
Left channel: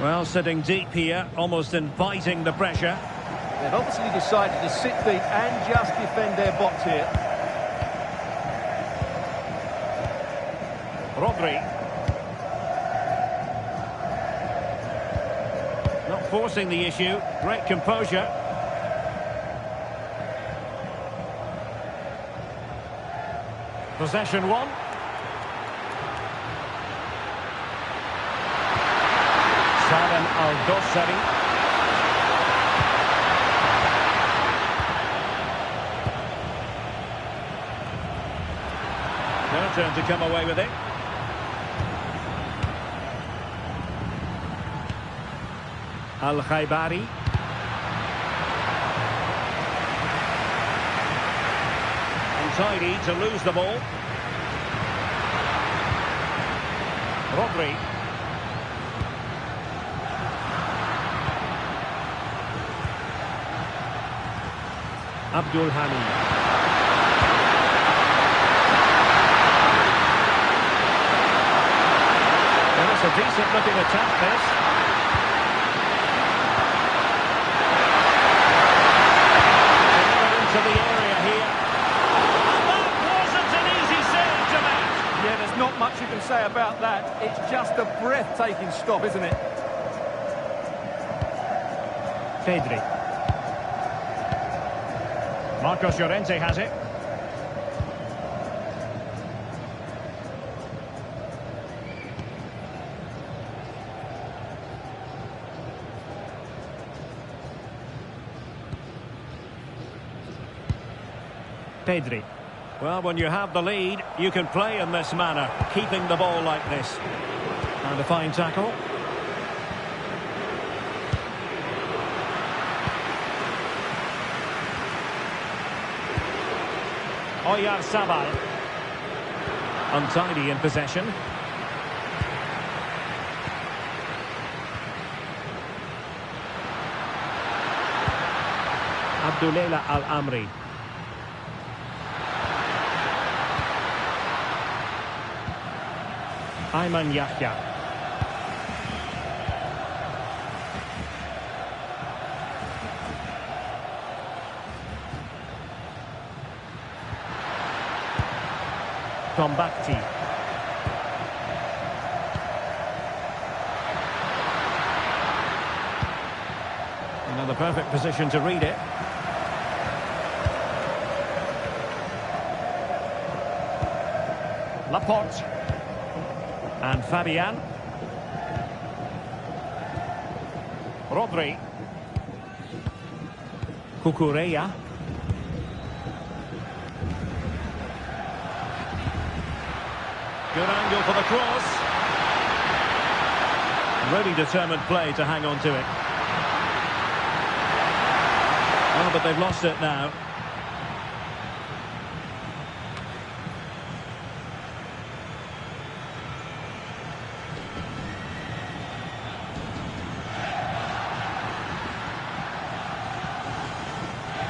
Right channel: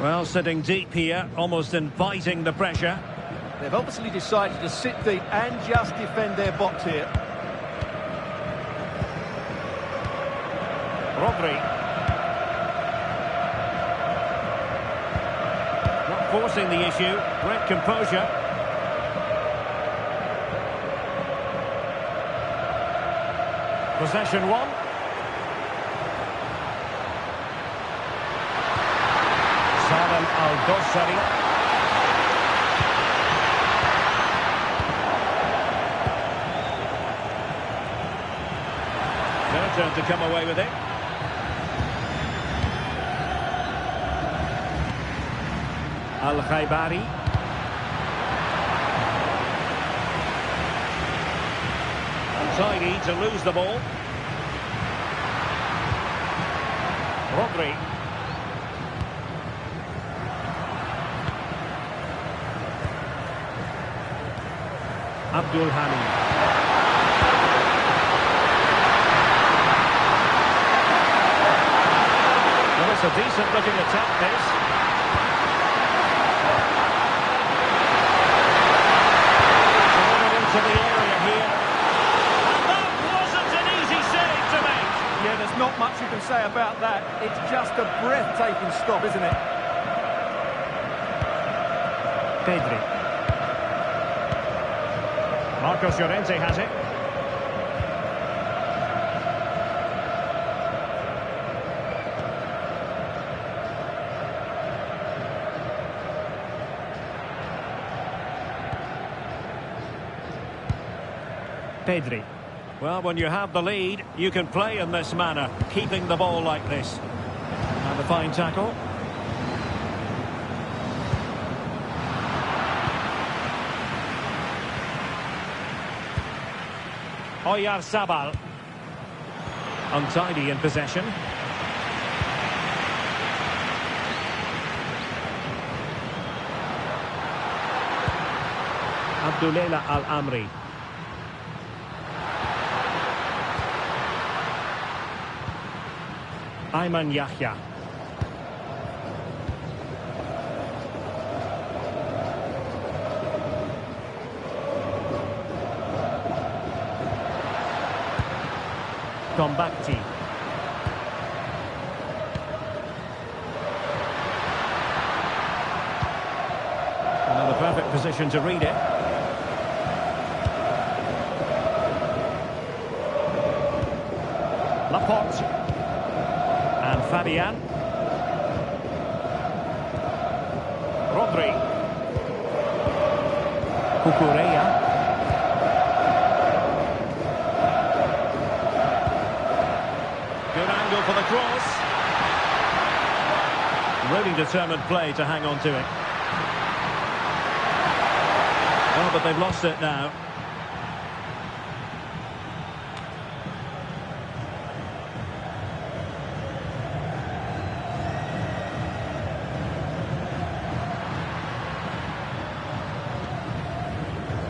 Well, sitting deep here, almost inviting the pressure. They've obviously decided to sit deep and just defend their box here. Rodri. Not forcing the issue. Great composure. Possession one. Salem Al-Dossari. Their turn to come away with it. Al-Khaibari. Untidy to lose the ball. Rodri. Abdul Hamid. Well, it's a decent looking attack, this. Delivered into the area here. And that wasn't an easy save to make. Yeah, there's not much you can say about that. It's just a breathtaking stop, isn't it? Pedri. Marcos Llorente has it. Pedri. Well, when you have the lead, you can play in this manner, keeping the ball like this. And a fine tackle. Oyarzabal. Untidy in possession. Abdullah Al-Amri. Ayman Yahya. Tombakti. Another perfect position to read it. Laporte. And Fabian. Rodri. Cucurella. Good angle for the cross. Really determined play to hang on to it. Oh, but they've lost it now.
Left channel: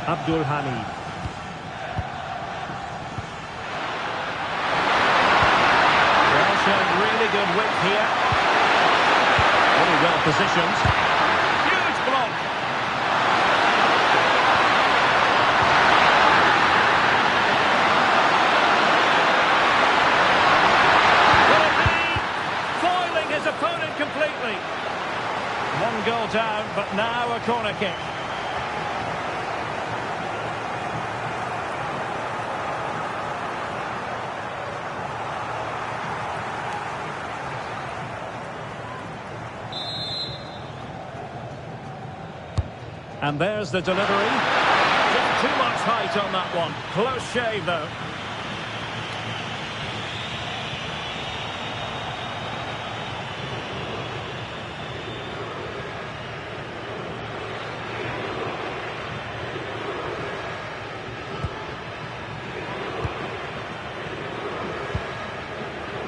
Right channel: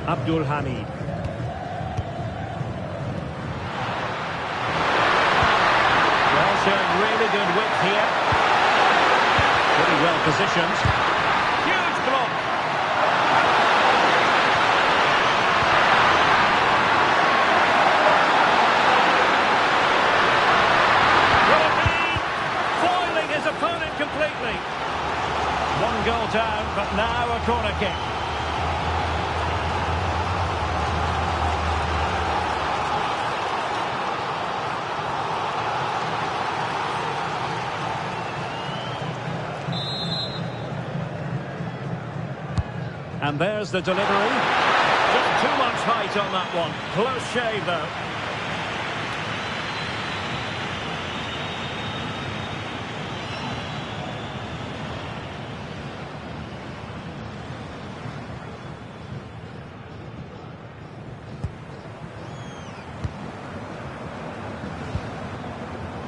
Abdul Hamid. Well, showing really good width here. Really well positioned. Huge block. Will it be? Foiling his opponent completely. One goal down, but now a corner kick. And there's the delivery. Just too much height on that one. Close shave, though.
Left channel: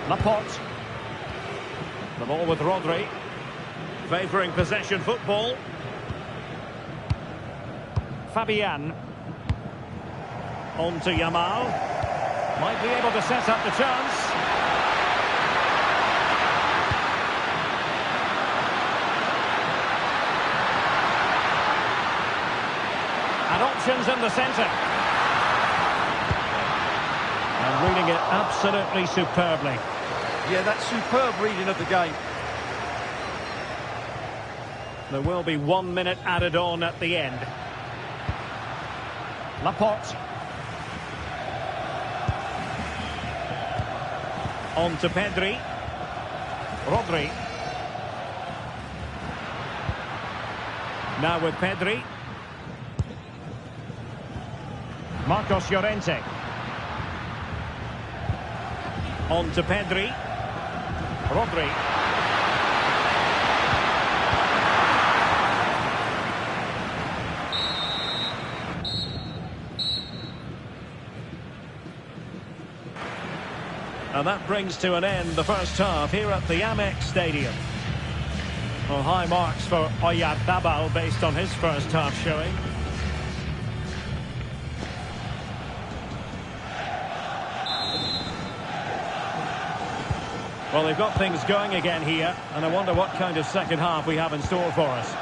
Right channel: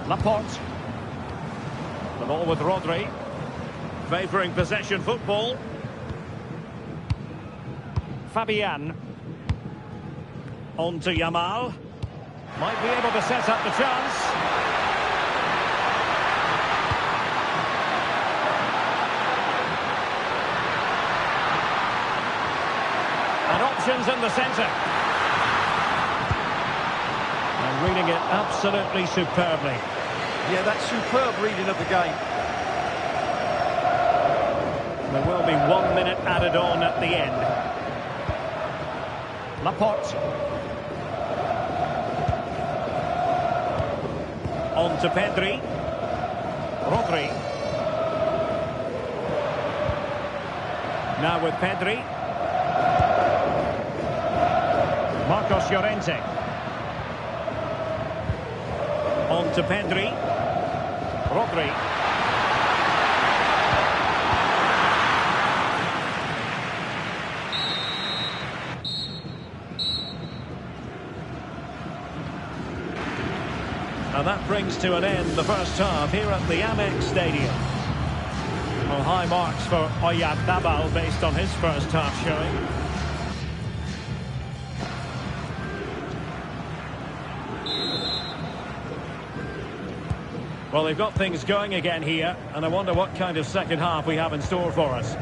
Laporte. The ball with Rodri. Favouring possession football. Fabian. On to Yamal. Might be able to set up the chance. And options in the centre. And reading it absolutely superbly. Yeah, that's superb reading of the game. There will be 1 minute added on at the end. Laporte. On to Pedri. Rodri. Now with Pedri. Marcos Llorente. On to Pedri. Rodri. And that brings to an end the first half here at the Amex Stadium. Well, high marks for Oyarzabal based on his first half showing. Well, they've got things going again here, and I wonder what kind of second half we have in store for us.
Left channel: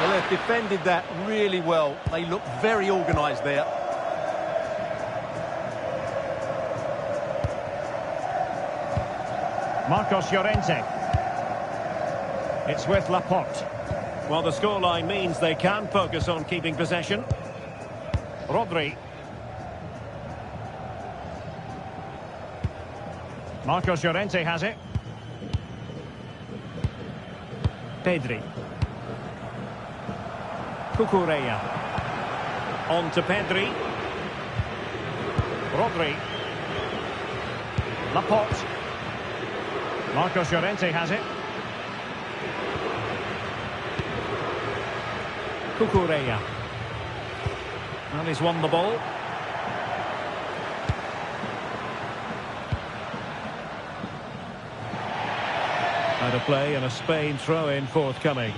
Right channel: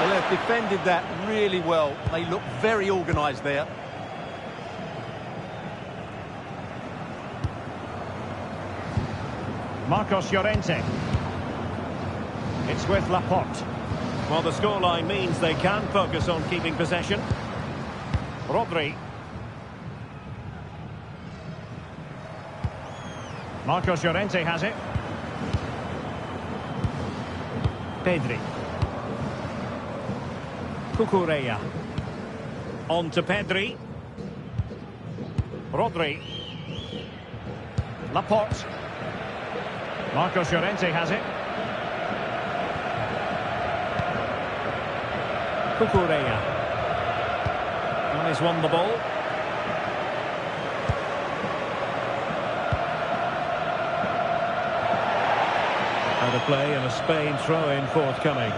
Well, they've defended that really well. They look very organised there. Marcos Llorente. It's with Laporte. Well, the scoreline means they can focus on keeping possession. Rodri. Marcos Llorente has it. Pedri. Cucurella. On to Pedri. Rodri. Laporte. Marcos Llorente has it. Cucurella. Well, he's won the ball. Out of play and a Spain throw-in forthcoming.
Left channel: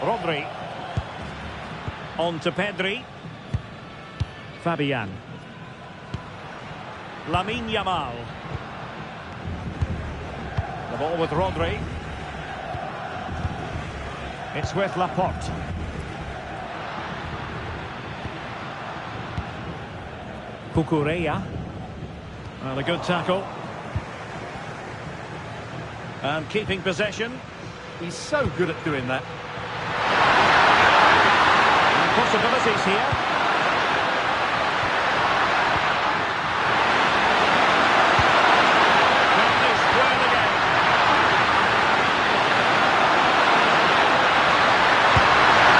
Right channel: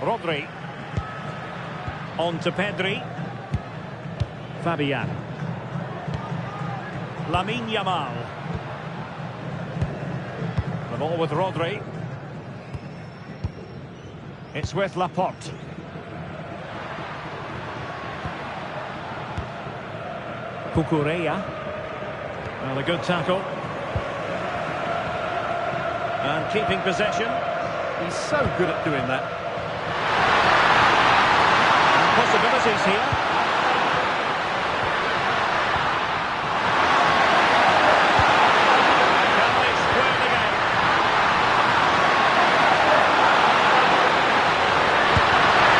Rodri. On to Pedri. Fabian. Lamine Yamal. The ball with Rodri. It's with Laporte. Cucurella. Well, a good tackle. And keeping possession. He's so good at doing that. And possibilities here. Can they square the game?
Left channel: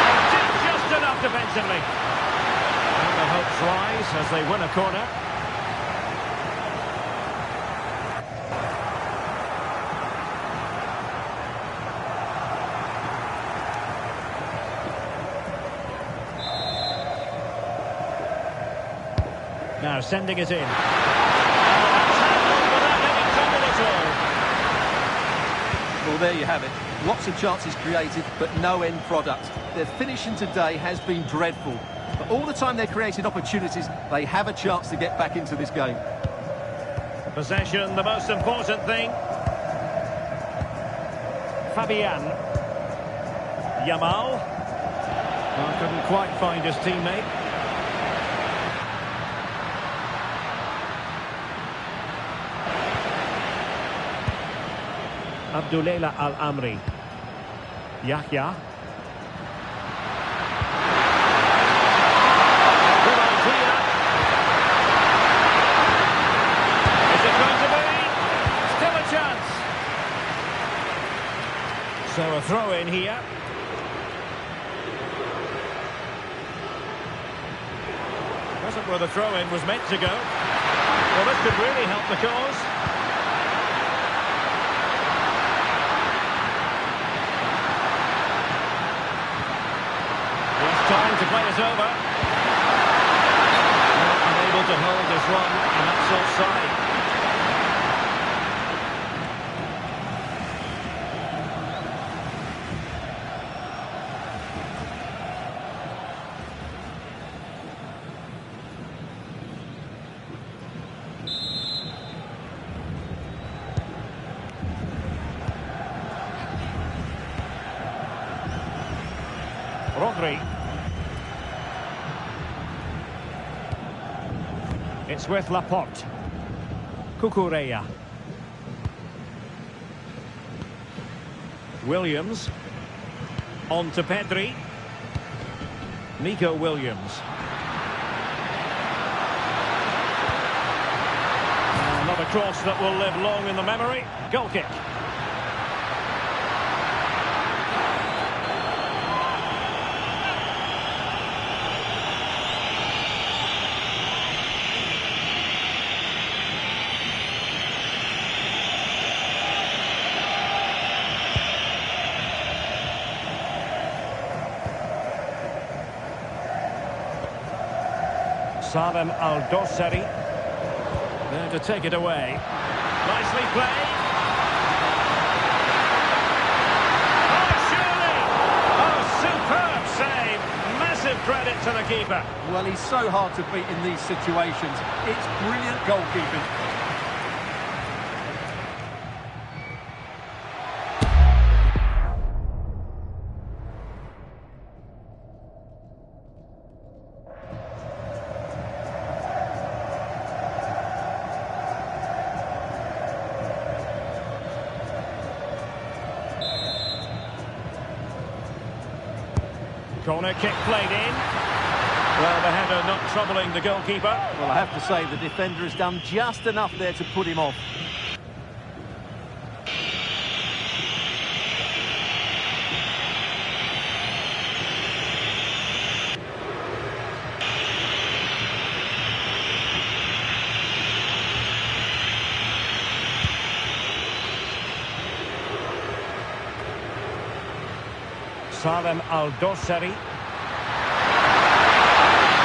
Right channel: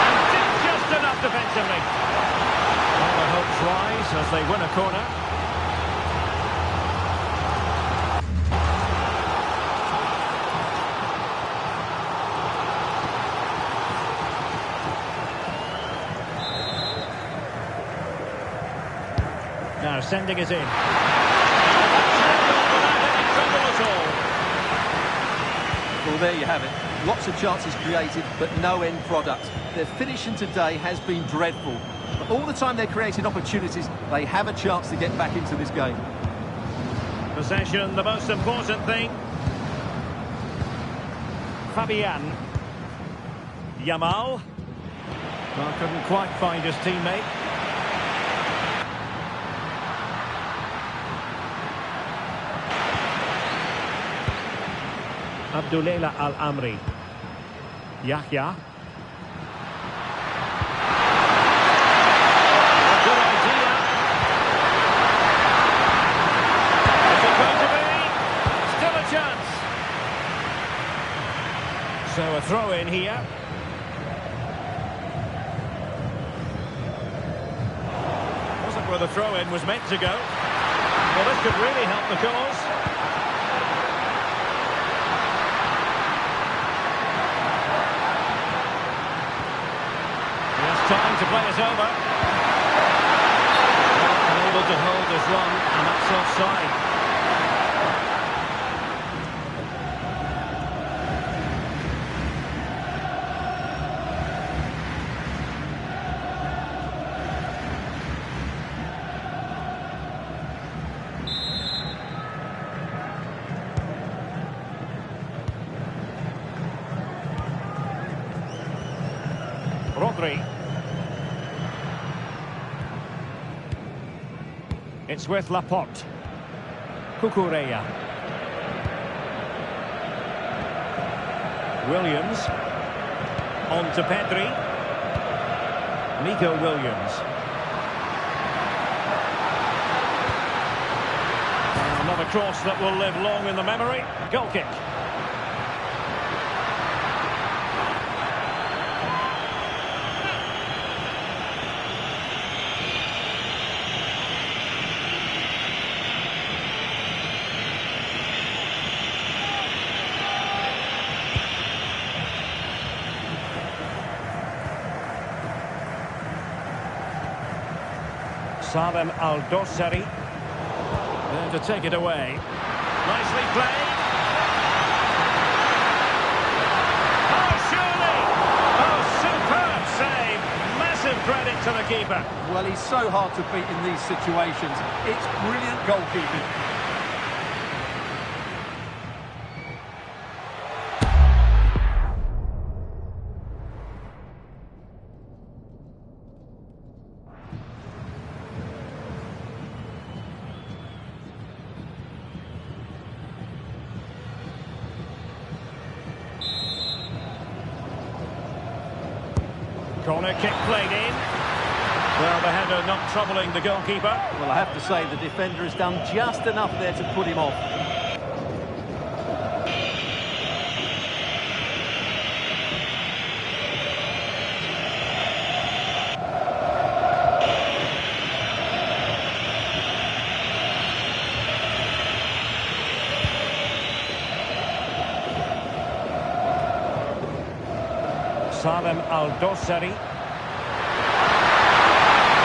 And did just enough defensively. Well, the hopes rise as they win a corner. Now sending it in. And that's handled without any trouble at all. Well, there you have it. Lots of chances created, but no end product. Their finishing today has been dreadful. But all the time they're creating opportunities, they have a chance to get back into this game. Possession, the most important thing. Fabian. Yamal. Well, couldn't quite find his teammate. Abdullah Al-Amri. Yahya. A good idea. Is it going to be? Still a chance. So a throw in here. Wasn't where the throw in was meant to go. Well, this could really help the cause. Time to play it over. Well, unable to hold his run, and that's offside. Rodri. It's with Laporte. Cucurella. Williams. On to Pedri. Nico Williams. Now another cross that will live long in the memory. Goal kick. Salem Al-Dossari there to take it away. Nicely played. Oh, surely! Oh, superb save. Massive credit to the keeper. Well, he's so hard to beat in these situations. It's brilliant goalkeeping. Corner kick played in. Well, the header not troubling the goalkeeper. Well, I have to say the defender has done just enough there to put him off. Salem Al-Dossari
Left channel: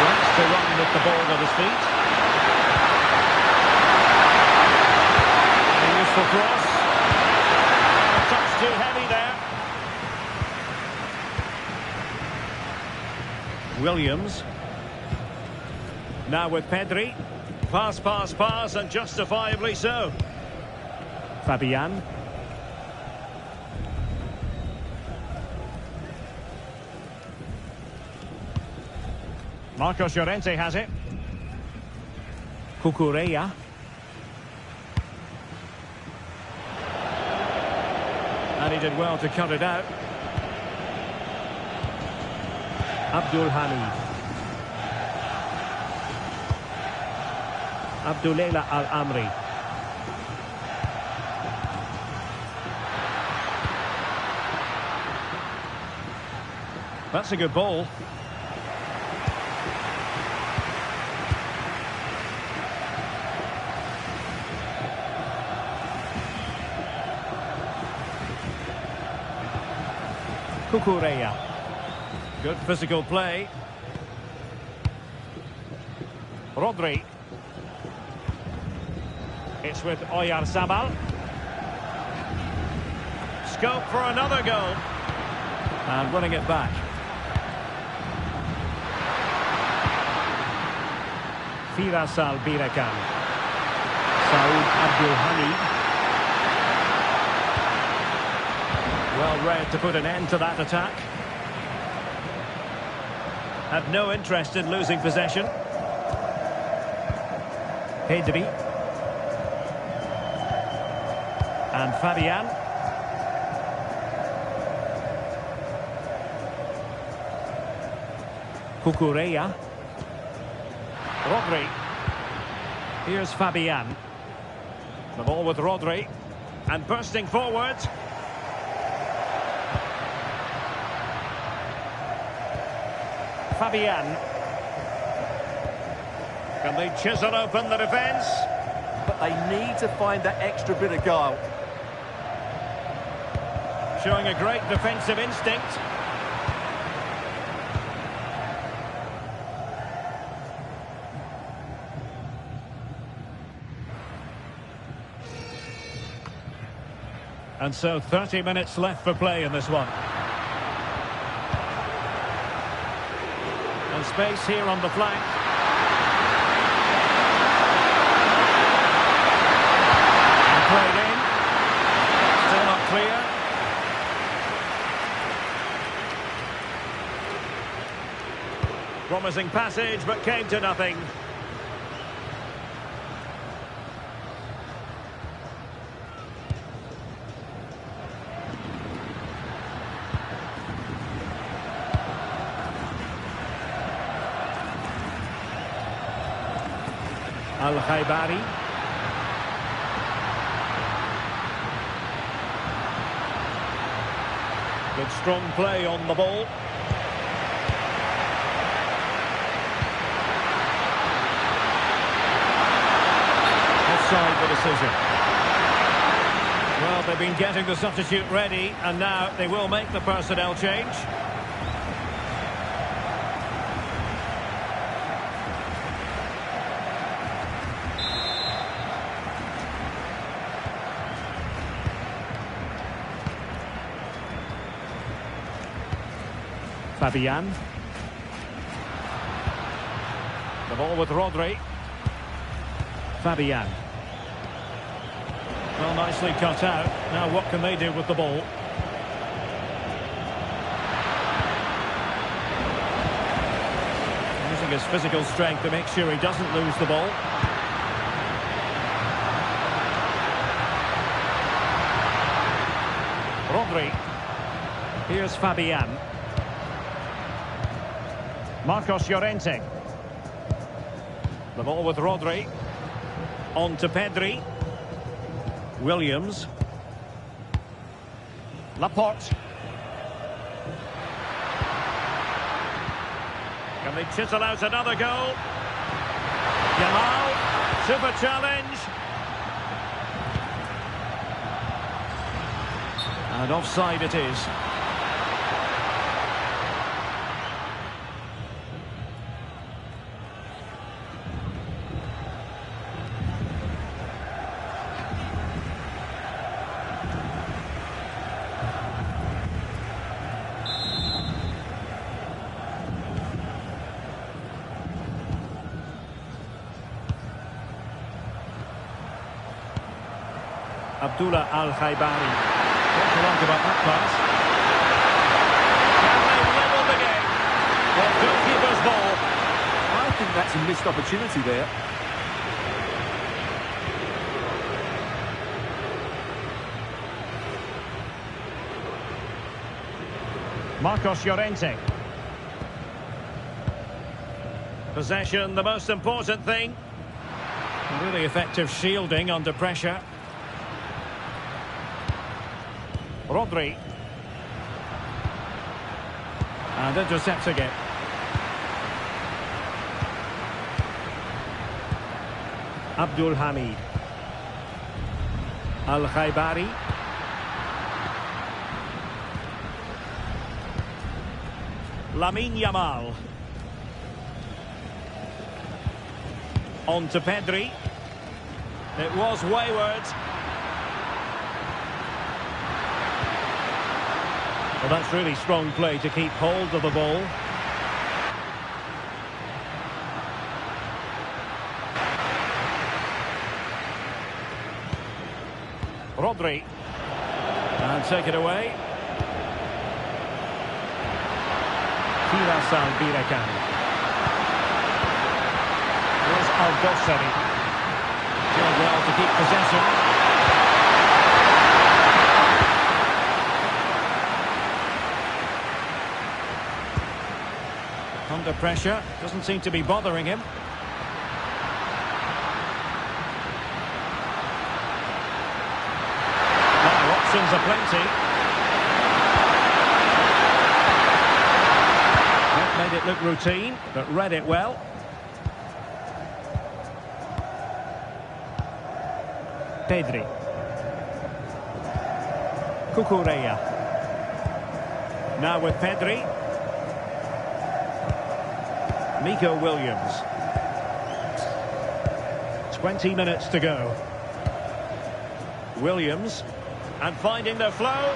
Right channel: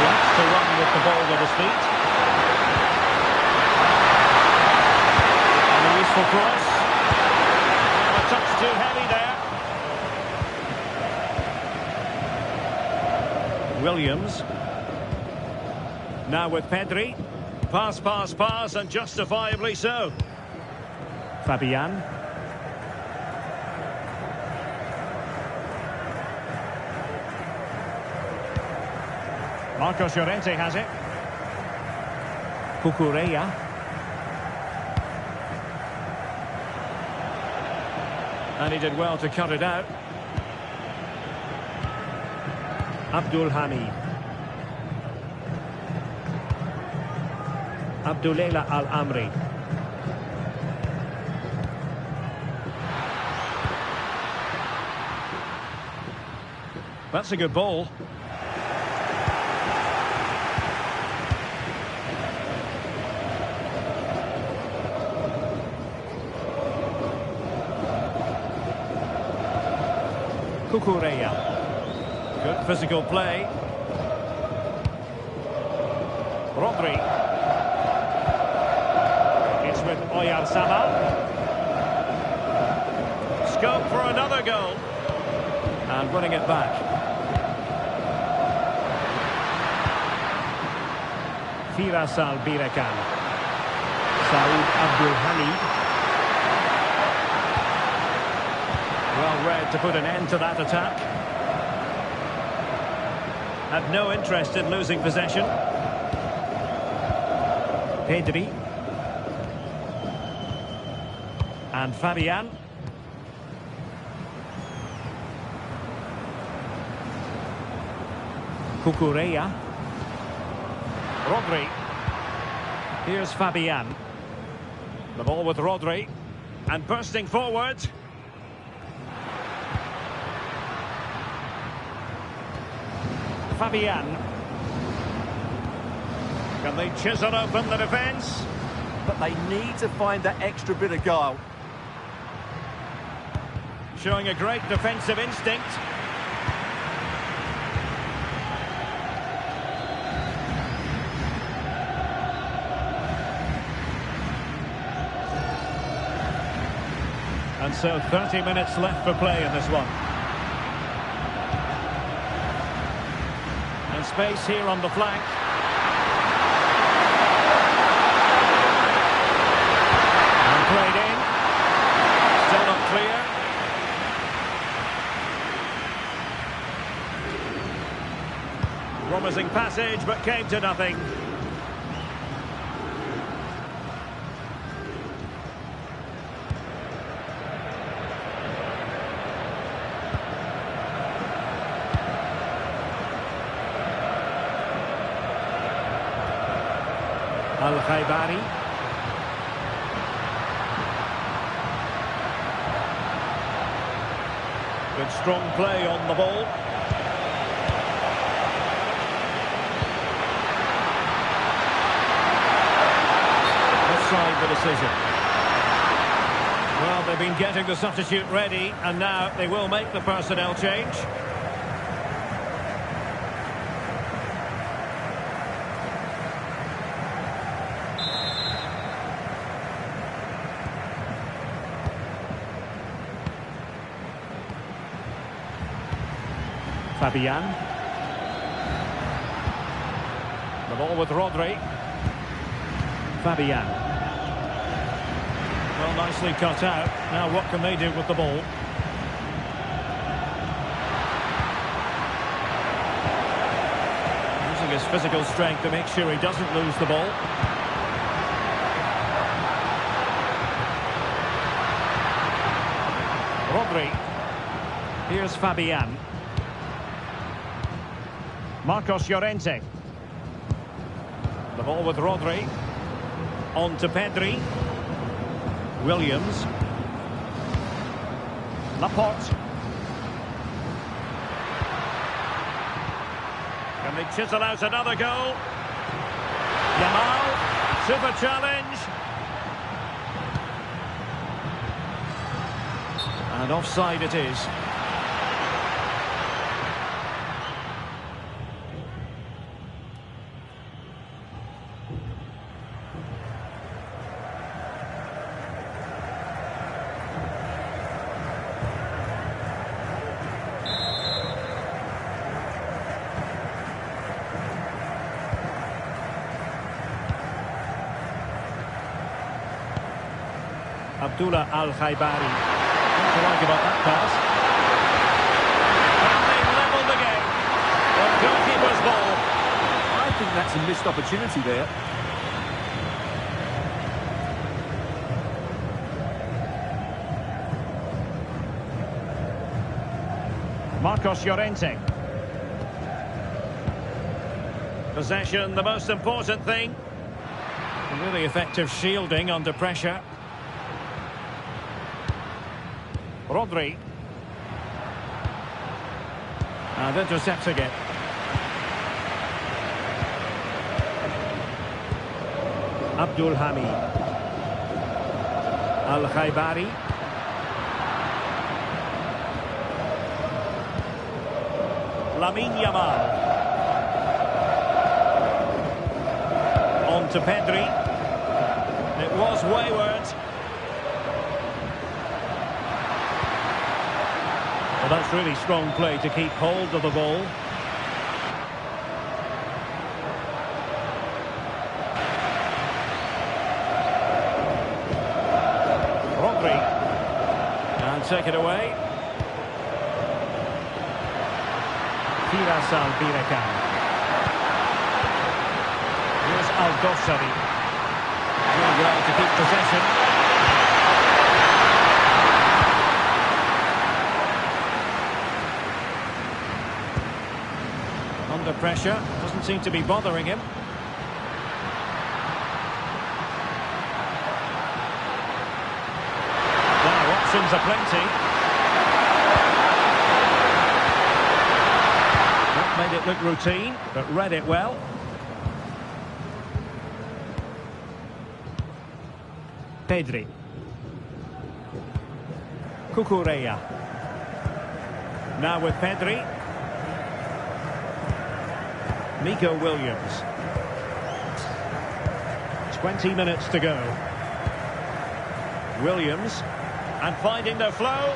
likes to run with the ball at his feet. And a useful cross. Well, a touch too heavy there. Williams. Now with Pedri. Pass, pass, pass, and justifiably so. Fabian. Marcos Llorente has it. Cucurella. And he did well to cut it out. Abdul Hamid. Abdullah Al-Amri. That's a good ball. Cucurella. Good physical play. Rodri. It's with Oyarzabal. Scope for another goal. And winning it back. Firas Al-Birakan. Saud Abdul Hamid. Well read to put an end to that attack. Had no interest in losing possession. Pedri. And Fabian. Cucurella. Rodri. Here's Fabian. The ball with Rodri. And bursting forward. Fabian. Can they chisel open the defence? But they need to find that extra bit of guile. Showing a great defensive instinct. And so 30 minutes left for play in this one. And space here on the flank. And played in. Still not clear. Promising passage, but came to nothing. Al-Khaibari. Good strong play on the ball. Offside the decision. Well, they've been getting the substitute ready, and now they will make the personnel change. Fabian. The ball with Rodri. Fabian. Well, nicely cut out. Now what can they do with the ball? Using his physical strength to make sure he doesn't lose the ball. Rodri. Here's Fabian. Marcos Llorente. The ball with Rodri. On to Pedri. Williams. Laporte. Can they chisel out another goal? Yamal. Super challenge. And offside it is. Abdullah Al-Khaibari. What do you like about that pass? Can they level the game? Well, goalkeeper's ball. I think that's a missed opportunity there. Marcos Llorente. Possession, the most important thing. Really effective shielding under pressure. Rodri. And intercepting it. Abdul Hamid. Al-Khaibari. Lamine Yamal. On to Pedri. It was wayward. Well, that's really strong play to keep hold of the ball. Rodri. And take it away. Firas Al-Birakan. Here's Al-Dossari. Doing well to keep possession. Under pressure. Doesn't seem to be bothering him. Now, options are plenty. Not made it look routine, but read it well. Pedri. Cucurella. Now with Pedri. Nico Williams. 20 minutes to go. Williams. And finding the flow.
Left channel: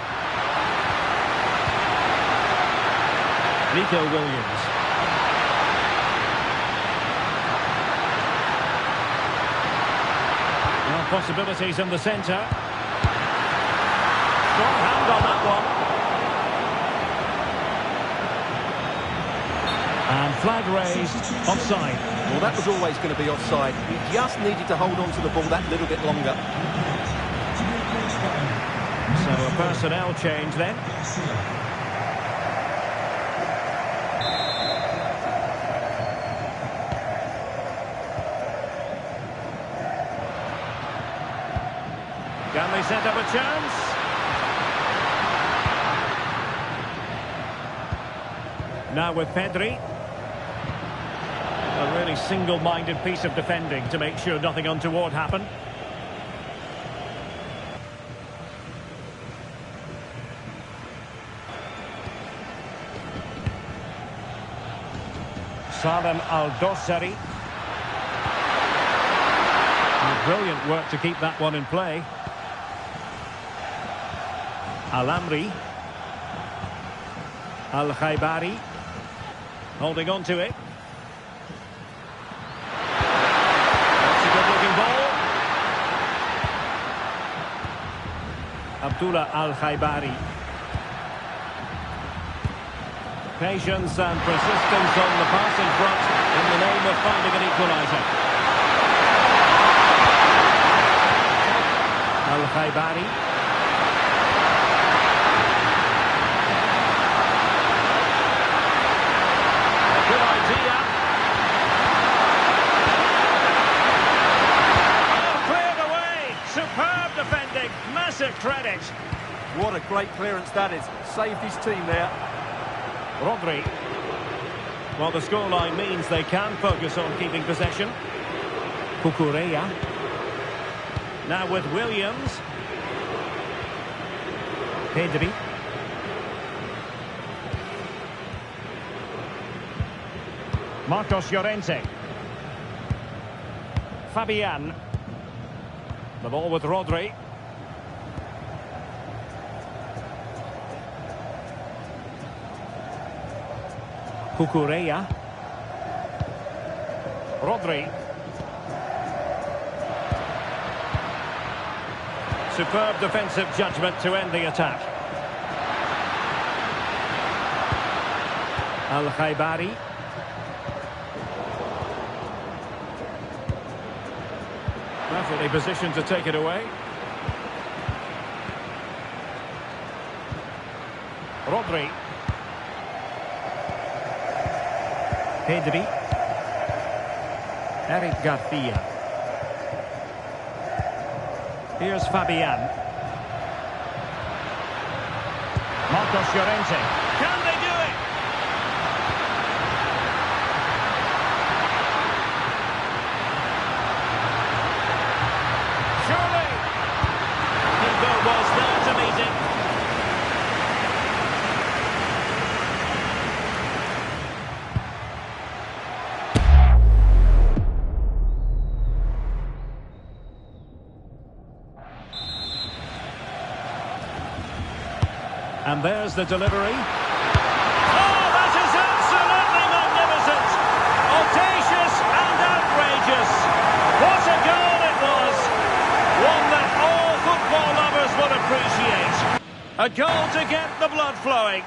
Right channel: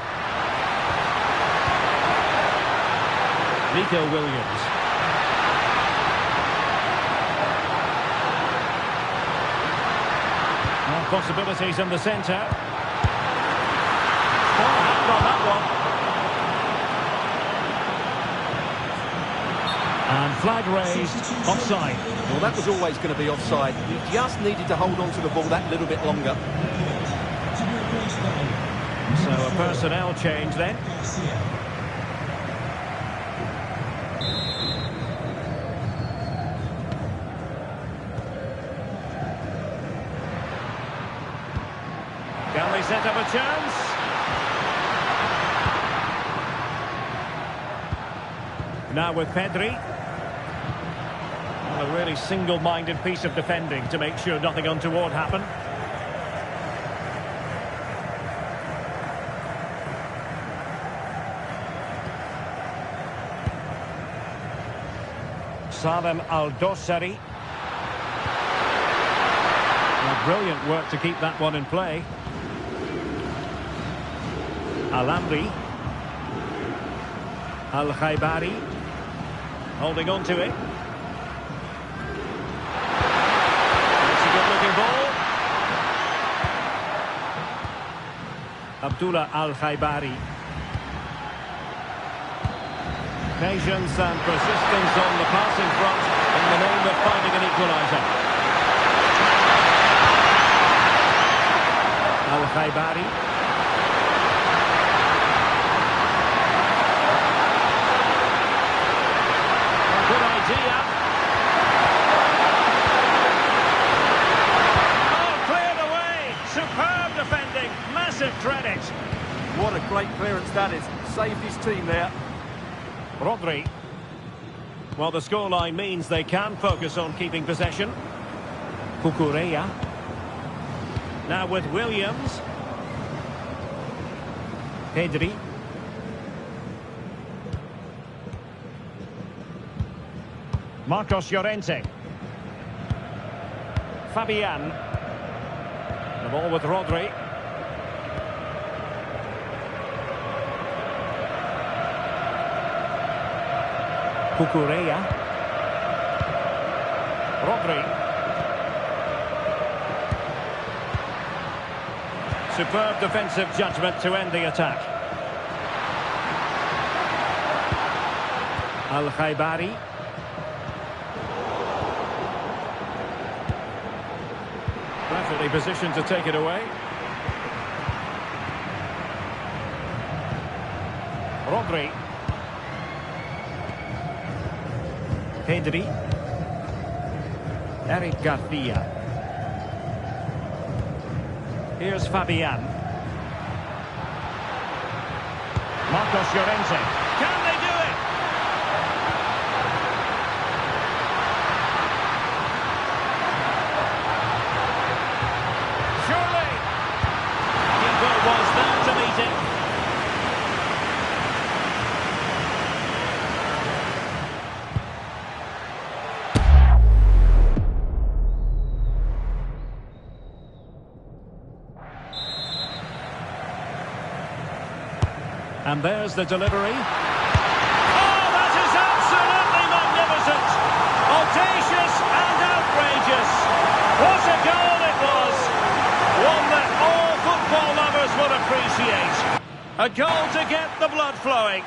Nico Williams. Well, possibilities in the centre. Strong hand on that one. And flag raised. Offside. Well, that was always going to be offside. He just needed to hold on to the ball that little bit longer. So a personnel change then. Can they set up a chance? Now with Pedri. A really single-minded piece of defending to make sure nothing untoward happened. Salem Al-Dossari. Well, brilliant work to keep that one in play. Al-Amri. Al-Khaibari. Holding on to it. That's a good-looking ball. Abdullah Al-Khaibari. Patience and persistence on the passing front in the name of finding an equalizer. Al-Khaibari. A good idea. Oh, cleared away. Superb defending. Massive credit. What a great clearance that is. Saved his team there. Rodri. Well, the scoreline means they can focus on keeping possession. Cucurella. Now with Williams. Pedri. Marcos Llorente. Fabian. The ball with Rodri. Cucurella. Rodri. Superb defensive judgment to end the attack. Al-Khaibari. Perfectly positioned to take it away. Rodri. Pedri. Eric Garcia. Here's Fabian. Marcos Llorente. Can they do it? Surely. Keeper was there to meet it. And there's the delivery. Oh, that is absolutely magnificent. Audacious and outrageous. What a goal it was. One that all football lovers would appreciate. A goal to get the blood flowing.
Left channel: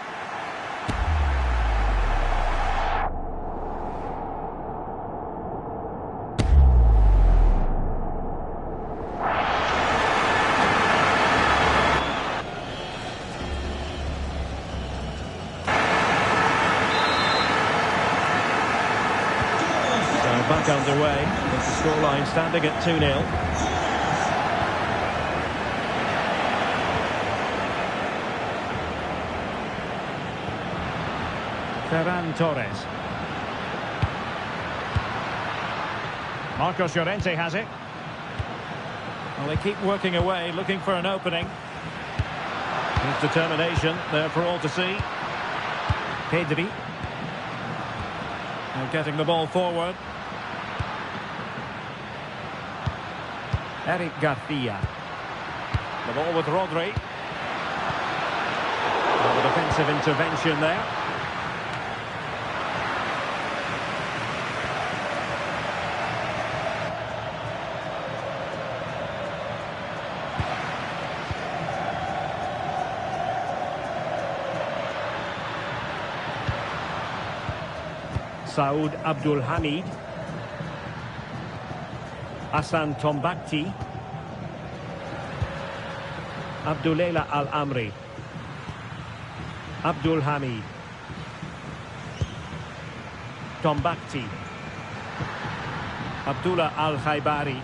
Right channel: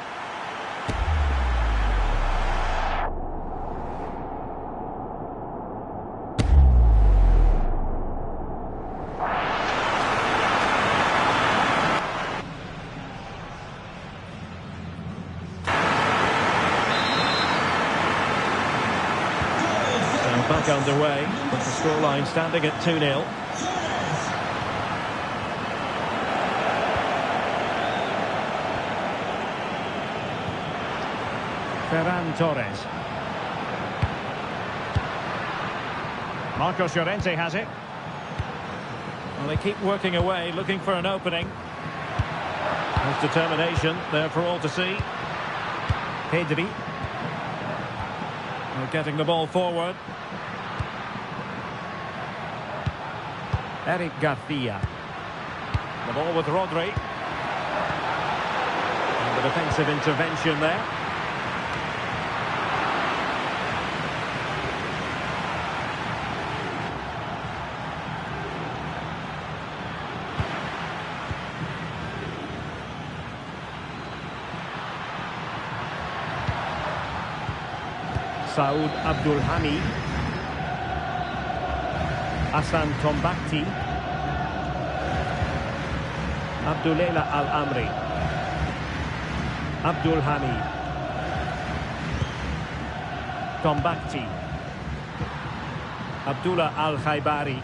Back underway, with the scoreline standing at 2-0. Ferran Torres. Marcos Llorente has it. Well, they keep working away, looking for an opening. There's determination there for all to see. Pedri. They're getting the ball forward. Eric Garcia. The ball with Rodri. And the defensive intervention there. Saud Abdul Hamid. Hassan Tombakti. Abdulela Al-Amri. Abdul Hamid. Tombakti. Abdullah Al-Khaibari.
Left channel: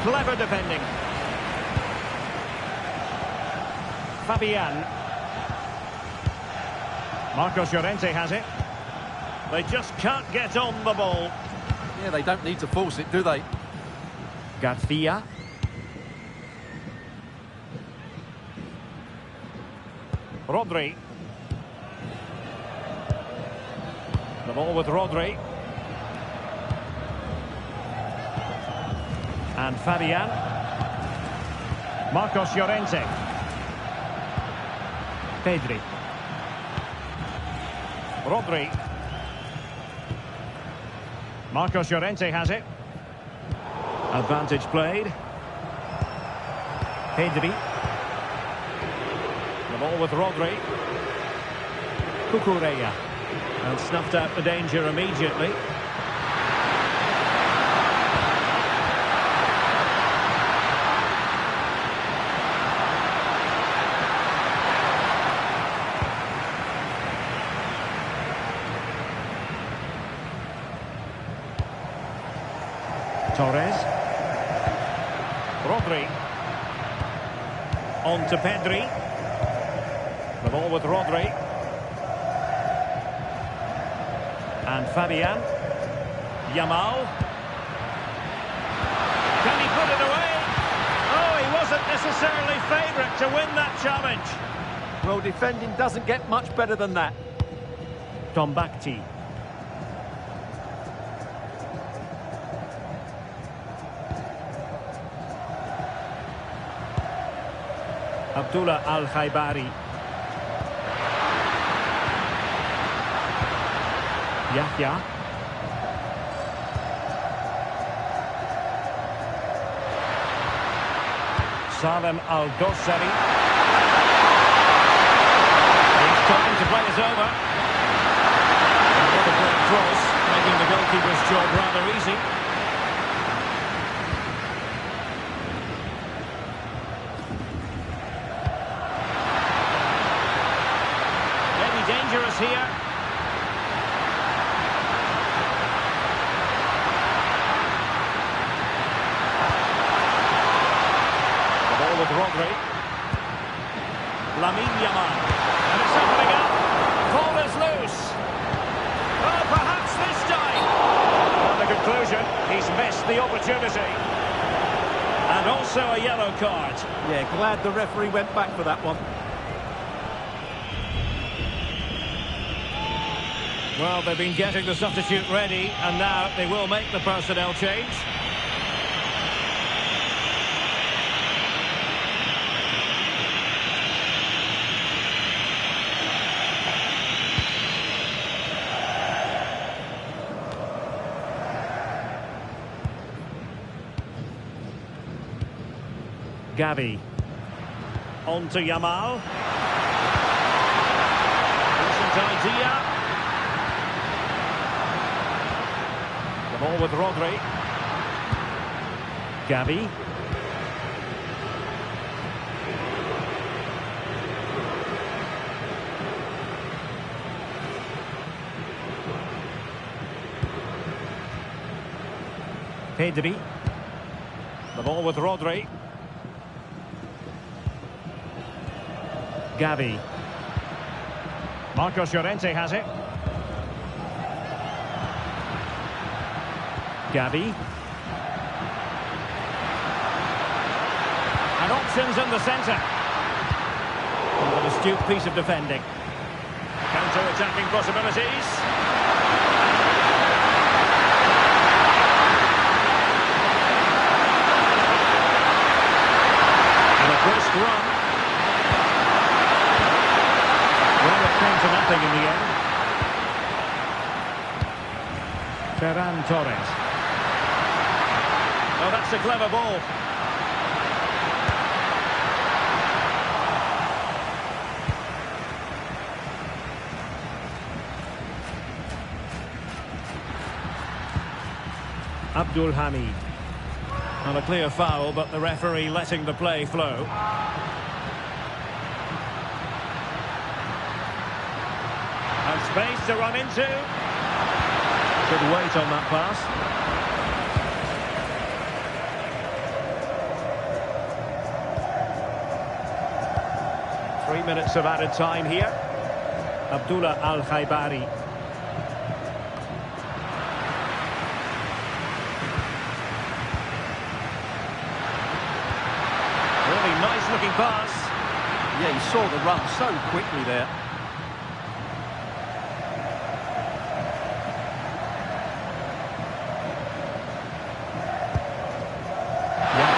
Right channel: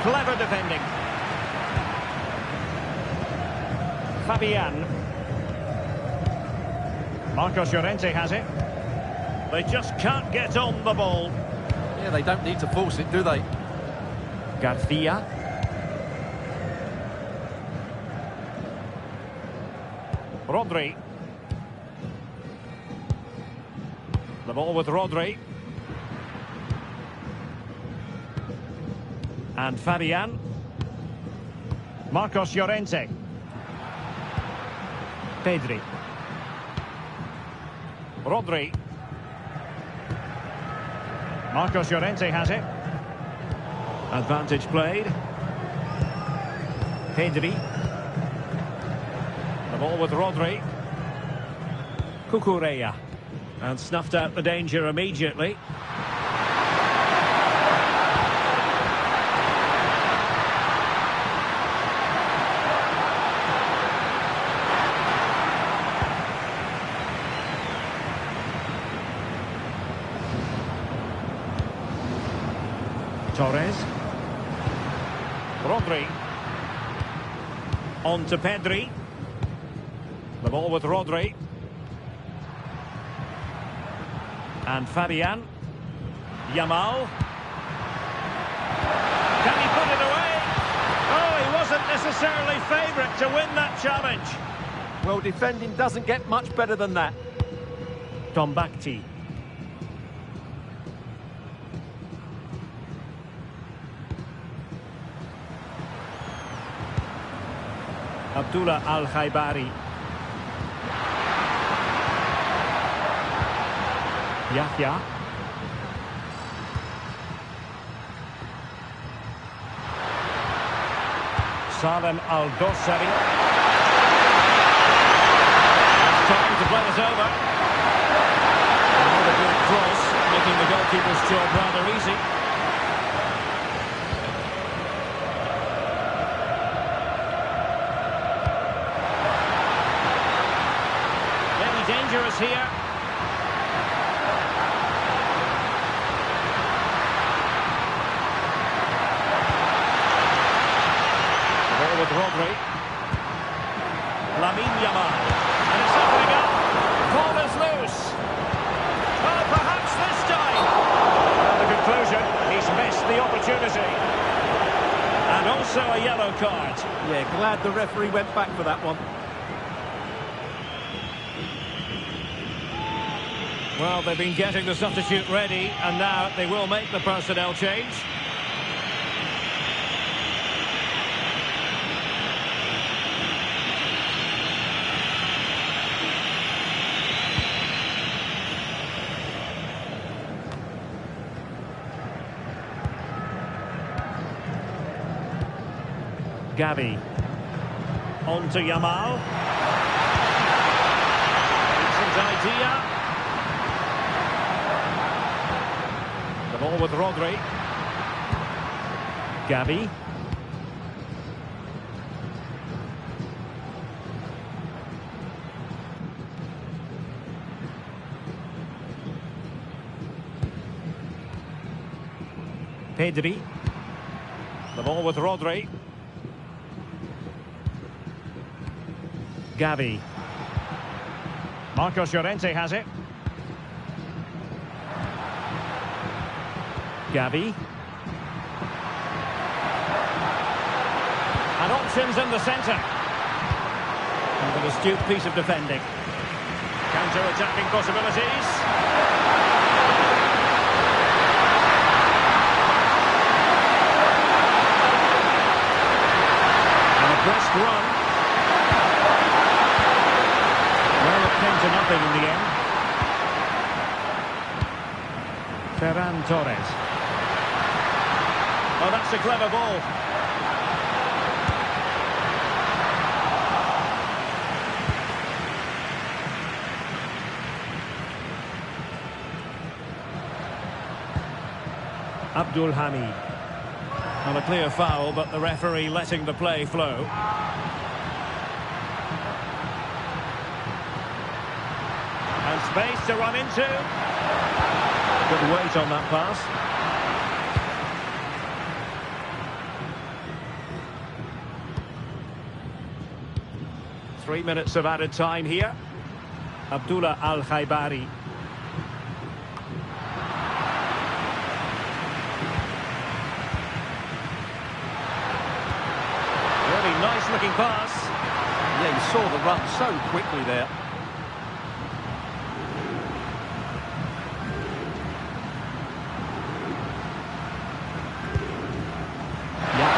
Clever defending. Fabian. Marcos Llorente has it. They just can't get on the ball. Yeah, they don't need to force it, do they? Garcia. Rodri. The ball with Rodri. And Fabian. Marcos Llorente. Pedri. Rodri. Marcos Llorente has it. Advantage played. Pedri. The ball with Rodri. Cucurella. And snuffed out the danger immediately. Torres. Rodri. On to Pedri. The ball with Rodri. And Fabian. Yamal. Can he put it away? Oh, he wasn't necessarily favourite to win that challenge. Well, defending doesn't get much better than that. Tombakti. Abdullah Al-Khaibari. Yahya. Salem Al-Dossari. It's time to play it over. And what a great cross, making the goalkeeper's job rather easy. Maybe dangerous here. with Rodri. Lamine Yamal. And it's opening up. Ball is loose. Oh, perhaps this time. Well, the conclusion, he's missed the opportunity. And also a yellow card. Yeah, glad the referee went back for that one. Well, they've been getting the substitute ready, and now they will make the personnel change. Gavi. On to Yamal. Decent idea. The ball with Rodri. Gavi. Pedri. The ball with Rodri. Gavi. Marcos Llorente has it. Gavi. And options in the centre. An astute piece of defending. Counter-attacking possibilities. And a brisk run. Well, it came to nothing in the end. Ferran Torres. Oh, that's a clever ball. Abdul Hamid. Not a clear foul, but the referee letting the play flow. And space to run into. Good weight on that pass. Three minutes of added time here. Abdullah Al-Khaibari. Really nice looking pass. Yeah, you saw the run so quickly there.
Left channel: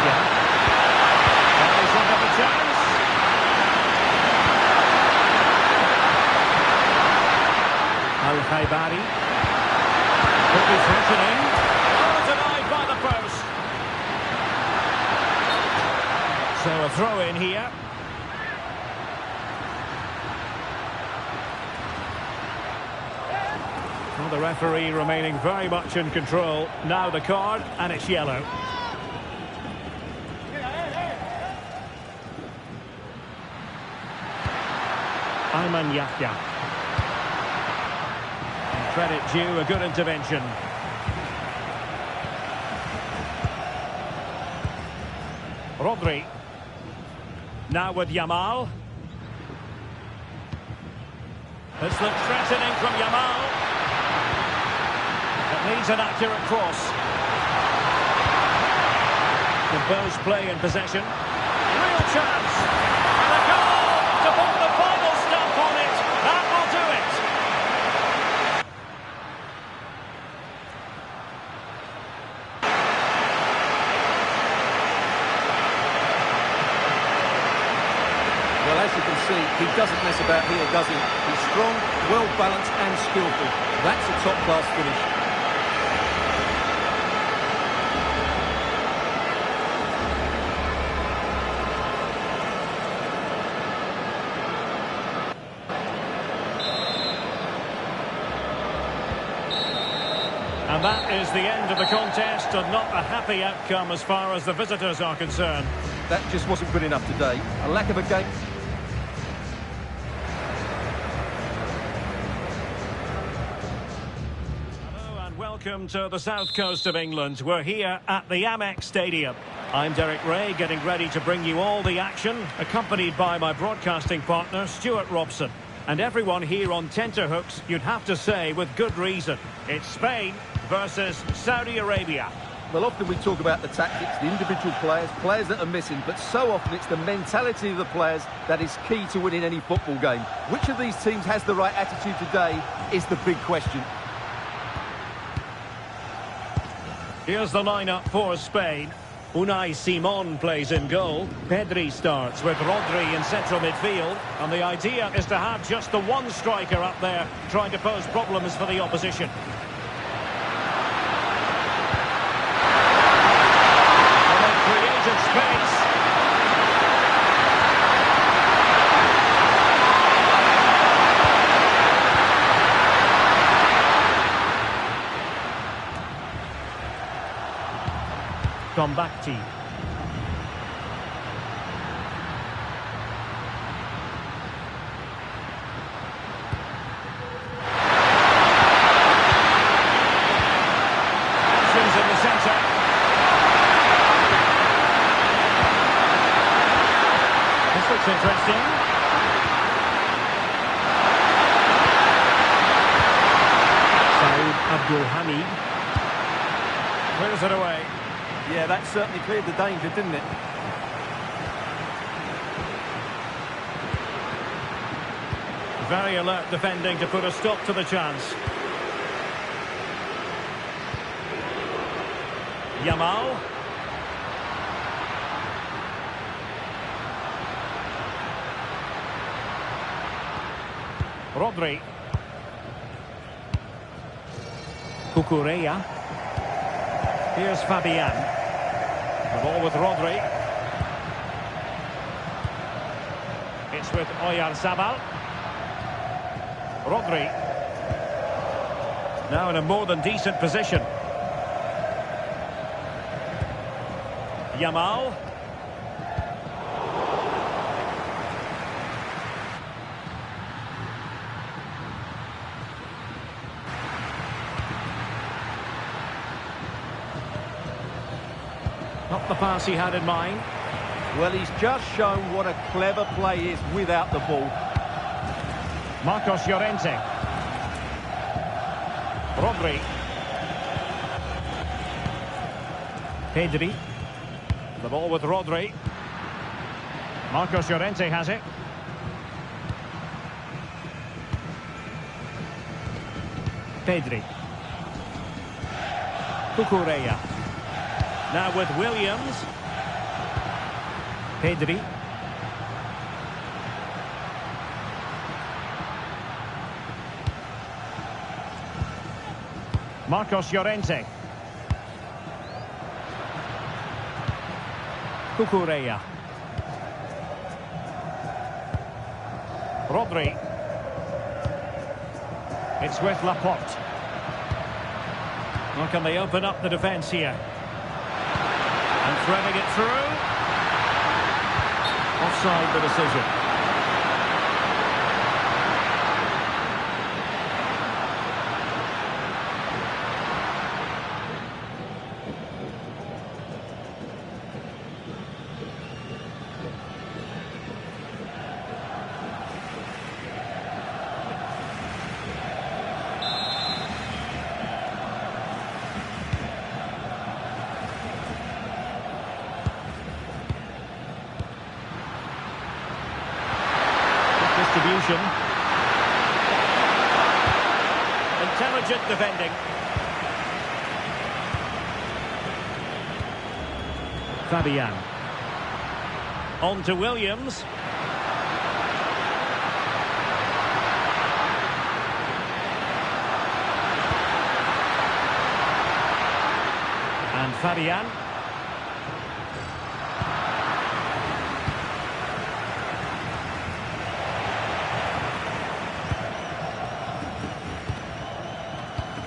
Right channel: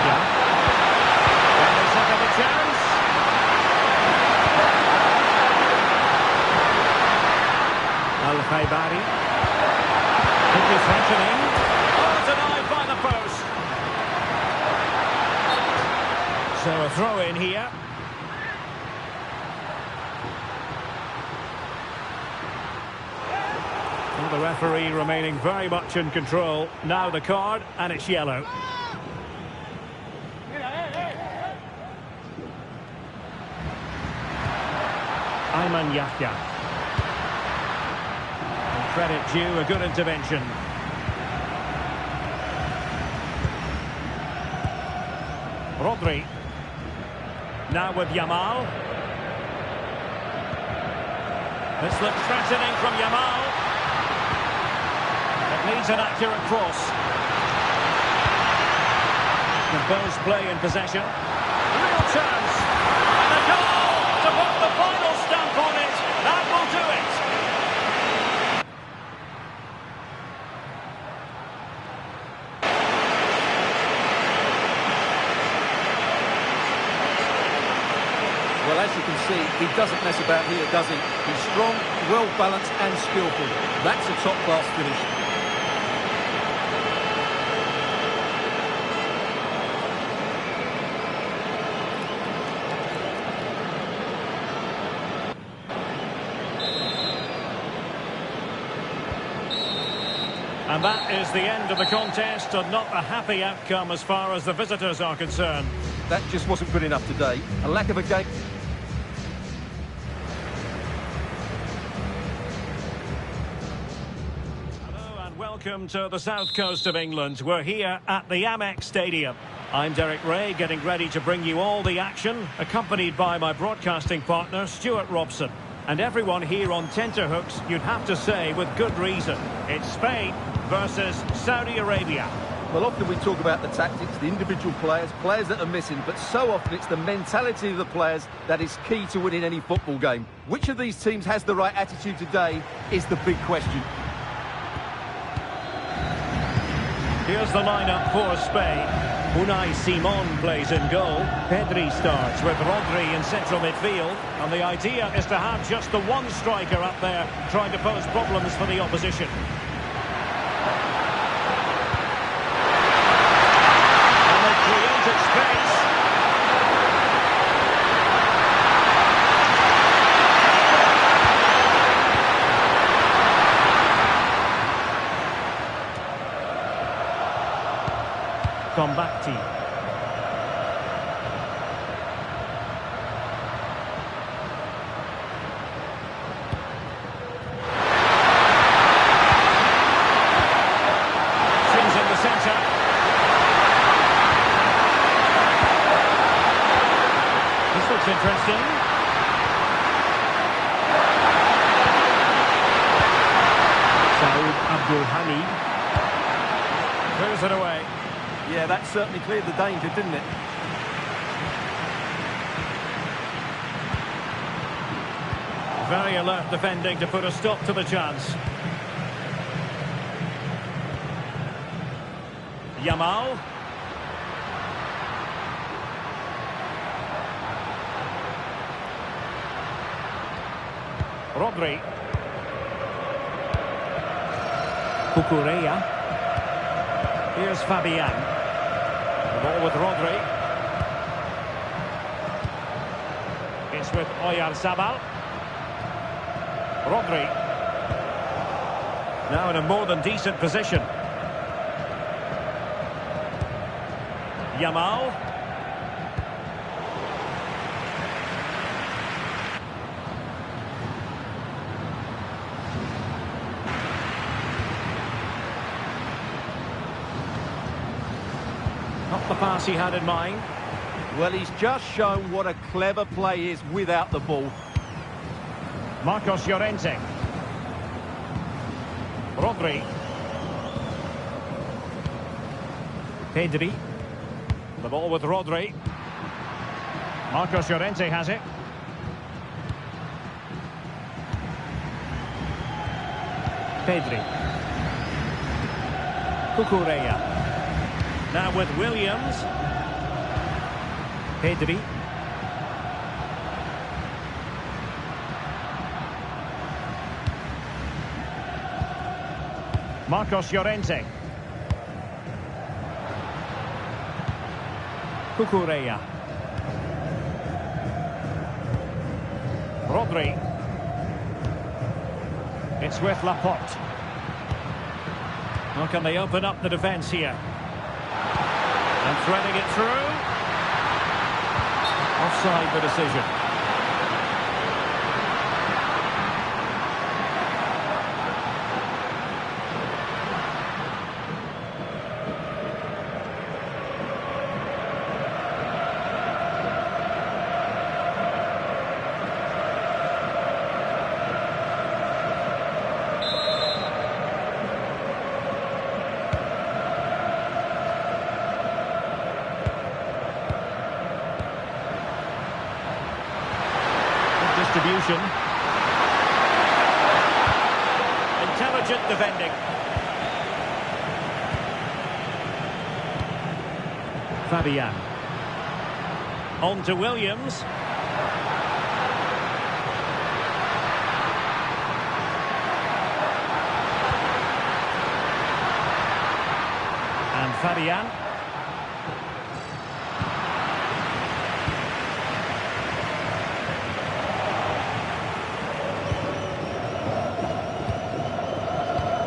Can they set up a chance? Al-Khaibari. Could be threatening. Oh, denied by the post. So a throw in here. Well, the referee remaining very much in control. Now the card, and it's yellow. Ayman Yahya. And credit due, a good intervention. Rodri. Now with Yamal. This looks threatening from Yamal. It needs an accurate cross. Composed play in possession. Real chance. And a goal to put the final stamp on it. That will do it. Well, as you can see, he doesn't mess about here, does he? He's strong, well-balanced and skillful. That's a top-class finish. And that is the end of the contest, and not a happy outcome as far as the visitors are concerned. That just wasn't good enough today. A lack of a game. Hello and welcome to the south coast of England. We're here at the Amex Stadium. I'm Derek Ray, getting ready to bring you all the action, accompanied by my broadcasting partner, Stuart Robson. And everyone here on tenterhooks, you'd have to say with good reason. It's Spain versus Saudi Arabia. Well, often we talk about the tactics, the individual players that are missing, but so often it's the mentality of the players that is key to winning any football game. Which of these teams has the right attitude today is the big question. Here's the lineup for Spain. Unai Simon plays in goal. Pedri starts with Rodri in central midfield. And the idea is to have just the one striker up there trying to pose problems for the opposition. And they've created space. Combacti. Options in the centre. This looks interesting. Saud Abdul Hamid. Clears it away. Yeah, that certainly cleared the danger, didn't it? Very alert defending to put a stop to the chance. Yamal. Rodri. Cucurella. Here's Fabian. The ball with Rodri. It's with Oyarzabal. Rodri. Now in a more than decent position. Yamal. Not the pass he had in mind. Well, he's just shown what a clever play is without the ball. Marcos Llorente. Rodri. Pedri. The ball with Rodri. Marcos Llorente has it. Pedri. Cucurella. Now with Williams. Pedri. Marcos Llorente. Cucurella. Rodri. It's with Laporte. How can they open up the defence here? And threading it through. Offside the decision. Distribution. Intelligent defending. Fabian. On to Williams. And Fabian.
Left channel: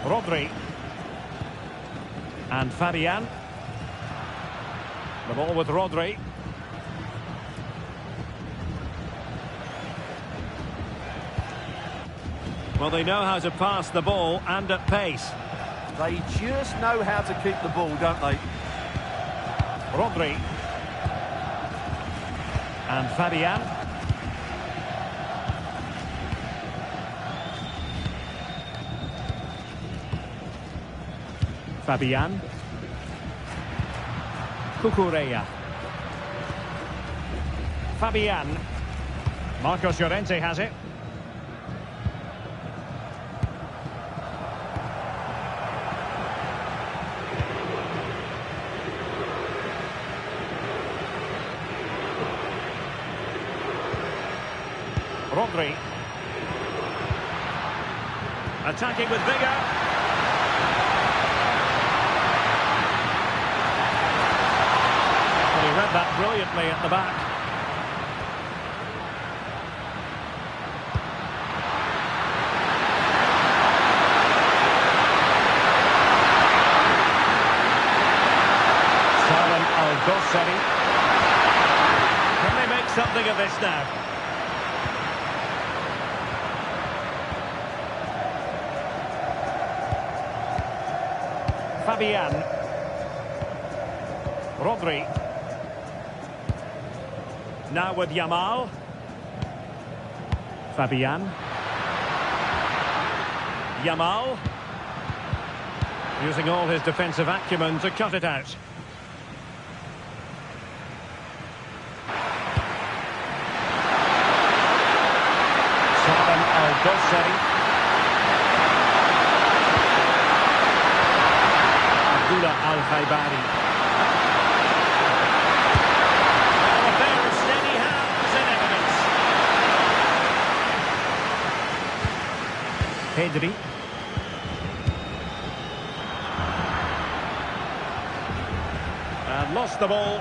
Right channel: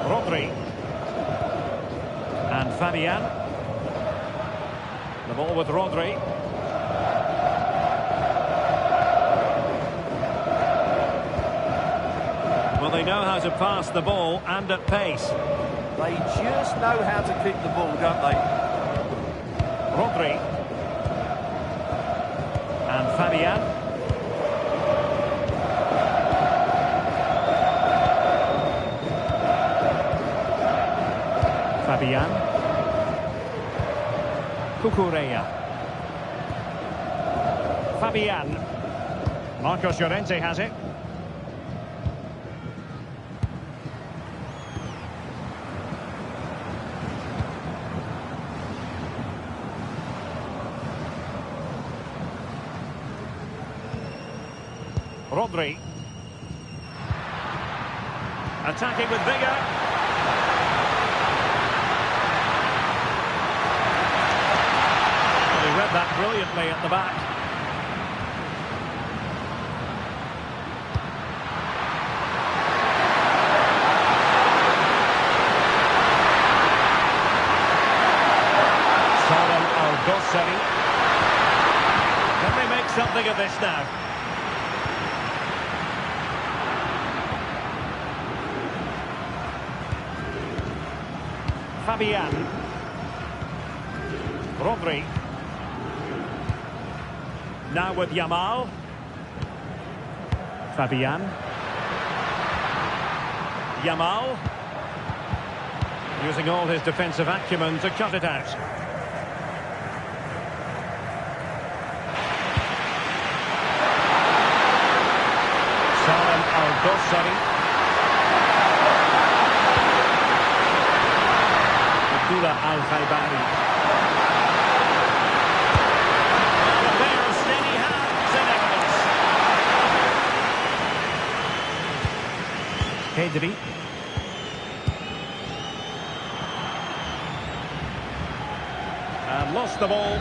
Rodri. And Fabian. The ball with Rodri. Well, they know how to pass the ball and at pace. They just know how to keep the ball, don't they? Rodri. And Fabian. Fabian. Cucurella. Fabian. Marcos Llorente has it. Rodri. Attacking with vigour. Well, he read that brilliantly at the back. Salem Al-Dosseri. Can they make something of this now? Fabian. Rodri. Now with Yamal. Fabian. Yamal. Using all his defensive acumen to cut it out. Salem Al-Dosseri. Al-Khaibari. Well, a pair of steady hands in evidence. Pedri. And lost the ball.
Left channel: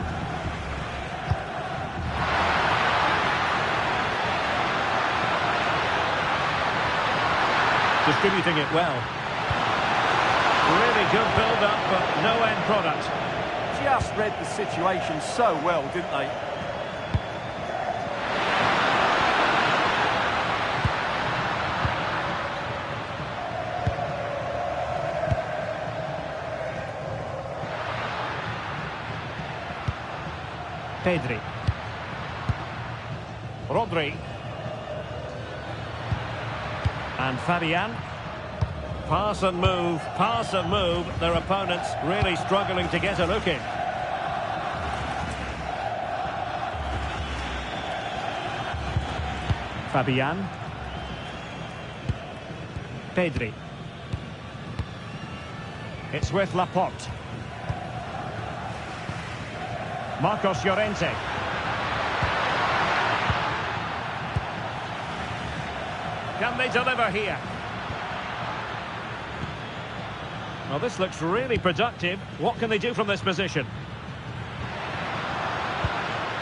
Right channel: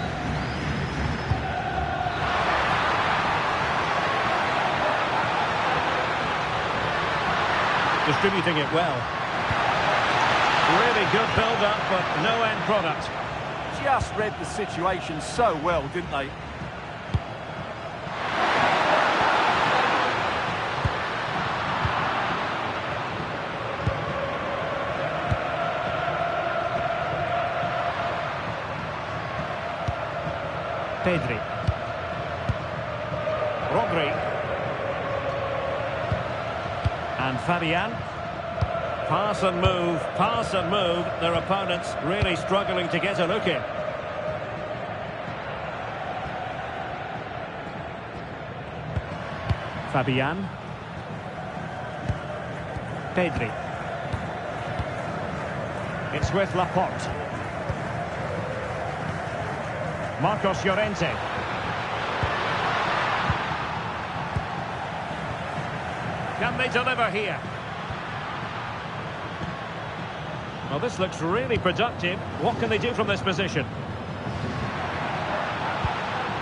Distributing it well. Really good build-up, but no end product. Just read the situation so well, didn't they? Pedri. Rodri. And Fabian. Pass and move, pass and move. Their opponents really struggling to get a look in. Fabian. Pedri. It's with Laporte. Marcos Llorente. Can they deliver here? Well, this looks really productive. What can they do from this position?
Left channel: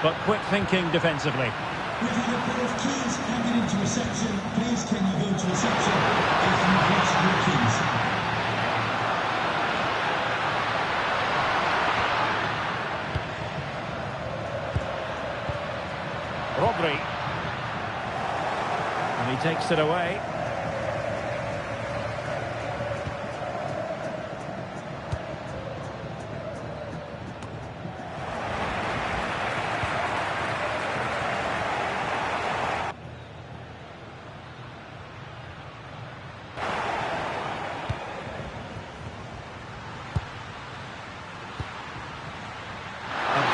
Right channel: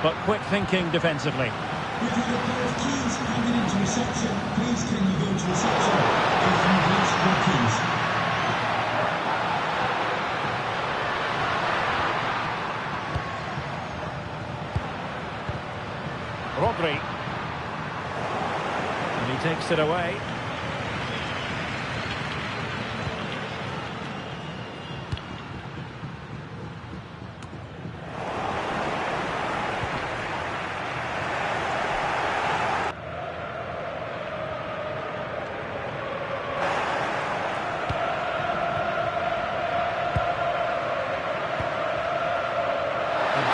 But quick thinking defensively. We've had a pair of keys handed into reception. Please, can you go to reception if you've lost your keys? Rodri. And he takes it away.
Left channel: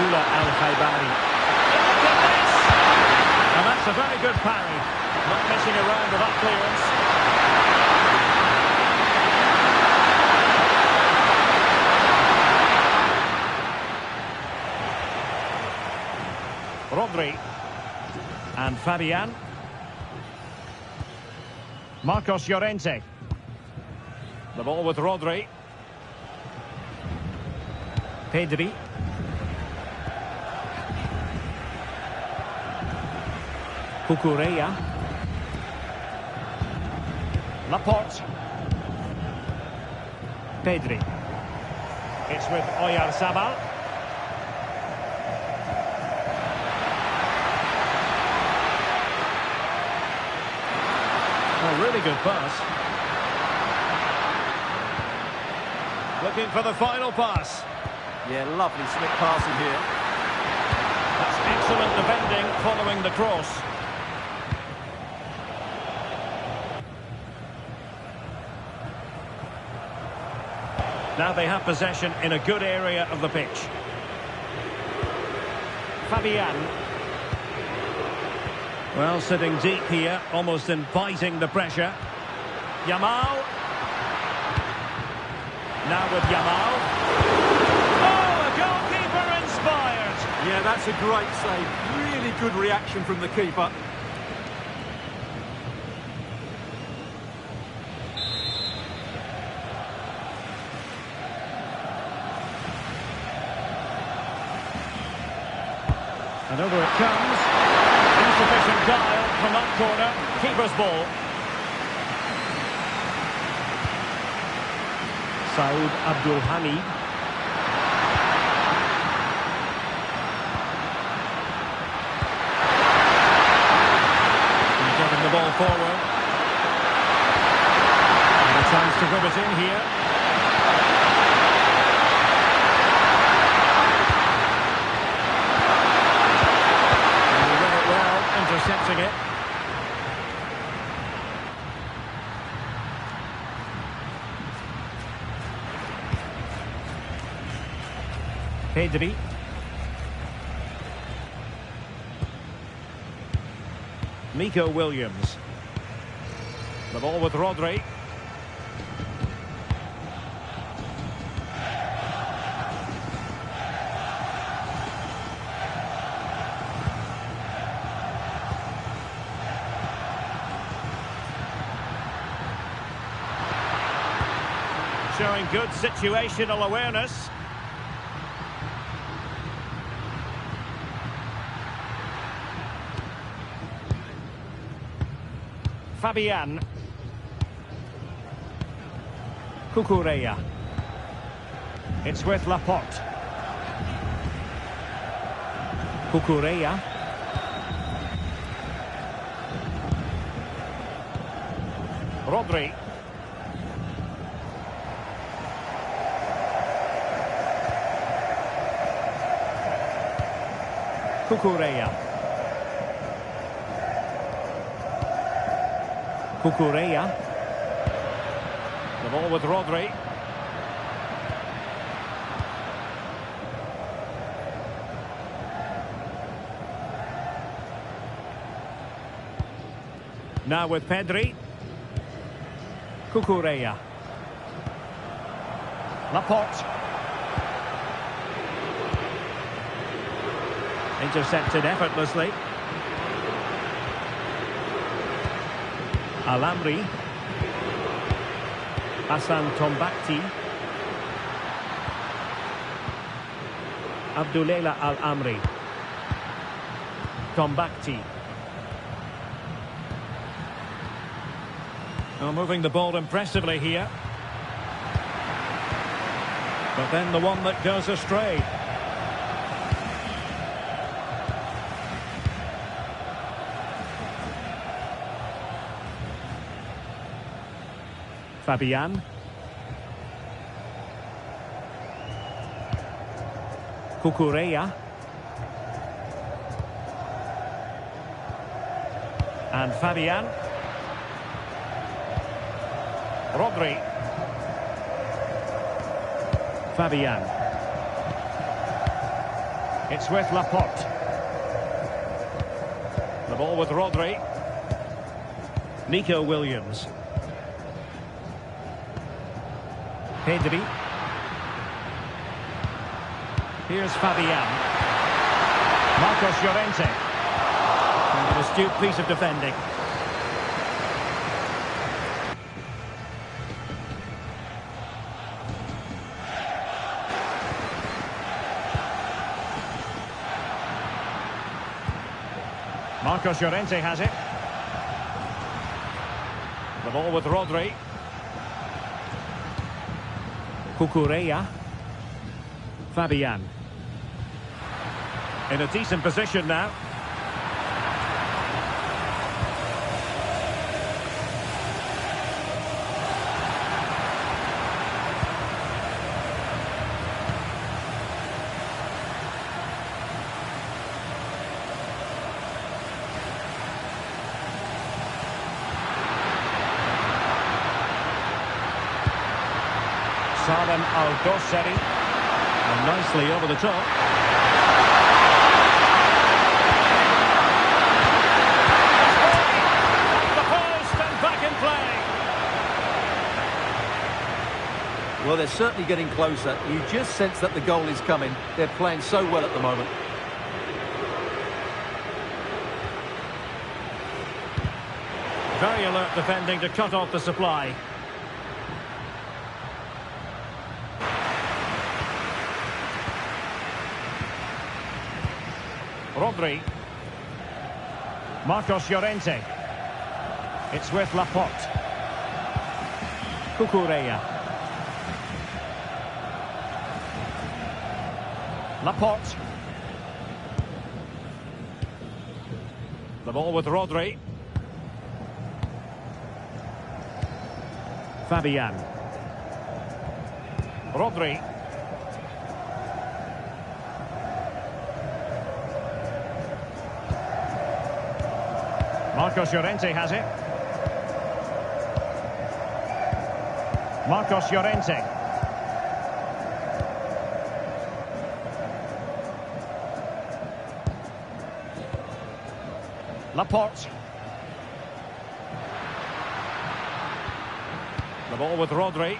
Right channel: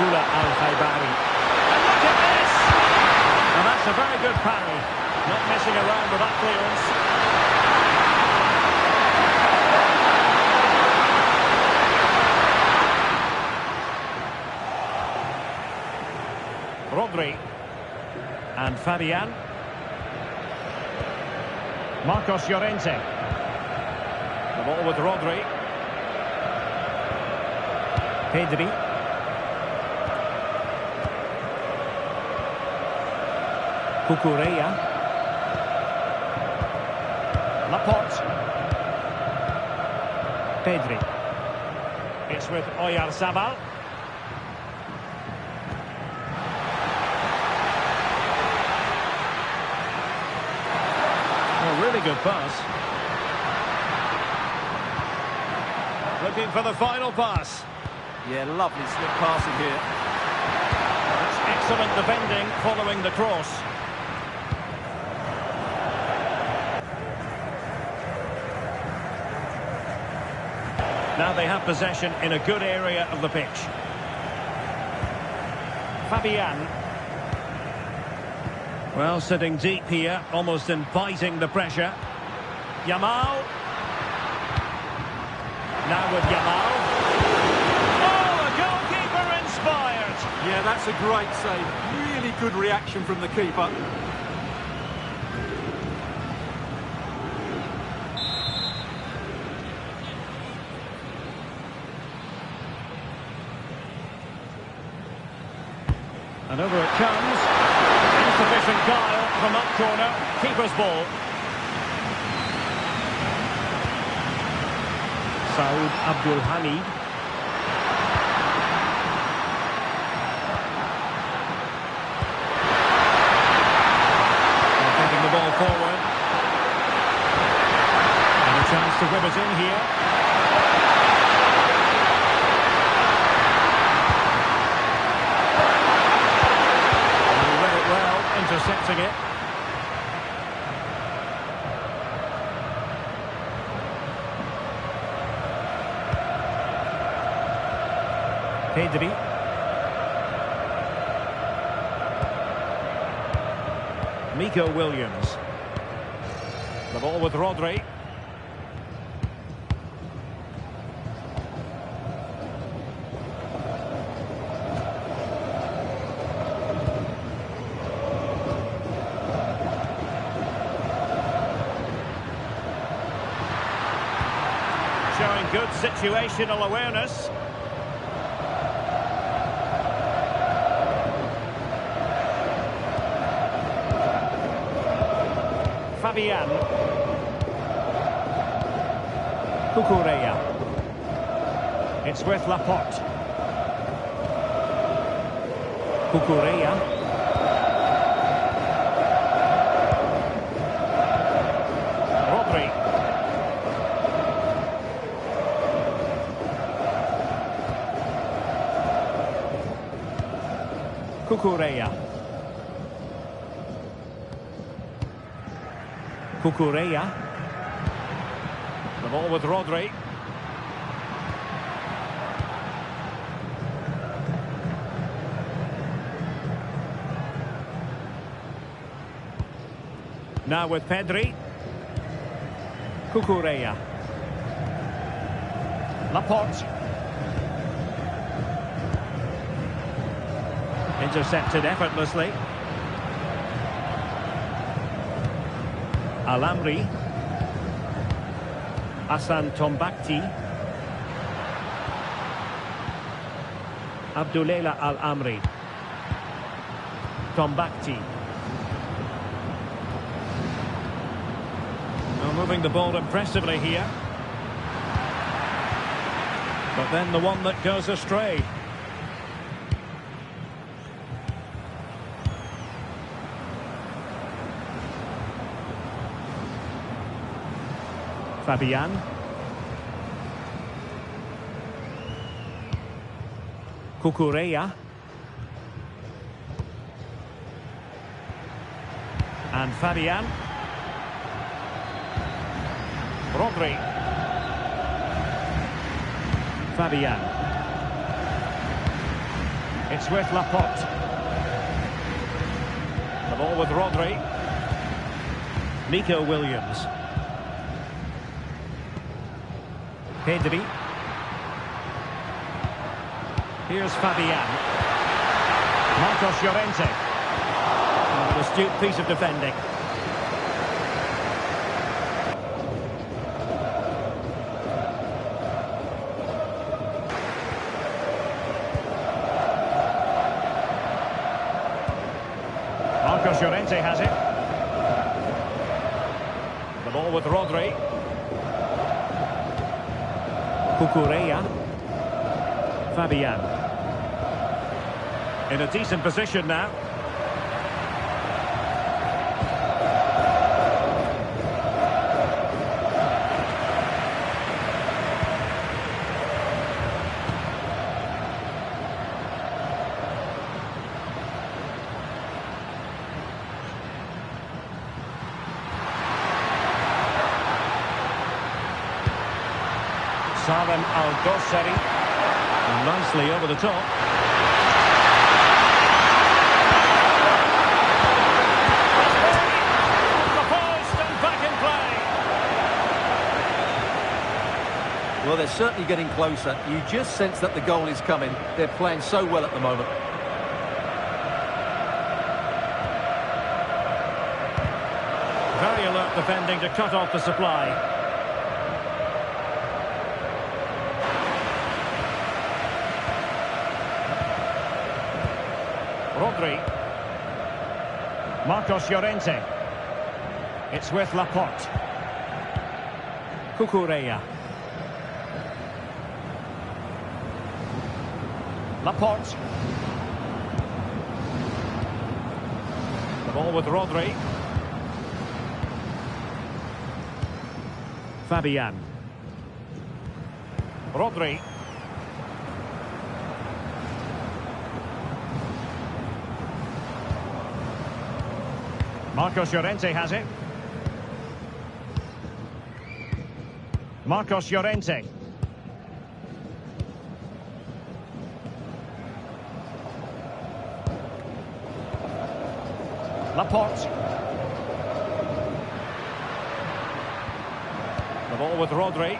Al-Khaibari. And look at this! And that's a very good parry. Not messing around with that clearance. Rodri. And Fabian. Marcos Llorente. The ball with Rodri. Pedri. Cucurella. Laporte. Pedri. It's with Oyarzabal. Oh, really good pass. Looking for the final pass. Yeah, lovely slip passing here. That's excellent defending following the cross. Now they have possession in a good area of the pitch. Fabian. Well, sitting deep here, almost inviting the pressure. Yamal. Now with Yamal. Oh, a goalkeeper inspired. Yeah, that's a great save. Really good reaction from the keeper. And over it comes. Insufficient guile from that corner. Keeper's ball. Saud Abdul Hamid. And taking the ball forward. And a chance to whip it in here. Well, intercepting it. Pedri. Nico Williams. The ball with Rodri. Showing good situational awareness. Fabian. Cucurella. It's with Laporte. Cucurella. Rodri. Cucurella. Cucurella. The ball with Rodri. Now with Pedri. Cucurella. Laporte. Intercepted effortlessly. Al-Amri. Hassan Tombakti. Abdulela Al-Amri. Tombakti. Now moving the ball impressively here. But then the one that goes astray. Fabian. Cucurella. And Fabian. Rodri. Fabian. It's with Laporte. The ball with Rodri. Nico Williams. Pedri. Here's Fabian. Marcos Llorente. And an astute piece of defending. Marcos Llorente has it. The ball with Rodri. Cucurella. Fabian. In a decent position now. Salem Al-Dosseri. And nicely over the top. Off the post and back in play. Well, they're certainly getting closer. You just sense that the goal is coming. They're playing so well at the moment. Very alert defending to cut off the supply. Rodri. Marcos Llorente. It's with Laporte. Cucurella. Laporte. The ball with Rodri. Fabian. Rodri. Marcos Llorente has it. Marcos Llorente. Laporte. The ball with Rodri.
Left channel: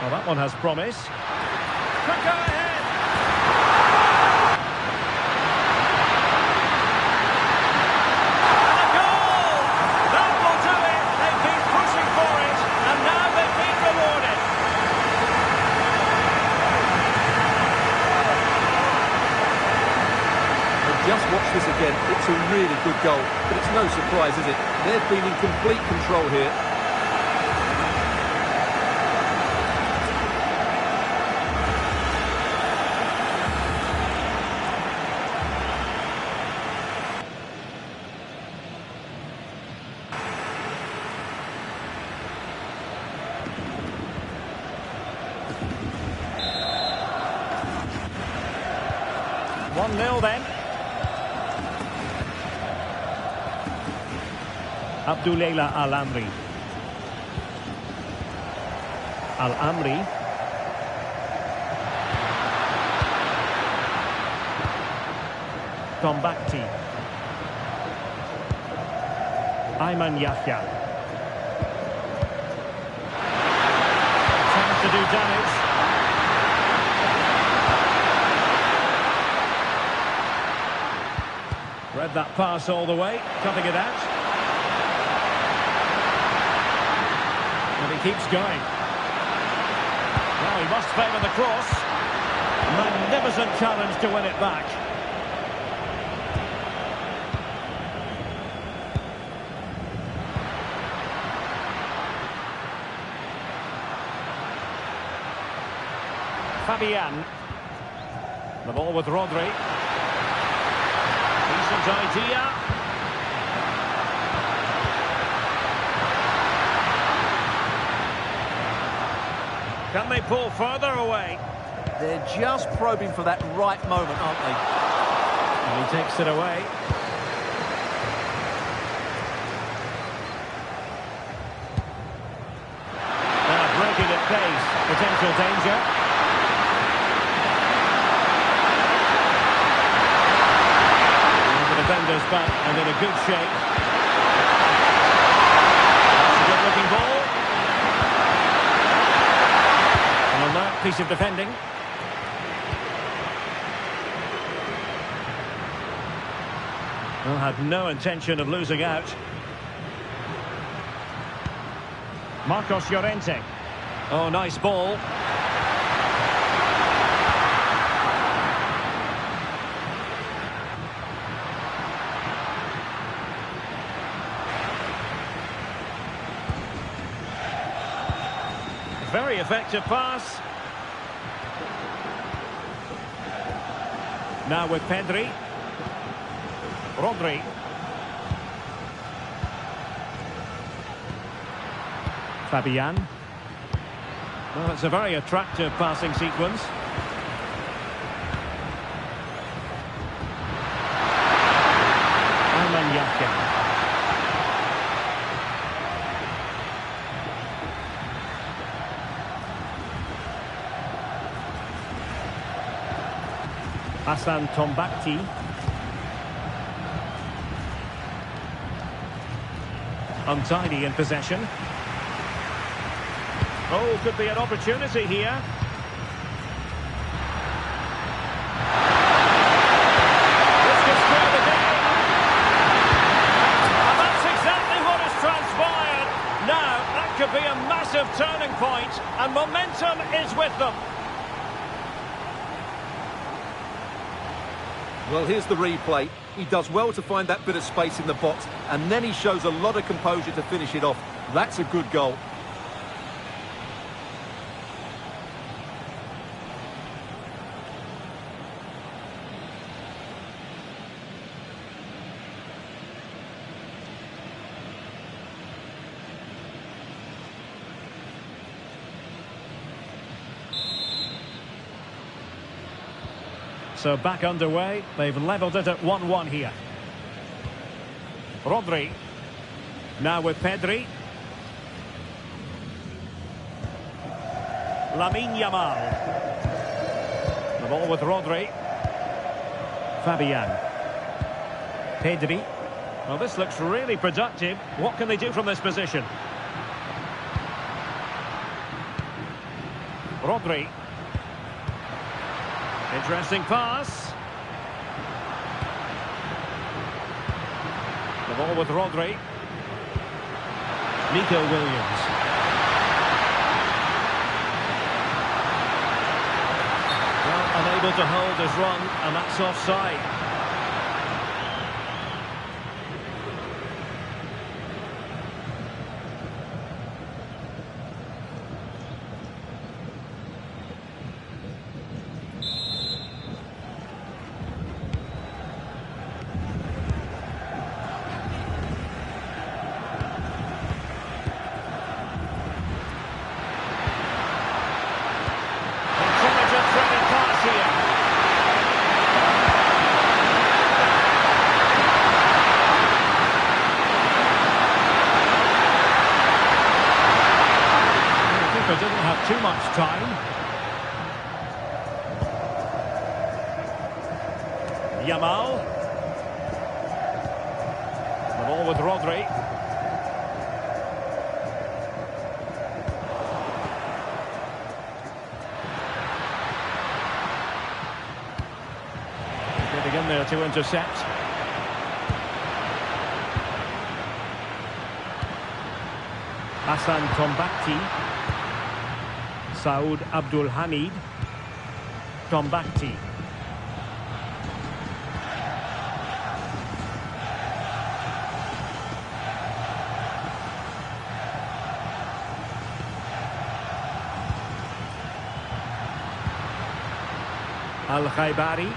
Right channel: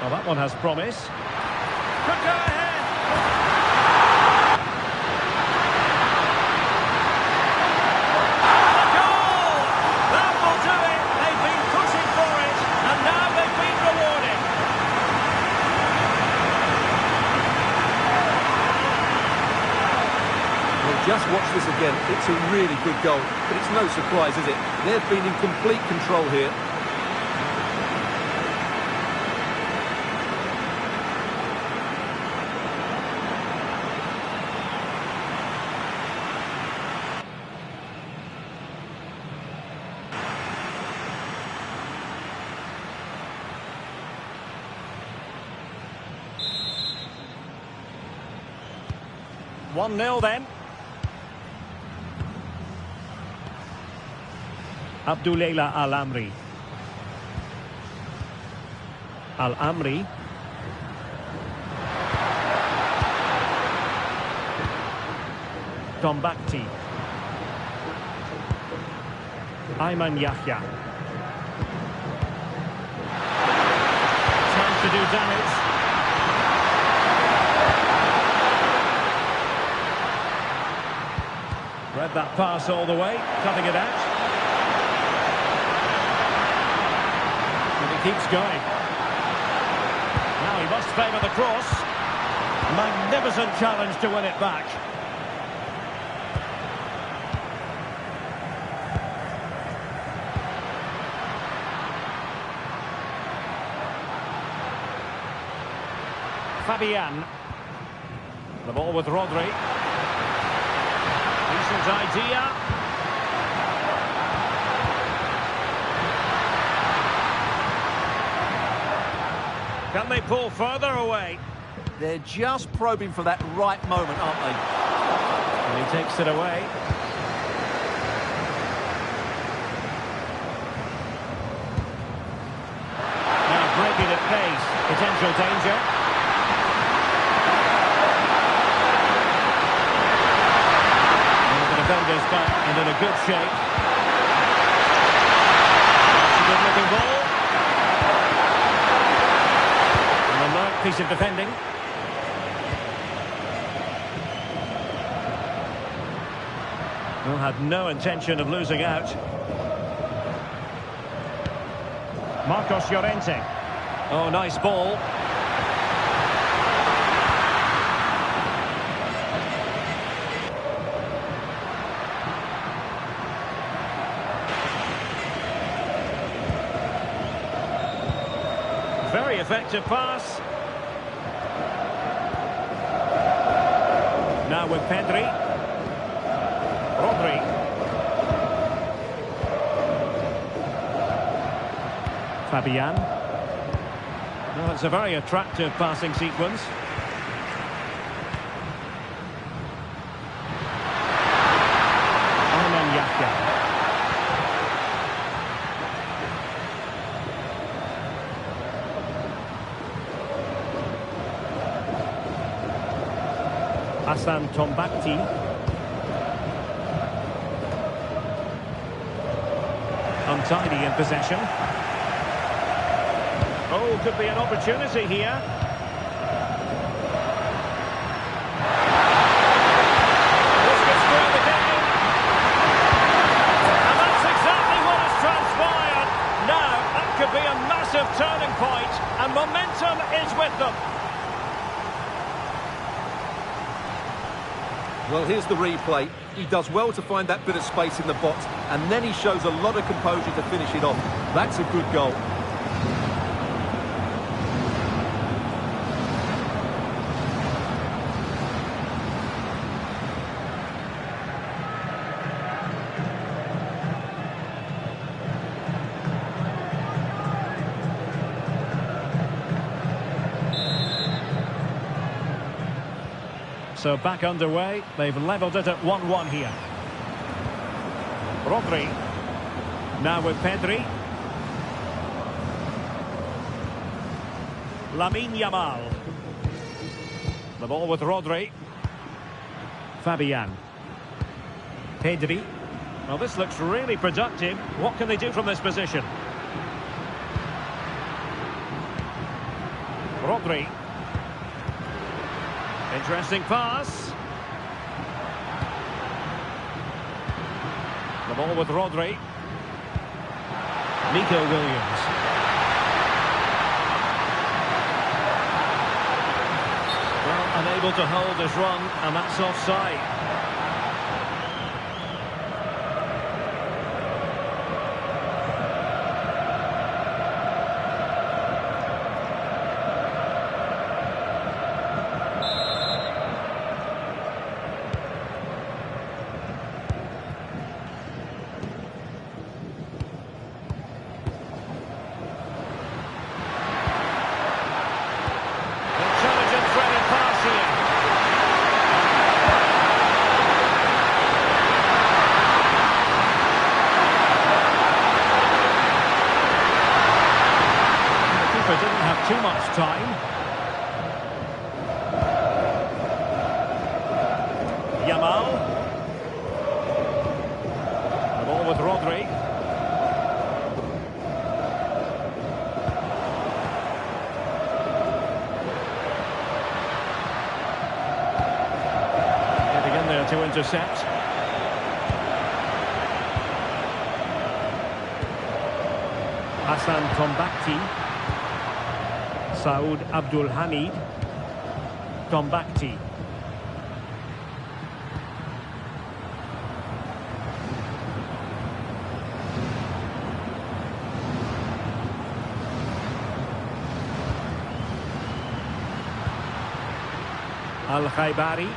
Well, that one has promise. Could go ahead. And a goal! That will do it. They've been pushing for it, and now they've been rewarded. Well, just watch this again. It's a really good goal, but it's no surprise, is it? They've been in complete control here. One 0 then. Abdullah Al-Amri. Al-Amri. Tombakti. Ayman Yahya. Chance to do damage. Read that pass all the way, cutting it out. And he keeps going. Now he must favour the cross. Magnificent challenge to win it back. Fabian. The ball with Rodri. Decent idea. Can they pull further away? They're just probing for that right moment, aren't they? And he takes it away. Now breaking at pace. Potential danger. The defender's back and in a good shape. That's a good-looking ball. An alert piece of defending. Well, had no intention of losing out. Marcos Llorente. Oh, nice ball. Very effective pass. Now with Pedri. Rodri. Fabian. Well, it's a very attractive passing sequence. Ayman Yahya. Hassan Tombakti. Untidy in possession. Oh, could be an opportunity here. This could square the game. And that's exactly what has transpired. Now, that could be a massive turning point, and momentum is with them. Well, here's the replay. He does well to find that bit of space in the box, and then he shows a lot of composure to finish it off. That's a good goal. So back underway. They've levelled it at 1-1 here. Rodri. Now with Pedri. Lamine Yamal. The ball with Rodri. Fabian. Pedri. Well, this looks really productive. What can they do from this position? Rodri. Interesting pass. The ball with Rodri. Nico Williams. Well, unable to hold his run, and that's offside. Threaded pass here. The keeper didn't have too much time. Yamal. The ball with Rodri. In there to intercept. Hassan Tombakti. Saud Abdul Hamid. Tombakti. Al-Khaibari.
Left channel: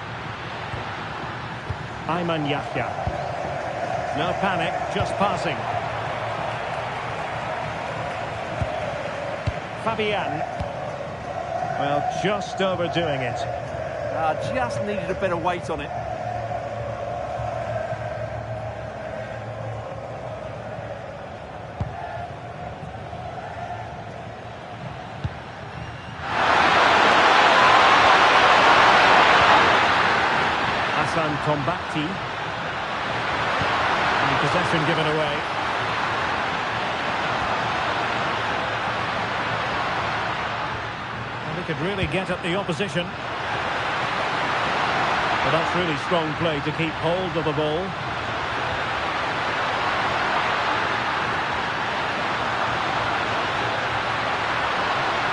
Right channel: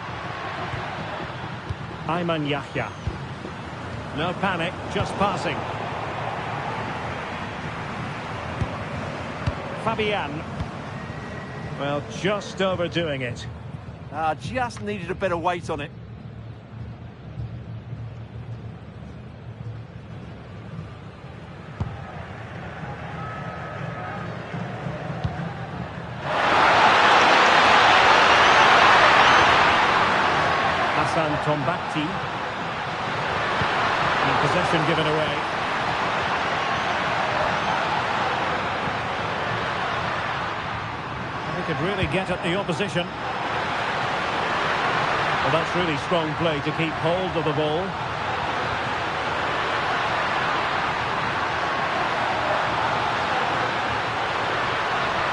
Ayman Yahya. No panic, just passing. Fabian. Well, just overdoing it. Just needed a bit of weight on it. Hassan Tombakti. And possession given away. Well, he could really get at the opposition. Well, that's really strong play to keep hold of the ball.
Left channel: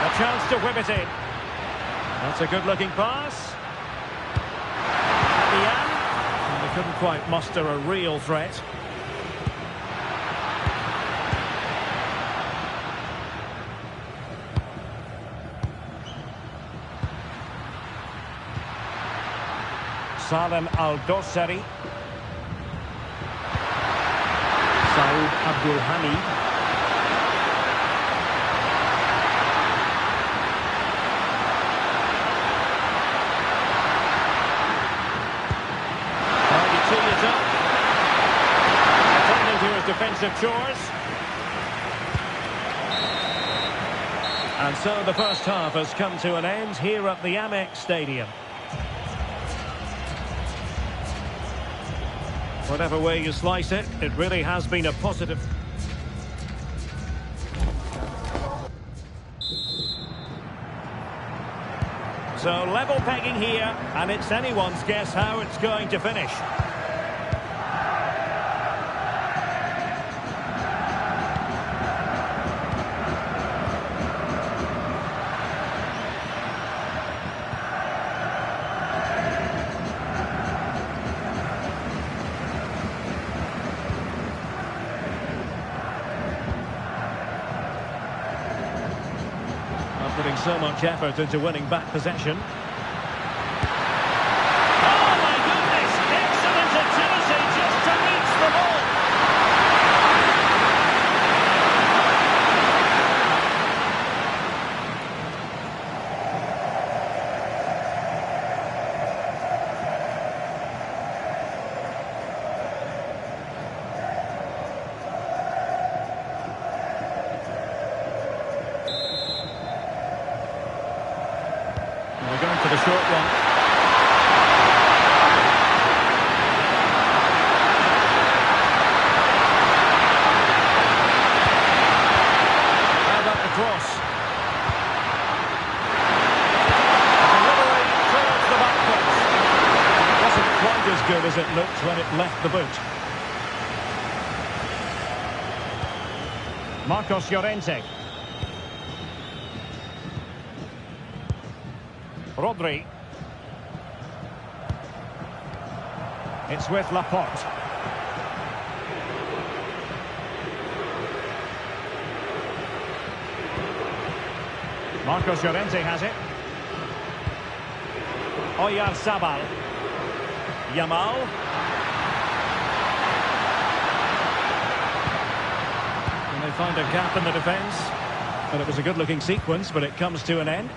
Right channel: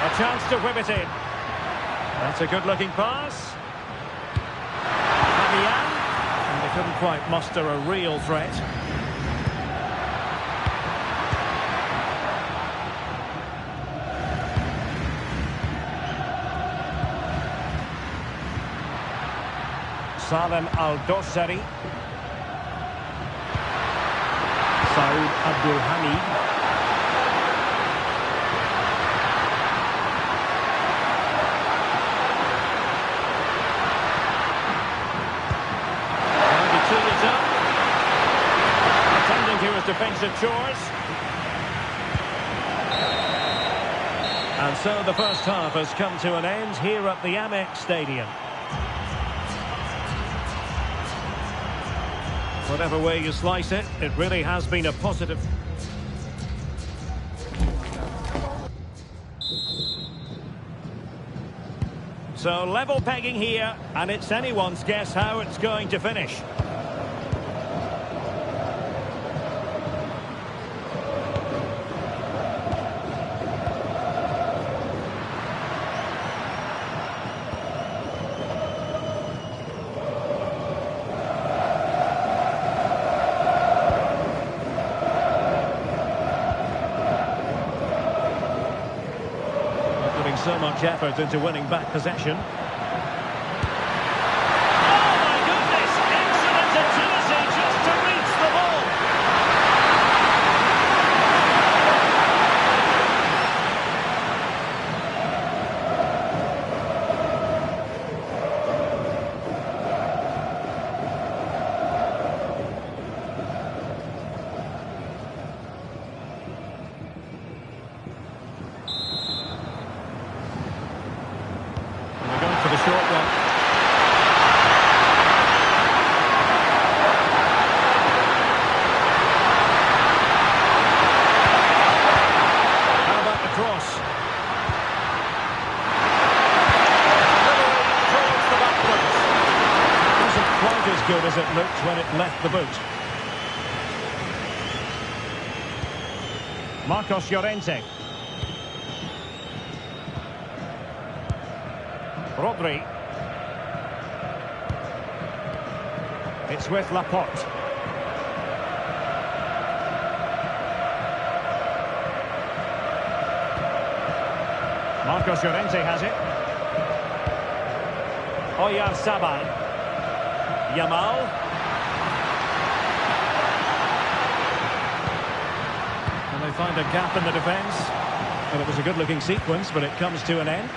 A chance to whip it in. That's a good-looking pass. And they couldn't quite muster a real threat. Salem Al-Dossari. Saud Abdul Hamid. Is up. Attending to his defensive chores. And so the first half has come to an end here at the Amex Stadium. Whatever way you slice it, it really has been a positive. So level pegging here, and it's anyone's guess how it's going to finish. Putting so much effort into winning back possession. Oh my goodness! Excellent agility just to reach the ball. We're going for the short one. How about the cross? Delivery towards the back post. It wasn't quite as good as it looked when it left the boot. Marcos Llorente. Rodri. It's with Laporte. Marcos Llorente has it. Oyarzabal. Yamal. And they find a gap in the defence. Well, it was a good-looking sequence, but it comes to an end.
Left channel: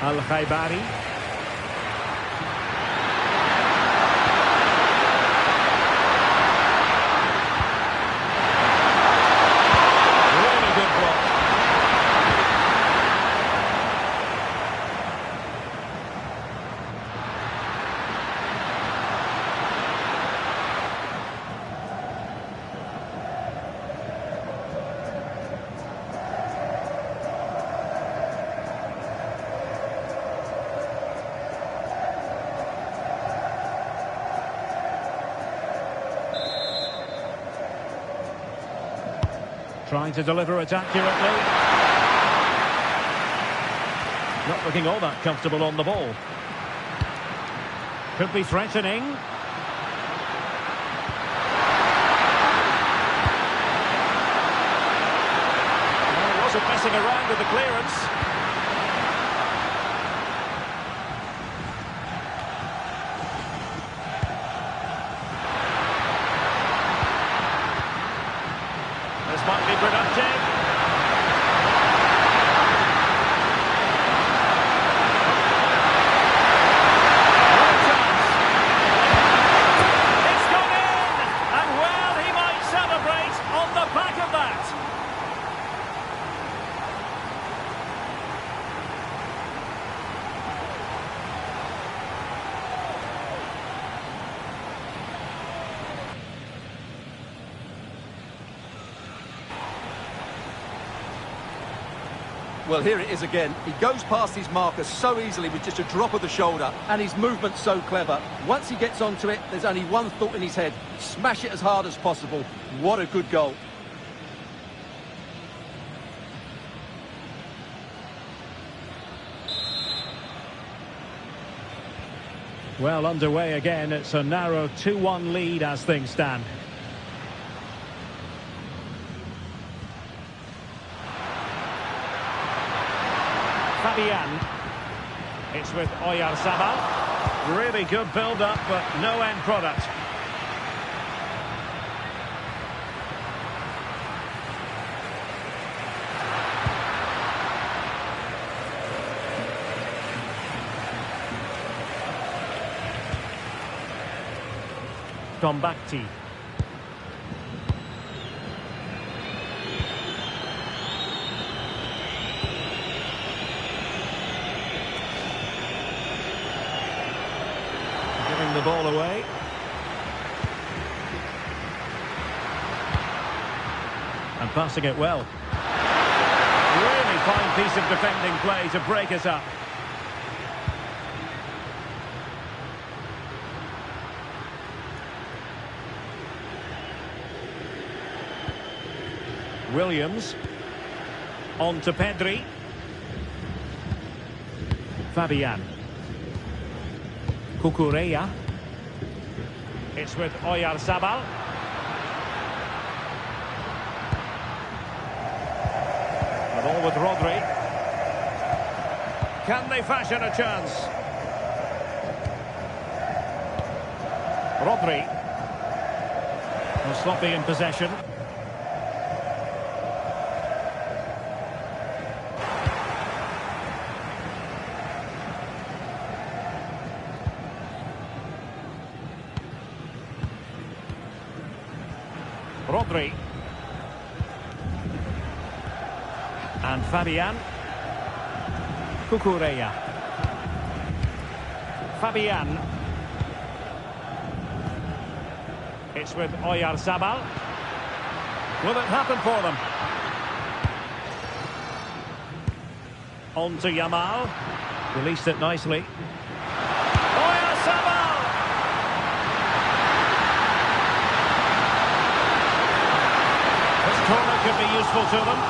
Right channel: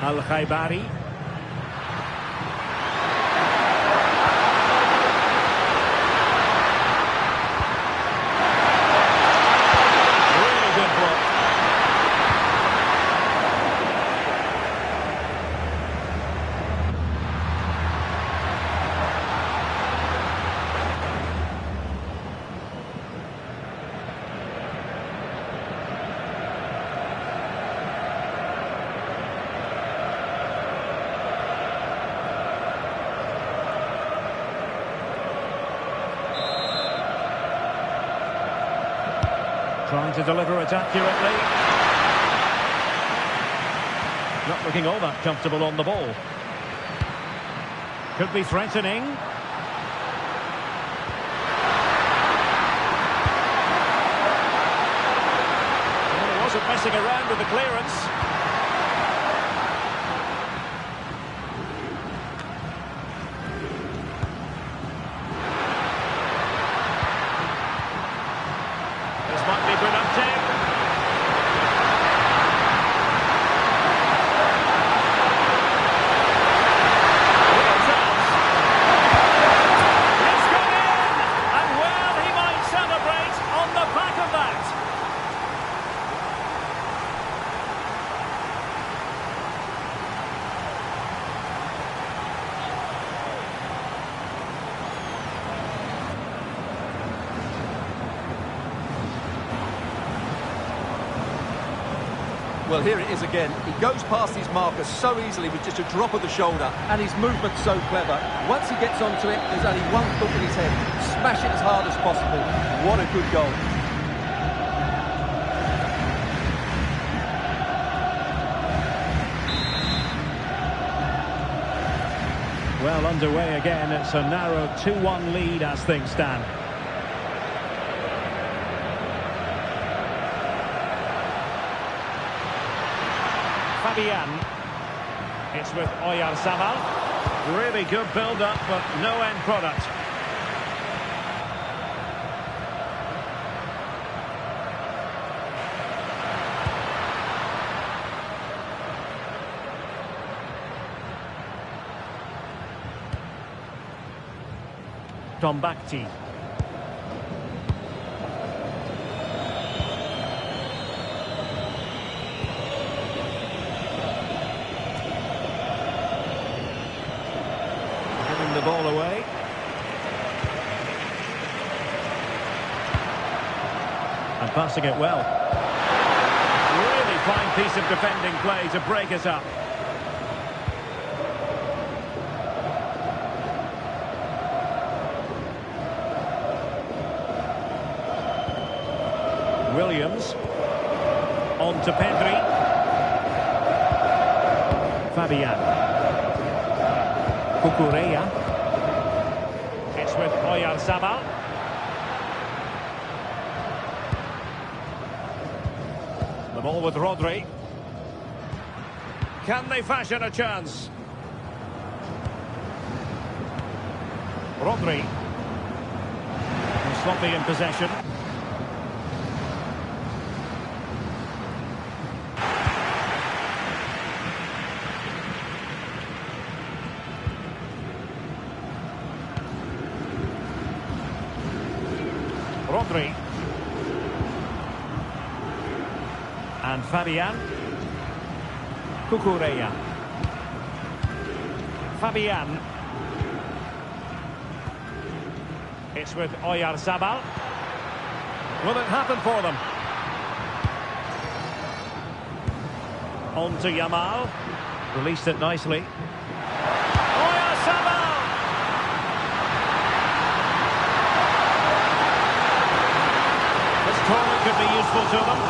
Al-Khaibari. Really good block. Trying to deliver it accurately. Not looking all that comfortable on the ball. Could be threatening. Well, he wasn't messing around with the clearance. This might be productive. Real chance. It's gone in! And well, he might celebrate on the back of that. Well, here it is again. He goes past his marker so easily with just a drop of the shoulder, and his movement's so clever. Once he gets onto it, there's only one thought in his head: smash it as hard as possible. What a good goal. Well, underway again. It's a narrow 2-1 lead as things stand. Fabian. It's with Oyarzabal. Really good build-up, but no end product. Tombakti. Giving the ball away. And passing it well. Really fine piece of defending play to break us up. Williams. On to Pedri. Fabian. Cucurella. It's with Oyarzabal. The ball with Rodri. Can they fashion a chance? Rodri. Well, sloppy in possession. Rodri. And Fabian. Cucurella. Fabian. It's with Oyarzabal. Will it happen for them? On to Yamal. Released it nicely. Oyarzabal! This corner could be useful to them.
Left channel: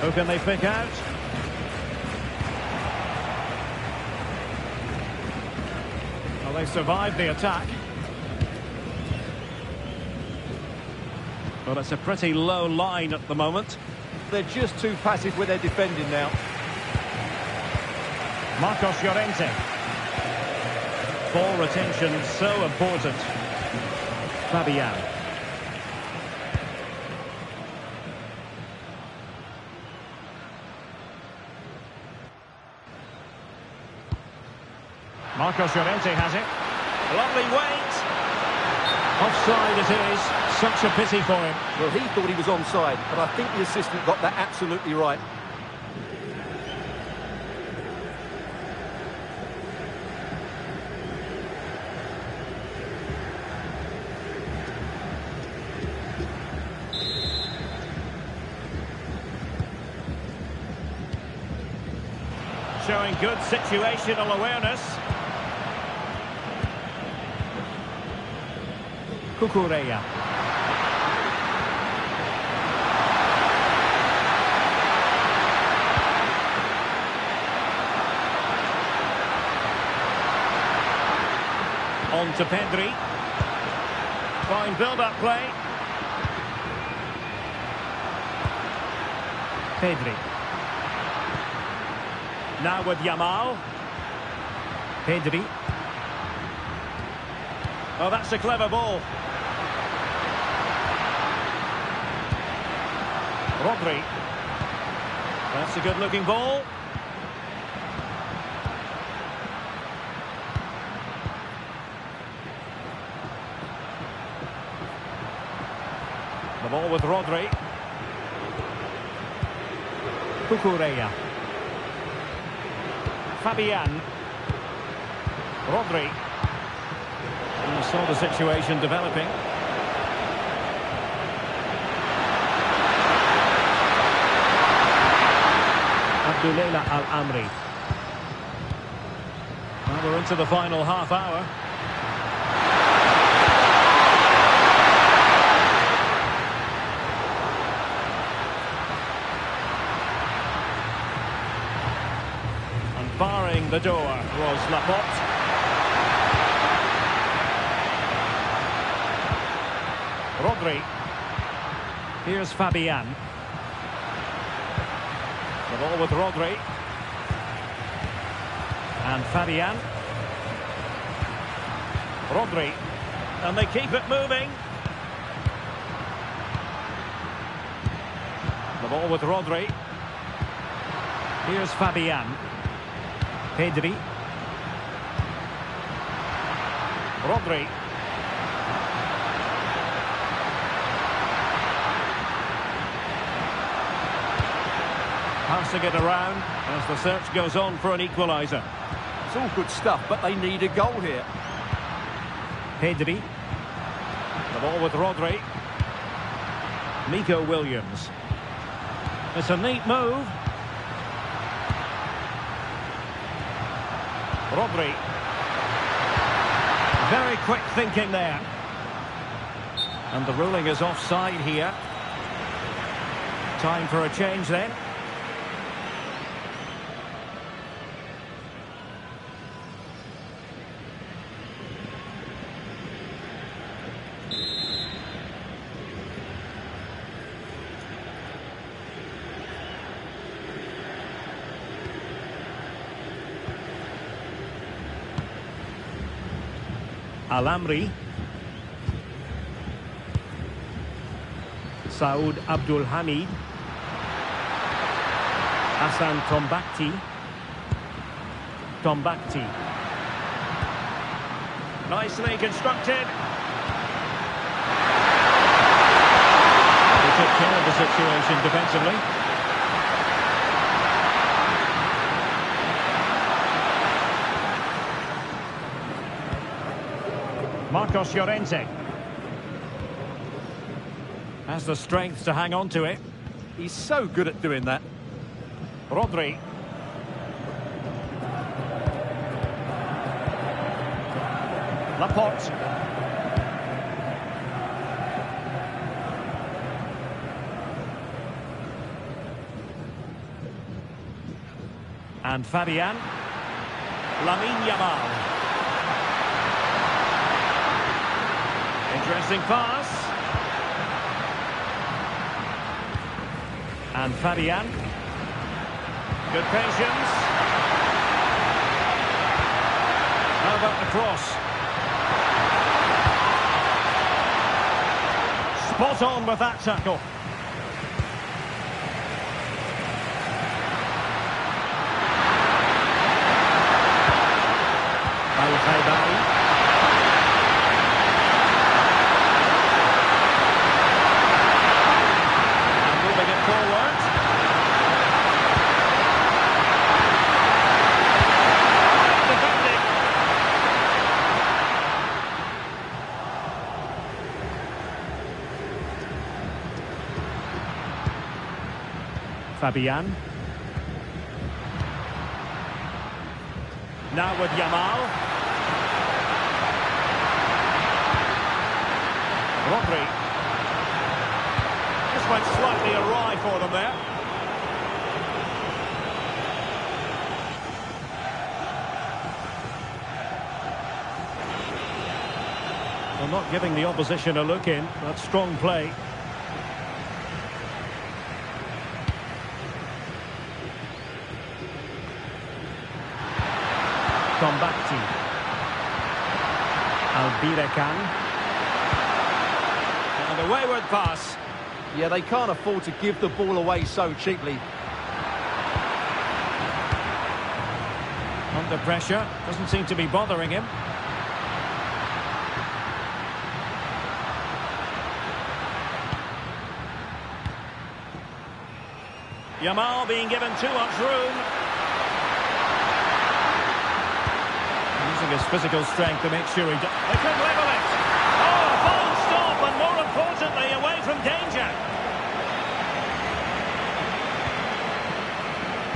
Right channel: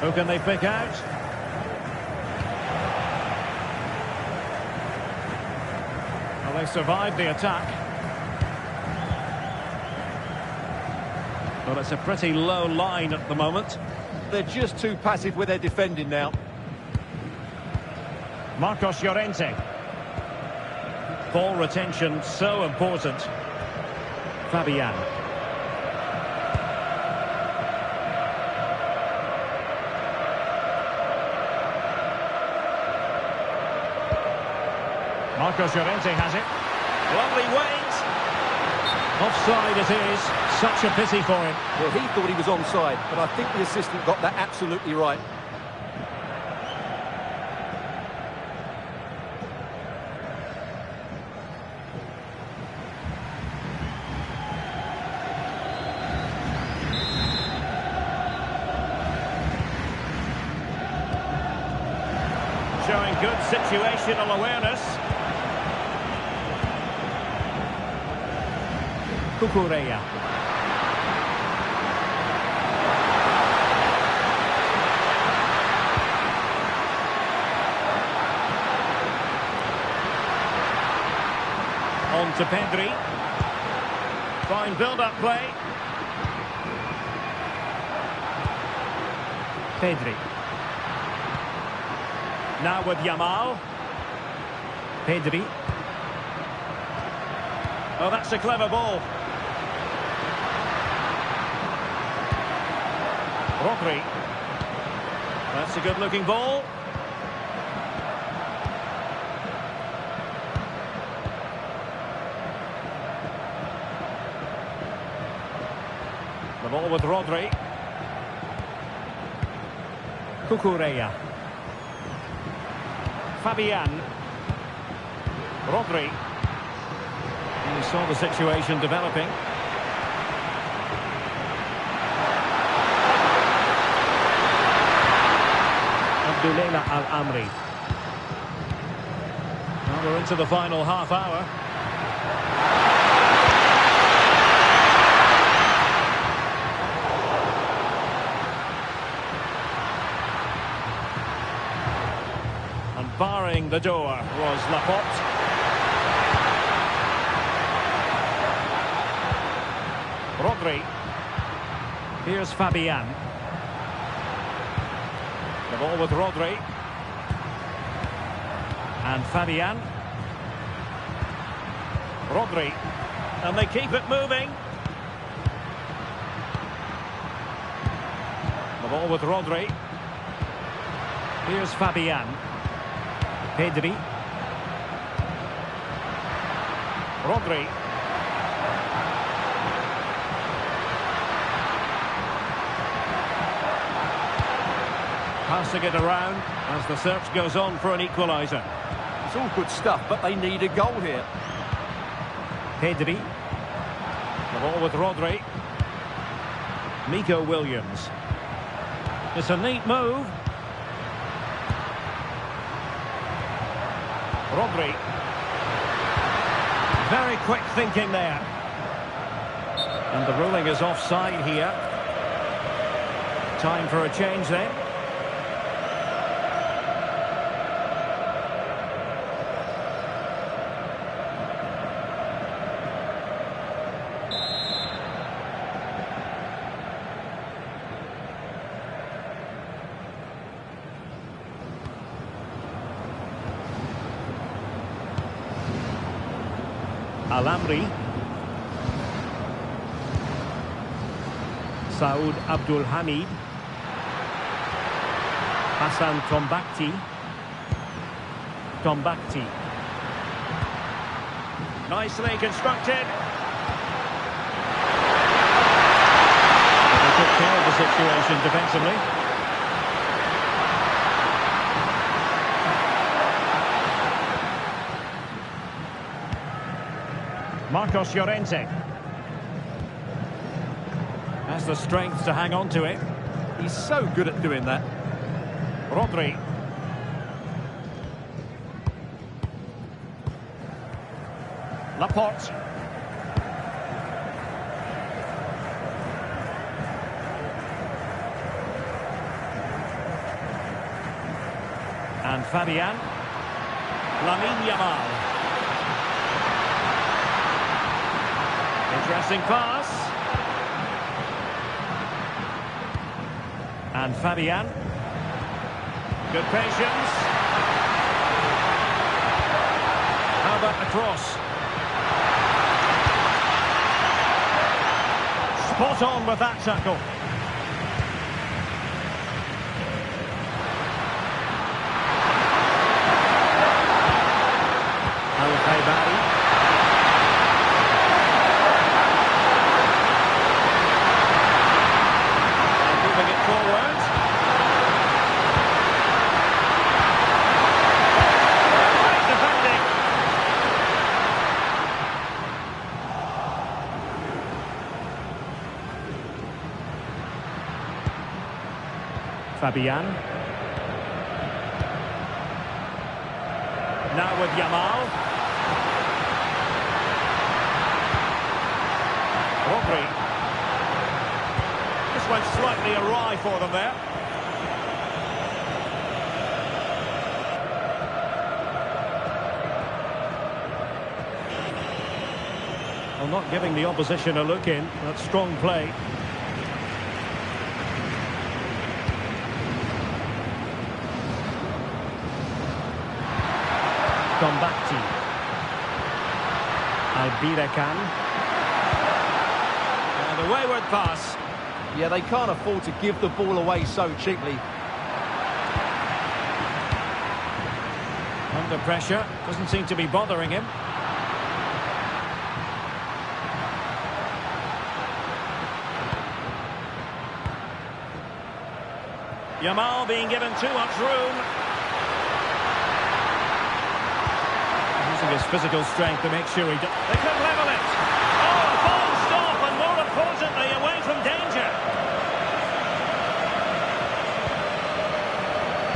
Who can they pick out? Well, they survived the attack. Well, it's a pretty low line at the moment. They're just too passive with their defending now. Marcos Llorente. Ball retention so important. Fabian. Marcos Llorente has it. Lovely wait. Offside it is. Such a pity for him. Well, he thought he was onside, but I think the assistant got that absolutely right. Showing good situational awareness. Cucurella. On to Pedri. Fine build-up play. Pedri. Now with Yamal. Pedri. Oh, that's a clever ball. Rodri. That's a good-looking ball. The ball with Rodri. Cucurella. Fabian. Rodri. You saw the situation developing. Abdullah Al-Amri. Well, we're into the final half hour. And barring the door was Laporte. Rodri. Here's Fabian. The ball with Rodri. And Fabian. Rodri. And they keep it moving. The ball with Rodri. Here's Fabian. Pedri. Rodri. Passing it around as the search goes on for an equalizer. It's all good stuff, but they need a goal here. Pedri. The ball with Rodri. Nico Williams. It's a neat move. Rodri. Very quick thinking there. And the ruling is offside here. Time for a change then. Alamri. Saud Abdul Hamid. Hassan Tombakti. Tombakti. Nicely constructed. They took care of the situation defensively. Marcos Llorente has the strength to hang on to it. He's so good at doing that. Rodri. Laporte. And Fabian. Lamine Yamal. Interesting pass. And Fabian. Good patience. How about the cross? Spot on with that tackle. Al-Khaibari. Moving it forward. Great defending. Fabian. Now with Yamal. Rodri. Just went slightly awry for them there. Well, not giving the opposition a look in. That's strong play. Tombakti. Albirekan. And a wayward pass. Yeah, they can't afford to give the ball away so cheaply. Under pressure, doesn't seem to be bothering him. Yamal being given too much room. Using his physical strength to make sure he does. They could level it. Oh, a fine stop, and more importantly, away from danger.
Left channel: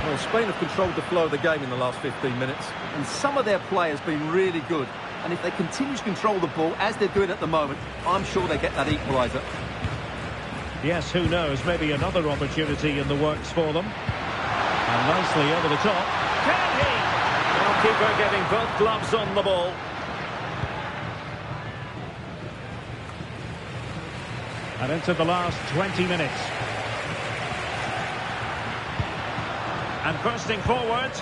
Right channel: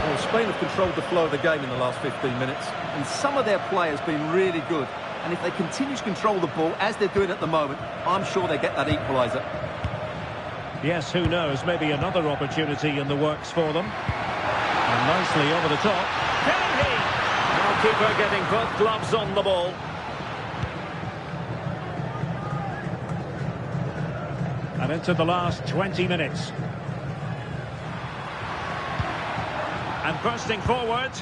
Well, Spain have controlled the flow of the game in the last 15 minutes, and some of their players have been really good. And if they continue to control the ball, as they're doing at the moment, I'm sure they get that equaliser. Yes, who knows, maybe another opportunity in the works for them. And nicely over the top. Can he? Now keeper getting both gloves on the ball. And into the last 20 minutes. And bursting forward.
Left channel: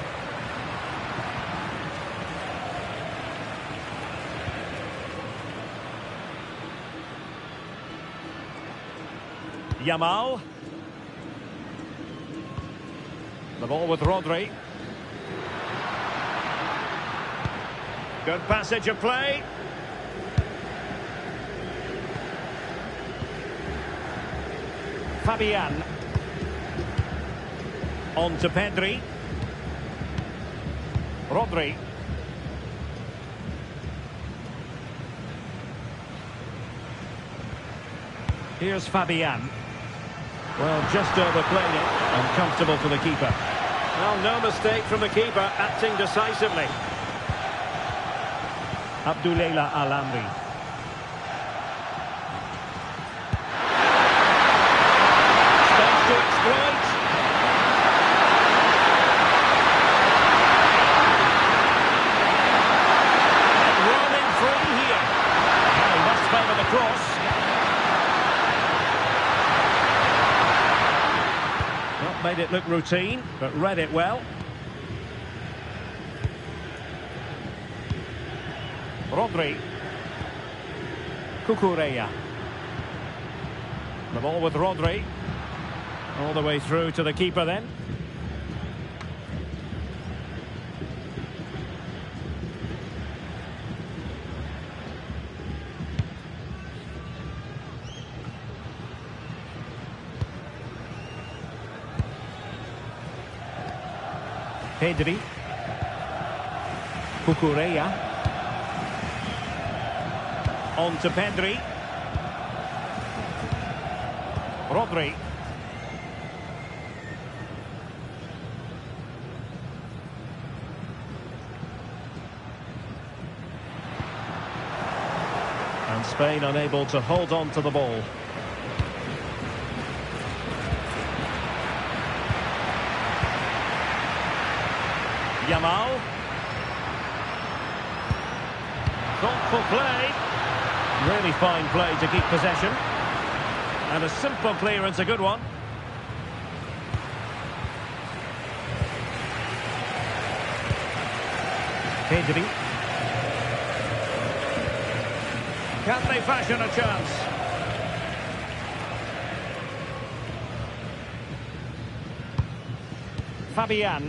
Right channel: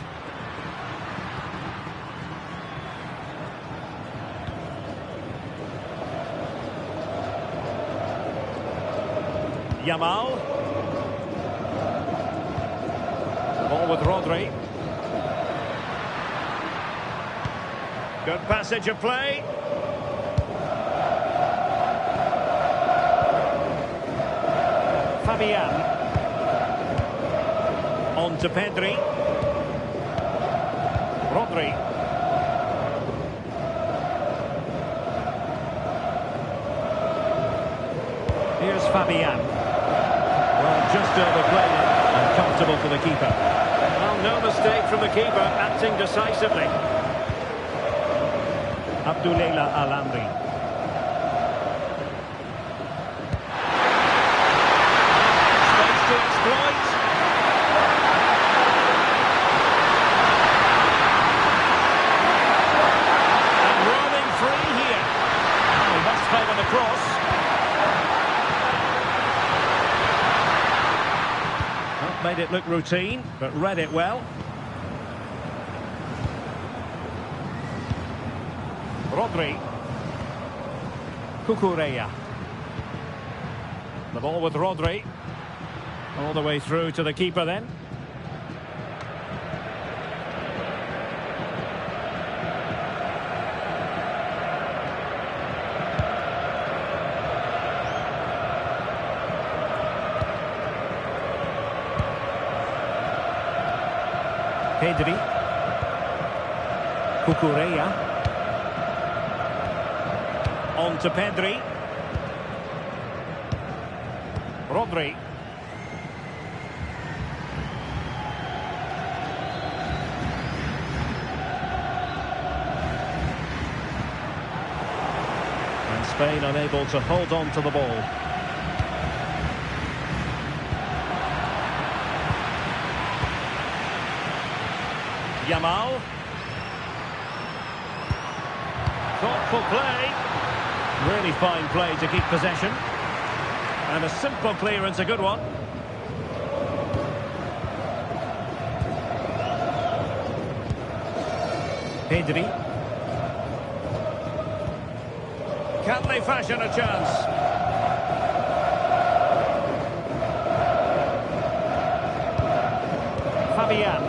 Yamal. The ball with Rodri. Good passage of play. Fabian. On to Pedri. Rodri. Here's Fabian. Well, just overplayed it and comfortable for the keeper. Well, no mistake from the keeper, acting decisively. Abdullah Al-Amri. Space to exploit. And roaming free here. Now he must favour the cross. Well, made it look routine, but read it well. Rodri. Cucurella. The ball with Rodri. All the way through to the keeper then. Pedri. Cucurella. On to Pedri. Rodri. And Spain unable to hold on to the ball. Yamal. Thoughtful play. Really fine play to keep possession. And a simple clearance, a good one. Pedri. Can they fashion a chance? Fabian.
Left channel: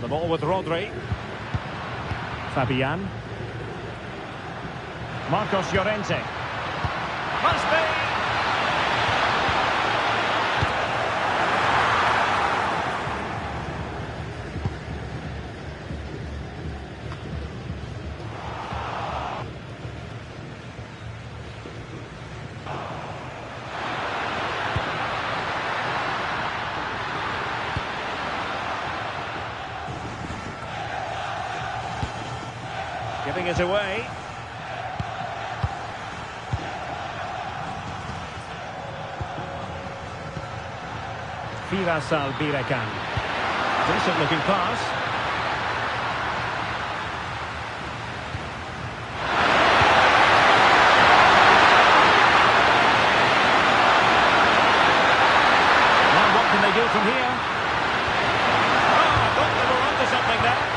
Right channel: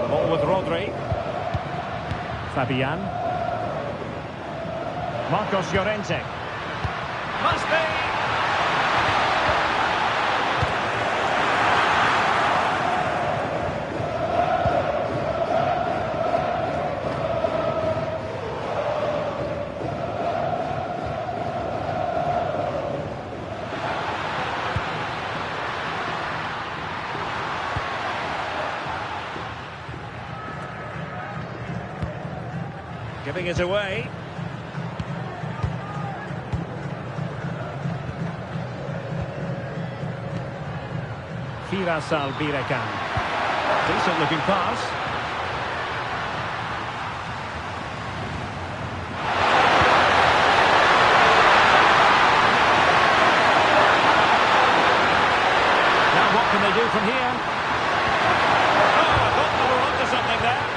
The ball with Rodri. Fabian. Marcos Llorente. Must be. Giving it away. Firas Al-Birekan. Decent looking pass. Now what can they do from here? Oh, I thought they were onto something there.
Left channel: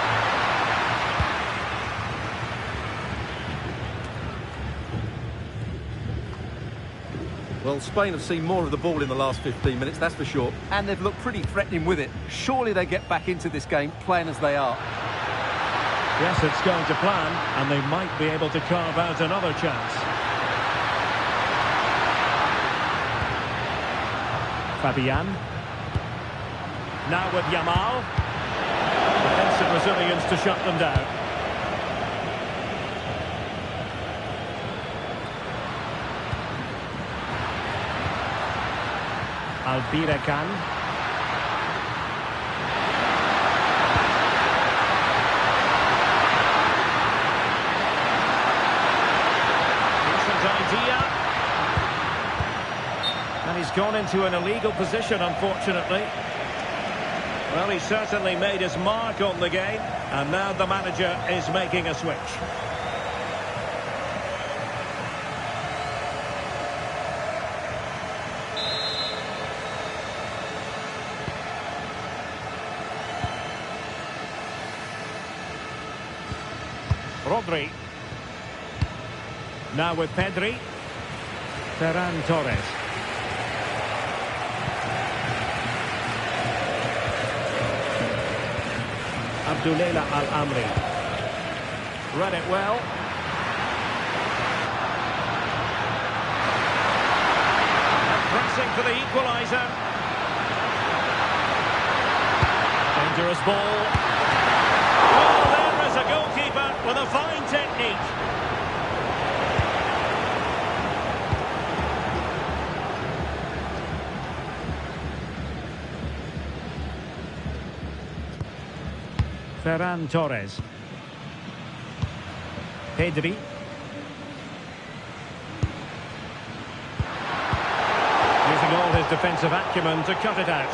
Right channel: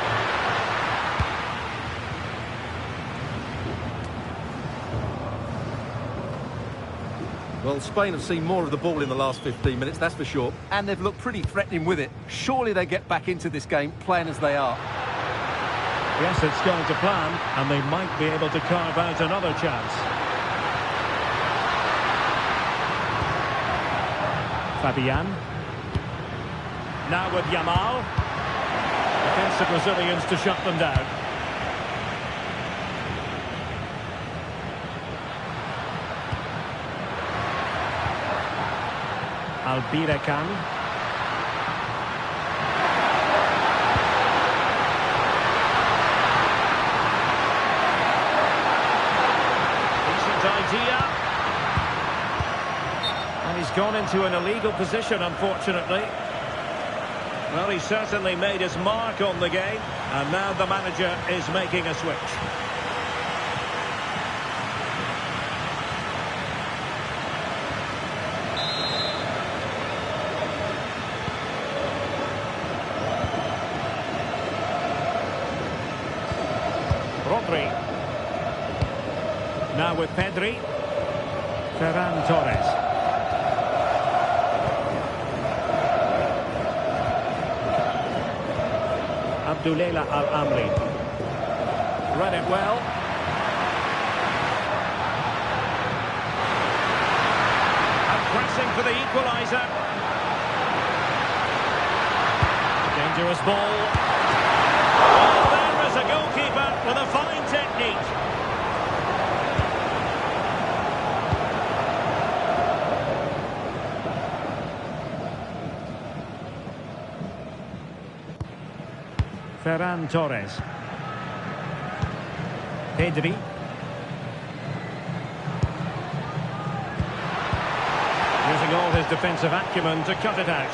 Well, Spain have seen more of the ball in the last 15 minutes, that's for sure. And they've looked pretty threatening with it. Surely they get back into this game, playing as they are. Yes, it's going to plan, and they might be able to carve out another chance. Fabian. Now with Yamal. Defensive Brazilians to shut them down. Al-Birekan. Decent idea. And he's gone into an illegal position, unfortunately. Well, he certainly made his mark on the game, and now the manager is making a switch. Rodri. Now with Pedri. Ferran Torres. Abdullah Al-Amri. Read it well. And pressing for the equaliser. Dangerous ball. Oh, there is a goalkeeper with a fine technique. Ferran Torres. Pedri. Using all his defensive acumen to cut it out.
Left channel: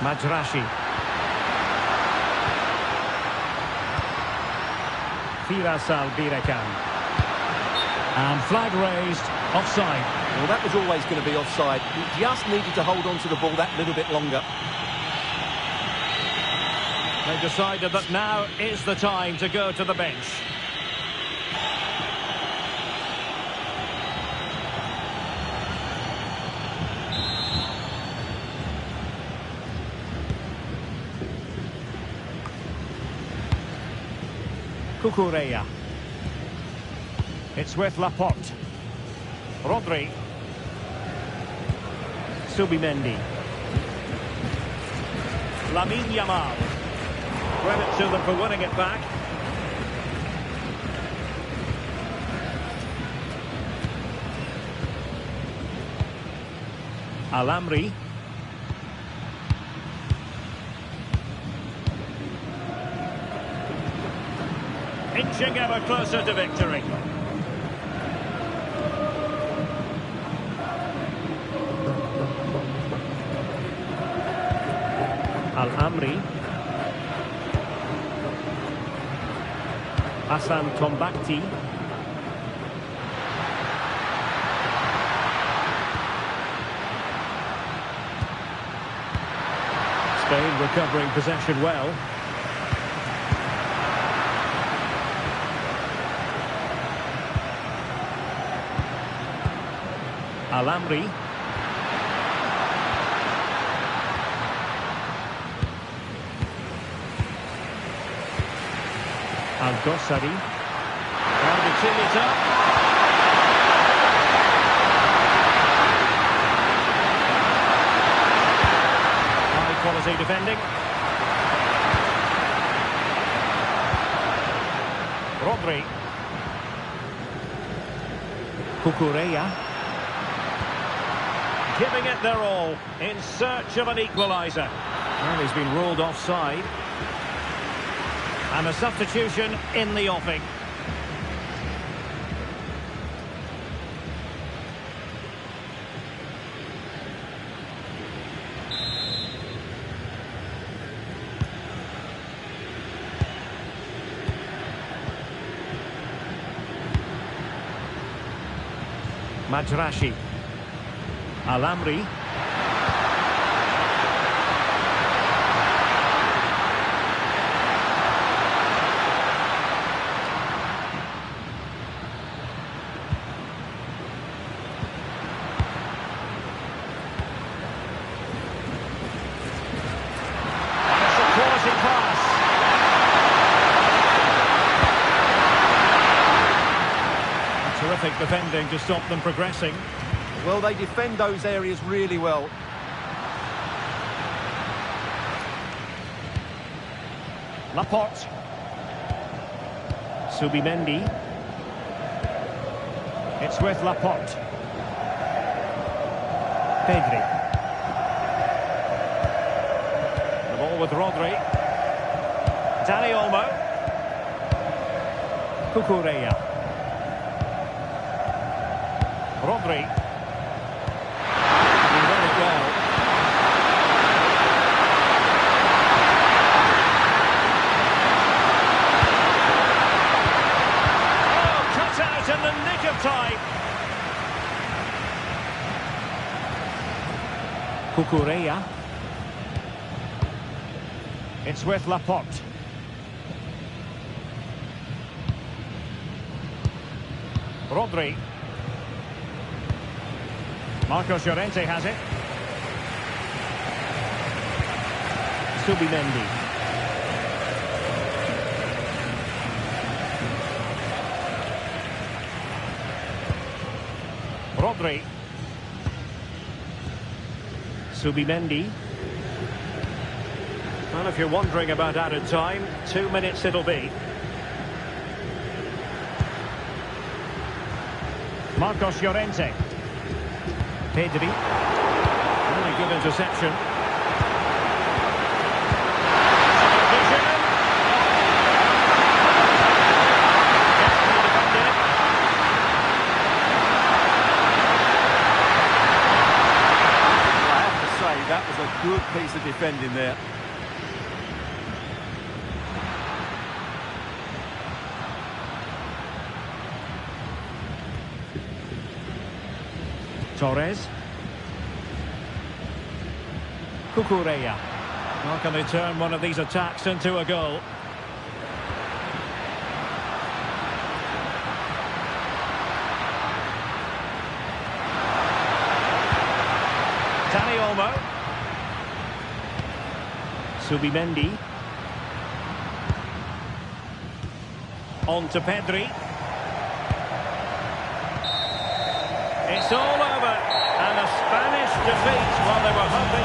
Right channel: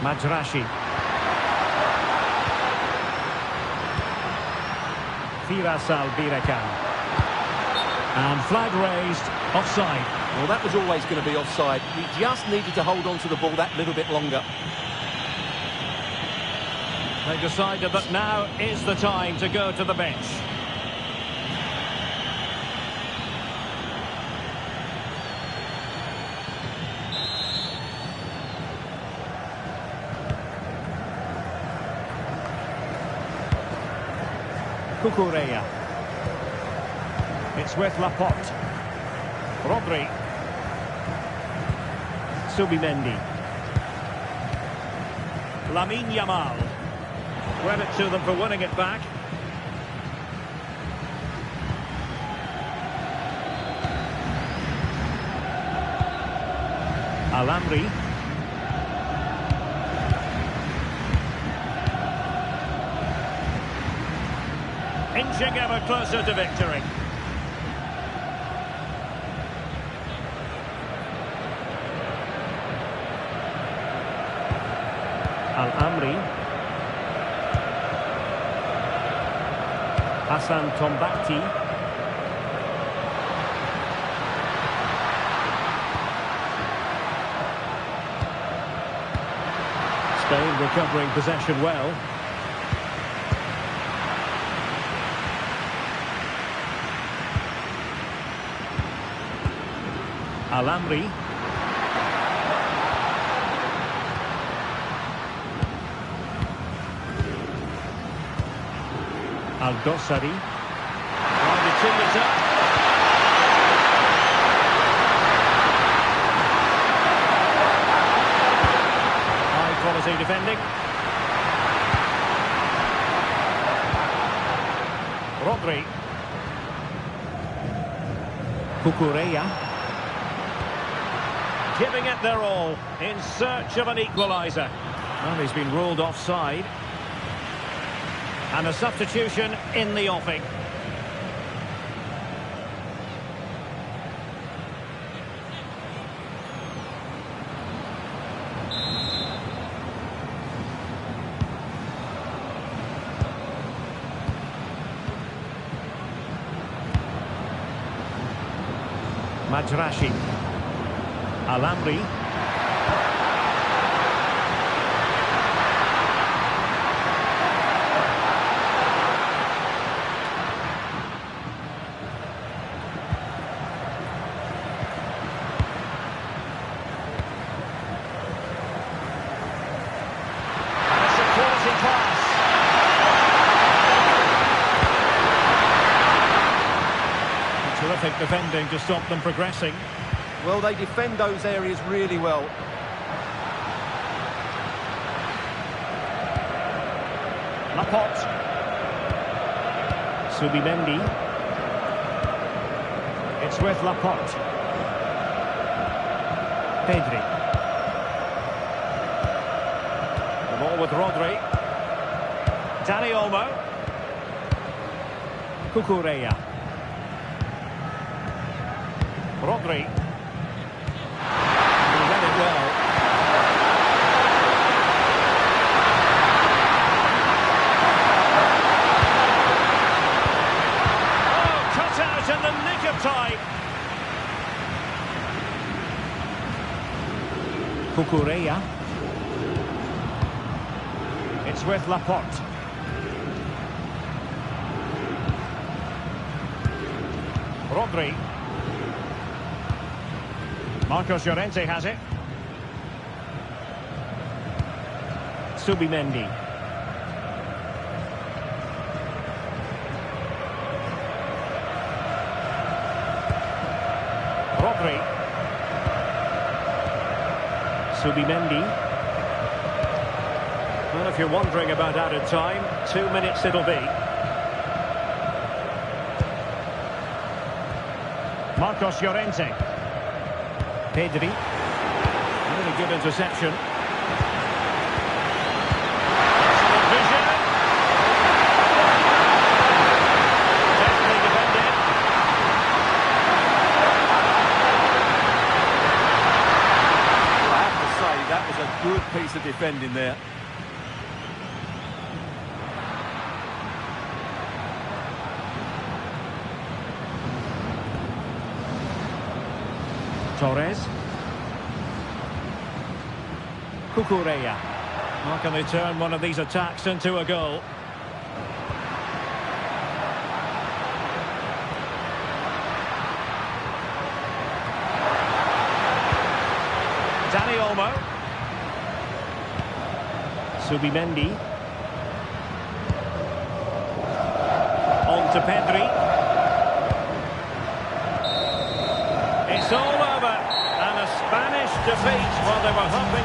Majrashi. Firas Al-Birakan. And flag raised, offside. Well, that was always going to be offside. He just needed to hold on to the ball that little bit longer. They decided that now is the time to go to the bench. Cucurella. It's with Laporte. Rodri. Subimendi. Lamine Yamal. Credit to them for winning it back. Al-Amri. Inching ever closer to victory. Al-Amri. Hassan Tombakti. Spain recovering possession well. Al-Amri. Al-Dossari. Trying to tee it up. High quality defending. Rodri. Cucurella. Giving it their all in search of an equaliser. Well, he's been ruled offside. And a substitution in the offing. Majrashi. Al-Amri. And it's a quality pass. A terrific defending to stop them progressing. Well, they defend those areas really well. Laporte. Subimendi. It's with Laporte. Pedri. The ball with Rodri. Dani Olmo. Cucurella. Rodri. He read it well. Oh, cut out in the nick of time. Cucurella. It's with Laporte. Rodri. Marcos Llorente has it. Subimendi. Rodri. Subimendi. Well, if you're wondering about added time, 2 minutes it'll be. Marcos Llorente. Pedri. Really good interception. Excellent vision. Deftly defended. Well, I have to say, that was a good piece of defending there. Torres. Cucurella. Well, can they turn one of these attacks into a goal? Dani Olmo. Subimendi. On to Pedri. It's all over, and a Spanish defeat while they were hoping.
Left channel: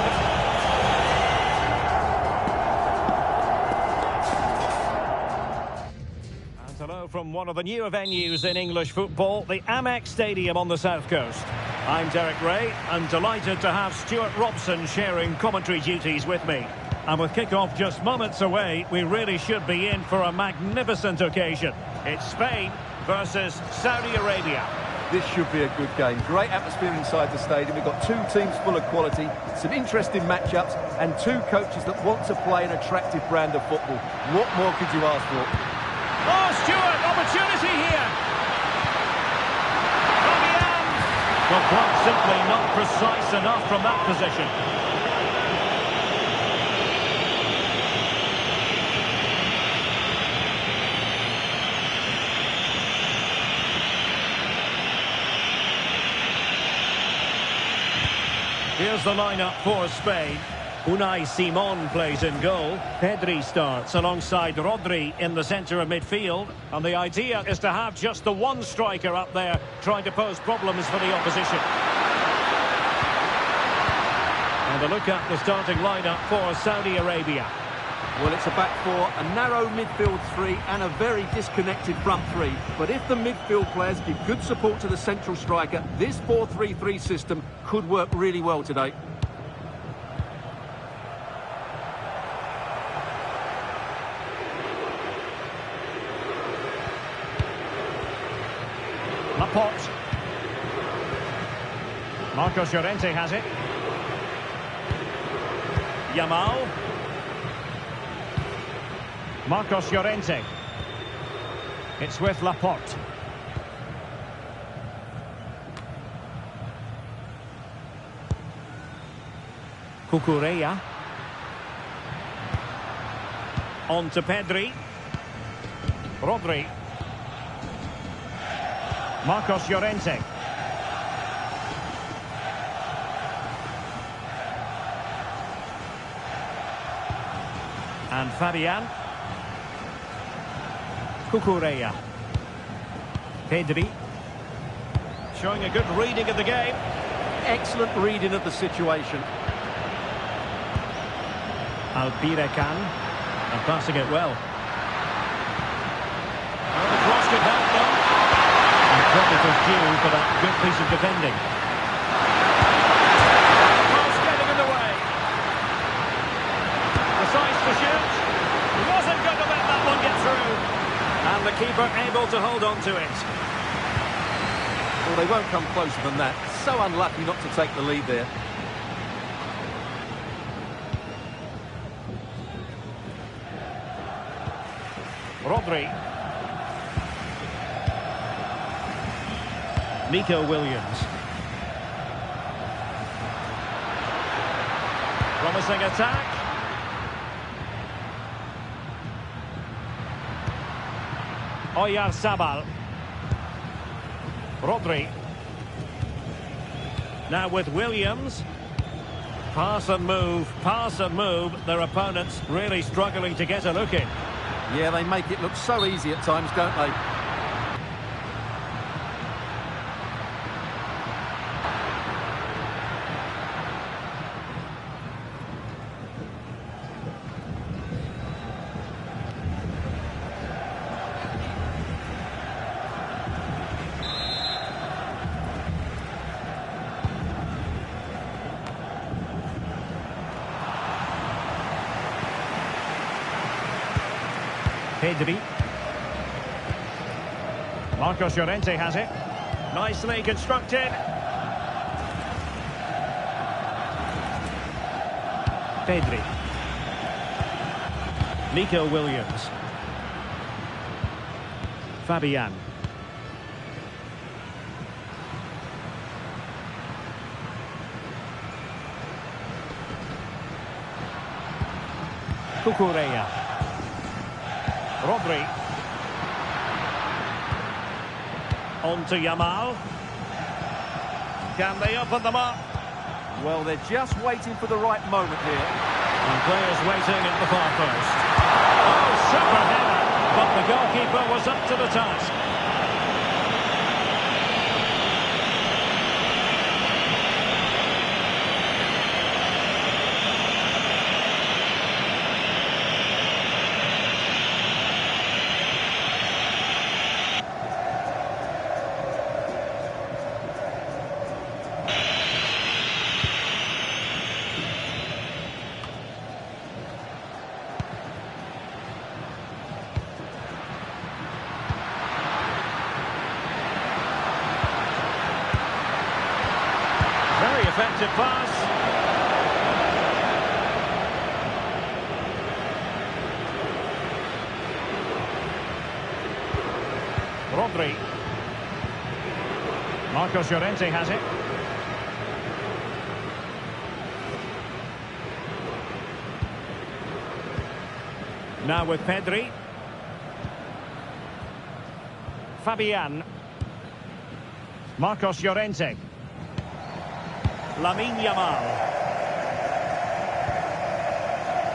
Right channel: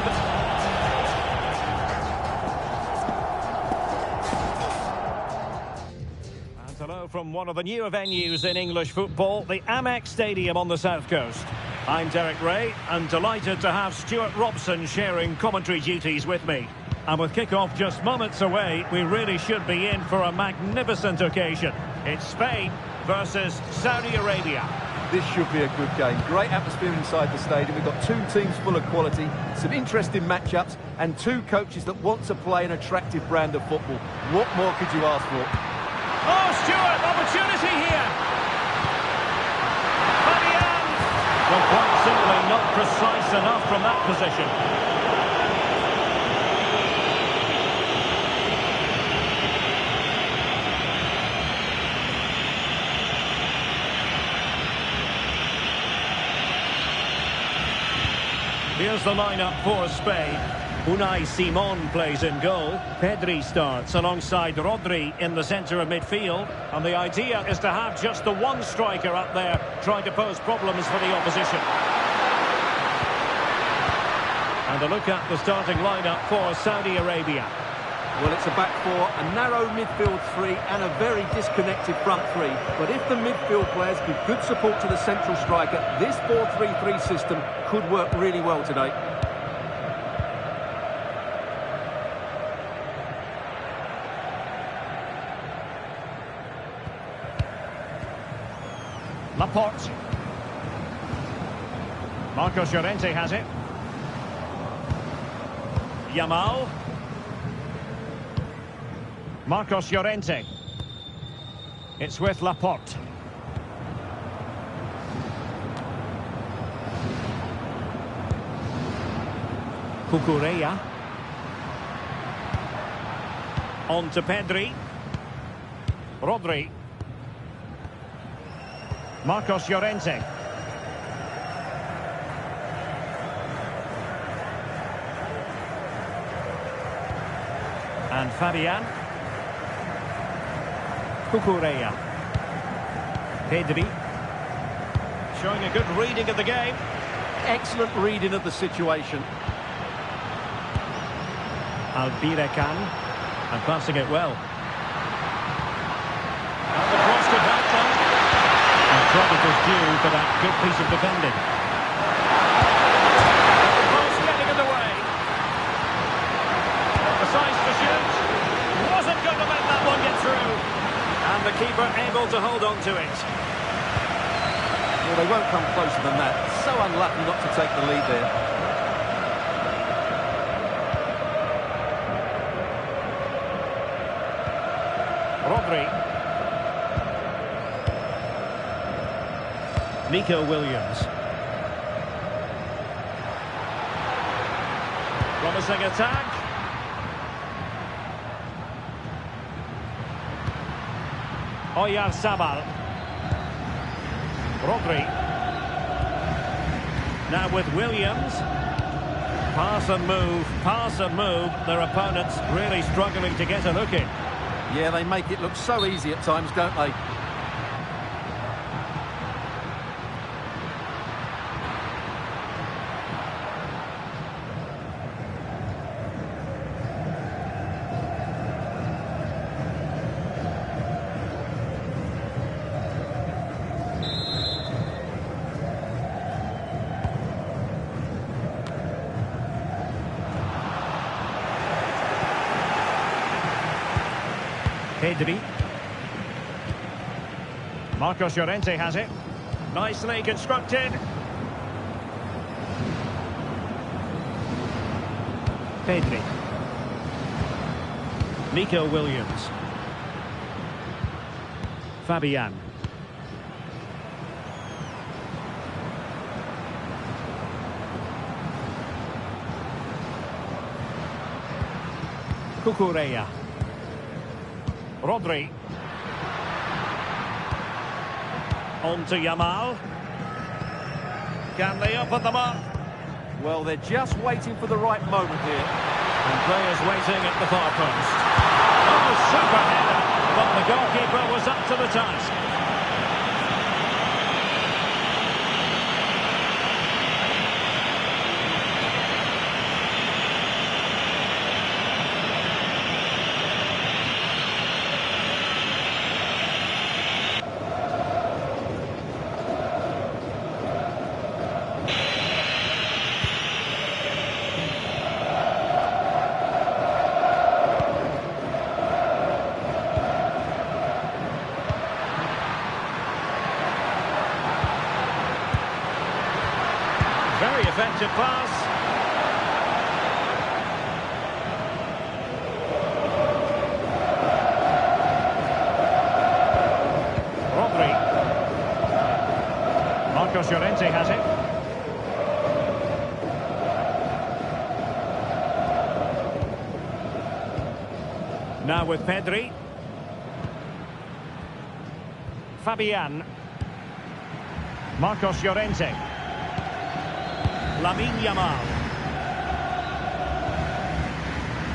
And hello from one of the newer venues in English football, the Amex Stadium on the South Coast. I'm Derek Ray, and delighted to have Stuart Robson sharing commentary duties with me. And with kickoff just moments away, we really should be in for a magnificent occasion. It's Spain versus Saudi Arabia. This should be a good game. Great atmosphere inside the stadium. We've got two teams full of quality, some interesting matchups, and two coaches that want to play an attractive brand of football. What more could you ask for? Oh, Stuart, opportunity here. Fabian. Well, quite simply not precise enough from that position. Here's the lineup for Spain. Unai Simon plays in goal. Pedri starts alongside Rodri in the centre of midfield. And the idea is to have just the one striker up there trying to pose problems for the opposition. And a look at the starting lineup for Saudi Arabia. Well, it's a back four, a narrow midfield three and a very disconnected front three. But if the midfield players give good support to the central striker, this 4-3-3 system could work really well today. Laporte. Marcos Llorente has it. Yamal. Marcos Llorente. It's with Laporte. Cucurella. On to Pedri. Rodri. Marcos Llorente. And Fabian. Cucurella. Pedri. Showing a good reading of the game. Excellent reading of the situation. Albirecan. And passing it well. And the cross could help them. And credit is due for that good piece of defending. And the pass getting in the way. Decides to shoot. Wasn't going to let that one get through. And the keeper able to hold on to it. Well, they won't come closer than that. So unlucky not to take the lead there. Rodri. Nico Williams. Promising attack. Oyarzabal. Rodri. Now with Williams. Pass and move, pass and move. Their opponents really struggling to get a look in. Yeah, they make it look so easy at times, don't they? Pedri. Marcos Llorente has it. Nicely constructed. Pedri. Nico Williams. Fabian. Cucurella. Rodri. On to Yamal. Can they open them up? Well, they're just waiting for the right moment here. And players waiting at the far post. Oh, super header. But the goalkeeper was up to the task. Very effective pass. Rodri. Marcos Llorente has it. Now with Pedri. Fabian. Marcos Llorente. Lamine Yamal.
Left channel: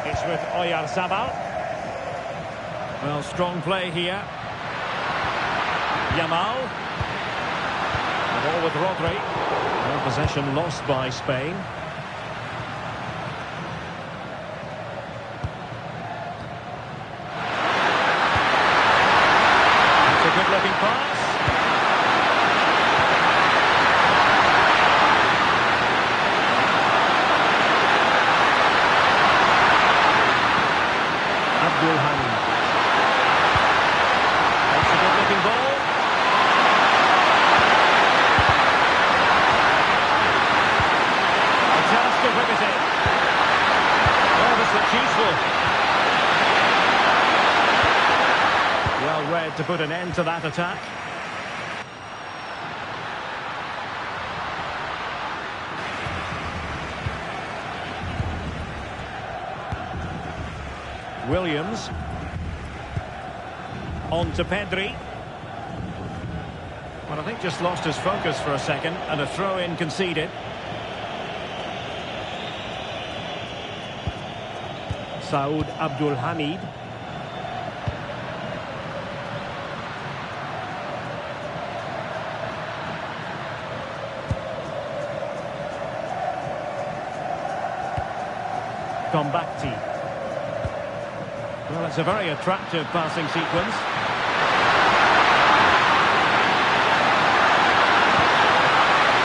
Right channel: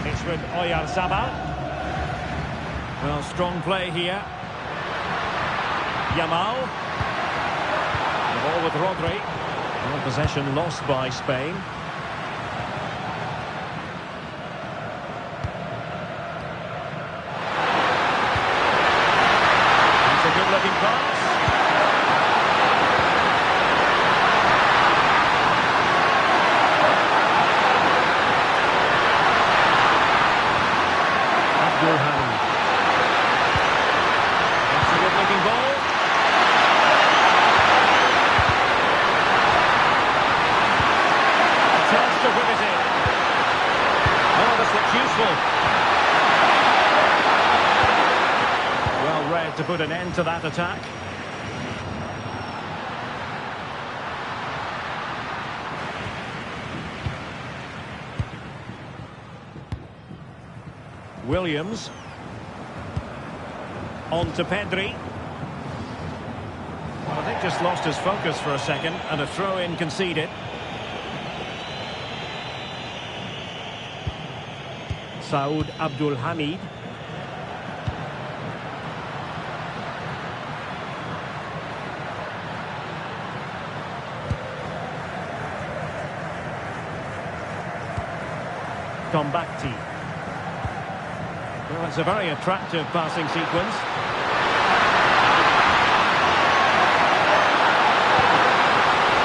It's with Oyarzabal. Well, strong play here. Yamal. The ball with Rodri. Well, possession lost by Spain. That's a good-looking pass. Abdul Hamid. That's a good-looking ball. A chance to whip it in. Oh, this looks useful. Well read to put an end to that attack. Williams. On to Pedri. Well, I think just lost his focus for a second, and a throw-in conceded. Saud Abdul Hamid. Tombakti. Well, it's a very attractive passing sequence.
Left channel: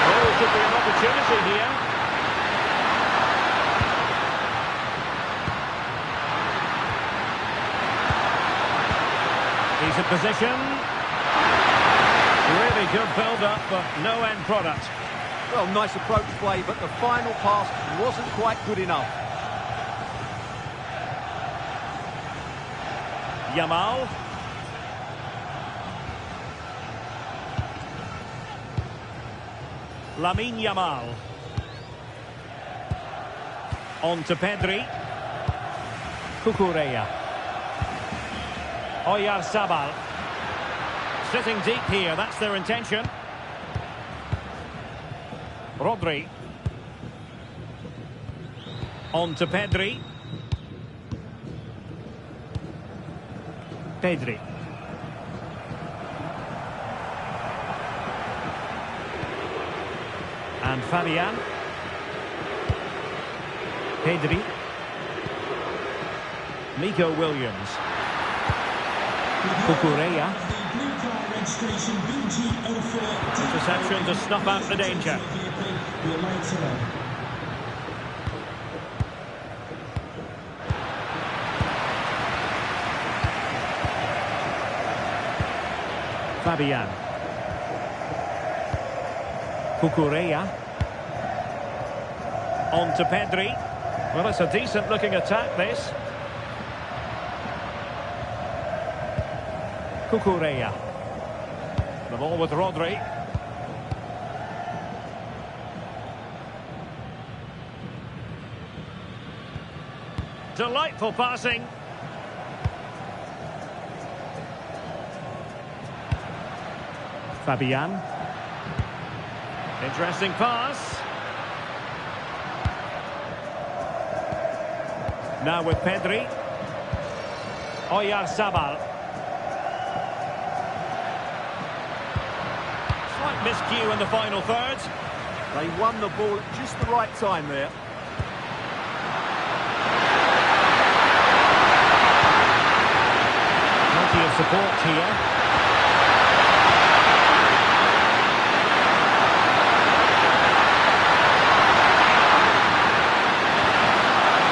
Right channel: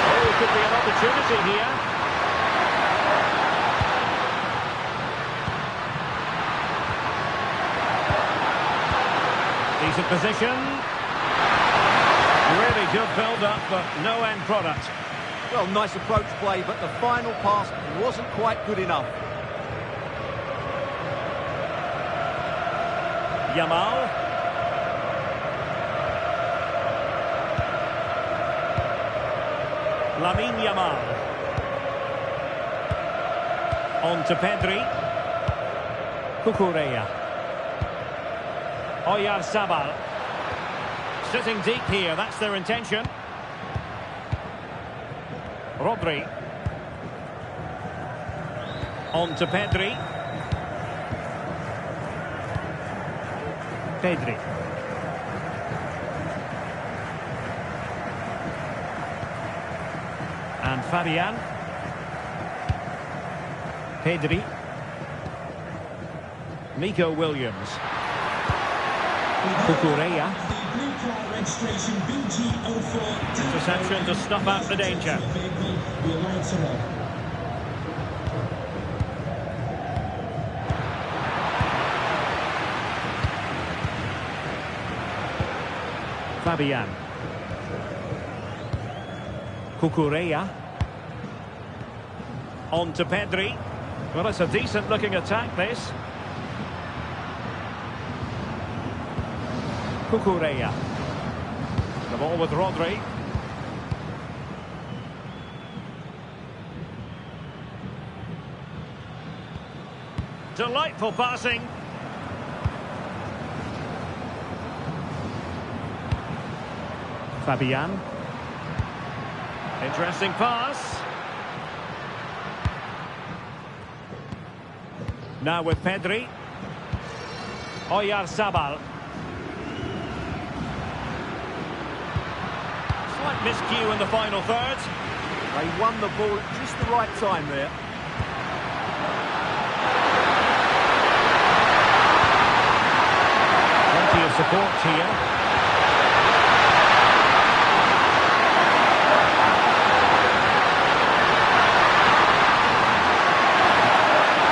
Oh, could be an opportunity here. Decent position. Really good build-up, but no end product. Well, nice approach play, but the final pass wasn't quite good enough. Yamal. Lamine Yamal. On to Pedri. Cucurella. Oyarzabal. Sitting deep here, that's their intention. On to Pedri. Pedri. And Fabian. Pedri. Nico Williams. Cucurella. The blue car registration BG04. Interception to snuff out the danger. Your lights are on. Fabian. Cucurella. On to Pedri. Well, it's a decent-looking attack, this. Cucurella. The ball with Rodri. Delightful passing. Fabian. Interesting pass. Now with Pedri. Oyarzabal. Slight miscue in the final third. They won the ball at just the right time there. Plenty of support here.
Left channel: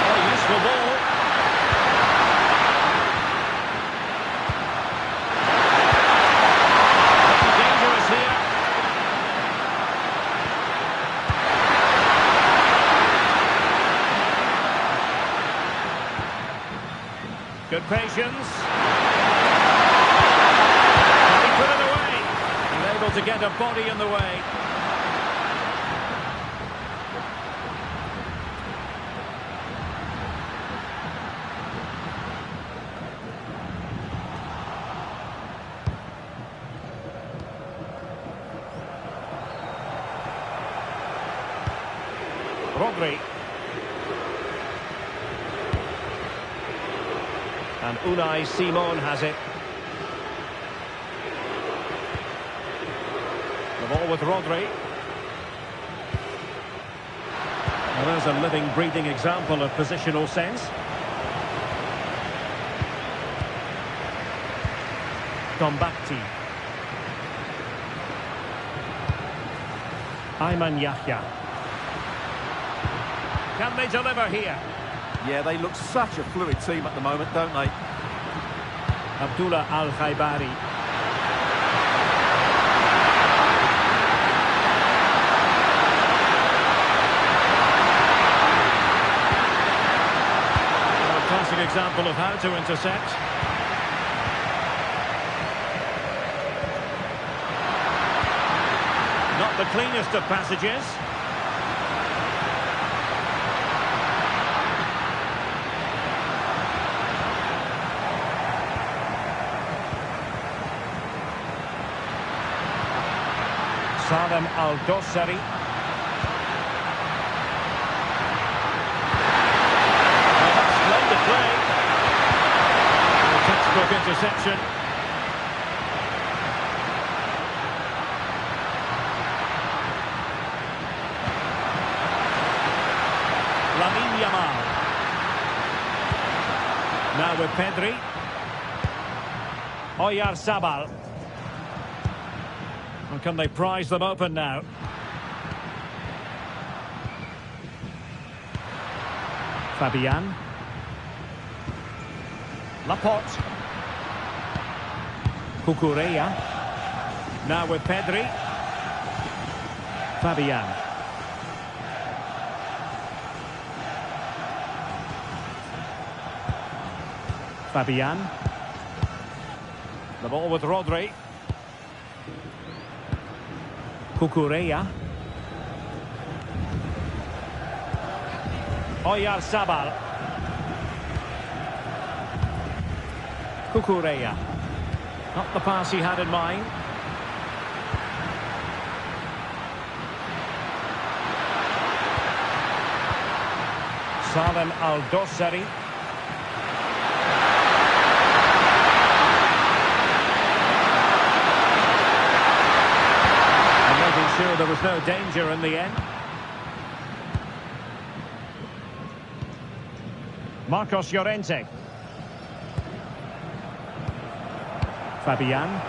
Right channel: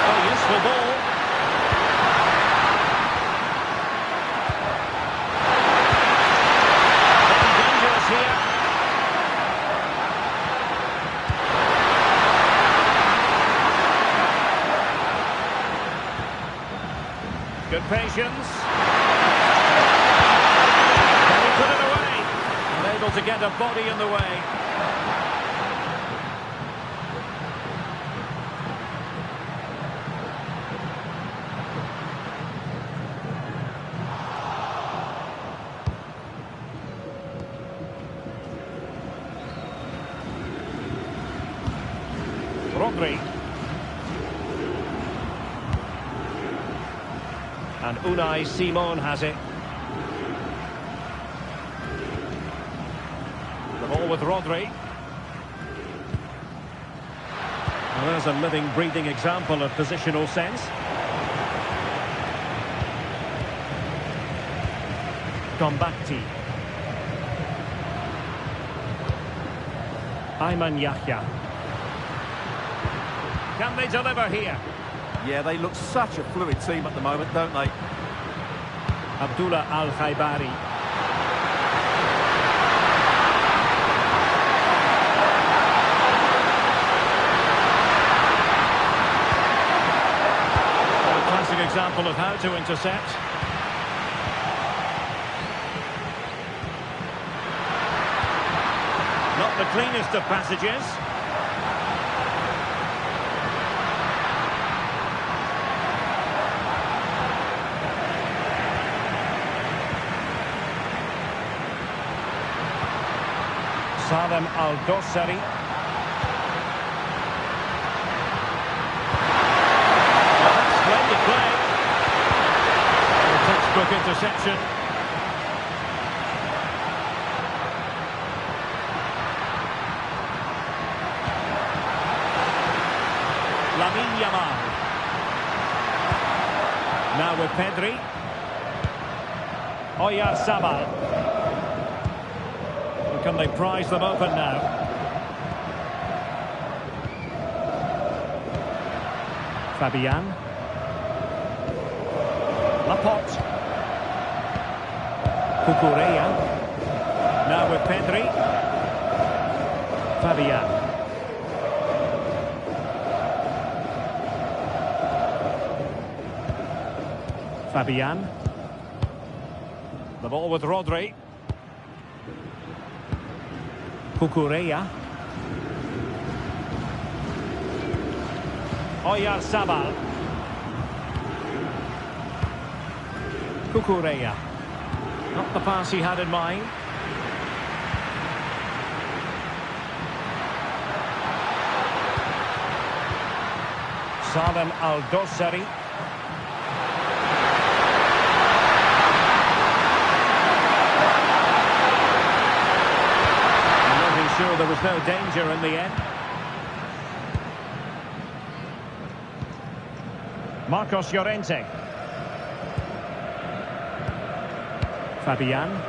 Oh, useful ball. Looking dangerous here. Good patience. Can he put it away? And able to get a body in the way. Rodri. And Unai Simon has it. The ball with Rodri. Well, there's a living, breathing example of positional sense. Gombakti. Ayman Yahya. Can they deliver here? Yeah, they look such a fluid team at the moment, don't they? Abdullah Al-Khaibari. A classic example of how to intercept. Not the cleanest of passages. Salem Al-Dossari. Well, that's splendid play. A textbook interception. Lamine Yamal. Now with Pedri. Oyarzabal. Can they prise them open now? Fabian. Laporte. Cucurella. Now with Pedri. Fabian. Fabian. The ball with Rodri. Cucurella. Oyarzabal. Cucurella. Not the pass he had in mind. Salem Al-Dossari. And making sure there was no danger in the end. Marcos Llorente. Fabian.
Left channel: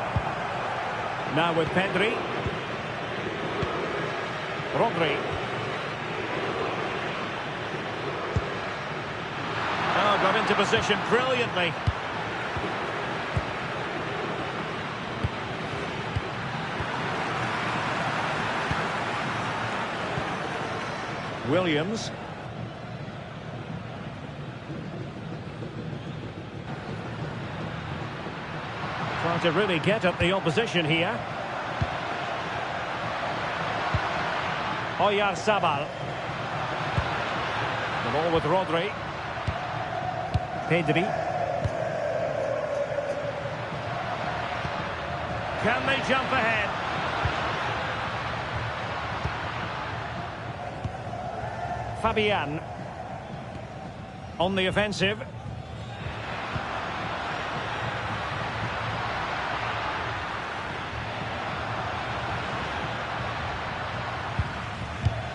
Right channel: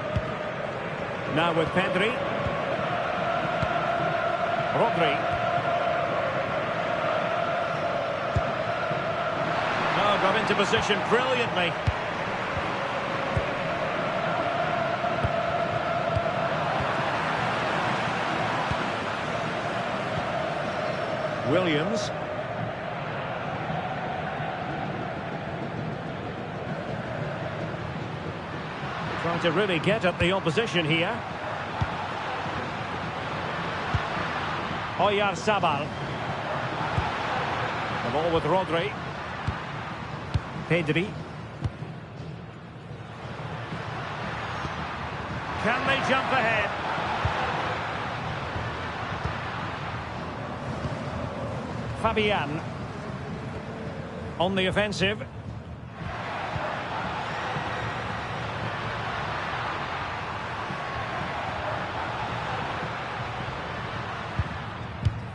Now with Pedri. Rodri. Oh, got into position brilliantly. Williams. Trying to really get at the opposition here. Oyarzabal. The ball with Rodri. Pedri. Can they jump ahead? Fabian. On the offensive.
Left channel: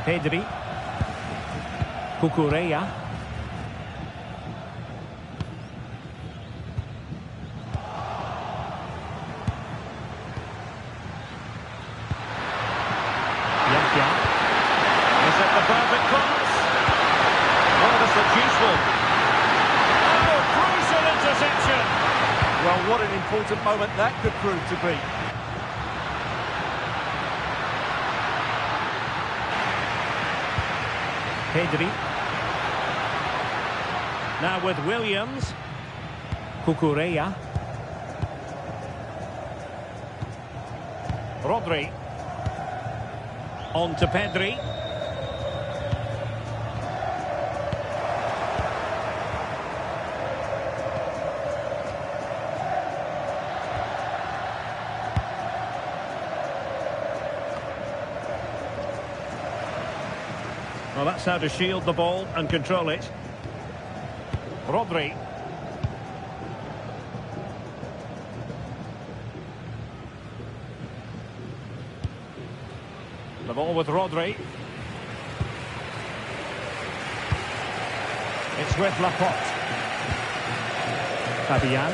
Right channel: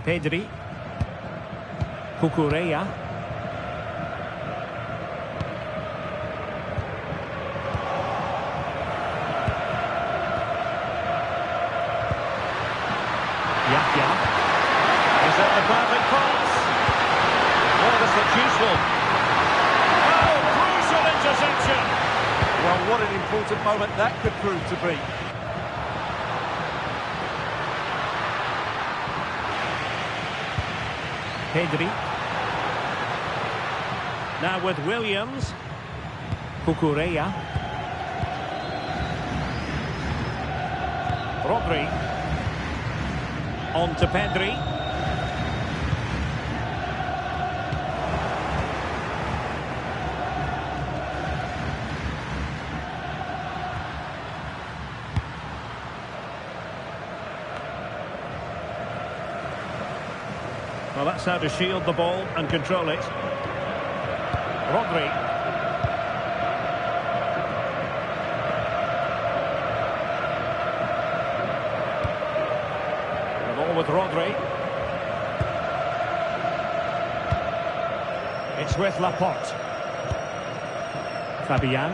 Pedri. Cucurella. Yahya. Is it the perfect pass? Oh, this looks useful. Oh, crucial interception. Well, what an important moment that could prove to be. Pedri. Now with Williams. Cucurella. Rodri. On to Pedri. Well, that's how to shield the ball and control it. Rodri. The ball with Rodri. It's with Laporte. Fabian.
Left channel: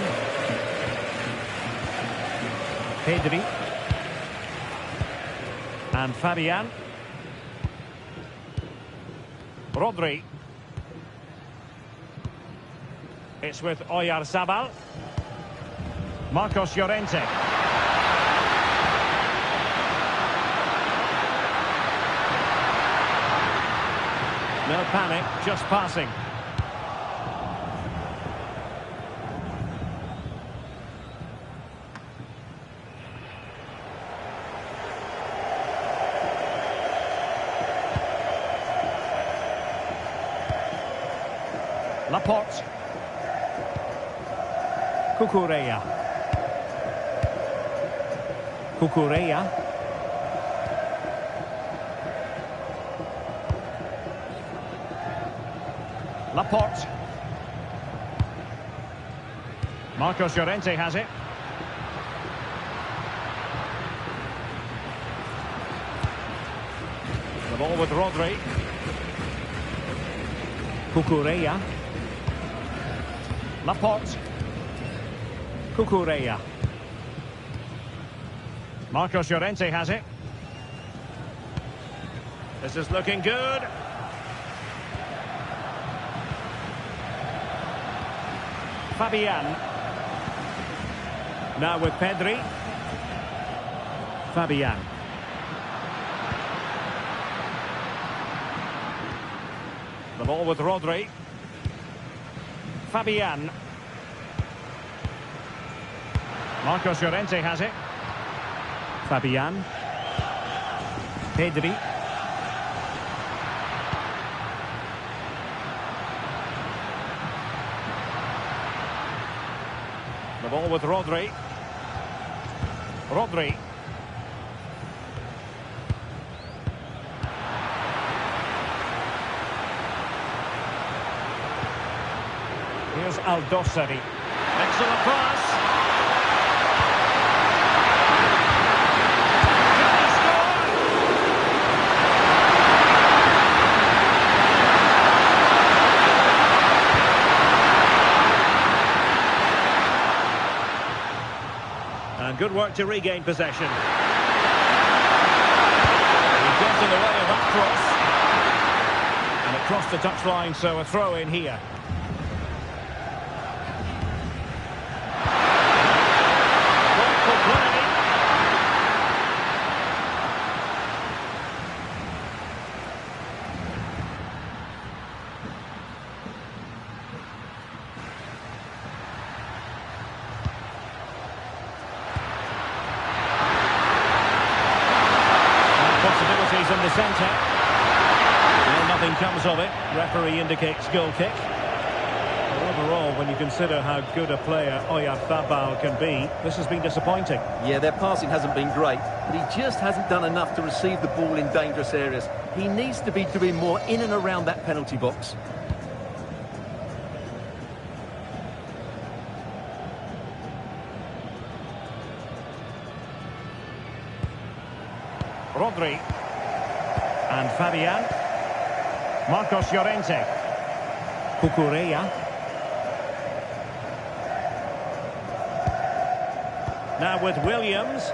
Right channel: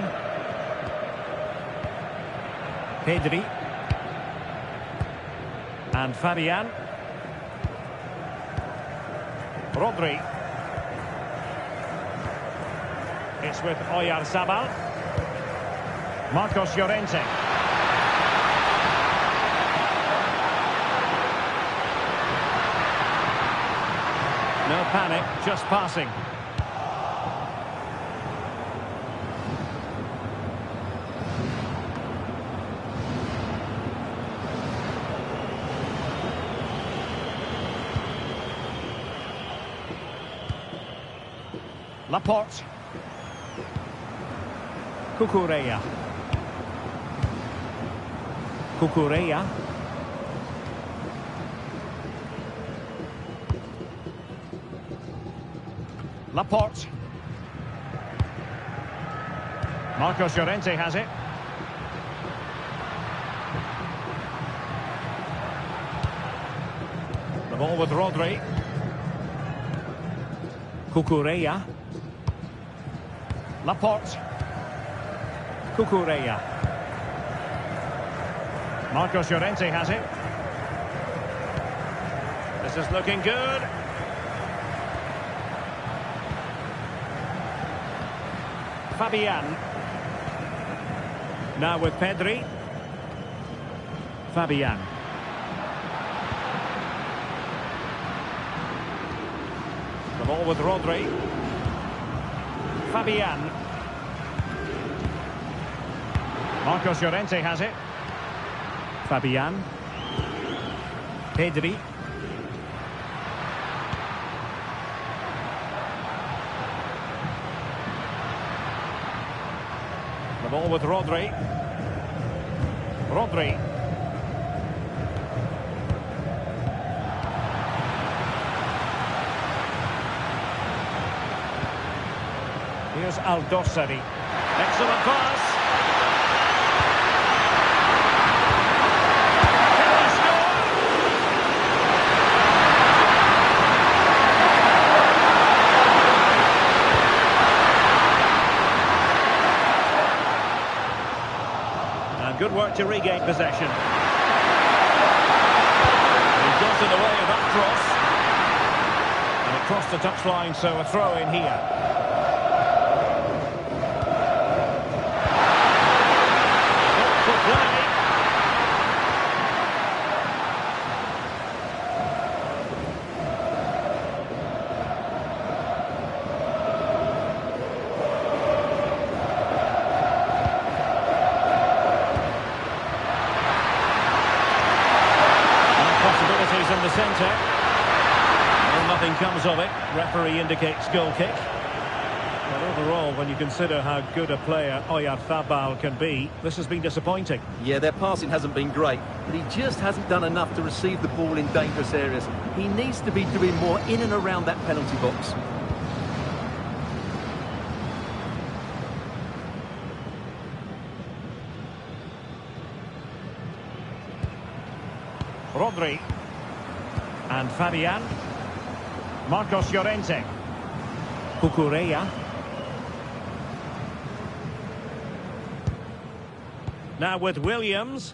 Pedri. And Fabian. Rodri. It's with Oyarzabal. Marcos Llorente. No panic, just passing. Laporte. Cucurella. Cucurella. Laporte. Marcos Llorente has it. The ball with Rodri. Cucurella. Laporte. Cucurella. Marcos Llorente has it. This is looking good. Fabian. Now with Pedri. Fabian. The ball with Rodri. Fabian. Marcos Llorente has it. Fabian. Pedri. The ball with Rodri. Rodri. Here's Aldosari. Excellent pass. Can he score? And good work to regain possession. He got in the way of that cross. And it crossed the touchline, so a throw in here. Thoughtful play. Possibilities in the centre. Well, nothing comes of it. Referee indicates goal kick. But overall, when you consider how good a player Oyarzabal can be, this has been disappointing. Yeah, their passing hasn't been great, but he just hasn't done enough to receive the ball in dangerous areas. He needs to be doing more in and around that penalty box. Rodri. And Fabian. Marcos Llorente. Cucurella. Now with Williams.